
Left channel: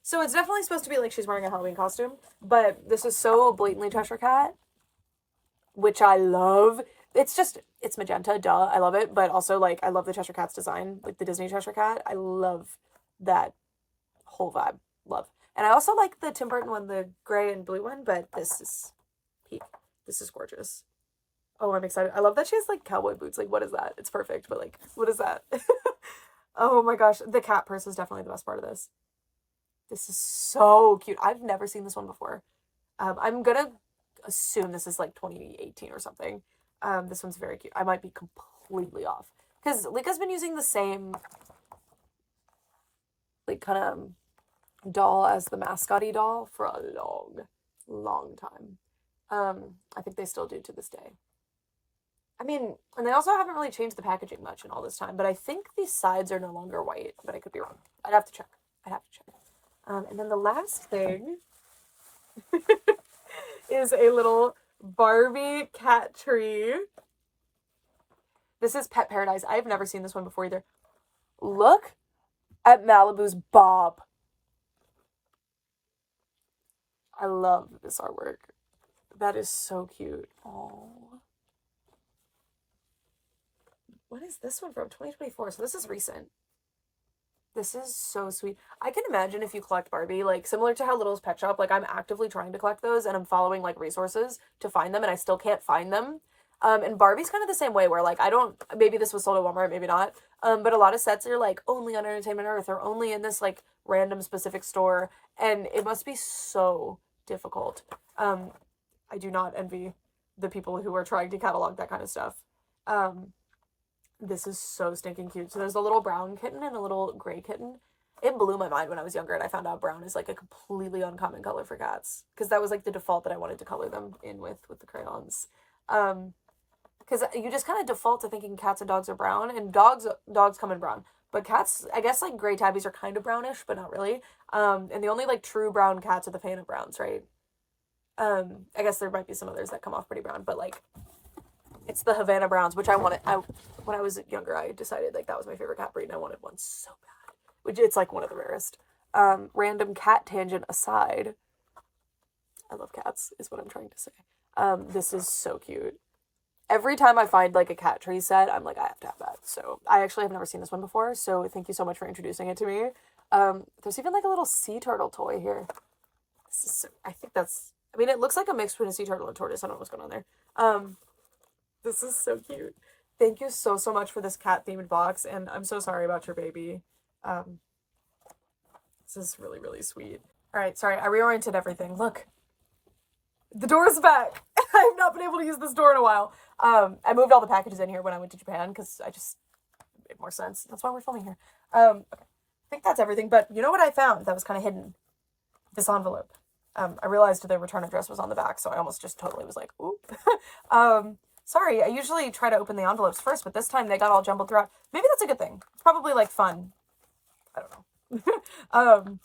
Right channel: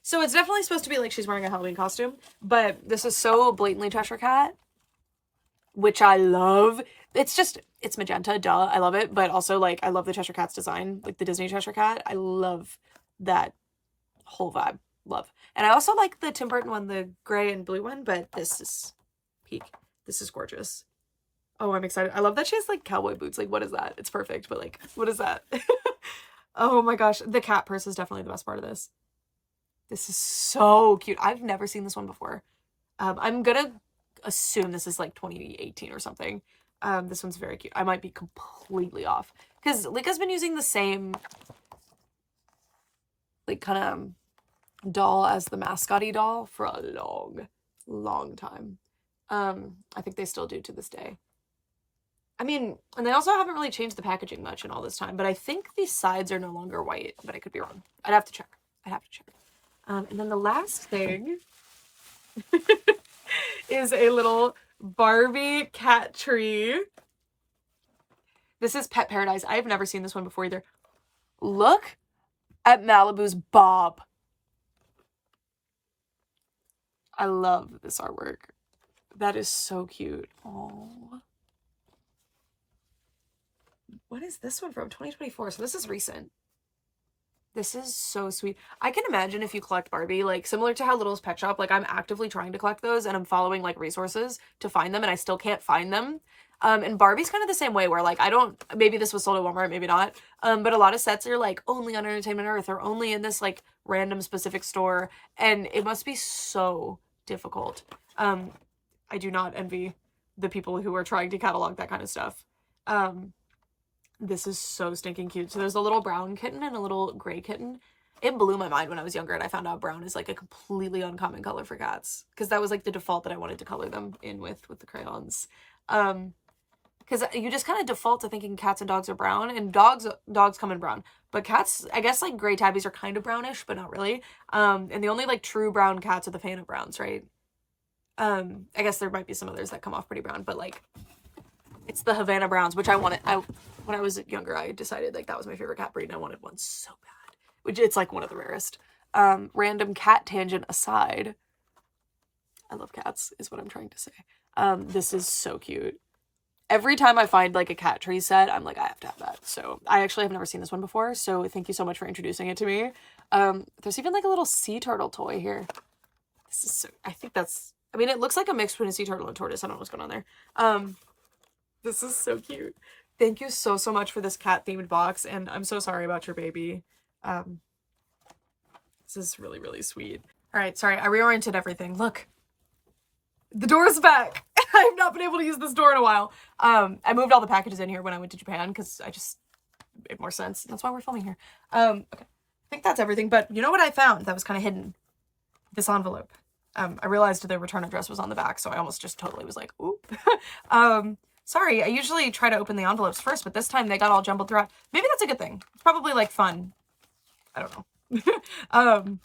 So it's definitely supposed to be like she's wearing a Halloween costume, but this is so blatantly Cheshire Cat, which I love. It's magenta, duh, I love it, but also, like, I love the Cheshire Cat's design, like the Disney Cheshire Cat. I love that whole vibe. Love. And I also like the Tim Burton one, the gray and blue one, but this is peak. This is gorgeous. Oh, I'm excited. I love that she has, like, cowboy boots. Like, what is that? It's perfect, but, like, what is that? Oh my gosh. The cat purse is definitely the best part of this. This is so cute. I've never seen this one before. I'm gonna assume this is like 2018 or something. This one's very cute. I might be completely off, because Lika's been using the same, like, kind of doll as the mascot-y doll for a long time. I think they still do to this day. I mean, and they also haven't really changed the packaging much in all this time, but I think the sides are no longer white, but I could be wrong. I'd have to check. I'd have to check. And then the last thing is a little Barbie cat tree. This is Pet Paradise. I've never seen this one before either. Look at Malibu's Bob. I love this artwork. That is so cute. Oh. What is this one from? 2024. So this is recent. This is so sweet. I can imagine if you collect Barbie, like similar to how Little's Pet Shop, like I'm actively trying to collect those and I'm following like resources to find them and I still can't find them. And Barbie's kind of the same way where like I don't, maybe this was sold at Walmart, maybe not. But a lot of sets are like only on Entertainment Earth or only in this like random specific store. And it must be so difficult. I do not envy the people who are trying to catalog that kind of stuff. This is so stinking cute. So there's a little brown kitten and a little gray kitten. It blew my mind when I was younger and I found out brown is like a completely uncommon color for cats. Because that was like the default that I wanted to color them in with the crayons. Because you just kind of default to thinking cats and dogs are brown. And dogs come in brown. But cats, I guess like gray tabbies are kind of brownish, but not really. And the only like true brown cats are the Fan of Browns, right? I guess there might be some others that come off pretty brown, but like it's the Havana Browns, which I wanted. When I was younger, I decided like that was my favorite cat breed and I wanted one so bad, which it's like one of the rarest. Random cat tangent aside, I love cats is what I'm trying to say. This is so cute. Every time I find like a cat tree set, I'm like, I have to have that. So I actually have never seen this one before. So thank you so much for introducing it to me. There's even like a little sea turtle toy here. This is so, I think that's, I mean, it looks like a mix between a sea turtle and a tortoise. I don't know what's going on there. This is so cute. Thank you so, so much for this cat themed box. And I'm so sorry about your baby. This is really, really sweet. All right. Sorry. I reoriented everything. Look, the door's back. I've not been able to use this door in a while. I moved all the packages in here when I went to Japan because I just it made more sense. That's why we're filming here. Okay. I think that's everything. But you know what I found that was kind of hidden? This envelope. I realized the return address was on the back, so I almost just totally was like, ooh. Sorry, I usually try to open the envelopes first, but this time they got all jumbled throughout. Maybe that's a good thing. It's probably, like, fun. I don't know.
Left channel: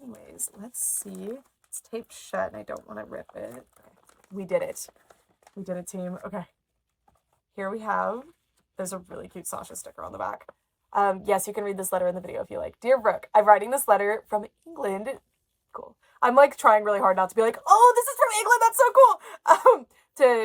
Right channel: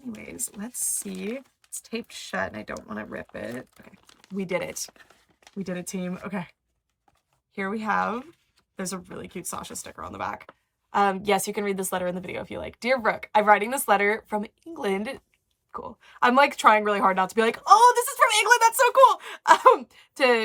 Anyways, let's see. It's taped shut, and I don't want to rip it. Okay. We did it. We did it, team. Okay. Here we have... There's a really cute Sasha sticker on the back. Yes, you can read this letter in the video if you like. Dear Brooke, I'm writing this letter from England. Cool. I'm, like, trying really hard not to be like, oh, this is from England! That's so cool!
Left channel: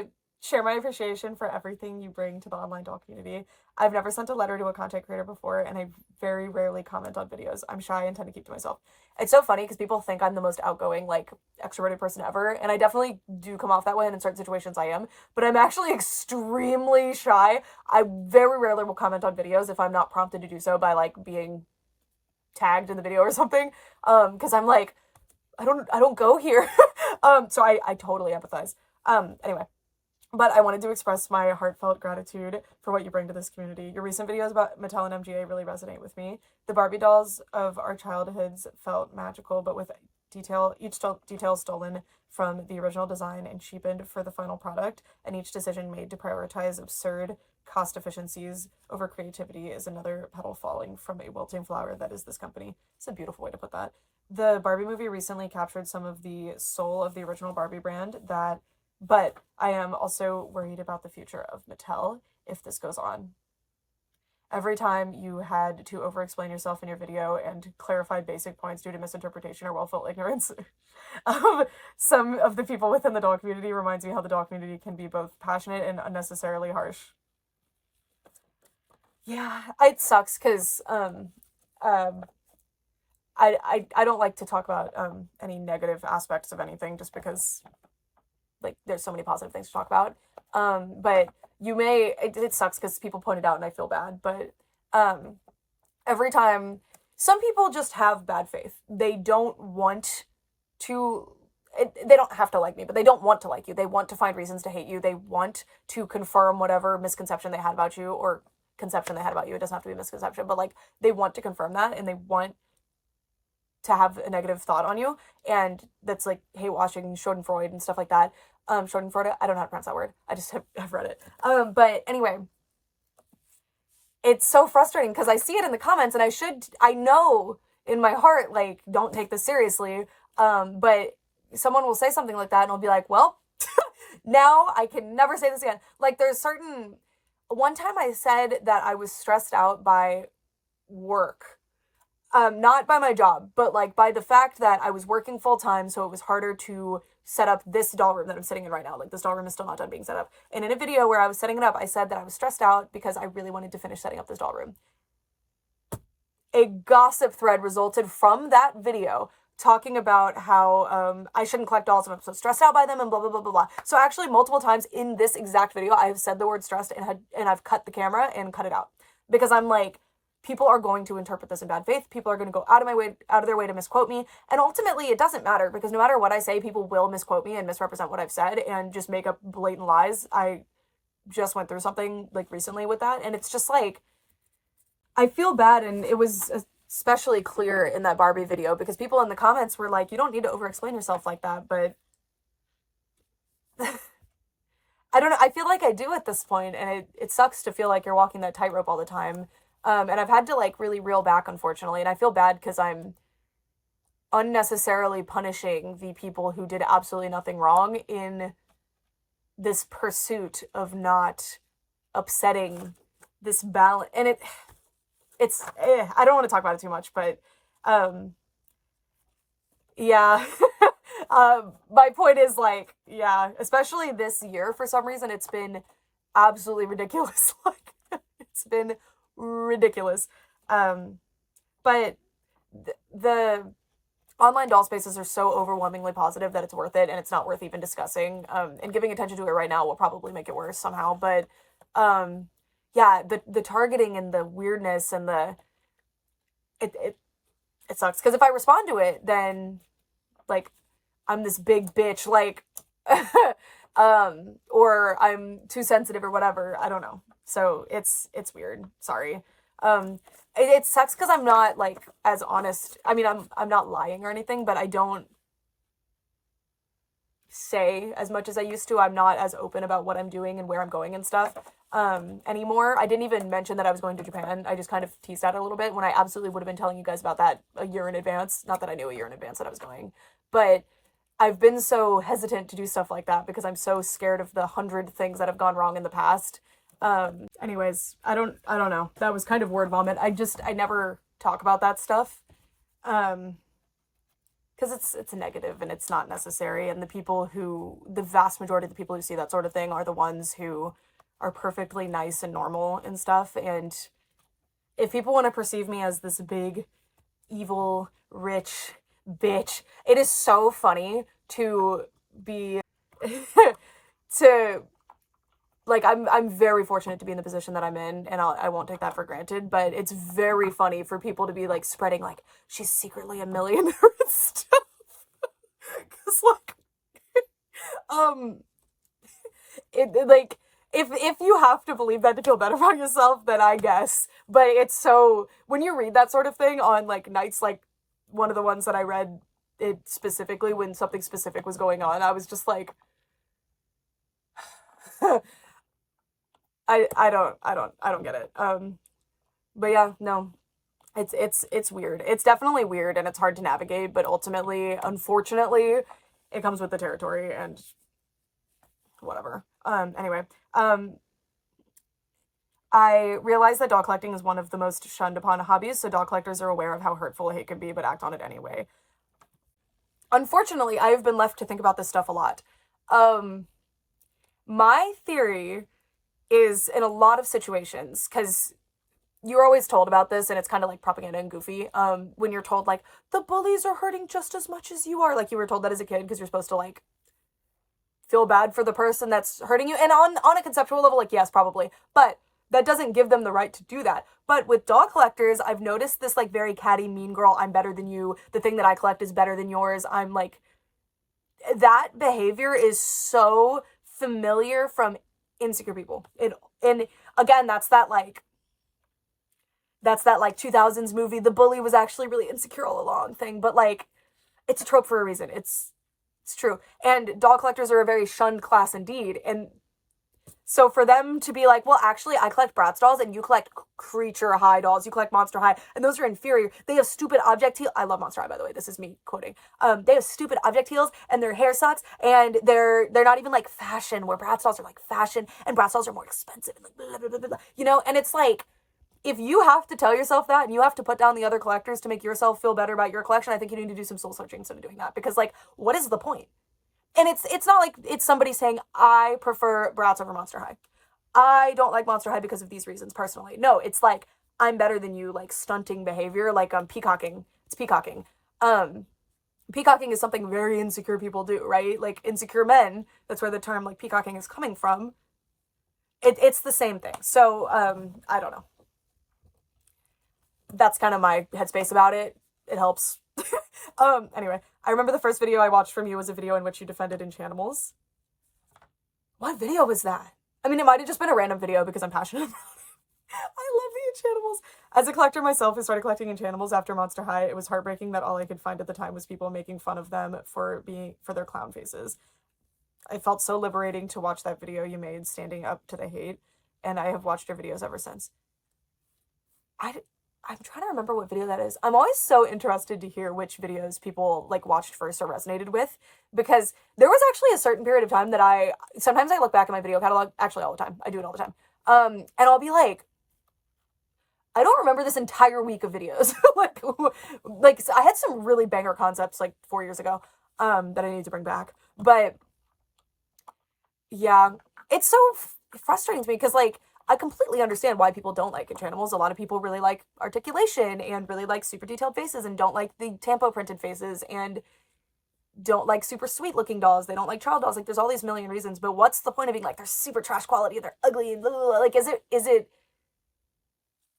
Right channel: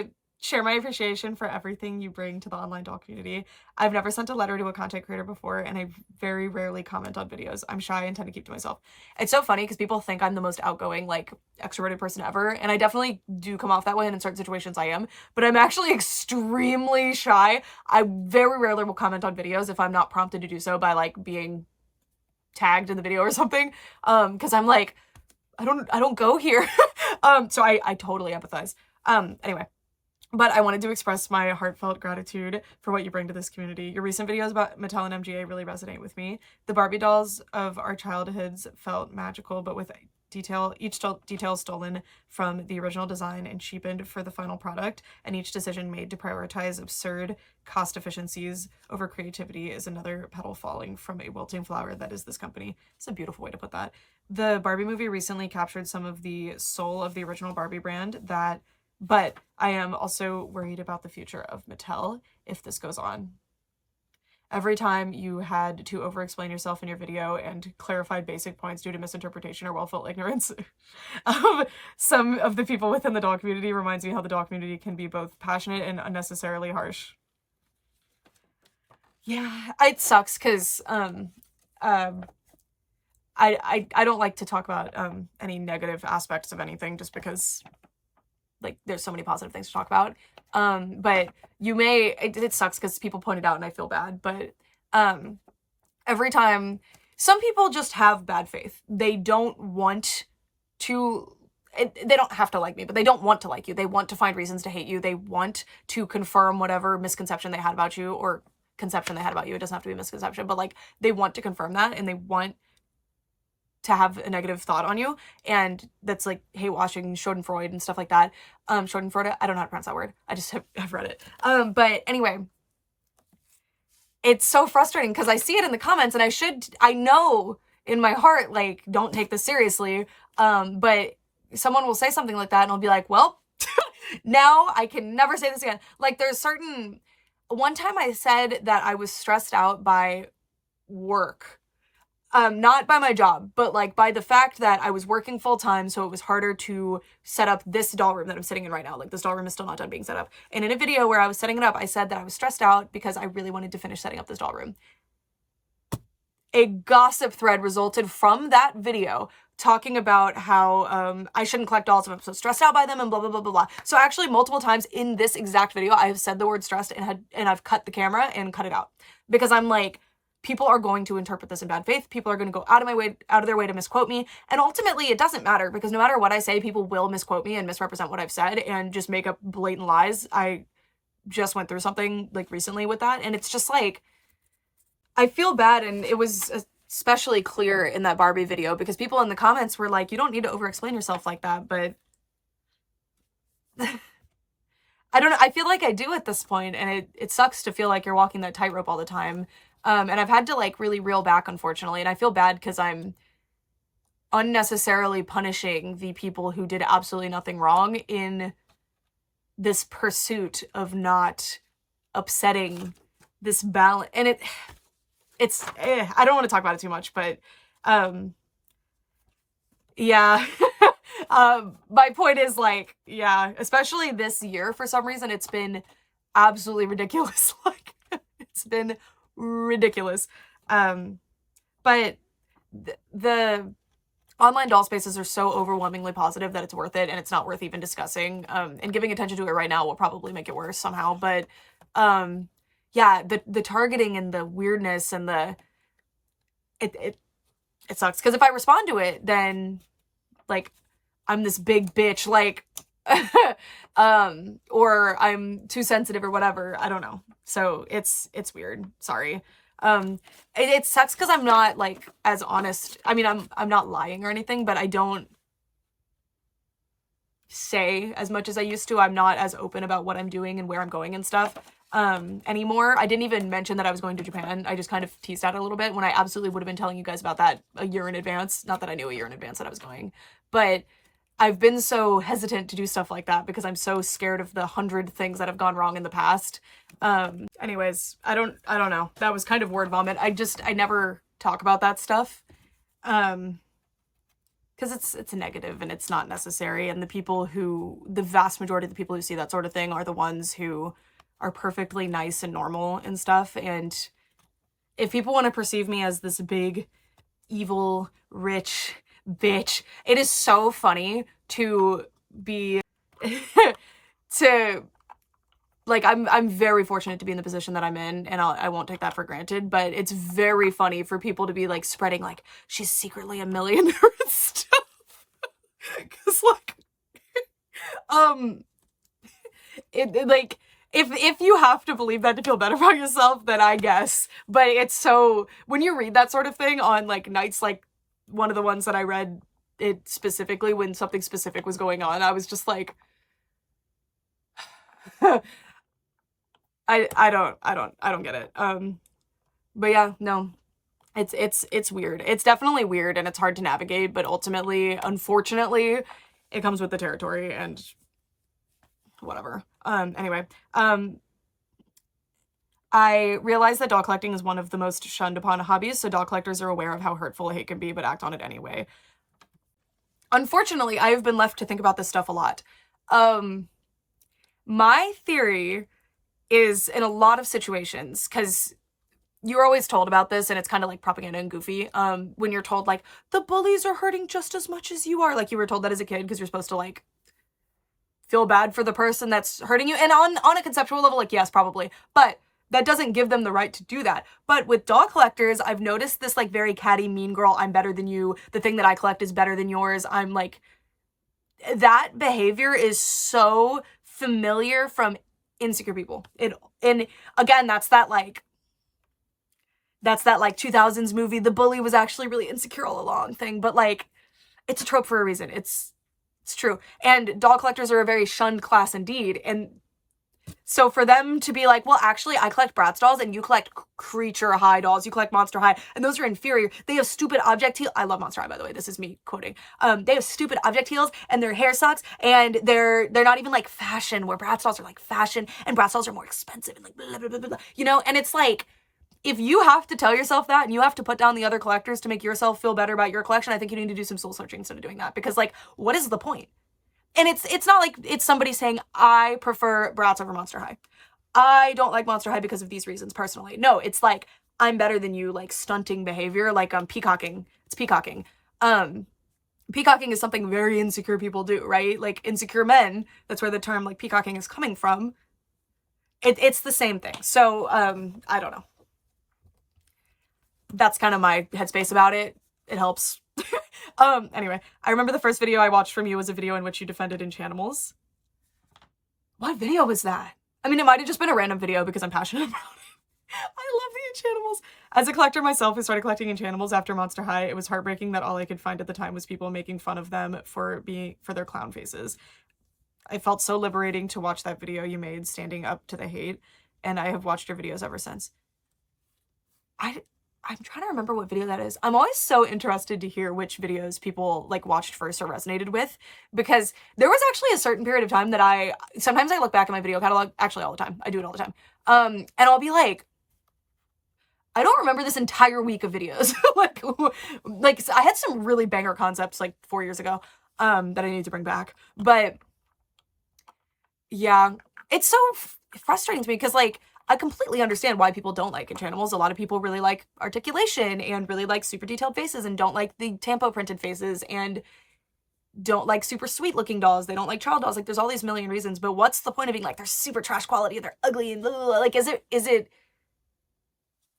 To share my appreciation for everything you bring to the online doll community. I've never sent a letter to a content creator before, and I very rarely comment on videos. I'm shy and tend to keep to myself. It's so funny because people think I'm the most outgoing, like, extroverted person ever, and I definitely do come off that way, and in certain situations I am, but I'm actually extremely shy. I very rarely will comment on videos if I'm not prompted to do so by, like, being tagged in the video or something, because I'm like, I don't go here. So I totally empathize. Anyway. But I wanted to express my heartfelt gratitude for what you bring to this community. Your recent videos about Mattel and MGA really resonate with me. The Barbie dolls of our childhoods felt magical, but with each detail stolen from the original design and cheapened for the final product, and each decision made to prioritize absurd cost efficiencies over creativity is another petal falling from a wilting flower that is this company. It's a beautiful way to put that. The Barbie movie recently captured some of the soul of the original Barbie brand but I am also worried about the future of Mattel if this goes on. Every time you had to over-explain yourself in your video and clarify basic points due to misinterpretation or well-felt ignorance of some of the people within the doll community reminds me how the doll community can be both passionate and unnecessarily harsh. Yeah, it sucks because I don't like to talk about any negative aspects of anything just because like there's so many positive things to talk about. But it sucks because people pointed out and I feel bad, but every time some people just have bad faith. They don't want to they don't have to like me, but they don't want to like you. They want to find reasons to hate you. They want to confirm whatever misconception they had about you or conception they had about you. It doesn't have to be a misconception, but like they want to confirm that and they want to have a negative thought on you, and that's like hate watching Schadenfreude and stuff like that. Schadenfreude, I don't know how to pronounce that word. I just have read it. But anyway, it's so frustrating because I see it in the comments, and I know in my heart, like, don't take this seriously. But someone will say something like that, and I'll be like, well, now I can never say this again. Like, one time I said that I was stressed out by work. Not by my job, but like by the fact that I was working full time, so it was harder to set up this doll room that I'm sitting in right now. Like, this doll room is still not done being set up. And in a video where I was setting it up, I said that I was stressed out because I really wanted to finish setting up this doll room. A gossip thread resulted from that video talking about how I shouldn't collect dolls if I'm so stressed out by them and blah, blah, blah, blah, blah. So actually multiple times in this exact video, I have said the word stressed and I've cut the camera and cut it out because I'm like, people are going to interpret this in bad faith. People are going to go out of their way to misquote me. And ultimately it doesn't matter because no matter what I say, people will misquote me and misrepresent what I've said and just make up blatant lies. I just went through something like recently with that. And it's just like, I feel bad. And it was especially clear in that Barbie video because people in the comments were like, you don't need to over-explain yourself like that. But I don't know. I feel like I do at this point, and it sucks to feel like you're walking that tightrope all the time. And I've had to like really reel back, unfortunately, and I feel bad because I'm unnecessarily punishing the people who did absolutely nothing wrong in this pursuit of not upsetting this balance. And I don't want to talk about it too much, but yeah. My point is like, yeah, especially this year, for some reason, it's been absolutely ridiculous. Like, it's been ridiculous. But the online doll spaces are so overwhelmingly positive that it's worth it, and it's not worth even discussing. And giving attention to it right now will probably make it worse somehow. But yeah, the targeting and the weirdness and it sucks. Because if I respond to it, then like I'm this big bitch, like or I'm too sensitive or whatever. I don't know. So it's weird. Sorry. It sucks because I'm not like as honest. I mean, I'm not lying or anything, but I don't say as much as I used to. I'm not as open about what I'm doing and where I'm going and stuff anymore. I didn't even mention that I was going to Japan. I just kind of teased out a little bit when I absolutely would have been telling you guys about that a year in advance. Not that I knew a year in advance that I was going, but I've been so hesitant to do stuff like that because I'm so scared of the 100 things that have gone wrong in the past. Anyways, I don't know. That was kind of word vomit. I never talk about that stuff. Because it's a negative and it's not necessary. And the vast majority of the people who see that sort of thing are the ones who are perfectly nice and normal and stuff. And if people want to perceive me as this big, evil, rich bitch, it is so funny to be to like I'm very fortunate to be in the position that I'm in, and I won't take that for granted, but it's very funny for people to be like spreading like she's secretly a millionaire and stuff. Cuz like like if you have to believe that to feel better about yourself, then I guess. But it's so when you read that sort of thing on like nights like one of the ones that I read it specifically when something specific was going on, I was just like I don't get it. But yeah, no. It's weird. It's definitely weird and it's hard to navigate, but ultimately, unfortunately, it comes with the territory and whatever. Anyway, I realize that doll collecting is one of the most shunned upon hobbies, so doll collectors are aware of how hurtful hate can be, but act on it anyway. Unfortunately, I have been left to think about this stuff a lot. My theory is in a lot of situations, because you're always told about this, and it's kind of like propaganda and goofy, when you're told, like, the bullies are hurting just as much as you are. Like, you were told that as a kid, because you're supposed to, like, feel bad for the person that's hurting you. And on a conceptual level, like, yes, probably. But that doesn't give them the right to do that. But with doll collectors, I've noticed this, like, very catty, mean girl, I'm better than you, the thing that I collect is better than yours, I'm, like... That behavior is so familiar from insecure people. And again, that's that, like... That's that like 2000s movie, the bully was actually really insecure all along thing. But like, it's a trope for a reason. It's true. And doll collectors are a very shunned class indeed. And so for them to be like, well, actually, I collect Bratz dolls and you collect Creature High dolls, you collect Monster High, and those are inferior. They have stupid object heels. I love Monster High, by the way. This is me quoting. They have stupid object heels and their hair sucks, and they're not even like fashion, where Bratz dolls are like fashion, and Bratz dolls are more expensive and like blah, blah, blah, blah, blah. You know, and it's like, if you have to tell yourself that and you have to put down the other collectors to make yourself feel better about your collection, I think you need to do some soul searching instead of doing that. Because like, what is the point? And it's not like it's somebody saying, I prefer Bratz over Monster High. I don't like Monster High because of these reasons personally. No, it's like, I'm better than you, like stunting behavior, like peacocking. It's peacocking. Peacocking is something very insecure people do, right? Like insecure men, that's where the term like peacocking is coming from. It's the same thing. So I don't know. That's kind of my headspace about it. It helps. Anyway, I remember the first video I watched from you was a video in which you defended Enchantimals. What video was that? I mean, it might have just been a random video because I'm passionate about it. I love the Enchantimals. As a collector myself who started collecting Enchantimals after Monster High, it was heartbreaking that all I could find at the time was people making fun of them for their clown faces. I felt so liberating to watch that video you made standing up to the hate, and I have watched your videos ever since. I'm trying to remember what video that is. I'm always so interested to hear which videos people like watched first or resonated with, because there was actually a certain period of time that sometimes I look back at my video catalog, actually all the time. I do it all the time. And I'll be like, I don't remember this entire week of videos. like I had some really banger concepts like 4 years ago that I need to bring back. But yeah, it's so frustrating to me because like, I completely understand why people don't like Enchantimals. A lot of people really like articulation and really like super detailed faces and don't like the tampo printed faces and don't like super sweet looking dolls. They don't like child dolls. Like there's all these million reasons, but what's the point of being like, they're super trash quality and they're ugly and blah, blah, blah. Like, is it,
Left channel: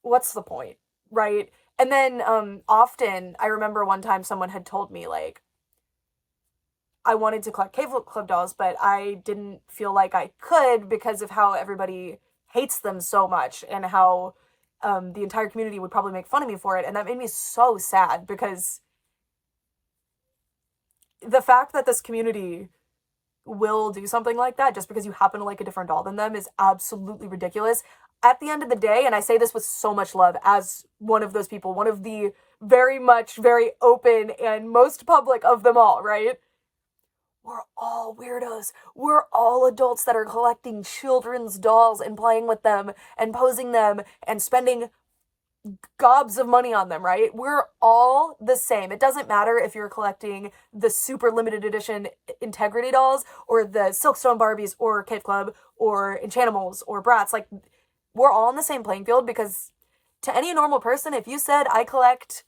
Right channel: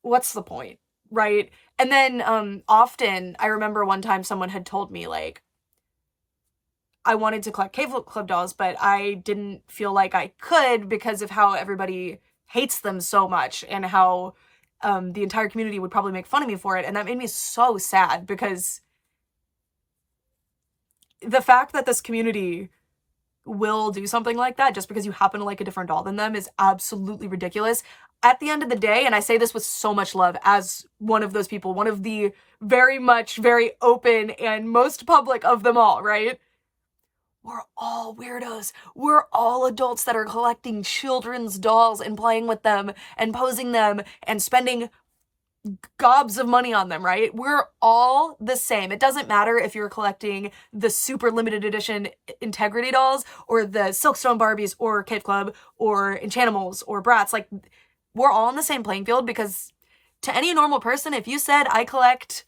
what's the point? Right. And then, often I remember one time someone had told me like, I wanted to collect Cave Club dolls, but I didn't feel like I could because of how everybody hates them so much and how the entire community would probably make fun of me for it. And that made me so sad because the fact that this community will do something like that just because you happen to like a different doll than them is absolutely ridiculous. At the end of the day, and I say this with so much love as one of those people, one of the very open and most public of them all, right? We're all weirdos. We're all adults that are collecting children's dolls and playing with them and posing them and spending gobs of money on them, right? We're all the same. It doesn't matter if you're collecting the super limited edition Integrity dolls or the Silkstone Barbies or Cave Club or Enchantimals or Bratz. Like, we're all on the same playing field because to any normal person, if you said, I collect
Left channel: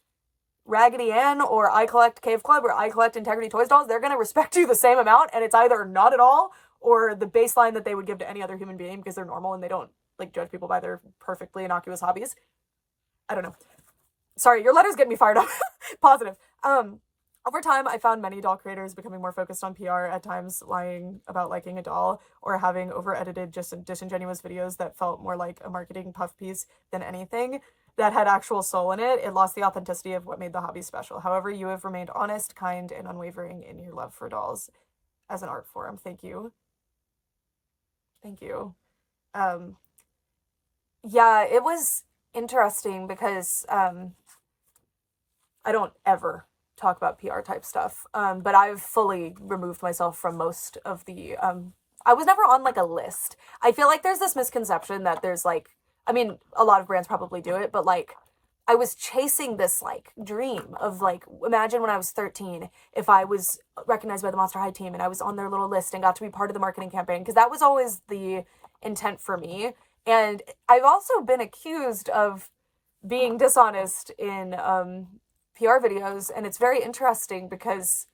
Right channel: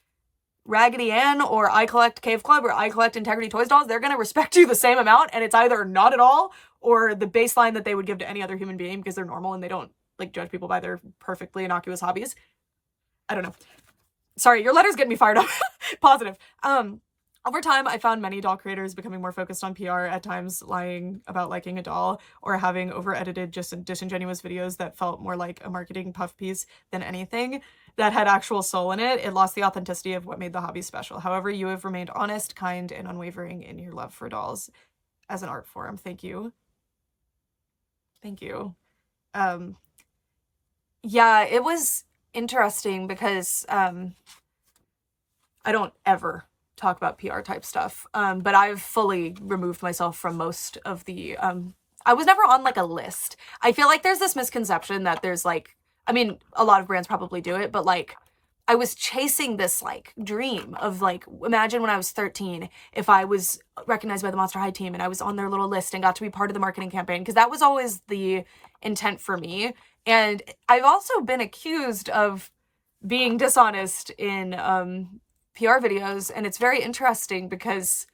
Raggedy Ann or I collect Cave Club or I collect Integrity Toys dolls, they're going to respect you the same amount, and it's either not at all or the baseline that they would give to any other human being because they're normal and they don't like judge people by their perfectly innocuous hobbies. I don't know. Sorry, your letters get me fired up. Positive. Over time, I found many doll creators becoming more focused on PR, at times lying about liking a doll or having over-edited, just disingenuous videos that felt more like a marketing puff piece than anything that had actual soul in it. It lost the authenticity of what made the hobby special. However, you have remained honest, kind, and unwavering in your love for dolls as an art form. Thank you. Thank you. Yeah, it was interesting because I don't ever talk about PR type stuff, but I've fully removed myself from most of the I was never on like a list. I feel like there's this misconception that there's like, I mean, a lot of brands probably do it, but like I was chasing this like dream of like, imagine when I was 13 if I was recognized by the Monster High team and I was on their little list and got to be part of the marketing campaign, because that was always the intent for me. And I've also been accused of being dishonest in PR videos, and it's very interesting because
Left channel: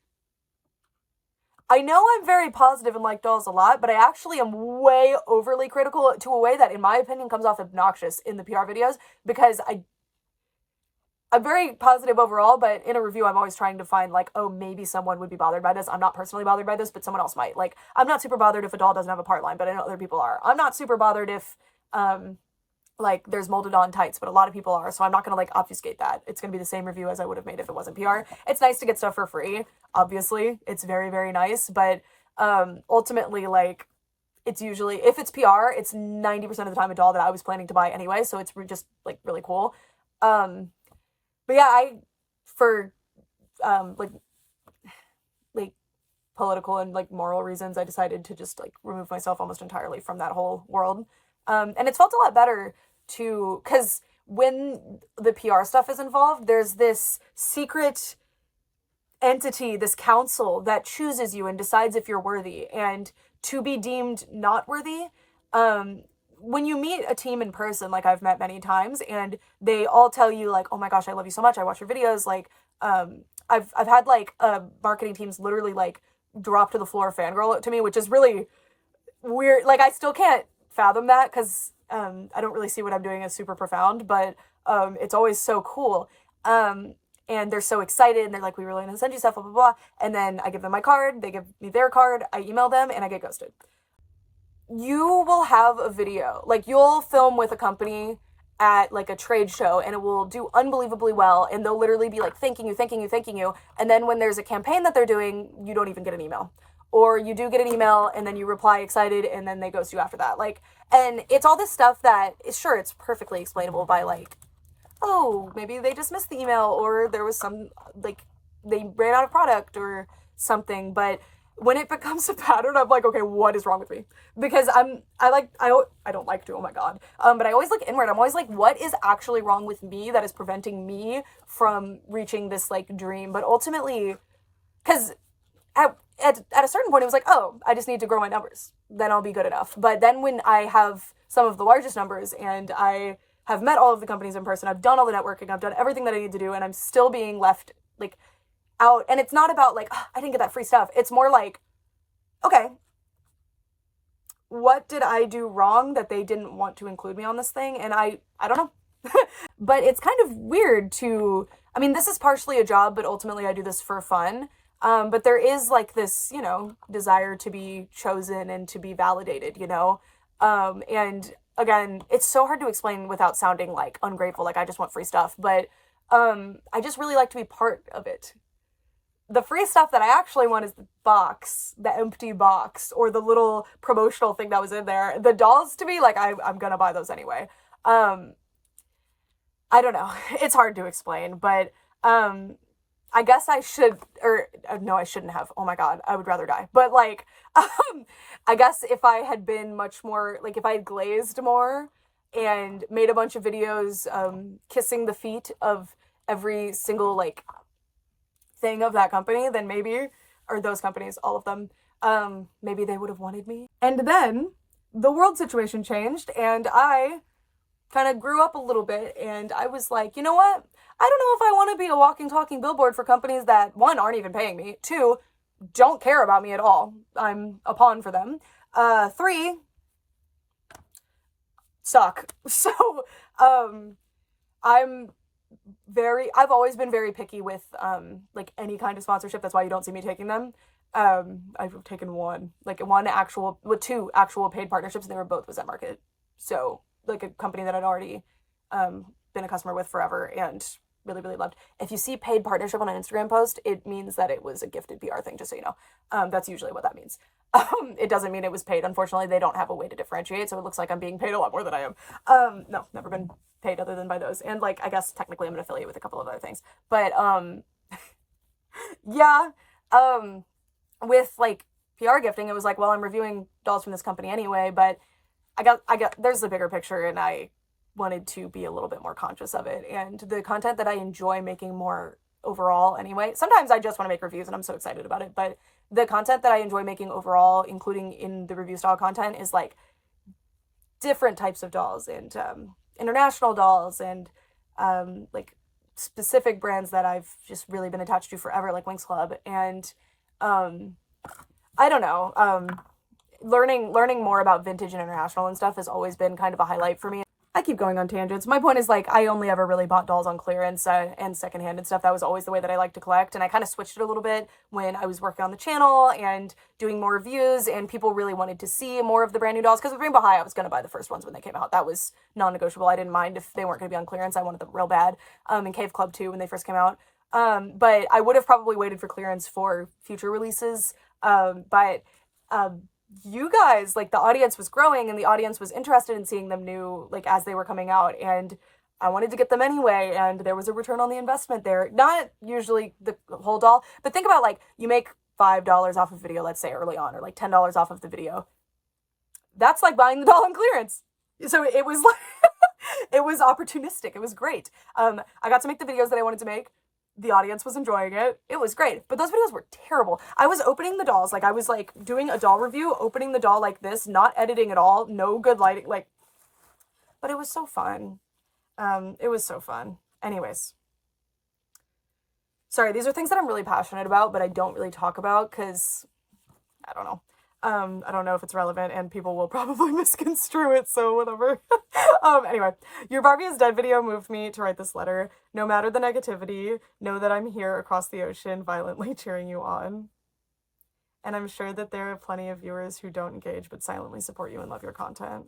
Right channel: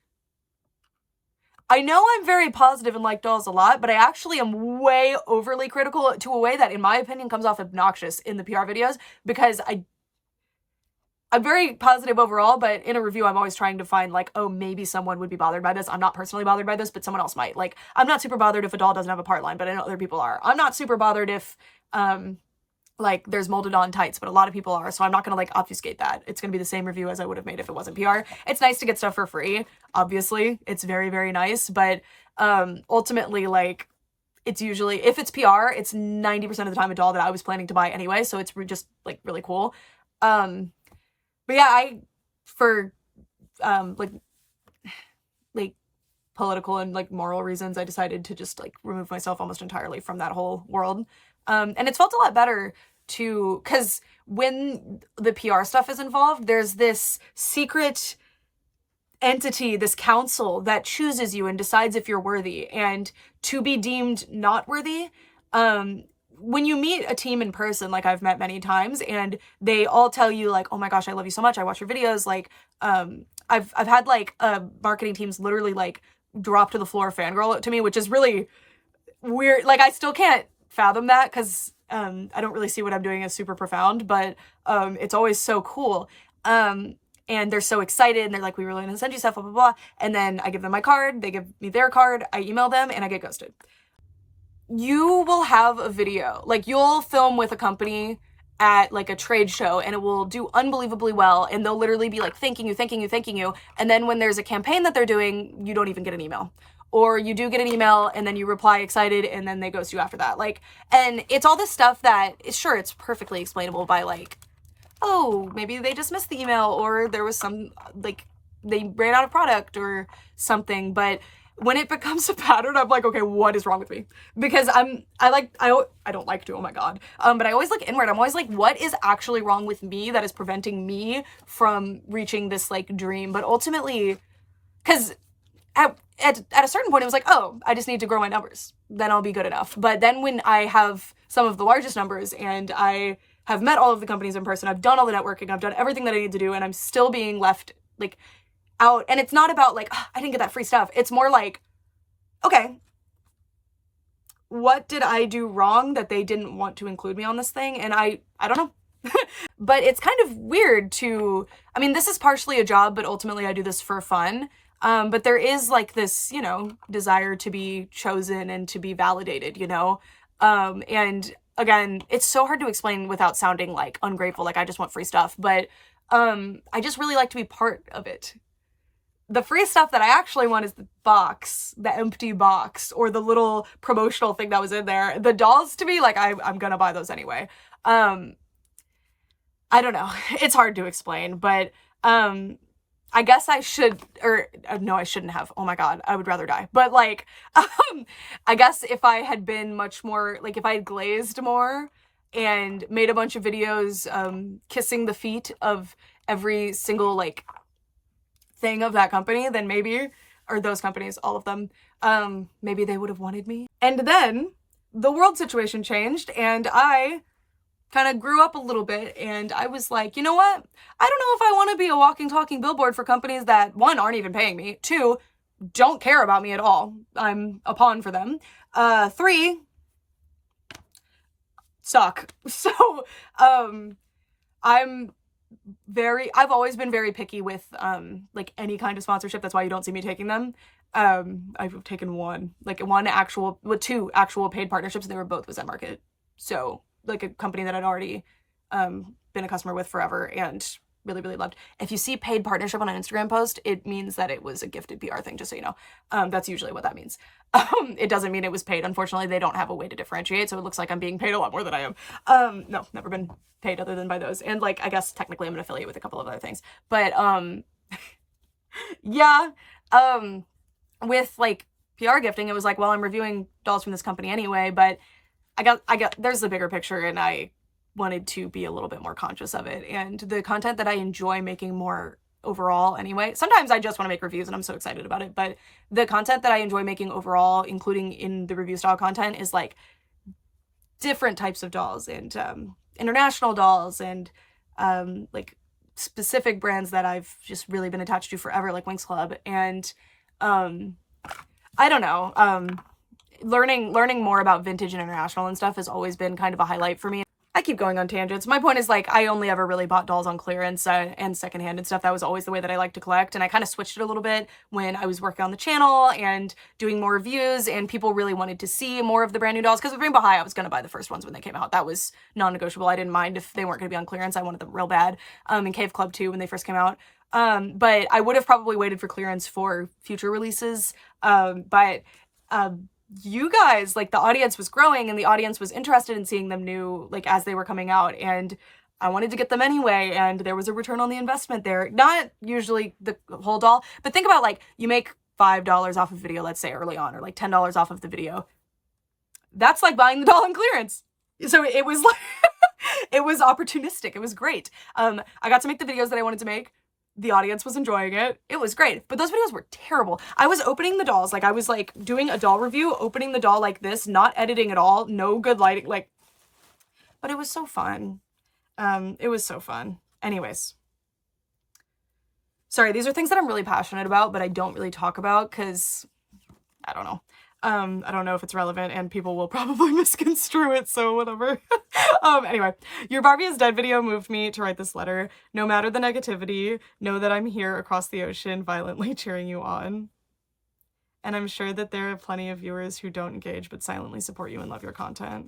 I know I'm very positive and like dolls a lot, but I actually am way overly critical to a way that, in my opinion, comes off obnoxious in the PR videos, because I'm very positive overall, but in a review, I'm always trying to find like, oh, maybe someone would be bothered by this. I'm not personally bothered by this, but someone else might. Like, I'm not super bothered if a doll doesn't have a part line, but I know other people are. I'm not super bothered if like there's molded on tights, but a lot of people are, so I'm not gonna like obfuscate that. It's gonna be the same review as I would have made if it wasn't PR. It's nice to get stuff for free, obviously. It's very, very nice, but ultimately, like, it's usually, if it's PR, it's 90% of the time a doll that I was planning to buy anyway, so it's just like really cool. But yeah, for like political and like moral reasons, I decided to just like remove myself almost entirely from that whole world. And it's felt a lot better to, because when the PR stuff is involved, there's this secret entity, this council that chooses you and decides if you're worthy. And to be deemed not worthy, when you meet a team in person, like I've met many times, and they all tell you like, oh my gosh, I love you so much, I watch your videos, like I've had like marketing teams literally like drop to the floor fangirl to me, which is really weird. Like I still can't fathom that, because I don't really see what I'm doing as super profound, but it's always so cool. And they're so excited, and they're like, we were going to send you stuff, blah, blah, blah. And then I give them my card, they give me their card, I email them, and I get ghosted. You will have a video, like you'll film with a company at like a trade show, and it will do unbelievably well, and they'll literally be like, thanking you, thanking you, thanking you. And then when there's a campaign that they're doing, you don't even get an email. Or you do get an email, and then you reply excited, and then they ghost you after that. Like, and it's all this stuff that, sure, it's perfectly explainable by like, oh, maybe they just missed the email, or there was some, like, they ran out of product or something. But when it becomes a pattern, I'm like, okay, what is wrong with me? Because I don't like to, oh my God. But I always look inward. I'm always like, what is actually wrong with me that is preventing me from reaching this like dream? But ultimately, because at a certain point, it was like, oh, I just need to grow my numbers. Then I'll be good enough. But then when I have some of the largest numbers, and I have met all of the companies in person, I've done all the networking, I've done everything that I need to do, and I'm still being left like out. And it's not about like, oh, I didn't get that free stuff. It's more like, okay, what did I do wrong that they didn't want to include me on this thing? And I don't know. But it's kind of weird to, I mean, this is partially a job, but ultimately I do this for fun. But there is like this, you know, desire to be chosen and to be validated, you know? And again, it's so hard to explain without sounding like ungrateful, like I just want free stuff, but I just really like to be part of it. The free stuff that I actually want is the box, the empty box, or the little promotional thing that was in there. The dolls, to me, like I'm gonna buy those anyway. I don't know. It's hard to explain, but I guess I should, or no, I shouldn't have. Oh my God, I would rather die. But like, I guess if I had been much more, like if I had glazed more and made a bunch of videos kissing the feet of every single like thing of that company, then maybe, or those companies, all of them, maybe they would have wanted me. And then the world situation changed, and I kind of grew up a little bit, and I was like, you know what? I don't know if I want to be a walking, talking billboard for companies that, one, aren't even paying me, two, don't care about me at all. I'm a pawn for them. Three, suck. So, I've always been very picky with, like any kind of sponsorship. That's why you don't see me taking them. I've taken two actual paid partnerships, and they were both with Zen Market. So, like a company that I'd already been a customer with forever and really, really loved. If you see paid partnership on an Instagram post, it means that it was a gifted PR thing, just so you know. That's usually what that means. It doesn't mean it was paid. Unfortunately, they don't have a way to differentiate, so it looks like I'm being paid a lot more than I am. No, never been paid other than by those. And like, I guess technically I'm an affiliate with a couple of other things. But yeah, with like PR gifting, it was like, well, I'm reviewing dolls from this company anyway, but I got, there's the bigger picture, and I wanted to be a little bit more conscious of it. And the content that I enjoy making more overall anyway, sometimes I just want to make reviews and I'm so excited about it, but the content that I enjoy making overall, including in the review style content, is like different types of dolls, and international dolls, and like specific brands that I've just really been attached to forever, like Winx Club. And I don't know, learning more about vintage and international and stuff has always been kind of a highlight for me. I keep going on tangents. My point is, like, I only ever really bought dolls on clearance and secondhand and stuff. That was always the way that I like to collect. And I kind of switched it a little bit when I was working on the channel and doing more reviews, and people really wanted to see more of the brand new dolls. Because with Rainbow High, I was going to buy the first ones when they came out. That was non-negotiable. I didn't mind if they weren't going to be on clearance. I wanted them real bad. And Cave Club too, when they first came out. But I would have probably waited for clearance for future releases. But you guys, like, the audience was growing and the audience was interested in seeing them new, like, as they were coming out, and I wanted to get them anyway, and there was a return on the investment there. Not usually the whole doll, but think about, like, you make $5 off of video, let's say early on, or like $10 off of the video. That's like buying the doll on clearance. So it was like it was opportunistic. It was great. I got to make the videos that I wanted to make. The audience was enjoying it. It was great. But those videos were terrible. I was opening the dolls. Like, I was, like, doing a doll review, opening the doll like this, not editing at all, no good lighting, like, but it was so fun. It was so fun. Anyways. Sorry, these are things that I'm really passionate about, but I don't really talk about because, I don't know. I don't know if it's relevant and people will probably misconstrue it, so whatever. Anyway, your Barbie is dead video moved me to write this letter. No matter the negativity, know that I'm here across the ocean violently cheering you on. And I'm sure that there are plenty of viewers who don't engage but silently support you and love your content.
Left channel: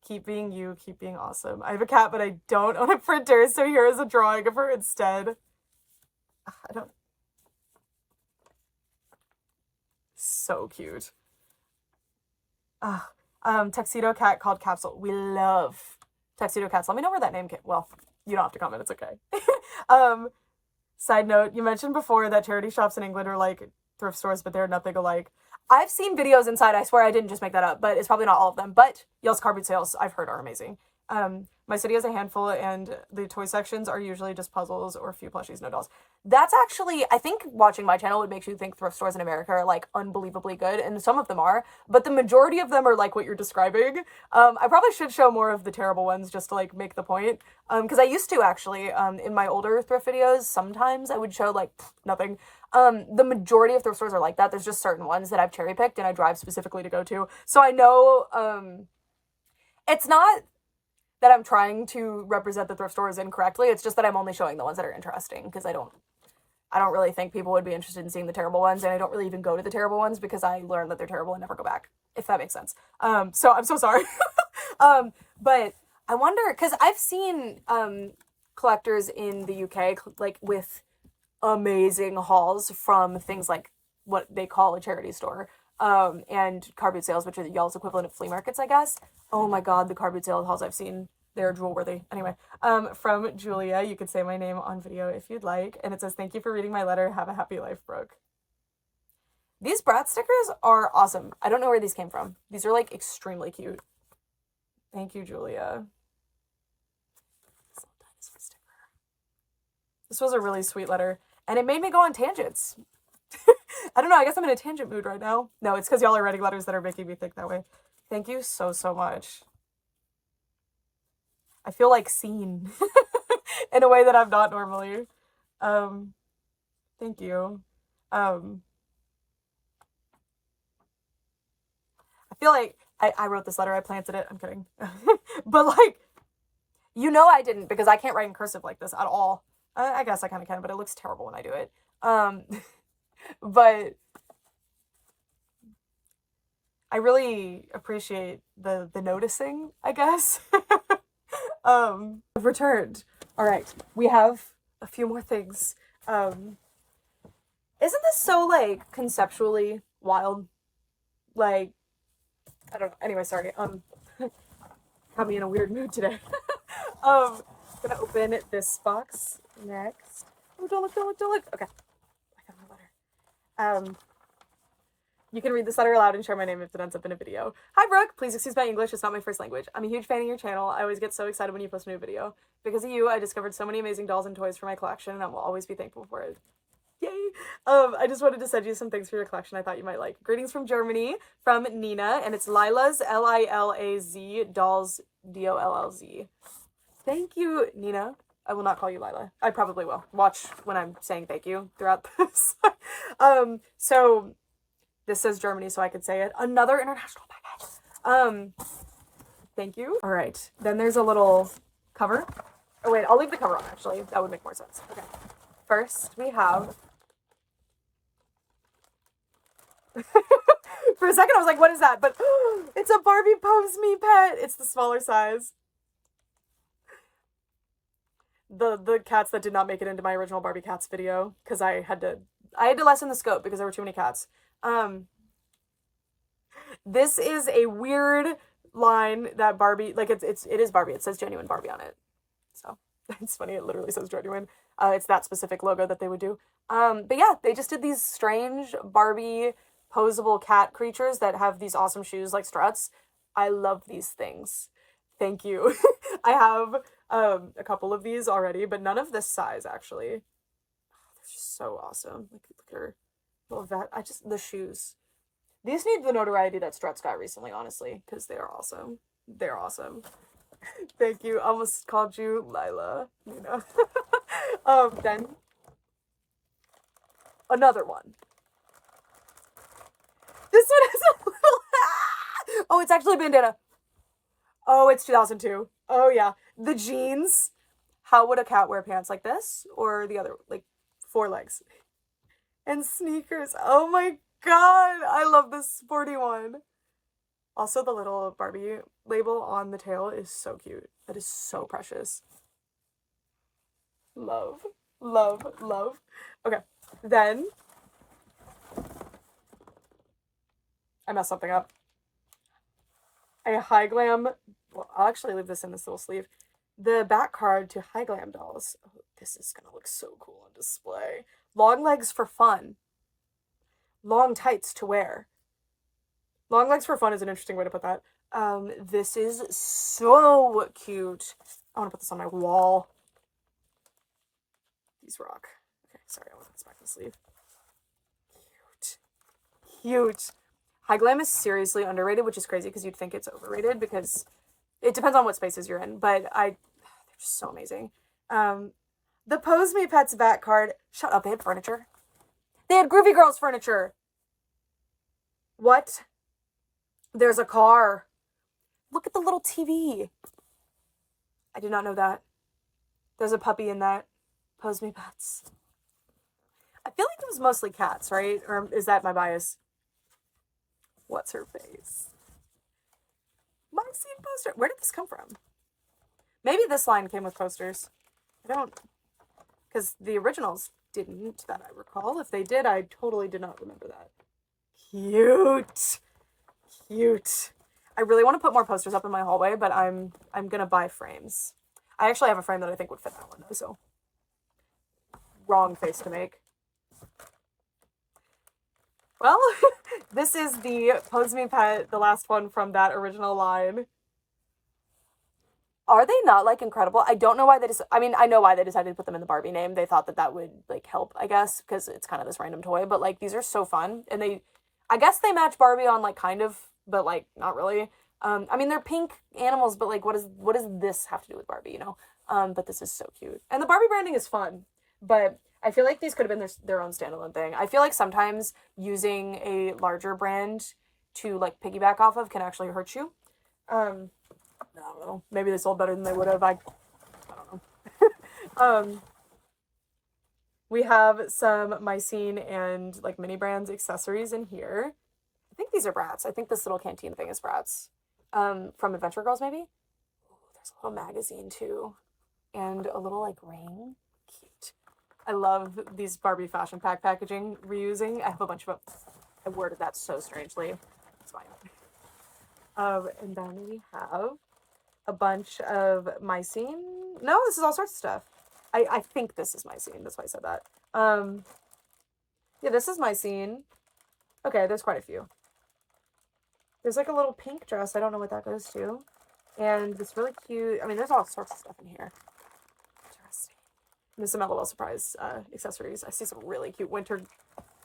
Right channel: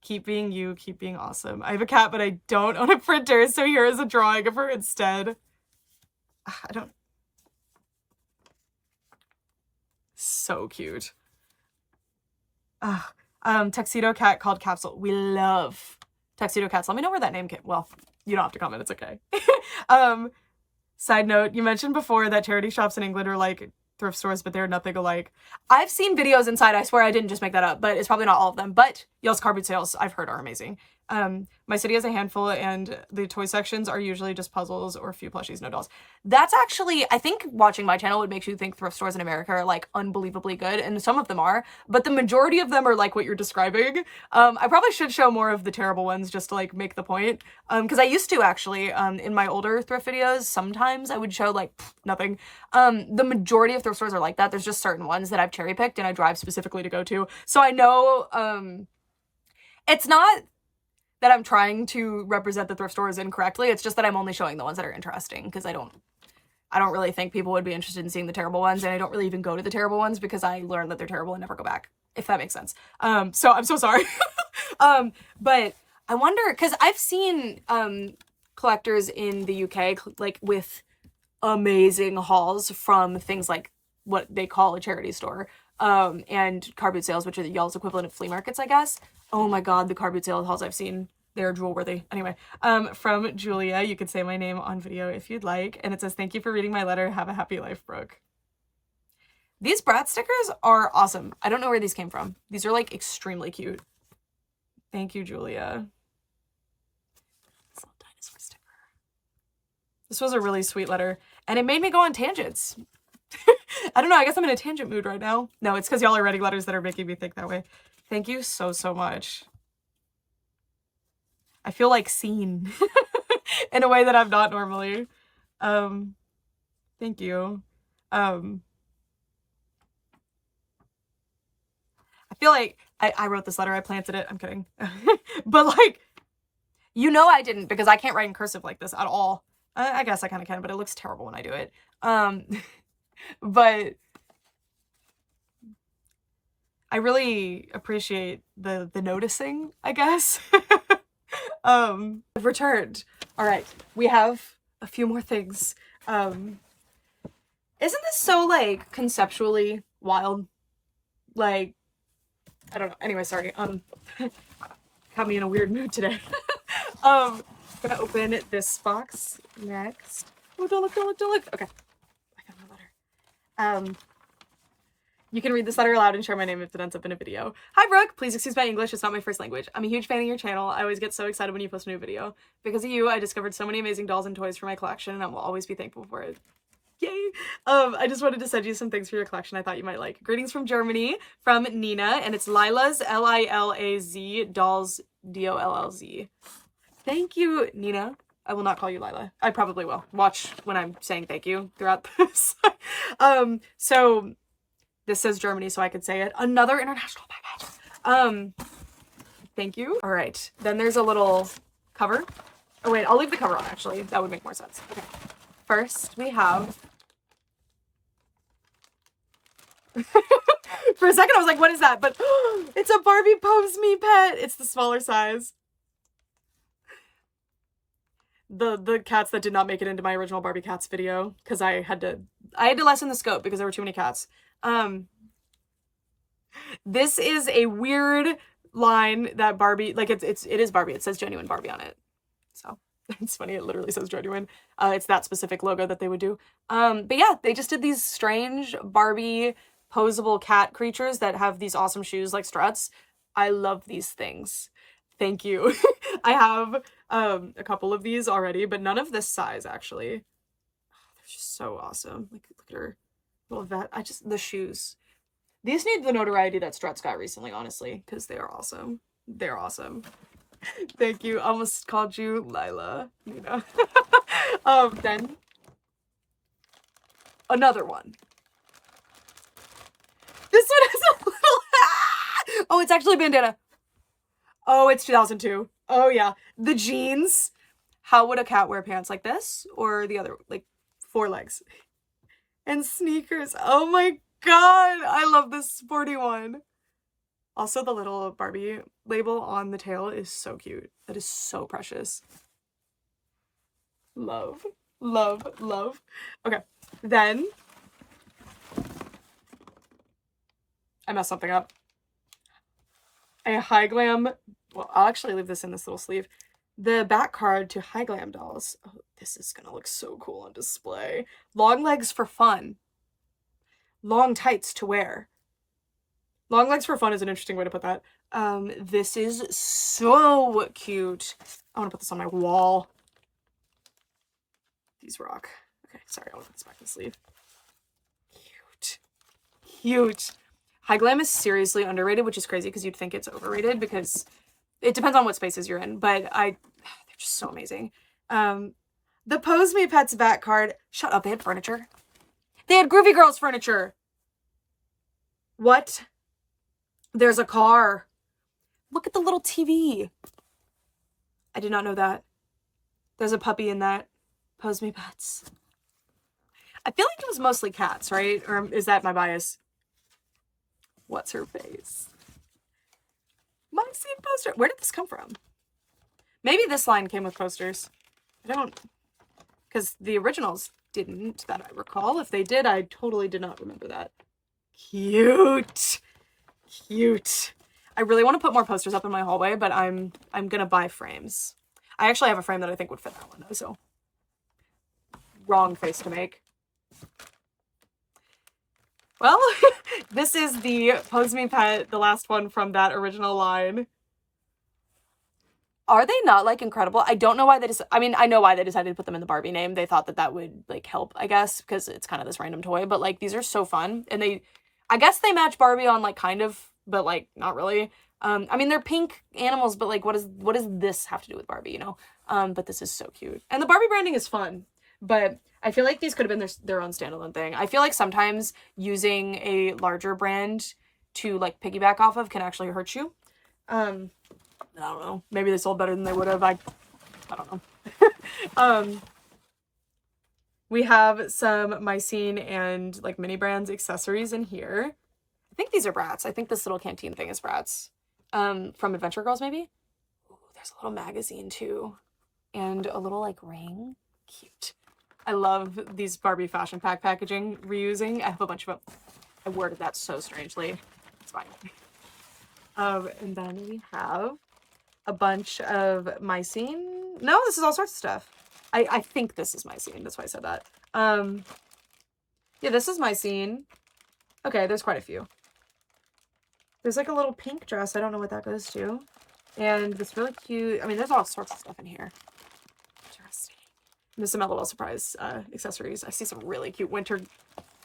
Keep being you, keep being awesome. I have a cat, but I don't own a printer, so here is a drawing of her instead. I don't... So cute. Tuxedo cat called Capsule. We love tuxedo cats. Let me know where that name came. Well, you don't have to comment. It's okay. Side note, you mentioned before that charity shops in England are like thrift stores, but they're nothing alike. I've seen videos inside. I swear I didn't just make that up, but it's probably not all of them. But y'all's car boot sales, I've heard, are amazing. My city has a handful, and the toy sections are usually just puzzles or a few plushies, no dolls. That's actually, I think watching my channel would make you think thrift stores in America are, like, unbelievably good, and some of them are, but the majority of them are like what you're describing. I probably should show more of the terrible ones just to, like, make the point, because I used to, actually, in my older thrift videos, sometimes I would show, like, nothing. The majority of thrift stores are like that. There's just certain ones that I've cherry-picked and I drive specifically to go to, so I know, it's not that I'm trying to represent the thrift stores incorrectly. It's just that I'm only showing the ones that are interesting, because I don't really think people would be interested in seeing the terrible ones, and I don't really even go to the terrible ones because I learned that they're terrible and never go back, if that makes sense. So I'm so sorry. But I wonder, because I've seen collectors in the UK like with amazing hauls from things like what they call a charity store, and car boot sales, which are y'all's equivalent of flea markets, I guess. Oh my god, the car boot sale hauls I've seen, they're drool worthy. Anyway, from Julia, you could say my name on video if you'd like, and it says, thank you for reading my letter, have a happy life, Brooke. These Bratz stickers are awesome. I don't know where these came from. These are, like, extremely cute. Thank you, Julia. This little dinosaur sticker. This was a really sweet letter, and it made me go on tangents. I don't know, I guess I'm in a tangent mood right now. No, it's because y'all are writing letters that are making me think that way. Thank you so, so much. I feel, like, seen in a way that I'm not normally. Thank you. I feel like I wrote this letter, I planted it, I'm kidding. But, like, you know I didn't, because I can't write in cursive like this at all. I guess I kind of can, but it looks terrible when I do it. But I really appreciate the noticing, I guess. I've returned. All right, we have a few more things. Isn't this so, like, conceptually wild? Like, I don't know. Anyway, sorry. Got me in a weird mood today. I'm gonna open this box next. Oh, don't look, don't look, don't look. Okay. I got my letter. You can read this letter aloud and share my name if it ends up in a video. Hi, Brooke. Please excuse my English. It's not my first language. I'm a huge fan of your channel. I always get so excited when you post a new video. Because of you, I discovered so many amazing dolls and toys for my collection, and I will always be thankful for it. Yay! I just wanted to send you some things for your collection I thought you might like. Greetings from Germany, from Nina, and it's Lila's, L-I-L-A-Z, dolls, D-O-L-L-Z. Thank you, Nina. I will not call you Lila. I probably will. Watch when I'm saying thank you throughout this. So this says Germany, so I could say it. Another international package. Thank you. All right. Then there's a little cover. Oh, wait. I'll leave the cover on, actually. That would make more sense. Okay. First, we have... For a second, I was like, what is that? But it's a Barbie Pose Me pet. It's the smaller size. The cats that did not make it into my original Barbie cats video, because I had to lessen the scope because there were too many cats. This is a weird line that Barbie, like it is Barbie. It says genuine Barbie on it. So it's funny, it literally says genuine. It's that specific logo that they would do. But yeah, they just did these strange Barbie posable cat creatures that have these awesome shoes like struts. I love these things. Thank you. I have a couple of these already, but none of this size actually. They're just so awesome. Like, look at her little vet. The shoes. These need the notoriety that struts got recently, honestly, because they are awesome. They're awesome. Thank you. Almost called you Lila. You know. Then another one. This one is a little... Oh, it's actually a bandana. Oh, it's 2002. Oh, yeah. The jeans. How would a cat wear pants like this? Or the other, like, 4 legs? And sneakers. Oh my god. I love this sporty one. Also, the little Barbie label on the tail is so cute. That is so precious. Love. Love. Love. Okay. Then... I messed something up. A High Glam... Well, I'll actually leave this in this little sleeve. The back card to High Glam dolls. Oh, this is gonna look so cool on display. Long legs for fun. Long tights to wear. Long legs for fun is an interesting way to put that. This is so cute. I want to put this on my wall. These rock. Okay, sorry, I want to put this back in the sleeve. Cute. Cute. High Glam is seriously underrated, which is crazy because you'd think it's overrated because it depends on what spaces you're in, but they're just so amazing. The Pose Me Pets back card. Shut up, they had furniture. They had Groovy Girls furniture. What? There's a car. Look at the little TV. I did not know that. There's a puppy in that. Pose Me Pets. I feel like it was mostly cats, right? Or is that my bias? What's her face? My scene poster. Where did this come from? Maybe this line came with posters. I don't... Because the originals didn't, that I recall. If they did, I totally did not remember that. Cute. Cute. I really want to put more posters up in my hallway, but I'm gonna buy frames. I actually have a frame that I think would fit that one, though, so... Wrong face to make. Well, this is the Pose Me Pet, the last one from that original line. Are they not, like, incredible? I don't know why they I mean, I know why they decided to put them in the Barbie name. They thought that that would, like, help, I guess, because it's kind of this random toy. But, like, these are so fun. And I guess they match Barbie on, like, kind of, but, like, not really. I mean, they're pink animals, but, like, what does this have to do with Barbie, you know? But this is so cute. And the Barbie branding is fun. But I feel like these could have been their own standalone thing. I feel like sometimes using a larger brand to, like, piggyback off of can actually hurt you. I don't know. Maybe they sold better than they would have. I don't know. We have some Mycene and, like, mini brands accessories in here. I think these are Bratz. I think this little canteen thing is Bratz. From Adventure Girls, maybe? Ooh, there's a little magazine, too. And a little, like, ring. Cute. I love these Barbie fashion pack packaging reusing. I have a bunch of them. I worded that so strangely. It's fine. And then we have a bunch of Mycene. No, this is all sorts of stuff. I think this is Mycene. That's why I said that. Yeah, this is Mycene. Okay, there's quite a few. There's, like, a little pink dress. I don't know what that goes to. And this really cute... I mean, there's all sorts of stuff in here. Interesting. And there's some LOL surprise accessories. I see some really cute winter...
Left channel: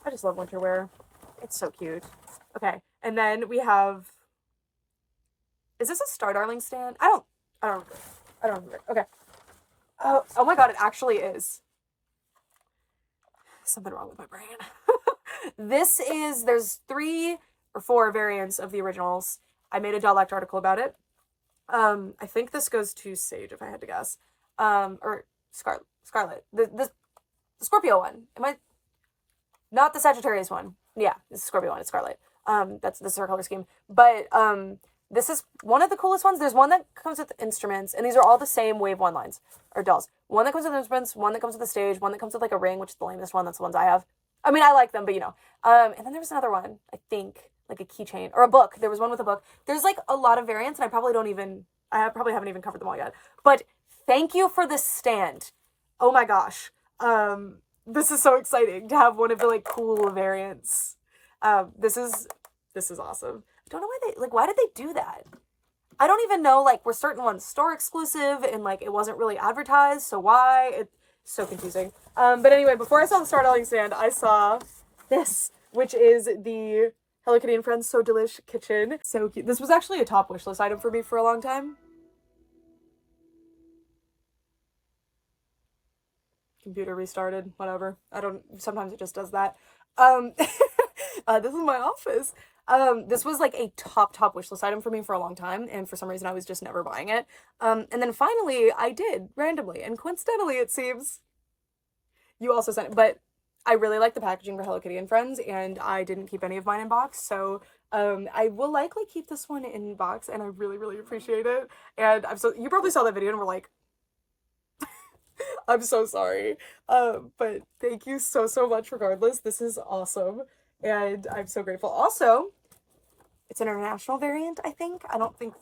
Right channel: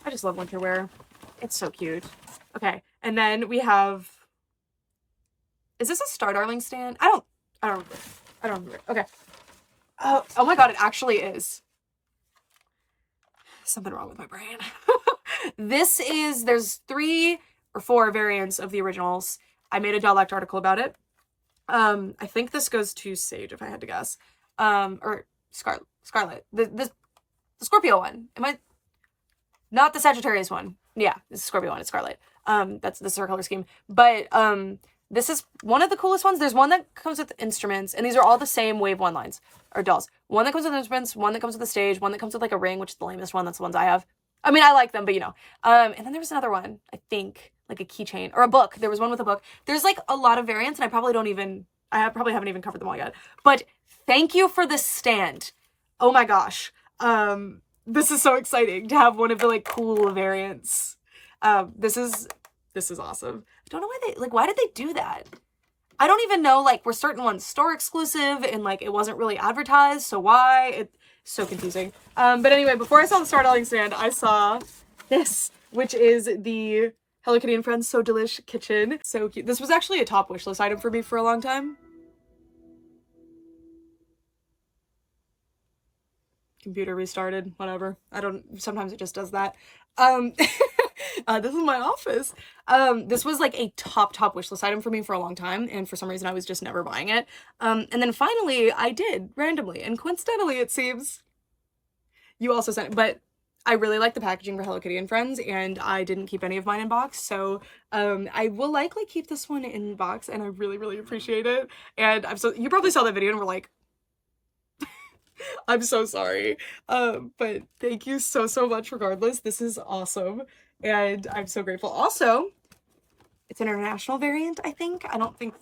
I just love winter wear. It's so cute. Okay, and then we have... Is this a Star Darling stand? I don't remember. Okay. Oh my god, it actually is. Something wrong with my brain. There's 3 or 4 variants of the originals. I made a Dialect article about it. I think this goes to Sage if I had to guess. Or Scarlet. The Scorpio one. Am I not the Sagittarius one? Yeah, this is Scorpio one. It's Scarlet. This is her color scheme. But this is one of the coolest ones. There's one that comes with instruments, and these are all the same Wave 1 lines or dolls. One that comes with instruments, one that comes with a stage, one that comes with like a ring, which is the lamest one. That's the ones I have. I mean, I like them, but you know. And then there was another one, I think, like a keychain or a book. There was one with a book. There's like a lot of variants, and I probably haven't even covered them all yet. But thank you for the stand. Oh my gosh. This is so exciting to have one of the like cool variants. This is awesome. I don't know why did they do that? I don't even know, like, were certain ones store exclusive and like it wasn't really advertised, so why? It's so confusing. But anyway, before I saw the storytelling stand, I saw this, which is the Hello Kitty and Friends So Delish kitchen. So cute. This was actually a top wish list item for me for a long time. Computer restarted, whatever. Sometimes it just does that. This is my office. This was like a top wish list item for me for a long time, and for some reason I was just never buying it. And then finally I did, randomly, and coincidentally it seems you also sent it, but I really like the packaging for Hello Kitty and Friends, and I didn't keep any of mine in box, so I will likely keep this one in box, and I really appreciate it. And you probably saw that video and were like, I'm so sorry. But thank you so much regardless. This is awesome. And I'm so grateful. Also, it's an international variant, I think. I don't think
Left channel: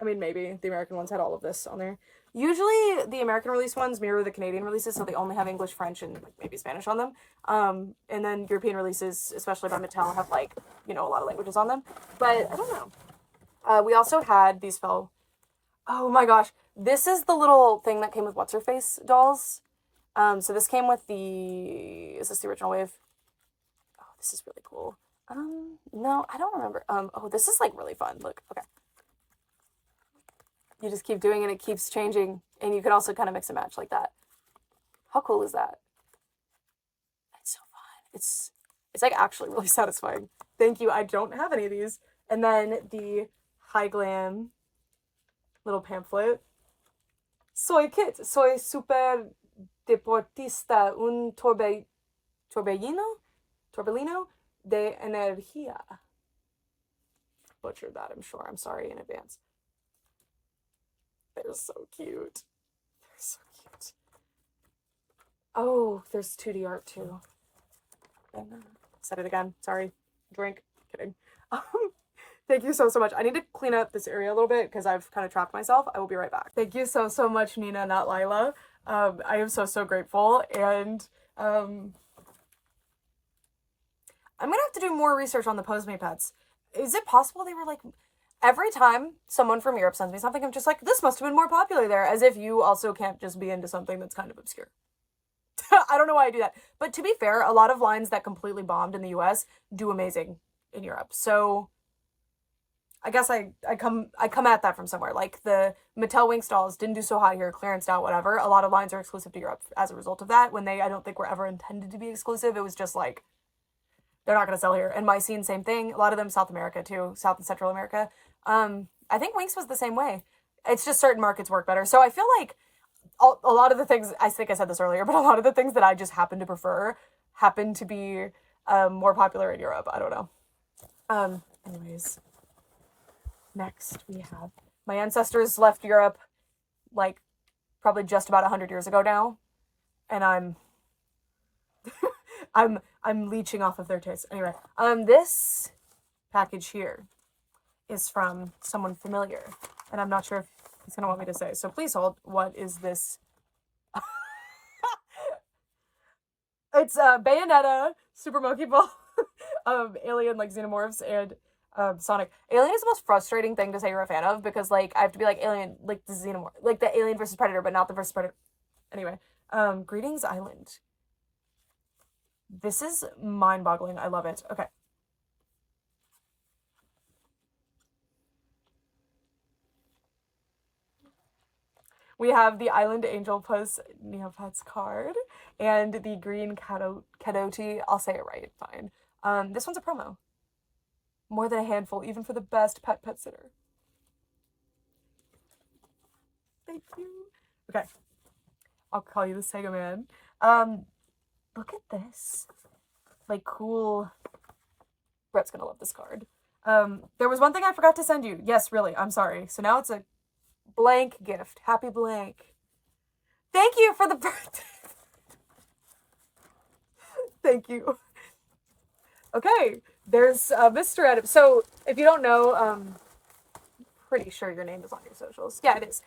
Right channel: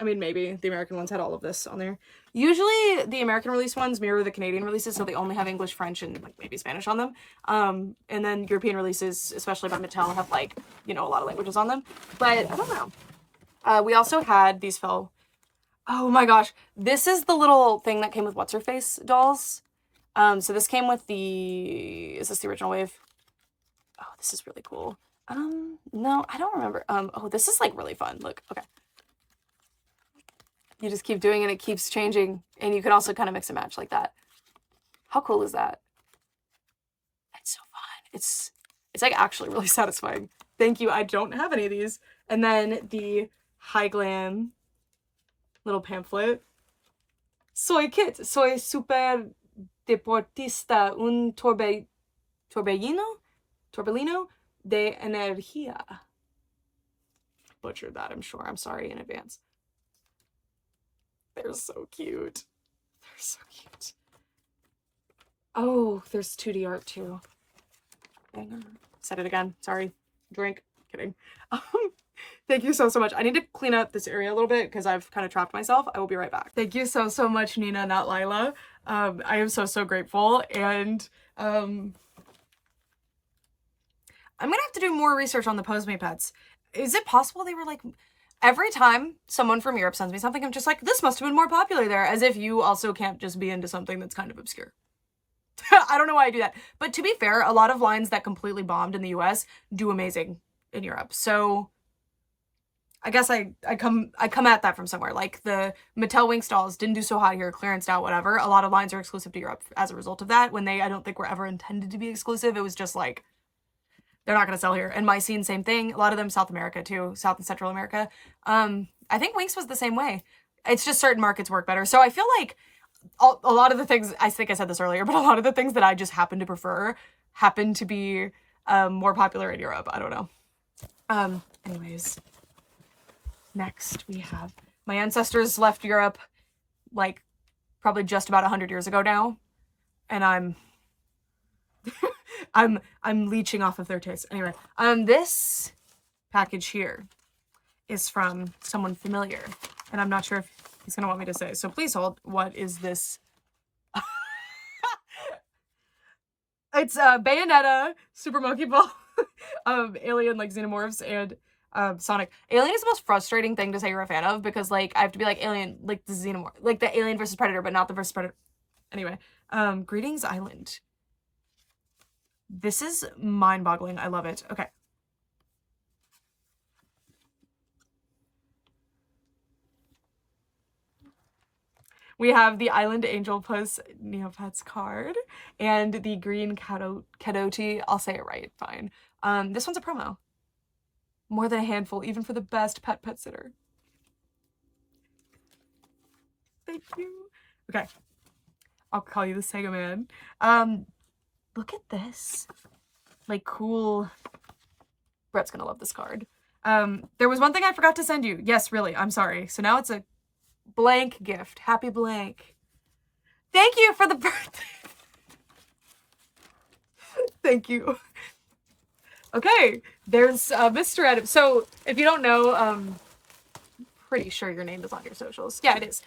maybe the American ones had all of this on there. Usually the American release ones mirror the Canadian releases, so they only have English, French, and like maybe Spanish on them. And then European releases, especially by Mattel, have like, you know, a lot of languages on them. But I don't know. We also had these oh my gosh. This is the little thing that came with What's-Her-Face dolls. So this came with is this the original wave? Oh, this is really cool. No, I don't remember. Oh, this is like really fun. Look, okay. You just keep doing it, it keeps changing, and you can also kind of mix and match like that. How cool is that? It's so fun. It's like actually really satisfying. Thank you. I don't have any of these. And then the High Glam little pamphlet. Soy Kit, soy super deportista, un torbellino de energía. Butchered that, I'm sure. I'm sorry in advance. They're so cute. They're so cute. Oh, there's 2D art too. Said it again. Sorry. Drink. Kidding. Thank you so much. I need to clean up this area a little bit because I've kind of trapped myself. I will be right back. Thank you so much, Nina, not Lila. I am so grateful, and I'm gonna have to do more research on the Neopets. Is it possible they were like, every time someone from Europe sends me something, I'm just like, this must have been more popular there, as if you also can't just be into something that's kind of obscure. I don't know why I do that. But to be fair, a lot of lines that completely bombed in the US do amazing in Europe. So I guess I come at that from somewhere. Like the Mattel Winx dolls didn't do so hot here, clearanced out, whatever. A lot of lines are exclusive to Europe as a result of that, when I don't think were ever intended to be exclusive. It was just like, they're not going to sell here. And My Scene, same thing. A lot of them South America too, South and Central America. I think Winx was the same way. It's just certain markets work better. So I feel like a lot of the things, I think I said this earlier, but a lot of the things that I just happen to prefer happen to be more popular in Europe. I don't know. Anyways, next we have, my ancestors left Europe like probably just about 100 years ago now, and I'm leeching off of their taste. Anyway, this package here is from someone familiar, and I'm not sure if he's gonna want me to say, so please hold. What is this? It's Bayonetta, Super Monkey Ball, Alien, like Xenomorphs, and Sonic. Alien is the most frustrating thing to say you're a fan of, because like I have to be like Alien, like the Xenomorph, like the Alien versus Predator, but not the versus Predator. Anyway, Greetings Island. This is mind-boggling. I love it. Okay. We have the Island Angel Puss Neopets card and the green Cadoti. I'll say it right, fine. This one's a promo. More than a handful, even for the best pet sitter. Thank you. Okay. I'll call you the Sega Man. Look at this. Like, cool. Brett's gonna love this card. There was one thing I forgot to send you. Yes, really. I'm sorry. So now it's a blank gift. Happy blank. Thank you for the birthday. Thank you. Okay, there's Mr. Adam. So if you don't know, pretty sure your name is on your socials. Yeah, it is.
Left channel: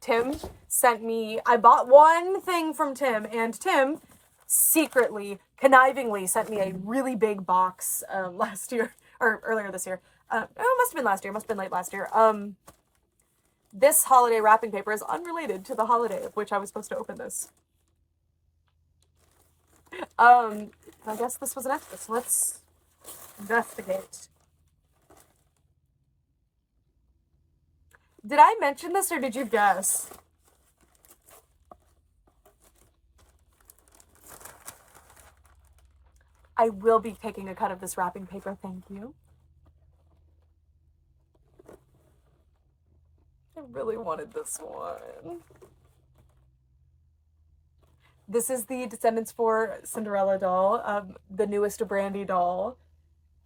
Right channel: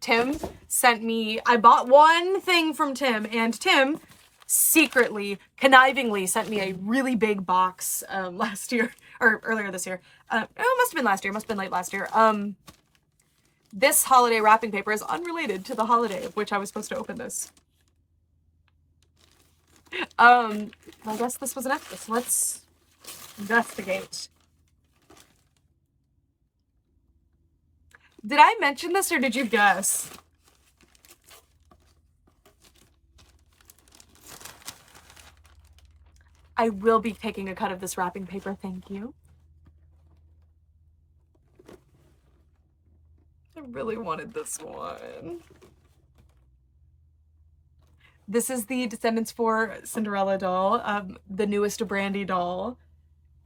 Tim sent me, I bought one thing from Tim, and Tim secretly, connivingly sent me a really big box last year, or earlier this year. It must have been last year, must have been late last year. This holiday wrapping paper is unrelated to the holiday of which I was supposed to open this. I guess this was an necklace. Let's investigate. Did I mention this or did you guess? I will be taking a cut of this wrapping paper, thank you. I really wanted this one. This is the Descendants 4 Cinderella doll, the newest Brandy doll,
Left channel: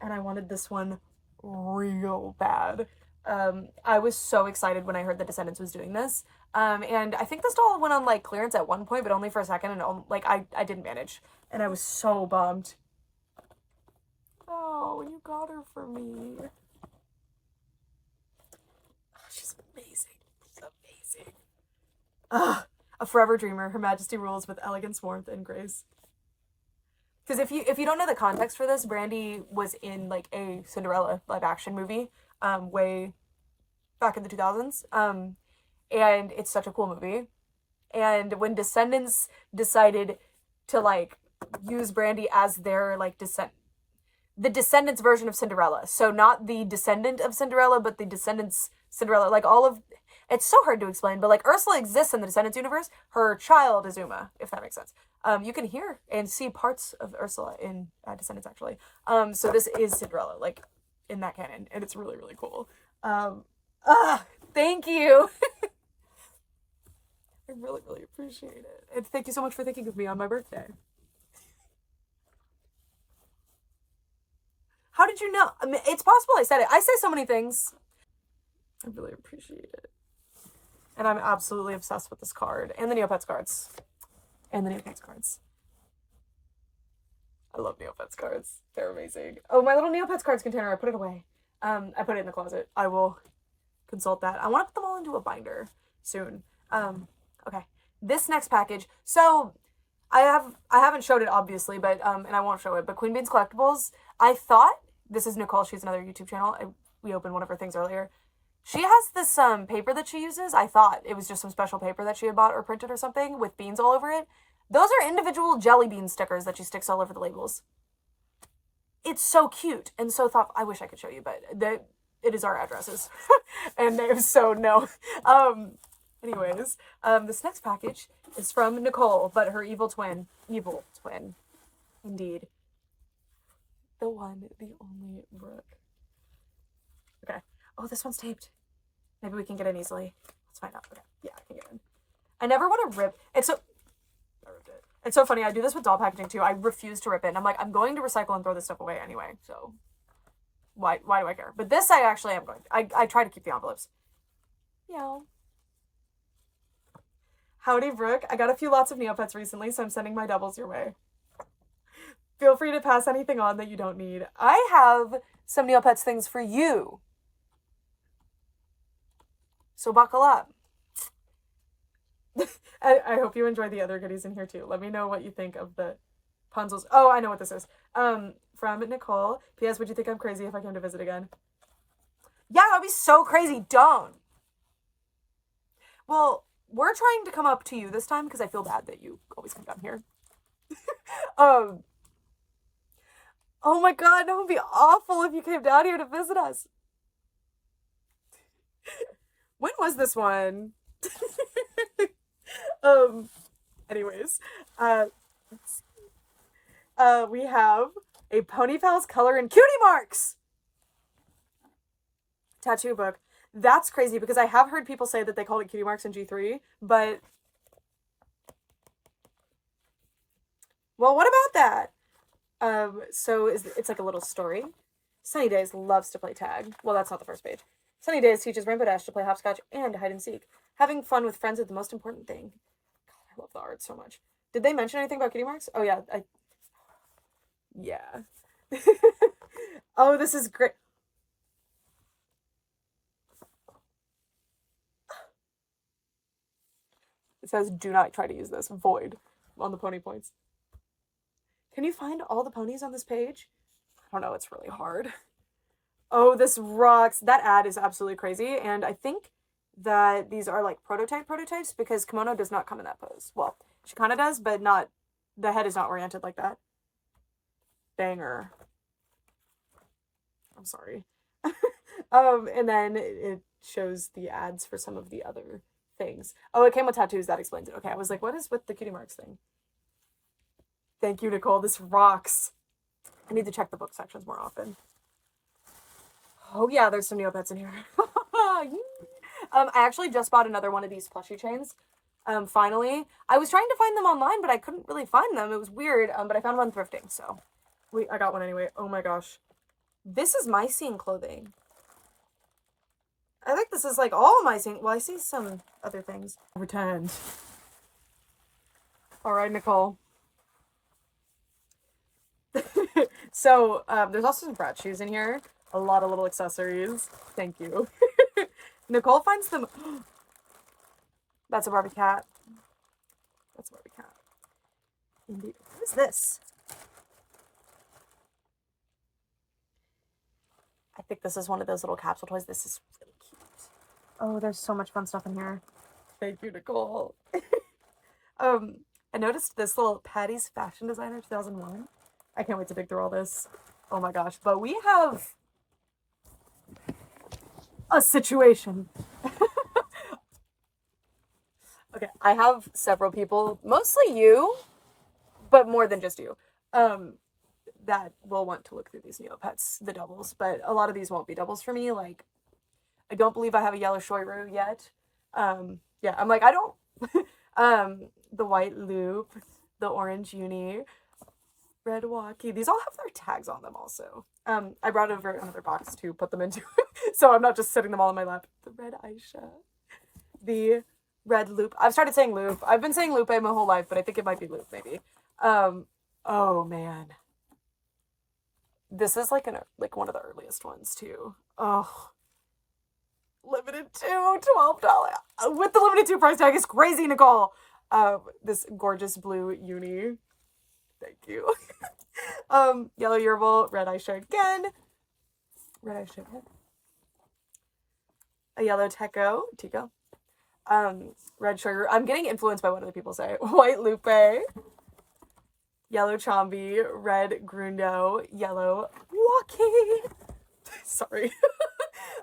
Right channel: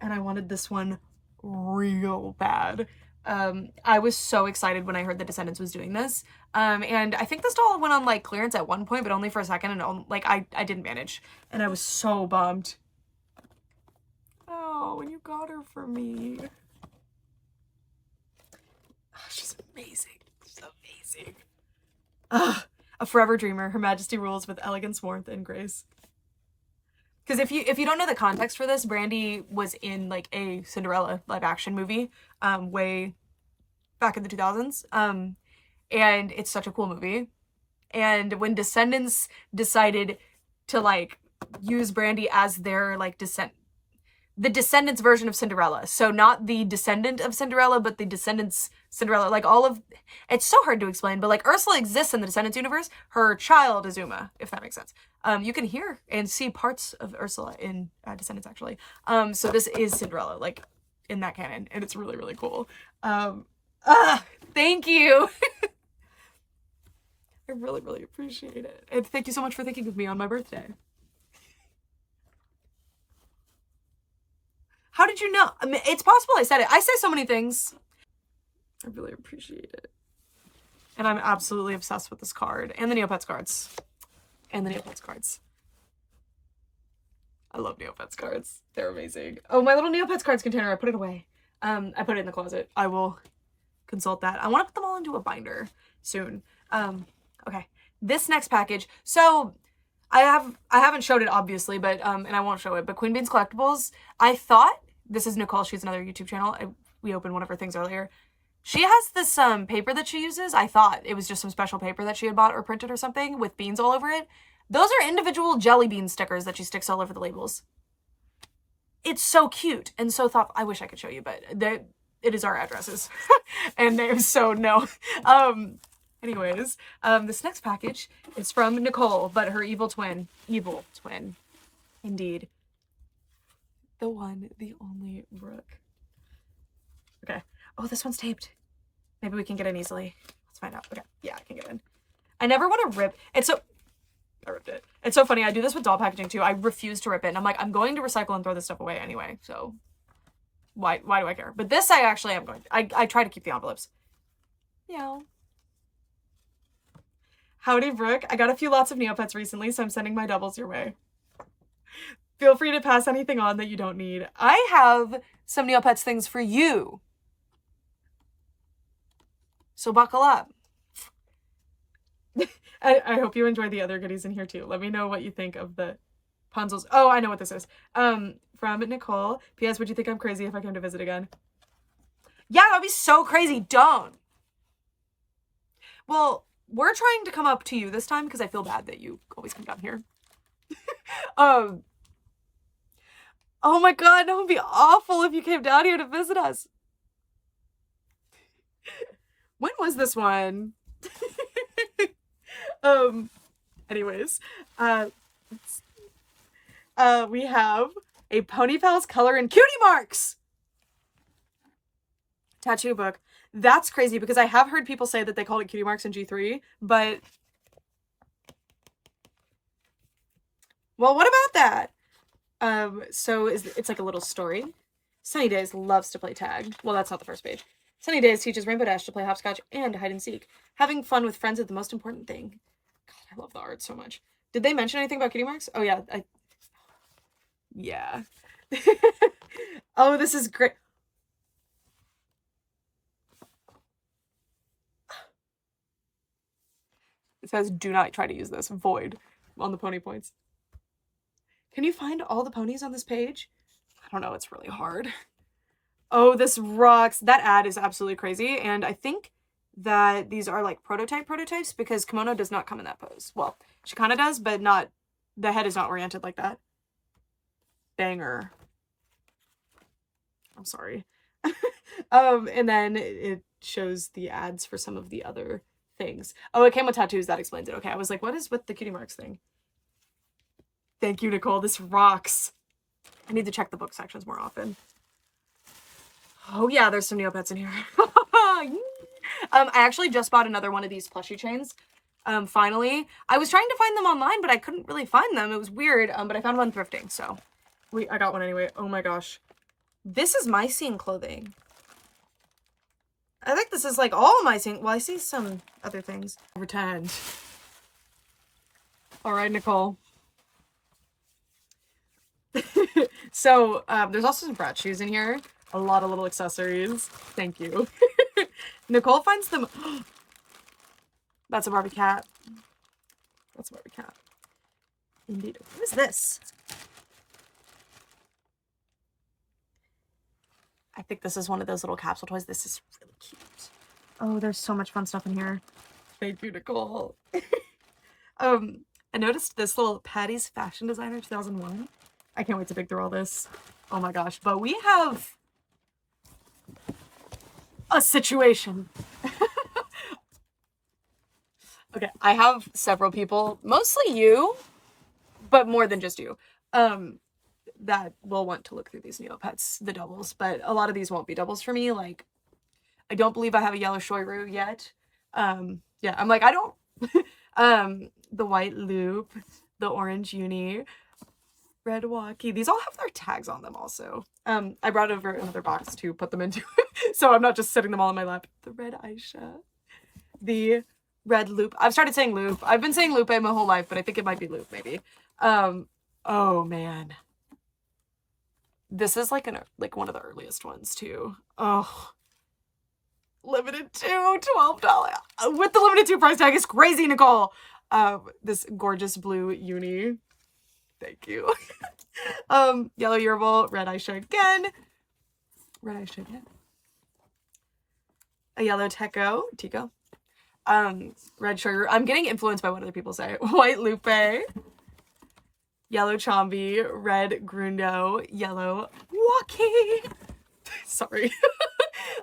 and I wanted this one real bad. I was so excited when I heard the Descendants was doing this, and I think this doll went on like clearance at one point, but only for a second, and like I didn't manage, and I was so bummed. Oh, you got her for me. Oh, she's amazing. She's amazing. Ugh. A forever dreamer. Her Majesty rules with elegance, warmth, and grace. Because if you don't know the context for this, Brandy was in like a Cinderella live action movie, way back in the 2000s. And it's such a cool movie. And when Descendants decided to like use Brandy as their like the Descendants version of Cinderella. So not the descendant of Cinderella, but the Descendants Cinderella. Like all of, it's so hard to explain, but like Ursula exists in the Descendants universe. Her child is Uma, if that makes sense. You can hear and see parts of Ursula in Descendants actually. So this is Cinderella, like in that canon, and it's really, really cool. Thank you. I really, really appreciate it. And thank you so much for thinking of me on my birthday. How did you know? I mean, it's possible I said it. I say so many things. I really appreciate it. And I'm absolutely obsessed with this card. And the Neopets cards. And the Neopets cards. I love Neopets cards. They're amazing. Oh, my little Neopets cards container. I put it away. I put it in the closet. I will consult that. I want to put them all into a binder soon. Okay. This next package. So I haven't showed it obviously, but and I won't show it, but Queen Bean's Collectibles, I thought, this is Nicole, she's another YouTube channel. We opened one of her things earlier. She has this paper that she uses. I thought it was just some special paper that she had bought or printed or something with beans all over it. Those are individual jelly bean stickers that she sticks all over the labels. It's so cute and so thoughtful. I wish I could show you, but it is our addresses and names, so no. Anyways, this next package is from Nicole, but her evil twin. Evil twin. Indeed. The one, the only Brooke. Okay. Oh, this one's taped. Maybe we can get in easily. Let's find out. Okay. Yeah, I can get in. I never want to rip. I ripped it. It's so funny. I do this with doll packaging too. I refuse to rip it. And I'm like, I'm going to recycle and throw this stuff away anyway. So why do I care? But this I actually am going to. I try to keep the envelopes. Yeah. Howdy, Brooke. I got a few lots of Neopets recently, so I'm sending my doubles your way. Feel free to pass anything on that you don't need. I have some Neopets things for you. So buckle up. I hope you enjoy the other goodies in here too. Let me know what you think of the Punzels. Oh, I know what this is. From Nicole. P.S. Would you think I'm crazy if I came to visit again? Yeah, that'd be so crazy. Don't. Well, we're trying to come up to you this time because I feel bad that you always come down here. Oh my god, that would be awful if you came down here to visit us. When was this one? Anyways, we have a Pony Pals Color and Cutie Marks tattoo book. That's crazy because I have heard people say that they called it cutie marks in G3, but well, what about that? So it's like a little story. Sunny Days loves to play tag. Well, that's not the first page. Sunny Days teaches Rainbow Dash to play hopscotch and hide and seek. Having fun with friends is the most important thing. God, I love the art so much. Did they mention anything about cutie marks? Oh yeah, yeah. Oh, this is great. It says, do not try to use this. Void on the pony points. Can you find all the ponies on this page? I don't know. It's really hard. Oh, this rocks. That ad is absolutely crazy. And I think that these are like prototypes because kimono does not come in that pose. Well, she kind of does, but not, the head is not oriented like that. Banger. I'm sorry. And then it shows the ads for some of the other things. Oh, it came with tattoos. That explains it. Okay, I was like, what is with the cutie marks thing? Thank you, Nicole. This rocks. I need to check the book sections more often. Oh yeah, there's some Neopets in here. I actually just bought another one of these plushie chains. Finally. I was trying to find them online, but I couldn't really find them. It was weird, but I found one thrifting, so I got one anyway. Oh my gosh. This is my scene clothing. I think this is like all my scene. Well, I see some other things. Pretend. All right, Nicole. So, there's also some Bratz shoes in here. A lot of little accessories. Thank you. Nicole finds them. That's a Barbie cat. That's a Barbie cat. Indeed. What is this? I think this is one of those little capsule toys. This is really cute. Oh, there's so much fun stuff in here. Thank you, Nicole. I noticed this little Patty's Fashion Designer 2001. I can't wait to dig through all this. Oh my gosh. But we have a situation. Okay, I have several people, mostly you, but more than just you, that will want to look through these Neopets, the doubles, but a lot of these won't be doubles for me. Like, I don't believe I have a yellow Shoiru yet. Yeah, I'm like, I don't, the white loop, the orange uni, red walkie, these all have their tags on them also. I brought over another box to put them into, so I'm not just sitting them all in my lap. The red Aisha, the red loop. I've started saying loop. I've been saying lupe my whole life, but I think it might be loop maybe. Oh man. This is like one of the earliest ones too. Oh. Limited to $12. With the limited to price tag is crazy, Nicole. This gorgeous blue uni. Thank you. Yellow Yerbal, red Aisha again. Red Aisha again. A yellow Tico. Red Sugar. I'm getting influenced by what other people say. White Lupe. Yellow Chombi. Red Grundo. Yellow Walkie. Sorry.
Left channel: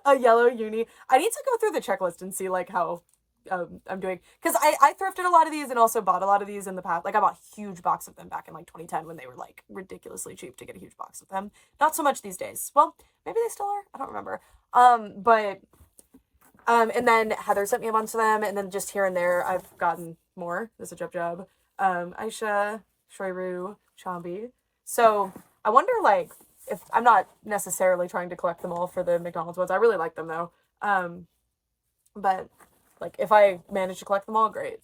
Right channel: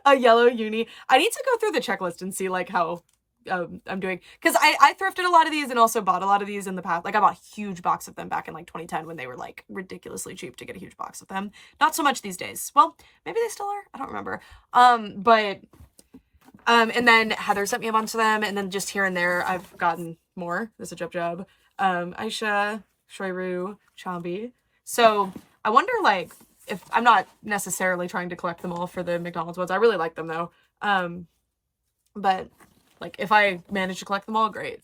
A yellow uni. I need to go through the checklist and see like how I'm doing, because I thrifted a lot of these and also bought a lot of these in the past. Like I bought a huge box of them back in like 2010 when they were like ridiculously cheap to get a huge box of them. Not so much these days. Well, maybe they still are. I don't remember. And then Heather sent me a bunch of them, and then just here and there I've gotten more. There's a Jub. Aisha, Shoiru, Chombi. So I wonder like if I'm not necessarily trying to collect them all for the McDonald's ones. I really like them though. But like if I manage to collect them all, great.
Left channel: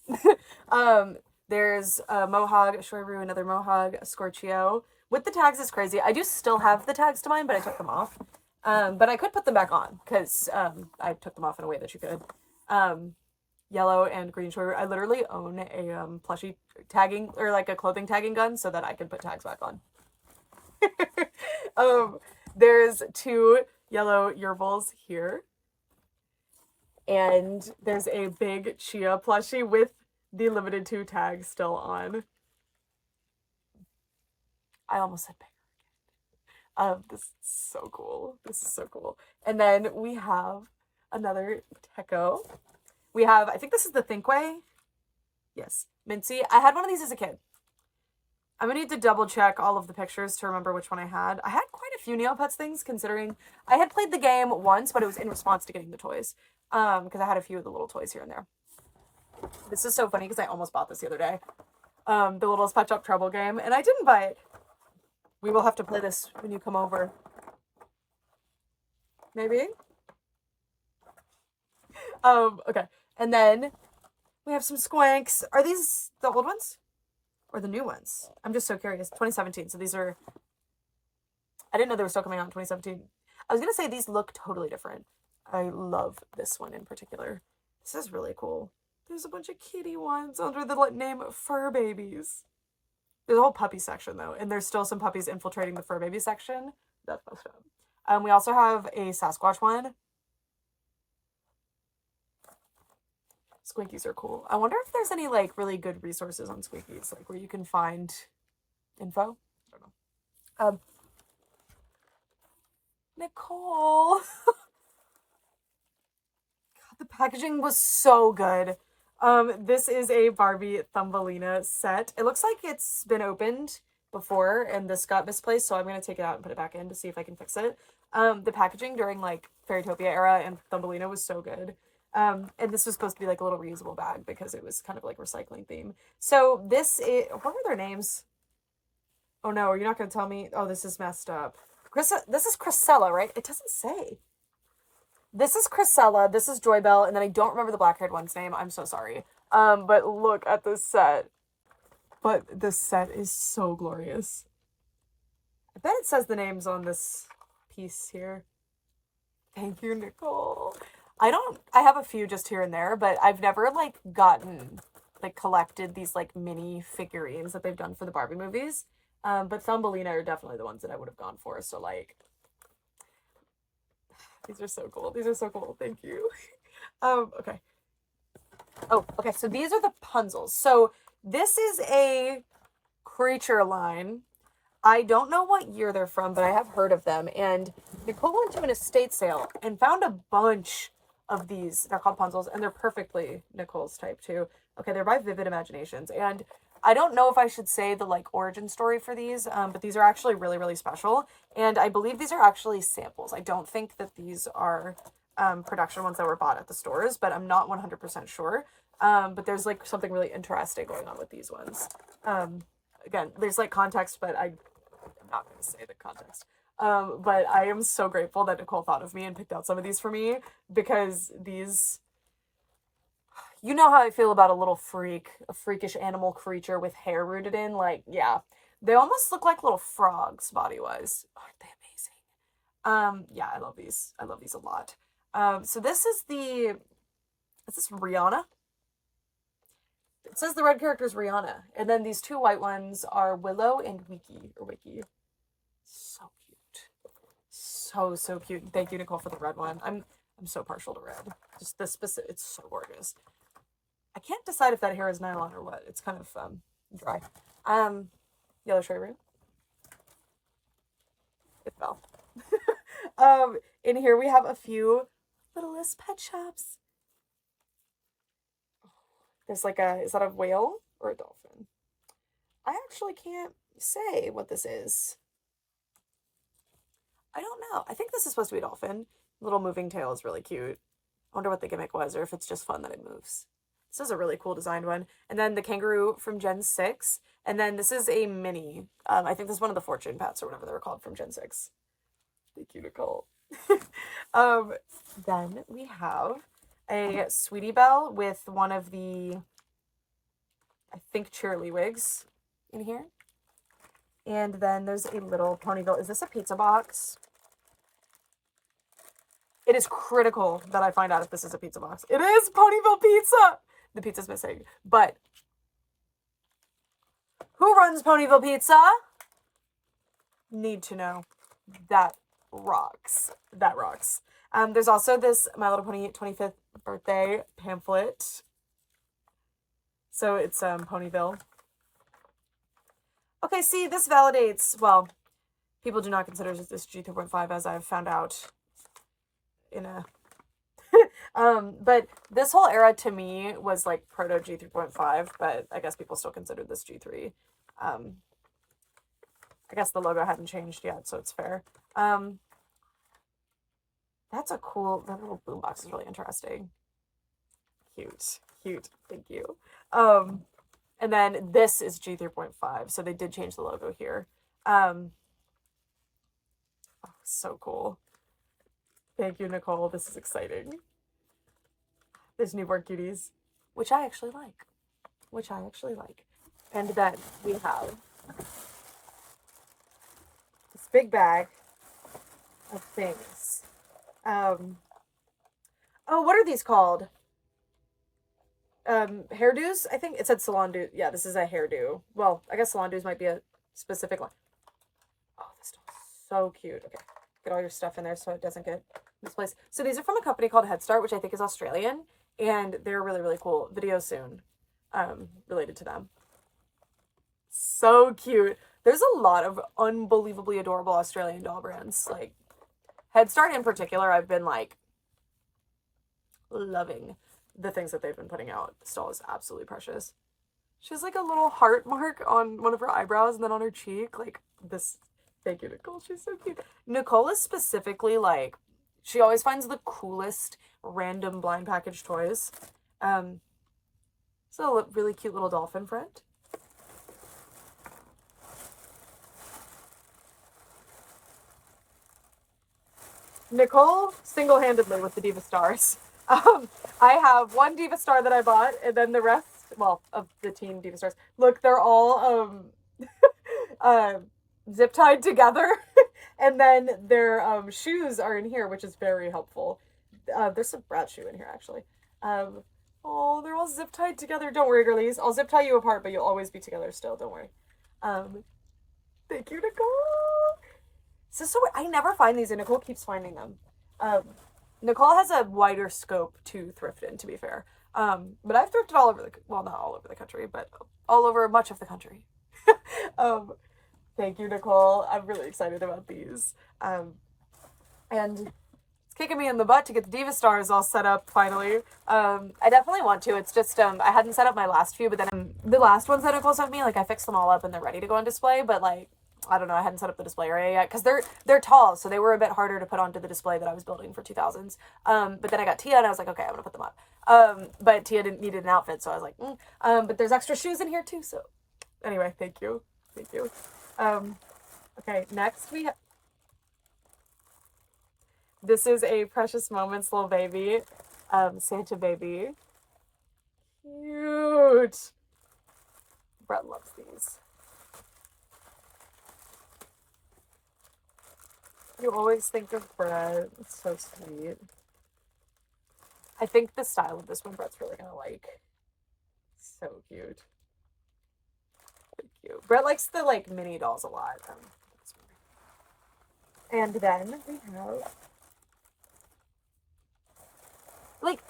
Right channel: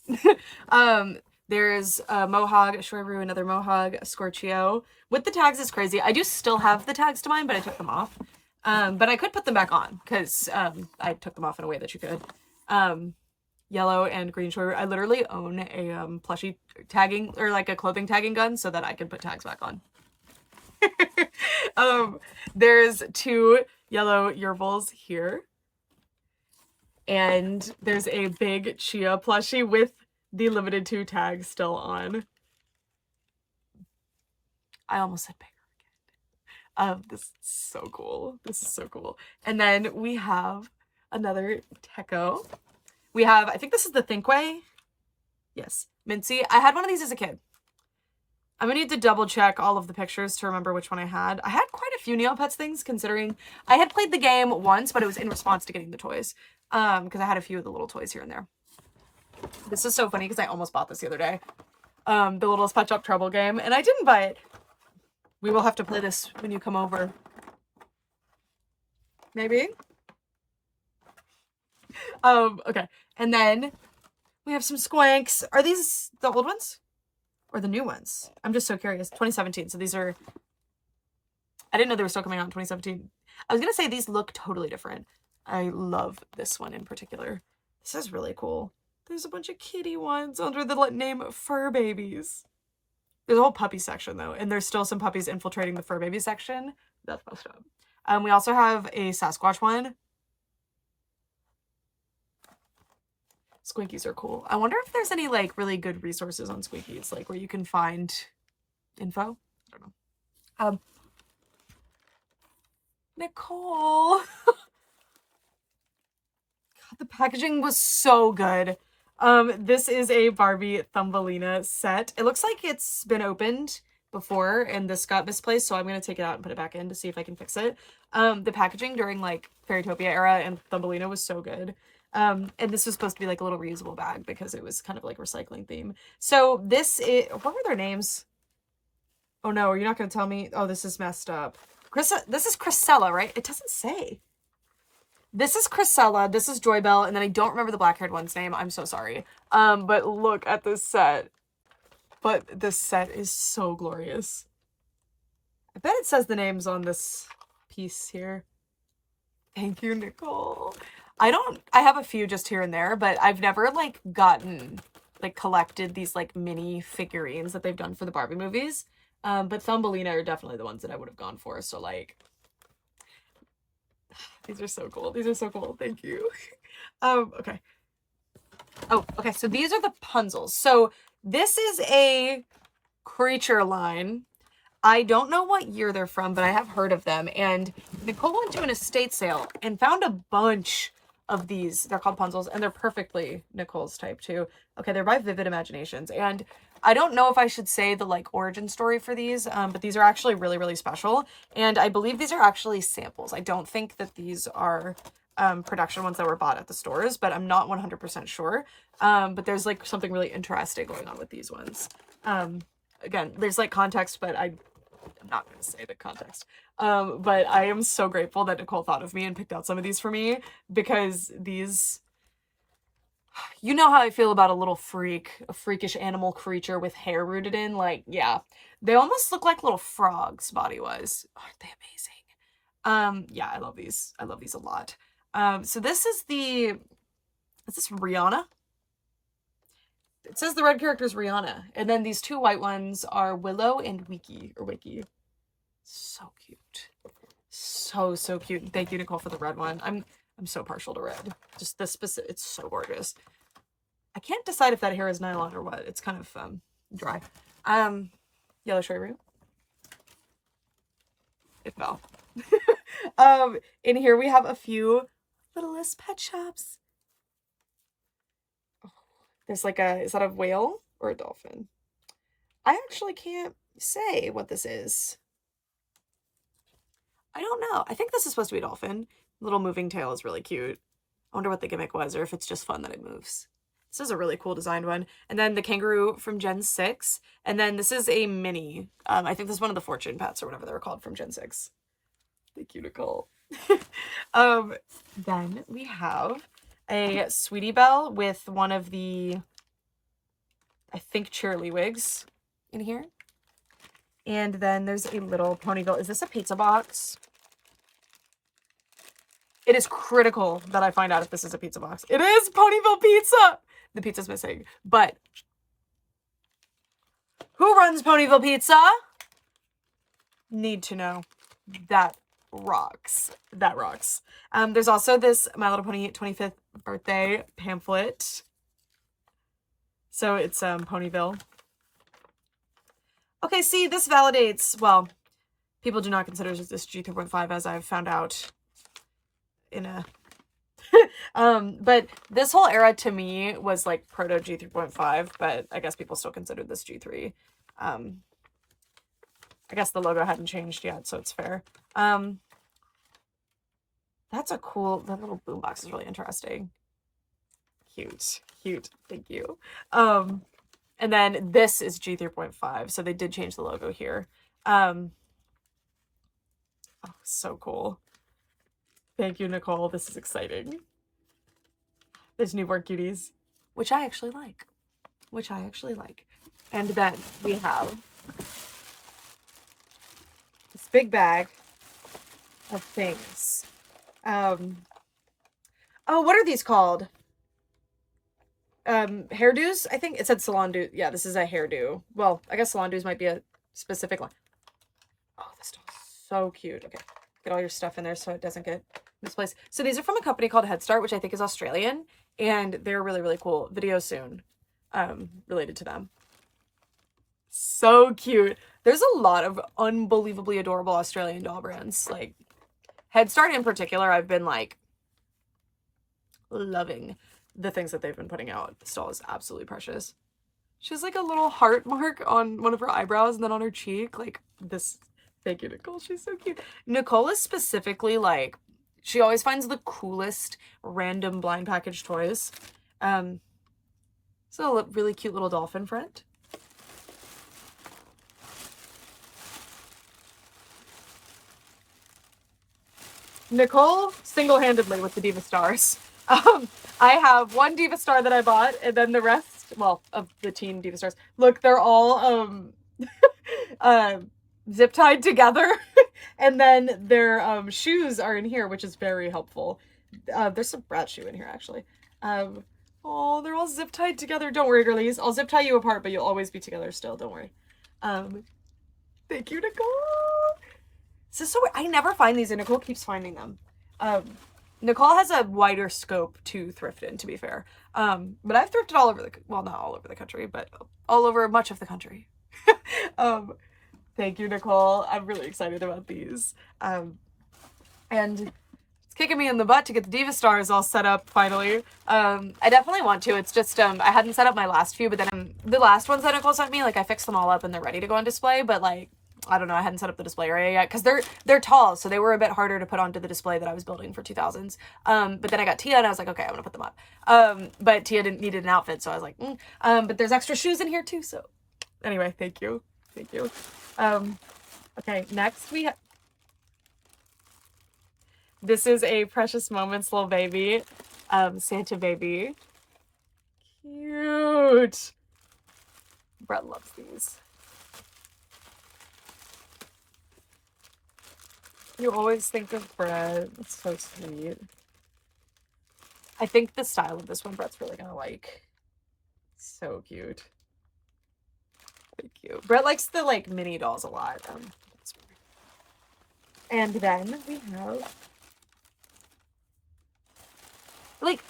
There's a Mohawk, a Shoiru, another Mohawk, a Scorchio. With the tags is crazy. I do still have the tags to mine, but I took them off. But I could put them back on because I took them off in a way that you could. Yellow and green Shoiru. I literally own a plushie tagging or like a clothing tagging gun so that I can put tags back on. There's 2 yellow Yerbals here. And there's a big Chia plushie with the limited 2 tags still on. I almost said bigger. This is so cool. This is so cool. And then we have another Teco. We have, I think this is the Thinkway. Yes, Mincy. I had one of these as a kid. I'm gonna need to double check all of the pictures to remember which one I had. I had quite a few Neopets things, considering I had played the game once, but it was in response to getting the toys. Because I had a few of the little toys here and there. This is so funny because I almost bought this the other day. The little Pet Shop Trouble game, and I didn't buy it. We will have to play this when you come over. Maybe? Okay. And then we have some squanks. Are these the old ones? Or the new ones? I'm just so curious. 2017. So these are... I didn't know they were still coming out in 2017. I was going to say these look totally different. I love this one in particular. This is really cool. There's a bunch of kitty ones under the name Fur Babies. There's a whole puppy section, though. And there's still some puppies infiltrating the Fur Baby section. That's messed up. We also have a Sasquatch one. Squinkies are cool. I wonder if there's any, like, really good resources on Squinkies, like, where you can find info. I don't know. Nicole! God, the packaging was so good. This is a Barbie Thumbelina set. It looks like it's been opened before and this got misplaced, so I'm gonna take it out and put it back in to see if I can fix it. The packaging during, like, Fairytopia era and Thumbelina was so good. And this was supposed to be like a little reusable bag because it was kind of like recycling theme. So this is, what were their names? Oh no, you're not going to tell me. Oh, this is messed up. This is Chrisella, right? It doesn't say. This is Chrisella, this is Joybell, and then I don't remember the black-haired one's name. I'm so sorry. But look at this set. But this set is so glorious. I bet it says the names on this piece here. Thank you, Nicole. I have a few just here and there, but I've never, like, collected these, like, mini figurines that they've done for the Barbie movies. But Thumbelina are definitely the ones that I would have gone for, so, like, these are so cool. These are so cool. Thank you. Okay. Oh, okay, so these are the Punzels. So this is a creature line. I don't know what year they're from, but I have heard of them, and Nicole went to an estate sale and found a bunch of these. They're called Punzels, and they're perfectly Nicole's type too. Okay, they're by Vivid Imaginations, and I don't know if I should say the, like, origin story for these, but these are actually really, really special, and I believe these are actually samples. I don't think that these are production ones that were bought at the stores, but I'm not 100% sure. But there's, like, something really interesting going on with these ones. Again, there's, like, context, but I'm not going to say the context. But I am so grateful that Nicole thought of me and picked out some of these for me, because these, you know how I feel about a little freak, a freakish animal creature with hair rooted in, like, yeah. They almost look like little frogs body-wise. Aren't they amazing? Yeah, I love these. I love these a lot. So this is this Rihanna? It says the red character is Rihanna. And then these two white ones are Willow and Wiki. So cute. So cute. Thank you, Nicole, for the red one. I'm so partial to red. Just this specific, it's so gorgeous. I can't decide if that hair is nylon or what. It's kind of dry. Yellow cherry root. It fell. In here we have a few Littlest Pet Shops. There's like is that a whale or a dolphin? I actually can't say what this is. I don't know. I think this is supposed to be a dolphin. Little moving tail is really cute. I wonder what the gimmick was, or if it's just fun that it moves. This is a really cool designed one. And then the kangaroo from Gen 6. And then this is a mini. I think this is one of the fortune pets or whatever they were called from Gen 6. Thank you, Nicole. Then we have a Sweetie Belle with one of the, I think, Cheerly wigs in here. And then there's a little Ponyville. Is this a pizza box? It is critical that I find out if this is a pizza box. It is Ponyville Pizza! The pizza's missing. But who runs Ponyville Pizza? Need to know. That rocks. That rocks. There's also this My Little Pony 25th birthday pamphlet. So it's Ponyville. Okay, see, this validates, well, people do not consider this G3.5, as I've found out in a but this whole era to me was like proto G3.5, but I guess people still consider this G3. I guess the logo hadn't changed yet, so it's fair. That's a cool, that little boombox is really interesting. Cute, cute, thank you. And then this is G3.5, so they did change the logo here. Oh, so cool. Thank you, Nicole. This is exciting. There's newborn cuties, which I actually like. And then we have this big bag of things. Oh, what are these called? Hairdos? I think it said salon do. Yeah, this is a hairdo. Well, I guess salon dos might be a specific one. Oh, this stuff is so cute. Okay, get all your stuff in there so it doesn't get misplaced. So these are from a company called Head Start, which I think is Australian, and they're really, really cool. Video soon, related to them. So cute. There's a lot of unbelievably adorable Australian doll brands. Like Head Start in particular, I've been like loving the things that they've been putting out. This doll is absolutely precious. She has like a little heart mark on one of her eyebrows and then on her cheek. Like this. Thank you, Nicole. She's so cute. Nicole is specifically like, she always finds the coolest random blind package toys. So a really cute little dolphin friend. Nicole single-handedly with the Diva Stars. I have one Diva Star that I bought, and then the rest, well, of the teen Diva Stars. Look, they're all zip tied together, and then their shoes are in here, which is very helpful. There's some Bratz shoe in here actually. Oh, they're all zip tied together. Don't worry, girlies. I'll zip tie you apart, but you'll always be together still. Don't worry. Thank you, Nicole. This is so weird. I never find these, and Nicole keeps finding them. Nicole has a wider scope to thrift in, to be fair. But I've thrifted all over the, well, not all over the country, but all over much of the country. Thank you, Nicole. I'm really excited about these. And it's kicking me in the butt to get the Diva Stars all set up finally. I definitely want to. It's just, I hadn't set up my last few, but then the last ones that Nicole sent me, like I fixed them all up and they're ready to go on display, but like, I don't know, I hadn't set up the display area yet because they're tall, so they were a bit harder to put onto the display that I was building for 2000s. But then I got Tia and I was like, okay, I'm gonna put them up. But Tia needed an outfit, so I was like, but there's extra shoes in here too, so anyway, thank you. Okay, next we have, this is a Precious Moments little baby, Santa baby. Cute. Brett loves these. You always think of Brett. It's so sweet. I think the style of this one Brett's really gonna like. So cute. Thank you. Brett likes the like mini dolls a lot. And then we have like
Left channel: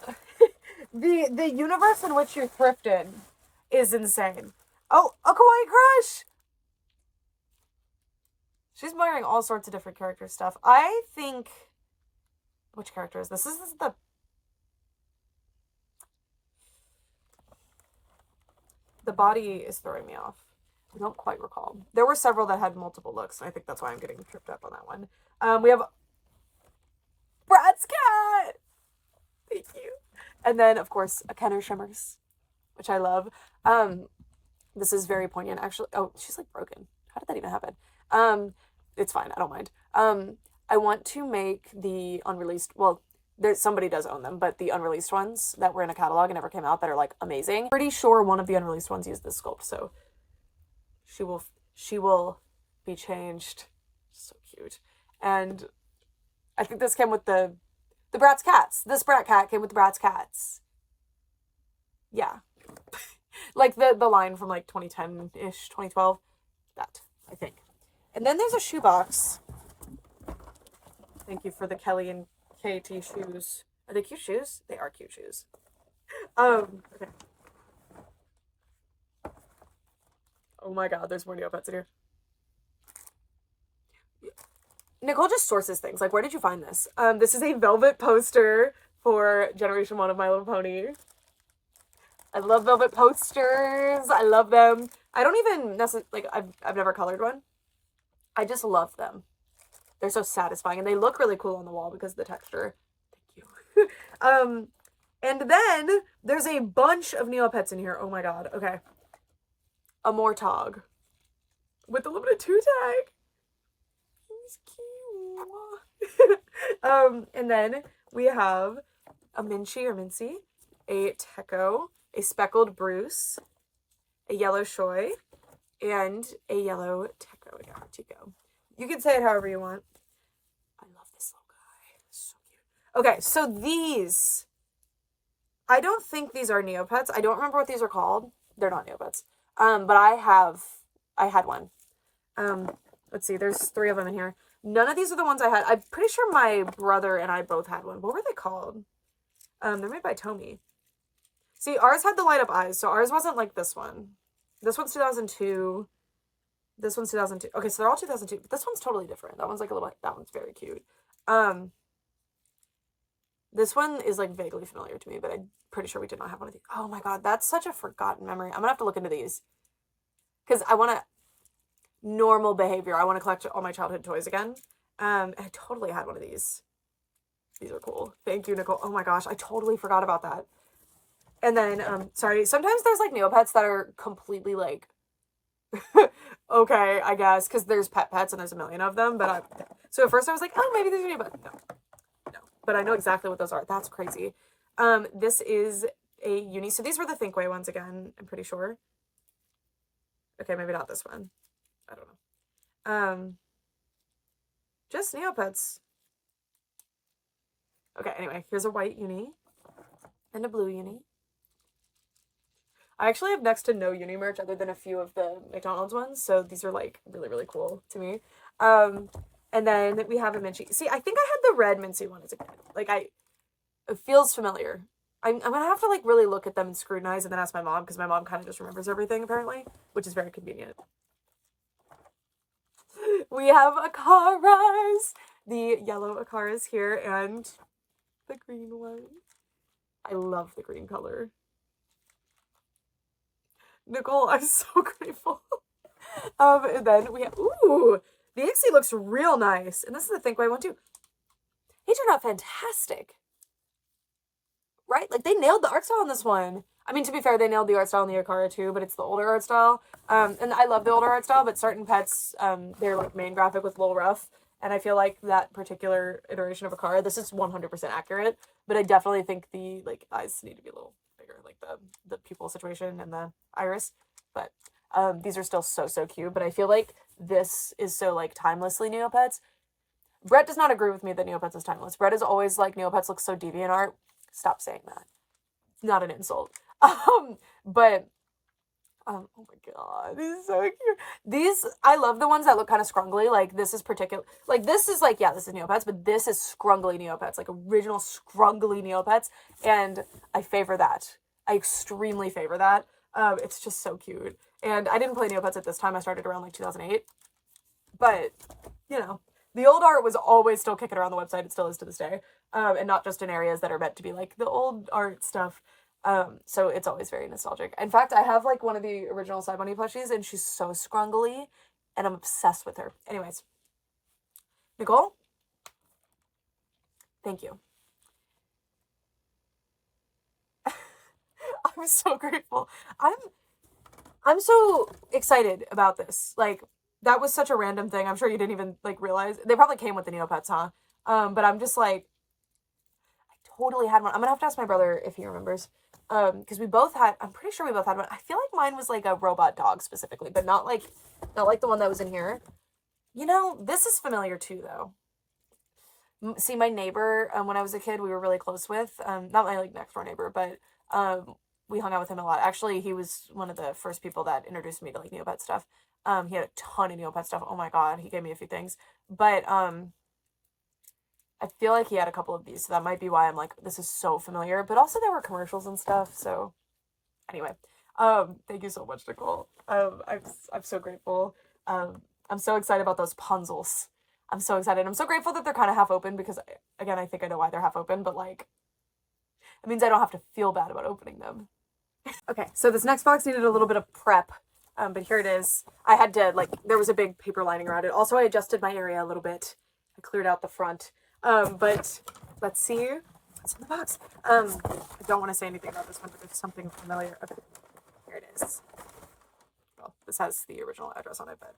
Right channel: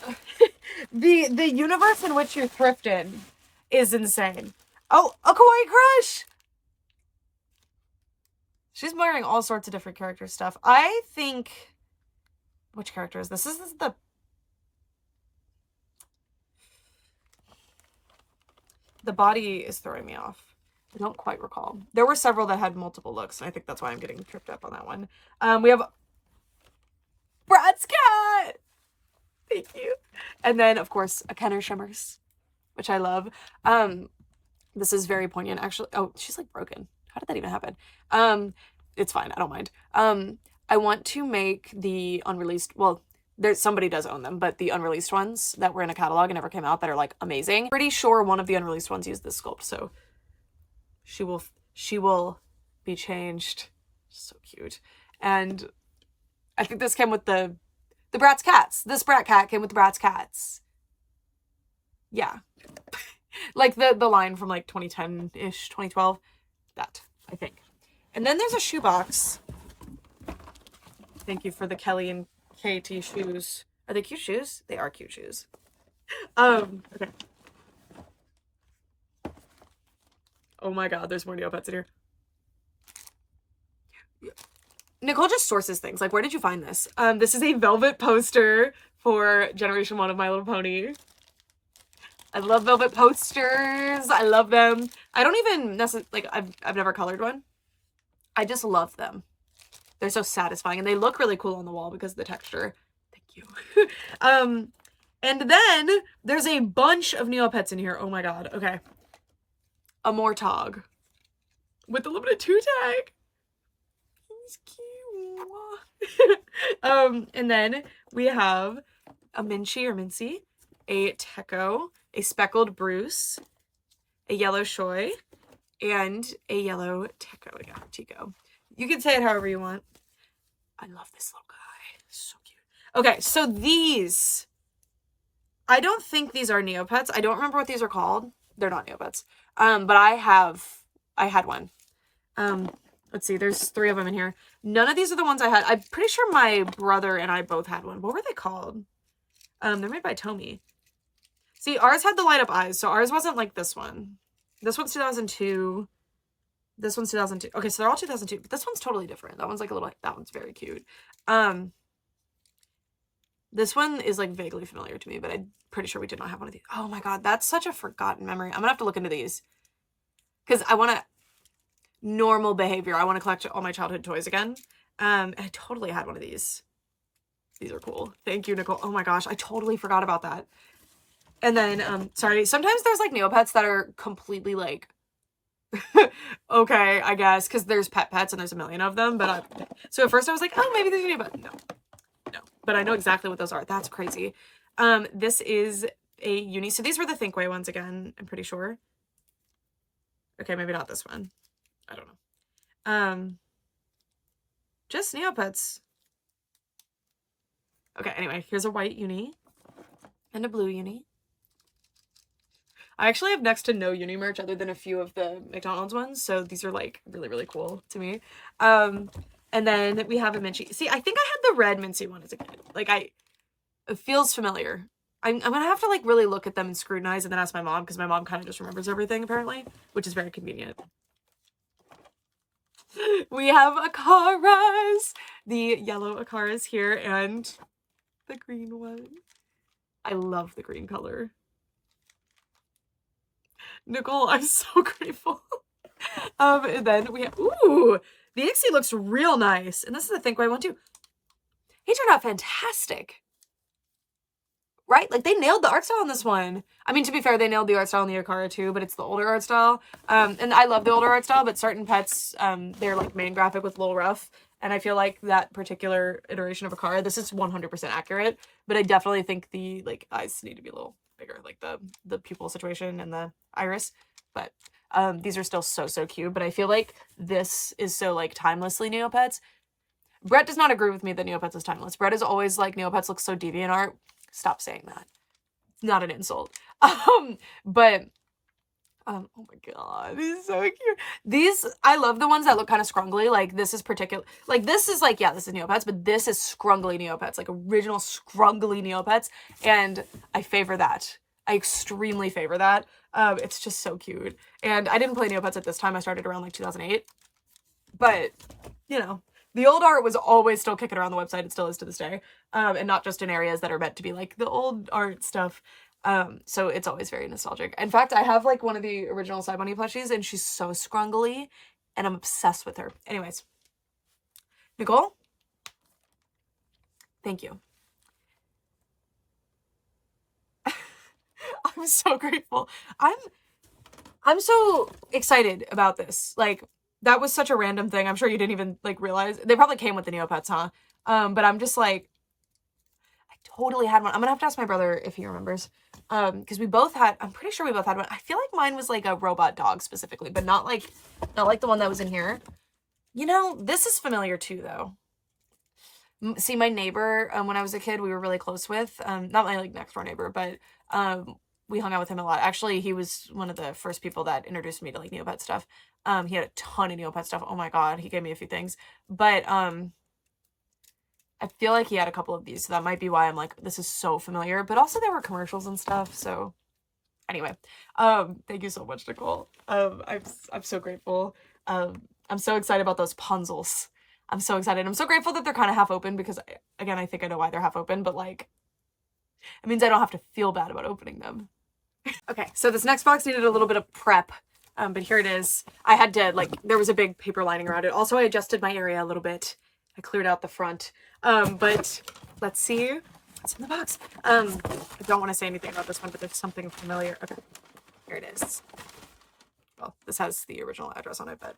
the universe in which you thrift in is insane. Oh, a Kawaii Crush! She's wearing all sorts of different character stuff. I think, which character is this? This is the body is throwing me off. I don't quite recall. There were several that had multiple looks, and I think that's why I'm getting tripped up on that one. We have Bratz cat! Thank you. And then, of course, a Kenner Shimmers, which I love. This is very poignant, actually. Oh, she's like broken. How did that even happen? It's fine. I don't mind. I want to make the unreleased, well, somebody does own them, but the unreleased ones that were in a catalog and never came out that are like amazing. Pretty sure one of the unreleased ones used this sculpt, so she will be changed. So cute. And I think this came with the Bratz cats. This Brat cat came with the Bratz cats. Yeah. Like the line from like 2010-ish, 2012. That, I think. And then there's a shoebox. Thank you for the Kelly and KT shoes. Are they cute shoes? They are cute shoes. Okay. Oh my god, there's more Neopets in here. Nicole just sources things. Like, where did you find this? This is a velvet poster for Generation 1 of My Little Pony. I love velvet posters. I love them. I don't even necessarily, like, I've never colored one. I just love them. They're so satisfying, and they look really cool on the wall because of the texture. Thank you. And then there's a bunch of Neopets in here. Oh my god. Okay. A Mortog with a limited 2 tag. He's cute. And then we have a Minchie or Mincy, a Techo, a Speckled Bruce, a Yellow Shoy, and a Yellow Techo again. Tico. You can say it however you want. I love this little guy. So cute. Okay, so these, I don't think these are Neopets. I don't remember what these are called. They're not Neopets. But I had one. Let's see, there's 3 of them in here. None of these are the ones I had. I'm pretty sure my brother and I both had one. What were they called? They're made by Tomy. See, ours had the light up eyes, so ours wasn't like this one. This one's 2002. This one's 2002. Okay, so they're all 2002. But this one's totally different. That one's like a little, that one's very cute. This one is like vaguely familiar to me, but I'm pretty sure we did not have one of these. Oh my god, that's such a forgotten memory. I'm gonna have to look into these. Because I want to, normal behavior. I want to collect all my childhood toys again. And I totally had one of these. These are cool. Thank you, Nicole. Oh my gosh, I totally forgot about that. And then, sorry, sometimes there's like Neopets that are completely like, okay, I guess, because there's pets and there's a million of them. But so at first I was like, oh, maybe there's a Neopet. No, but I know exactly what those are. That's crazy. This is a uni. So these were the Thinkway ones again, I'm pretty sure. Okay, maybe not this one. I don't know. Just Neopets. Okay, anyway, here's a white uni and a blue uni. I actually have next to no uni merch other than a few of the McDonald's ones, so these are like really, really cool to me. And then we have a Minchie. See, I think I had the red Mincy one as a kid. Like, it feels familiar. I'm gonna have to like really look at them and scrutinize and then ask my mom, because my mom kind of just remembers everything apparently, which is very convenient. We have Akaras, the yellow Akaras here, and the green one. I love the green color. Nicole, I'm so grateful. And then we have, ooh, the Ixie looks real nice. And this is the Thinkway one too. He turned out fantastic. Right? Like, they nailed the art style on this one. I mean, to be fair, they nailed the art style in the Akara too, but it's the older art style. And I love the older art style, but certain pets, they're like main graphic with a little rough. And I feel like that particular iteration of Akara, this is 100% accurate, but I definitely think the like eyes need to be a little bigger, like the pupil situation and the iris. But these are still so cute. But I feel like this is so like timelessly Neopets. Brett does not agree with me that Neopets is timeless. Brett is always like, Neopets look so deviant art. Stop saying that. Not an insult. But oh my god, he's so cute. These, I love the ones that look kind of scrungly. Like, this is particular, like, this is like, yeah, this is Neopets, but this is scrungly Neopets, like original scrungly Neopets, and I favor that. I extremely favor that. It's just so cute. And I didn't play Neopets at this time. I started around like 2008, but you know, the old art was always still kicking around the website. It still is to this day. And not just in areas that are meant to be like the old art stuff. So it's always very nostalgic. In fact, I have like one of the original Side Bunny plushies, and she's so scrungly, and I'm obsessed with her. Anyways, Nicole, thank you. I'm so grateful. I'm so excited about this. Like, that was such a random thing. I'm sure you didn't even like realize. They probably came with the Neopets, huh? But I'm just like, I totally had one. I'm gonna have to ask my brother if he remembers. Because we both had, I'm pretty sure we both had one. I feel like mine was like a robot dog specifically, but not like the one that was in here. You know, this is familiar too, though. See, my neighbor, when I was a kid, we were really close with, not my like next door neighbor, but we hung out with him a lot. Actually, he was one of the first people that introduced me to like Neopet stuff. He had a ton of Neopet stuff. Oh my god, he gave me a few things. But I feel like he had a couple of these, so that might be why I'm like, this is so familiar. But also there were commercials and stuff, so anyway. Thank you so much, Nicole. I'm so grateful. I'm so excited about those punzels. I'm so excited. I'm so grateful that they're kind of half open, because again, I think I know why they're half open, but like, it means I don't have to feel bad about opening them. Okay, so this next box needed a little bit of prep. But here it is. I had to, like, there was a big paper lining around it. Also, I adjusted my area a little bit. I cleared out the front. But let's see what's in the box. I don't want to say anything about this one, but there's something familiar. Okay, here it is. Well, this has the original address on it, but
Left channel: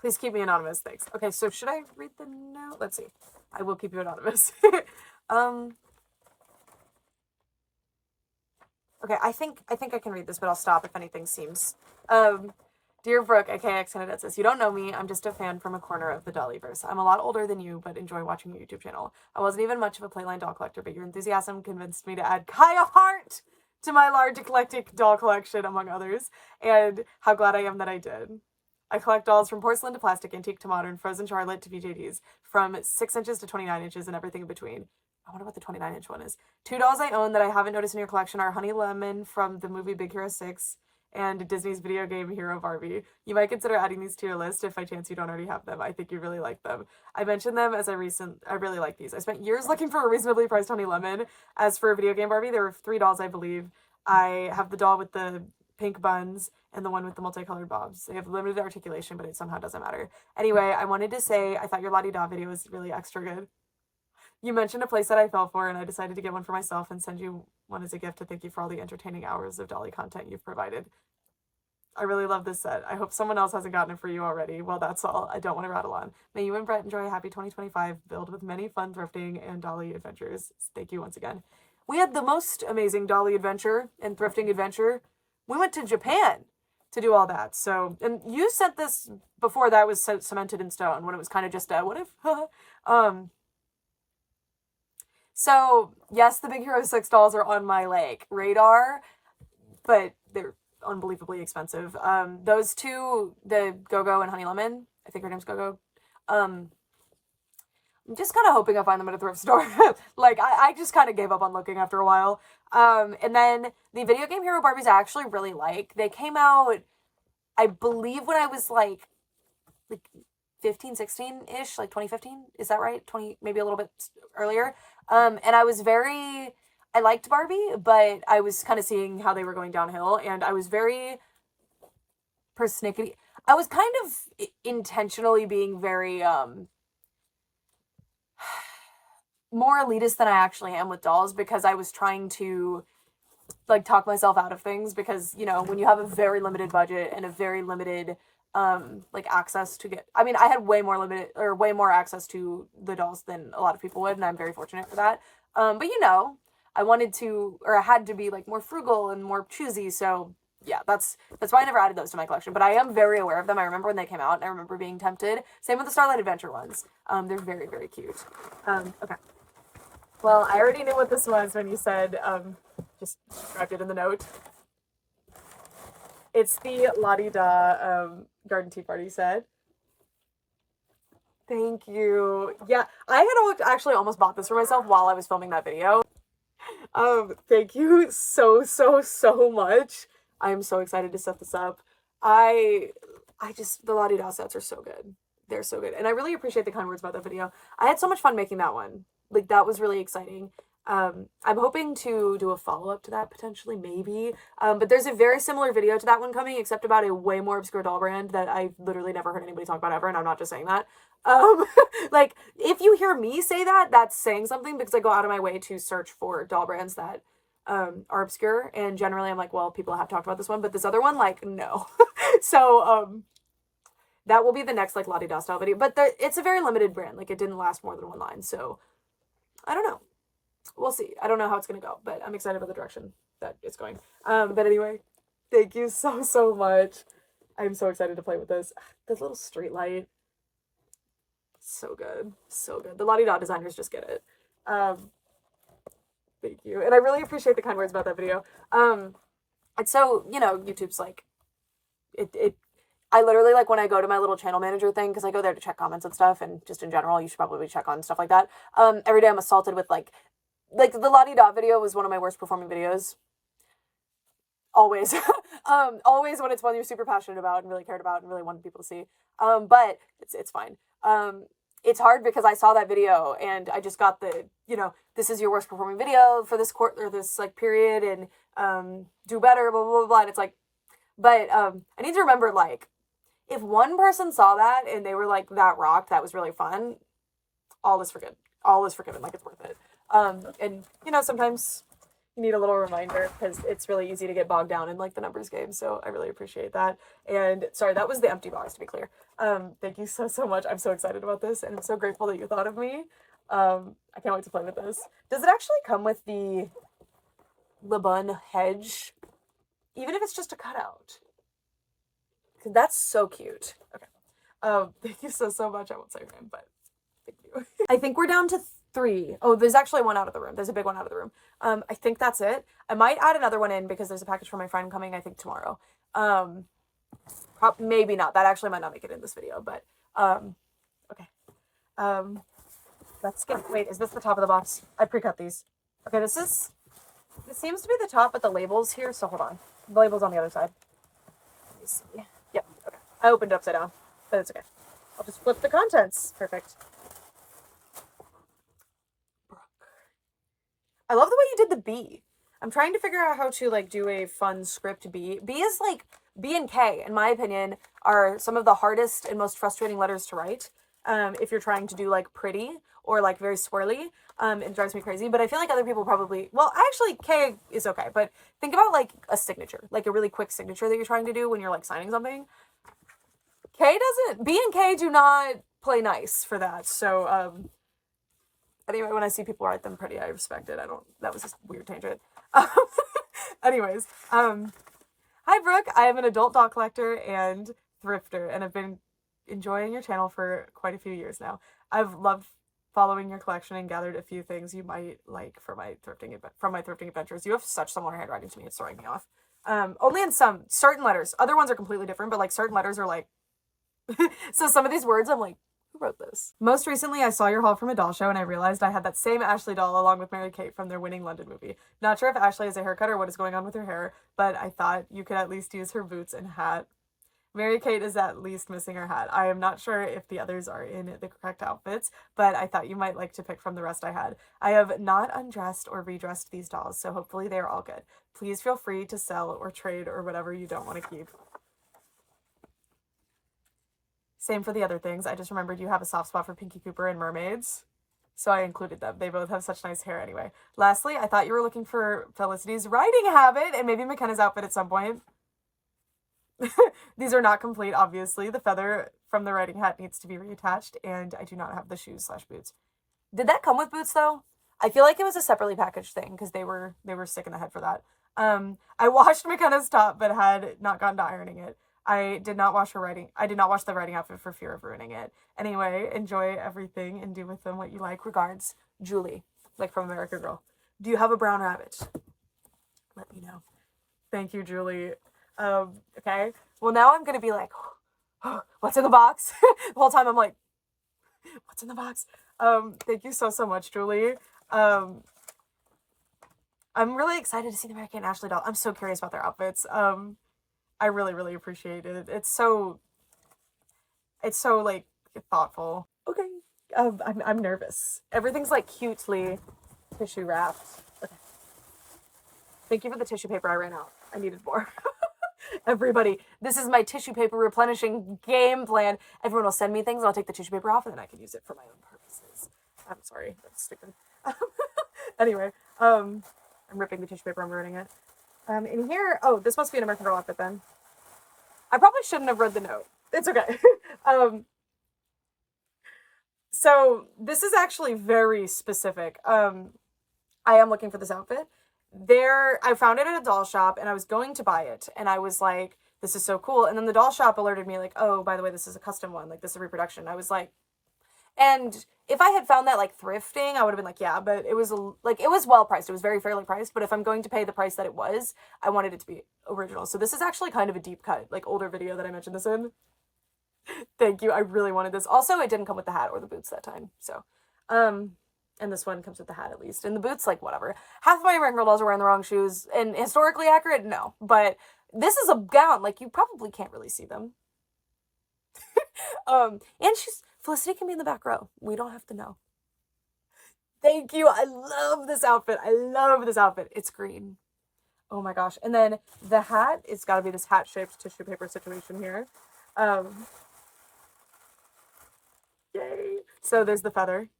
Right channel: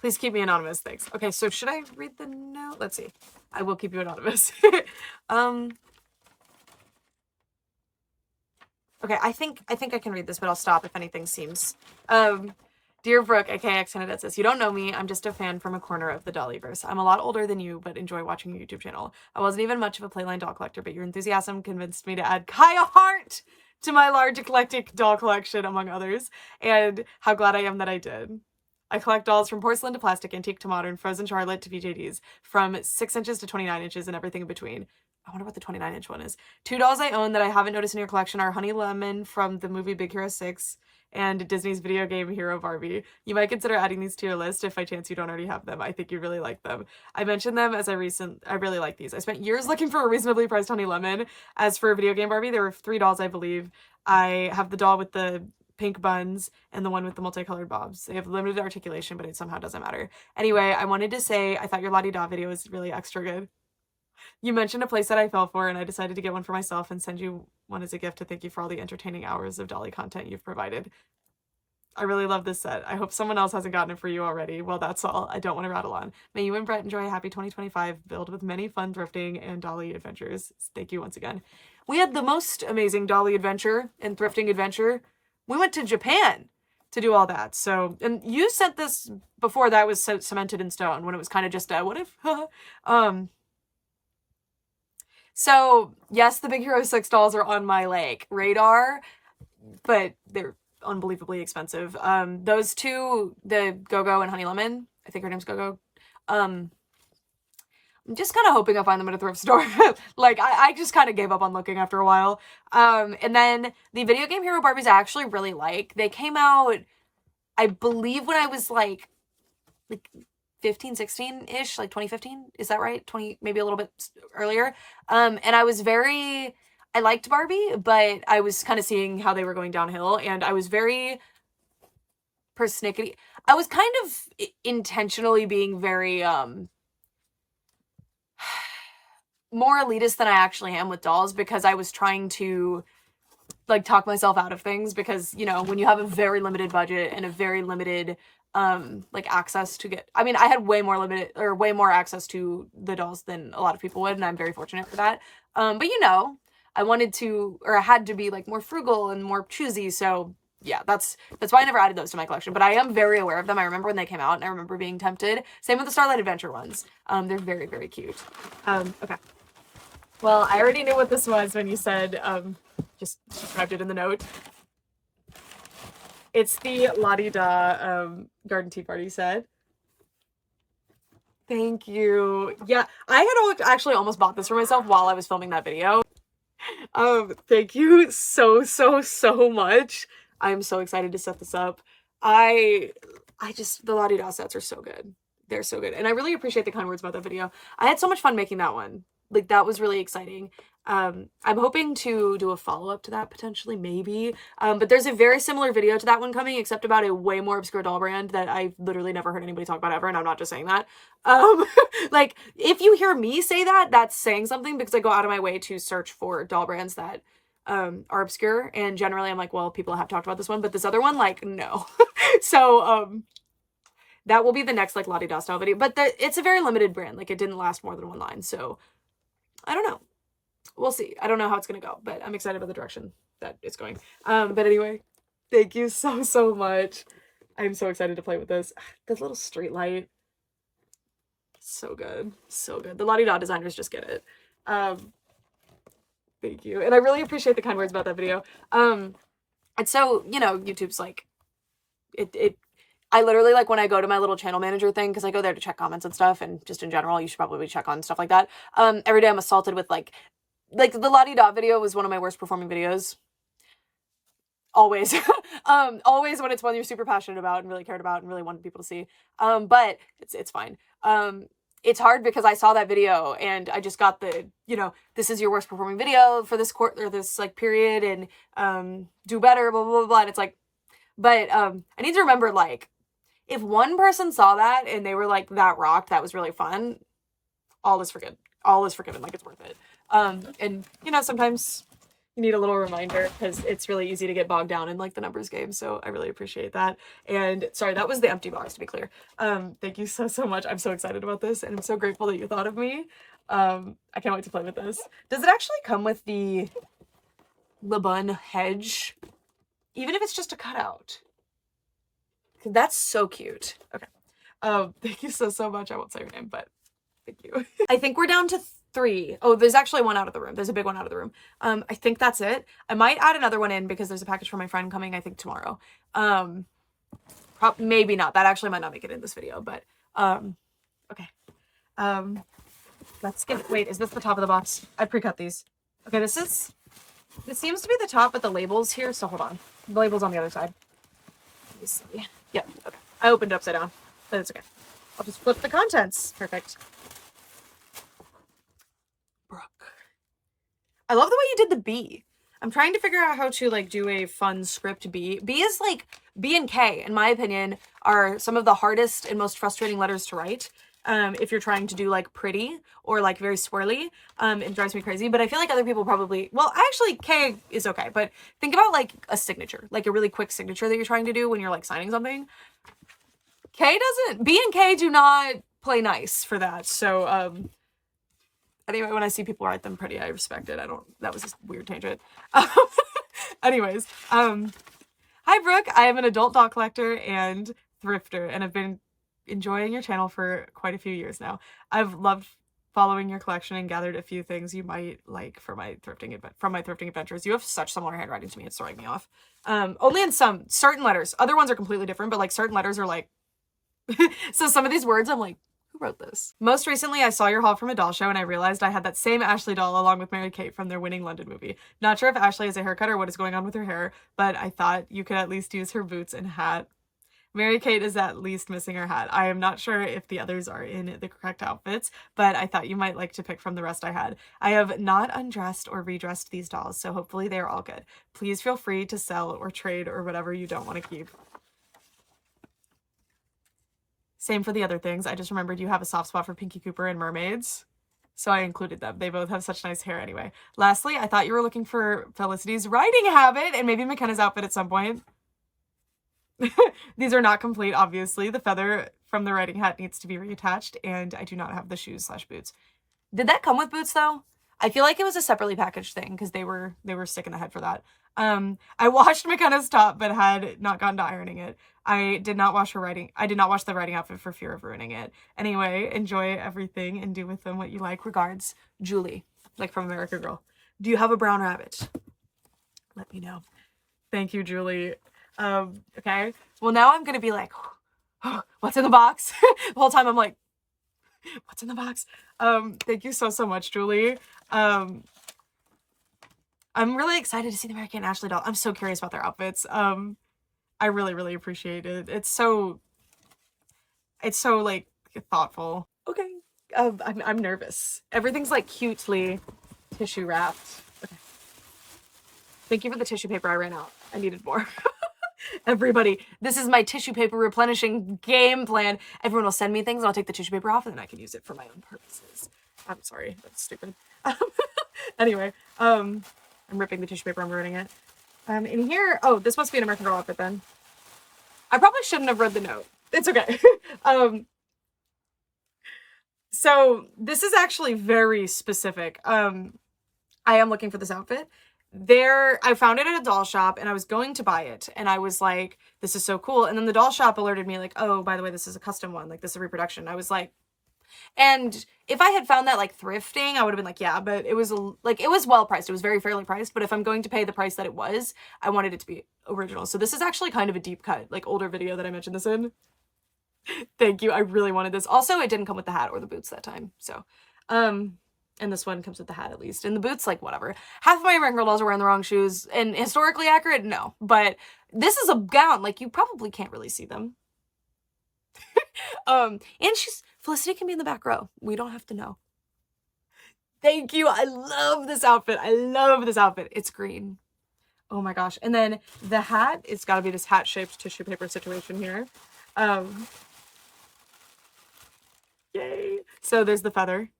please keep me anonymous, thanks. Okay, so should I read the note? Let's see. I will keep you anonymous. Okay, I think I can read this, but I'll stop if anything seems. Dear Brooke, aka Xanadette says, you don't know me. I'm just a fan from a corner of the Dollyverse. I'm a lot older than you, but enjoy watching your YouTube channel. I wasn't even much of a Playline doll collector, but your enthusiasm convinced me to add Kaya Hart to my large eclectic doll collection, among others, and how glad I am that I did. I collect dolls from porcelain to plastic, antique to modern, frozen Charlotte to VJDs, from 6 inches to 29 inches and everything in between. I wonder what the 29-inch one is. 2 dolls I own that I haven't noticed in your collection are Honey Lemon from the movie Big Hero 6 and Disney's video game hero Barbie. You might consider adding these to your list if by chance you don't already have them. I think you really like them. I mentioned them as I really like these. I spent years looking for a reasonably priced Honey Lemon. As for a video game Barbie, there were 3 dolls, I believe. I have the doll with the pink buns and the one with the multicolored bobs. They have limited articulation, but it somehow doesn't matter. Anyway, I wanted to say I thought your La-Di-Da video was really extra good. You mentioned a place that I fell for, and I decided to get one for myself and send you one as a gift to thank you for all the entertaining hours of Dolly content you've provided. I really love this set. I hope someone else hasn't gotten it for you already. Well, that's all. I don't want to rattle on. May you and Brett enjoy a happy 2025 filled with many fun thrifting and Dolly adventures. Thank you once again. We had the most amazing Dolly adventure and thrifting adventure. We went to Japan to do all that. So, and you sent this before that was cemented in stone, when it was kind of just a what if? So yes, the Big Hero 6 dolls are on my like radar, but they're unbelievably expensive. Those two, the Go-Go and Honey Lemon, I think her name's Go-Go. I'm just kind of hoping I find them at a thrift store. Like I just kind of gave up on looking after a while. And then the video game hero Barbies I actually really like. They came out, I believe, when I was like 15, 16-ish, like 2015. Is that right? 20, maybe a little bit earlier. And I liked Barbie, but I was kind of seeing how they were going downhill, and I was very persnickety. I was kind of intentionally being very, more elitist than I actually am with dolls, because I was trying to like talk myself out of things, because, you know, when you have a very limited budget and a very limited like access to I had way more access to the dolls than a lot of people would, and I'm very fortunate for that. But you know, I had to be like more frugal and more choosy, so yeah, that's why I never added those to my collection, but I am very aware of them. I remember when they came out, and I remember being tempted. Same with the Starlight Adventure ones. They're very, very cute. Okay. Well, I already knew what this was when you said, just described it in the note. It's the La-Di-Da Garden Tea Party set. Thank you. Yeah, I had actually almost bought this for myself while I was filming that video. Thank you so, so, so much. I'm so excited to set this up. The La-Di-Da sets are so good. They're so good. And I really appreciate the kind words about that video. I had so much fun making that one. Like, that was really exciting. I'm hoping to do a follow-up to that, potentially, maybe. But there's a very similar video to that one coming, except about a way more obscure doll brand that I've literally never heard anybody talk about ever, and I'm not just saying that. Like, if you hear me say that, that's saying something, because I go out of my way to search for doll brands that are obscure, and generally I'm like, well, people have talked about this one, but this other one, like, no. So, that will be the next, like, La-Di-Da style video, but it's a very limited brand. Like, it didn't last more than one line, so I don't know. We'll see. I don't know how it's gonna go, but I'm excited about the direction that it's going. But anyway, thank you so, so much. I'm so excited to play with this. This little street light. So good. So good. The La-Di-Da designers just get it. Thank you. And I really appreciate the kind words about that video. And so, you know, YouTube's like, I literally, like, when I go to my little channel manager thing, because I go there to check comments and stuff, and just in general, you should probably check on stuff like that. Every day I'm assaulted with, like the La-Di-Da video was one of my worst performing videos. Always. Always when it's one you're super passionate about and really cared about and really wanted people to see. But it's fine. it's hard because I saw that video and I just got the, you know, this is your worst performing video for this or this like period, and do better, blah, blah, blah, blah. And it's like, but I need to remember, like, if one person saw that and they were like, that rocked, that was really fun, all is forgiven. All is forgiven, like, it's worth it. And, you know, sometimes you need a little reminder because it's really easy to get bogged down in like the numbers game. So I really appreciate that. And sorry, that was the empty box, to be clear. Thank you so, so much. I'm so excited about this and I'm so grateful that you thought of me. I can't wait to play with this. Does it actually come with the Bun hedge? Even if it's just a cutout. That's so cute. Okay. Thank you so, so much. I won't say your name, but thank you. I think we're down to 3. Oh, there's actually one out of the room. There's a big one out of the room. I think that's it. I might add another one in because there's a package for my friend coming, I think, tomorrow. Maybe not. That actually might not make it in this video, but, okay. Let's get, wait, is this the top of the box? I pre-cut these. Okay, this seems to be the top, but the label's here, so hold on. The label's on the other side. Let me see. Yep, okay. I opened it upside down, but it's okay. I'll just flip the contents. Perfect. I love the way you did the B. I'm trying to figure out how to like do a fun script B. B is like, B and K, in my opinion, are some of the hardest and most frustrating letters to write. If you're trying to do like pretty or like very swirly, it drives me crazy. But I feel like other people probably, well, actually K is okay. But think about like a signature, like a really quick signature that you're trying to do when you're like signing something. K doesn't, B and K do not play nice for that. So, anyway, when I see people write them pretty, I respect it. That was a weird tangent. Anyways, hi Brooke. I am an adult doll collector and thrifter, and I've been enjoying your channel for quite a few years now. I've loved following your collection and gathered a few things you might like for my thrifting adventures. You have such similar handwriting to me, it's throwing me off. Only in some certain letters. Other ones are completely different, but like certain letters are like so some of these words I'm like, who wrote this? Most recently, I saw your haul from a doll show and I realized I had that same Ashley doll along with Mary Kate from their winning London movie. Not sure if Ashley has a haircut or what is going on with her hair, but I thought you could at least use her boots and hat. Mary Kate is at least missing her hat. I am not sure if the others are in the correct outfits, but I thought you might like to pick from the rest I had. I have not undressed or redressed these dolls, so hopefully they are all good. Please feel free to sell or trade or whatever you don't want to keep. Same for the other things. I just remembered you have a soft spot for Pinky Cooper and mermaids, so I included them. They both have such nice hair anyway. Lastly, I thought you were looking for Felicity's writing habit and maybe McKenna's outfit at some point. These are not complete, obviously. The feather from the writing hat needs to be reattached, and I do not have the shoes/boots. Did that come with boots, though? I feel like it was a separately packaged thing, because they were sick in the head for that. I washed McKenna's top, but had not gotten to ironing it. I did not wash the writing outfit for fear of ruining it. Anyway, enjoy everything and do with them what you like. Regards, Julie, like from America Girl. Do you have a brown rabbit? Let me know. Thank you, Julie. Okay. Well, now I'm gonna be like, oh, what's in the box? The whole time I'm like, what's in the box? Thank you so, so much, Julie. I'm really excited to see the Mary Kate and Ashley doll. I'm so curious about their outfits. I really, really appreciate it. It's so like thoughtful. Okay. I'm nervous. Everything's like cutely tissue wrapped. Okay. Thank you for the tissue paper. I ran out. I needed more. Everybody, this is my tissue paper replenishing game plan. Everyone will send me things and I'll take the tissue paper off and then I can use it for my own purposes. I'm sorry. That's stupid. Anyway, I'm ripping the tissue paper. I'm ruining it. In here, oh, this must be an American Girl outfit then. I probably shouldn't have read the note. It's okay. So this is actually very specific. I am looking for this outfit. I found it at a doll shop and I was going to buy it and I was like, this is so cool. And then the doll shop alerted me like, oh, by the way, this is a custom one. Like, this is a reproduction. I was like, and if I had found that like thrifting, I would have been like, yeah, but it was well priced. It was very fairly priced. But if I'm going to pay the price that it was, I wanted it to be original. So this is actually kind of a deep cut, like older video that I mentioned this in. Thank you. I really wanted this. Also, it didn't come with the hat or the boots that time. So, and this one comes with the hat at least. And the boots, like, whatever. Half of my American Girl dolls are wearing the wrong shoes. And historically accurate? No. But this is a gown. Like, you probably can't really see them. And she's Felicity can be in the back row. We don't have to know. Thank you. I love this outfit. I love this outfit. It's green. Oh my gosh. And then the hat, it's got to be this hat-shaped tissue paper situation here. Yay. So there's the feather.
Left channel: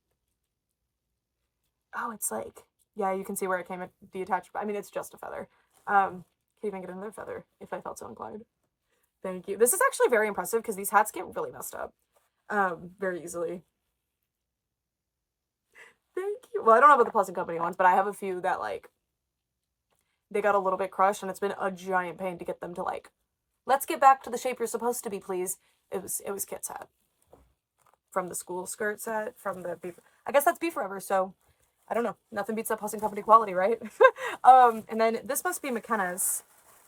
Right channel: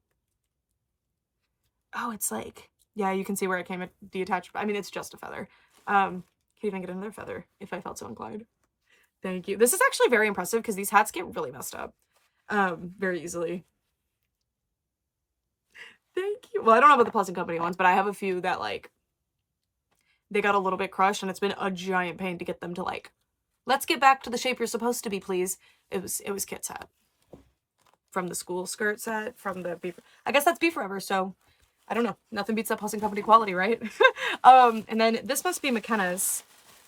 Oh, it's like, yeah, you can see where it came detached. I mean, it's just a feather. Could even get another feather if I felt so inclined. Thank you. This is actually very impressive because these hats get really messed up very easily. Thank you. Well, I don't know about the Pleasant Company ones, but I have a few that, like, they got a little bit crushed, and it's been a giant pain to get them to, like, let's get back to the shape you're supposed to be, please. It was Kit's hat. From the school skirt set, from the Be, I guess that's Be Forever, so I don't know. Nothing beats that Pleasant Company quality, right? And then this must be McKenna's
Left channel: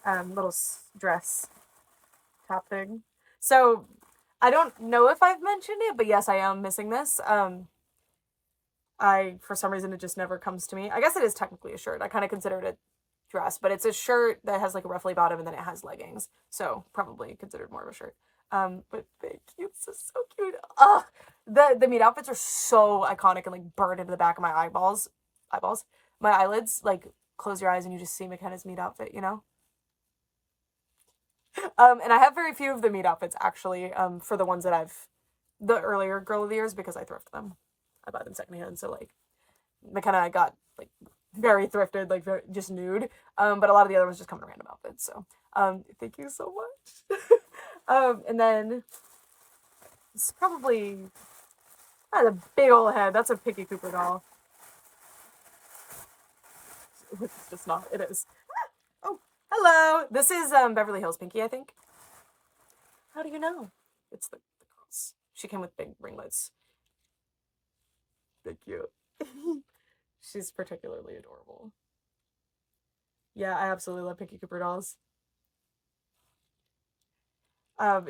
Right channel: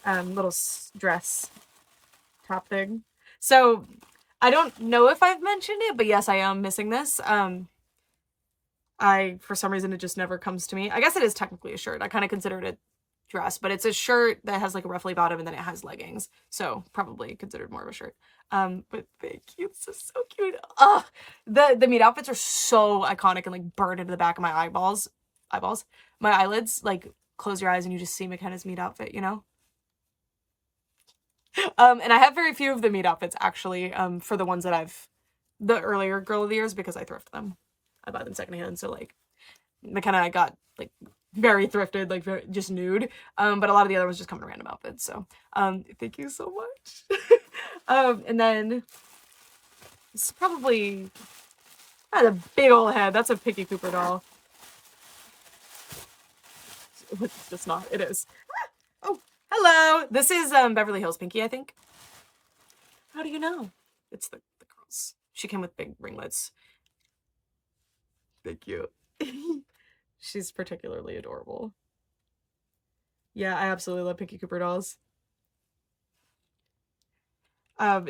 little dress top thing. So I don't know if I've mentioned it, but yes, I am missing this. For some reason, it just never comes to me. I guess it is technically a shirt. I kind of consider it a dress, but it's a shirt that has like a ruffly bottom and then it has leggings. So probably considered more of a shirt. But thank you. This is so cute. Ugh. The meat outfits are so iconic and like burned into the back of my my eyelids. Like close your eyes and you just see McKenna's meat outfit, you know? And I have very few of the meat outfits actually, for the ones that the earlier Girl of the Years, because I thrift them. I buy them secondhand, so like McKenna I got like very thrifted, like very just nude. But a lot of the other ones just come in random outfits. So thank you so much. And then it's probably a big old head. That's a Picky Cooper doll. It's just not. It is. Oh, hello. This is Beverly Hills Pinky, I think. How do you know? It's the girls. She came with big ringlets. Thank you. She's particularly adorable. Yeah, I absolutely love Pinky Cooper dolls.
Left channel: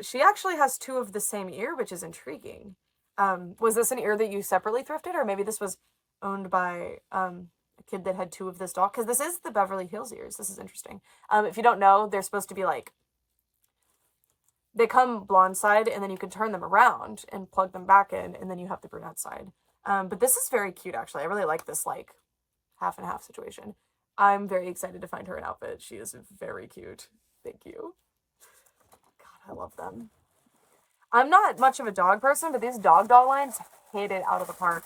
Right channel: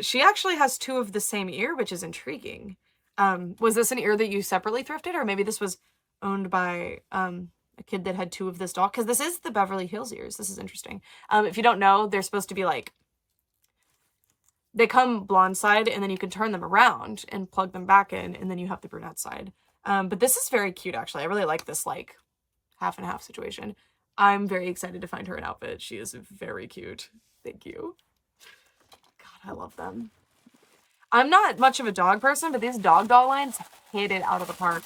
She actually has two of the same ear, which is intriguing. Was this an ear that you separately thrifted, or maybe this was owned by a kid that had two of this doll? Because this is the Beverly Hills ears. This is interesting. If you don't know, they're supposed to be like, they come blonde side, and then you can turn them around and plug them back in, and then you have the brunette side. But this is very cute, actually. I really like this, like, half and half situation. I'm very excited to find her an outfit. She is very cute. Thank you. God, I love them. I'm not much of a dog person, but these dog doll lines hit it out of the park.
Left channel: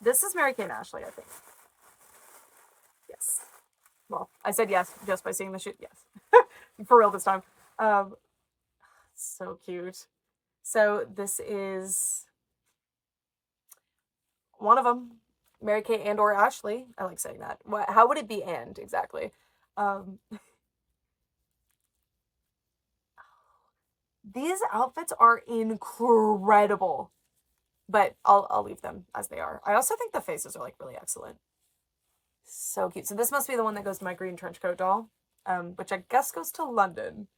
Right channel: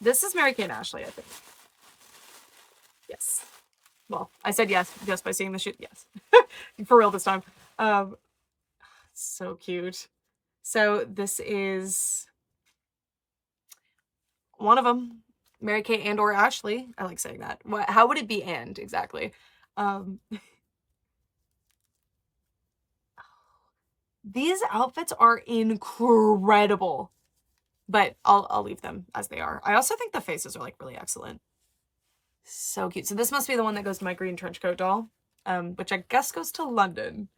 This is Mary Kay and Ashley, I think. Yes. Well, I said yes just by seeing the shoot. Yes. For real this time. So cute. So this is one of them. Mary Kay and or Ashley. I like saying that. How would it be and exactly? These outfits are incredible, but I'll leave them as they are. I also think the faces are like really excellent. So cute. So this must be the one that goes to my green trench coat doll, which I guess goes to London.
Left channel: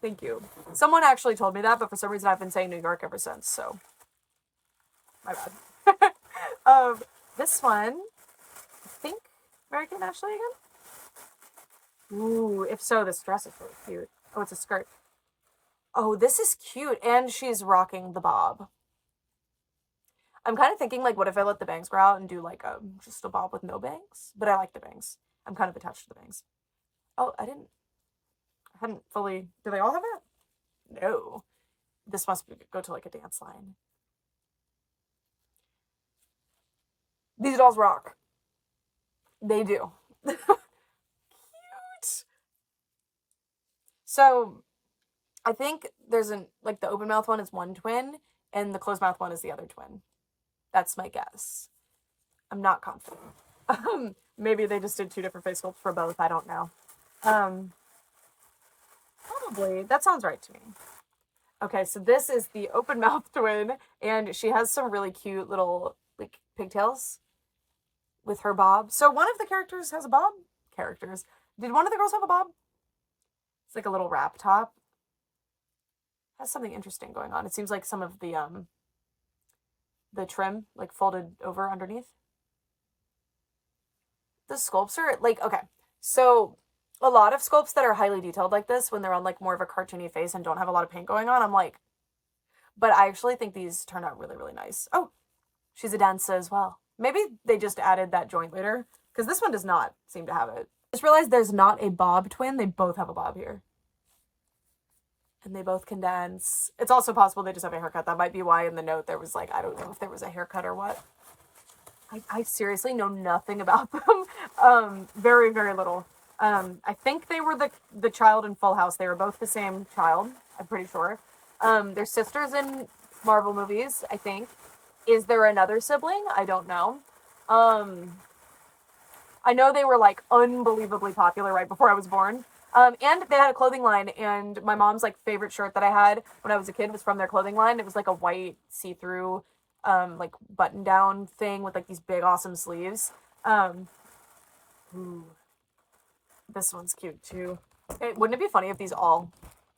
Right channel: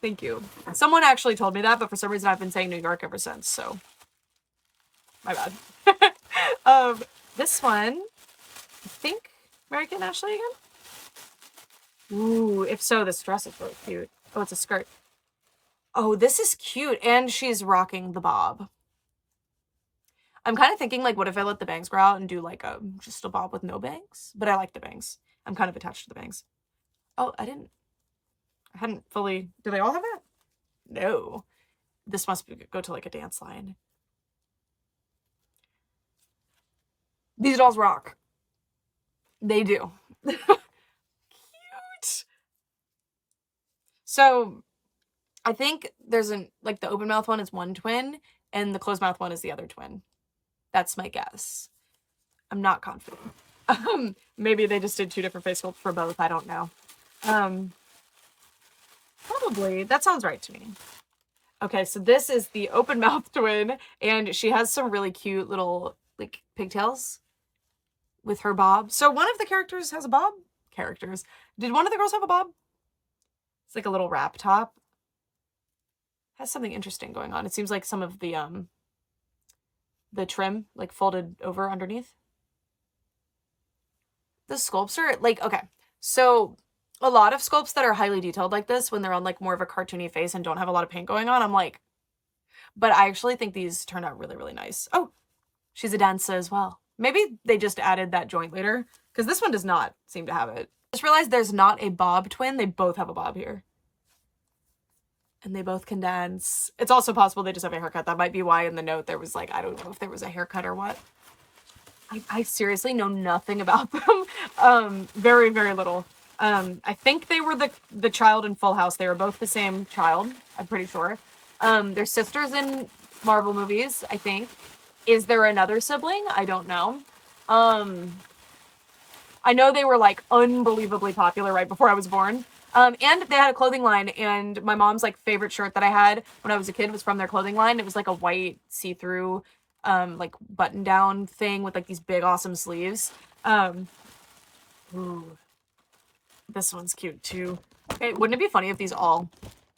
Thank you. Someone actually told me that, but for some reason I've been saying New York ever since, so my bad. This one, I think Mary Kay and Ashley again? Ooh, if so, this dress is really cute. Oh, it's a skirt. Oh, this is cute, and she's rocking the bob. I'm kind of thinking, like, what if I let the bangs grow out and do, like, just a bob with no bangs? But I like the bangs. I'm kind of attached to the bangs. Oh, I hadn't fully... Do they all have that? No. This must go to, like, a dance line. These dolls rock. They do. Cute. So, I think there's like, the open mouth one is one twin, and the closed mouth one is the other twin. That's my guess. I'm not confident. Maybe they just did two different face sculpts for both. I don't know. Probably. That sounds right to me. Okay, so this is the open mouth twin, and she has some really cute little, like, pigtails with her bob. So one of the characters has a bob? Did one of the girls have a bob? It's like a little wrap top. Has something interesting going on. It seems like some of the trim, like, folded over underneath. The sculpts are, like, okay. So a lot of sculpts that are highly detailed like this, when they're on, like, more of a cartoony face and don't have a lot of paint going on, I'm like, But I actually think these turned out really, really nice. Oh, she's a dancer as well. Maybe they just added that joint later, because this one does not seem to have it. Just realized there's not a bob twin. They both have a bob here. And they both can dance. It's also possible they just have a haircut. That might be why in the note there was like, I don't know if there was a haircut or what. I seriously know nothing about them. Very, very little. I think they were the child in Full House. They were both the same child, I'm pretty sure. They're sisters in Marvel movies, I think. Is there another sibling? I don't know. I know they were like unbelievably popular right before I was born. And they had a clothing line, and my mom's like favorite shirt that I had when I was a kid was from their clothing line. It was like a white see-through like button down thing with like these big awesome sleeves. Ooh, this one's cute too. Okay, wouldn't it be funny if these all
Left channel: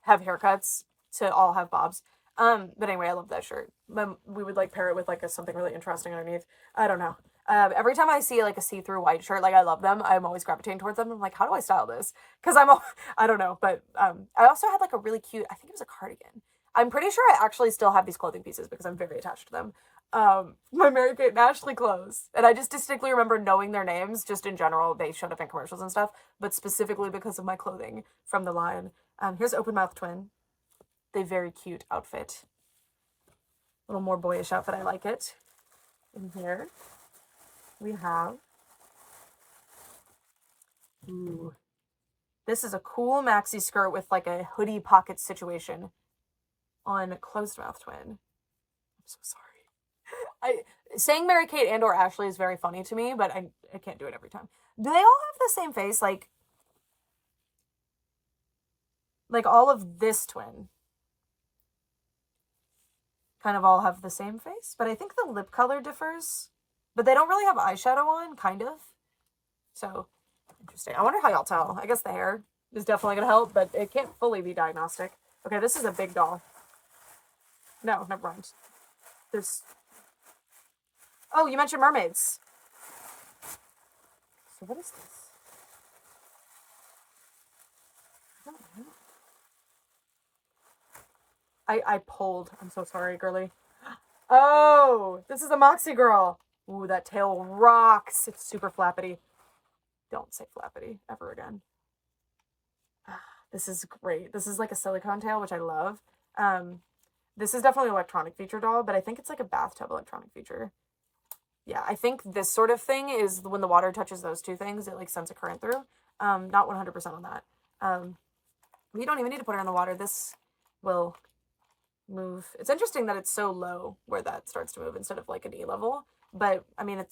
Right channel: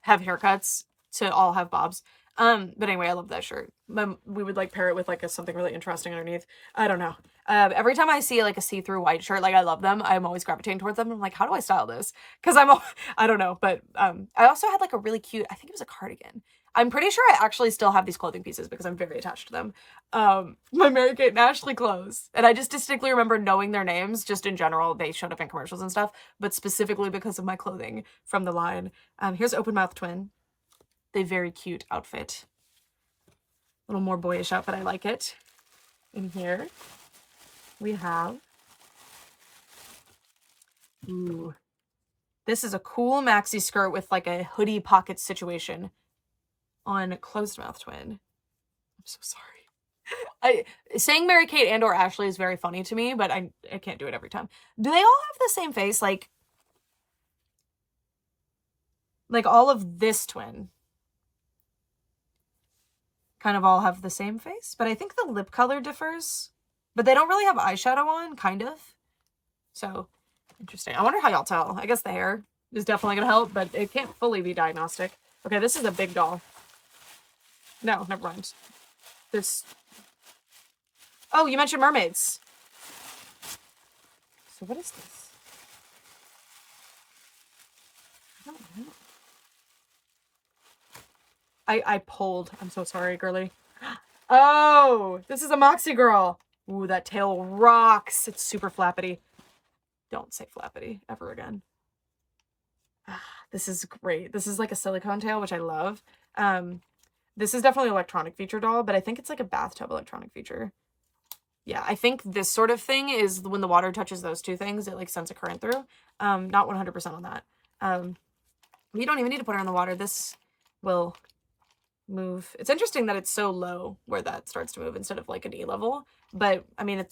have haircuts to all have bobs? But anyway, I love that shirt. We would like pair it with like something really interesting underneath. I don't know. Every time I see like a see-through white shirt, like I love them, I'm always gravitating towards them. I'm like, how do I style this? Because I don't know, but I also had like a really cute, I think it was a cardigan. I'm pretty sure I actually still have these clothing pieces because I'm very attached to them. My Mary-Kate and Ashley clothes. And I just distinctly remember knowing their names, just in general. They showed up in commercials and stuff, but specifically because of my clothing from the line. Here's Open Mouth Twin. The very cute outfit. A little more boyish outfit, I like it. In here, we have... Ooh. This is a cool maxi skirt with like a hoodie pocket situation on Closed Mouth Twin. I'm so sorry. Saying Mary-Kate and or Ashley is very funny to me, but I can't do it every time. Do they all have the same face? Like all of this twin kind of all have the same face, but I think the lip color differs. But they don't really have eyeshadow on, kind of. So, interesting. I wonder how y'all tell. I guess the hair is definitely going to help, but it can't fully be diagnostic. Okay, this is a big doll. No, never mind. There's... Oh, you mentioned mermaids. So what is this? I don't know. I pulled. I'm so sorry, girly. Oh, this is a Moxie girl. Ooh, that tail rocks. It's super flappity. Don't say flappity ever again. This is great. This is like a silicone tail, which I love. This is definitely an electronic feature doll, but I think it's like a bathtub electronic feature. Yeah, I think this sort of thing is when the water touches those two things, it like sends a current through. Not 100% on that. We don't even need to put her in the water. This will move. It's interesting that it's so low where that starts to move instead of like a knee level. But I mean,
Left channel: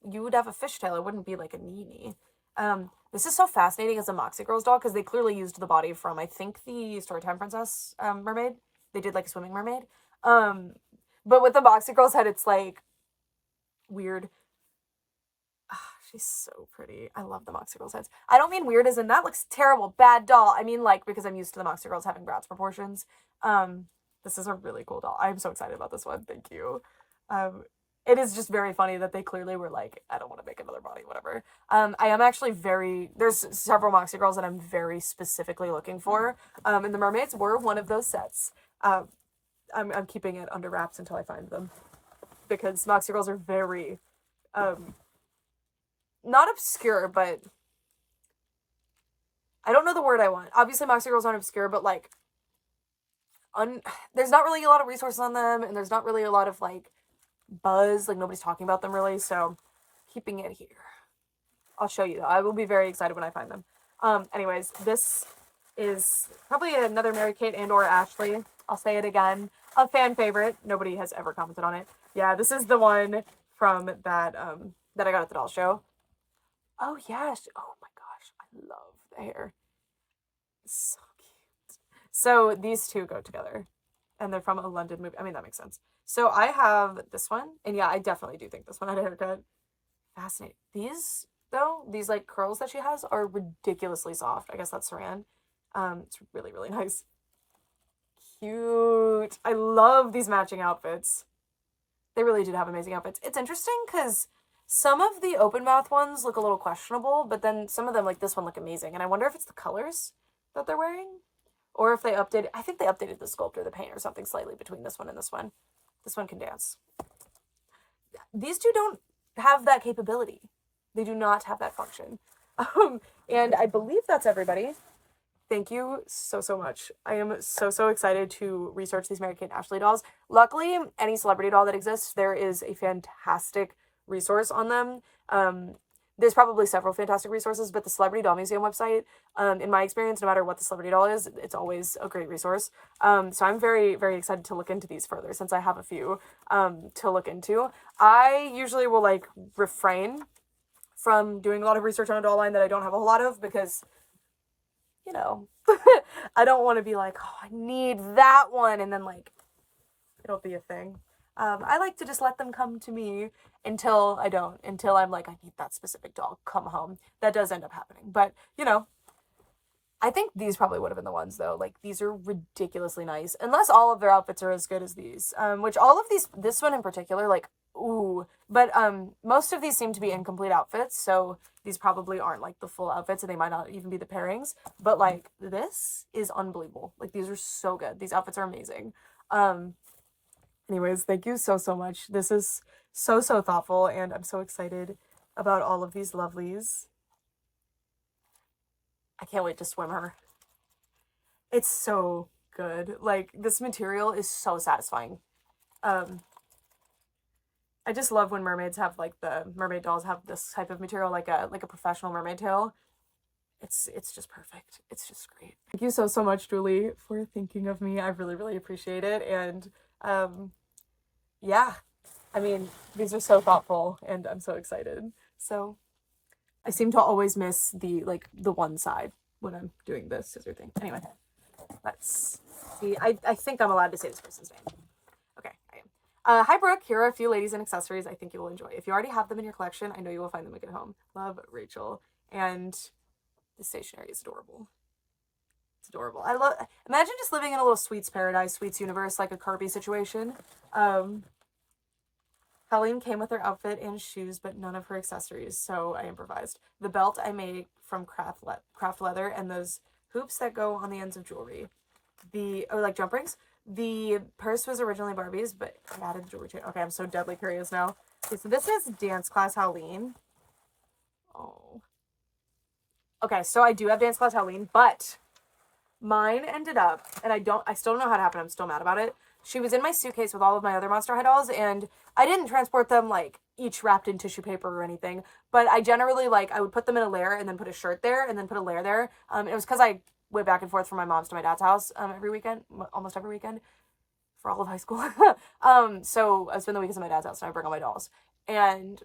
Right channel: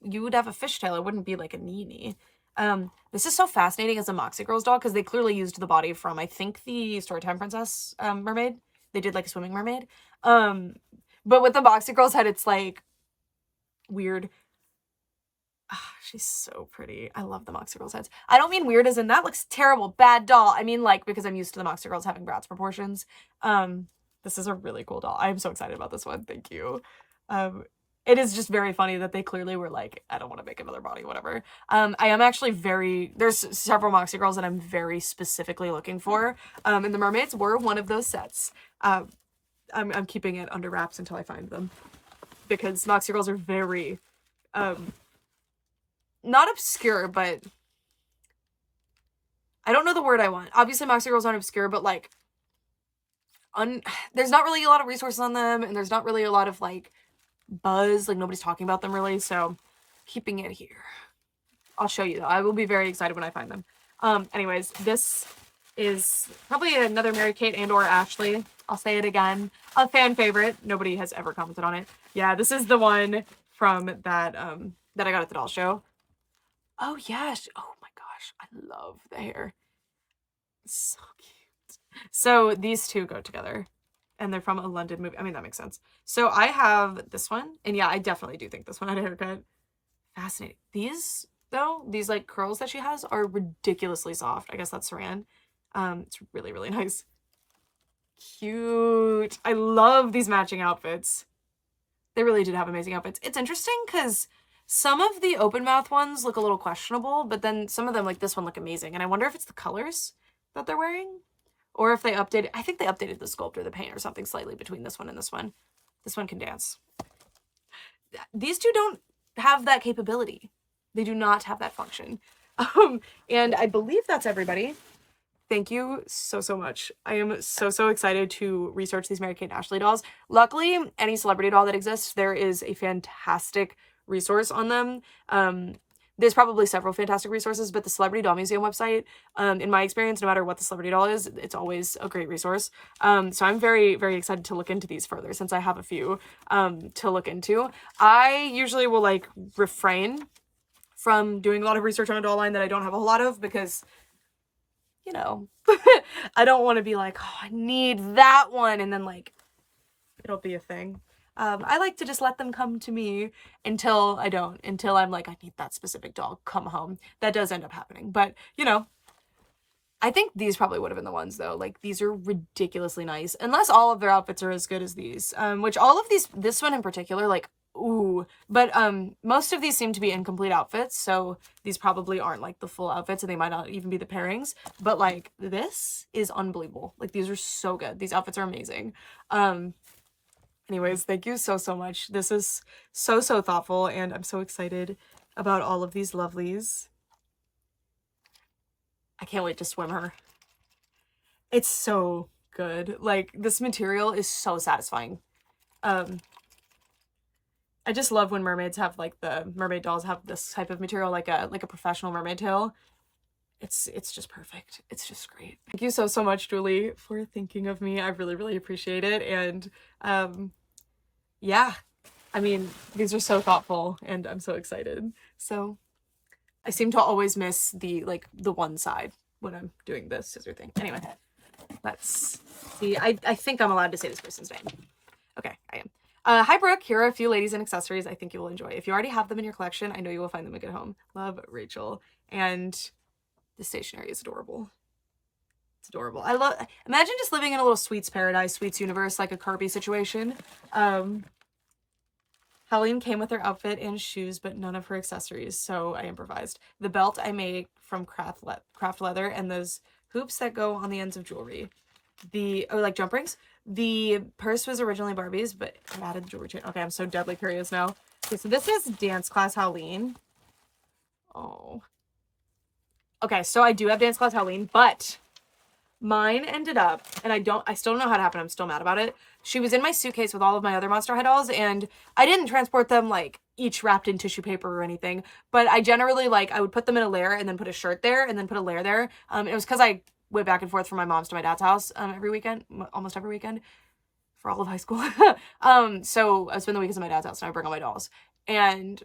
you would have a fishtail. It wouldn't be like a knee. This is so fascinating as a Moxie Girls doll because they clearly used the body from, I think, the Storytime Princess mermaid. They did like a swimming mermaid. But with the Moxie Girls head, it's like weird. She's so pretty. I love the Moxie Girls heads. I don't mean weird as in that looks terrible, bad doll. I mean like because I'm used to the Moxie Girls having Bratz proportions. This is a really cool doll. I'm so excited about this one. Thank you. It is just very funny that they clearly were like, I don't want to make another body, whatever. I am actually there's several Moxie Girls that I'm very specifically looking for. And the mermaids were one of those sets. I'm keeping it under wraps until I find them. Because Moxie Girls are very, not obscure, but I don't know the word I want. Obviously, Moxie Girls aren't obscure, but like, there's not really a lot of resources on them, and there's not really a lot of like buzz. Like nobody's talking about them really, so keeping it here. I'll show you though. I will be very excited when I find them. Anyways, this is probably another Mary-Kate and or Ashley. I'll say it again. A fan favorite. Nobody has ever commented on it. Yeah, this is the one from that that I got at the doll show. Oh yeah. Oh my gosh. I love the hair. So cute. So these two go together. And they're from a London movie. I mean, that makes sense. So I have this one. And yeah, I definitely do think this one had a haircut. Fascinating. These, though, these like curls that she has are ridiculously soft. I guess that's Saran. It's really, really nice. Cute. I love these matching outfits. They really did have amazing outfits. It's interesting because some of the open mouth ones look a little questionable, but then some of them, like this one, look amazing. And I wonder if it's the colors that they're wearing. Or if they updated, I think they updated the sculpt or the paint or something slightly between this one and this one. This one can dance. These two don't have that capability. They do not have that function. And I believe that's everybody. Thank you so, so much. I am so, so excited to research these Mary-Kate and Ashley dolls. Luckily, any celebrity doll that exists, there is a fantastic resource on them. There's probably several fantastic resources, but the Celebrity Doll Museum website, in my experience, no matter what the celebrity doll is, it's always a great resource. So I'm very, very excited to look into these further since I have a few to look into. I usually will like refrain from doing a lot of research on a doll line that I don't have a whole lot of because, you know, I don't want to be like, oh, I need that one, and then like it'll be a thing. I like to just let them come to me until I don't, until I'm like, I need that specific doll, come home. That does end up happening. But, you know, I think these probably would have been the ones, though. Like, these are ridiculously nice. Unless all of their outfits are as good as these. Which all of these, this one in particular, like, ooh. But most of these seem to be incomplete outfits, so these probably aren't, like, the full outfits, and they might not even be the pairings. But, like, this is unbelievable. Like, these are so good. These outfits are amazing. Anyways, thank you so, so much. This is so, so thoughtful, and I'm so excited about all of these lovelies. I can't wait to swim her. It's so good. Like, this material is so satisfying. I just love when mermaids have, like, the mermaid dolls have this type of material, like a professional mermaid tail. It's just perfect. It's just great. Thank you so, so much, Julie, for thinking of me. I really, really appreciate it. And, yeah, I mean, these are so thoughtful and I'm so excited. So I seem to always miss the one side when I'm doing this scissor thing. Anyway, let's see. I think I'm allowed to say this person's name. Okay, I am. Hi, Brooke. Here are a few ladies and accessories I think you will enjoy. If you already have them in your collection, I know you will find them a good home. Love, Rachel. And the stationery is adorable. It's adorable. I love, imagine just living in a little sweets paradise, sweets universe, like a Kirby situation. Helene came with her outfit and shoes, but none of her accessories, so I improvised. The belt I made from craft leather, and those hoops that go on the ends of jewelry. Like jump rings. The purse was originally Barbie's, but I added the jewelry chain. Okay, I'm so deadly curious now. Okay, so this is Dance Class Helene. Oh. Okay, so I do have Dance Class Helene, but mine ended up, and I still don't know how it happened. I'm still mad about it. She was in my suitcase with all of my other Monster High dolls, and I didn't transport them, like, each wrapped in tissue paper or anything, but I generally, like, I would put them in a layer and then put a shirt there and then put a layer there. It was because I went back and forth from my mom's to my dad's house every weekend, almost every weekend, for all of high school. So I spend the weekends at my dad's house, and I bring all my dolls. And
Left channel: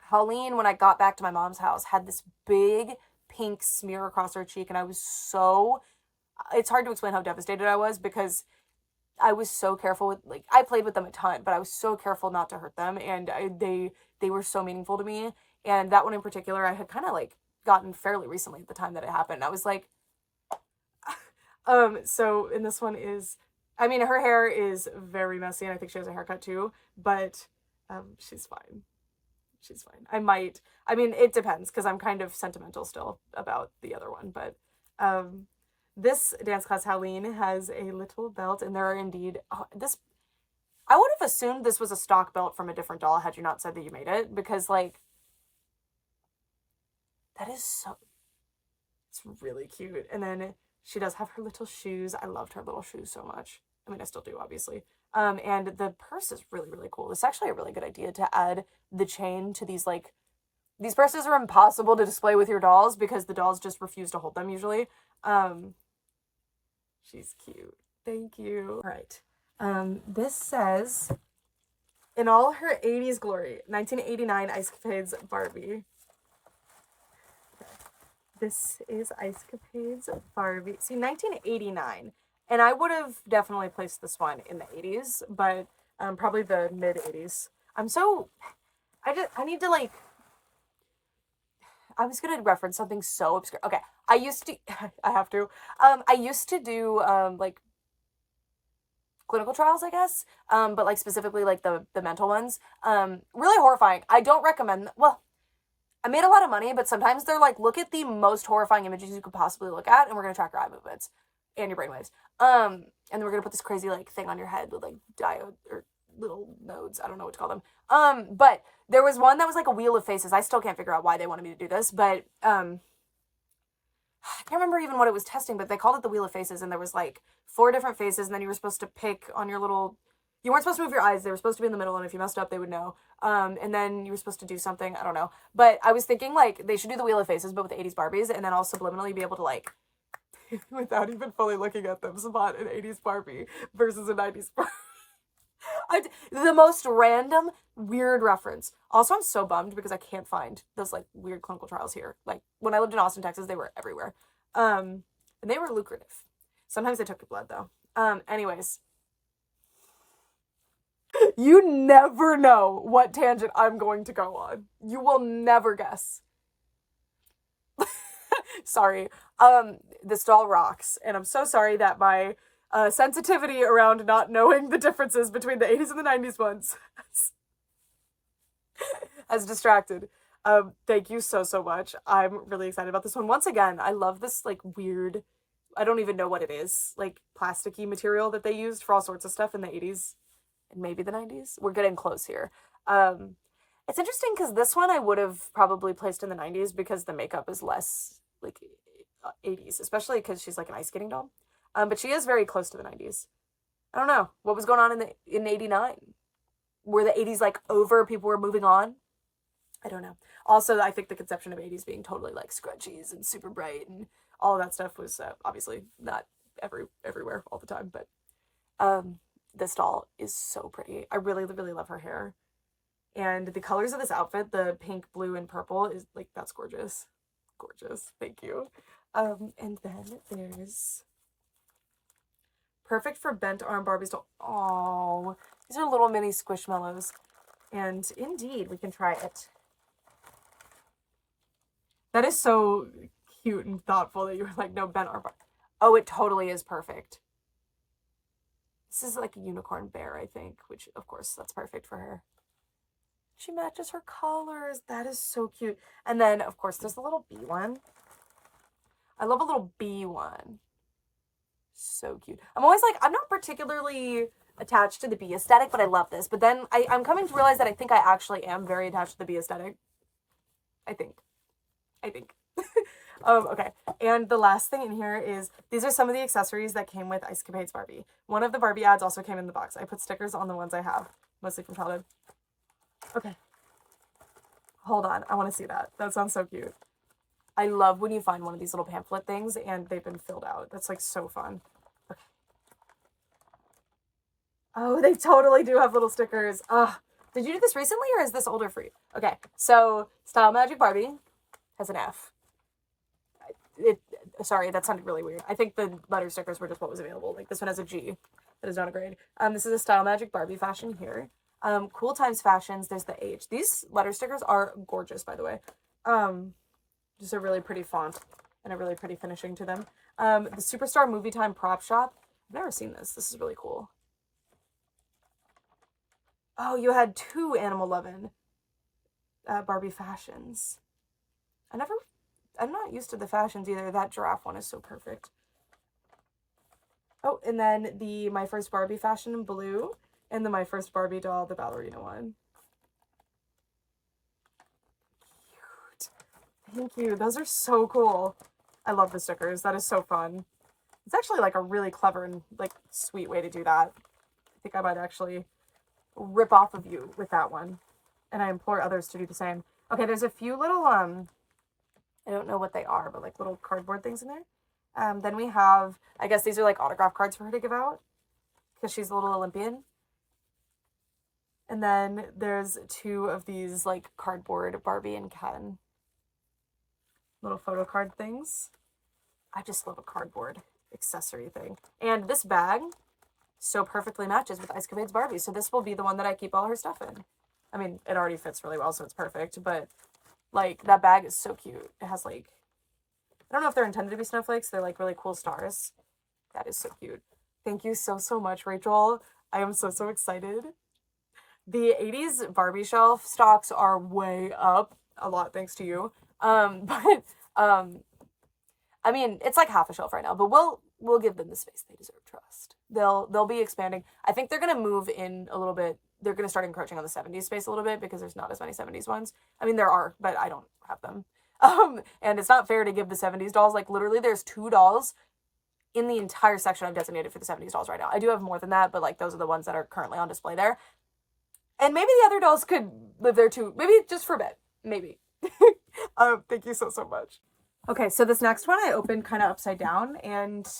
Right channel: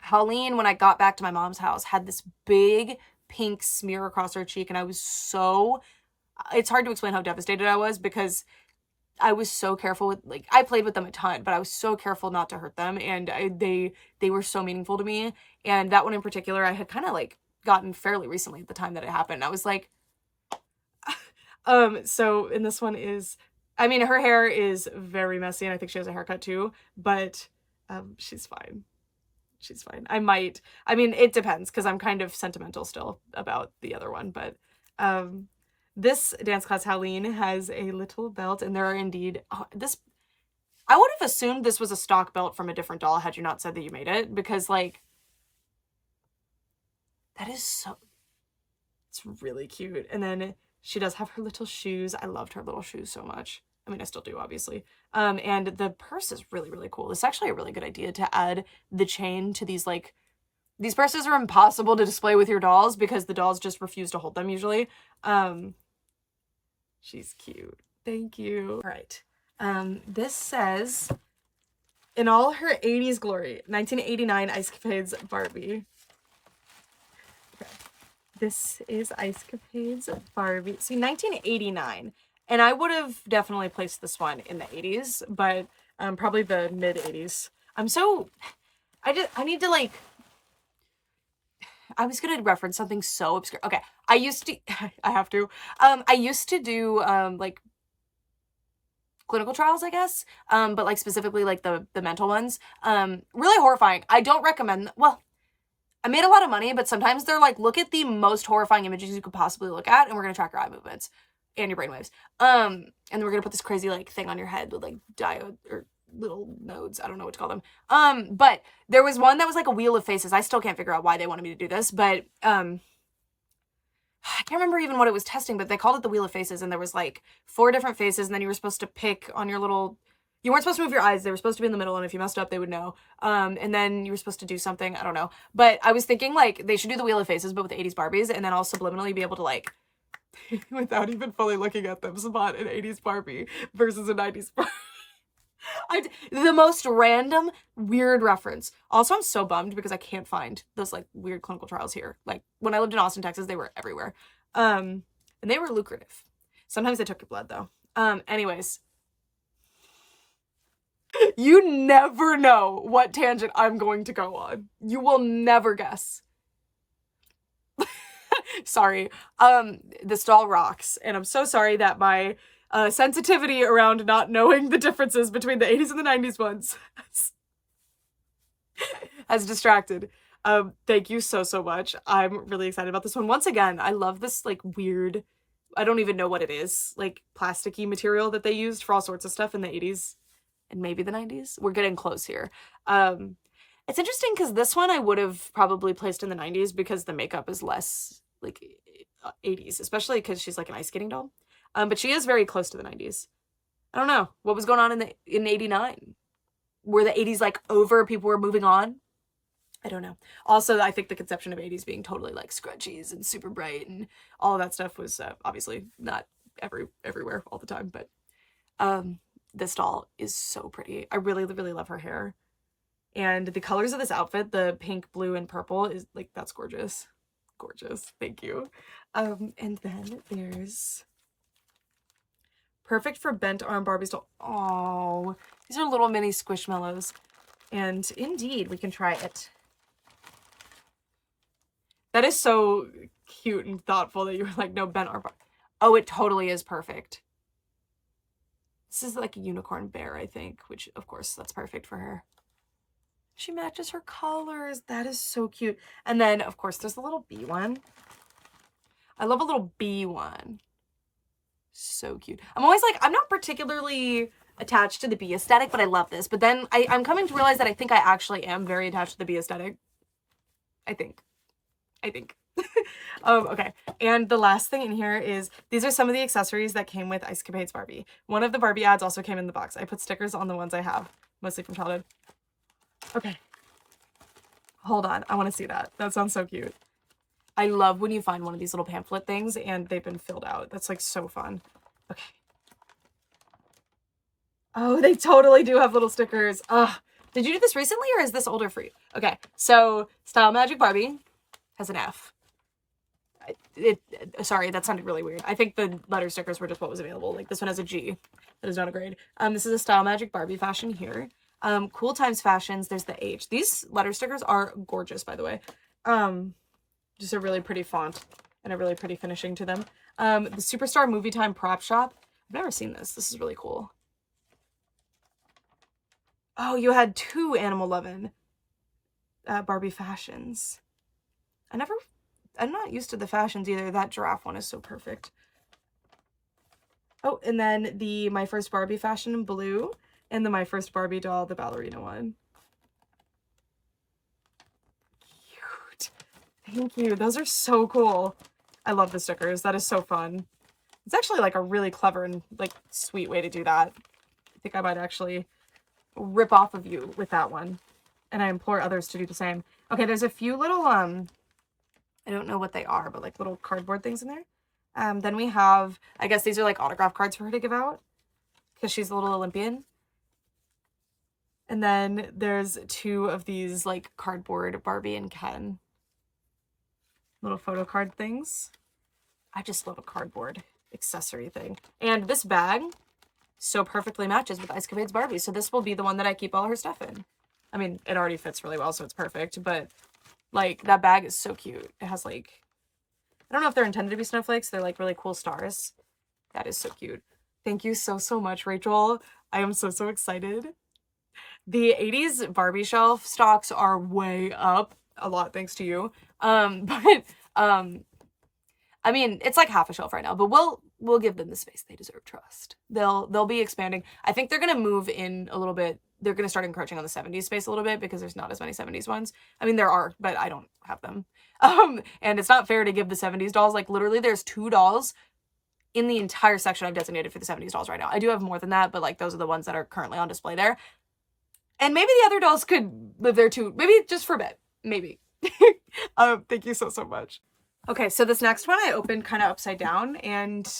Helene, when I got back to my mom's house, had this big pink smear across her cheek, and I was so... It's hard to explain how devastated I was because I was so careful with, like, I played with them a ton, but I was so careful not to hurt them, and they were so meaningful to me. And that one in particular, I had kind of, like, gotten fairly recently at the time that it happened. I was like, so, and this one is, I mean, her hair is very messy, and I think she has a haircut too, but, she's fine. She's fine. I mean, it depends, because I'm kind of sentimental still about the other one, but, this Dance Class Helene has a little belt, and there are indeed, I would have assumed this was a stock belt from a different doll had you not said that you made it, because, like, that is so, it's really cute. And then she does have her little shoes. I loved her little shoes so much. I mean, I still do, obviously. And the purse is really, really cool. It's actually a really good idea to add the chain to these, like, these purses are impossible to display with your dolls because the dolls just refuse to hold them usually. She's cute. Thank you. All right. This says, in all her 80s glory, 1989 Ice Capades Barbie. Okay. This is Ice Capades Barbie. See, 1989. And I would have definitely placed this one in the 80s, but probably the mid 80s. I need to, like, I was going to reference something so obscure. Okay. I used to do, like, clinical trials, I guess. But, like, specifically, like, the mental ones. Really horrifying. I don't recommend, well, I made a lot of money, but sometimes they're like, look at the most horrifying images you could possibly look at, and we're going to track your eye movements. and your brainwaves. And we're gonna put this crazy like thing on your head with like diode or little nodes. I don't know what to call them. But there was one that was like a wheel of faces. I still can't figure out why they wanted me to do this, but I can't remember even what it was testing, but they called it the wheel of faces, and there was like 4 different faces, and then you were supposed to pick on your little. You weren't supposed to move your eyes. They were supposed to be in the middle, and if you messed up, they would know. And then you were supposed to do something. I don't know. But I was thinking, like, they should do the Wheel of Faces, but with the 80s Barbies, and then all subliminally be able to, like, without even fully looking at them, spot an 80s Barbie versus a 90s Barbie. The most random, weird reference. Also, I'm so bummed because I can't find those, like, weird clinical trials here. Like, when I lived in Austin, Texas, they were everywhere. And they were lucrative. Sometimes they took your blood, though. Anyways. You never know what tangent I'm going to go on. You will never guess. Sorry. This doll rocks. And I'm so sorry that my sensitivity around not knowing the differences between the 80s and the 90s ones has distracted. Thank you so much. I'm really excited about this one. Once again, I love this like weird, I don't even know what it is, like plasticky material that they used for all sorts of stuff in the 80s. And maybe the 90s. We're getting close here. It's interesting because this one I would have probably placed in the 90s because the makeup is less like 80s, especially because she's like an ice skating doll. But she is very close to the 90s. I don't know what was going on in 89. Were the 80s like over? People were moving on. I don't know. Also, I think the conception of 80s being totally like scrunchies and super bright and all of that stuff was obviously not everywhere all the time, but this doll is so pretty. I really, really love her hair. And the colors of this outfit, the pink, blue, and purple, is like, that's gorgeous. Gorgeous. Thank you. And then there's perfect for bent arm Barbies doll. Oh, these are little mini squishmallows. And indeed, we can try it. That is so cute and thoughtful that you were like, no, bent arm. Oh, it totally is perfect. This is like a unicorn bear, I think, which, of course, that's perfect for her. She matches her colors. That is so cute. And then, of course, there's the little bee one. I love a little bee one. So cute. I'm always like, I'm not particularly attached to the bee aesthetic, but I love this. But then I'm coming to realize that I think I actually am very attached to the bee aesthetic. I think. Okay, and the last thing in here is, these are some of the accessories that came with Ice Capades Barbie. One of the Barbie ads also came in the box. I put stickers on the ones I have, mostly from childhood. Okay. Hold on, I want to see that. That sounds so cute. I love when you find one of these little pamphlet things and they've been filled out. That's like so fun. Okay. Oh, they totally do have little stickers. Did you do this recently or is this older for you? Okay, so Style Magic Barbie has an F. Sorry, that sounded really weird. I think the letter stickers were just what was available. Like this one has a G. That is not a grade. This is a Style Magic Barbie fashion here. Cool Times Fashions, there's the H. These letter stickers are gorgeous, by the way. Just a really pretty font and a really pretty finishing to them. The Superstar Movie Time Prop Shop. I've never seen this. This is really cool. Oh, you had 2 Animal Lovin' Barbie fashions. I'm not used to the fashions either. That giraffe one is so perfect. Oh, and then the My First Barbie fashion in blue, and the My First Barbie doll, the ballerina one. Cute. Thank you. Those are so cool. I love the stickers. That is so fun. It's actually like a really clever and like sweet way to do that. I think I might actually rip off of you with that one. And I implore others to do the same. Okay, there's a few little, I don't know what they are, but like little cardboard things in there. Then we have, I guess these are like autograph cards for her to give out because she's a little Olympian. And then there's 2 of these like cardboard Barbie and Ken little photo card things. I just love a cardboard accessory thing. And this bag so perfectly matches with Ice Capades Barbie. So this will be the one that I keep all her stuff in. I mean, it already fits really well, so it's perfect. But like that bag is so cute. It has like, I don't know if they're intended to be snowflakes. They're like really cool stars. That is so cute. Thank you so much, Rachel. I am so excited. The 80s Barbie shelf stocks are way up. A lot thanks to you. I mean, it's like half a shelf right now, but we'll give them the space they deserve. Trust. They'll be expanding. I think they're gonna move in a little bit. They're gonna start encroaching on the 70s space a little bit because there's not as many 70s ones. I mean, there are, but I don't have them. And it's not fair to give the 70s dolls. Like, literally, there's 2 dolls in the entire section I've designated for the 70s dolls right now. I do have more than that, but like those are the ones that are currently on display there. And maybe the other dolls could live there too. Maybe just for a bit. Maybe. Thank you so much. Okay, so this next one I opened kind of upside down, and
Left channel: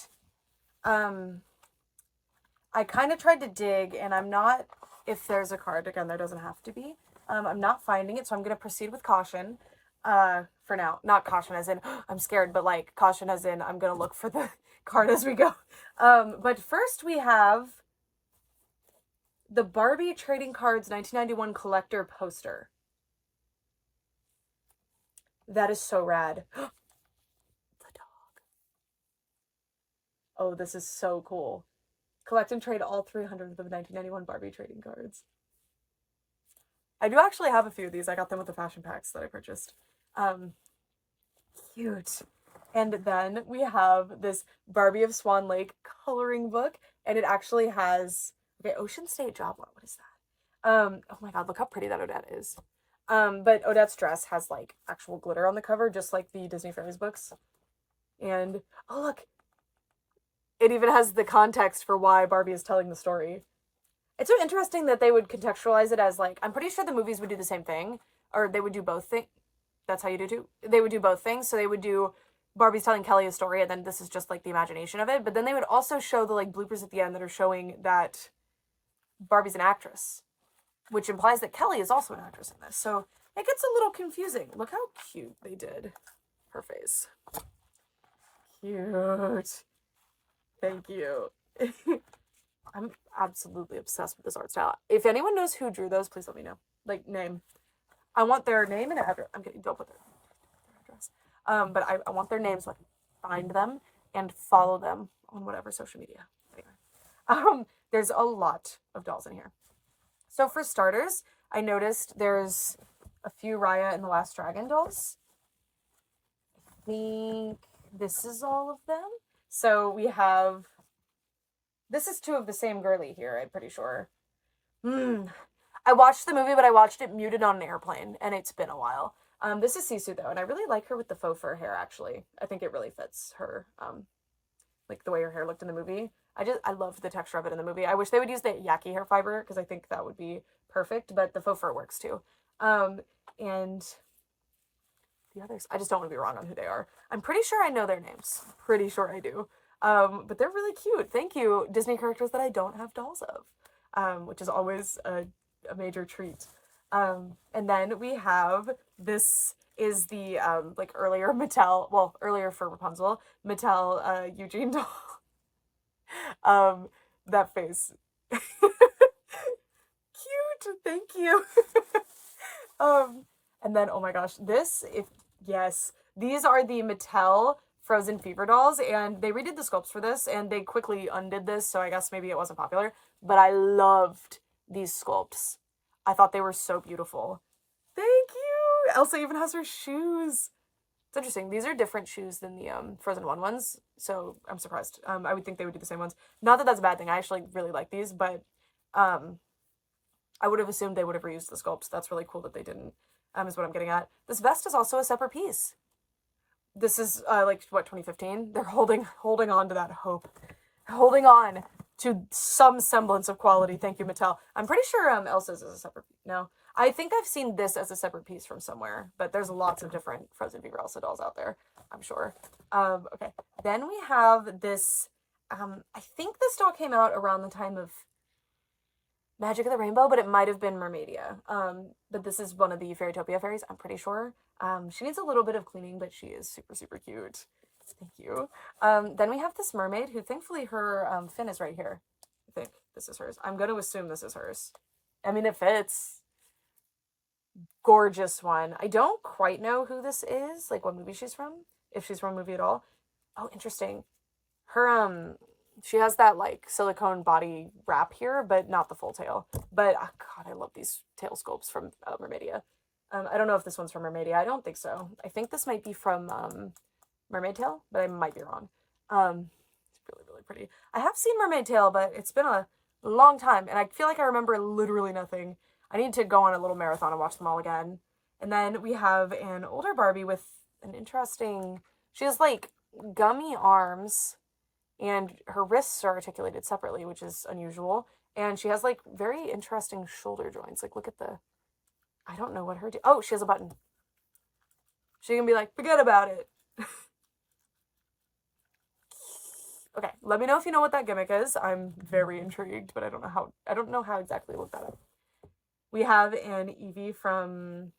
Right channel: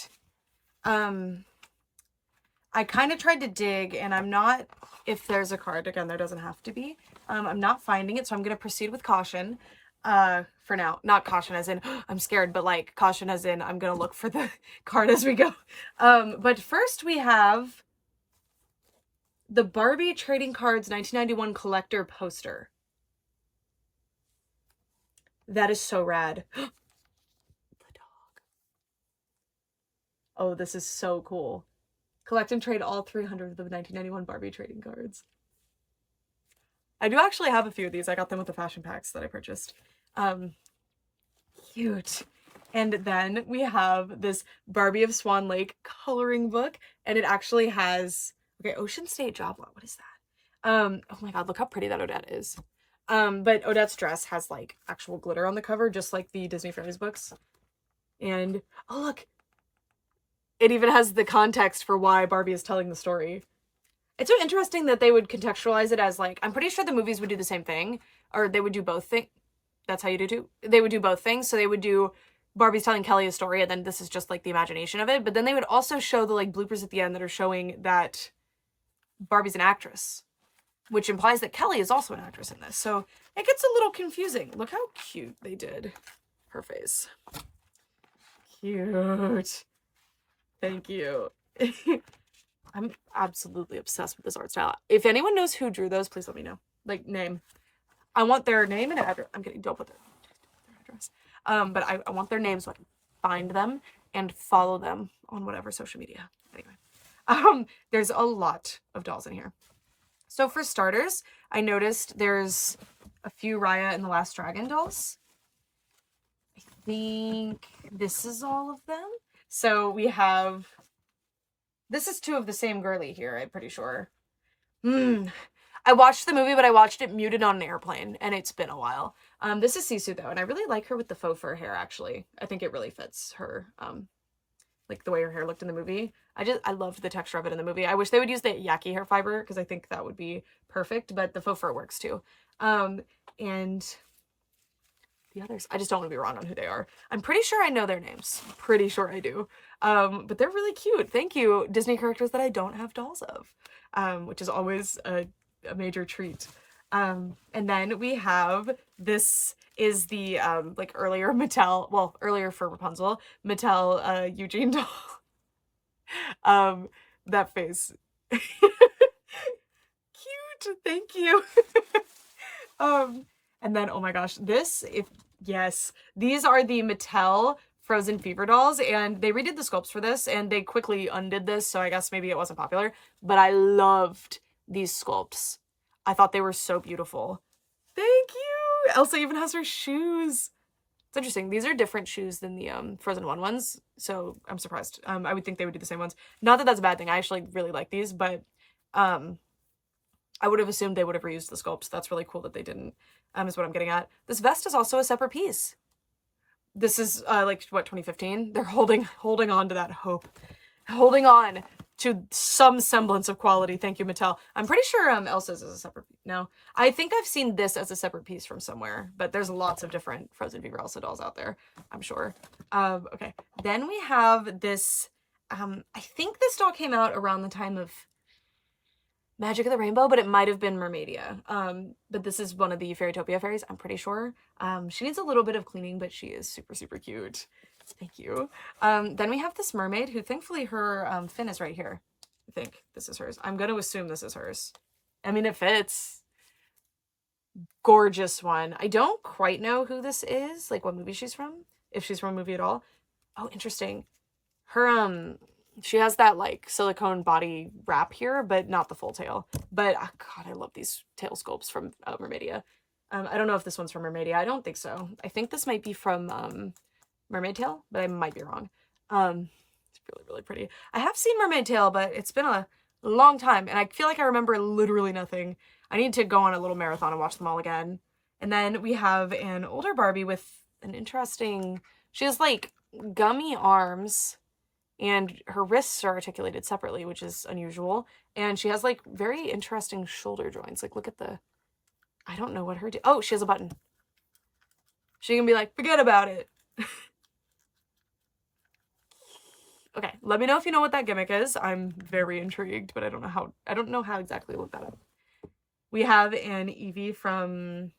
I kind of tried to dig, and I'm not, if there's a card, again, there doesn't have to be. I'm not finding it, so I'm going to proceed with caution for now. Not caution as in, oh, I'm scared, but like caution as in, I'm going to look for the card as we go. But first we have the Barbie Trading Cards 1991 collector poster. That is so rad. The dog. Oh, this is so cool. Collect and trade all 300 of the 1991 Barbie trading cards. I do actually have a few of these. I got them with the fashion packs that I purchased. Cute. And then we have this Barbie of Swan Lake coloring book, and it actually has, okay, Ocean State Job Lot. What is that? Oh my god, look how pretty that Odette is. But Odette's dress has like actual glitter on the cover, just like the Disney Fairies books. And oh look, it even has the context for why Barbie is telling the story. It's so interesting that they would contextualize it as like, I'm pretty sure the movies would do the same thing, or they would do both things. That's how you do too. They would do both things. So they would do Barbie's telling Kelly a story, and then this is just like the imagination of it. But then they would also show the like bloopers at the end that are showing that Barbie's an actress, which implies that Kelly is also an actress in this. So it gets a little confusing. Look how cute they did her face. Cute. Thank you. I'm absolutely obsessed with this art style. If anyone knows who drew those, please let me know. Like, name. I want their name and address. I'm kidding. Don't put their address. But I want their name so I can find them and follow them on whatever social media. Anyway. There's a lot of dolls in here. So for starters, I noticed there's a few Raya and the Last Dragon dolls. I think this is all of them. So we have, this is 2 of the same girly here, I'm pretty sure. I watched the movie, but I watched it muted on an airplane, and it's been a while. This is Sisu, though, and I really like her with the faux fur hair, actually. I think it really fits her, like the way her hair looked in the movie. I loved the texture of it in the movie. I wish they would use the yaki hair fiber, because I think that would be perfect, but the faux fur works, too. And the others, I just don't want to be wrong on who they are. I'm pretty sure I know their names. Pretty sure I do. But they're really cute. Thank you, Disney characters that I don't have dolls of, which is always a major treat. And then we have, this is the, like earlier Mattel, well, earlier for Rapunzel, Mattel, Eugene doll. That face. Cute, thank you. And then, oh my gosh, yes, these are the Mattel Frozen Fever dolls, and they redid the sculpts for this, and they quickly undid this, so I guess maybe it wasn't popular, but I loved these sculpts. I thought they were so beautiful. Thank you! Elsa even has her shoes. It's interesting. These are different shoes than the Frozen 1 ones, so I'm surprised. I would think they would do the same ones. Not that that's a bad thing. I actually really like these, but I would have assumed they would have reused the sculpts. That's really cool that they didn't, is what I'm getting at. This vest is also a separate piece. This is, like, what, 2015? They're holding on to that hope. Holding on to some semblance of quality. Thank you, Mattel. I'm pretty sure Elsa's is a separate, no. I think I've seen this as a separate piece from somewhere, but there's lots of different Frozen Fever Elsa dolls out there, I'm sure. Okay. Then we have this, I think this doll came out around the time of Magic of the Rainbow, but it might have been Mermaidia. But this is one of the Fairytopia fairies, I'm pretty sure. She needs a little bit of cleaning, but she is super, super cute. Thank you. Then we have this mermaid who, thankfully, her fin is right here. I think this is hers. I'm going to assume this is hers. I mean, it fits. Gorgeous one. I don't quite know who this is, like what movie she's from, if she's from a movie at all. Oh, interesting. Her, she has that like silicone body wrap here, but not the full tail. But oh god, I love these tail sculpts from Mermaidia. I don't know if this one's from Mermaidia. I don't think so. I think this might be from Mermaid Tail, but I might be wrong. It's really, really pretty. I have seen Mermaid Tail, but it's been a long time, and I feel like I remember literally nothing. I need to go on a little marathon and watch them all again. And then we have an older Barbie with an interesting... She has, like, gummy arms, and her wrists are articulated separately, which is unusual. And she has, like, very interesting shoulder joints. Like, look at the... I don't know what her... Oh, she has a button. She can be like, forget about it. Okay, let me know if you know what that gimmick is. I'm very intrigued, but I don't know how exactly to look that up. We have an Eevee from...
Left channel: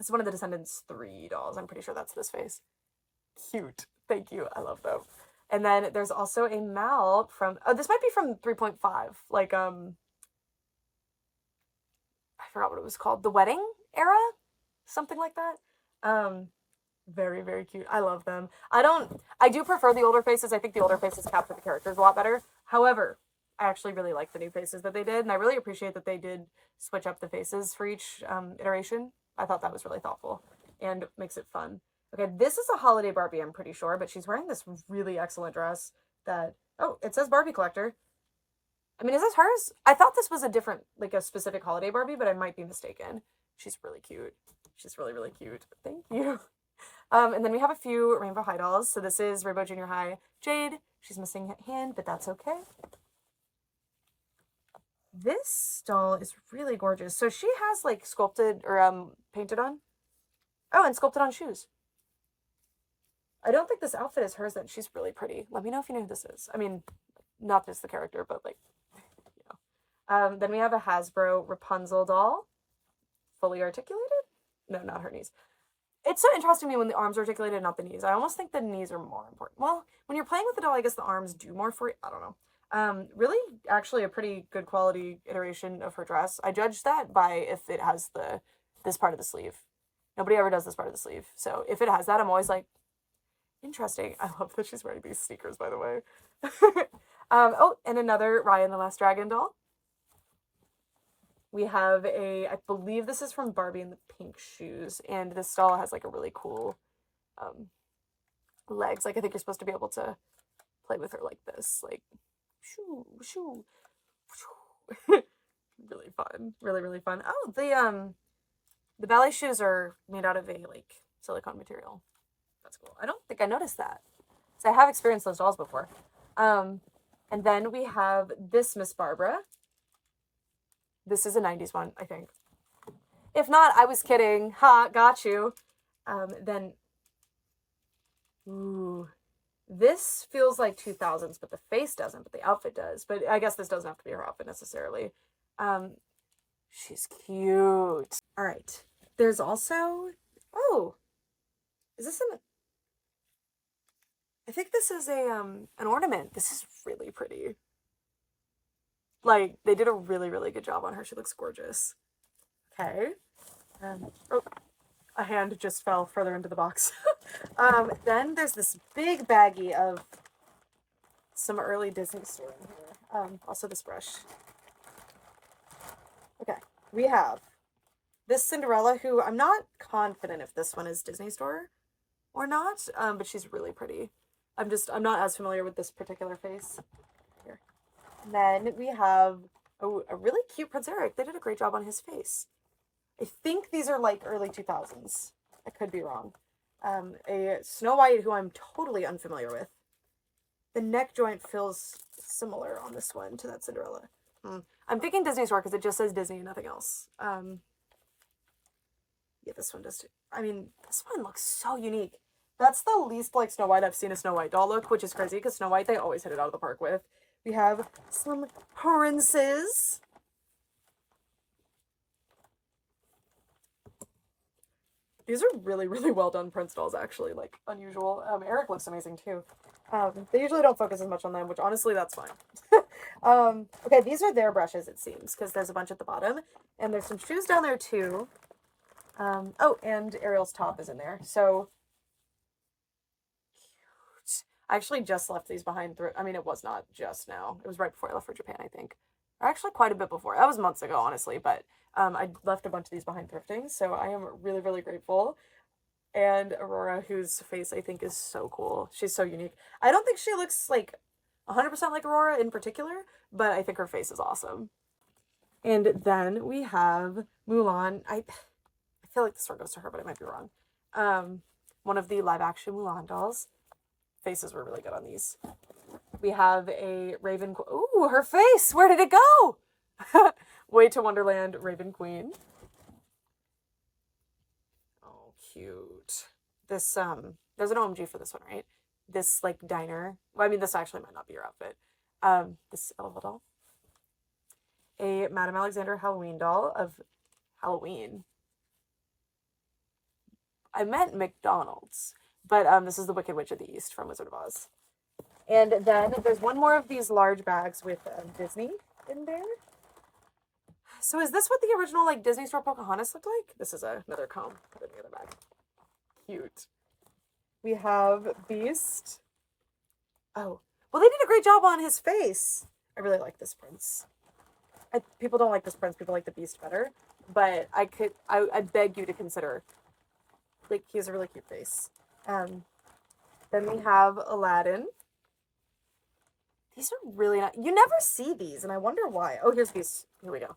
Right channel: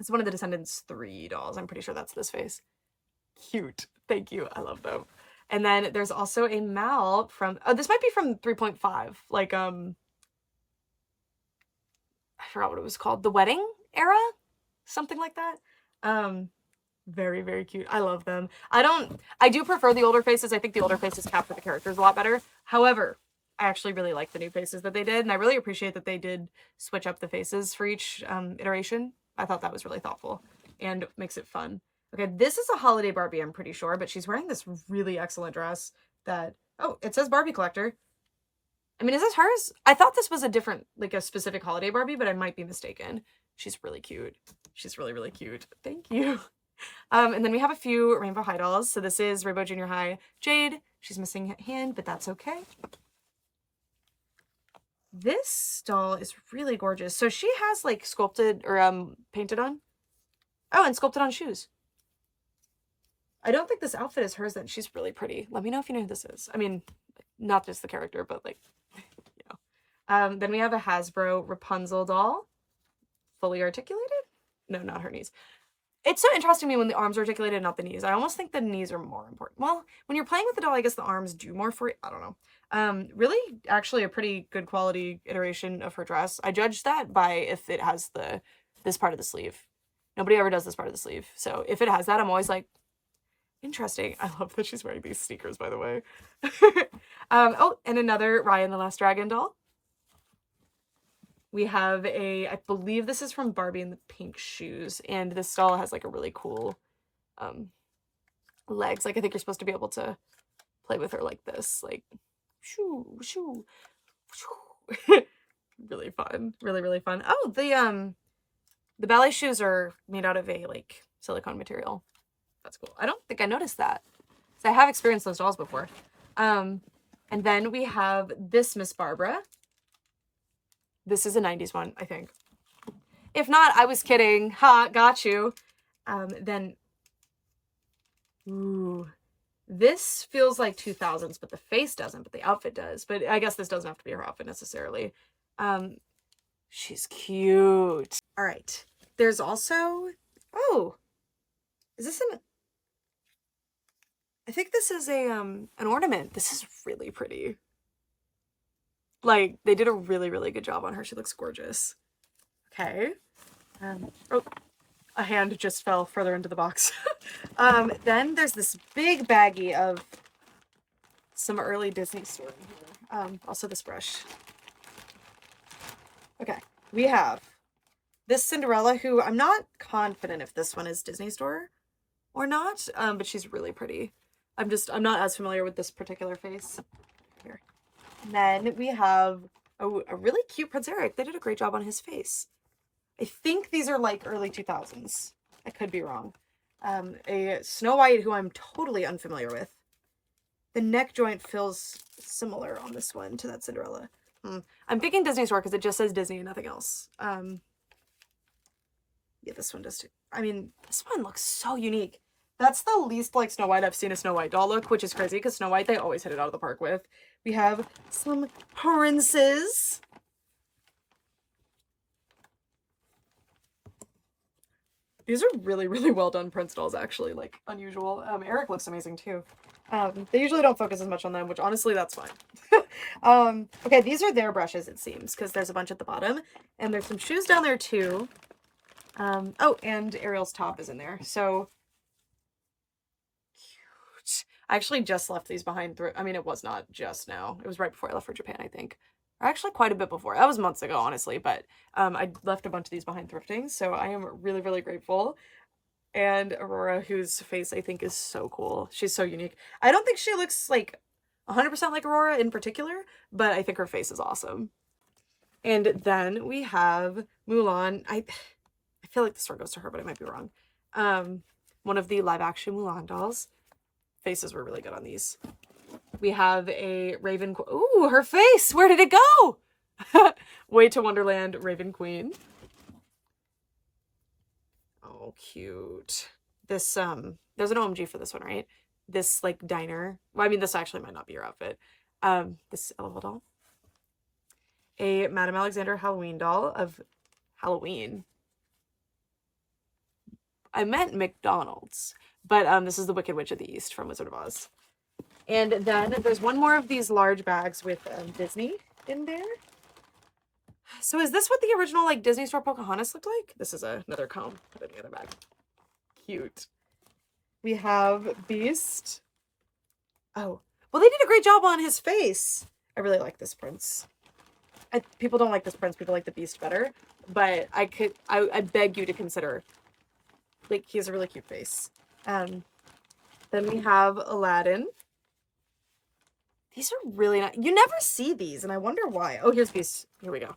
It's one of the Descendants 3 dolls. I'm pretty sure that's this face. Cute. Thank you. I love them. And then there's also a Mal from... Oh, this might be from 3.5. Like, I forgot what it was called. The Wedding Era? Something like that. Very, very cute. I love them. I do prefer the older faces. I think the older faces capture the characters a lot better. However, I actually really like the new faces that they did, and I really appreciate that they did switch up the faces for each iteration. I thought that was really thoughtful and makes it fun. Okay, this is a holiday Barbie, I'm pretty sure, but she's wearing this really excellent dress that... Oh, it says Barbie Collector. I mean, is this hers? I thought this was a different, like a specific holiday Barbie, but I might be mistaken. She's really cute. She's really, really cute. Thank you. And then we have a few Rainbow High dolls. So this is Rainbow Junior High Jade. She's missing a hand, but that's okay. This doll is really gorgeous. So she has like sculpted or painted on. Oh, and sculpted on shoes. I don't think this outfit is hers then. She's really pretty. Let me know if you know who this is. I mean, not just the character, but like, you know. Then we have a Hasbro Rapunzel doll. Fully articulated? No, not her knees. It's so interesting to me when the arms are articulated, not the knees. I almost think the knees are more important. Well, when you're playing with the doll, I guess the arms do more for you. I don't know. Really, actually a pretty good quality iteration of her dress. I judge that by if it has this part of the sleeve. Nobody ever does this part of the sleeve. So if it has that, I'm always like, interesting. I love that she's wearing these sneakers, by the way. Oh, and another Raya and the Last Dragon doll. We have I believe this is from Barbie in the pink shoes, and this doll has like a really cool legs. Like I think you're supposed to be able to play with her like this, like shoo shoo shoo. Really fun, really, really fun. Oh, the ballet shoes are made out of a like silicone material. That's cool. I don't think I noticed that. So I have experienced those dolls before. And then we have this Miss Barbara. This is a 90s one, I think. If not, I was kidding. Ha, got you. Then, ooh, this feels like 2000s, but the face doesn't, but the outfit does. But I guess this doesn't have to be her outfit necessarily. She's cute. All right. There's also, oh, is this I think this is an ornament. This is really pretty. Like, they did a really, really good job on her. She looks gorgeous. Okay. Oh, a hand just fell further into the box. Then there's this big baggie of some early Disney store in here. Also this brush. Okay. We have this Cinderella, who I'm not confident if this one is Disney store or not, but she's really pretty. I'm not as familiar with this particular face. Here. And then we have a really cute Prince Eric. They did a great job on his face. I think these are like early 2000s. I could be wrong. A Snow White who I'm totally unfamiliar with. The neck joint feels similar on this one to that Cinderella. I'm thinking Disney store because it just says Disney and nothing else. Yeah, this one does too. I mean, this one looks so unique. That's the least like Snow White I've seen a Snow White doll look, which is crazy because Snow White, they always hit it out of the park with. We have some princes. These are really, really well done Prince dolls, actually, like unusual. Eric looks amazing too. They usually don't focus as much on them, which honestly, that's fine. Okay, these are their brushes, it seems, because there's a bunch at the bottom. And there's some shoes down there too. Oh, and Ariel's top is in there. So I actually just left these behind I mean, it was not just now. It was right before I left for Japan, I think. Or actually quite a bit before. That was months ago, honestly. But I left a bunch of these behind thrifting. So I am really, really grateful. And Aurora, whose face I think is so cool. She's so unique. I don't think she looks like 100% like Aurora in particular, but I think her face is awesome. And then we have Mulan. I feel like the store goes to her, but I might be wrong. One of the live action Mulan dolls. Faces were really good on these. We have a Raven. Ooh, her face! Where did it go? Way to Wonderland Raven Queen. Oh, cute. This, there's an OMG for this one, right? This, like, diner. Well, I mean, this actually might not be your outfit. This Elva doll. A Madame Alexander Halloween doll of Halloween. I meant McDonald's, but this is the Wicked Witch of the East from Wizard of Oz. And then there's one more of these large bags with Disney in there. So is this what the original like Disney store Pocahontas looked like? This is another comb. Put it in the other bag. Cute. We have Beast. Oh, well, they did a great job on his face. I really like this prince. People don't like this prince. People like the Beast better. But I beg you to consider. Like, he has a really cute face. Then we have Aladdin. These are really nice. You never see these, and I wonder why. Oh, here's Beast. Here we go.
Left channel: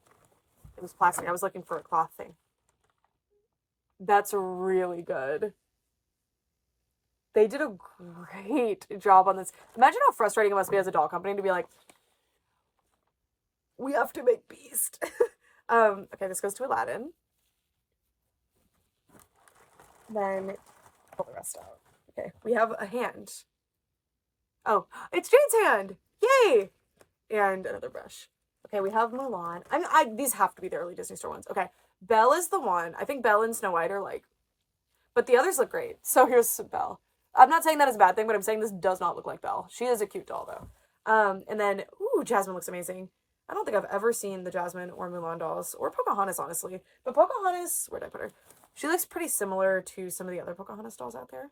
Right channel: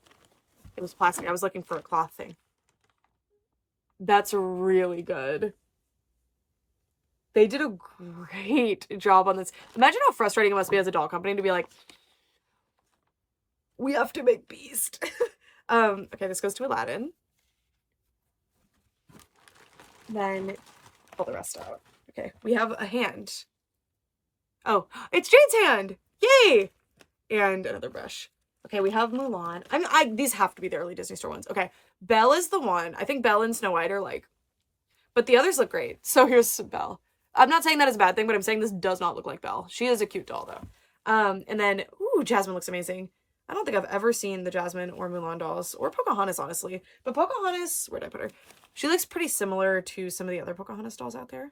It was plastic. I was looking for a cloth thing. That's really good. They did a great job on this. Imagine how frustrating it must be as a doll company to be like, we have to make Beast. Okay, this goes to Aladdin. Then pull the rest out. Okay, we have a hand. Oh, it's Jane's hand! Yay! And another brush. Okay, we have Mulan. These have to be the early Disney store ones. Okay, Belle is the one. I think Belle and Snow White are like, but the others look great. So here's Belle. I'm not saying that is a bad thing, but I'm saying this does not look like Belle. She is a cute doll though. And then, ooh, Jasmine looks amazing. I don't think I've ever seen the Jasmine or Mulan dolls, or Pocahontas, honestly. But Pocahontas, where'd I put her? She looks pretty similar to some of the other Pocahontas dolls out there.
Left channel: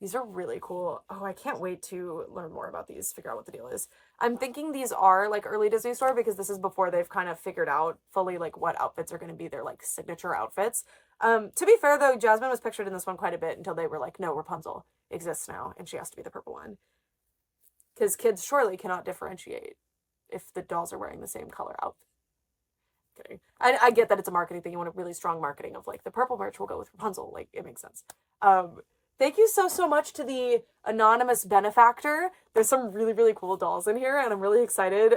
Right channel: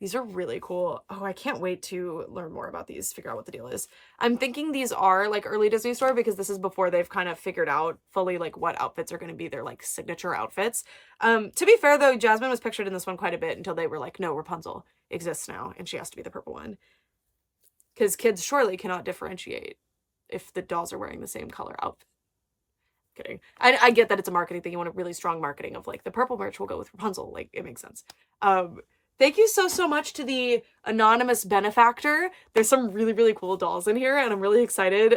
These are really cool. Oh, I can't wait to learn more about these, figure out what the deal is. I'm thinking these are like early Disney store because this is before they've kind of figured out fully like what outfits are going to be their like signature outfits. To be fair though, Jasmine was pictured in this one quite a bit until they were like, no, Rapunzel exists now and she has to be the purple one. Because kids surely cannot differentiate if the dolls are wearing the same color outfit. Kidding. I get that it's a marketing thing. You want a really strong marketing of like the purple merch will go with Rapunzel. Like it makes sense. Thank you so much to the anonymous benefactor. There's some really, really cool dolls in here, and I'm really excited,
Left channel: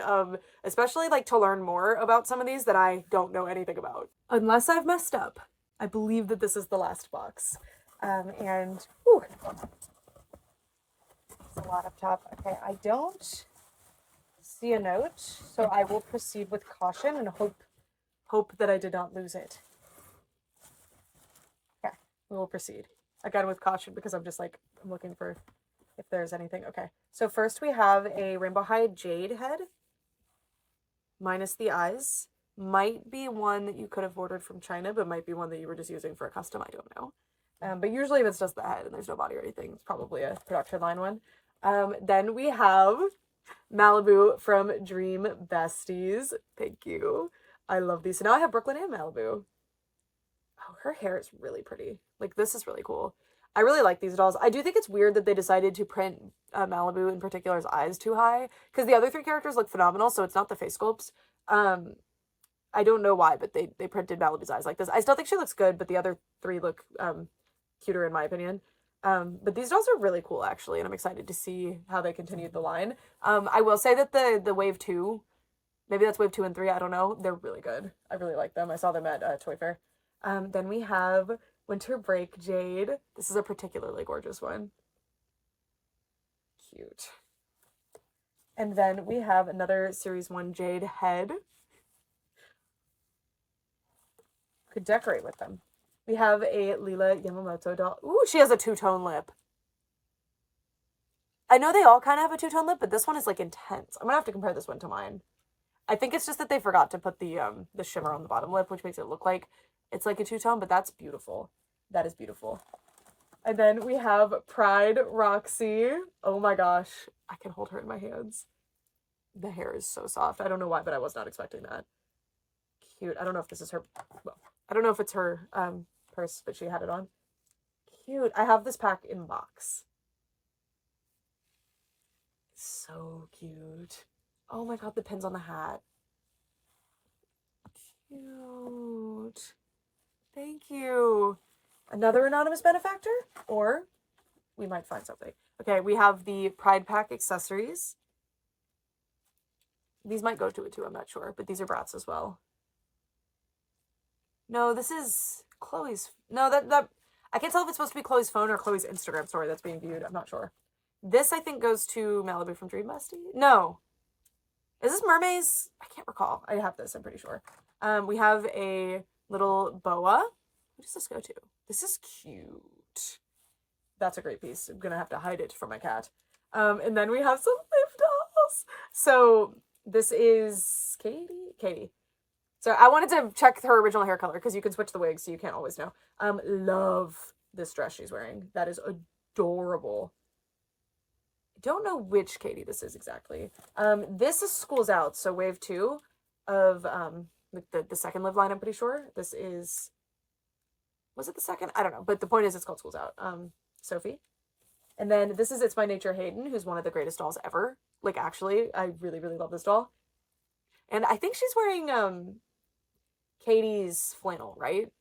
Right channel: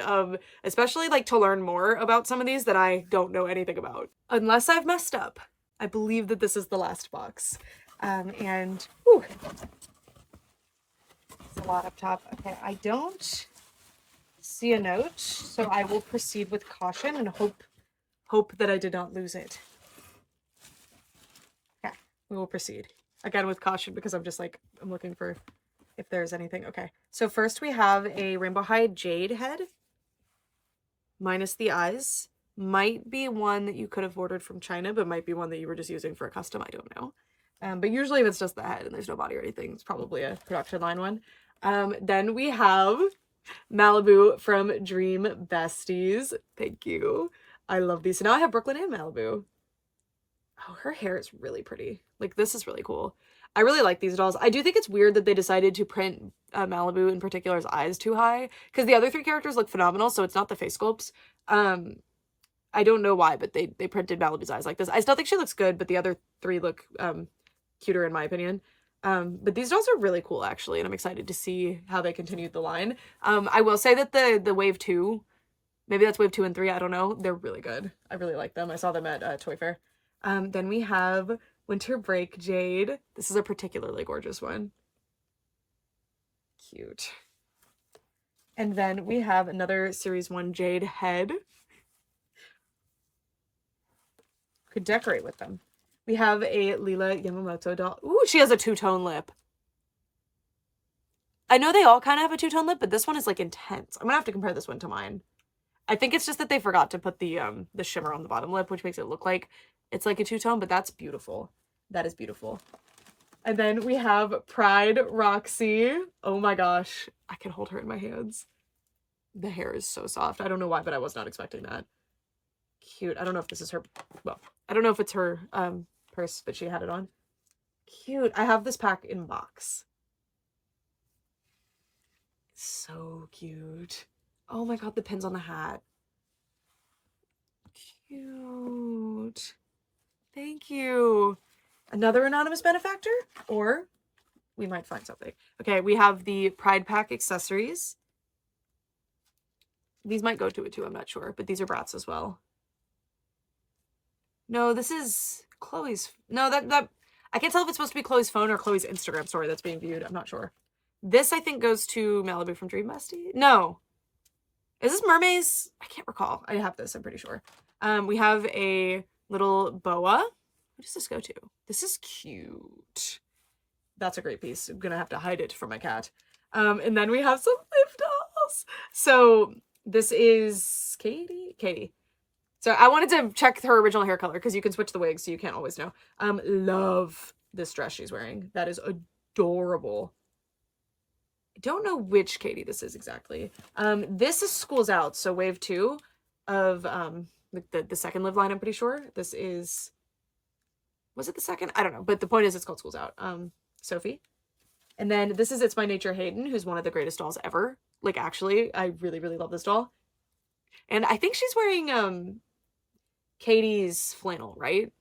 especially, like, to learn more about some of these that I don't know anything about. Unless I've messed up, I believe that this is the last box. And, whew, it's a lot up top. Okay, I don't see a note, so I will proceed with caution and hope that I did not lose it. Okay, we will proceed. Again, with caution, because I'm just like, I'm looking for if there's anything. Okay, so first we have a Rainbow High Jade head. Minus the eyes. Might be one that you could have ordered from China, but might be one that you were just using for a custom. I don't know. But usually if it's just the head and there's no body or anything, it's probably a production line one. Then we have Malibu from Dream Besties. Thank you. I love these. So now I have Brooklyn and Malibu. Oh, her hair is really pretty. Like, this is really cool. I really like these dolls. I do think it's weird that they decided to print Malibu in particular's eyes too high, because the other three characters look phenomenal, so it's not the face sculpts. I don't know why, but they printed Malibu's eyes like this. I still think she looks good, but the other three look cuter in my opinion. But these dolls are really cool, actually, and I'm excited to see how they continued the line. I will say that the Wave 2, maybe that's Wave 2 and 3, I don't know, they're really good. I really like them. I saw them at Toy Fair. Then we have Winter Break Jade. This is a particularly gorgeous one. Cute. And then we have another Series 1 Jade head. Could decorate with them. We have a Lila Yamamoto doll. Ooh, she has a two-tone lip. I know they all kind of have a two-tone lip, but this one is like intense. I'm gonna have to compare this one to mine. I think it's just that they forgot to put the shimmer on the bottom lip, which makes it look like it's like a two-tone, but that's beautiful. That is beautiful. And then we have Pride Roxy. Oh my gosh. I can hold her in my hands. The hair is so soft. I don't know why, but I was not expecting that. Cute. I don't know if this is her. Well, I don't know if it's her purse, but she had it on. Cute. I have this pack in box. So cute. Oh my god, the pins on the hat. Cute. Thank you. Another anonymous benefactor? Or we might find something. Okay, we have the Pride Pack accessories. These might go to it too, I'm not sure. But these are Bratz as well. No, this is Chloe's. No, that I can't tell if it's supposed to be Chloe's phone or Chloe's Instagram story that's being viewed. I'm not sure. This, I think, goes to Malibu from Dream Bestie. No. Is this Mermaid's? I can't recall. I have this, I'm pretty sure. We have a little boa. Who does this go to? This is cute. That's a great piece. I'm gonna have to hide it from my cat. And then we have some Liv dolls. So this is Katie. So I wanted to check her original hair color because you can switch the wigs, so you can't always know. Love this dress she's wearing. That is adorable. I don't know which Katie this is exactly. This is School's Out, so wave 2 of the second Liv line, I'm pretty sure. This is, was it the second? I don't know, but the point is it's called School's Out. Sophie. And then this is It's My Nature Hayden, who's one of the greatest dolls ever. Like, actually, I really, really love this doll. And I think she's wearing Katie's flannel, right?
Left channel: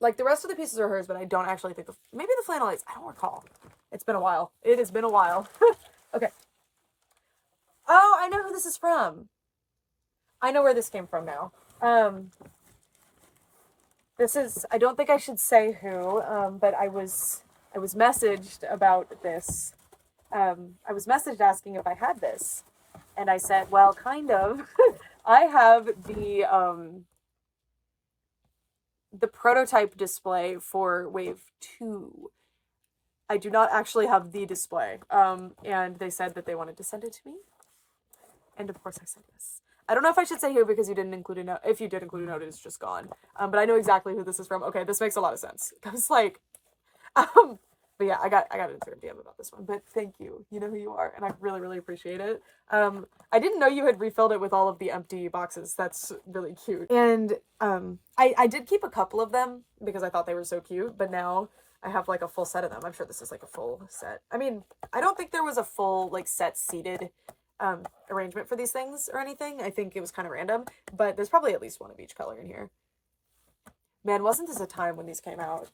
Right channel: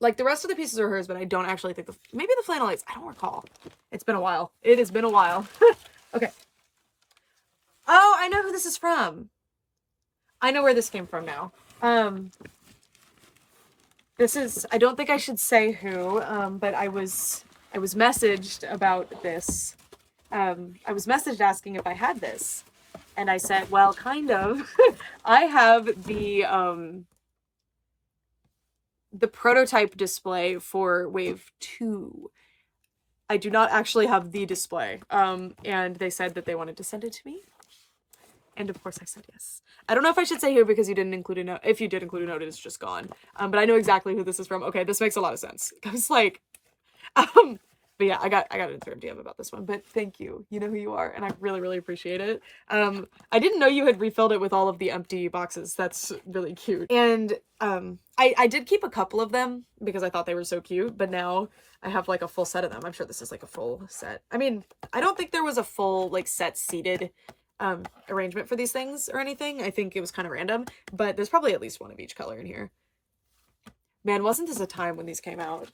Like, the rest of the pieces are hers, but I don't actually think maybe the flannel is. I don't recall. It's been a while. It has been a while. Okay. Oh, I know who this is from. I know where this came from now. This is, I don't think I should say who, but I was messaged about this. I was messaged asking if I had this. And I said, well, kind of. I have the prototype display for wave 2. I do not actually have the display. And they said that they wanted to send it to me. And of course I said yes. I don't know if I should say who because you didn't include a note. If you did include a note, it's just gone. But I know exactly who this is from. Okay, this makes a lot of sense. I was like, but yeah, I got an Instagram DM about this one. But thank you. You know who you are, and I really, really appreciate it. I didn't know you had refilled it with all of the empty boxes. That's really cute. And I did keep a couple of them because I thought they were so cute. But now I have like a full set of them. I'm sure this is like a full set. I mean, I don't think there was a full like set seated arrangement for these things or anything. I think it was kind of random, but there's probably at least one of each color in here. Man, wasn't this a time when these came out?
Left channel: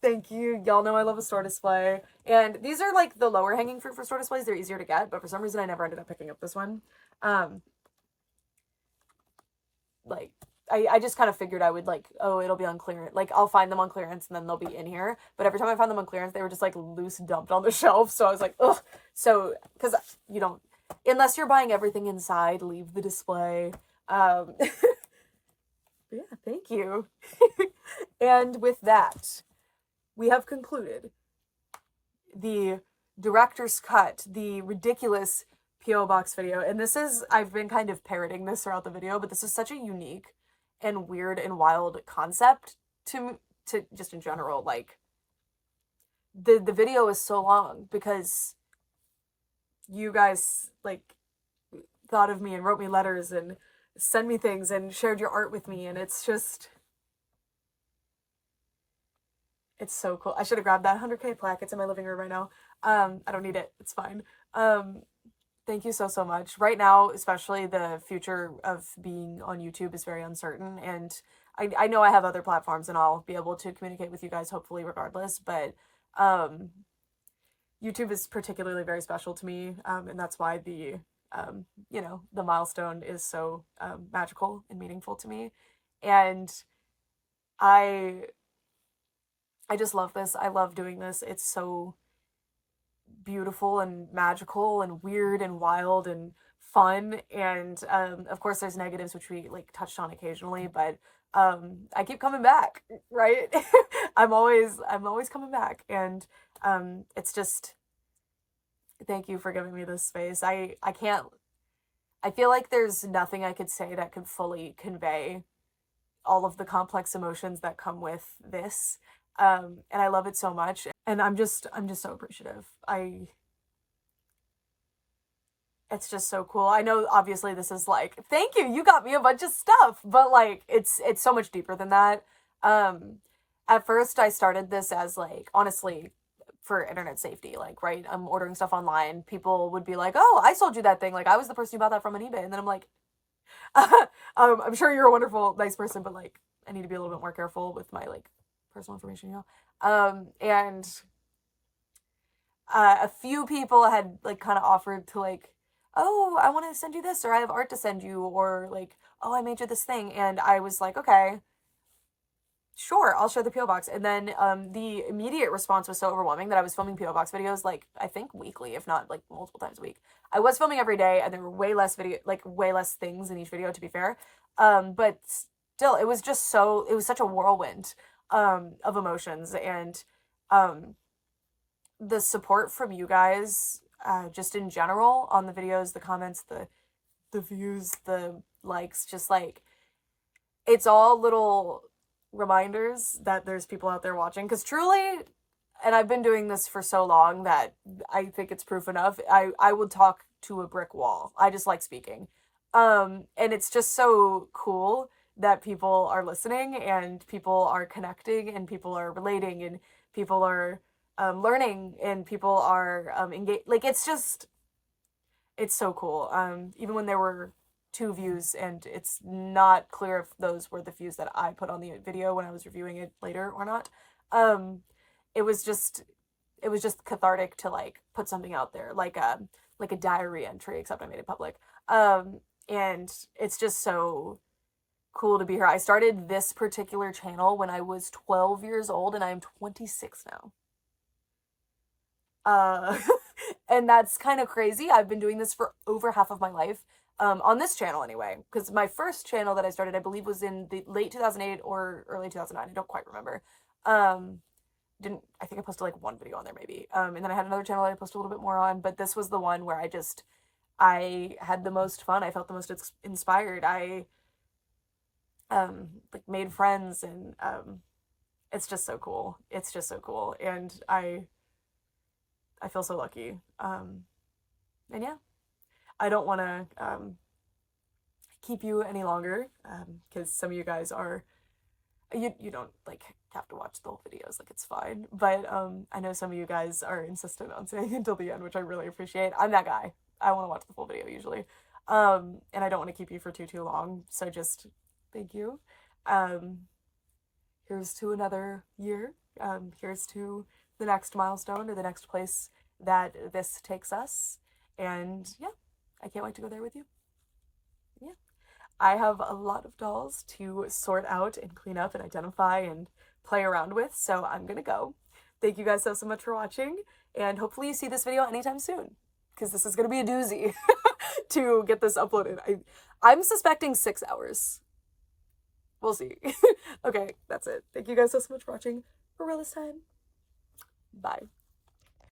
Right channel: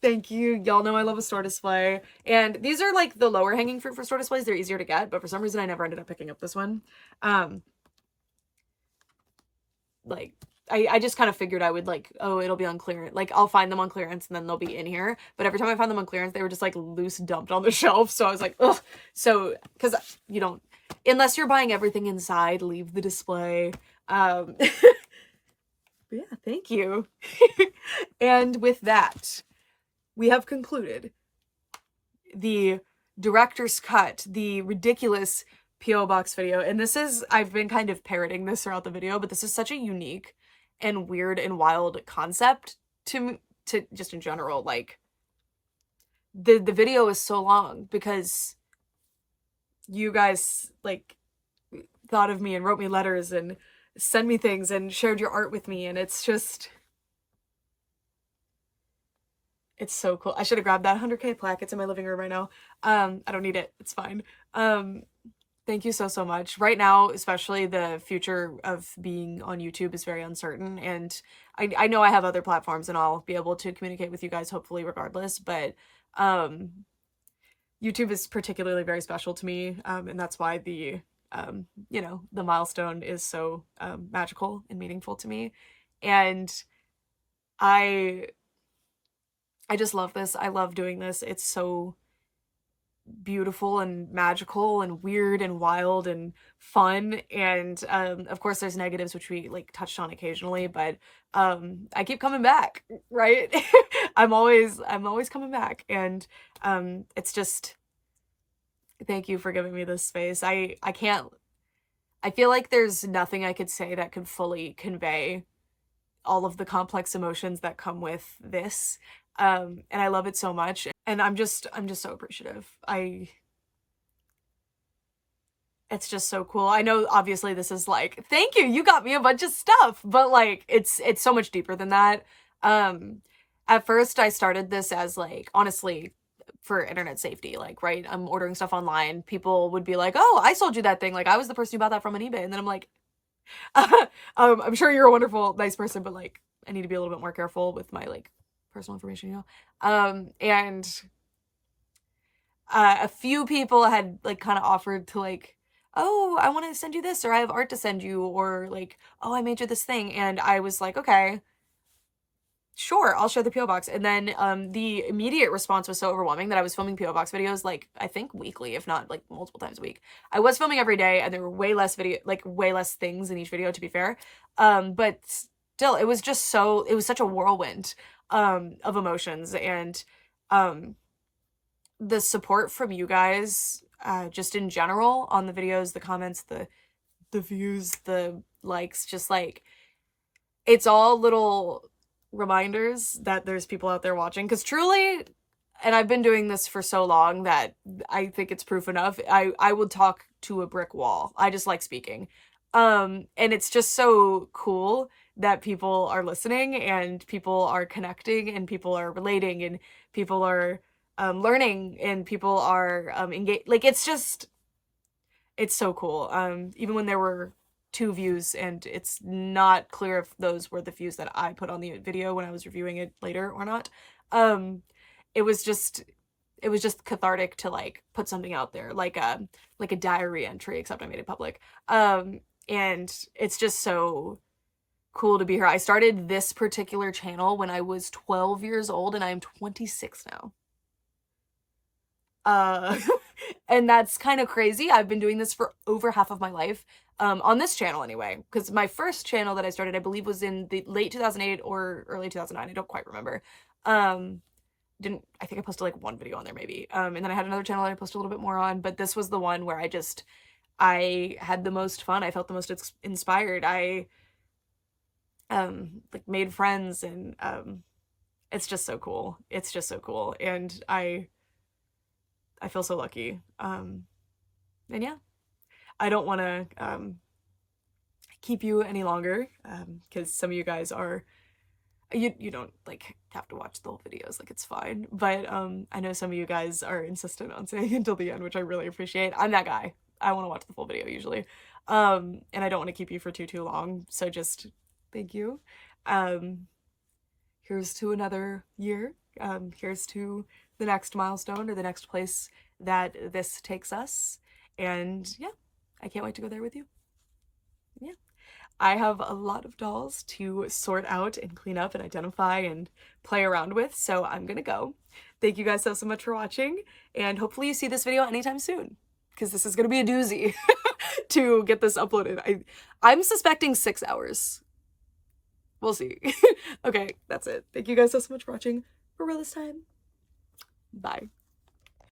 Thank you. Y'all know I love a store display. And these are like the lower hanging fruit for store displays. They're easier to get, but for some reason I never ended up picking up this one. Like, I just kind of figured I would like, oh, it'll be on clearance. Like, I'll find them on clearance and then they'll be in here. But every time I found them on clearance, they were just like loose dumped on the shelf. So I was like, ugh. So, because you don't, unless you're buying everything inside, leave the display. Yeah, thank you. And with that, we have concluded the director's cut, the ridiculous P.O. Box video. And this is, I've been kind of parroting this throughout the video, but this is such a unique and weird and wild concept to just in general. Like, the video is so long because you guys like thought of me and wrote me letters and sent me things and shared your art with me, and it's just, it's so cool. I should have grabbed that 100K plaque. It's in my living room right now. I don't need it. It's fine. Thank you so much. Right now, especially, the future of being on YouTube is very uncertain, and I know I have other platforms and I'll be able to communicate with you guys hopefully regardless, but YouTube is particularly very special to me, and that's why the you know, the milestone is so magical and meaningful to me. And I just love this. I love doing this. It's so beautiful and magical and weird and wild and fun. And of course there's negatives, which we like touched on occasionally, but I keep coming back, right? I'm always coming back. And it's just, thank you for giving me this space. I feel like there's nothing I could say that could fully convey all of the complex emotions that come with this. And I love it so much. And I'm just so appreciative. It's just so cool. I know obviously this is like, thank you, you got me a bunch of stuff, but like, it's so much deeper than that. At first I started this as like, honestly, for internet safety. Like, right, I'm ordering stuff online. People would be like, oh, I sold you that thing. Like, I was the person who bought that from on eBay. And then I'm like, I'm sure you're a wonderful, nice person, but like, I need to be a little bit more careful with my like personal information, you know? And a few people had like kind of offered to like, oh, I want to send you this, or I have art to send you, or like, oh, I made you this thing. And I was like, okay, sure, I'll share the PO box. And then the immediate response was so overwhelming that I was filming PO box videos like I think weekly, if not like multiple times a week. I was filming every day, and there were way less way less things in each video, to be fair. But still, it was just it was such a whirlwind of emotions, and the support from you guys just in general on the videos, the comments, the views, the likes, just like, it's all little reminders that there's people out there watching, because truly, and I've been doing this for so long that I think it's proof enough, I would talk to a brick wall. I just like speaking. And it's just so cool that people are listening, and people are connecting, and people are relating, and people are learning, and people are engaged. Like, it's so cool. Even when there were 2 views, and it's not clear if those were the views that I put on the video when I was reviewing it later or not. It was just cathartic to like put something out there, like a diary entry, except I made it public. And it's just so cool to be here. I started this particular channel when I was 12 years old, and I am 26 now. And that's kind of crazy. I've been doing this for over half of my life, on this channel anyway, because my first channel that I started, I believe, was in the late 2008 or early 2009. I don't quite remember. I think I posted like 1 video on there maybe. And then I had another channel that I posted a little bit more on, but this was the one where I had the most fun. I felt the most inspired. I like made friends, and it's just so cool. It's just so cool. And I feel so lucky. And yeah, I don't want to keep you any longer, because some of you guys are, you don't like have to watch the whole videos, like it's fine. But I know some of you guys are insistent on saying until the end, which I really appreciate. I'm that guy. I want to watch the full video usually. And I don't want to keep you for too long. So just thank you. Here's to another year. Here's to the next milestone, or the next place that this takes us. And yeah, I can't wait to go there with you. Yeah. I have a lot of dolls to sort out and clean up and identify and play around with, so I'm gonna go. Thank you guys so much for watching, and hopefully you see this video anytime soon, because this is gonna be a doozy to get this uploaded. I'm suspecting 6 hours. We'll see. Okay, that's it. Thank you guys so much for watching for real this time. Bye.